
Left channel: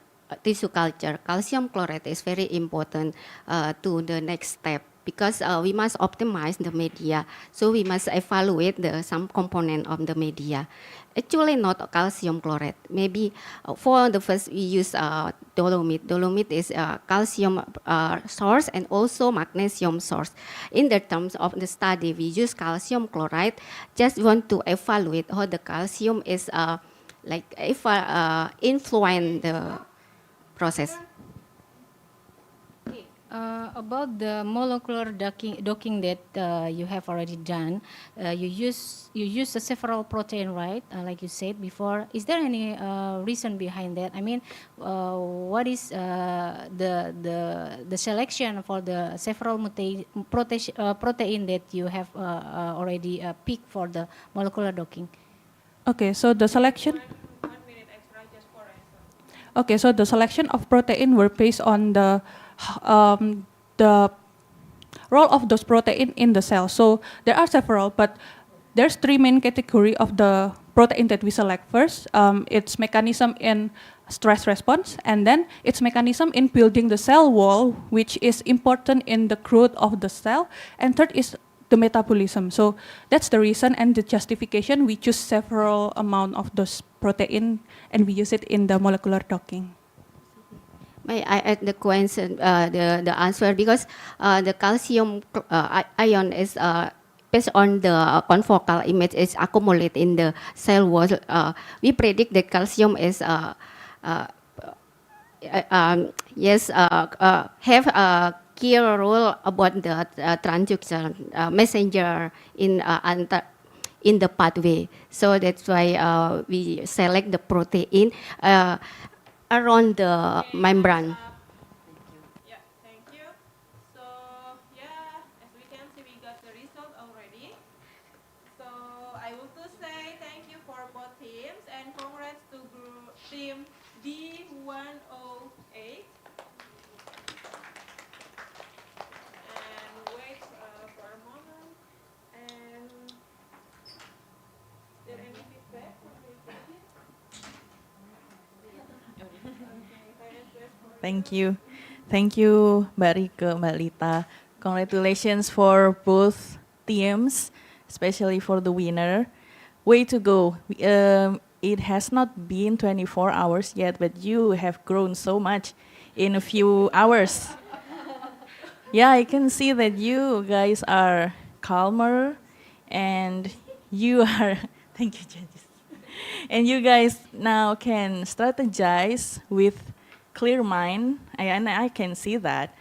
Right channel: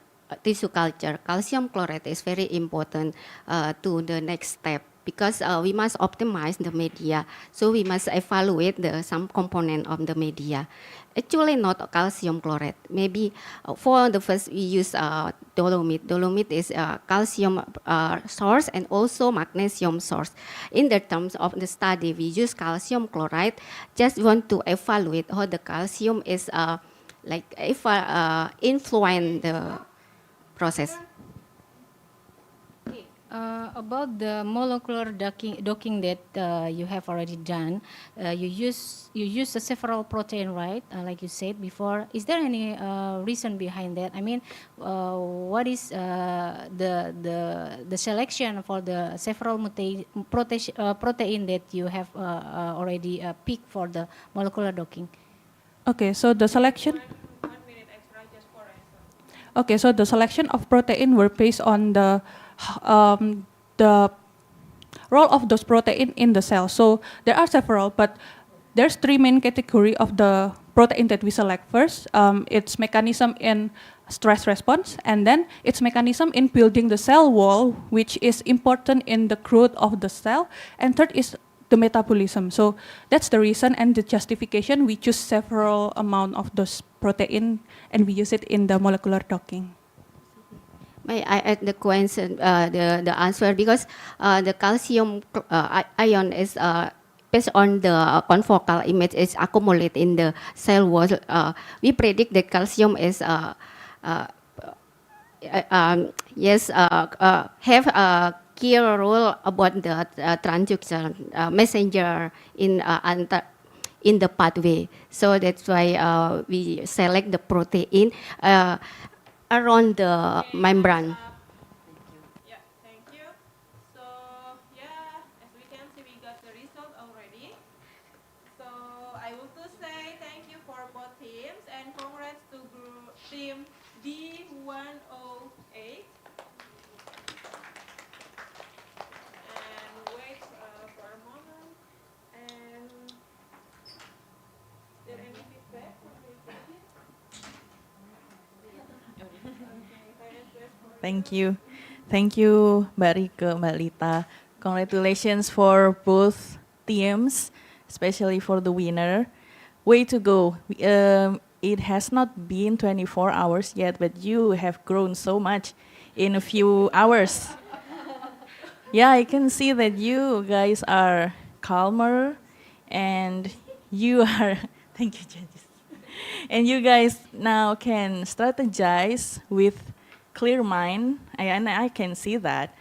calcium chloride is very important to the next step, because we must optimize the media. So we must evaluate some component of the media. Actually, not calcium chloride. Maybe for the first we use dolomite. Dolomite is a calcium source and also magnesium source. In the terms of the study, we use calcium chloride. Just want to evaluate how the calcium is influence the process. About the molecular docking that you have already done, you use several protein, right? Like you said before. Is there any reason behind that? I mean, what is the selection for the several protein that you have already picked for the molecular docking? Okay, so the selection. Okay, so the selection of protein were based on the role of those protein in the cell. So there are several, but there's three main category of the protein that we select first, its mechanism in stress response, and then its mechanism in building the cell wall, which is important in the growth of the cell, and third is the metabolism. So that's the reason and the justification we choose several amount of those protein and we use it in the molecular docking. May I add the question, the answer, because the calcium ion is based on the confocal image is accumulated in the cell wall. We predict that calcium is have a key role about the transduction messenger in the pathway. So that's why we select the protein around the membrane. Yeah, thank you. So yeah, as we can see, we got the result already. So I want to say thank you for both teams and congrats to team D108. And wait for a moment. And is there any feedback from the team? Thank you. Thank you, Mbak Rike, Mbak Lita. Congratulations for both teams, especially for the winner. Way to go. It has not been 24 hours yet, but you have grown so much in a few hours. Yeah, I can see that you guys are calmer and you are, thank you, judges. And you guys now can strategize with clear mind, and I can see that.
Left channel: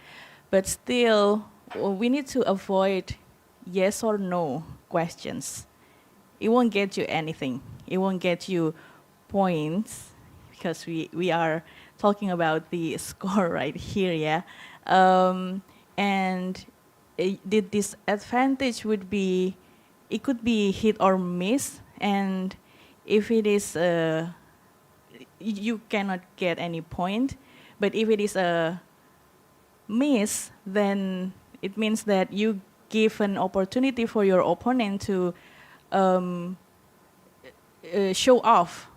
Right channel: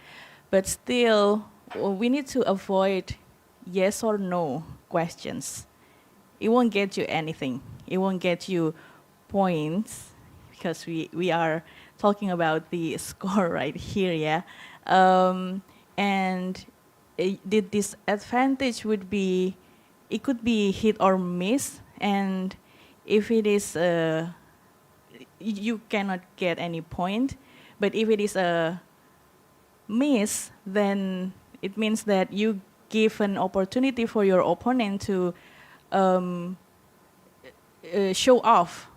But still, we need to avoid yes or no questions. It won't get you anything. It won't get you points because we are talking about the score right here, yeah. And the disadvantage would be, it could be hit or miss, and if it is, you cannot get any point. But if it is a miss, then it means that you give an opportunity for your opponent to show off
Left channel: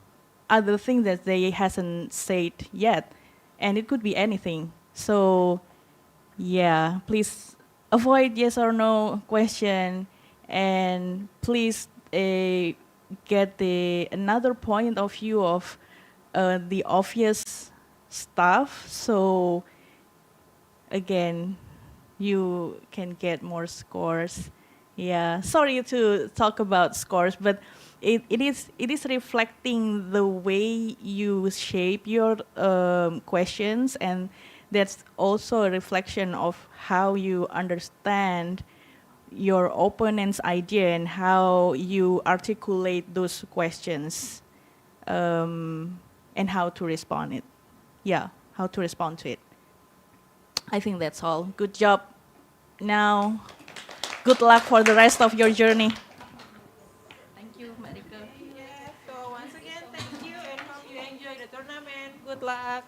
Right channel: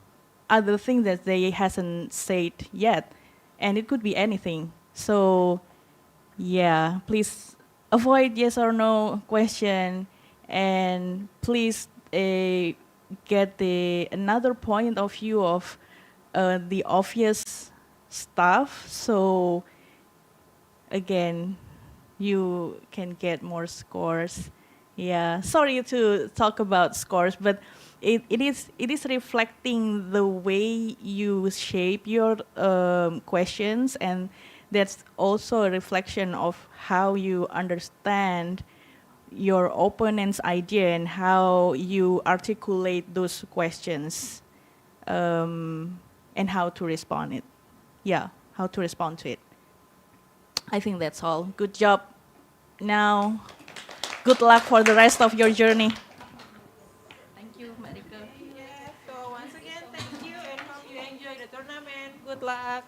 other things that they hasn't said yet, and it could be anything. So yeah, please avoid yes or no question, and please get the another point of view of the obvious stuff. So again, you can get more scores. Yeah, sorry to talk about scores, but it is reflecting the way you shape your questions, and that's also a reflection of how you understand your opponent's idea and how you articulate those questions, and how to respond it. Yeah, how to respond to it. I think that's all. Good job. Now, good luck for the rest of your journey. Thank you, Marika. Yeah, so once again, thank you and hope you enjoy the tournament. Good luck.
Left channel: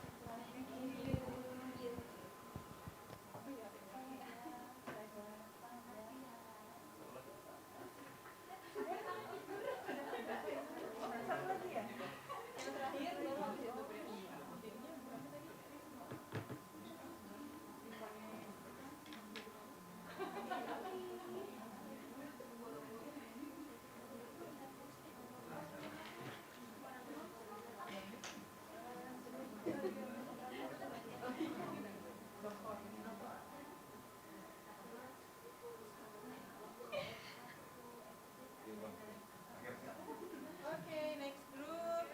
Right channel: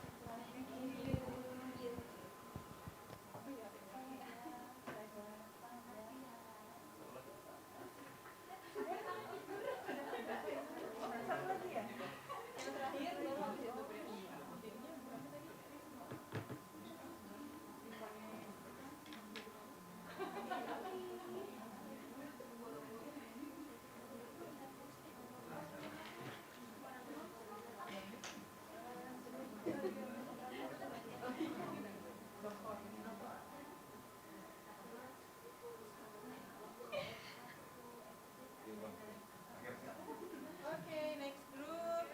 Okay, next group.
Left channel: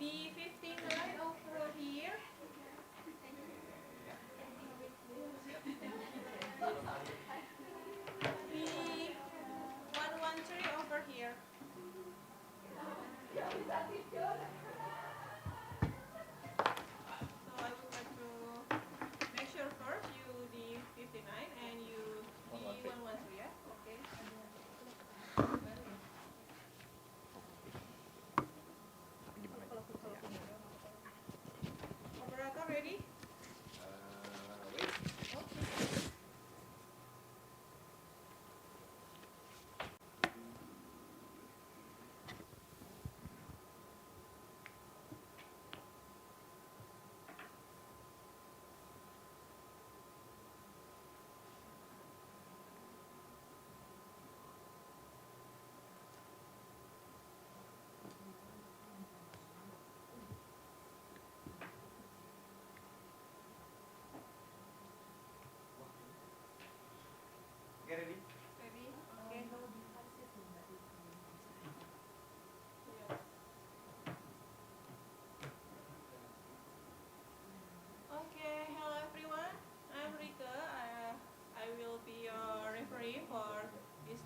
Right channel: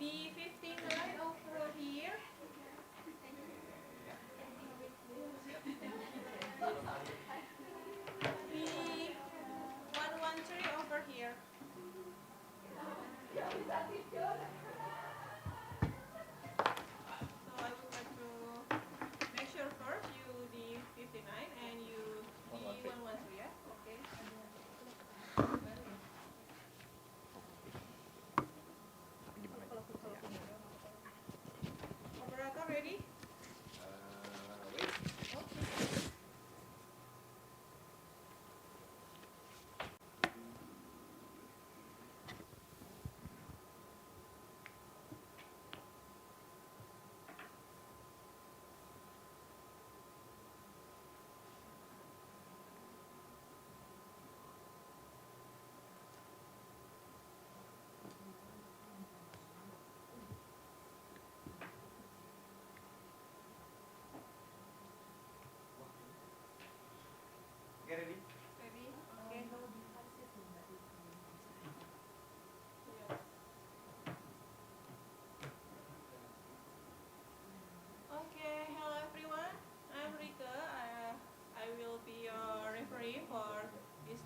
B59 over here. B113 over here. So I would like to make sure first you D59 and you D113, yeah? Okay. Operator ready?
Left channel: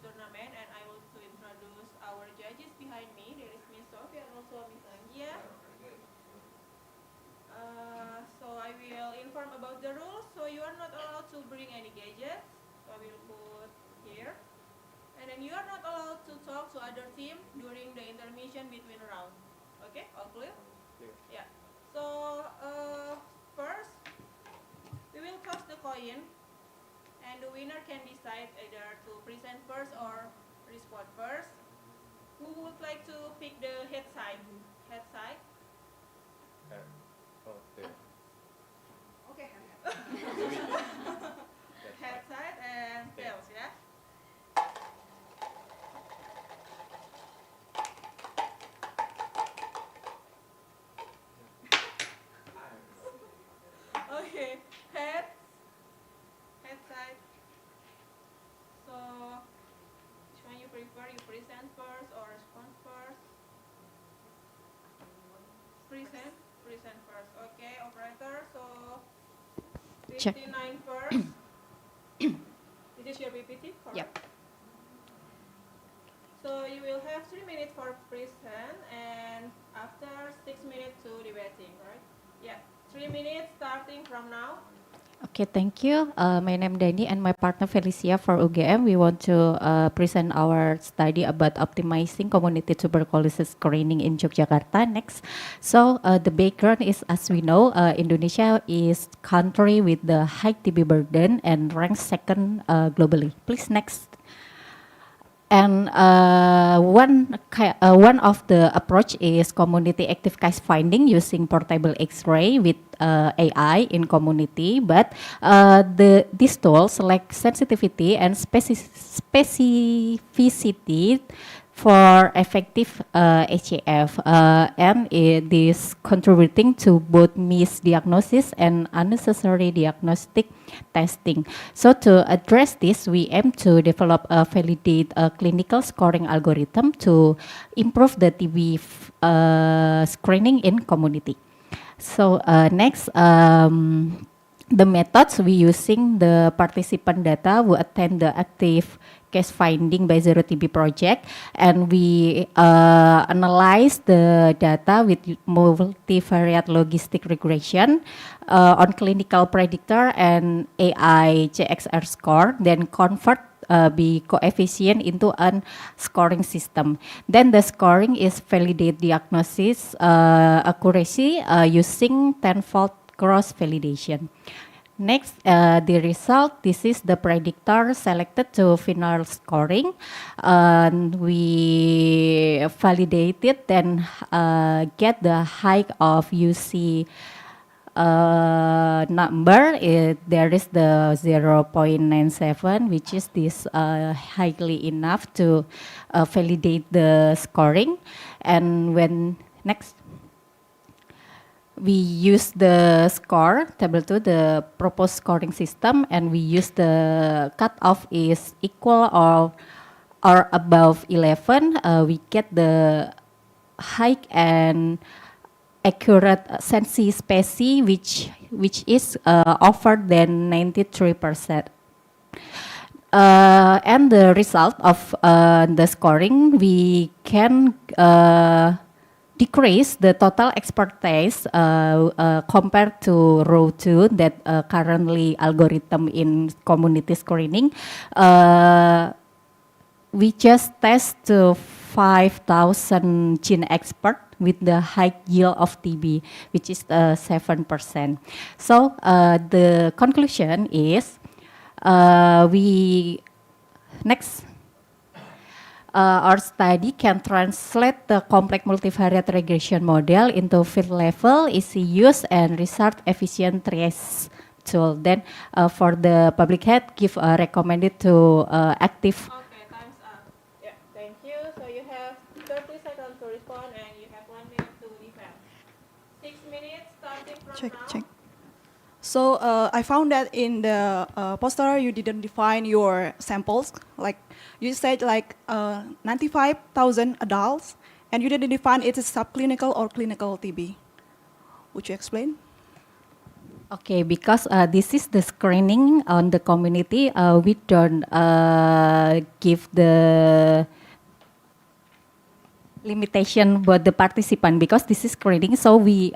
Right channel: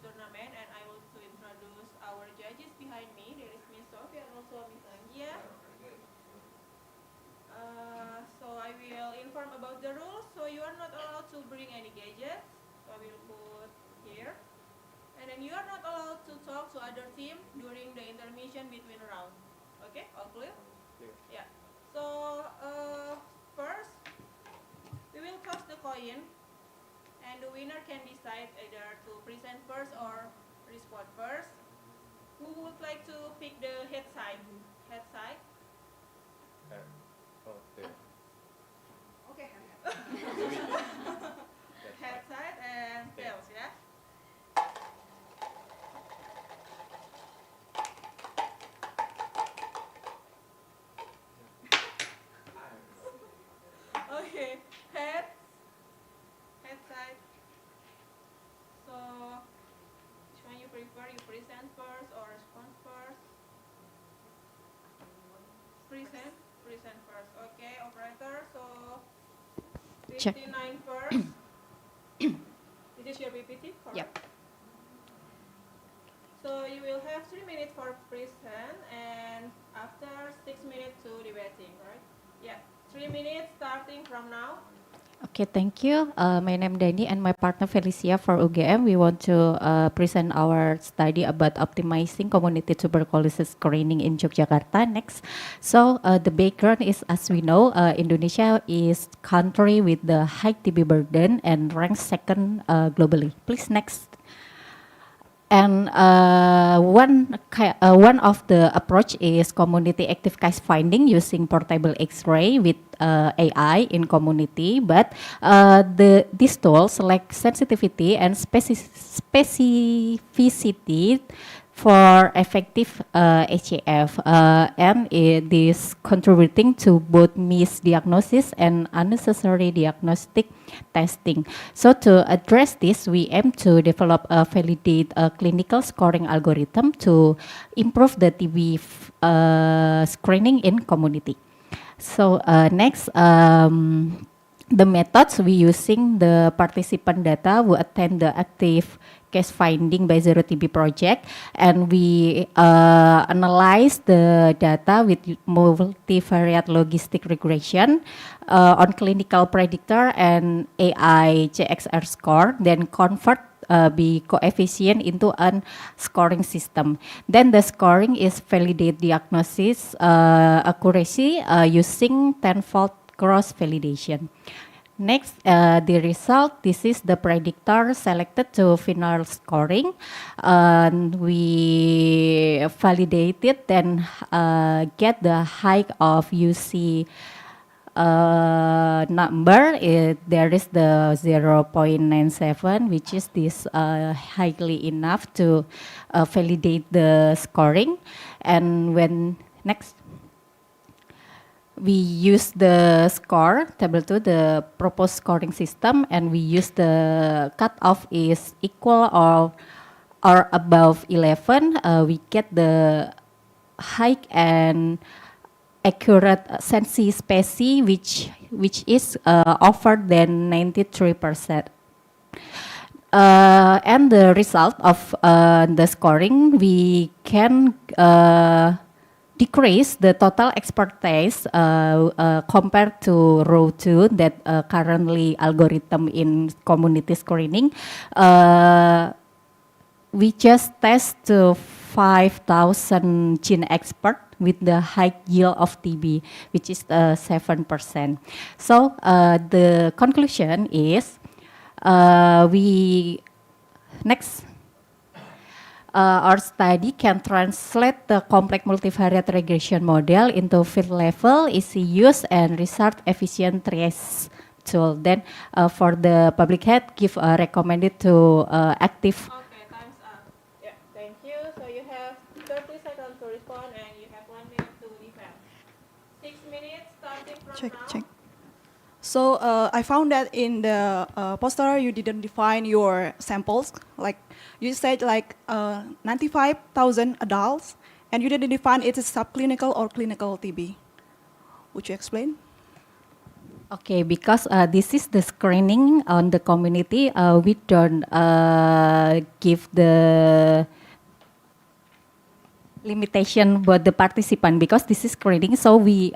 tournament, and I will to introduce our judges behind me. There is Miss Sophie and also Miss Anggia. So I will inform about the rules. So you are not allowed to bring any gadgets. So I will put here. And then you are not allowed to talk to other team during the intermission between rounds. Okay, all clear? Yeah. So first, we will toss the coin, and the winner can decide either to present first or respond first. Who would like to pick the head side? Head side. Okay. Head side and tails, yeah. Okay, head side. So, which one you prefer? You present first or respond first? Present first. Okay, operator. So, Check. 59 first. This is your PPT, correct? Yep. So you will have 3 minutes for present and after 6 minutes to debating, right? Yeah, 3 minutes starting from now. Okay, thank you. My name is Dani and my partner Felicia for UGM. We want to present our study about optimizing community tuberculosis screening in Yogyakarta next. So the background is, as we know, Indonesia is country with the high TB burden and ranks second globally. Please next. And one of the approach is community active case finding using portable X-ray with AI in community. But these tools like sensitivity and specificity for effective HAF, and it is contributing to both misdiagnosis and unnecessary diagnostic testing. So to address this, we aim to develop a validate clinical scoring algorithm to improve the TB screening in community. So next, the methods we using the participant data who attend the active case finding by Zero TB project, and we analyze the data with multivariate logistic regression on clinical predictor and AI CXR score, then convert the coefficient into a scoring system. Then the scoring is validate diagnosis accuracy using tenfold cross validation. Next, the result, this is the predictor selected to final scoring. We validate it, then get the height of UC number. There is the 0.97, which is this highly enough to validate the scoring. And when next, we use the score table 2, the proposed scoring system, and we use the cutoff is equal or above 11. We get the high and accurate sensi specie, which is offered than 93%. And the result of the scoring, we can decrease the total expertise compared to row 2 that currently algorithm in community screening. We just test to 5,000 gene expert with the high yield of TB, which is 7%. So the conclusion is our study can translate the complex multivariate regression model into field level, easy use, and research efficient trace tool. Then for the public health, give recommended to active. Okay, time's up. Yeah, thank you. So you have 30 seconds to respond and you have 1 minute to defend. 6 minutes starting from now. Check. So I found that in the poster you didn't define your samples. Like you said, like 95,000 adults, and you didn't define it as subclinical or clinical TB. Would you explain? Okay, because this is the screening on the community, we don't give the limitation about the participant because this is screening. So we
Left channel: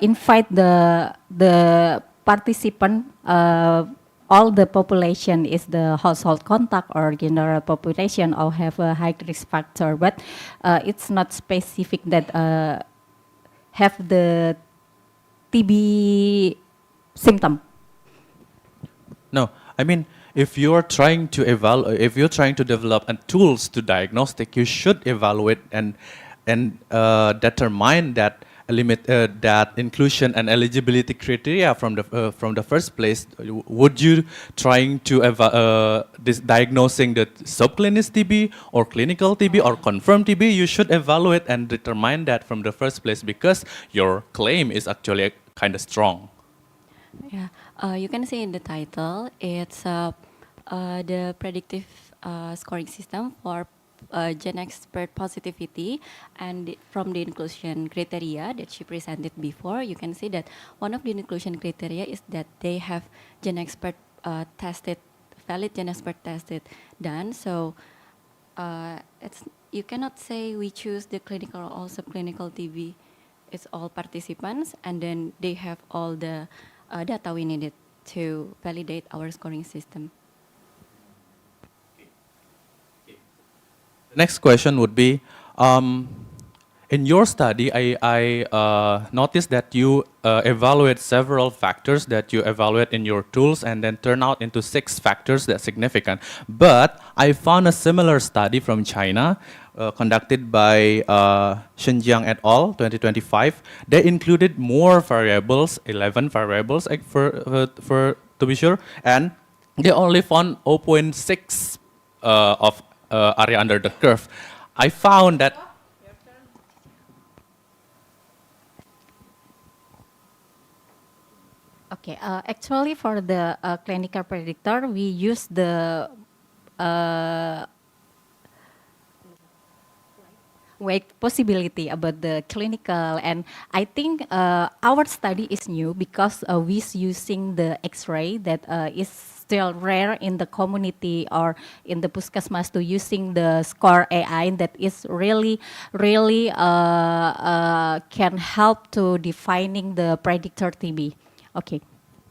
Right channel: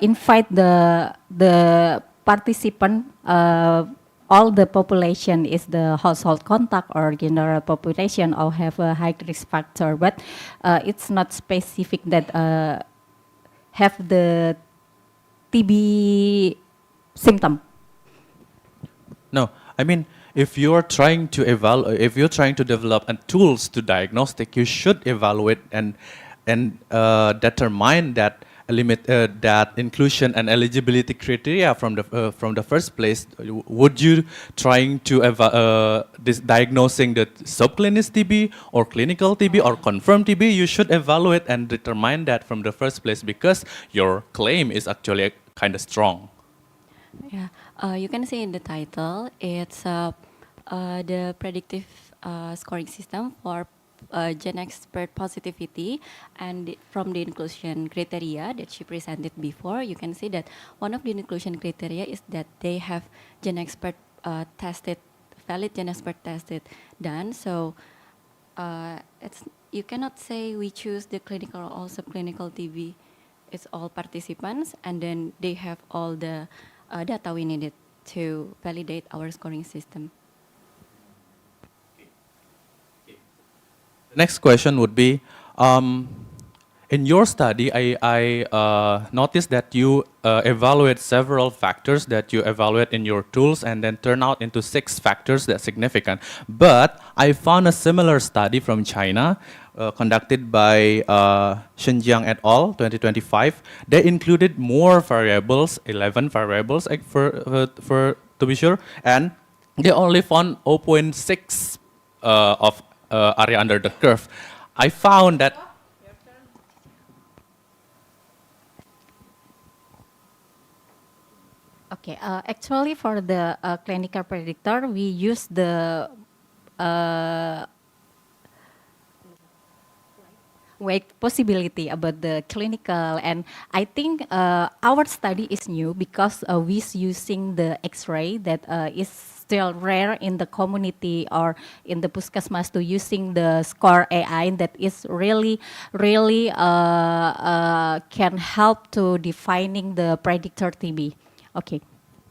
invite the participant. All the population is the household contact or general population or have a high risk factor, but it's not specific that have the TB symptom. No, I mean, if you're trying to if you're trying to develop tools to diagnostic, you should evaluate and determine that that inclusion and eligibility criteria from the first place. Would you trying to diagnosing the subclinical TB or clinical TB or confirmed TB? You should evaluate and determine that from the first place because your claim is actually kind of strong. Yeah, you can see in the title, it's the predictive scoring system for gen expert positivity, and from the inclusion criteria that she presented before, you can see that one of the inclusion criteria is that they have gen expert tested, valid gen expert tested done. So it's, you cannot say we choose the clinical or subclinical TB. It's all participants, and then they have all the data we needed to validate our scoring system. The next question would be, in your study, I noticed that you evaluate several factors that you evaluate in your tools and then turn out into 6 factors that's significant. But I found a similar study from China conducted by Xinjiang et al. 2025. They included more variables, 11 variables to be sure, and they only found 0.6 of area under the curve. I found that Okay, actually for the clinical predictor, we use the weight possibility about the clinical, and I think our study is new because we're using the X-ray that is still rare in the community or in the puskesmas, to using the score AI that is really can help to defining the predictor TB. Okay.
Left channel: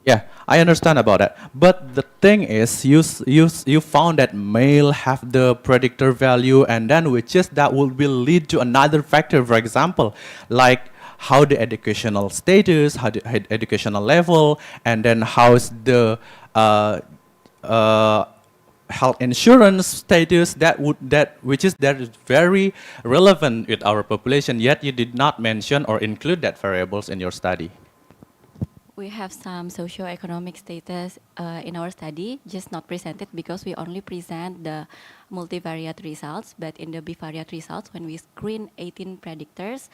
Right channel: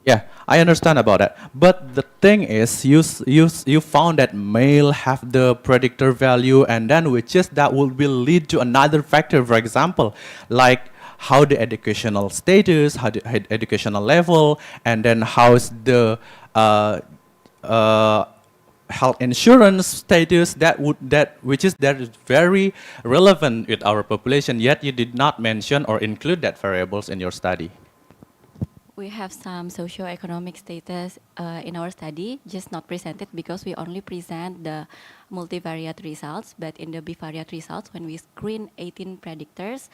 yeah, I understand about that. But the thing is, you found that male have the predictor value, and then which is that will lead to another factor, for example, like how the educational status, how the educational level, and then how's the health insurance status which is very relevant with our population. Yet you did not mention or include that variables in your study. We have some socioeconomic status in our study, just not presented because we only present the multivariate results. But in the bivariate results, when we screen 18 predictors,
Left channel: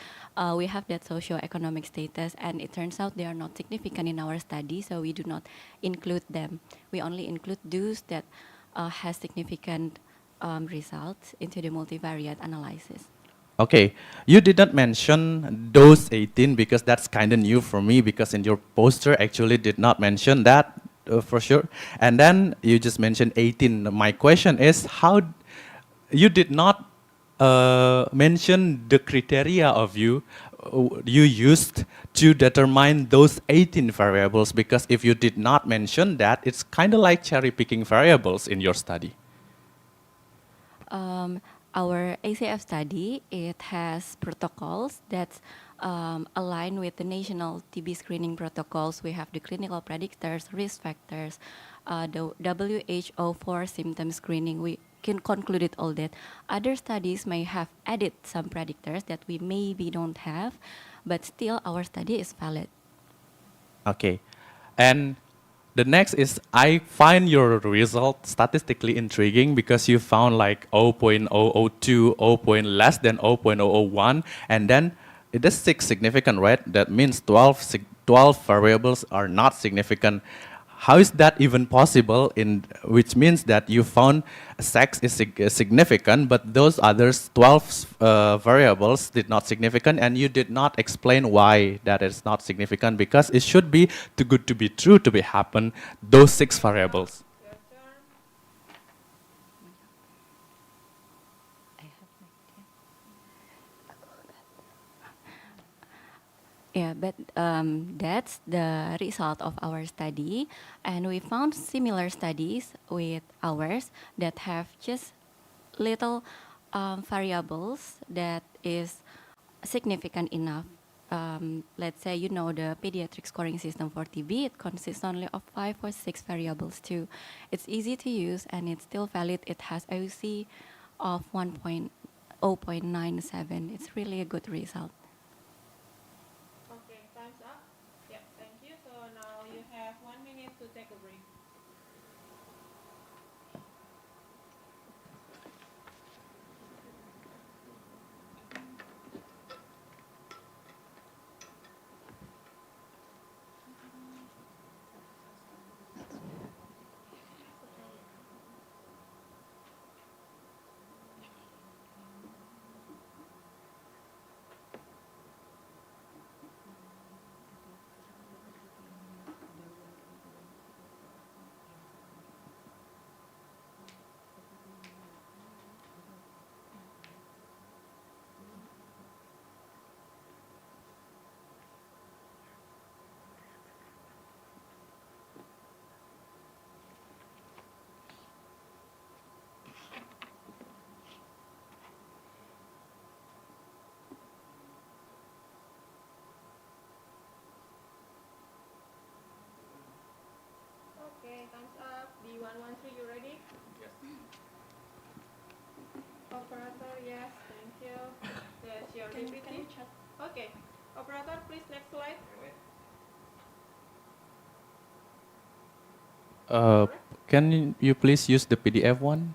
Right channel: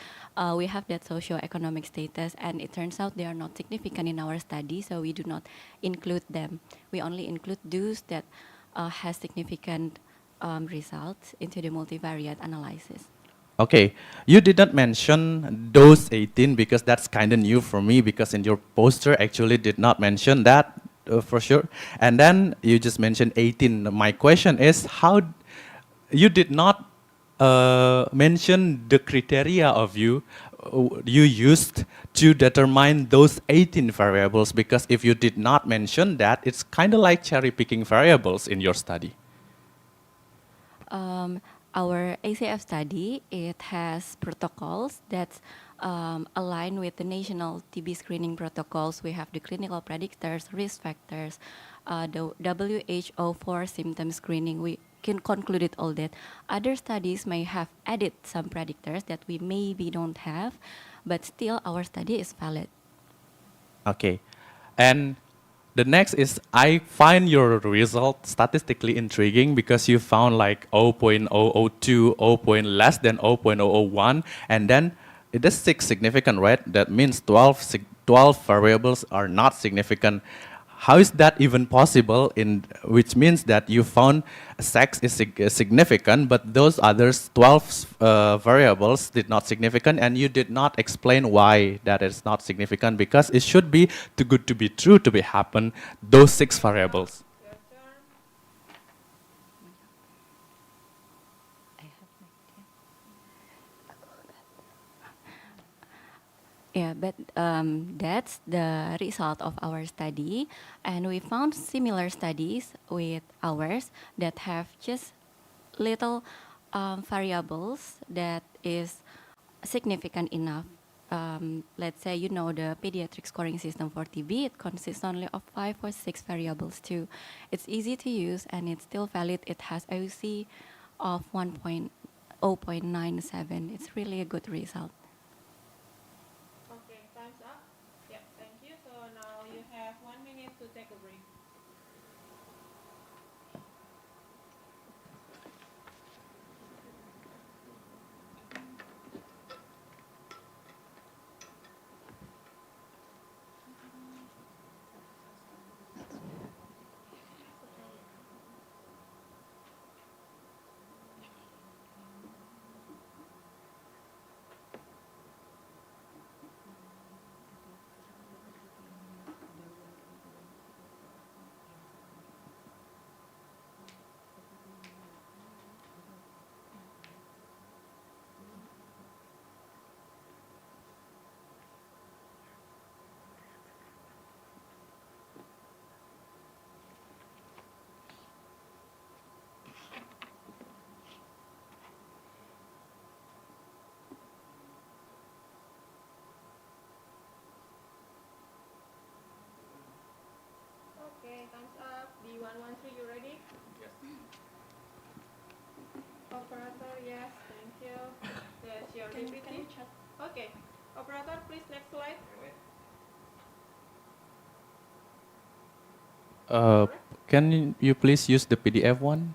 we have that socioeconomic status, and it turns out they are not significant in our study, so we do not include them. We only include those that has significant results into the multivariate analysis. Okay, you did not mention those 18 because that's kind of new for me, because in your poster actually did not mention that for sure. And then you just mentioned 18. My question is, how you did not mention the criteria of you used to determine those 18 variables, because if you did not mention that, it's kind of like cherry picking variables in your study. Our ACF study, it has protocols that align with the national TB screening protocols. We have the clinical predictors, risk factors, the WHO for symptom screening. We can conclude all that. Other studies may have added some predictors that we maybe don't have, but still our study is valid. Okay, and the next is, I find your result statistically intriguing because you found like 0.002, 0. Less than 0.001, and then it is 6 significant, right? That means 12 variables are not significant. how is that even possible? Which means that you found sex is significant, but those others 12 variables did not significant, and you did not explain why that is not significant, because it should be too good to be true to be happen. Those 6 variables. Yeah, but that's the result of our study, and we found similar studies with ours that have just little variables that is significant enough. Let's say you know the pediatric scoring system for TB, it consists only of 5 or 6 variables too. It's easy to use and it's still valid. It has AUC of 1.0.97. It's really a good result. Okay, time's up. Yeah, thank you. So now you have 1 minute to take a break. Okay, time's up. D113, you ready? Yes. Operator, yes, thank you. That's your DPT. Okay, operator, please next slide. Can you please use the PDF one?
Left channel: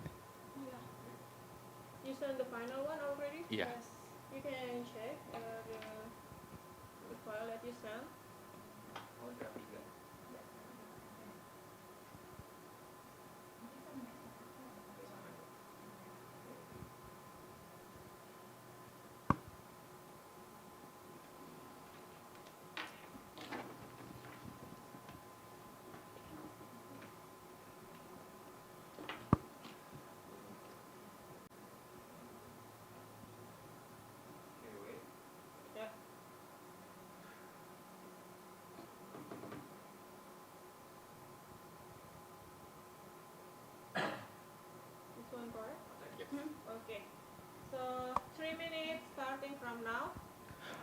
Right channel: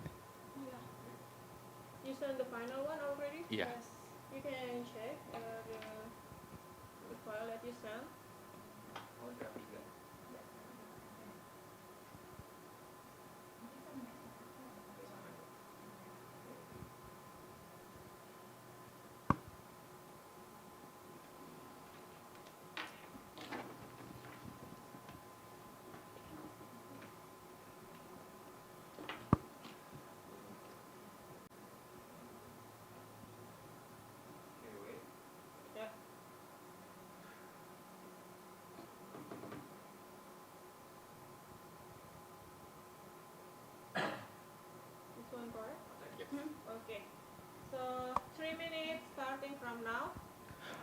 You sent the final one already? Yeah. Yes. You can check the file that you sent. Yeah. This one correct? Yes. Okay. So 3 minutes starting from now.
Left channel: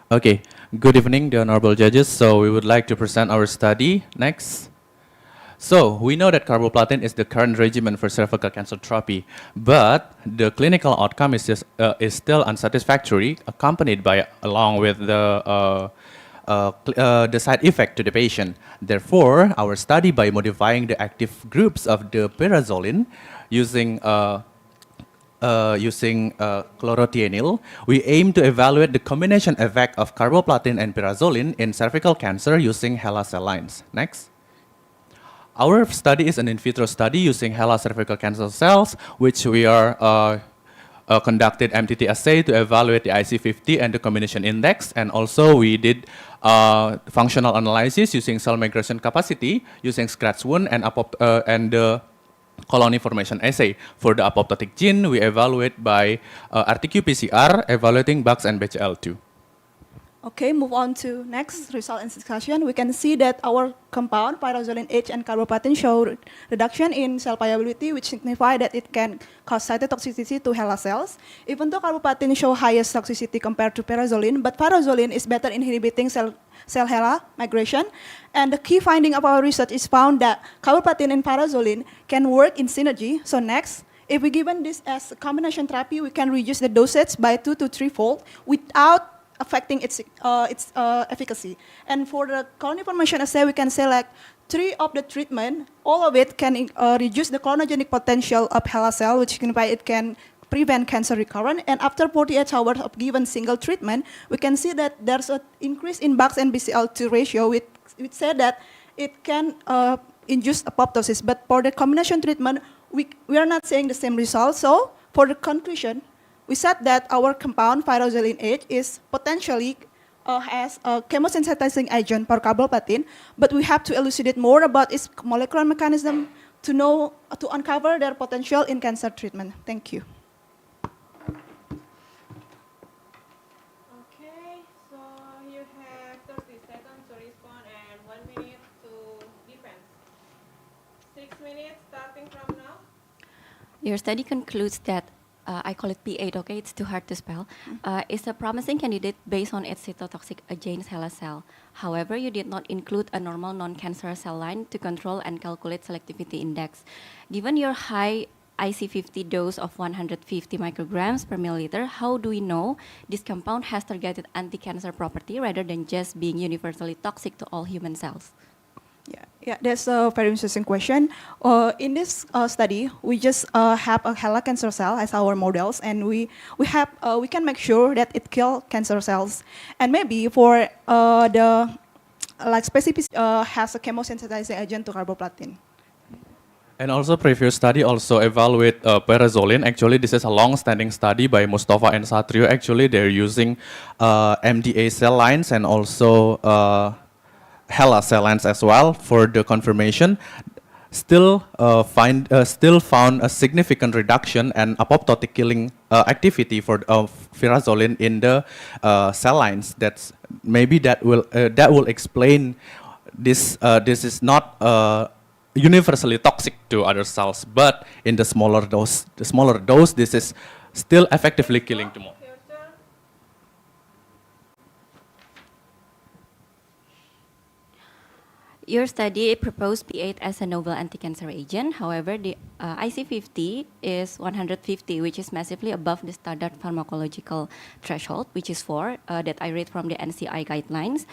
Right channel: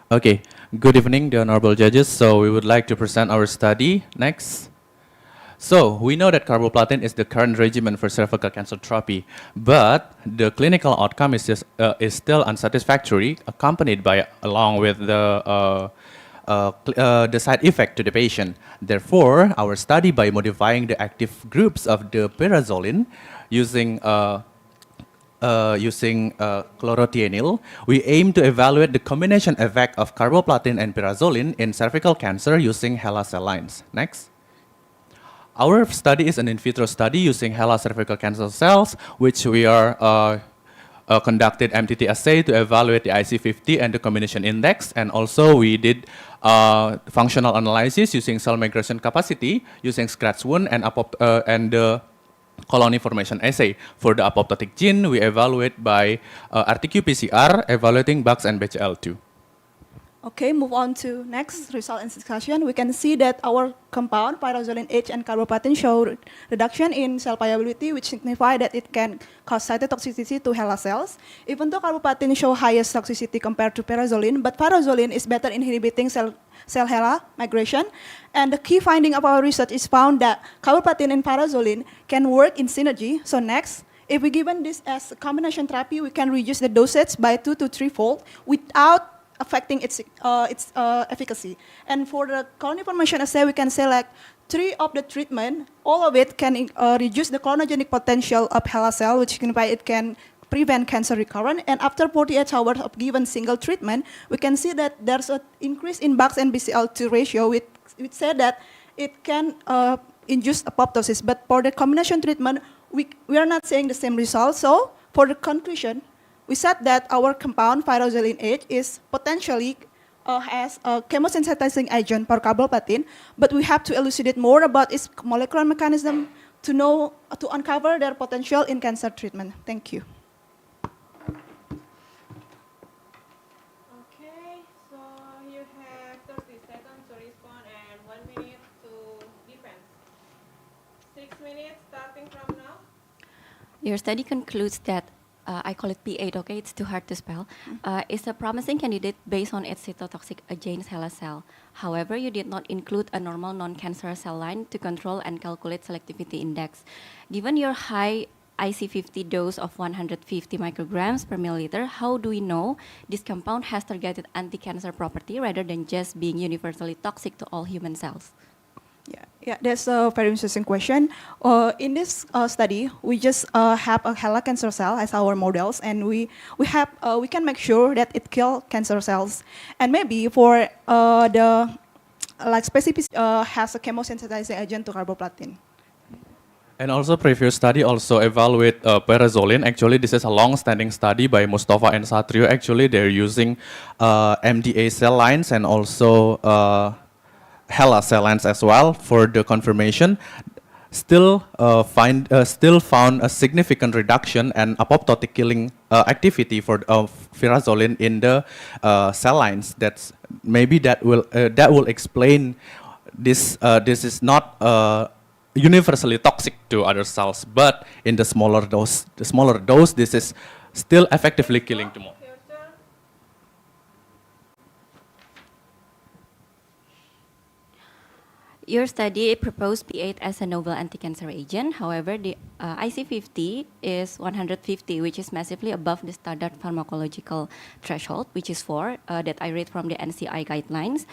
Okay, good evening, the honorable judges. So we would like to present our study next. So we know that carboplatin is the current regimen for cervical cancer therapy, but the clinical outcome is still unsatisfactory, accompanied by along with the side effect to the patient. Therefore, our study by modifying the active groups of the pyrazolin using chlorothianil, we aim to evaluate the combination effect of carboplatin and pyrazolin in cervical cancer using HeLa cell lines. Next. Our study is an in vitro study using HeLa cervical cancer cells, which we are conducted MTT assay to evaluate the IC50 and the combination index, and also we did functional analysis using cell migration capacity, using scratch wound and the colony formation assay. For the apoptotic gene, we evaluate by RT-qPCR, evaluating BAX and BCL2. Okay, move on to next result and discussion. We can see that our compound, pyrazolin H and carboplatin, show reduction in cell viability, which signify that it can cause cytotoxicity to HeLa cells. Even though carboplatin show highest toxicity compared to pyrazolin, but pyrazolin is better inhibiting cell HeLa migration. And the key finding of our research is found that carboplatin and pyrazolin can work in synergy. So next, if we given this as a combination therapy, we can reduce the dosage by 2 to 3-fold without affecting its efficacy. And for the colony formation assay, we can select 3 of the treatment. All of it can reduce the clonogenic potential of HeLa cell, which signifies it can prevent cancer recurrence. And after 48 hours of given single treatment, we can see that there's an increase in BAX and BCL2 ratio, which said that it can induce apoptosis. But for the combination treatment, we are not seeing the same results. So for the conclusion, we said that our compound pyrazoline H is potentially has a chemosensitizing agent for carboplatin, but we have to elucidate more about its molecular mechanism to know, to uncover their potential in cancer treatment. Thank you. Okay, so you have 30 seconds to respond and 1 minute to defense. 6 minutes starting from now. Your study concludes that I call it P8, okay, it's too hard to spell, is a promising candidate based on its cytotoxic against HeLa cell. However, you did not include a normal non-cancerous cell line to control and calculate selectivity index. Given your high IC50 dose of 150 micrograms per milliliter, how do we know this compound has targeted anti-cancer property rather than just being universally toxic to all human cells? Yeah, that's a very interesting question. In this study, we just have a HeLa cancer cell as our models, and we can make sure that it kills cancer cells. And maybe for the specific has a chemosensitizing agent to carboplatin. And also previous study also evaluate pyrazoline. Actually, this is a long-standing study by Mustafa and Satrio. Actually, they're using MDA cell lines and also HeLa cell lines as well for the confirmation. Still found a significant reduction and apoptotic killing activity for pyrazoline in the cell lines. That's maybe that will explain this. This is not universally toxic to other cells, but in the smaller dose, this is still effectively killing tumor. Your study proposed P8 as a novel anti-cancer agent. However, the IC50 is 150, which is massively above the standard pharmacological threshold, which is 4, that I read from the NCI guidelines.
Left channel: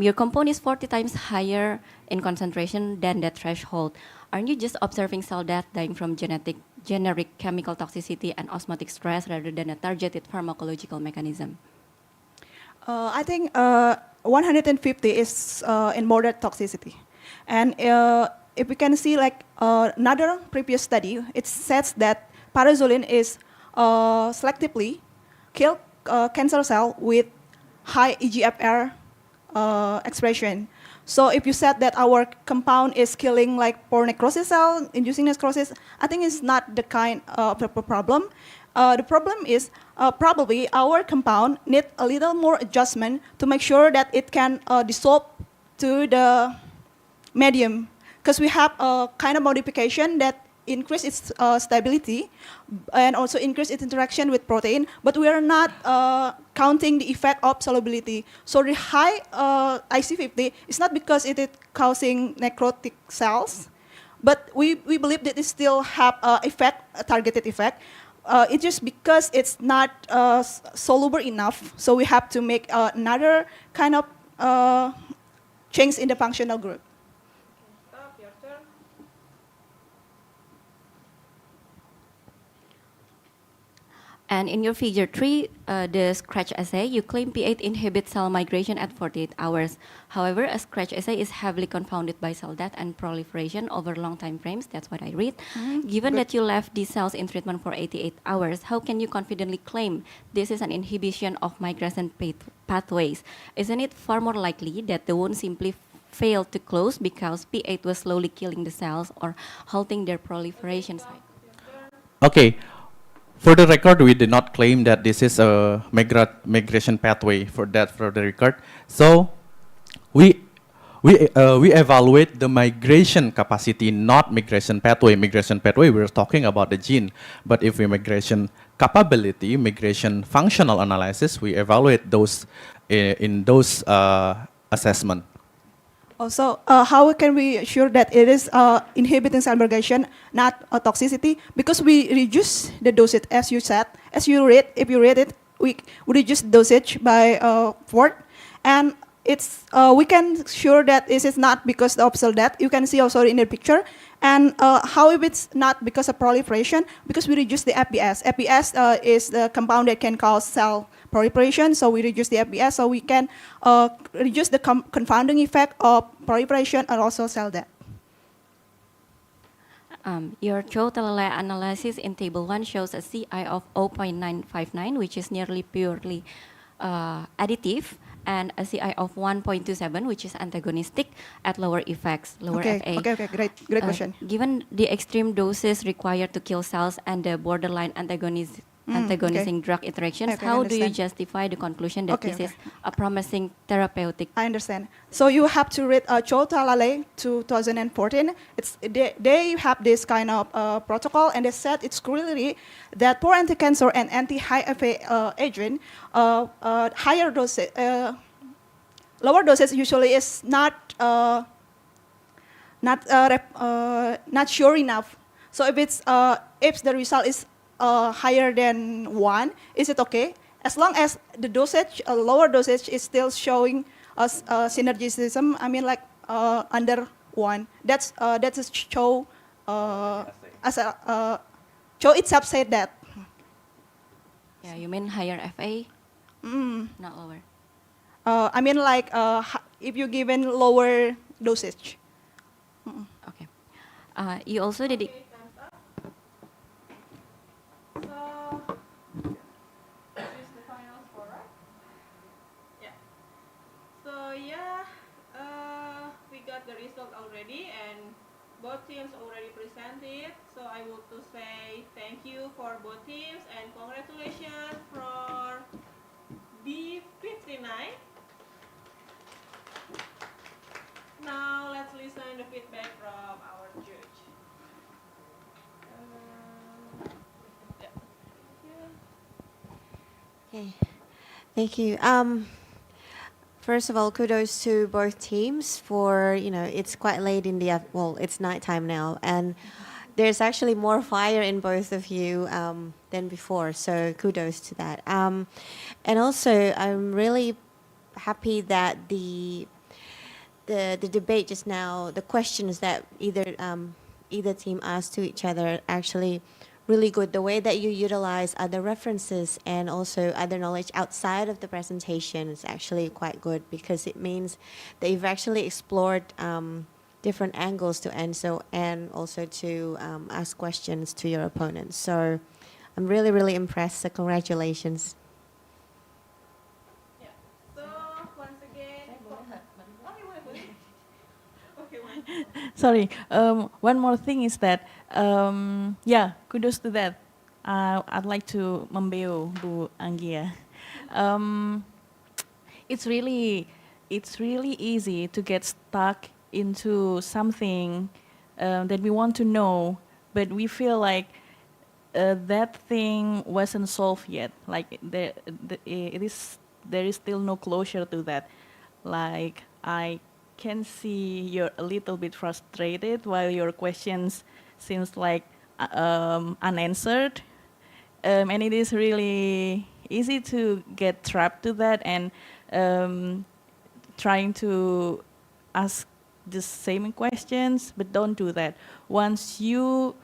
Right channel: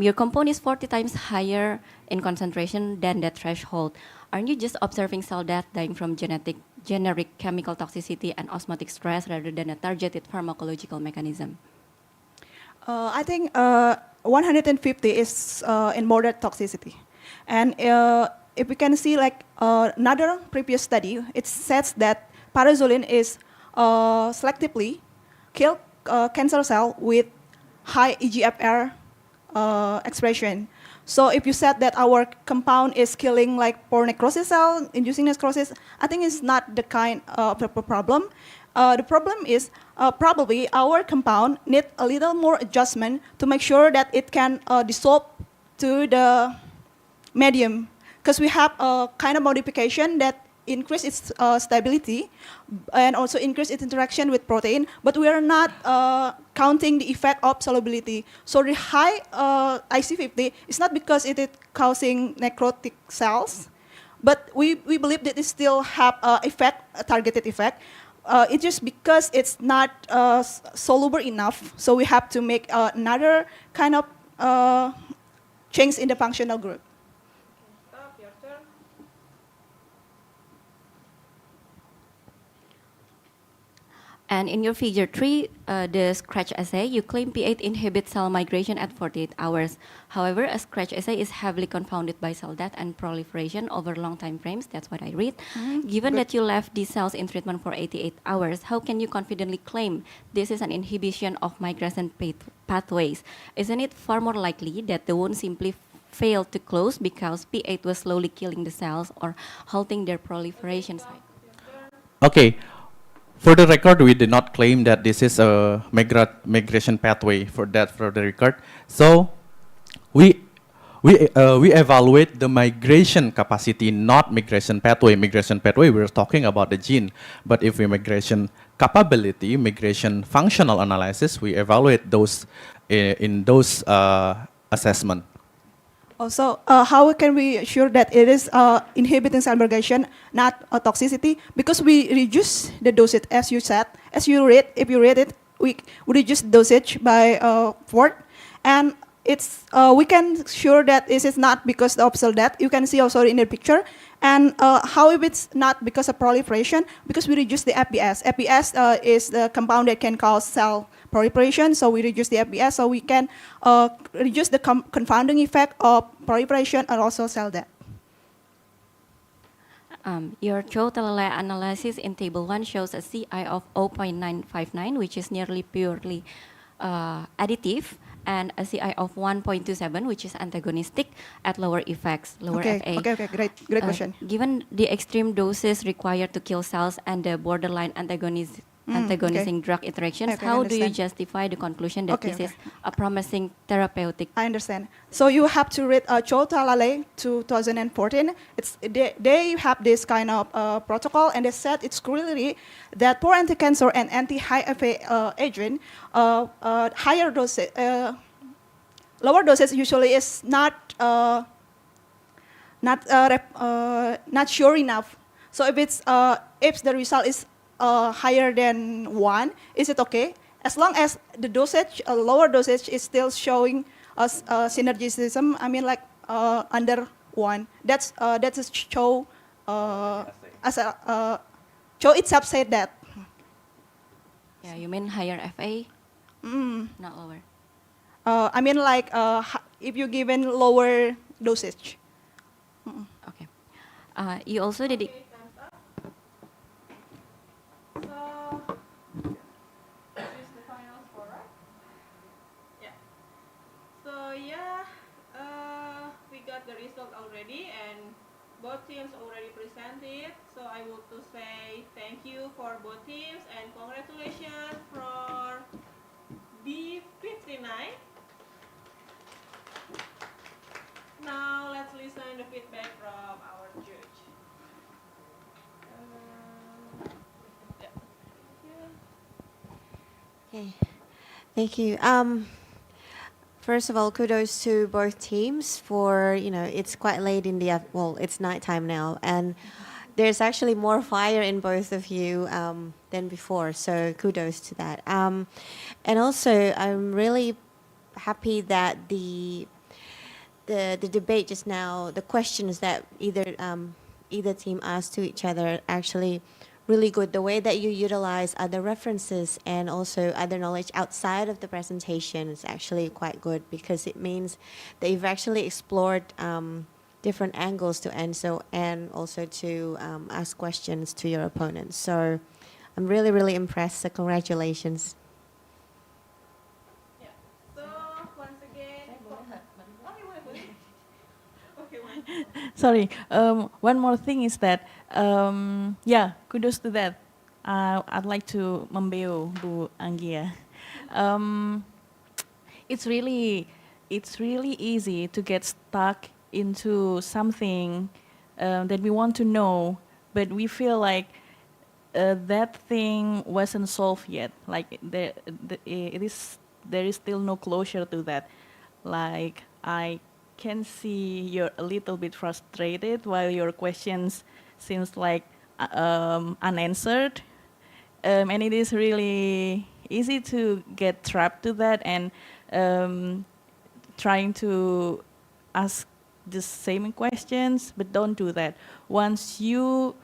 Your compound is 40 times higher in concentration than that threshold. Aren't you just observing cell death dying from generic chemical toxicity and osmotic stress rather than a targeted pharmacological mechanism? I think 150 is in moderate toxicity. And if we can see like another previous study, it says that pyrazoline is selectively kill cancer cell with high EGFR expression. So if you said that our compound is killing like poor necrosis cell, inducing necrosis, I think it's not the kind of a problem. The problem is probably our compound need a little more adjustment to make sure that it can dissolve to the medium, because we have a kind of modification that increase its stability and also increase its interaction with protein, but we are not counting the effect of solubility. So the high IC50 is not because it is causing necrotic cells, but we believe that it still have a targeted effect. It's just because it's not soluble enough, so we have to make another kind of change in the functional group. Stop, your turn. And in your figure 3, the scratch assay, you claim P8 inhibits cell migration at 48 hours. However, a scratch assay is heavily confounded by cell death and proliferation over long time frames. That's what I read. Given that you left these cells in treatment for 88 hours, how can you confidently claim this is an inhibition of migration pathways? Isn't it far more likely that the wound simply failed to close because P8 was slowly killing the cells or halting their proliferation cycle? Okay. For the record, we did not claim that this is a migration pathway for the record. So we evaluate the migration capacity, not migration pathway. Migration pathway, we're talking about the gene. But if we migration capability, migration functional analysis, we evaluate those in those assessment. Also, how can we ensure that it is inhibiting cell migration, not toxicity? Because we reduce the dosage, as you said, if you read it, we reduce dosage by 4, and it's we can sure that this is not because of cell death. You can see also in the picture, And how if it's not because of proliferation? Because we reduce the FBS. FBS is the compound that can cause cell proliferation, so we reduce the FBS, so we can reduce the confounding effect of proliferation and also cell death. Your total analysis in table 1 shows a CI of 0.959, which is nearly purely additive, and a CI of 1.27, which is antagonistic at lower effects, lower FA. Okay, great question. Given the extreme doses required to kill cells and the borderline antagonizing drug interactions, Okay, how do you understand. justify the conclusion that this is a promising therapeutic? I understand. So you have to read Cho Talale 2014. They have this kind of protocol, and they said it's clearly that for anti-cancer and anti-high FA agent, higher doses, lower doses usually is not sure enough. So if the result is higher than 1, is it okay? As long as the dosage, lower dosage, is still showing us synergism. I mean, like under 1. That's a Cho Cho itself said that. Yeah, you mean higher FA, not lower. I mean, like if you given lower dosage. Okay. You also did. We got the result already, and both teams already presented. So I want to say thank you for both teams and congratulations for B59. Now let's listen the feedback from our judge. Okay, thank you. First of all, kudos to both teams for, it's quite late in the, well, it's nighttime now, and there's actually more fire in both of you than before, so kudos to that. And also, I'm really happy that the debate just now, the questions that either team asked to each other actually really good. The way that you utilize other references and also other knowledge outside of the presentation is actually quite good, because it means that you've actually explored different angles to answer and also to ask questions to your opponents. So I'm really, really impressed. So congratulations. Sorry, one more thing is that, yeah, kudos to that. I'd like to membeo Bu Anggia. It's really easy to get stuck into something that we want to know, but we feel like that thing wasn't solved yet. Like there is still no closure to that. Like I can see you're a little bit frustrated while your questions seems like unanswered, and it is really easy to get trapped to that and trying to ask the same questions, but don't do that. Once you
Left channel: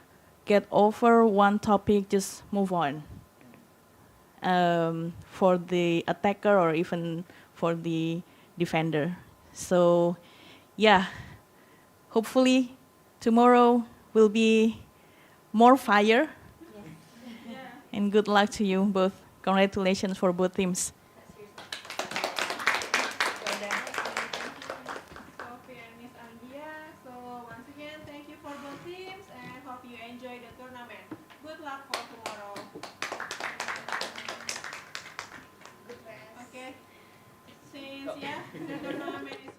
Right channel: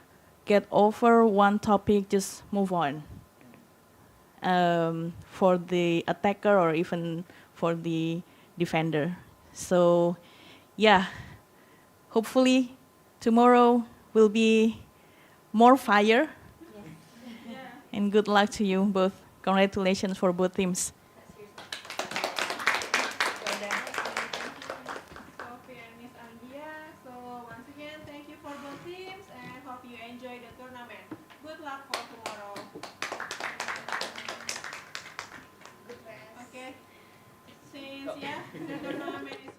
get over one topic, just move on. For the attacker or even for the defender. So yeah, hopefully tomorrow will be more fire. And good luck to you both. Congratulations for both teams. Sophie and Miss Anggia. So once again, thank you for both teams and hope you enjoy the tournament. Good luck for tomorrow. Okay, since the tournament is